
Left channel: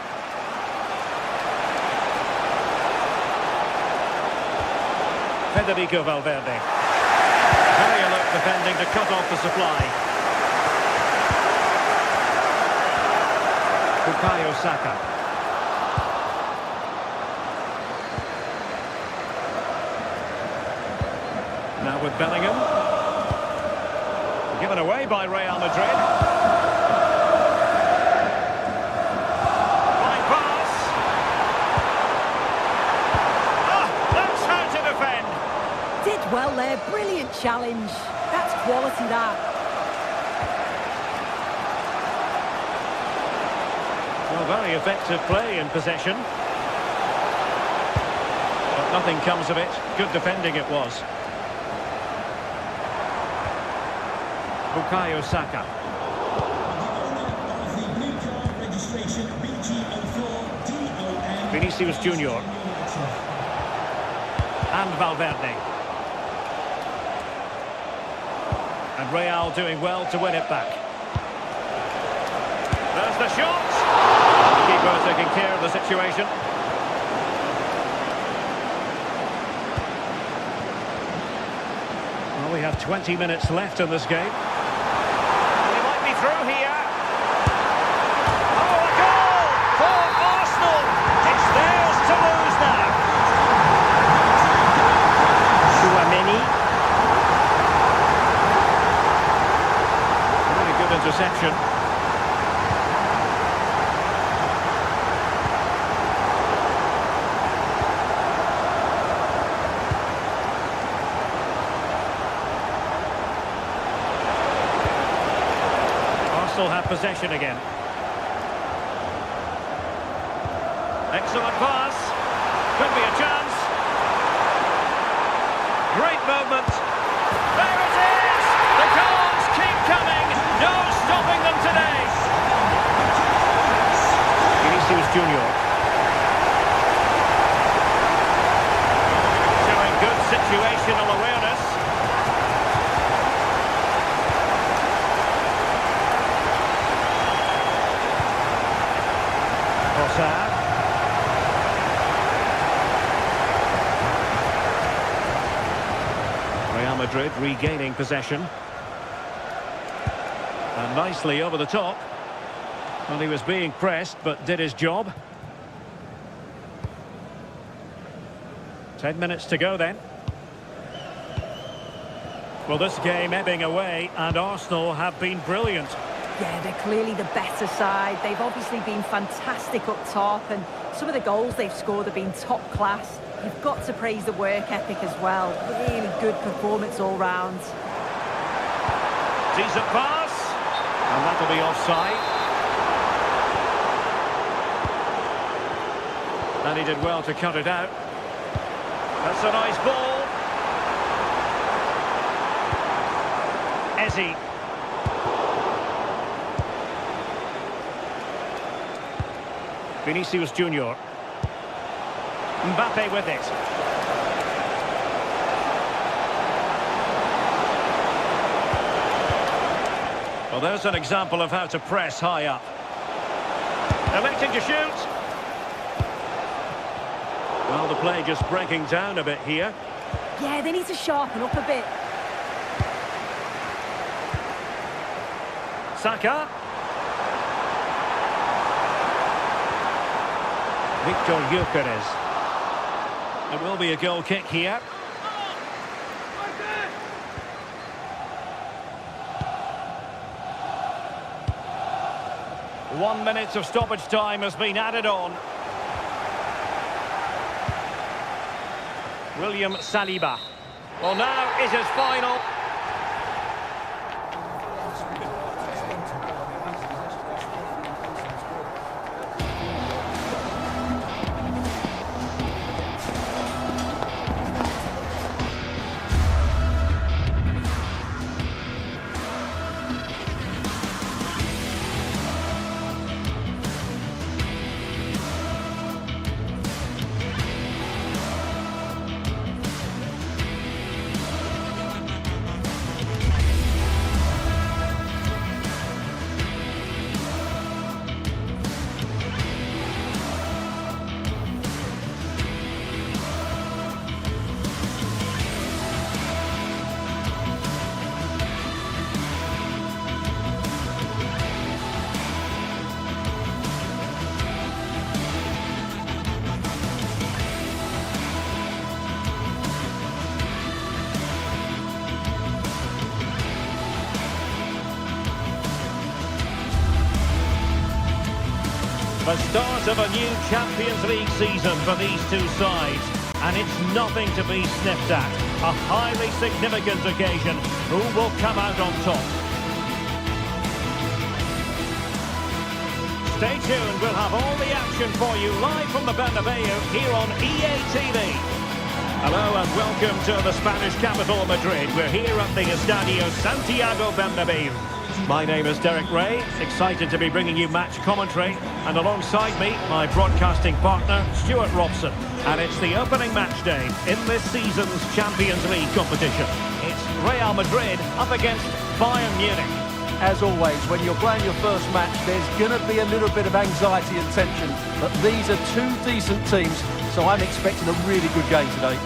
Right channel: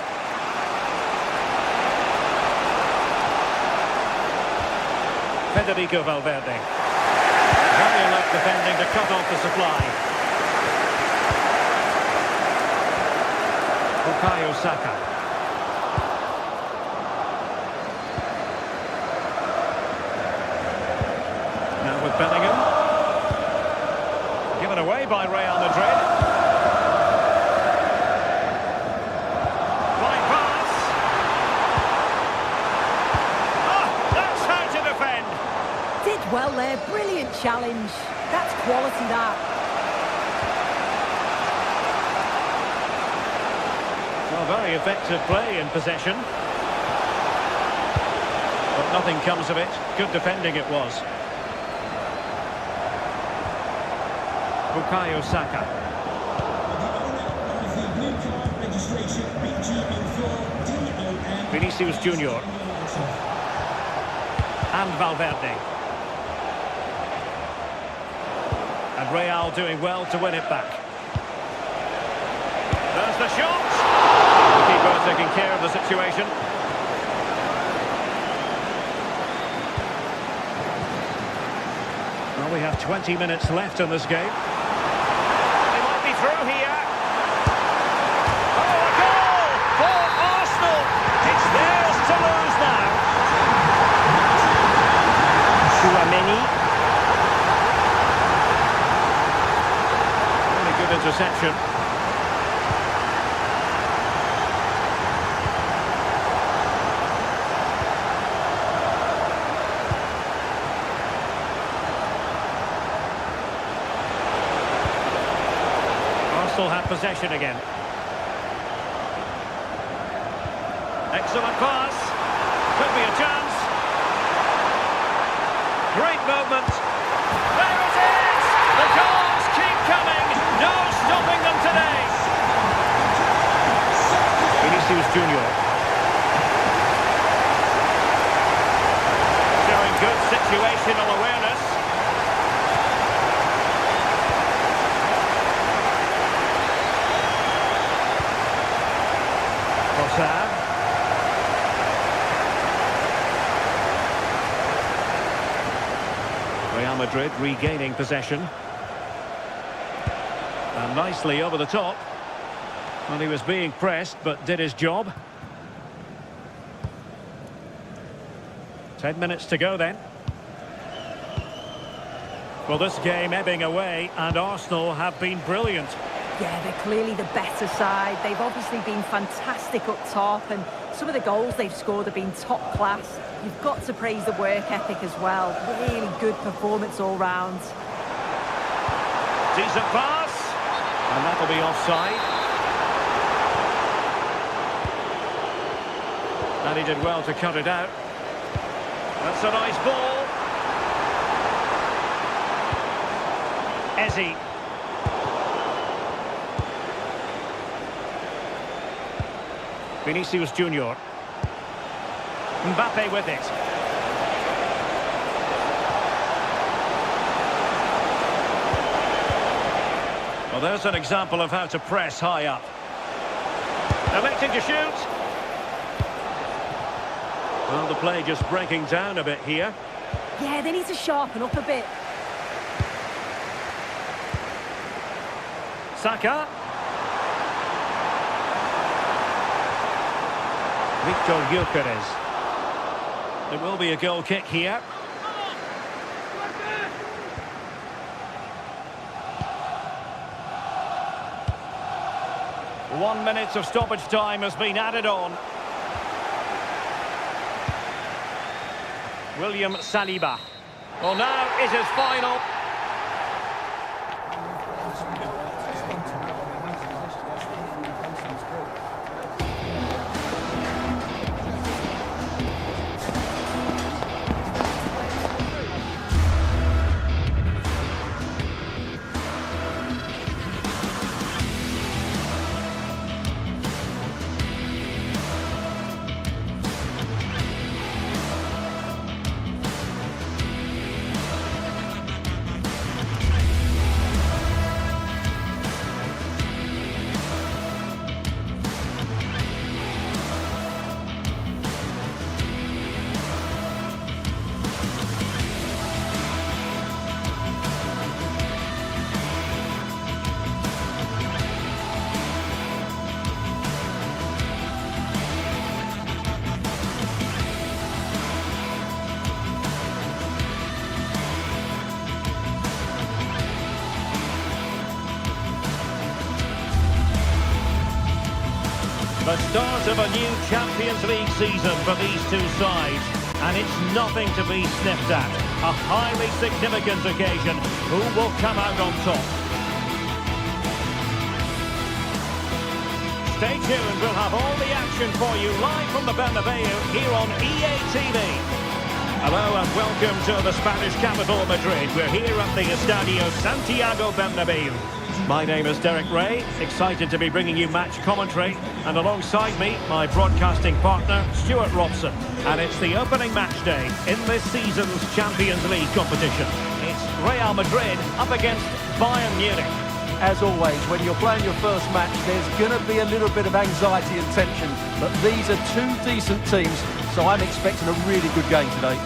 Federico Valverde. Very alert defending to cut off the supply. Bukayo Saka. Now with Bellingham. Given away by Real Madrid. Fine pass. Oh, that's how to defend. Did well there, brilliant challenge. That's quality, that. Well, very effective play in possession. But nothing comes of it. Good defending it was. Bukayo Saka. The owner of the blue card registration, BG04DOM. Vinicius Junior. And Valverde. And Real doing well to win it back. There's the shot. The keeper taking care of the situation. Well, we have 20 minutes left in this game. They might be through here. Oh, a goal for Arsenal. It's theirs to lose now. Tchouaméni. Really good interception. Arsenal have possession again. Excellent pass. Could be a chance. Great movement. There it is! The goals keep coming. No stopping them today. Vinicius Junior. Showing good situational awareness. Rossard. Real Madrid regaining possession. And nicely over the top. Well, he was being pressed, but did his job. 10 minutes to go then. Well, this game ebbing away, and Arsenal have been brilliant. Yeah, they're clearly the better side. They've obviously been fantastic up top, and some of the goals they've scored have been top class. You've got to praise the work ethic as well. Really good performance all round. Decent pass. And that'll be offside. And he did well to cut it out. That's a nice ball. Ezzy. Vinicius Junior. Mbappe with it. Well, there's an example of how to press high up. Electing to shoot. Well, the play just breaking down a bit here. Yeah, they need to sharpen up a bit. Saka. Victor Gyökeres. It will be a goal kick here. One minute of stoppage time has been added on. William Saliba. Well, now it is final. The start of a new Champions League season for these two sides. And it's nothing to be sniffed at. A highly significant occasion. Who will come out on top? Stay tuned. We'll have all the action for you live from the Bernabeu here on EA TV. Hello and welcome to the Spanish capital, Madrid. We're here at the Estadio Santiago Bernabeu. My name is Derek Ray, excited to be bringing you match commentary, and alongside me, my broadcasting partner, Stuart Robson. And it's the opening match day in this season's Champions League competition. It's Real Madrid up against Bayern Munich. As always, when you're playing your first match, there's going to be a little bit of anxiety and tension, but these are two decent teams, so I'm expecting a really good game today.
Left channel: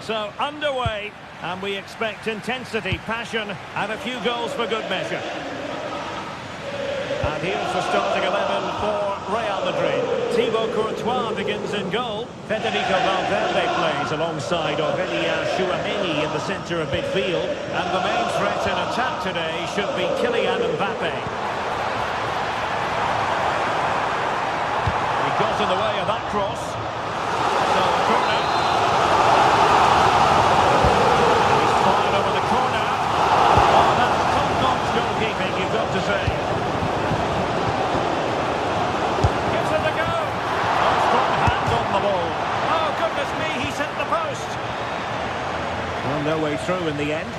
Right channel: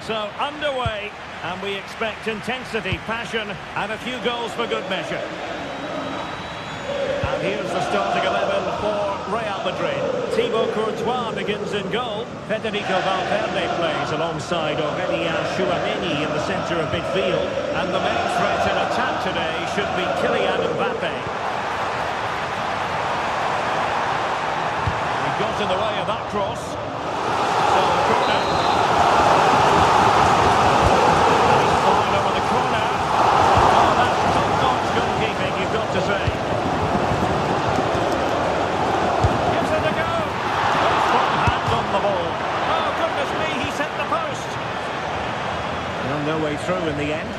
So, underway, and we expect intensity, passion, and a few goals for good measure. And here's the starting 11 for Real Madrid. Thibaut Courtois begins in goal. Federico Valverde plays alongside Aurélien Tchouameni in the centre of midfield. And the main threat in attack today should be Kylian Mbappe. He got in the way of that cross. So, a corner. to say. Gives it a go. Oh, strong hand on the ball. Oh, goodness me, he's hit the post. Well, no way through in the end.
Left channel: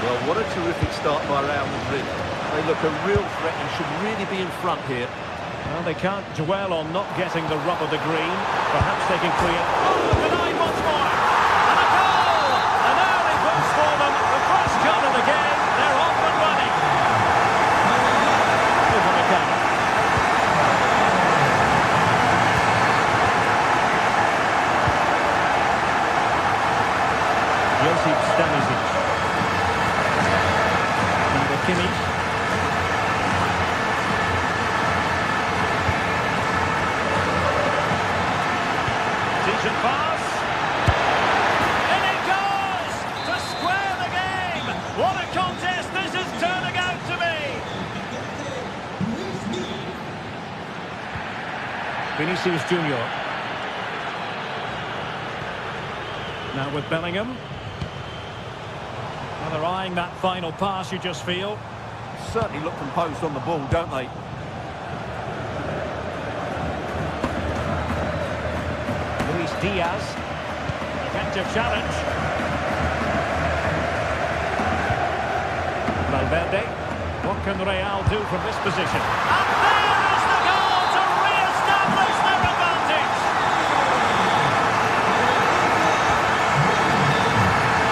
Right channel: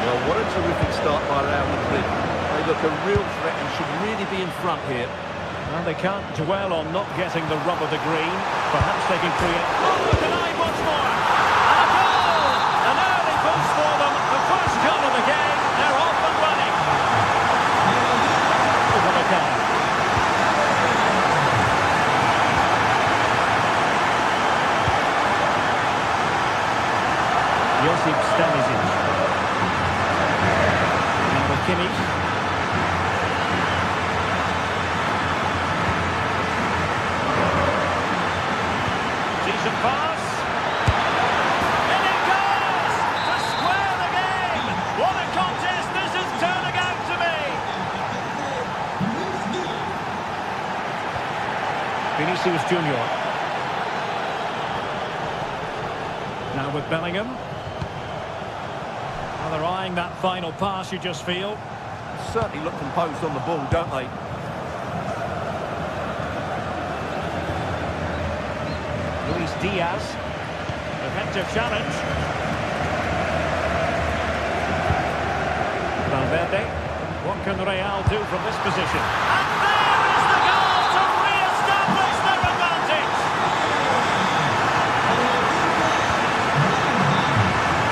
Well, what a terrific start by Real Madrid. They look a real threat and should really be in front here. Well, they can't dwell on not getting the rub of the green. Perhaps they can create... Oh, denied once more! And a goal! An early boost for them. The first goal of the game. They're off and running. Upamecano. Josip Stanisic. Now with Kimmich. Decent pass. And it goes to square the game. What a contest this is turning out to be. Vinicius Junior. Now with Bellingham. Well, they're eyeing that final pass, you just feel. Certainly look composed on the ball, don't they? Luis Diaz. Effective challenge. Valverde. What can Real do from this position? And there is the goal to re-establish their advantage.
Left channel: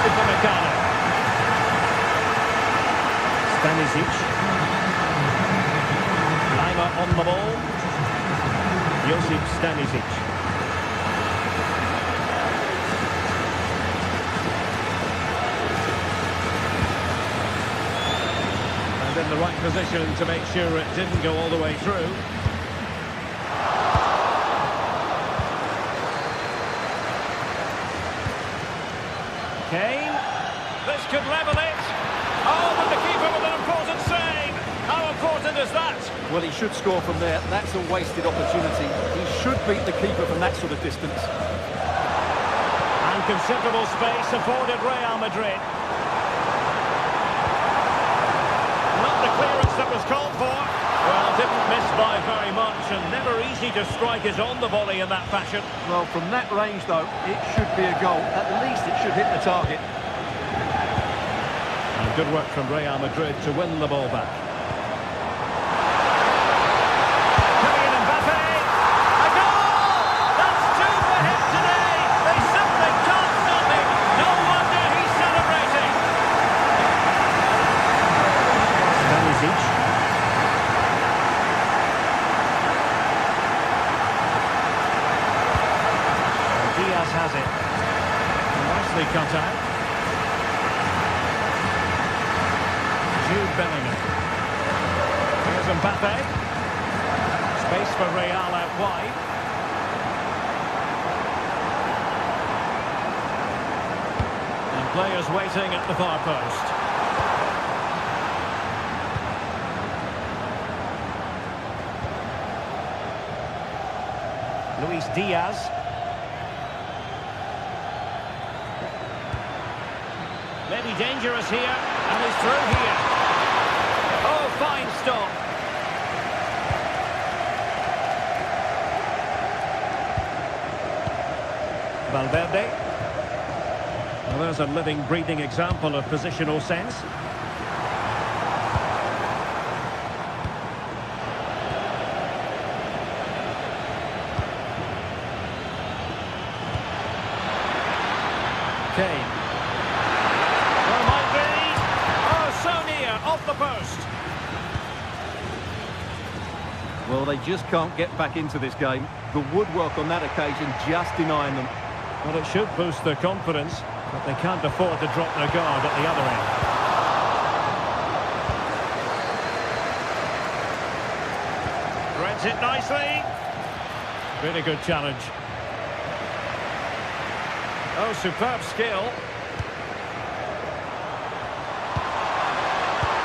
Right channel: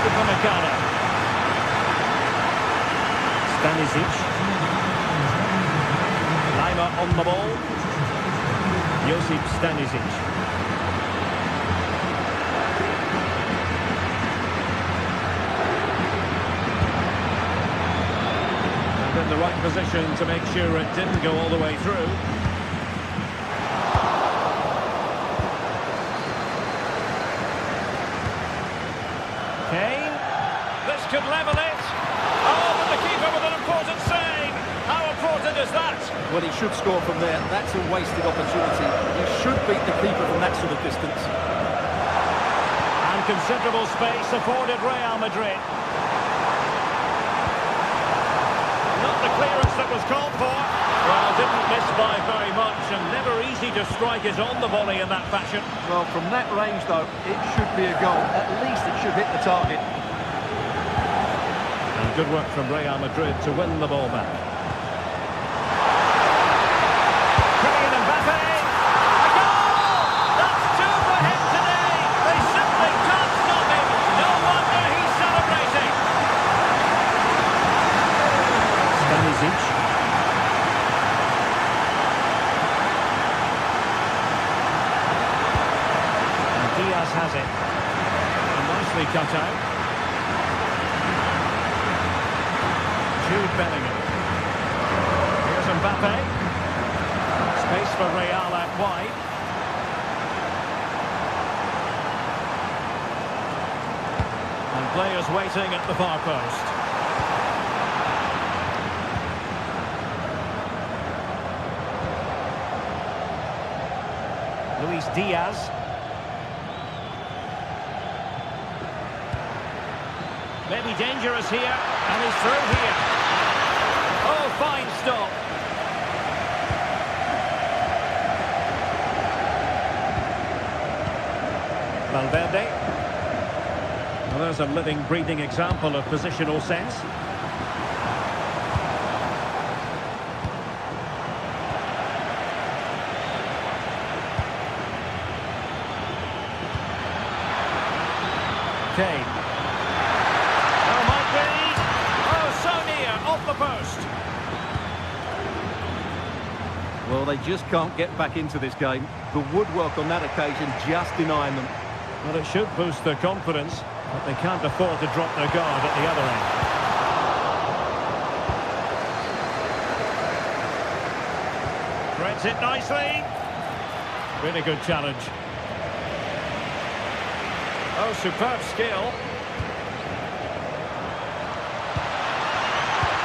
Upamecano. Stanisic. Lima on the ball. Josip Stanisic. And in the right position to make sure it didn't go all the way through. Kane. This could level it. Oh, but the keeper with an important save. How important is that? Well, he should score from there. That's a wasted opportunity. He should beat the keeper from that sort of distance. And considerable space afforded Real Madrid. Not the clearance that was called for. Well, didn't miss by very much, and never easy to strike it on the volley in that fashion. Well, from that range, though, it should be a goal. At least it should hit the target. And good work from Real Madrid to win the ball back. Kylian Mbappe! A goal! That's two for him today! They simply can't stop him! No wonder he's celebrating! Stanisic. And Diaz has it. Nicely cut out. Jude Bellingham. Here's Mbappe. Space for Real out wide. And players waiting at the far post. Luis Diaz. Maybe dangerous here, and he's through here. Oh, fine stop. Valverde. Well, there's a living, breathing example of positional sense. Kane. Oh, might be. Oh, so near, off the post. Well, they just can't get back into this game. The woodwork on that occasion just denying them. Well, it should boost their confidence, but they can't afford to drop their guard at the other end. Threads it nicely. Really good challenge. Oh, superb skill.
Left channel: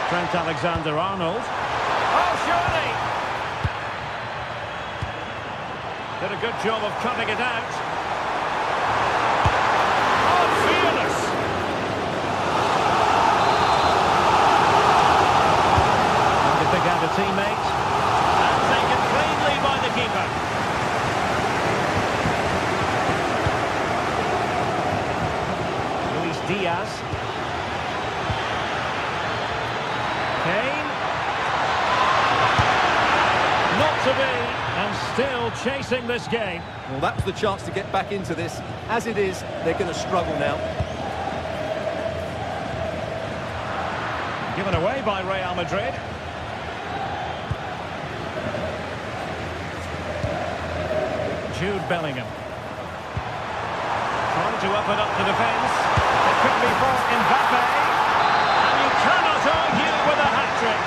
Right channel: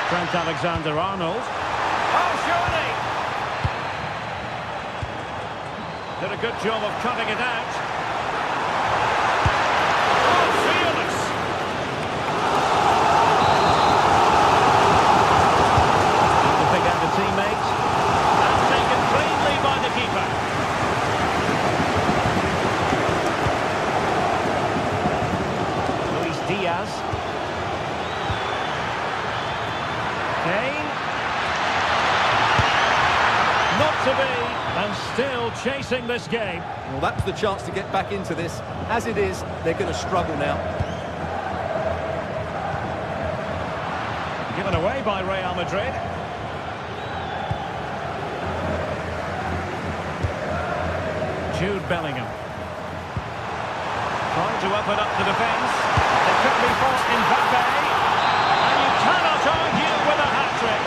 Trent Alexander-Arnold. Oh, surely! Did a good job of cutting it out. Oh, fearless! teammate. And taken cleanly by the keeper. Luis Diaz. Kane. Not to be, and still chasing this game. Well, that was the chance to get back into this. As it is, they're going to struggle now. Given away by Real Madrid. Jude Bellingham. Trying to open up the defence. It could be for Mbappe. And you cannot argue with a hat-trick.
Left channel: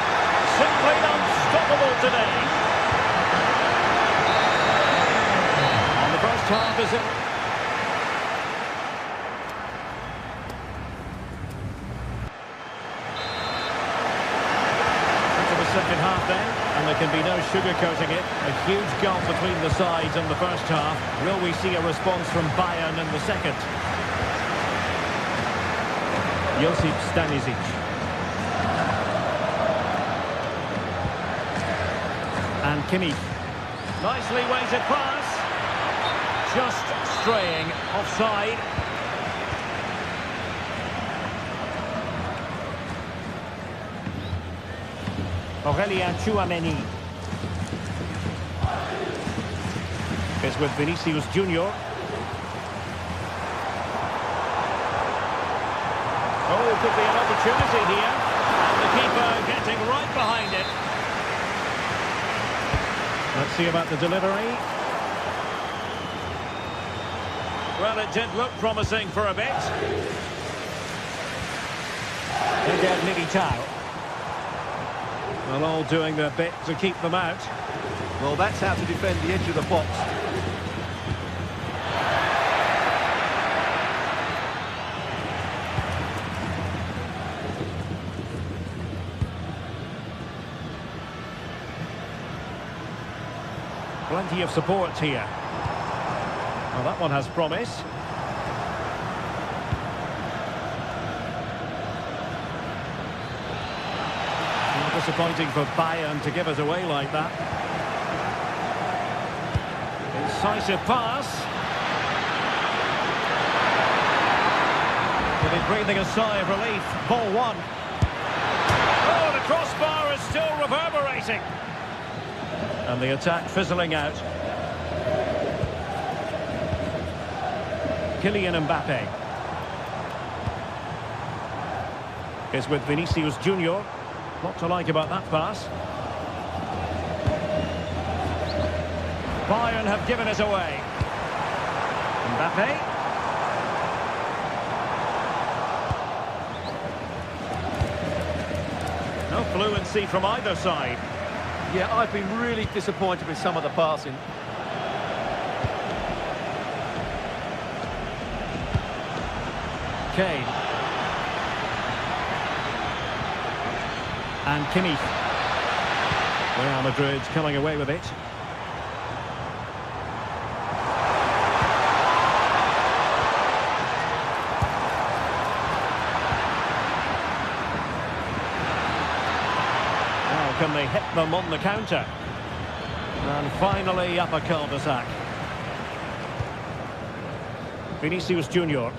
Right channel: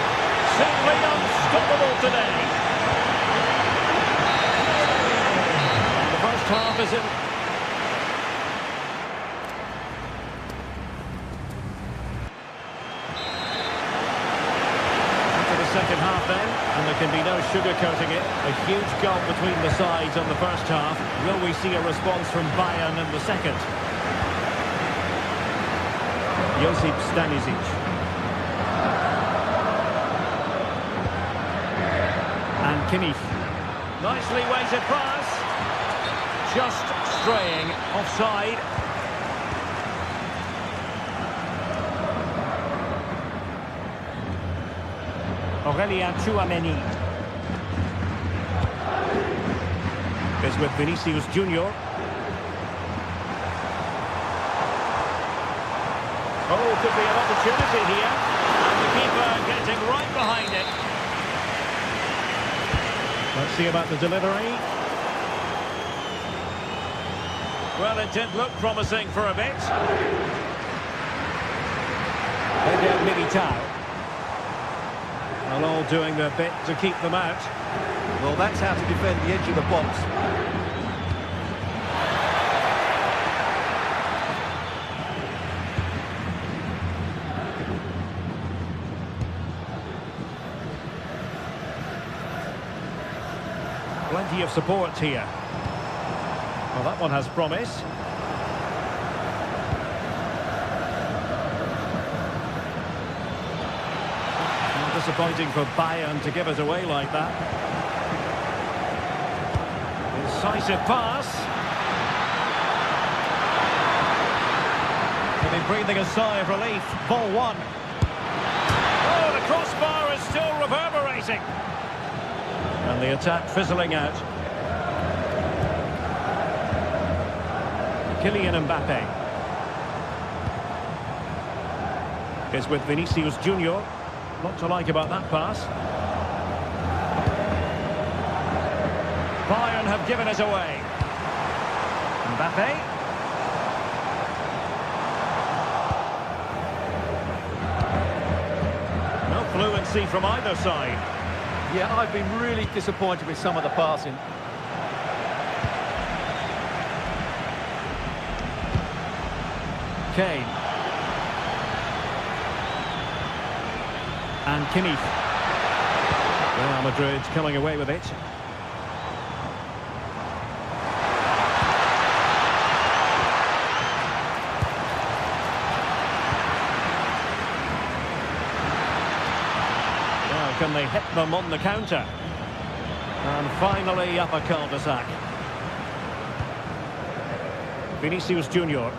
Simply unstoppable today. And the first half is in. The second half then, and there can be no sugarcoating it. A huge gulf between the sides on the first half. Will we see a response from Bayern in the second? Josip Stanisic. And Kimmich. Nicely weighted pass. Just straying offside. Aurelien Tchouameni is with Vinicius Junior. Oh, could be an opportunity here. And the keeper getting right behind it. Let's see about the delivery. Well, it did look promising for a bit. Eder Militao. Well, all doing their bit to keep them out. Well, that's how to defend the edge of the box. Plenty of support here. Well, that one has promise. Disappointing for Bayern to give it away like that. Incisive pass. He'll be breathing a sigh of relief. Ball one. Oh, the crossbar is still reverberating. And the attack fizzling out. Kylian Mbappe is with Vinicius Junior. Lot to like about that pass. Bayern have given it away. Mbappe. No fluency from either side. Yeah, I've been really disappointed with some of the passing. Kane. And Kimmich. Real Madrid coming away with it. Now can they hit them on the counter? And finally up a cul-de-sac. Vinicius Junior.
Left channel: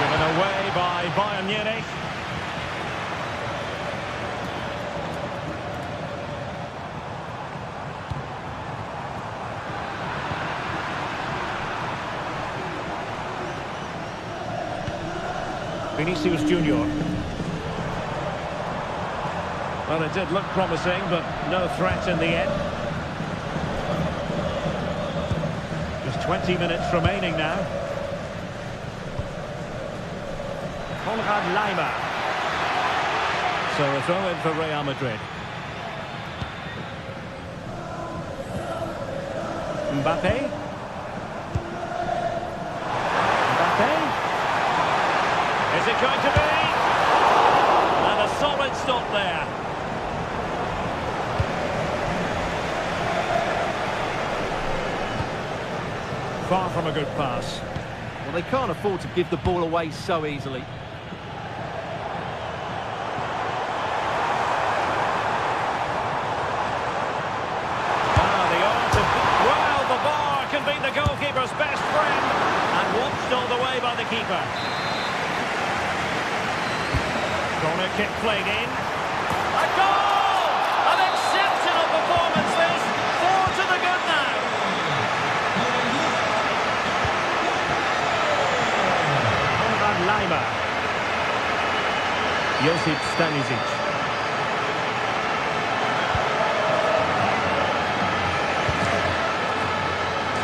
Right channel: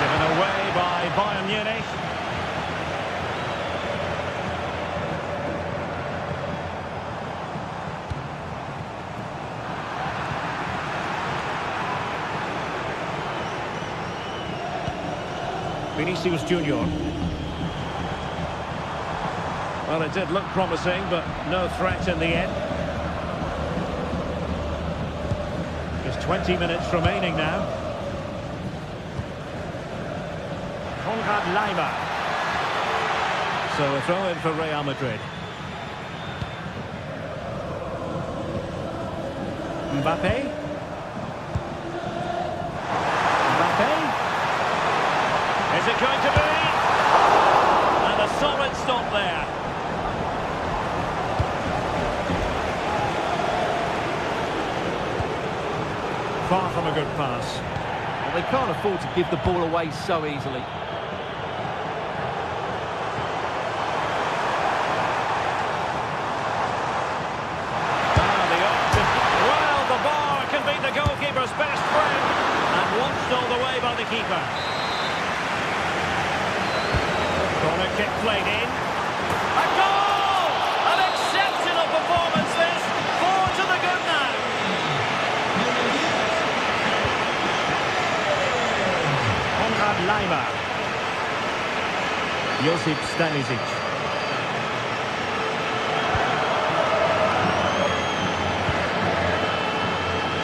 Given away by Bayern Munich. Vinicius Junior. Well, it did look promising, but no threat in the end. Just 20 minutes remaining now. Konrad Laimer. So a throw in for Real Madrid. Mbappe. Mbappe. Is it going to be? And a solid stop there. Far from a good pass. Well, they can't afford to give the ball away so easily. Well, the bar can be the goalkeeper's best friend, and watched all the way by the keeper. Corner kick played in. A goal! An exceptional performance this. 4 to the good now. Konrad Laimer. Josip Stanisic.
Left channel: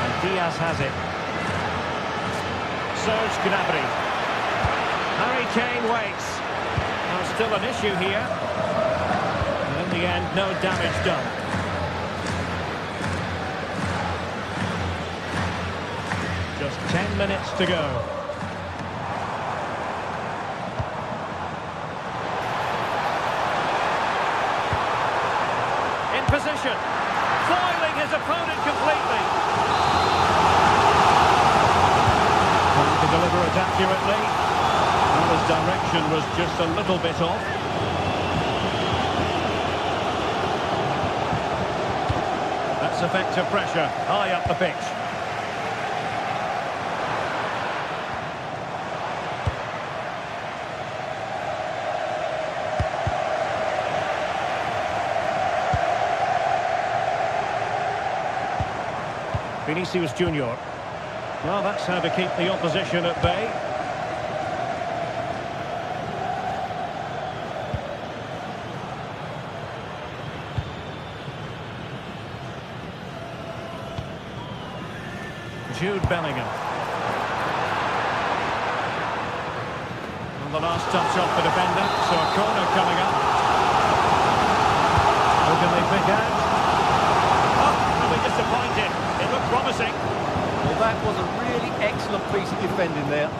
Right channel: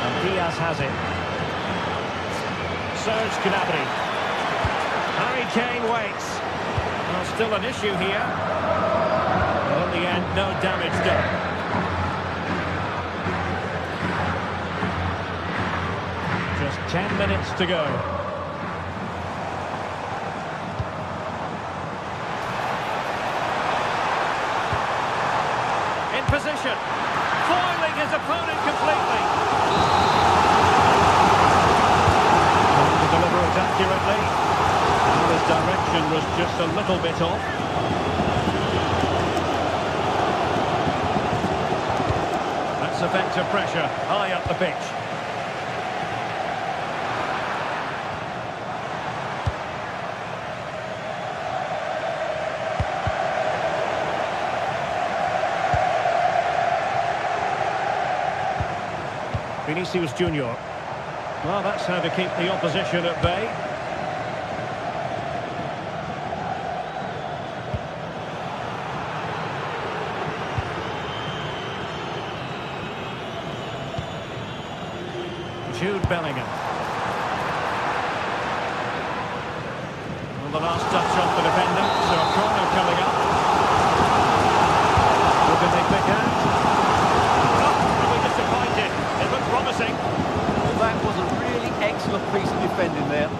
And Diaz has it. Serge Gnabry. Harry Kane waits. Well, still an issue here. And in the end, no damage done. Just 10 minutes to go. In position. Foiling his opponent completely. Trying to deliver it accurately. Well, his direction was just a little bit off. That's effective pressure, high up the pitch. Vinicius Junior. Well, that's how to keep the opposition at bay. Jude Bellingham. On the last touch off the defender, so a corner coming up. Who can they pick out? Oh, are we disappointed? It looked promising. Well, that was a really excellent piece of defending there.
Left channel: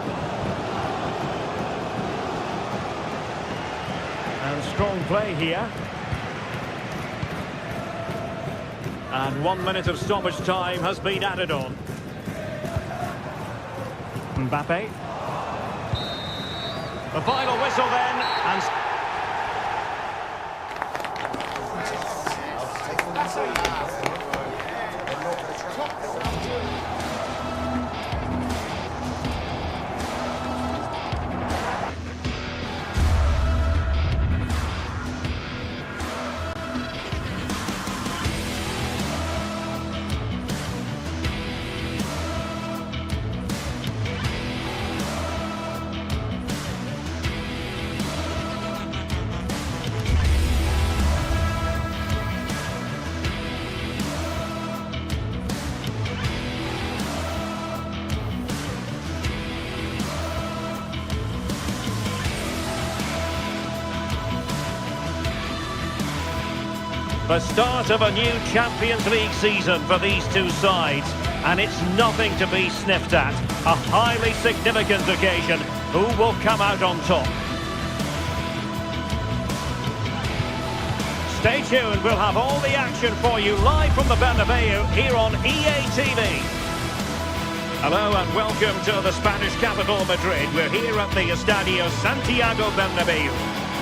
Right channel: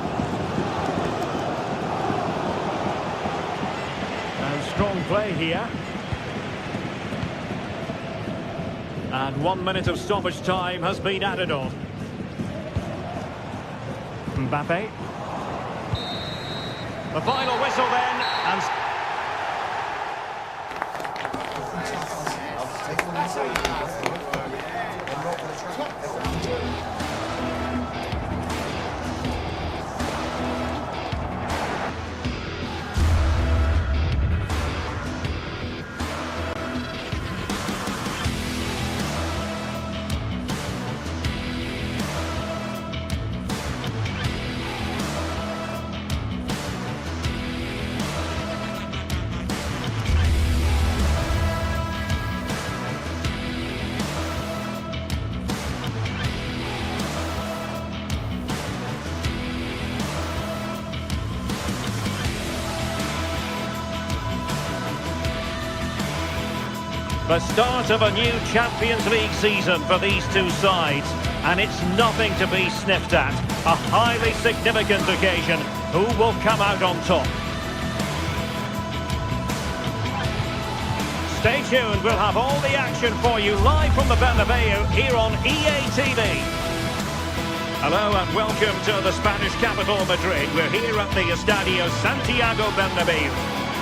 And strong play here. And 1 minute of stoppage time has been added on. Mbappe. The final whistle then, and... The start of a new Champions League season for these two sides, and it's nothing to be sniffed at. A highly significant occasion. Who will come out on top? Stay tuned, we'll have all the action for you live from the Bernabeu here on EA TV. Hello and welcome to the Spanish capital, Madrid. We're here at the Estadio Santiago Bernabeu.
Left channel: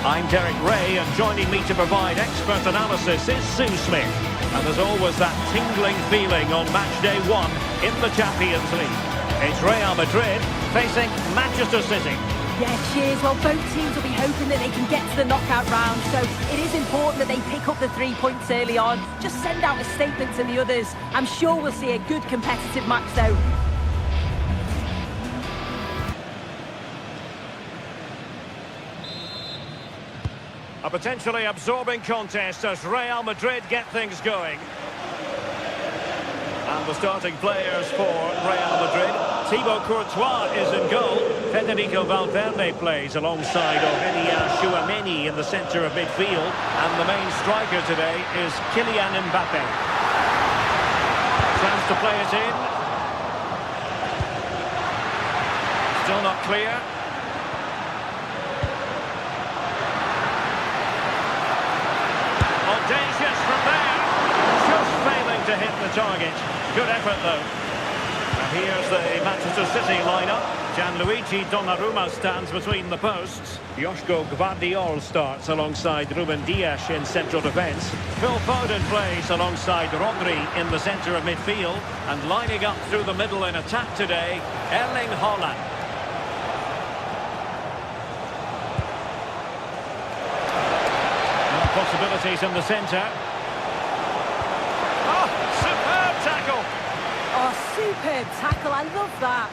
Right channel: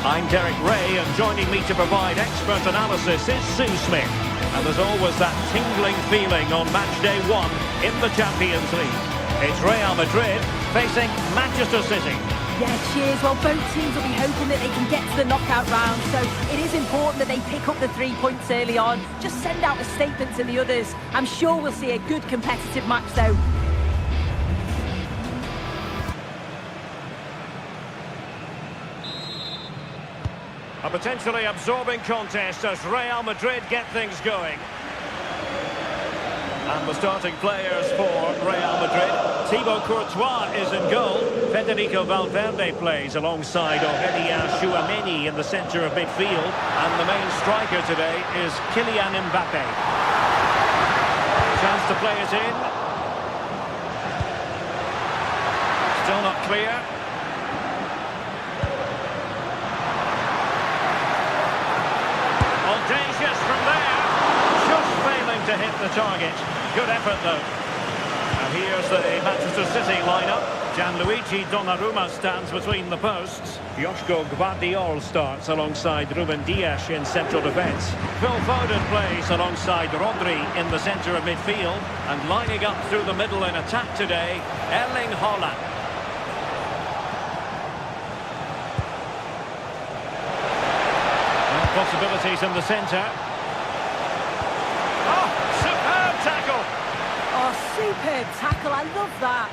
I'm Derek Ray, and joining me to provide expert analysis is Sue Smith. And there's always that tingling feeling on match day 1 in the Champions League. It's Real Madrid facing Manchester City. Yeah, cheers. Well, both teams will be hoping that they can get to the knockout round, so it is important that they pick up the 3 points early on. Just send out a statement to the others. I'm sure we'll see a good competitive match, though. A potentially absorbing contest as Real Madrid get things going. And the starting players for Real Madrid. Thibaut Courtois is in goal. Federico Valverde plays alongside Aurélien Tchouameni in the centre of midfield. And the main striker today is Kylian Mbappe. Chance to play it in. Still not clear. Audacious from there, just failing to hit the target. Good effort though. And here's the Manchester City lineup. Gianluigi Donnarumma stands between the posts. Joško Gvardiol starts alongside Ruben Dias in central defence. Phil Foden plays alongside Rodri in the centre of midfield. And lining up through the middle in attack today, Erling Haaland. Well, possibilities in the centre. Oh, superb tackle! Oh, superb tackle. I love that.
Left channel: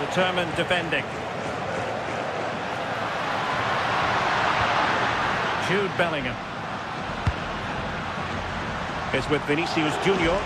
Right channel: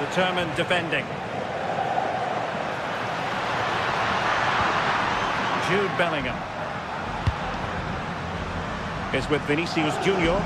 Determined defending. Jude Bellingham is with Vinicius Junior.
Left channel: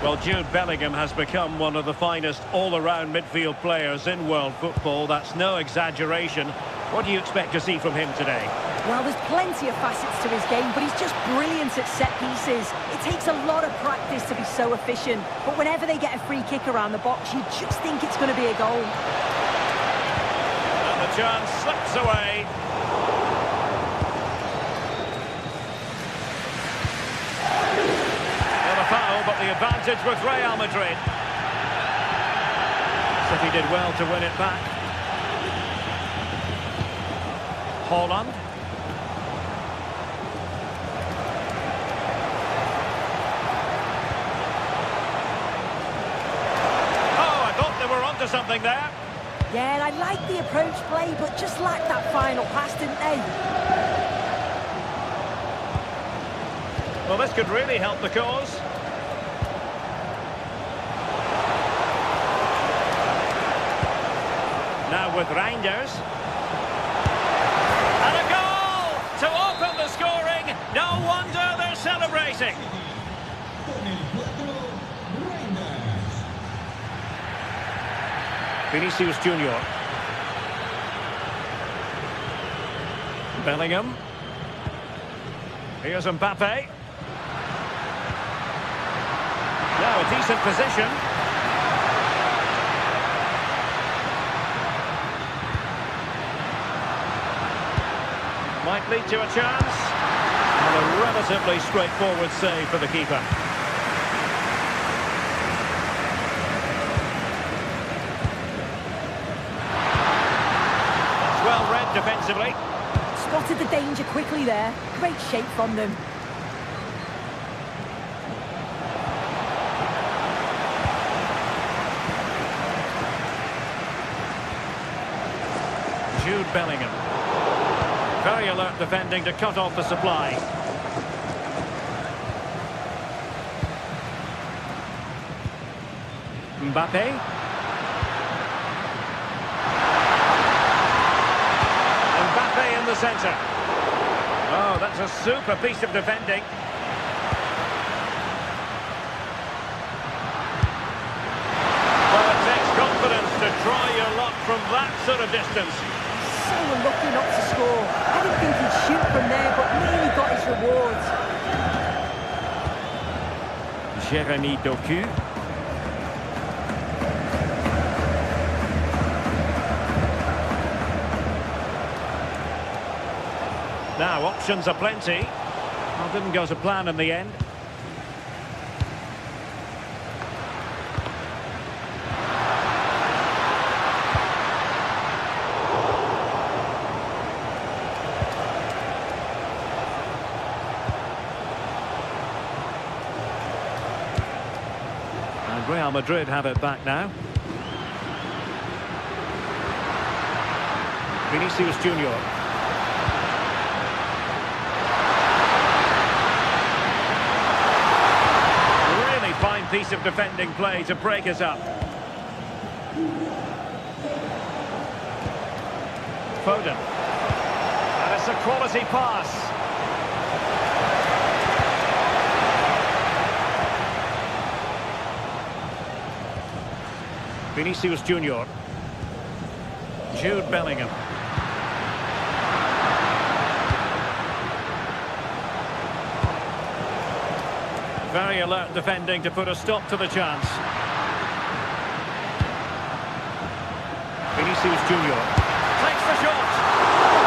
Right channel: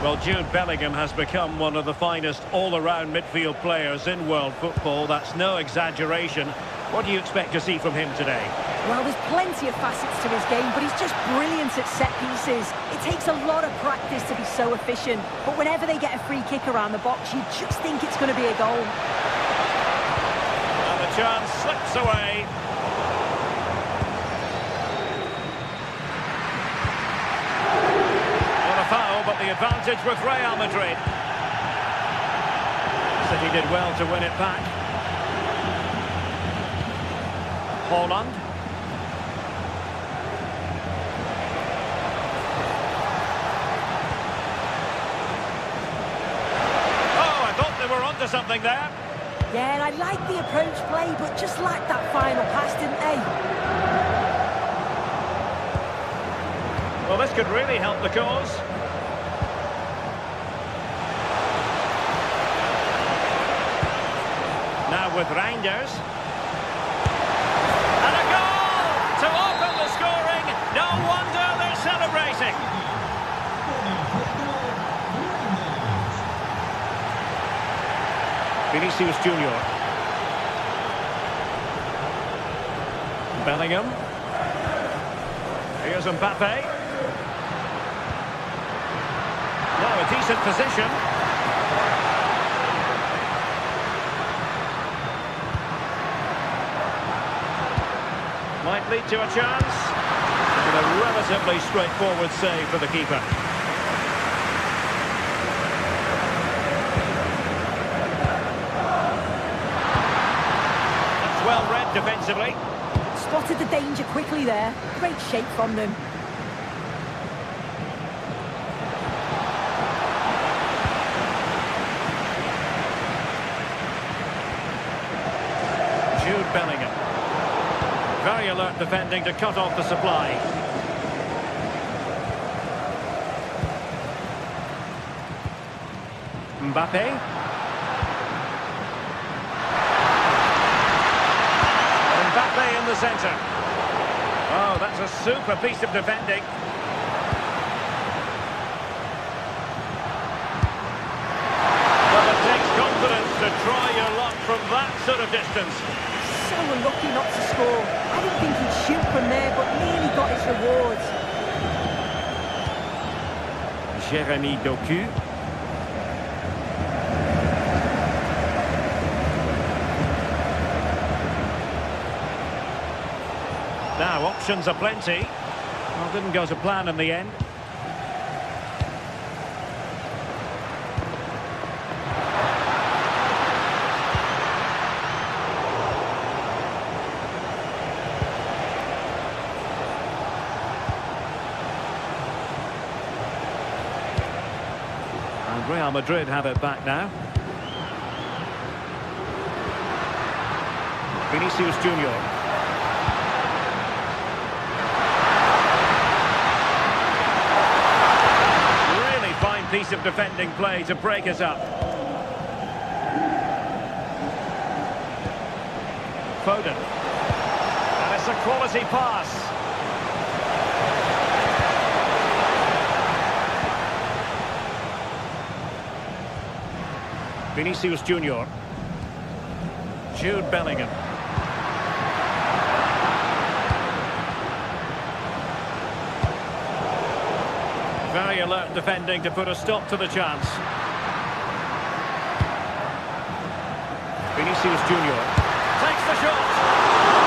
Well, Jude Bellingham has become one of the finest all-around midfield players in world football. That's no exaggeration. What do you expect to see from him today? Well, there's plenty of facets to his game, but he's just brilliant at set pieces. It takes a lot of practice to be so efficient, but whenever they get a free kick around the box, you just think it's going to be a goal. And the chance slips away. Not a foul, but the advantage with Real Madrid. City did well to win it back. Haaland. We're onto something there. Yeah, I like the approach play, but just lacked that final pass, didn't they? Well, this could really help the cause. Now with Reinders. And a goal to open the scoring. No wonder they're celebrating. Vinicius Junior. Bellingham. Here's Mbappe. Now a decent position. Might lead to a chance. And a relatively straightforward save for the keeper. Well read defensively. Spotted the danger quickly there. Great shape from them. Jude Bellingham. Very alert defending to cut off the supply. Mbappe. Mbappe in the centre. Oh, that's a super piece of defending. Well, it takes confidence to try your luck from that sort of distance. So unlucky not to score. I didn't think he'd shoot from there, but nearly got his rewards. Jeremy Doku. Now, options are plenty. Well, didn't go to plan in the end. And Real Madrid have it back now. Vinicius Junior. Fine piece of defending play to break us up. Foden. And it's a quality pass. Vinicius Junior. Jude Bellingham. Very alert defending to put a stop to the chance. Vinicius Junior. Takes the shot.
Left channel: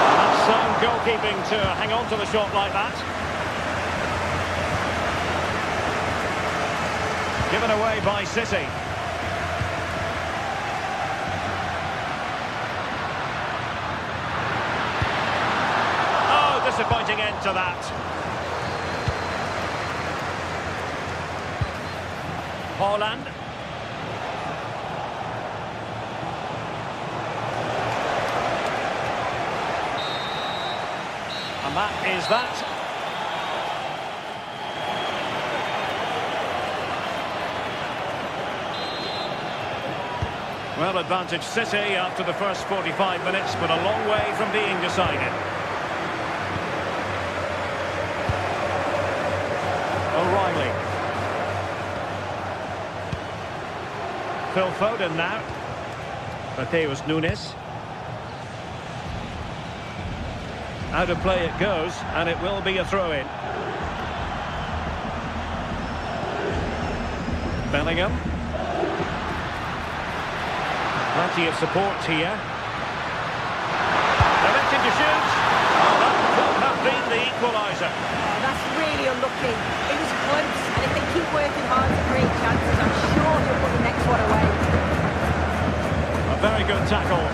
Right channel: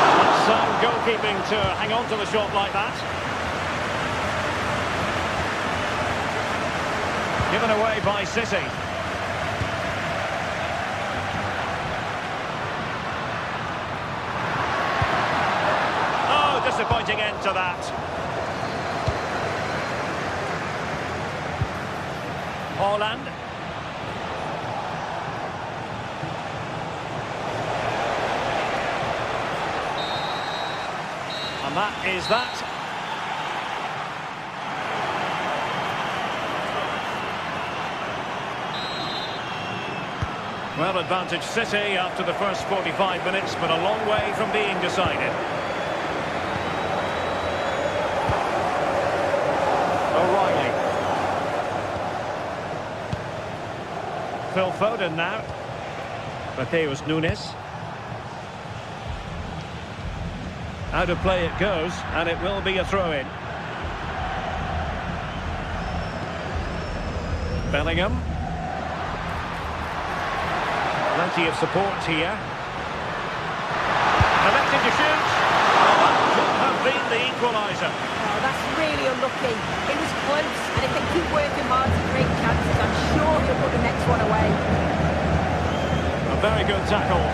And that's sound goalkeeping to hang on to the shot like that. Given away by City. Oh, disappointing end to that. Haaland. And that is that. Well, advantage City after the first 45 minutes, but a long way from being decided. O'Reilly. Phil Foden now. Mateus Nunes. Out of play it goes, and it will be a throw-in. Bellingham. Plenty of support here. Electing to shoot. Well, that could have been the equaliser. Oh, that's really unlucky. It was close, and if they keep working hard to create chances, I'm sure he'll put the next one away. A very good tackle.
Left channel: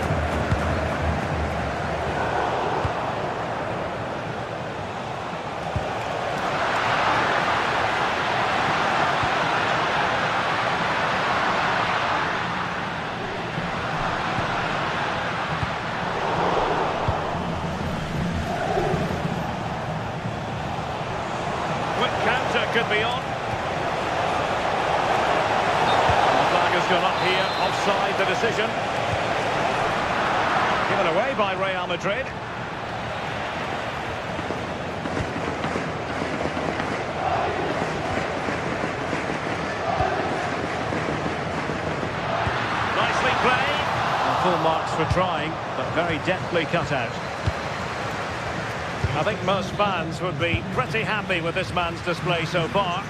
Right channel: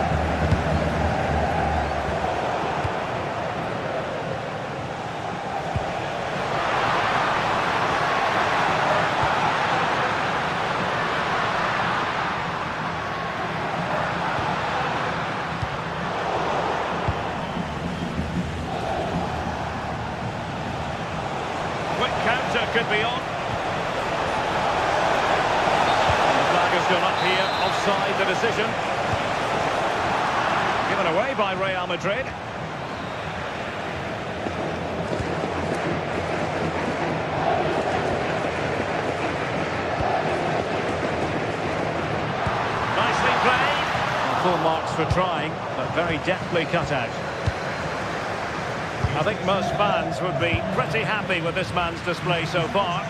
Quick counter could be on. And the flag has gone up here, offside the decision. Given away by Real Madrid. Nicely played. Well, full marks for trying, but very deftly cut out. I think most fans would be pretty happy with this man's display so far.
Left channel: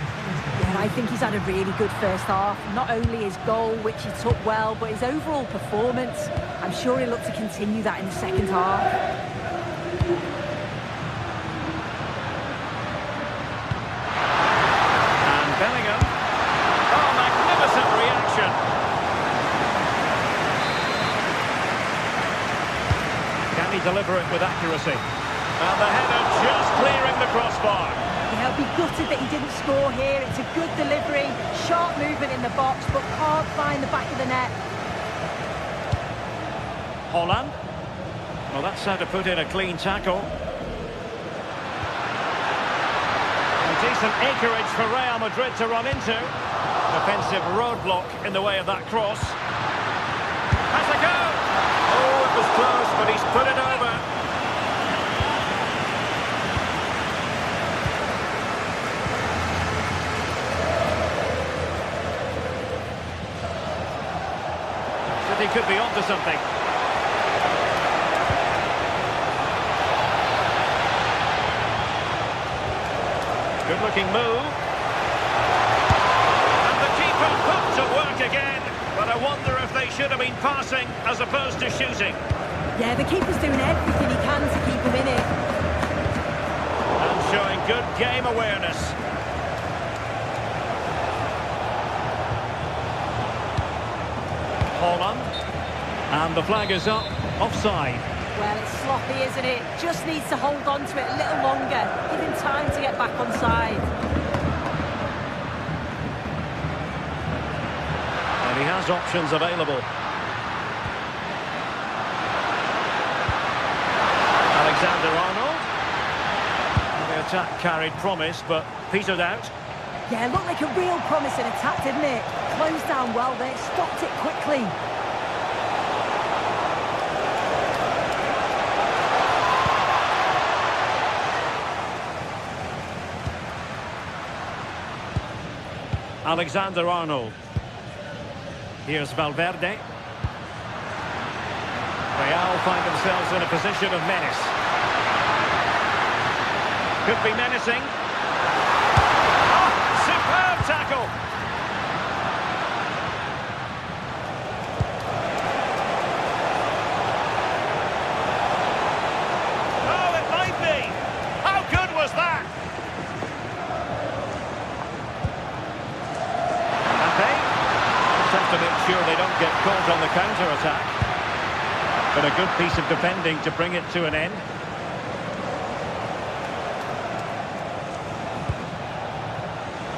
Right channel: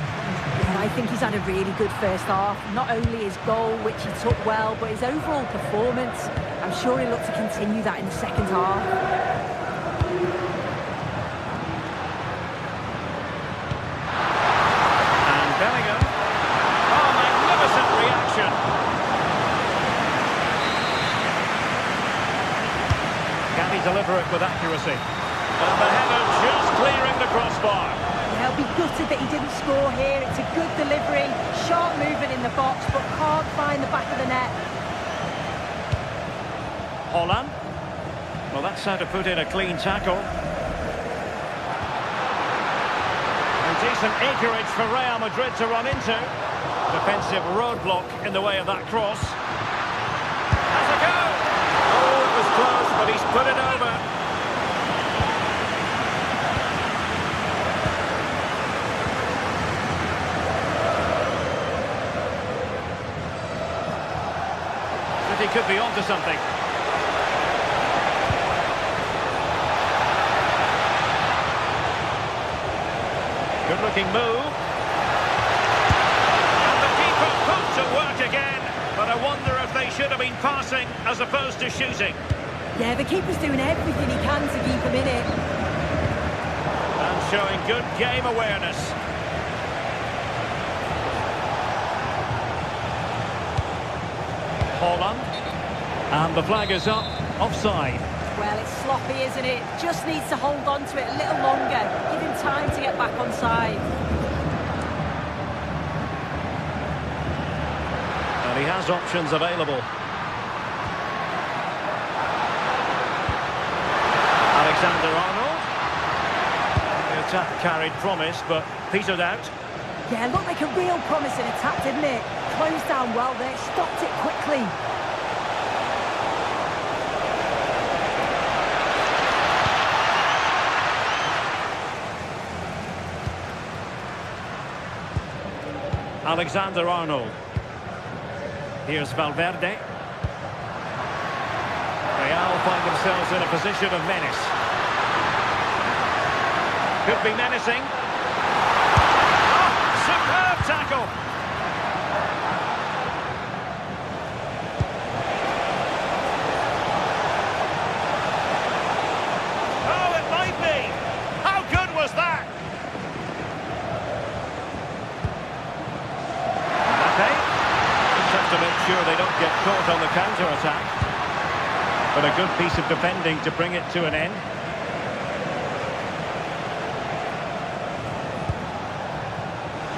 Yeah, I think he's had a really good first half. Not only his goal, which he took well, but his overall performance. I'm sure he'll look to continue that in the second half. And Bellingham. Oh, magnificent reaction. Can he deliver it with accuracy? And the header just clearing the crossbar. Yeah, he'll be gutted that he didn't score here. It's a good delivery, sharp movement in the box, but can't find the back of the net. Haaland. Well, that's how to put in a clean tackle. And decent acreage for Real Madrid to run into. Defensive roadblock in the way of that cross. Has a go! Oh, it was close, but he's put it over. He could be onto something. Good looking move. And the keeper put to work again. But I wonder if they should have been passing as opposed to shooting. Yeah, the keeper's doing everything he can to keep him in it. And showing good game awareness. Haaland. And the flag is up, offside. Well, it's sloppy, isn't it? Just needs to hold on to it a little longer. Give him time to get back on side. And he has options available. Alexander-Arnold. The attack carried promise, but petered out. Yeah, looked like a real promising attack, didn't it? Closed down well there, stopped it quickly. Alexander-Arnold. Here's Valverde. Real find themselves in a position of menace. Could be menacing. Oh, superb tackle. sure they don't get caught on the counter-attack. But a good piece of defending to bring it to an end.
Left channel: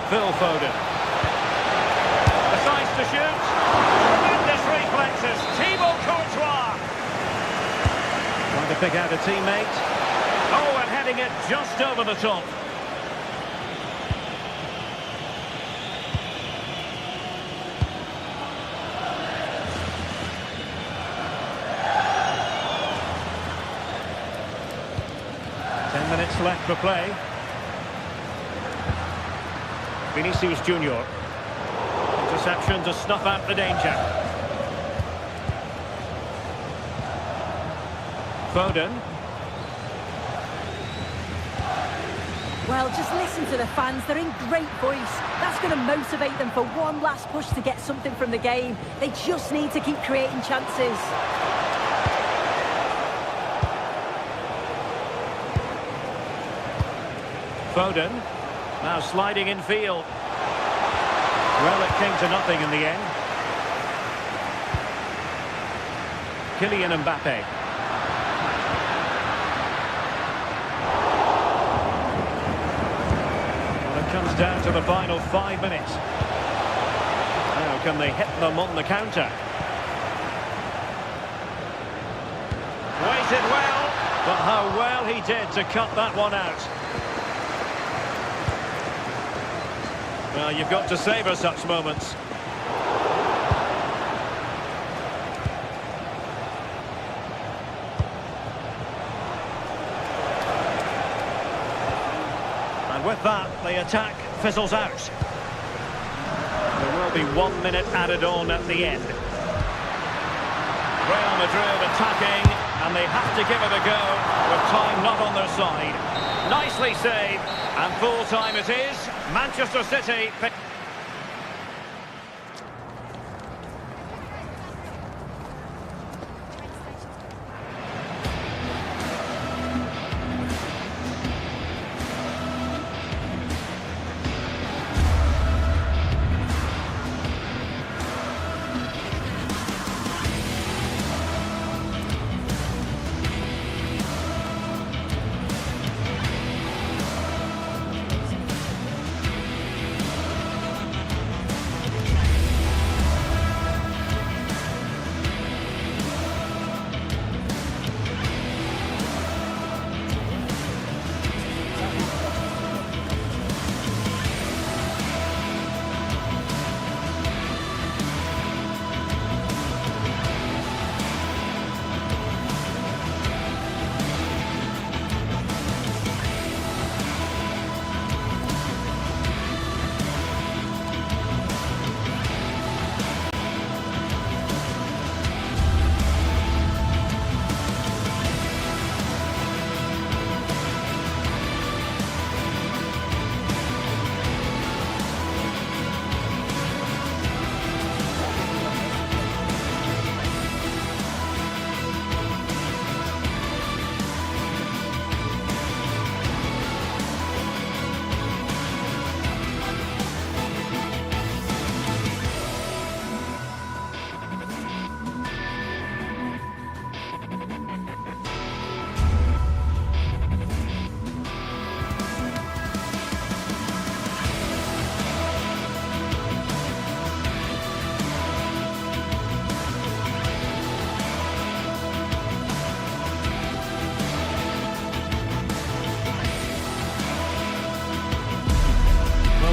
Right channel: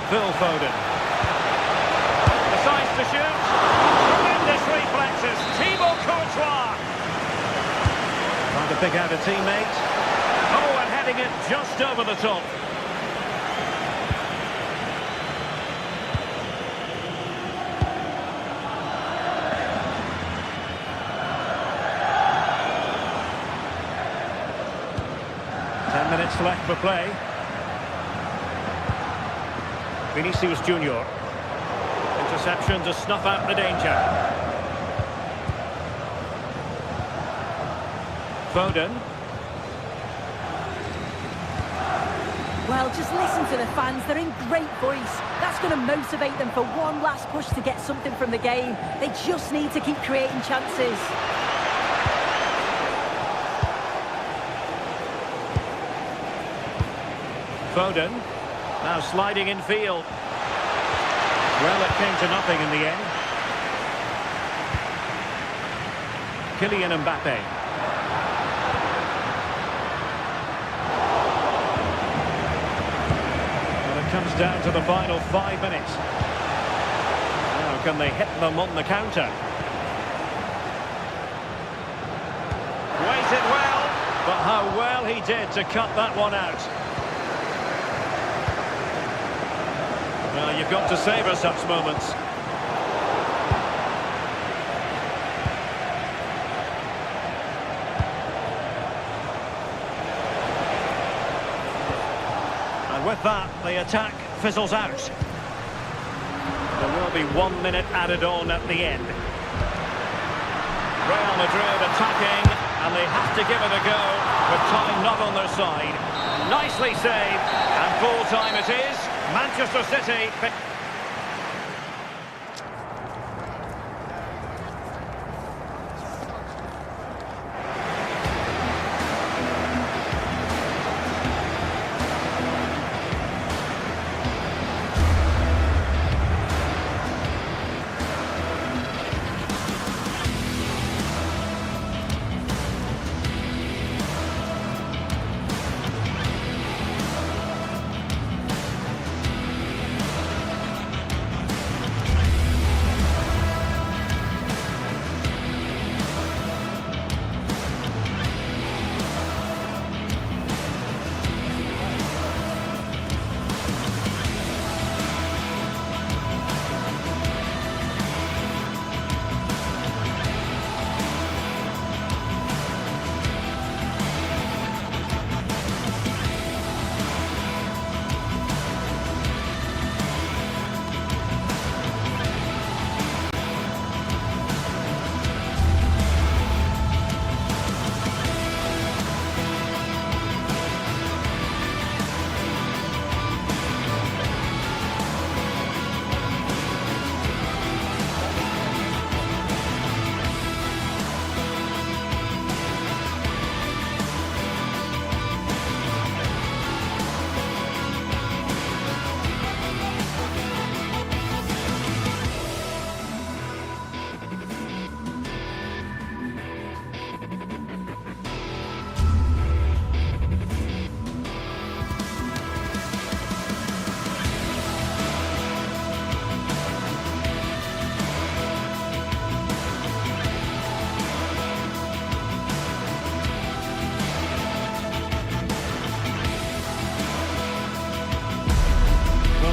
Phil Foden. Decides to shoot. Tremendous reflexes. Thibaut Courtois. Trying to pick out a teammate. Oh, and heading it just over the top. Ten minutes left for play. Vinicius Junior. Interception to snuff out the danger. Foden. Well, just listen to the fans. They're in great voice. That's going to motivate them for one last push to get something from the game. They just need to keep creating chances. Foden. Now sliding in field. Well, it came to nothing in the end. Kylian Mbappe. Well, it comes down to the final 5 minutes. Now, can they hit them on the counter? Waited well, but how well he did to cut that one out. Well, you've got to savour such moments. And with that, the attack fizzles out. There will be 1 minute added on at the end. Real Madrid attacking, and they have to give it a go with time not on their side. Nicely saved, and full time it is. Manchester City.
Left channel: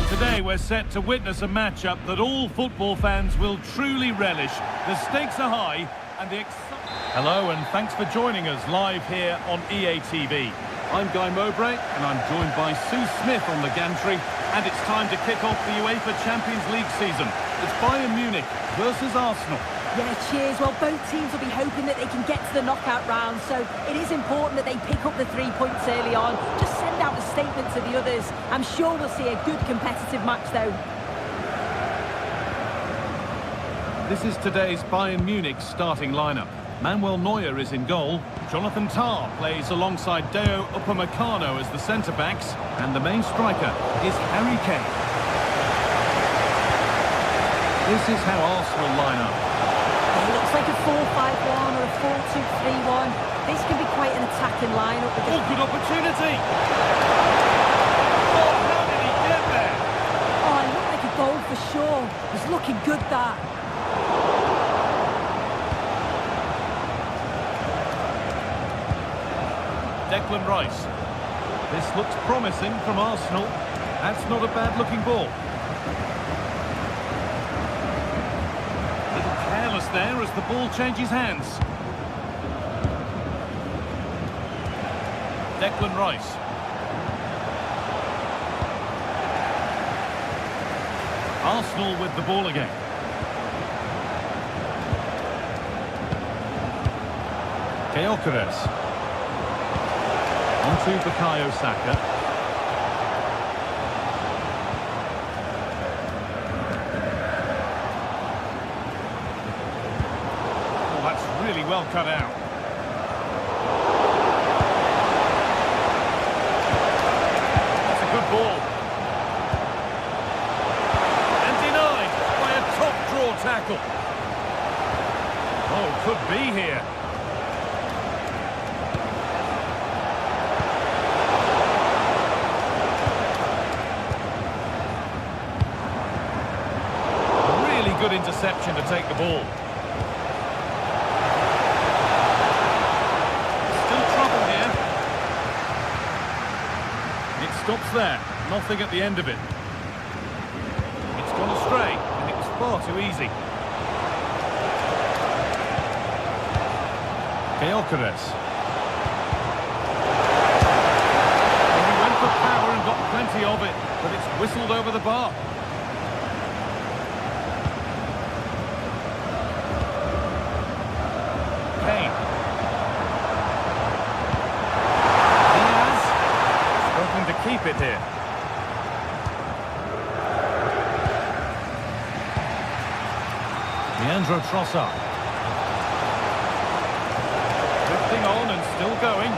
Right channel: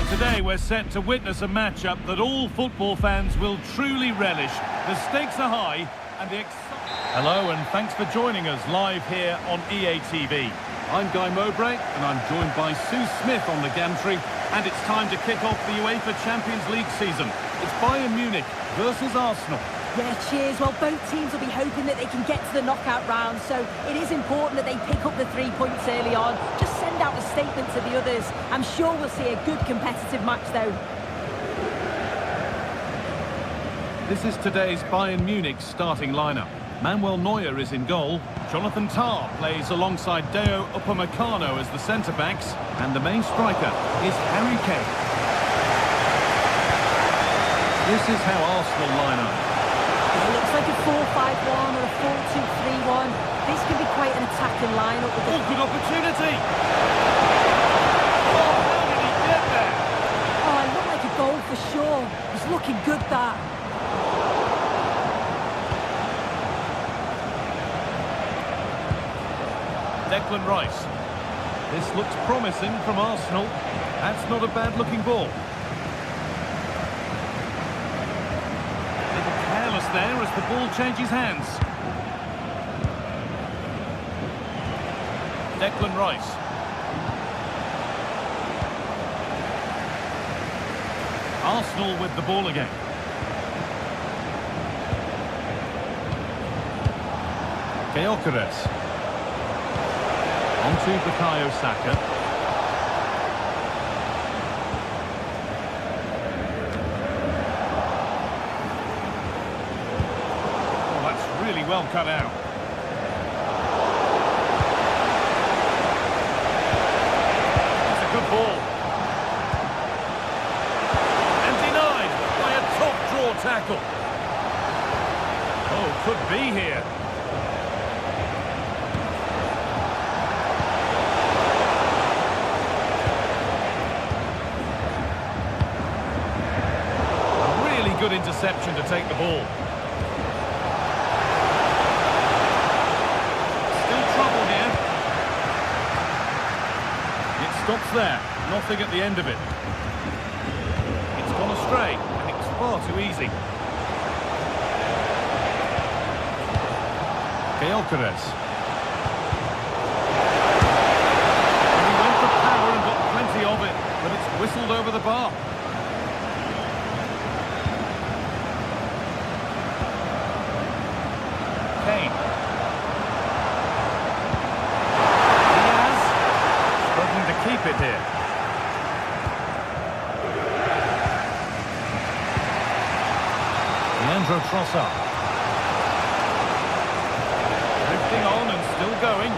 Today we're set to witness a matchup that all football fans will truly relish. The stakes are high and the excitement... Hello and thanks for joining us live here on EA TV. I'm Guy Mowbray and I'm joined by Sue Smith on the gantry, and it's time to kick off the UEFA Champions League season. It's Bayern Munich versus Arsenal. Yeah, cheers. Well, both teams will be hoping that they can get to the knockout round, so it is important that they pick up the 3 points early on. Just send out a statement to the others. I'm sure we'll see a good competitive match, though. This is today's Bayern Munich starting lineup. Manuel Neuer is in goal. Jonathan Tah plays alongside Deo Upamecano as the centre-backs, and the main striker is Harry Kane. This is how Arsenal line up. It looks like a 4-5-1 or a 4-2-3-1. This can be quite an attacking lineup with Oh, good opportunity! Oh, how did he get there? Oh, it looked like a goal for sure. It was looking good, that. Declan Rice. This looks promising from Arsenal. That's not a bad-looking ball. Little careless there as the ball changes hands. Declan Rice. Arsenal with the ball again. Gyökeres. On to Bukayo Saka. Oh, that's really well cut out. That's a good ball. And denied by a top draw tackle. Oh, could be here. Good interception to take the ball. Still trouble here. It stops there. Nothing at the end of it. It's gone astray, and it was far too easy. Gyökeres. And he went for power and got plenty of it, but it's whistled over the bar. Kane. Diaz struggling to keep it here. Leandro Trossard. Drifting on and still going.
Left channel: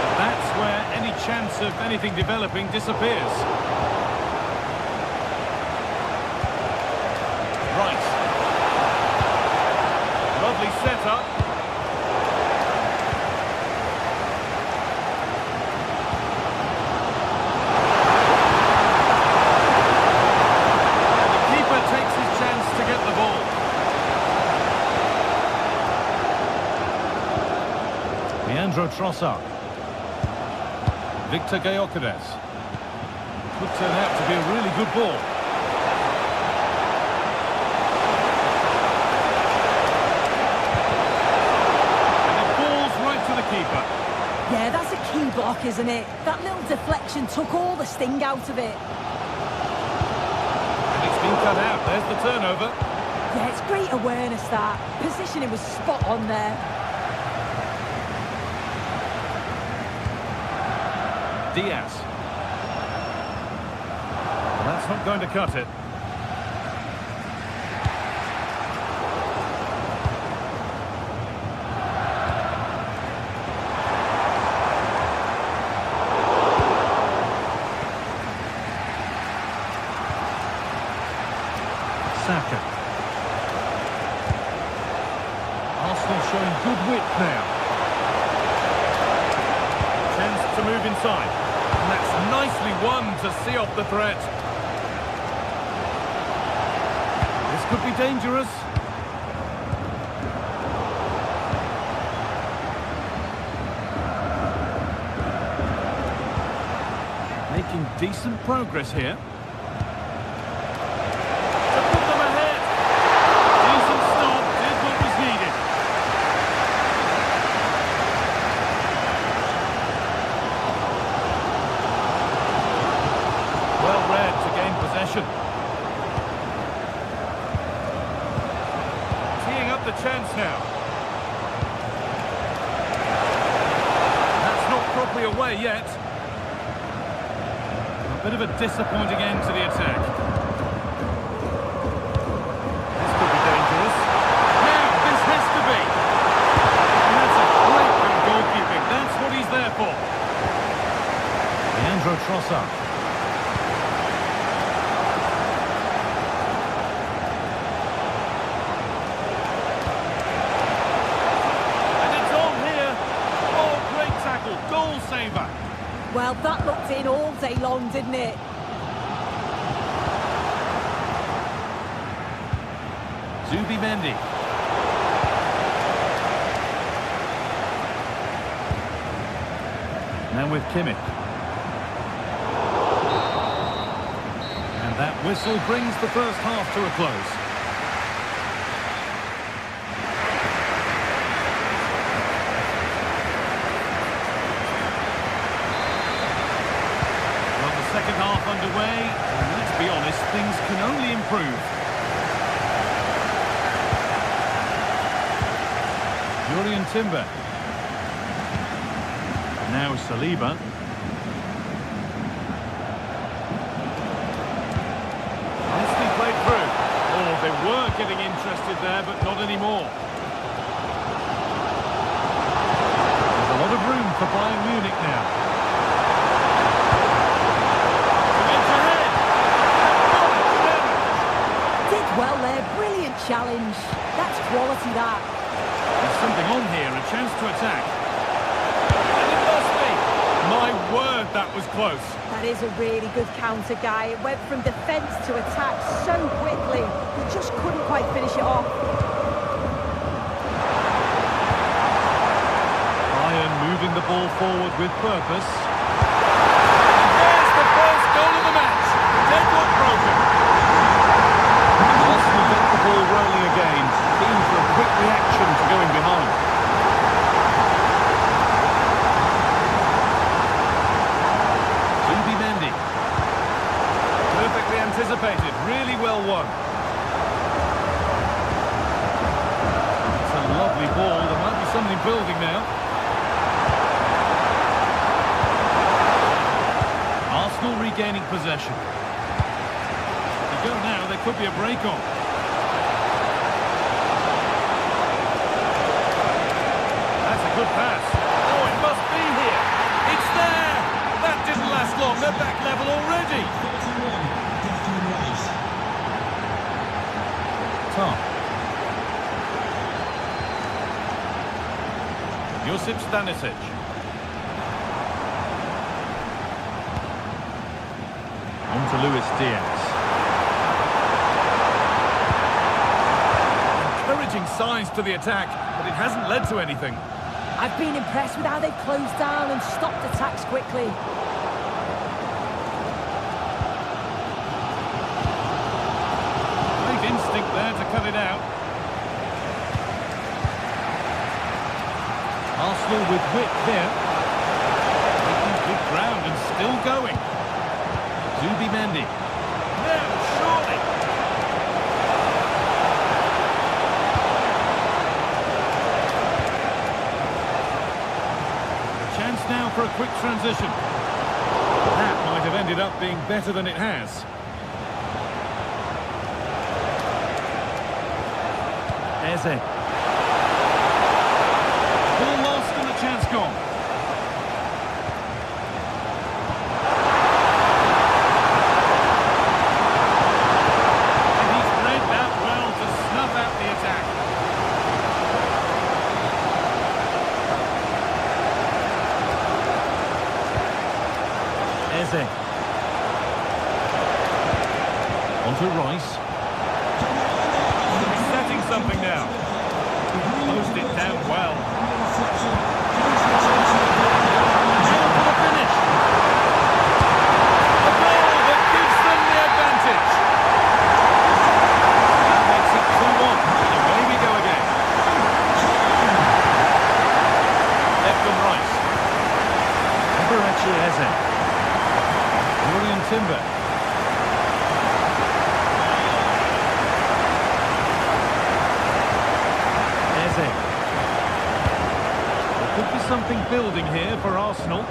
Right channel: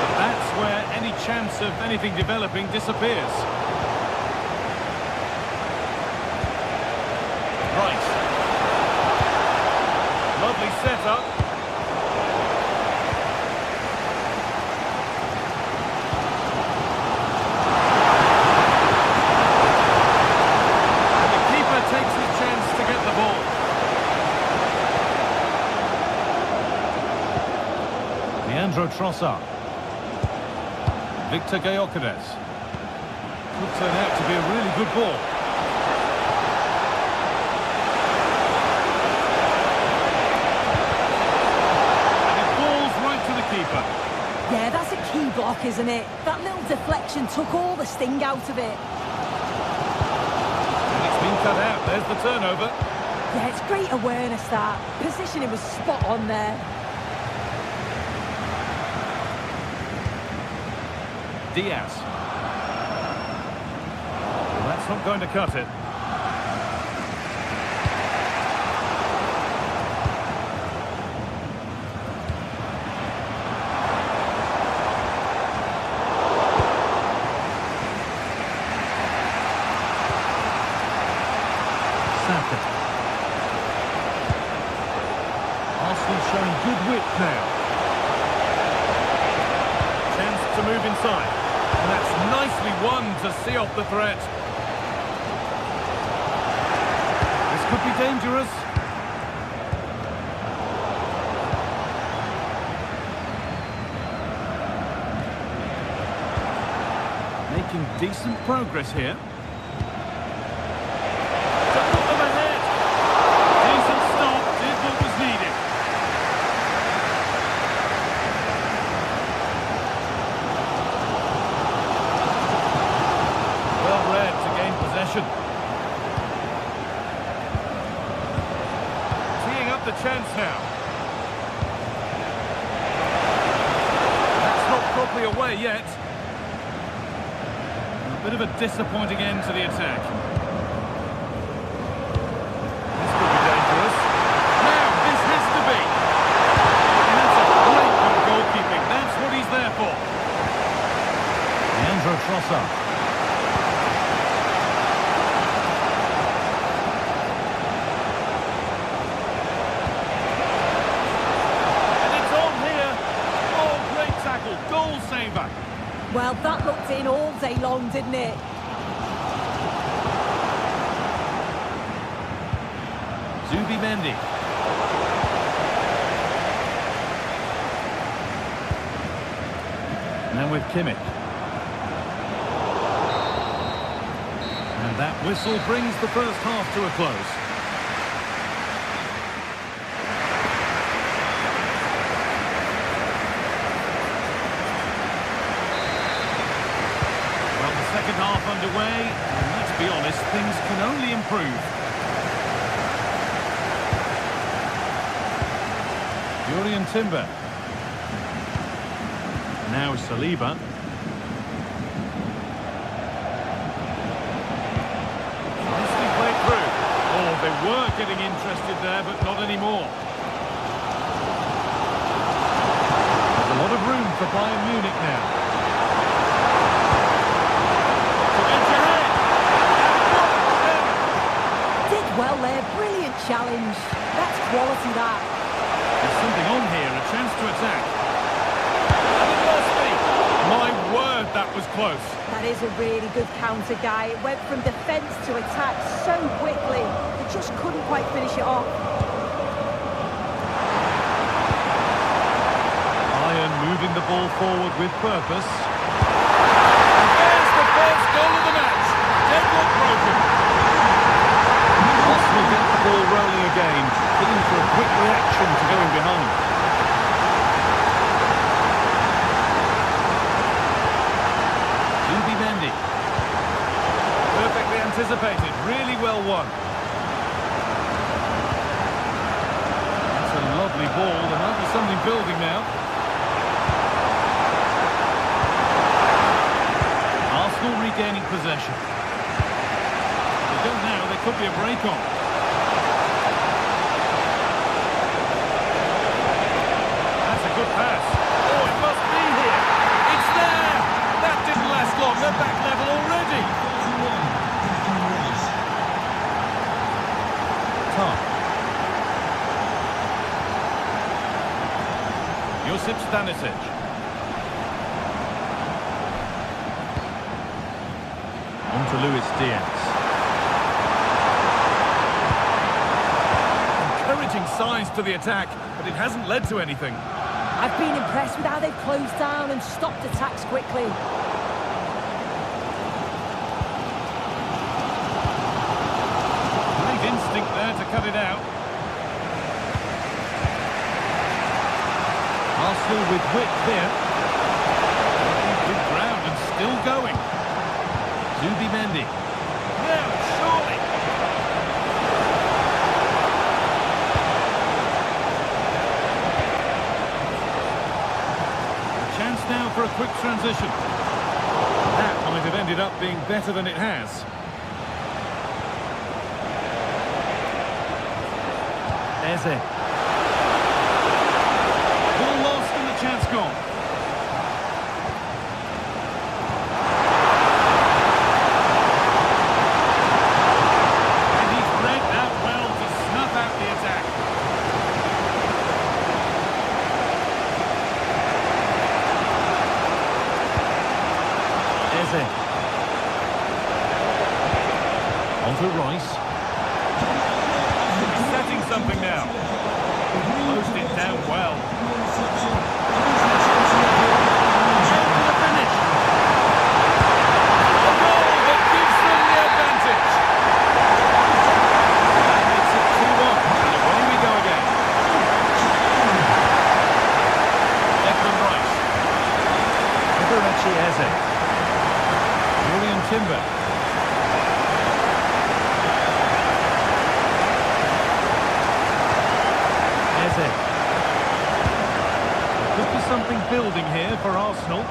But that's where any chance of anything developing disappears. Rice. Lovely setup. And the keeper takes his chance to get the ball. Leandro Trossard. Victor Gyökeres. Could turn out to be a really good ball. Keeper. Yeah, that's a key block, isn't it? That little deflection took all the sting out of it. And it's been cut out. There's the turnover. Yeah, it's great awareness, that. Positioning was spot on there. Diaz. Well, that's not going to cut it. Saka. Arsenal showing good width now. Chance to move inside. And that's nicely won to see off the threat. This could be dangerous. Making decent progress here. Well read to gain possession. Teeing up the chance now. That's not properly away yet. A bit of a disappointing end to the attack. This could be dangerous. Now, this has to be. And that's a great bit of goalkeeping. That's what he's there for. Leandro Trossard. favour. Well, that looked in all day long, didn't it? Zubimendi. Now with Kimmich. And that whistle brings the first half to a close. Well, the second half underway, and let's be honest, things can only improve. Julian Timber. Now Saliba. Nicely played through. Oh, they were getting interested there, but not anymore. There's a lot of room for Bayern Munich now. To edge ahead. What a challenge! Did well there, brilliant challenge. That's quality, that. There's something on here, a chance to attack. And it must be. My word, that was close. That is a really good counter, Guy. It went from defence to attack so quickly. He just couldn't quite finish it off. Bayern moving the ball forward with purpose. And there's the first goal of the match. Deadlock broken. Arsenal get the ball rolling again. Keen for a quick reaction to going behind. Zubimendi. Perfectly anticipated, really well won. It's a lovely ball, there might be something building now. Arsenal regaining possession. If they go now, there could be a break on. That's a good pass. Oh, it must be here. It's there! That didn't last long, they're back level already. 41, Declan Rice. Tom. Josip Stanisic. On to Luis Diaz. Encouraging signs to the attack, but it hasn't led to anything. I've been impressed with how they've closed down and stopped attacks quickly. Great instinct there to cut it out. Arsenal with width here. Making good ground and still going. Zubimendi. Now, surely. A chance now for a quick transition. That might have ended up being better than it has. Eze. Ball lost and the chance gone. And he's read that well to snuff out the attack. Eze. On to Rice. He's setting something now. Closed it down well. And for the finish. A goal that gives them the advantage. That makes it 2-1. And away we go again. Declan Rice. Eberechi Eze. Julian Timber. Eze. There could be something building here for Arsenal.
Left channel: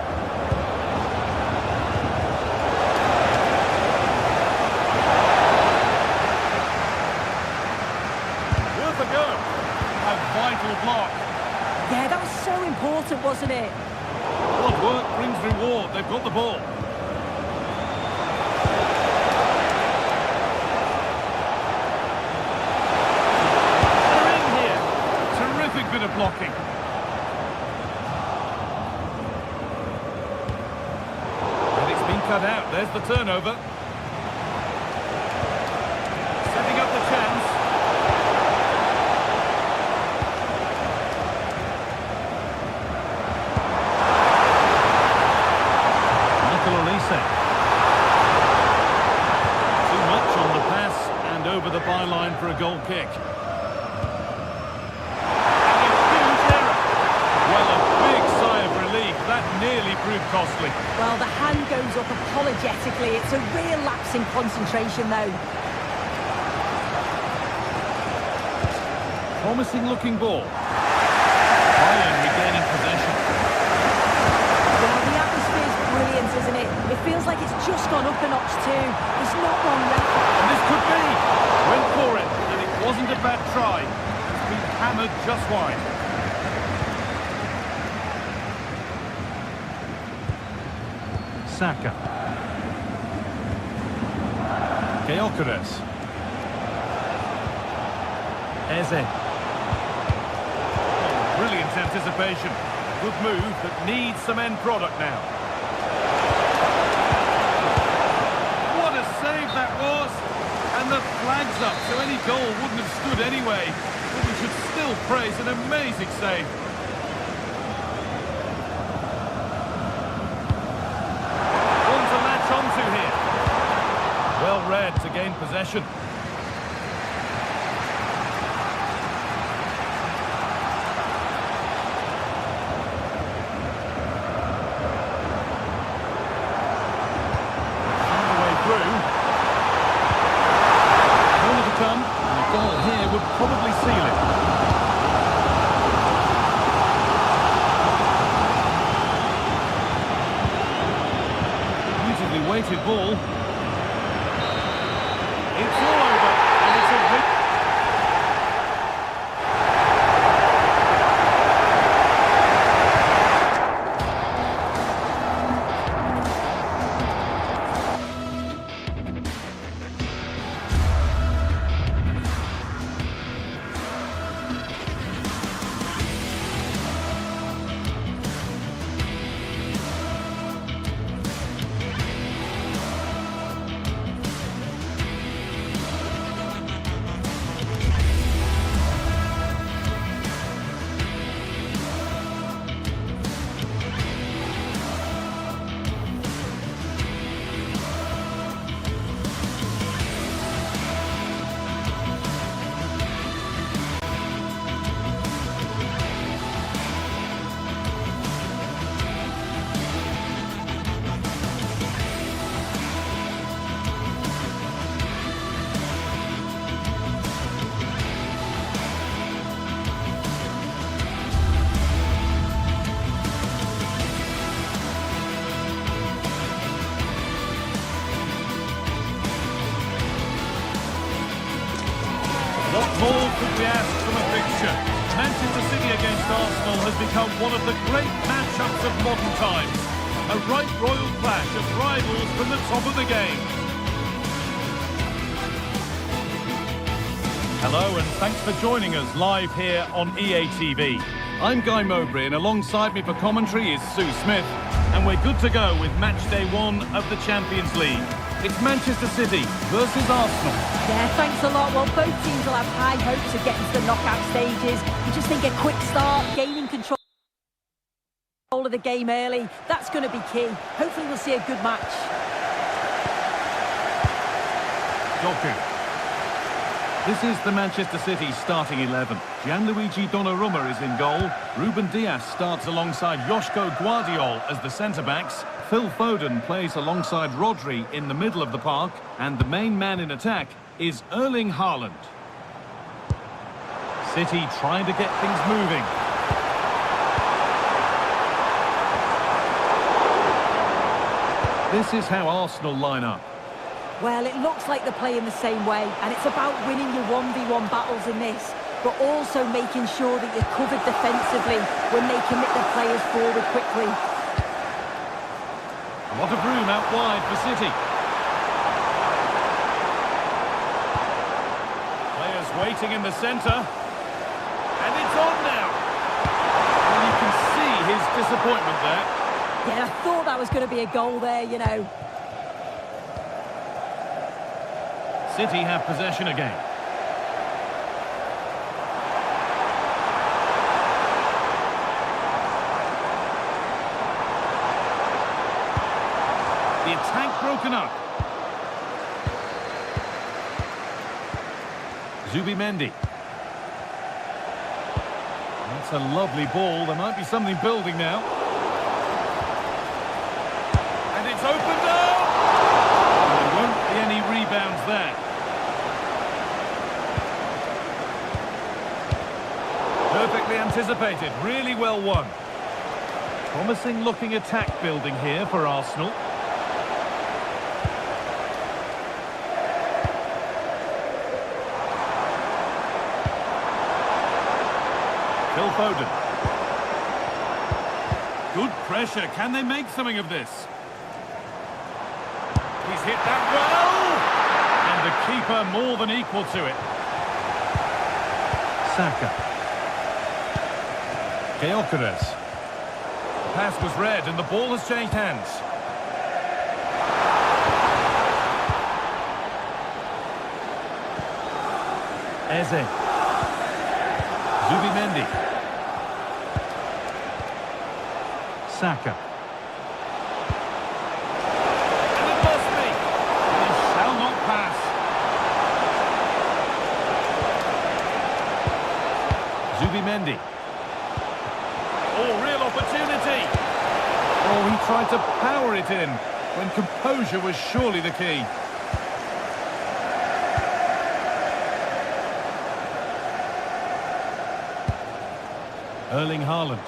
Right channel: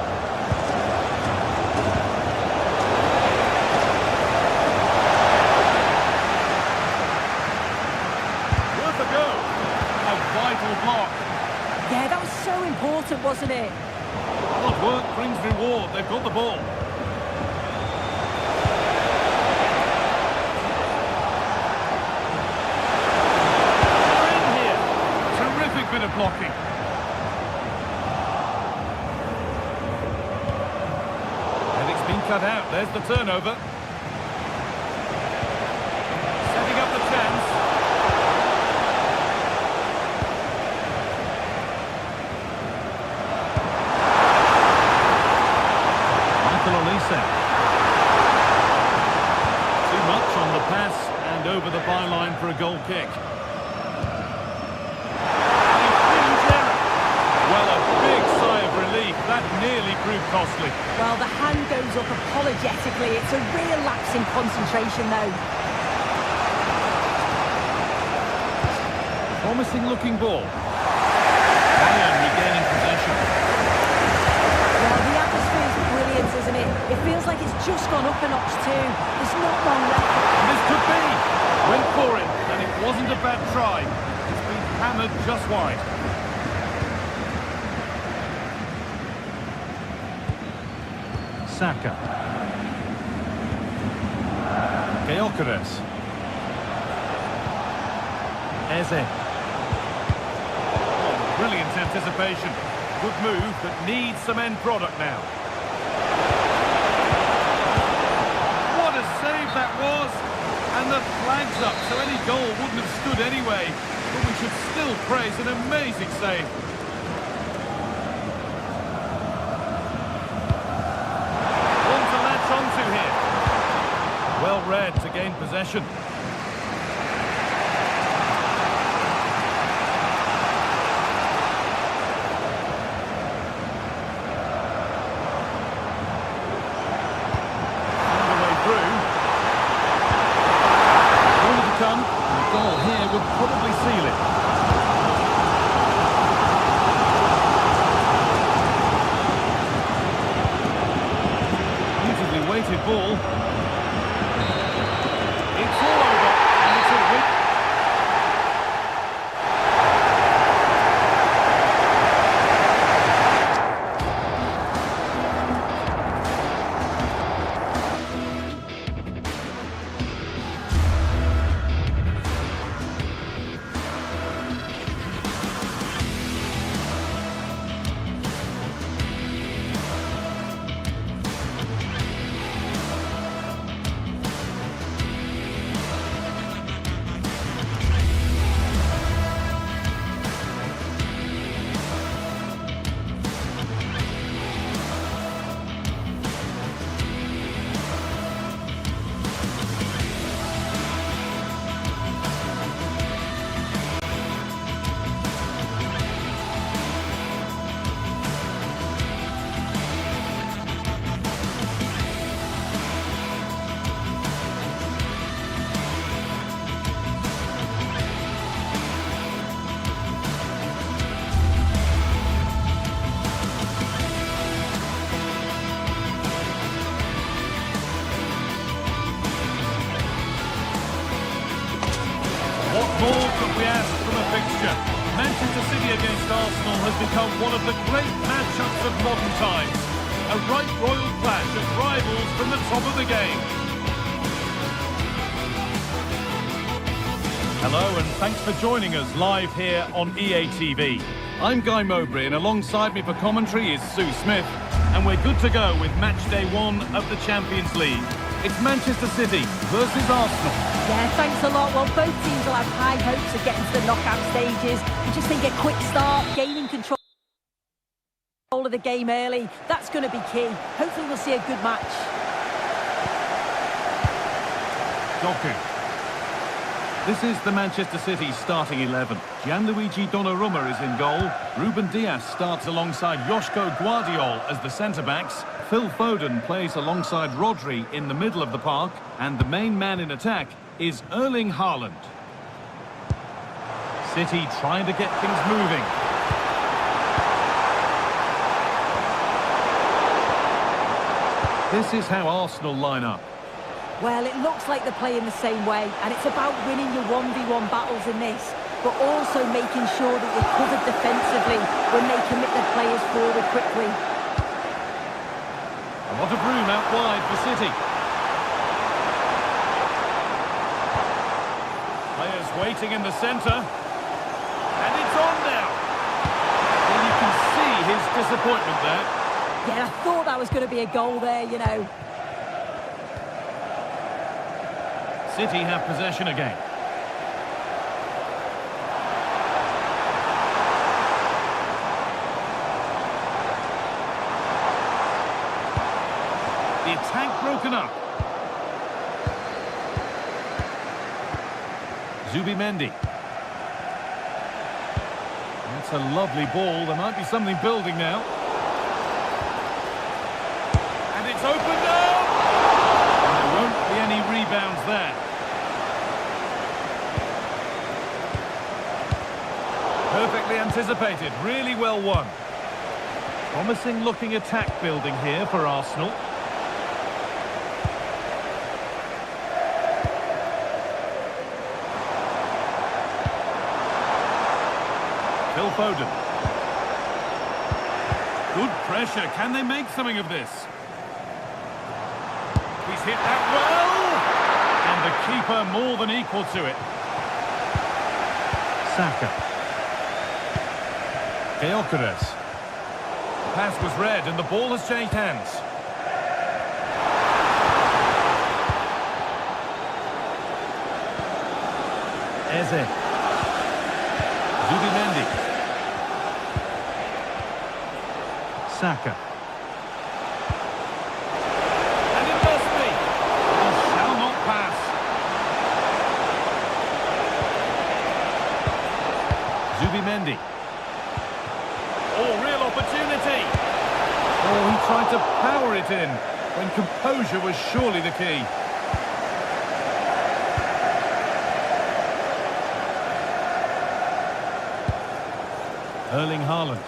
Worth a go. A vital block. Yeah, that was so important, wasn't it? Hard work brings reward. They've got the ball. Terrific bit of blocking. cut out. There's the turnover. Setting up the chance. Michael Olise. Too much on the pass and over the byline for a goal kick. Well, a big sigh of relief. That nearly proved costly. Well, the hand goes up apologetically. It's a real lapse in concentration, though. Promising looking ball. Bayern regaining possession. Well, the atmosphere's brilliant, isn't it? It feels like it's just gone up a notch too. There's not long left. And this could be. Went for it, and it wasn't a bad try. It's been hammered just wide. Saka. Gyökeres. Eze. Oh, brilliant anticipation. Good move that needs some end product now. What a save that was! And the flag's up, so any goal wouldn't have stood anyway. But we should still praise an amazing save. Onto here. Well read to gain possession. Found a way through. Corner to come, and a goal here would probably seal it. Weighted ball. It's all over, and it's a win. What more could we ask from a fixture? Manchester City against Arsenal has become one of the great matchups of modern times. A right royal clash of rivals from the top of the game. Hello and thanks for joining us live here on EA TV. I'm Guy Mowbray and alongside me for commentary is Sue Smith. And we're good to go with match day 1 of the Champions League. It's Manchester City versus Arsenal. Yeah, thanks a lot. Well, both teams will have high hopes of getting to the knockout stages. You just think a quick start, gaining control of the game early, that's going to be key. Hopefully we'll see a good match. Doku. This is the Manchester City starting 11. Gianluigi Donnarumma is in goal. Ruben Dias starts alongside Joško Guardiol as the centre-backs. Phil Foden plays alongside Rodri in the middle of the park. And the main man in attack is Erling Haaland. City trying to get things moving. This is how Arsenal line up. Well, it looks like they're playing the same way, and it's about winning your 1v1 battles in this, but also making sure that you're covered defensively when they commit their players forward quickly. A lot of room out wide for City. Players waiting in the centre. And it's on now. Well, you can see his disappointment there. Yeah, I thought that was going to be a goal there, you know. City have possession again. The attack broken up. Zubimendi. That's a lovely ball. There might be something building now. And it's opened up! And there won't be any rebounds there. Perfectly anticipated. Really well won. Promising looking attack building here for Arsenal. Phil Foden. Good pressure. Can they make something of this? He's hit that well! And the keeper more than equal to it. Saka. Gyökeres. The pass was read and the ball has changed hands. Eze. Zubimendi. Saka. And it must be. He shall not pass. Zubimendi. Oh, real opportunity. Oh, he tried to power it in when composure was surely the key. Erling Haaland.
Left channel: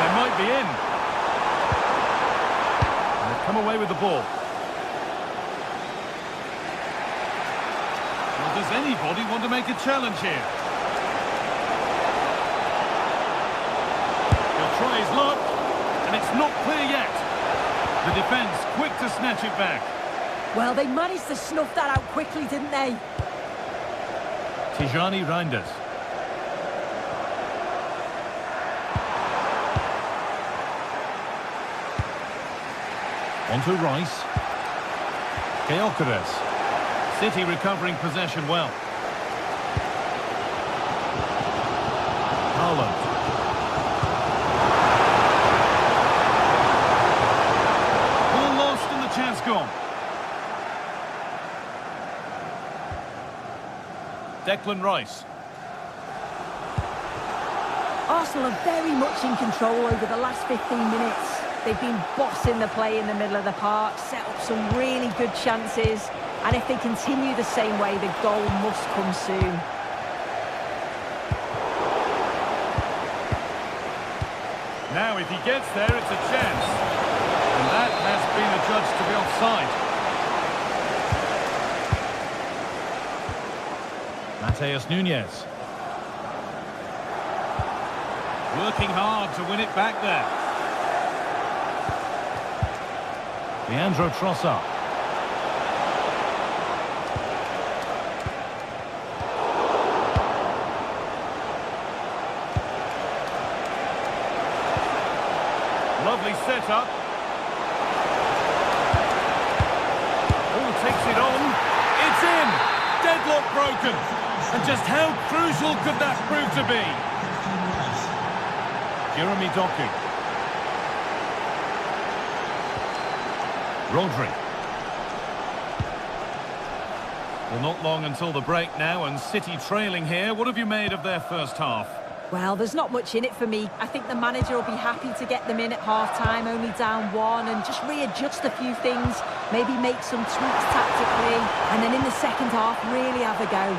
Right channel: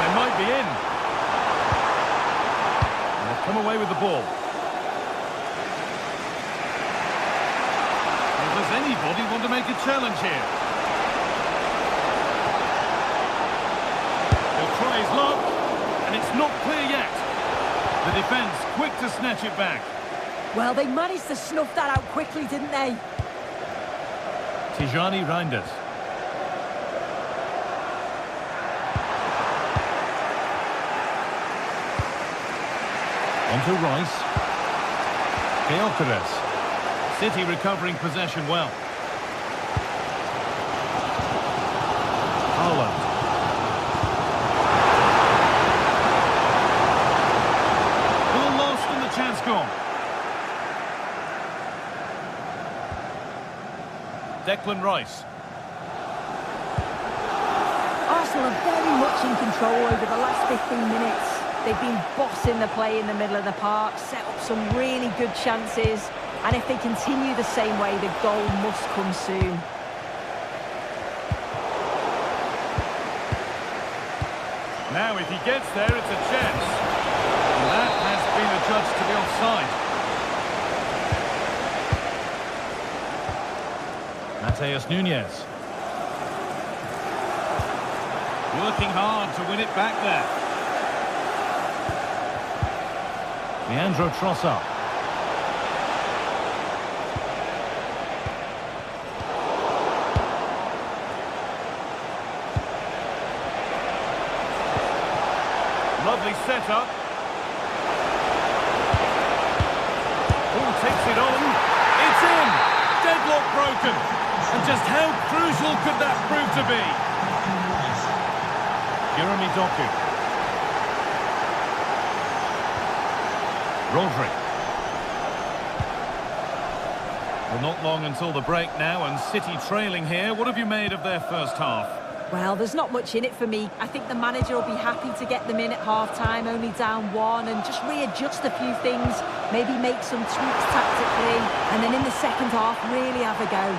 They might be in. And they've come away with the ball. Well, does anybody want to make a challenge here? He'll try his luck, and it's not clear yet. The defence quick to snatch it back. Well, they managed to snuff that out quickly, didn't they? Tijani Reinders. On to Rice. Gyökeres. City recovering possession well. Haaland. Ball lost and the chance gone. Declan Rice. Arsenal are very much in control over the last 15 minutes. They've been bossing the play in the middle of the park, set up some really good chances, and if they continue the same way, the goal must come soon. Now, if he gets there, it's a chance. And that has been adjudged to be offside. Mateus Nunes. Working hard to win it back there. Leandro Trossard. Lovely setup. Oh, takes it on. It's in. Deadlock broken. And just how crucial could that prove to be? Jeremy Doku. Rodri. Well, not long until the break now, and City trailing here. What have you made of their first half? Well, there's not much in it for me. I think the manager will be happy to get them in at half-time, only down one, and just readjust a few things, maybe make some tweaks tactically, and then in the second half, really have a go.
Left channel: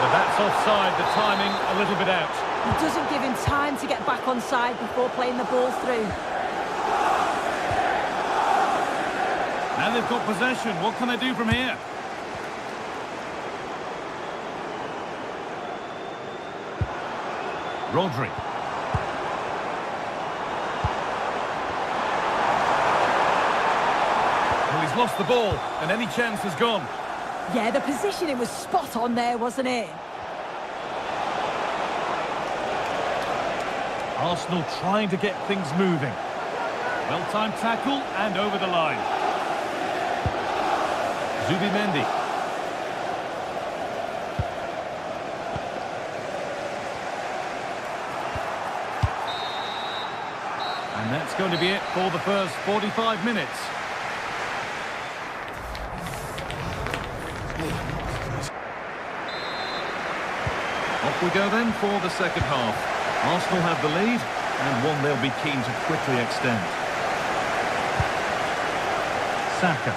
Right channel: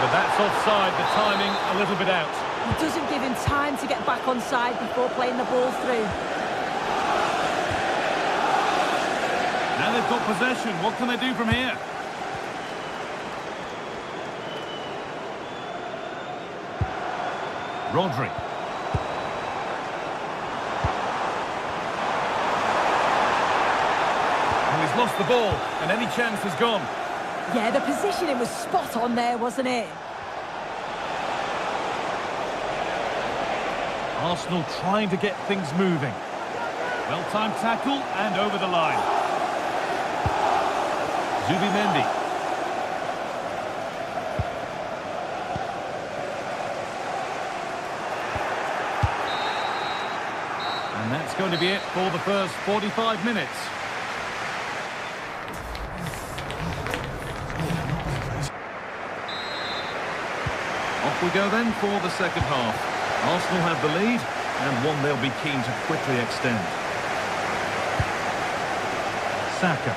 But that's offside, the timing a little bit out. It doesn't give him time to get back on side before playing the ball through. Now they've got possession. What can they do from here? Rodri. Well, he's lost the ball, and any chance has gone. Yeah, the positioning was spot on there, wasn't it? Arsenal trying to get things moving. Well-timed tackle and over the line. Zubimendi. And that's going to be it for the first 45 minutes. Off we go then for the second half. Arsenal have the lead, and one they'll be keen to quickly extend. Saka.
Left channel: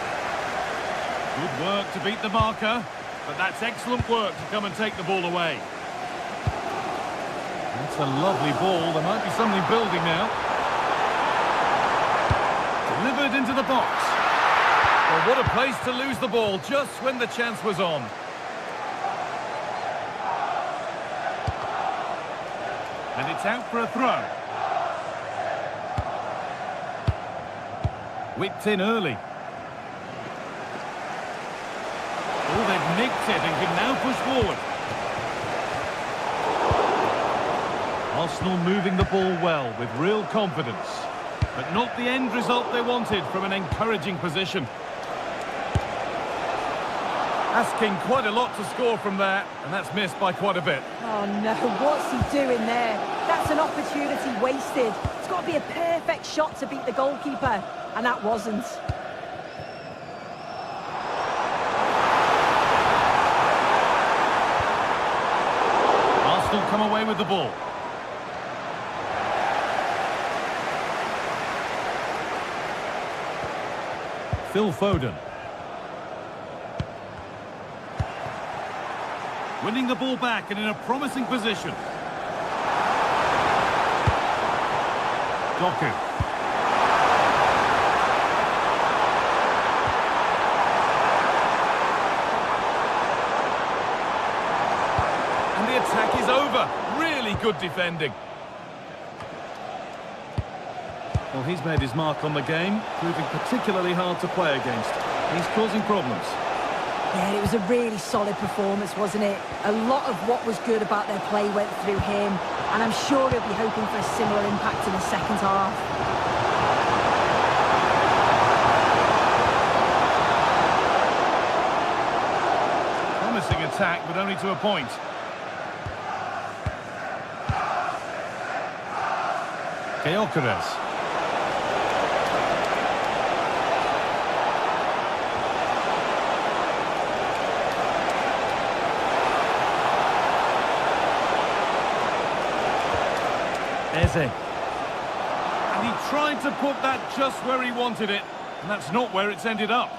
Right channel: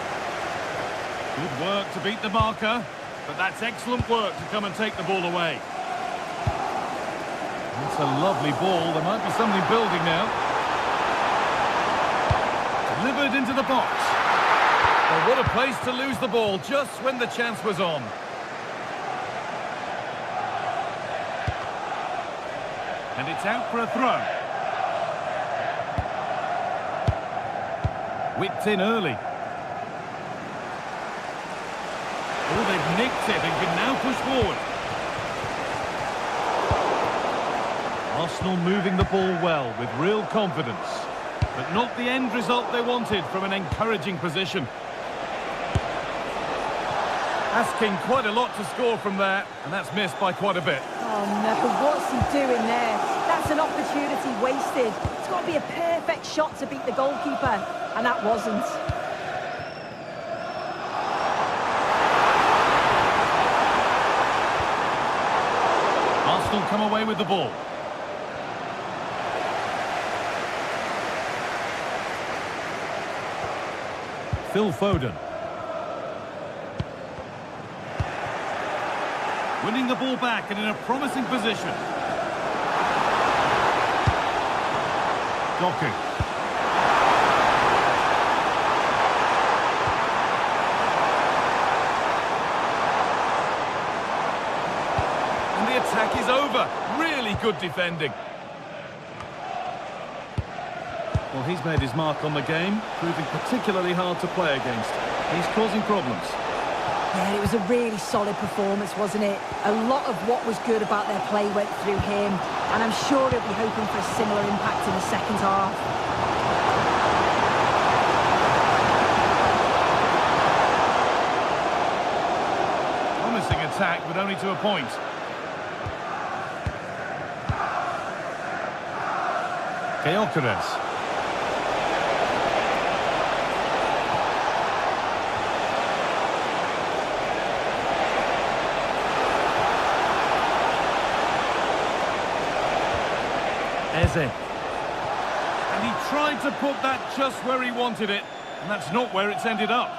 Good work to beat the marker, but that's excellent work to come and take the ball away. That's a lovely ball. There might be something building now. Delivered into the box. Well, what a place to lose the ball just when the chance was on. And it's out for a throw. Whipped in early. Oh, they've nicked it and can now push forward. Arsenal moving the ball well with real confidence. But not the end result they wanted from an encouraging position. Asking quite a lot to score from there, and that's missed by quite a bit. Oh no, what's he doing there? That's an opportunity wasted. It's got to be a perfect shot to beat the goalkeeper, and that wasn't. Arsenal come away with the ball. Phil Foden. Winning the ball back and in a promising position. Doku. And the attack is over. Really good defending. Well, he's made his mark on the game, proving particularly hard to play against. He's causing problems. Yeah, it was a really solid performance, wasn't it? A lot of what was good about their play went through him, and I'm sure he'll be hoping for a similar impact in the second half. Promising attack, but only to a point. Gyökeres. Eze. And he tried to put that just where he wanted it, and that's not where it's ended up.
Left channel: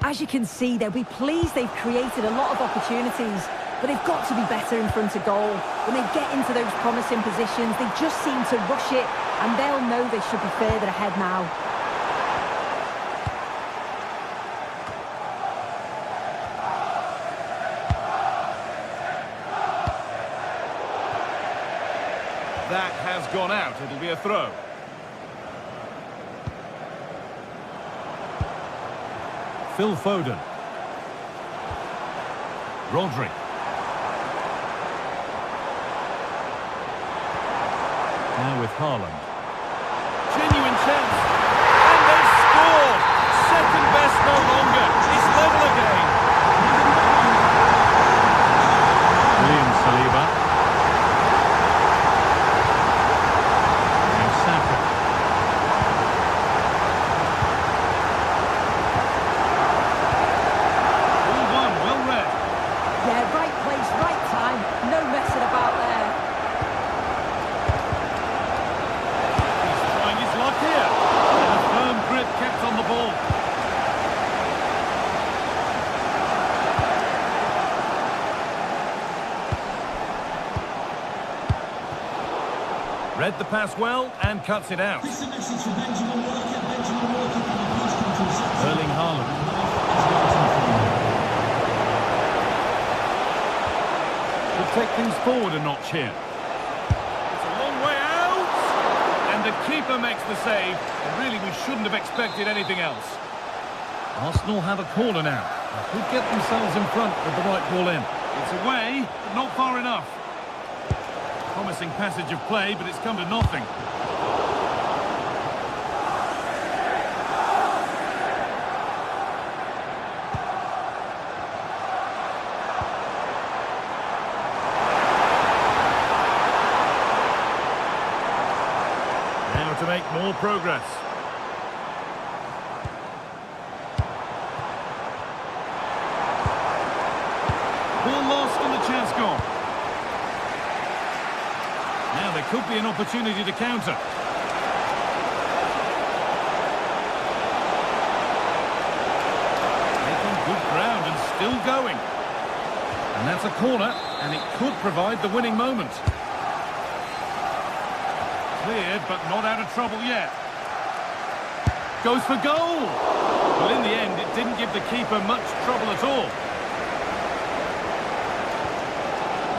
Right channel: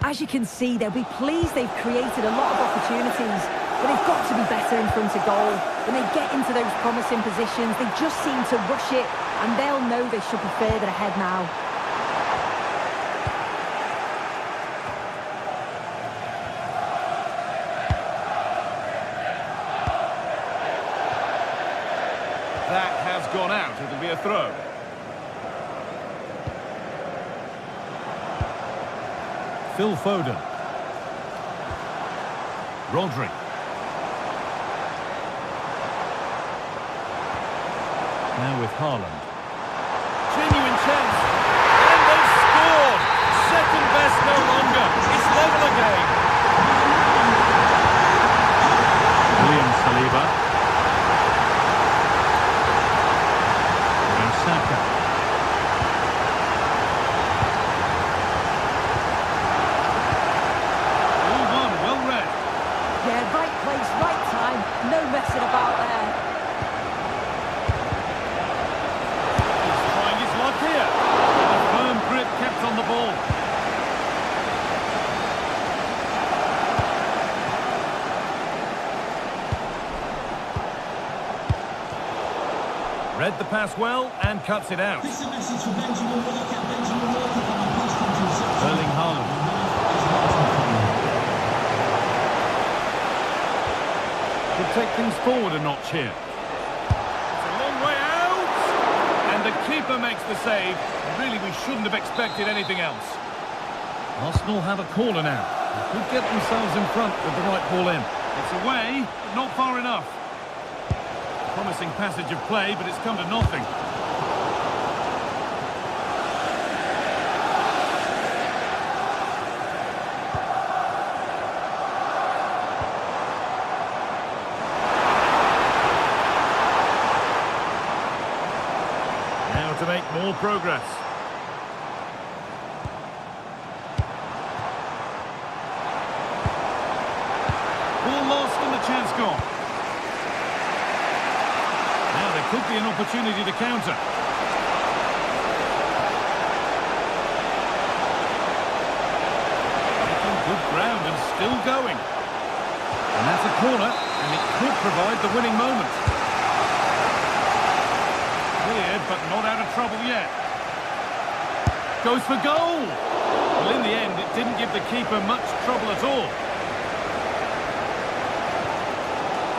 As you can see, they'll be pleased they've created a lot of opportunities, but they've got to be better in front of goal. When they get into those promising positions, they just seem to rush it, and they'll know they should be further ahead now. That has gone out. It'll be a throw. Phil Foden. Rodri. Now with Haaland. Genuine chance. And they've scored! Second best no longer. It's level again. William Saliba. Saka. All one, well read. Yeah, right place, right time. No messing about there. He's trying his luck here. And a firm grip kept on the ball. Read the pass well and cuts it out. This is a message for Benjamin Walker. Benjamin Walker, can you please come to reception? Erling Haaland. Should take things forward a notch here. It's a long way out. And the keeper makes the save. And really, we shouldn't have expected anything else. Arsenal have a corner now. They could get themselves in front with the right ball in. It's away, but not far enough. Promising passage of play, but it's come to nothing. to make more progress. Ball lost and the chance gone. Now there could be an opportunity to counter. Making good ground and still going. And that's a corner, and it could provide the winning moment. Cleared, but not out of trouble yet. Goes for goal! Well, in the end, it didn't give the keeper much trouble at all.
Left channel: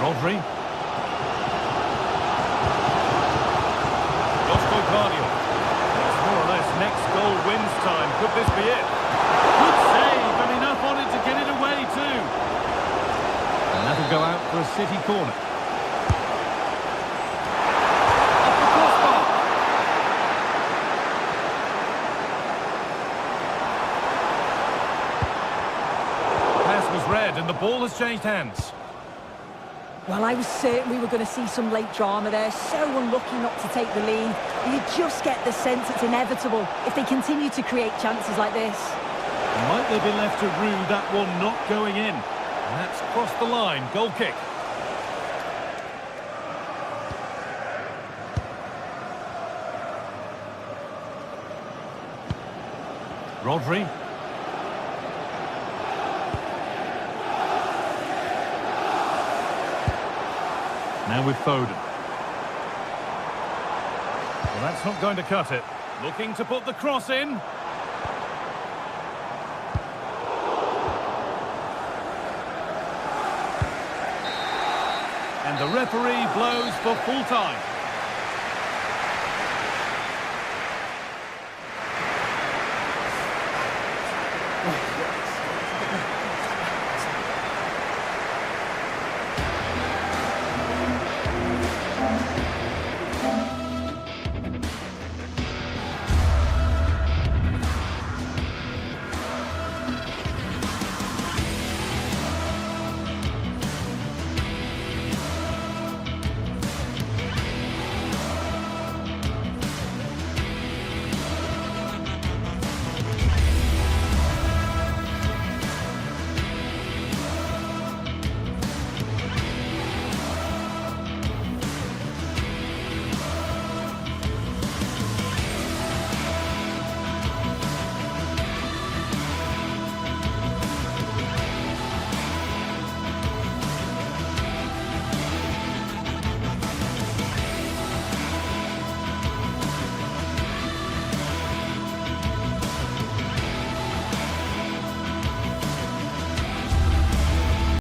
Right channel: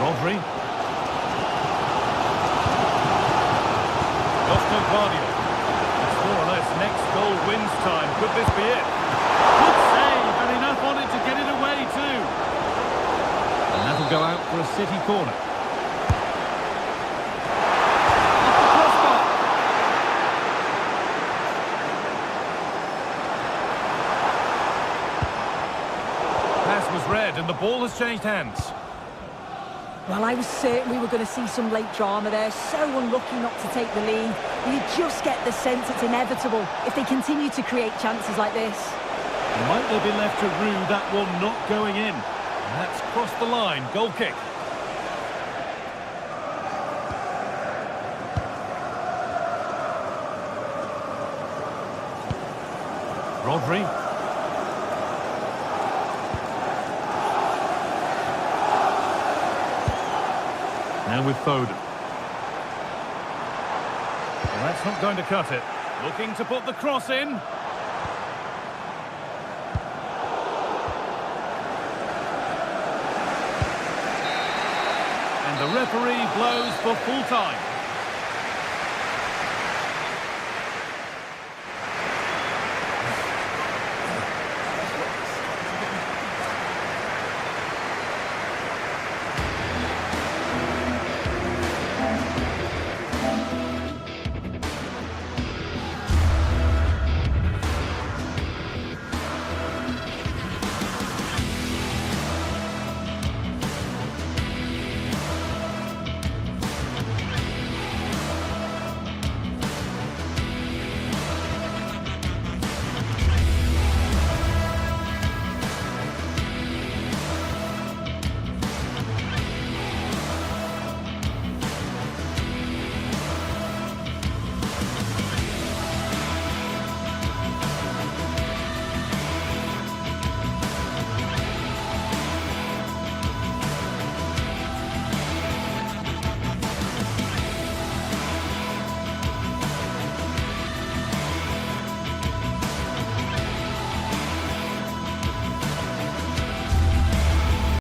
Rodri. It's more or less next goal wins time. Could this be it? Good save, and enough on it to get it away too. And that'll go out for a City corner. Off the crossbar. Pass was read, and the ball has changed hands. Well, I was certain we were going to see some late drama there. So unlucky not to take the lead. You just get the sense it's inevitable if they continue to create chances like this. Might they be left to rue that one not going in? And that's crossed the line. Goal kick. Rodri. Now with Foden. Well, that's not going to cut it. Looking to put the cross in. And the referee blows for full time.